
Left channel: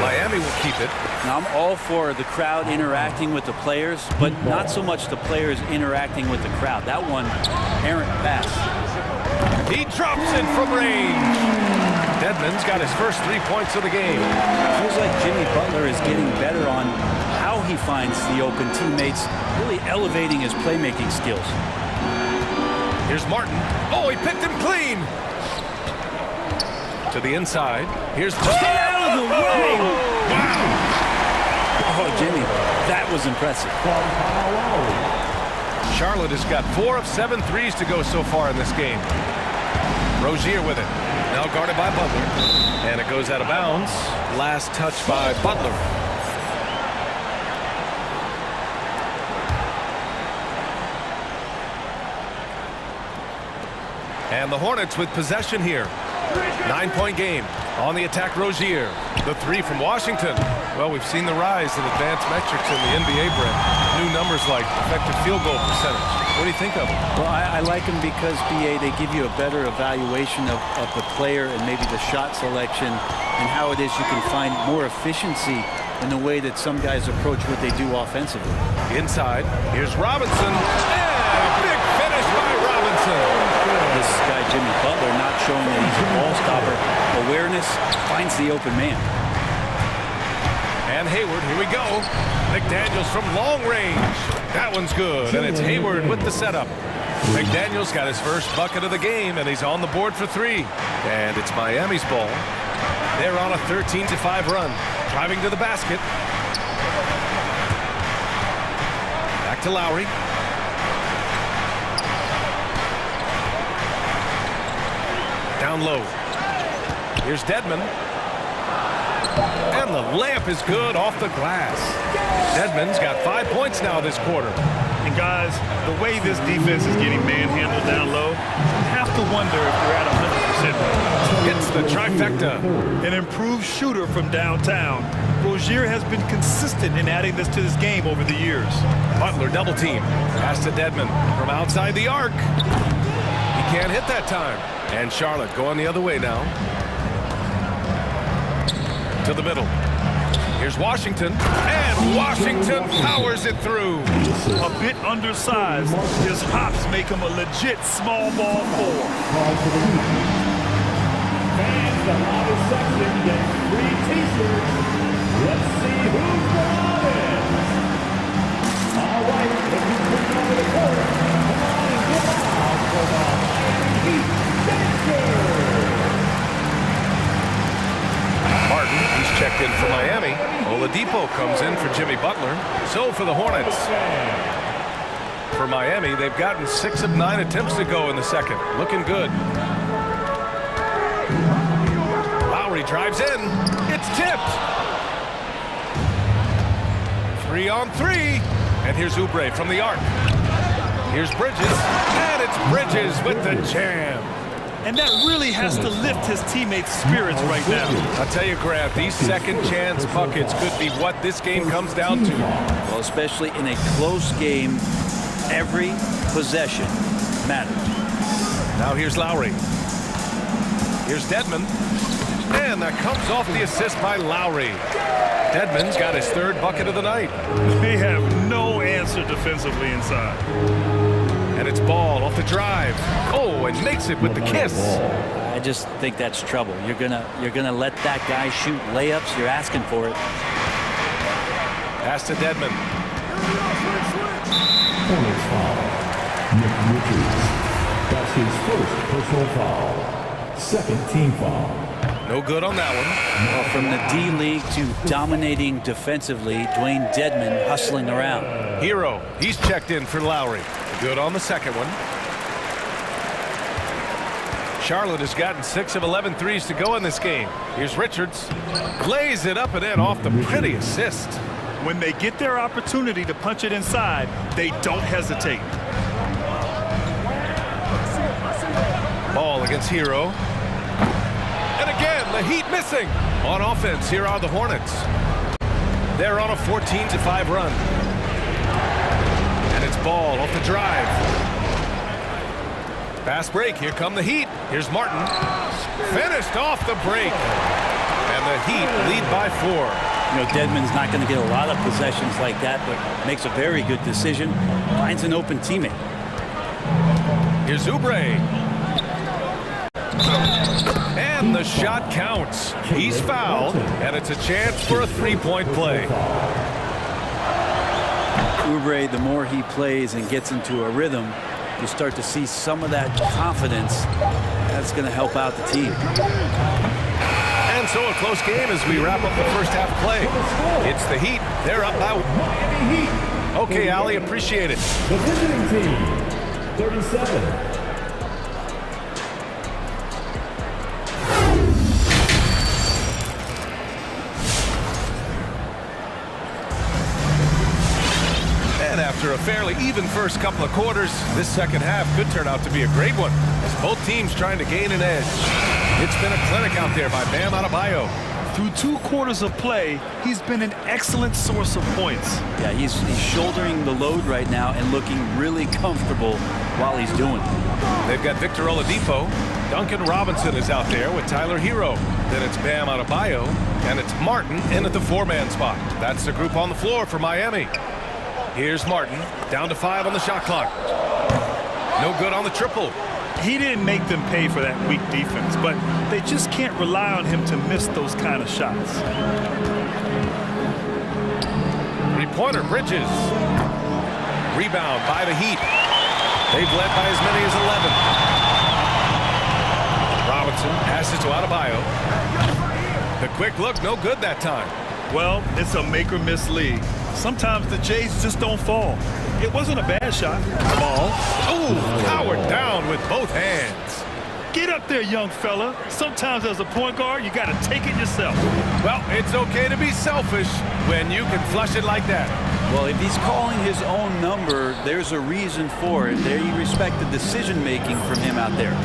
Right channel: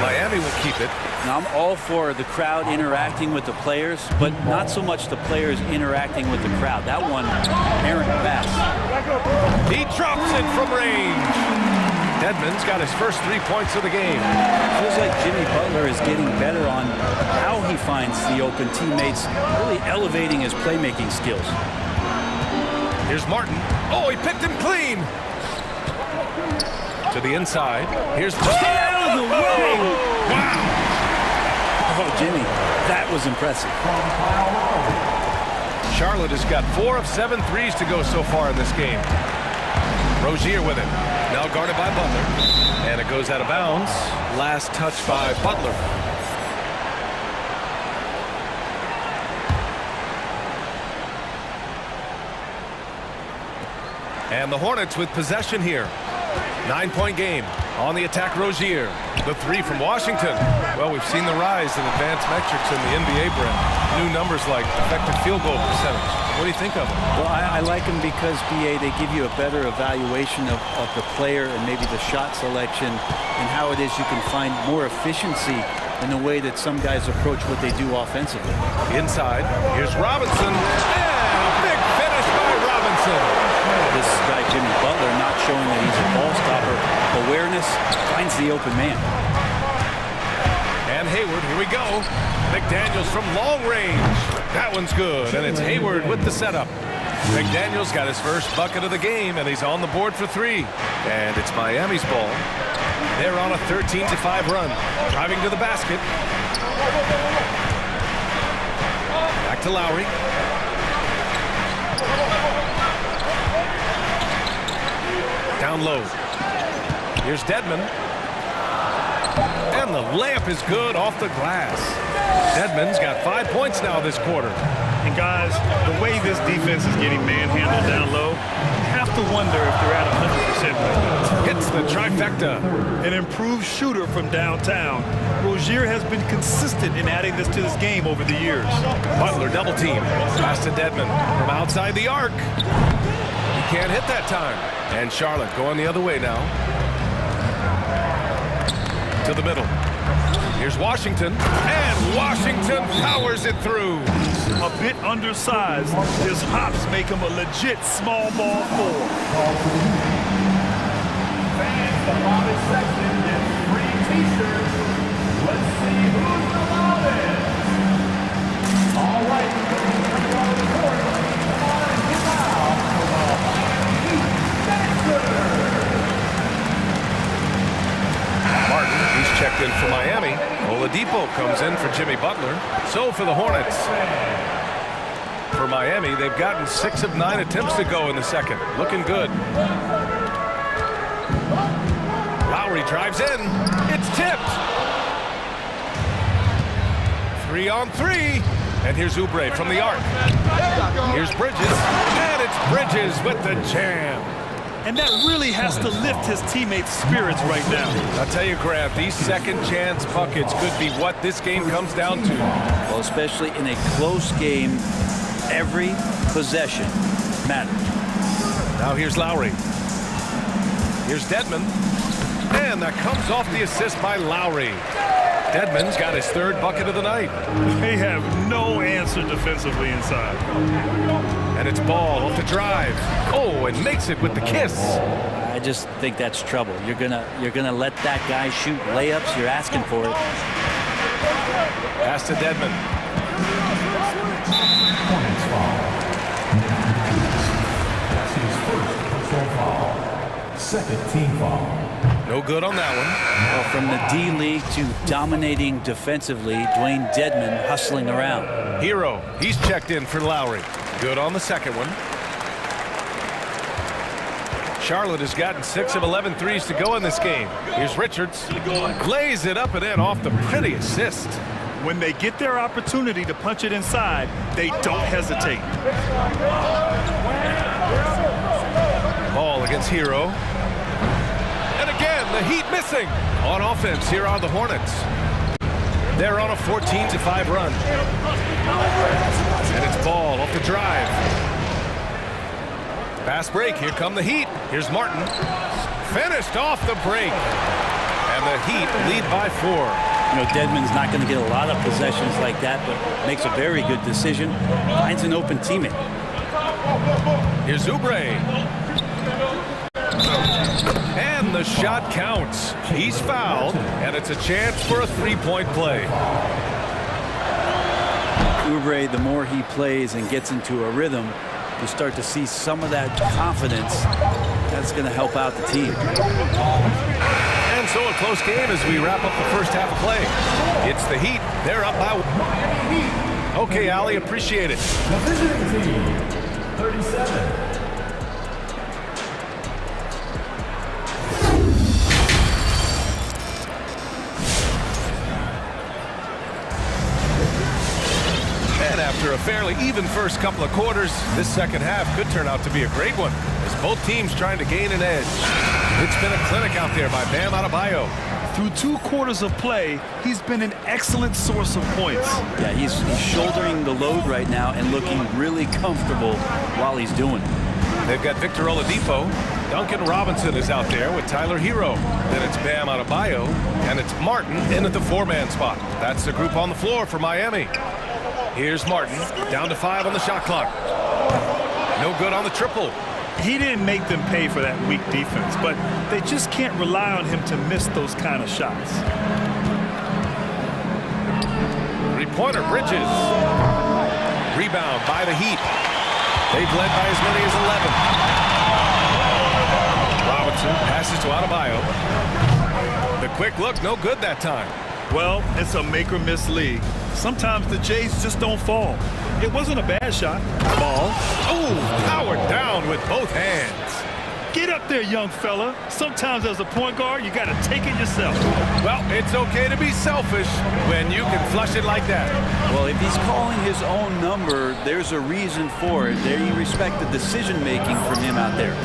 Miami will keep it. Now, I'm all for the crowd interacting with the players, but not so much the players interacting with the crowd. That one, errant pass. He drops it from range. Dedmon's got his first 3 points of the game. Feels like Jimmy Butler is getting better on how he finds the open teammates, really elevating his playmaking skills. Here's Martin. Oh, he picked him clean. To the inside. Here's out of the way. Wow. Oh, Jimmy, that was impressive. Charlotte has got 4 of 7 threes to go so far in this game. Rozier with it. Now guarded by Butler. And it goes out of bounds. Last touch by Butler. And the Hornets with possession here. 9-point game. On the attack, Rozier. The 3 from Washington. Well, we've seen the rise in advanced metrics in the NBA, Brent. New numbers like effective field goal percentage. What do you think of them? Well, I like them because, BA, they give you a better evaluation of the player and maybe the shot selection and how it is you can find more efficiency in the way that some guys approach what they do offensively. Inside, here's Robinson. And a big finish by Robinson. This guy, Jimmy Butler, not showing that he's a ball stopper. Awareness, finds the open man. And Hayward, here we go. McDaniels from long range. That one's good, and it's Hayward with the setup. McDaniels got his first bucket of the game, and he's on the board for 3. And it's Miami's ball. They're on a 13-5 run. Driving to the basket. Back to Lowry. Down low. Here's Dedmon. And the layup is good off the glass. Dedmon's got 5 points now this quarter. And guys, the way this defense is getting manhandled down low, you have to wonder if they're at 100% right now. Gets the trifecta. An improved shooter from downtown. Rozier has been consistent in adding this to this game over the years. Butler double team. Pass to Dedmon from outside the arc. He can't hit that time. And Charlotte going the other way now. To the middle. Here's Washington. And Washington powers it through. A bit undersized. His hops make him a legit small ball 4. Fans, the loudest section gets free t-shirts. Let's see who's the loudest. All right, look who's coming onto the court. Come on and get loud for the Miami Heat Dancers. Martin, he's checked in for Miami. Oladipo comes in for Jimmy Butler. So for the Hornets. For Miami, they've gotten 6 of 9 attempts to go in the second. Looking good. Lowry drives in. It's tipped. 3 on 3. And here's Oubre from the arc. Here's Bridges. And it's Bridges with the jam. And that really has to lift his teammates' spirits right now. I'll tell you, Grant, these second chance buckets could be what this game comes down to. Well, especially in a close game, every possession matters. Now here's Lowry. Here's Dedmon. And that comes off the assist by Lowry. Dedmon's got his 3rd bucket of the night. They have no answer defensively inside. And it's Ball off the drive. Oh, and makes it with the kiss. I just think that's trouble. You're gonna let that guy shoot layups. You're asking for it. Pass to Dedmon. Hornets foul. Nick Richards. That's his first personal foul. 2nd team foul. No good on that one. Well, from the D-League to dominating defensively, Dwayne Dedmon hustling around. Hero, he's checked in for Lowry. Good on the second one. Charlotte has gotten 6 of 11 threes to go in this game. Here's Richards. Lays it up and in off the pretty assist. When they get their opportunity to punch it inside, they don't hesitate. Ball against Hero. And again, the Heat missing. On offense, here are the Hornets. They're on a 14-5 run. And it's Ball off the drive. Fast break. Here come the Heat. Here's Martin. Finished off the break. And the Heat lead by 4. You know, Dedmon's not going to get a lot of possessions like that, but makes a very good decision. Finds an open teammate. Here's Oubre. And the shot counts. He's fouled, and it's a chance for a 3-point play. Oubre, the more he plays and gets into a rhythm, you start to see some of that confidence. That's going to help out the team. And so a close game as we wrap up the first half of play. It's the Heat. They're up by... Miami Heat. Okay, Ali, appreciate it. The visiting team, 37. And after a fairly even first couple of quarters, this second half could turn out to be a great one, as both teams trying to gain an edge. It's been a clinic out there by Bam Adebayo. Through 2 quarters of play, he's been an excellent source of points. Yeah, he's shouldering the load right now and looking really comfortable while he's doing it. They've got Victor Oladipo. Duncan Robinson is out there with Tyler Hero. Then it's Bam Adebayo, and it's Martin in at the 4-man spot. That's the group on the floor for Miami. Here's Martin, down to 5 on the shot clock. No good on the triple. He didn't make them pay for that weak defense, but they just can't rely on him to miss those kind of shots. Three-pointer, Bridges. Rebound by the Heat. They've led by as many as 11. Robinson passes to Adebayo. The quick look, no good that time. Well, it's a make-or-miss league. Sometimes the Jays just don't fall. It wasn't a bad shot. Ball. Oh, powered down with both hands. Get up there, young fella. Sometimes as a point guard, you got to take it yourself. Well, it's okay to be selfish when you can flush it like that. Well, if he's calling his own number, there's a reason for it. There you respect the decision-making from him out there.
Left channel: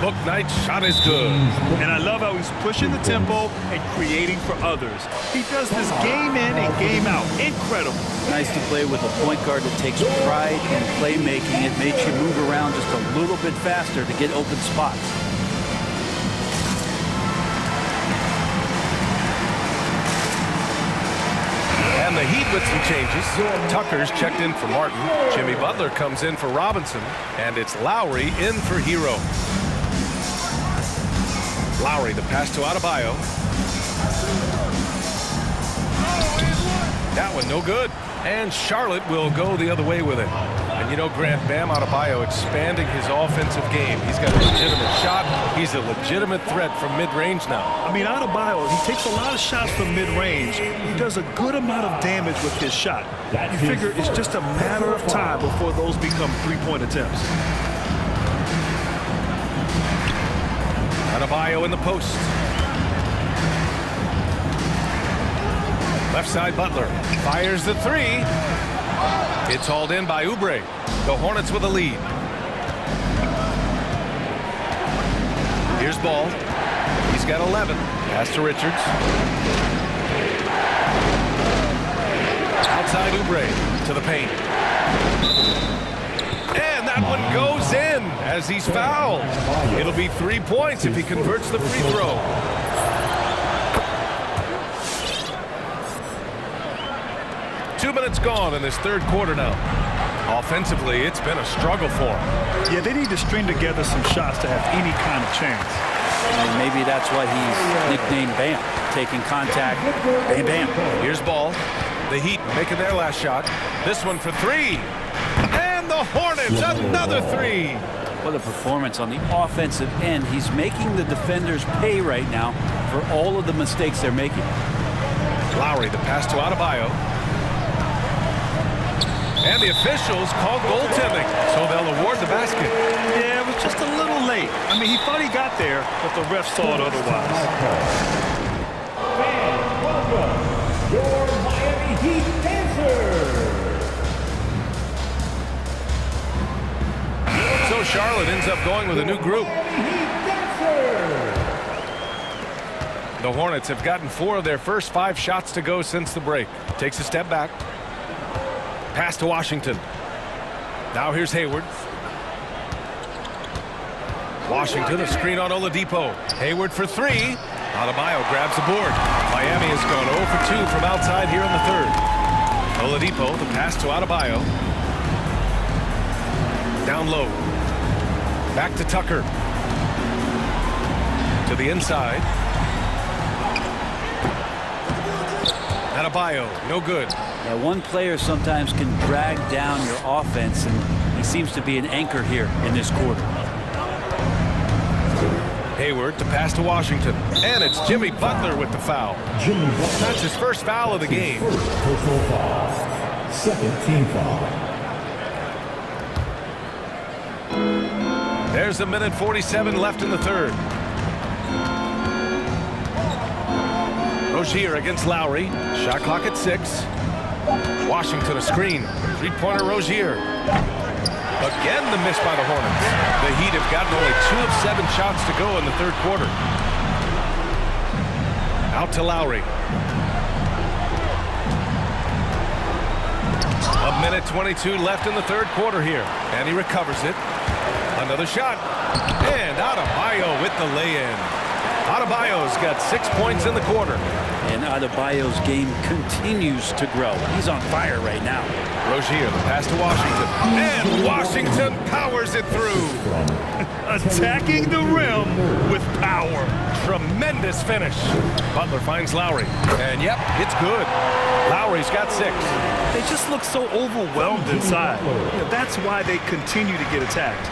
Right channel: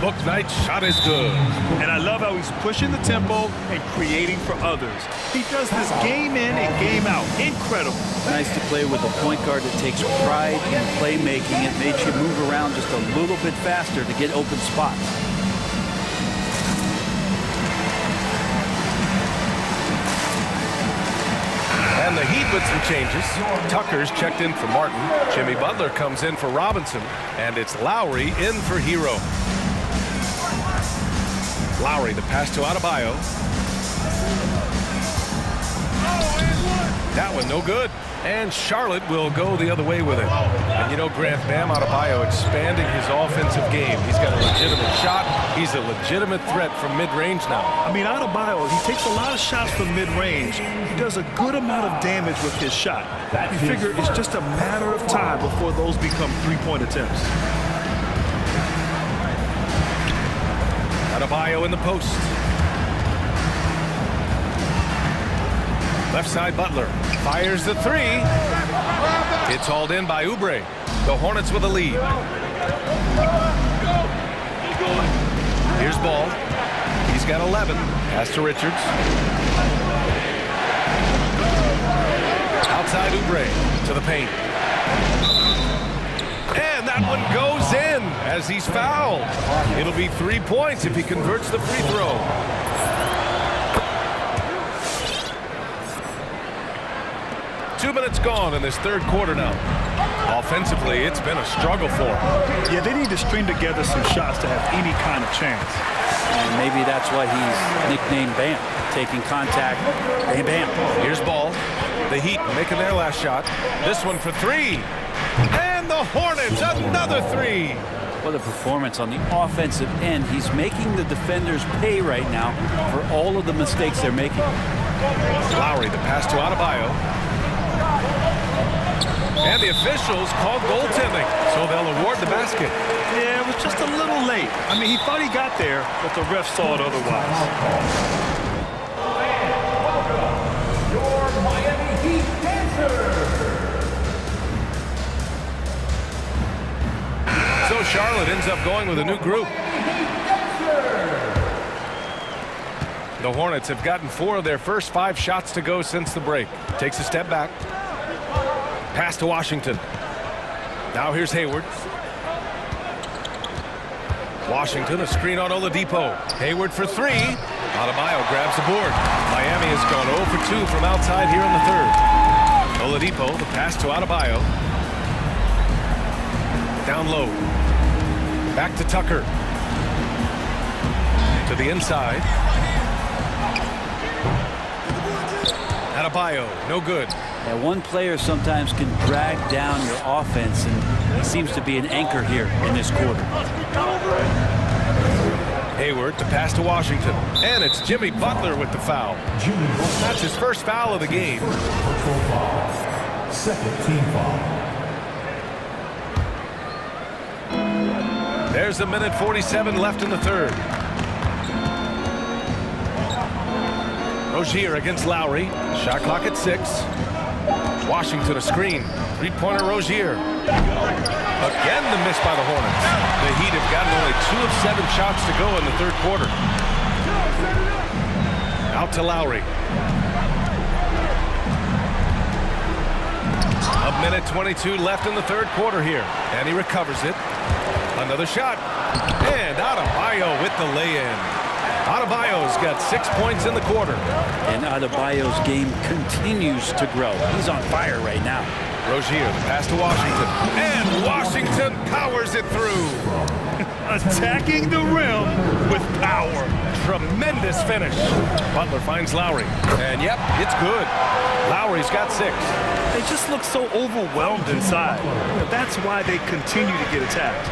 Bouknight's shot is good. And I love how he's pushing the tempo and creating for others. He does this game in and game out. Incredible. Nice to play with a point guard that takes pride in playmaking. It makes you move around just a little bit faster to get open spots. And the Heat with some changes. Tucker's checked in for Martin. Jimmy Butler comes in for Robinson. And it's Lowry in for Hero. Lowry, the pass to Adebayo. That one no good. And Charlotte will go the other way with it. And you know, Grant, Bam Adebayo expanding his offensive game. He's got a legitimate shot. He's a legitimate threat from mid-range now. I mean, Adebayo, he takes a lot of shots from mid-range. He does a good amount of damage with his shot. You figure it's just a matter of time before those become three-point attempts. Adebayo in the post. Left side Butler fires the three. It's hauled in by Oubre. The Hornets with a lead. Here's Ball. He's got 11. Pass to Richards. Outside Oubre to the paint. And that one goes in as he's fouled. It'll be 3 points if he converts the free throw. Two minutes gone in this third quarter now. Offensively, it's been a struggle for him. Yeah, they need to string together some shots to have any kind of chance. And maybe that's why he's nicknamed Bam. Taking contact, bam, bam. Here's Ball. The Heat making their last shot. This one for three. And the Hornets, another three. What a performance on the offensive end. He's making the defenders pay right now for all of the mistakes they're making. Lowry, the pass to Adebayo. And the officials called goaltending, so they'll award the basket. Yeah, it was just a little late. I mean, he thought he got there, but the ref saw it otherwise. Welcome, your Miami Heat dancers. So Charlotte ends up going with a new group. The Hornets have gotten 4 of their first 5 shots to go since the break. Takes a step back. Pass to Washington. Now here's Hayward. Washington, a screen on Oladipo. Hayward for three. Adebayo grabs the board. Miami has gone 0 for 2 from outside here in the third. Oladipo, the pass to Adebayo. Down low. Back to Tucker. To the inside. Adebayo, no good. Yeah, one player sometimes can drag down your offense, and he seems to be an anchor here in this quarter. Hayward to pass to Washington. And it's Jimmy Butler with the foul. That's his first foul of the game. Personal foul. Second team foul. There's a minute 47 left in the third. Rozier against Lowry. Shot clock at 6. Washington a screen. Three-pointer Rozier. Again the miss by the Hornets. The Heat have gotten only 2 of 7 shots to go in the third quarter. Out to Lowry. A minute 22 left in the third quarter here. And he recovers it. Another shot. And Adebayo with the lay-in. Adebayo's got 6 points in the quarter. And Adebayo's game continues to grow. He's on fire right now. Rozier, the pass to Washington. And Washington powers it through. Attacking the rim with power. Tremendous finish. Butler finds Lowry. And yep, it's good. Lowry's got 6. They just look so overwhelmed inside. You know, that's why they continue to get attacked.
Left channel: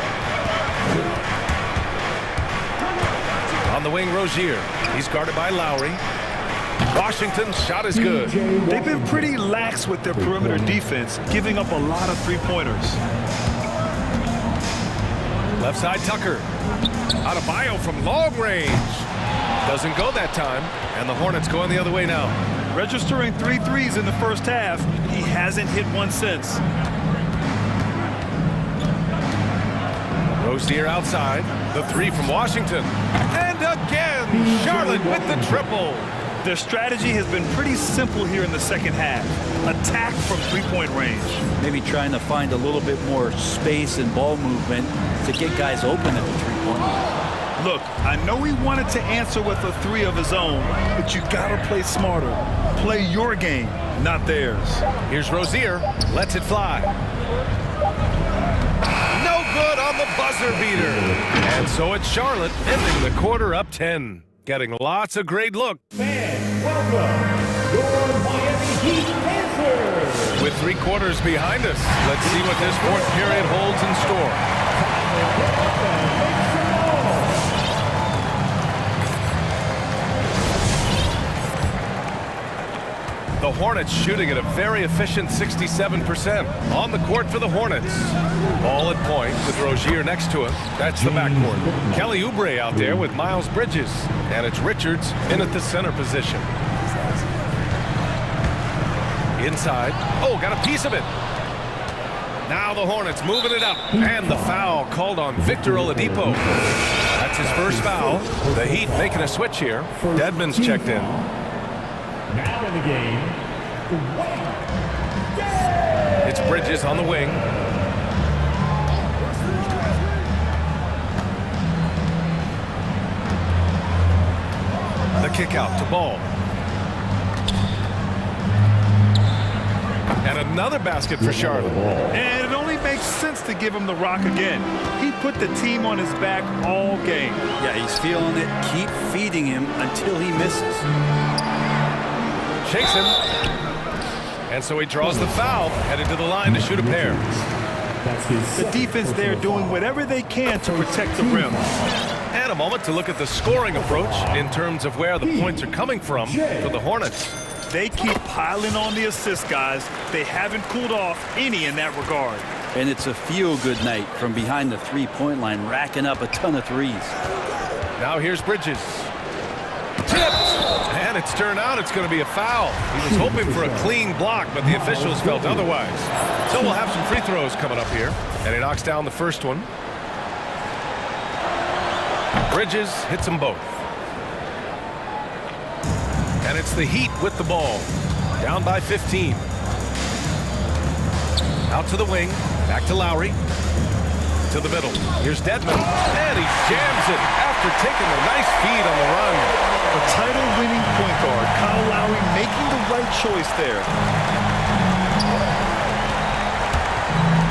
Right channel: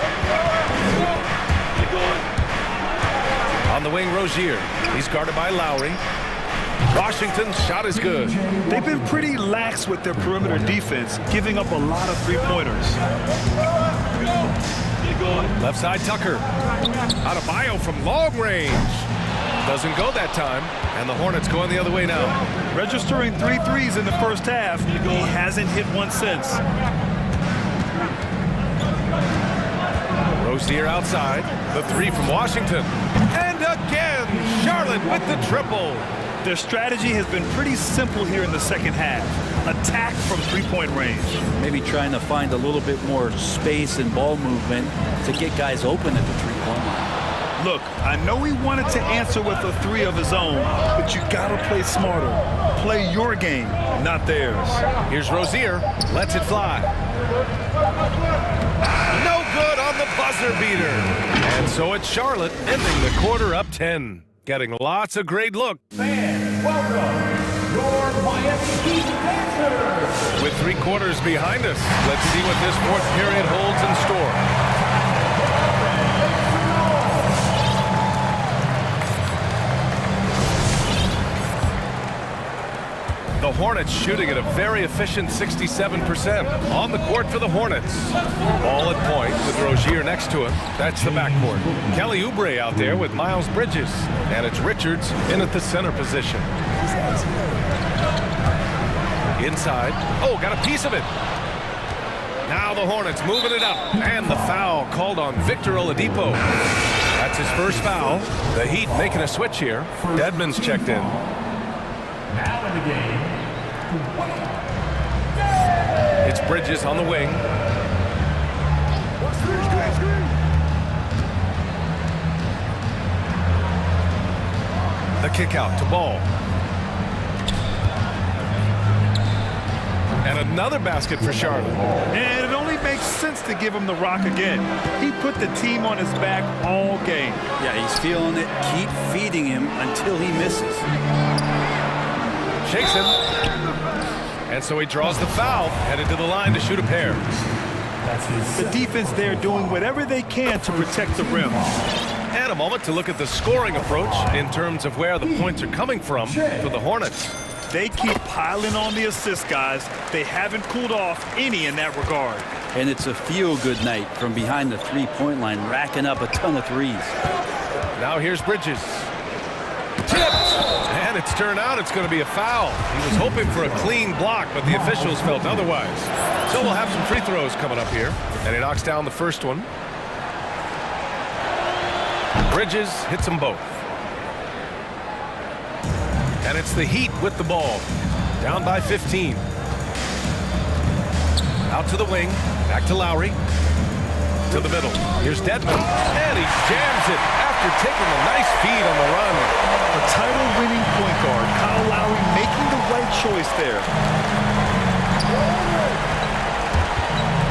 On the wing, Rozier. He's guarded by Lowry. Washington's shot is good. They've been pretty lax with their perimeter defense, giving up a lot of three-pointers. Left side, Tucker. Adebayo from long range. Doesn't go that time, and the Hornets going the other way now. Registering 3 threes in the first half. He hasn't hit one since. Rozier outside. The 3 from Washington. And again, Charlotte with the triple. Their strategy has been pretty simple here in the second half. Attack from three-point range. Maybe trying to find a little bit more space and ball movement to get guys open at the three-point line. Look, I know he wanted to answer with a 3 of his own, but you gotta play smarter. Play your game, not theirs. Here's Rozier. Lets it fly. No good on the buzzer beater. And so it's Charlotte ending the quarter up 10. Getting lots of great looks. Fans, welcome your Miami Heat dancers. With 3 quarters behind us, let's see what this 4th period holds in store. The Hornets shooting at a very efficient 67%. On the court for the Hornets. Ball at point with Rozier next to him. That's the backcourt. Kelly Oubre out there with Miles Bridges. And it's Richards in at the center position. Inside. Oh, got a piece of it. Now the Hornets moving it up. And the foul called on Victor Oladipo. That's his first foul. The Heat making a switch here. Dedmon's checked in. Now in the game, it's Bridges on the wing. The kick out to Ball. And another basket for Charlotte. And it only makes sense to give him the rock again. He put the team on his back all game. Yeah, he's feeling it. Keep feeding him until he misses. Shakes him. And so he draws the foul, headed to the line to shoot a pair. The defense there doing whatever they can to protect the rim. And a moment to look at the scoring approach in terms of where the points are coming from for the Hornets. They keep piling on the assists, guys. They haven't cooled off any in that regard. And it's a feel-good night from behind the three-point line, racking up a ton of threes. Now here's Bridges. Tipped! And it's turned out it's going to be a foul. He was hoping for a clean block, but the officials felt otherwise. So we'll have some free throws coming up here. And he knocks down the first one. Bridges hits them both. And it's the Heat with the ball. Down by 15. Out to the wing. Back to Lowry. To the middle. Here's Dedmon. And he jams it after taking a nice feed on the run. A title-winning point guard, Kyle Lowry, making the right choice there.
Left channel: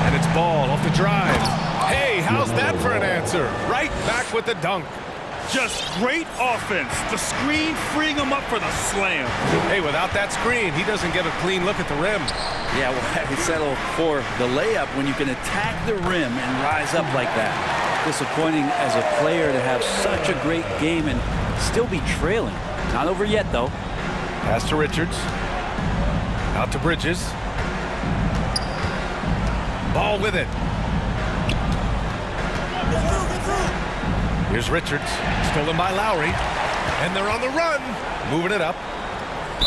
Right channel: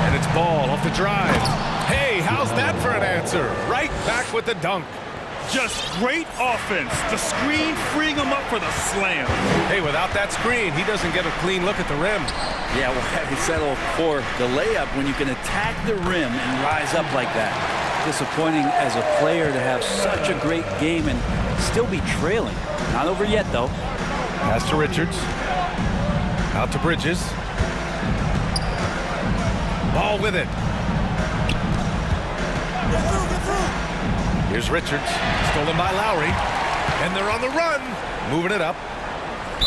And it's Ball off the drive. Hey, how's that for an answer? Right back with the dunk. Just great offense. The screen freeing him up for the slam. Hey, without that screen, he doesn't get a clean look at the rim. Yeah, why settle for the layup when you can attack the rim and rise up like that? Disappointing as a player to have such a great game and still be trailing. Not over yet, though. Pass to Richards. Out to Bridges. Ball with it. Here's Richards. Stolen by Lowry. And they're on the run. Moving it up.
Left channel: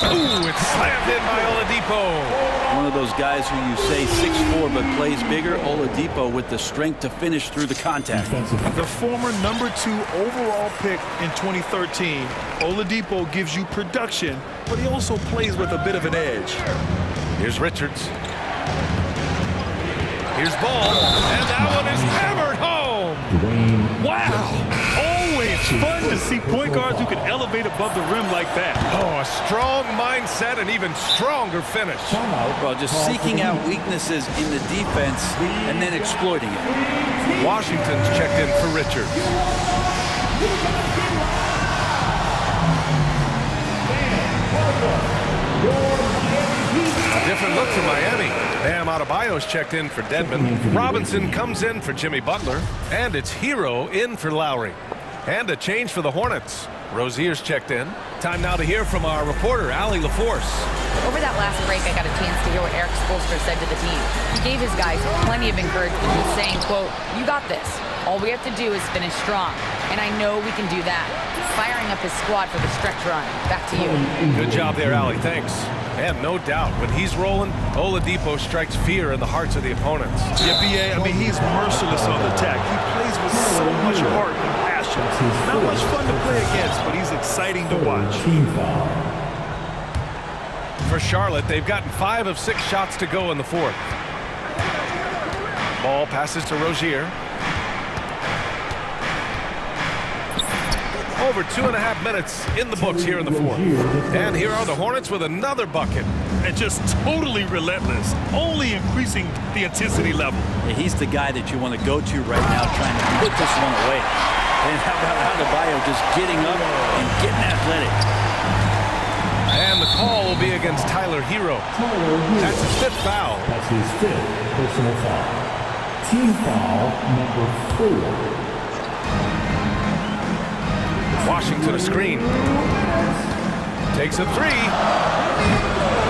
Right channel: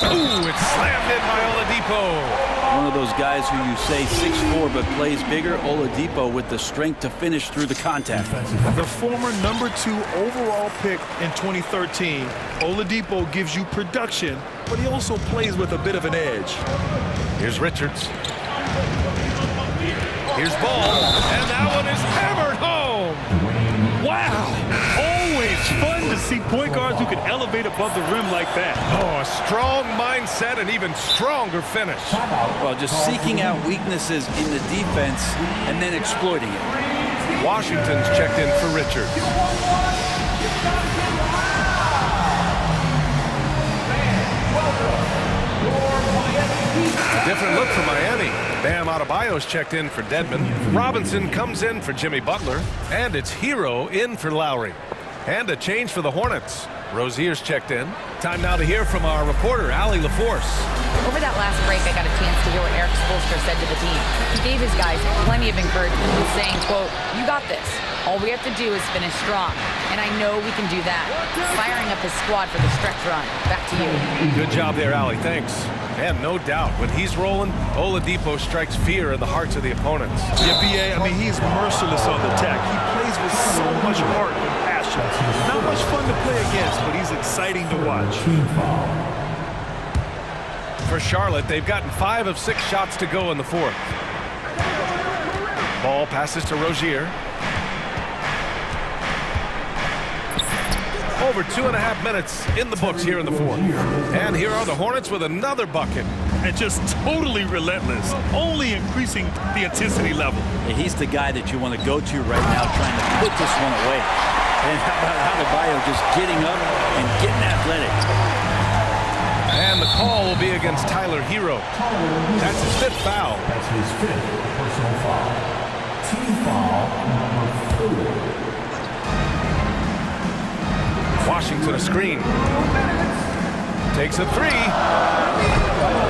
Ooh, it's slammed in by Oladipo. One of those guys who you say 6'4" but plays bigger. Oladipo with the strength to finish through the contact. The former #2 overall pick in 2013, Oladipo gives you production, but he also plays with a bit of an edge. Here's Richards. Here's Ball, and that one is hammered home. Wow, always It's fun to see point guards who can elevate above the rim like that. Oh, a strong mindset and even stronger finish. Well, just seeking out weaknesses in the defense and then exploiting it. Washington's checked in for Richards. A different look for Miami. Bam Adebayo's checked in for Dedmon. Robinson comes in for Jimmy Butler. And it's Hero in for Lowry. And a change for the Hornets. Rozier's checked in. Time now to hear from our reporter, Allie LaForce. Over that last break, I got a chance to hear what Eric Spoelstra said to the team. He gave his guys plenty of encouragement, saying, quote, "You got this. All we have to do is finish strong. And I know we can do that." Firing up his squad for the stretch run. Back to you. Good job there, Allie. Thanks. And no doubt, when he's rolling, Oladipo strikes fear in the hearts of the opponents. Yeah, B.A., I mean, he's merciless on the attack. He plays with so much heart and passion. Not much fun to play against, but he's exciting to watch. For Charlotte, they've gotten 5 of 6 shots to go in the fourth. Ball passes to Rozier. Over 2.5 minutes in the books here in the fourth. And here are the Hornets with another bucket. And just totally relentless, only increasing the intensity level. Yeah, he's the guy that you want to go to right now, trying to put this one away. And how about Adebayo just getting up and getting athletic? And the call will be against Tyler Hero. That's his 5th foul. That's his 5th personal foul. Team foul number 4. Washington a screen. Takes a 3.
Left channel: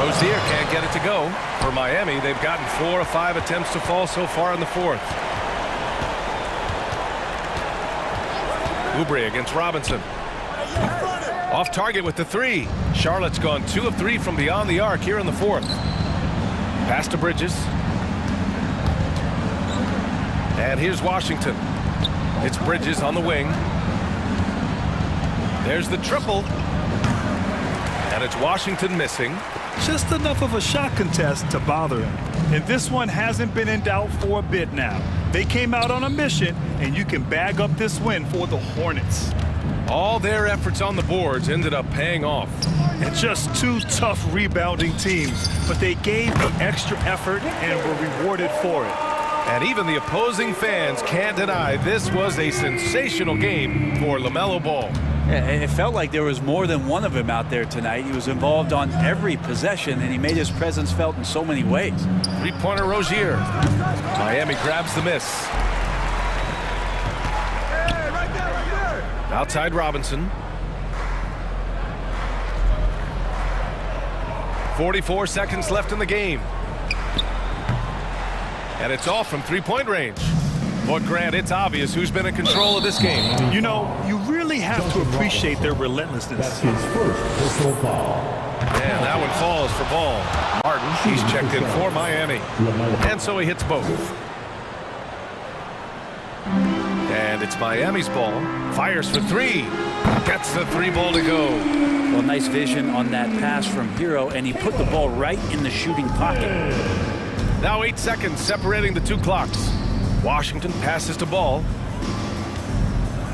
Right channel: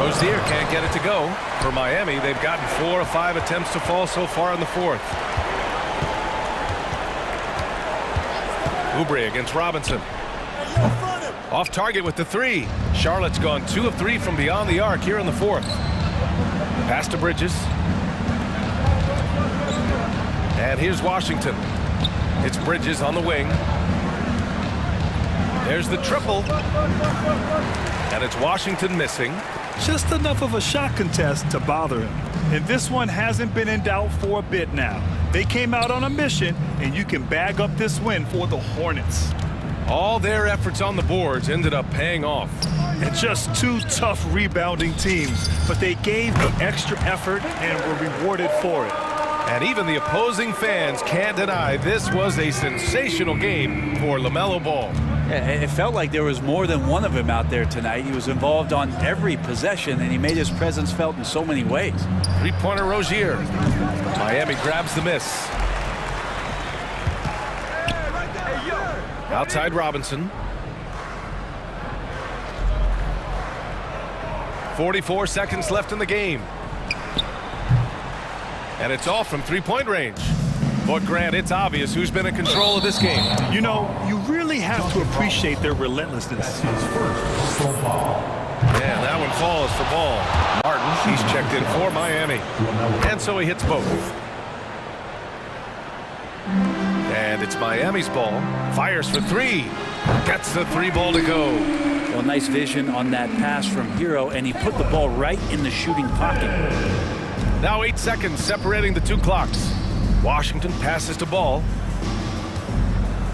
Rozier can't get it to go. For Miami, they've gotten 4 of 5 attempts to fall so far in the fourth. Oubre against Robinson. Off target with the 3. Charlotte's gone 2 of 3 from beyond the arc here in the fourth. Pass to Bridges. And here's Washington. It's Bridges on the wing. There's the triple. And it's Washington missing. Just enough of a shot contest to bother him. And this one hasn't been in doubt for a bit now. They came out on a mission, and you can bag up this win for the Hornets. All their efforts on the boards ended up paying off. And just 2 tough rebounding teams, but they gave the extra effort and were rewarded for it. And even the opposing fans can't deny this was a sensational game for LaMelo Ball. Yeah, it felt like there was more than one of him out there tonight. He was involved on every possession, and he made his presence felt in so many ways. 3-pointer Rozier. Miami grabs the miss. Outside Robinson. 44 seconds left in the game. And it's off from 3-point range. But Grant, it's obvious who's been in control of this game. You know, you really have to appreciate their relentlessness. His first personal foul. And that one falls for Ball. Martin, he's checked in for Miami. And so he hits both. And it's Miami's ball. Fires for 3. Gets the 3 ball to go. Well, nice vision on that pass from Hero, and he put the ball right in the shooting pocket. Now 8 seconds separating the 2 clocks. Washington passes to Ball.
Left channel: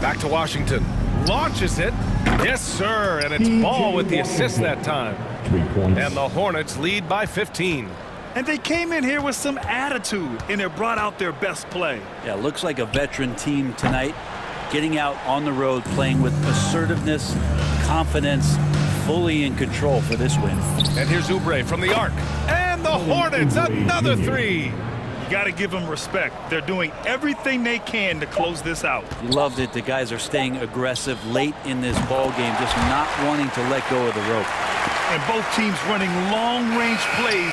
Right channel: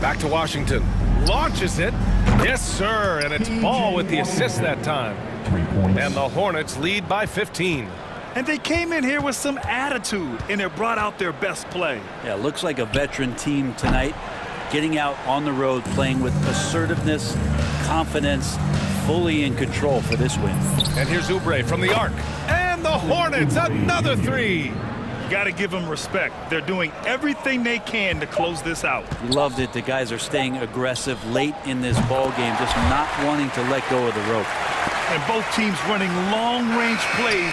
Back to Washington. Launches it. Yes, sir. And it's Ball with the assist that time. 3 points. And the Hornets lead by 15. And they came in here with some attitude, and it brought out their best play. Yeah, looks like a veteran team tonight, getting out on the road, playing with assertiveness, confidence, fully in control for this win. And here's Oubre from the arc. And the Hornets, another 3. Got to give them respect. They're doing everything they can to close this out. You loved it. The guys are staying aggressive late in this ball game, just not wanting to let go of the rope. And both teams running long-range plays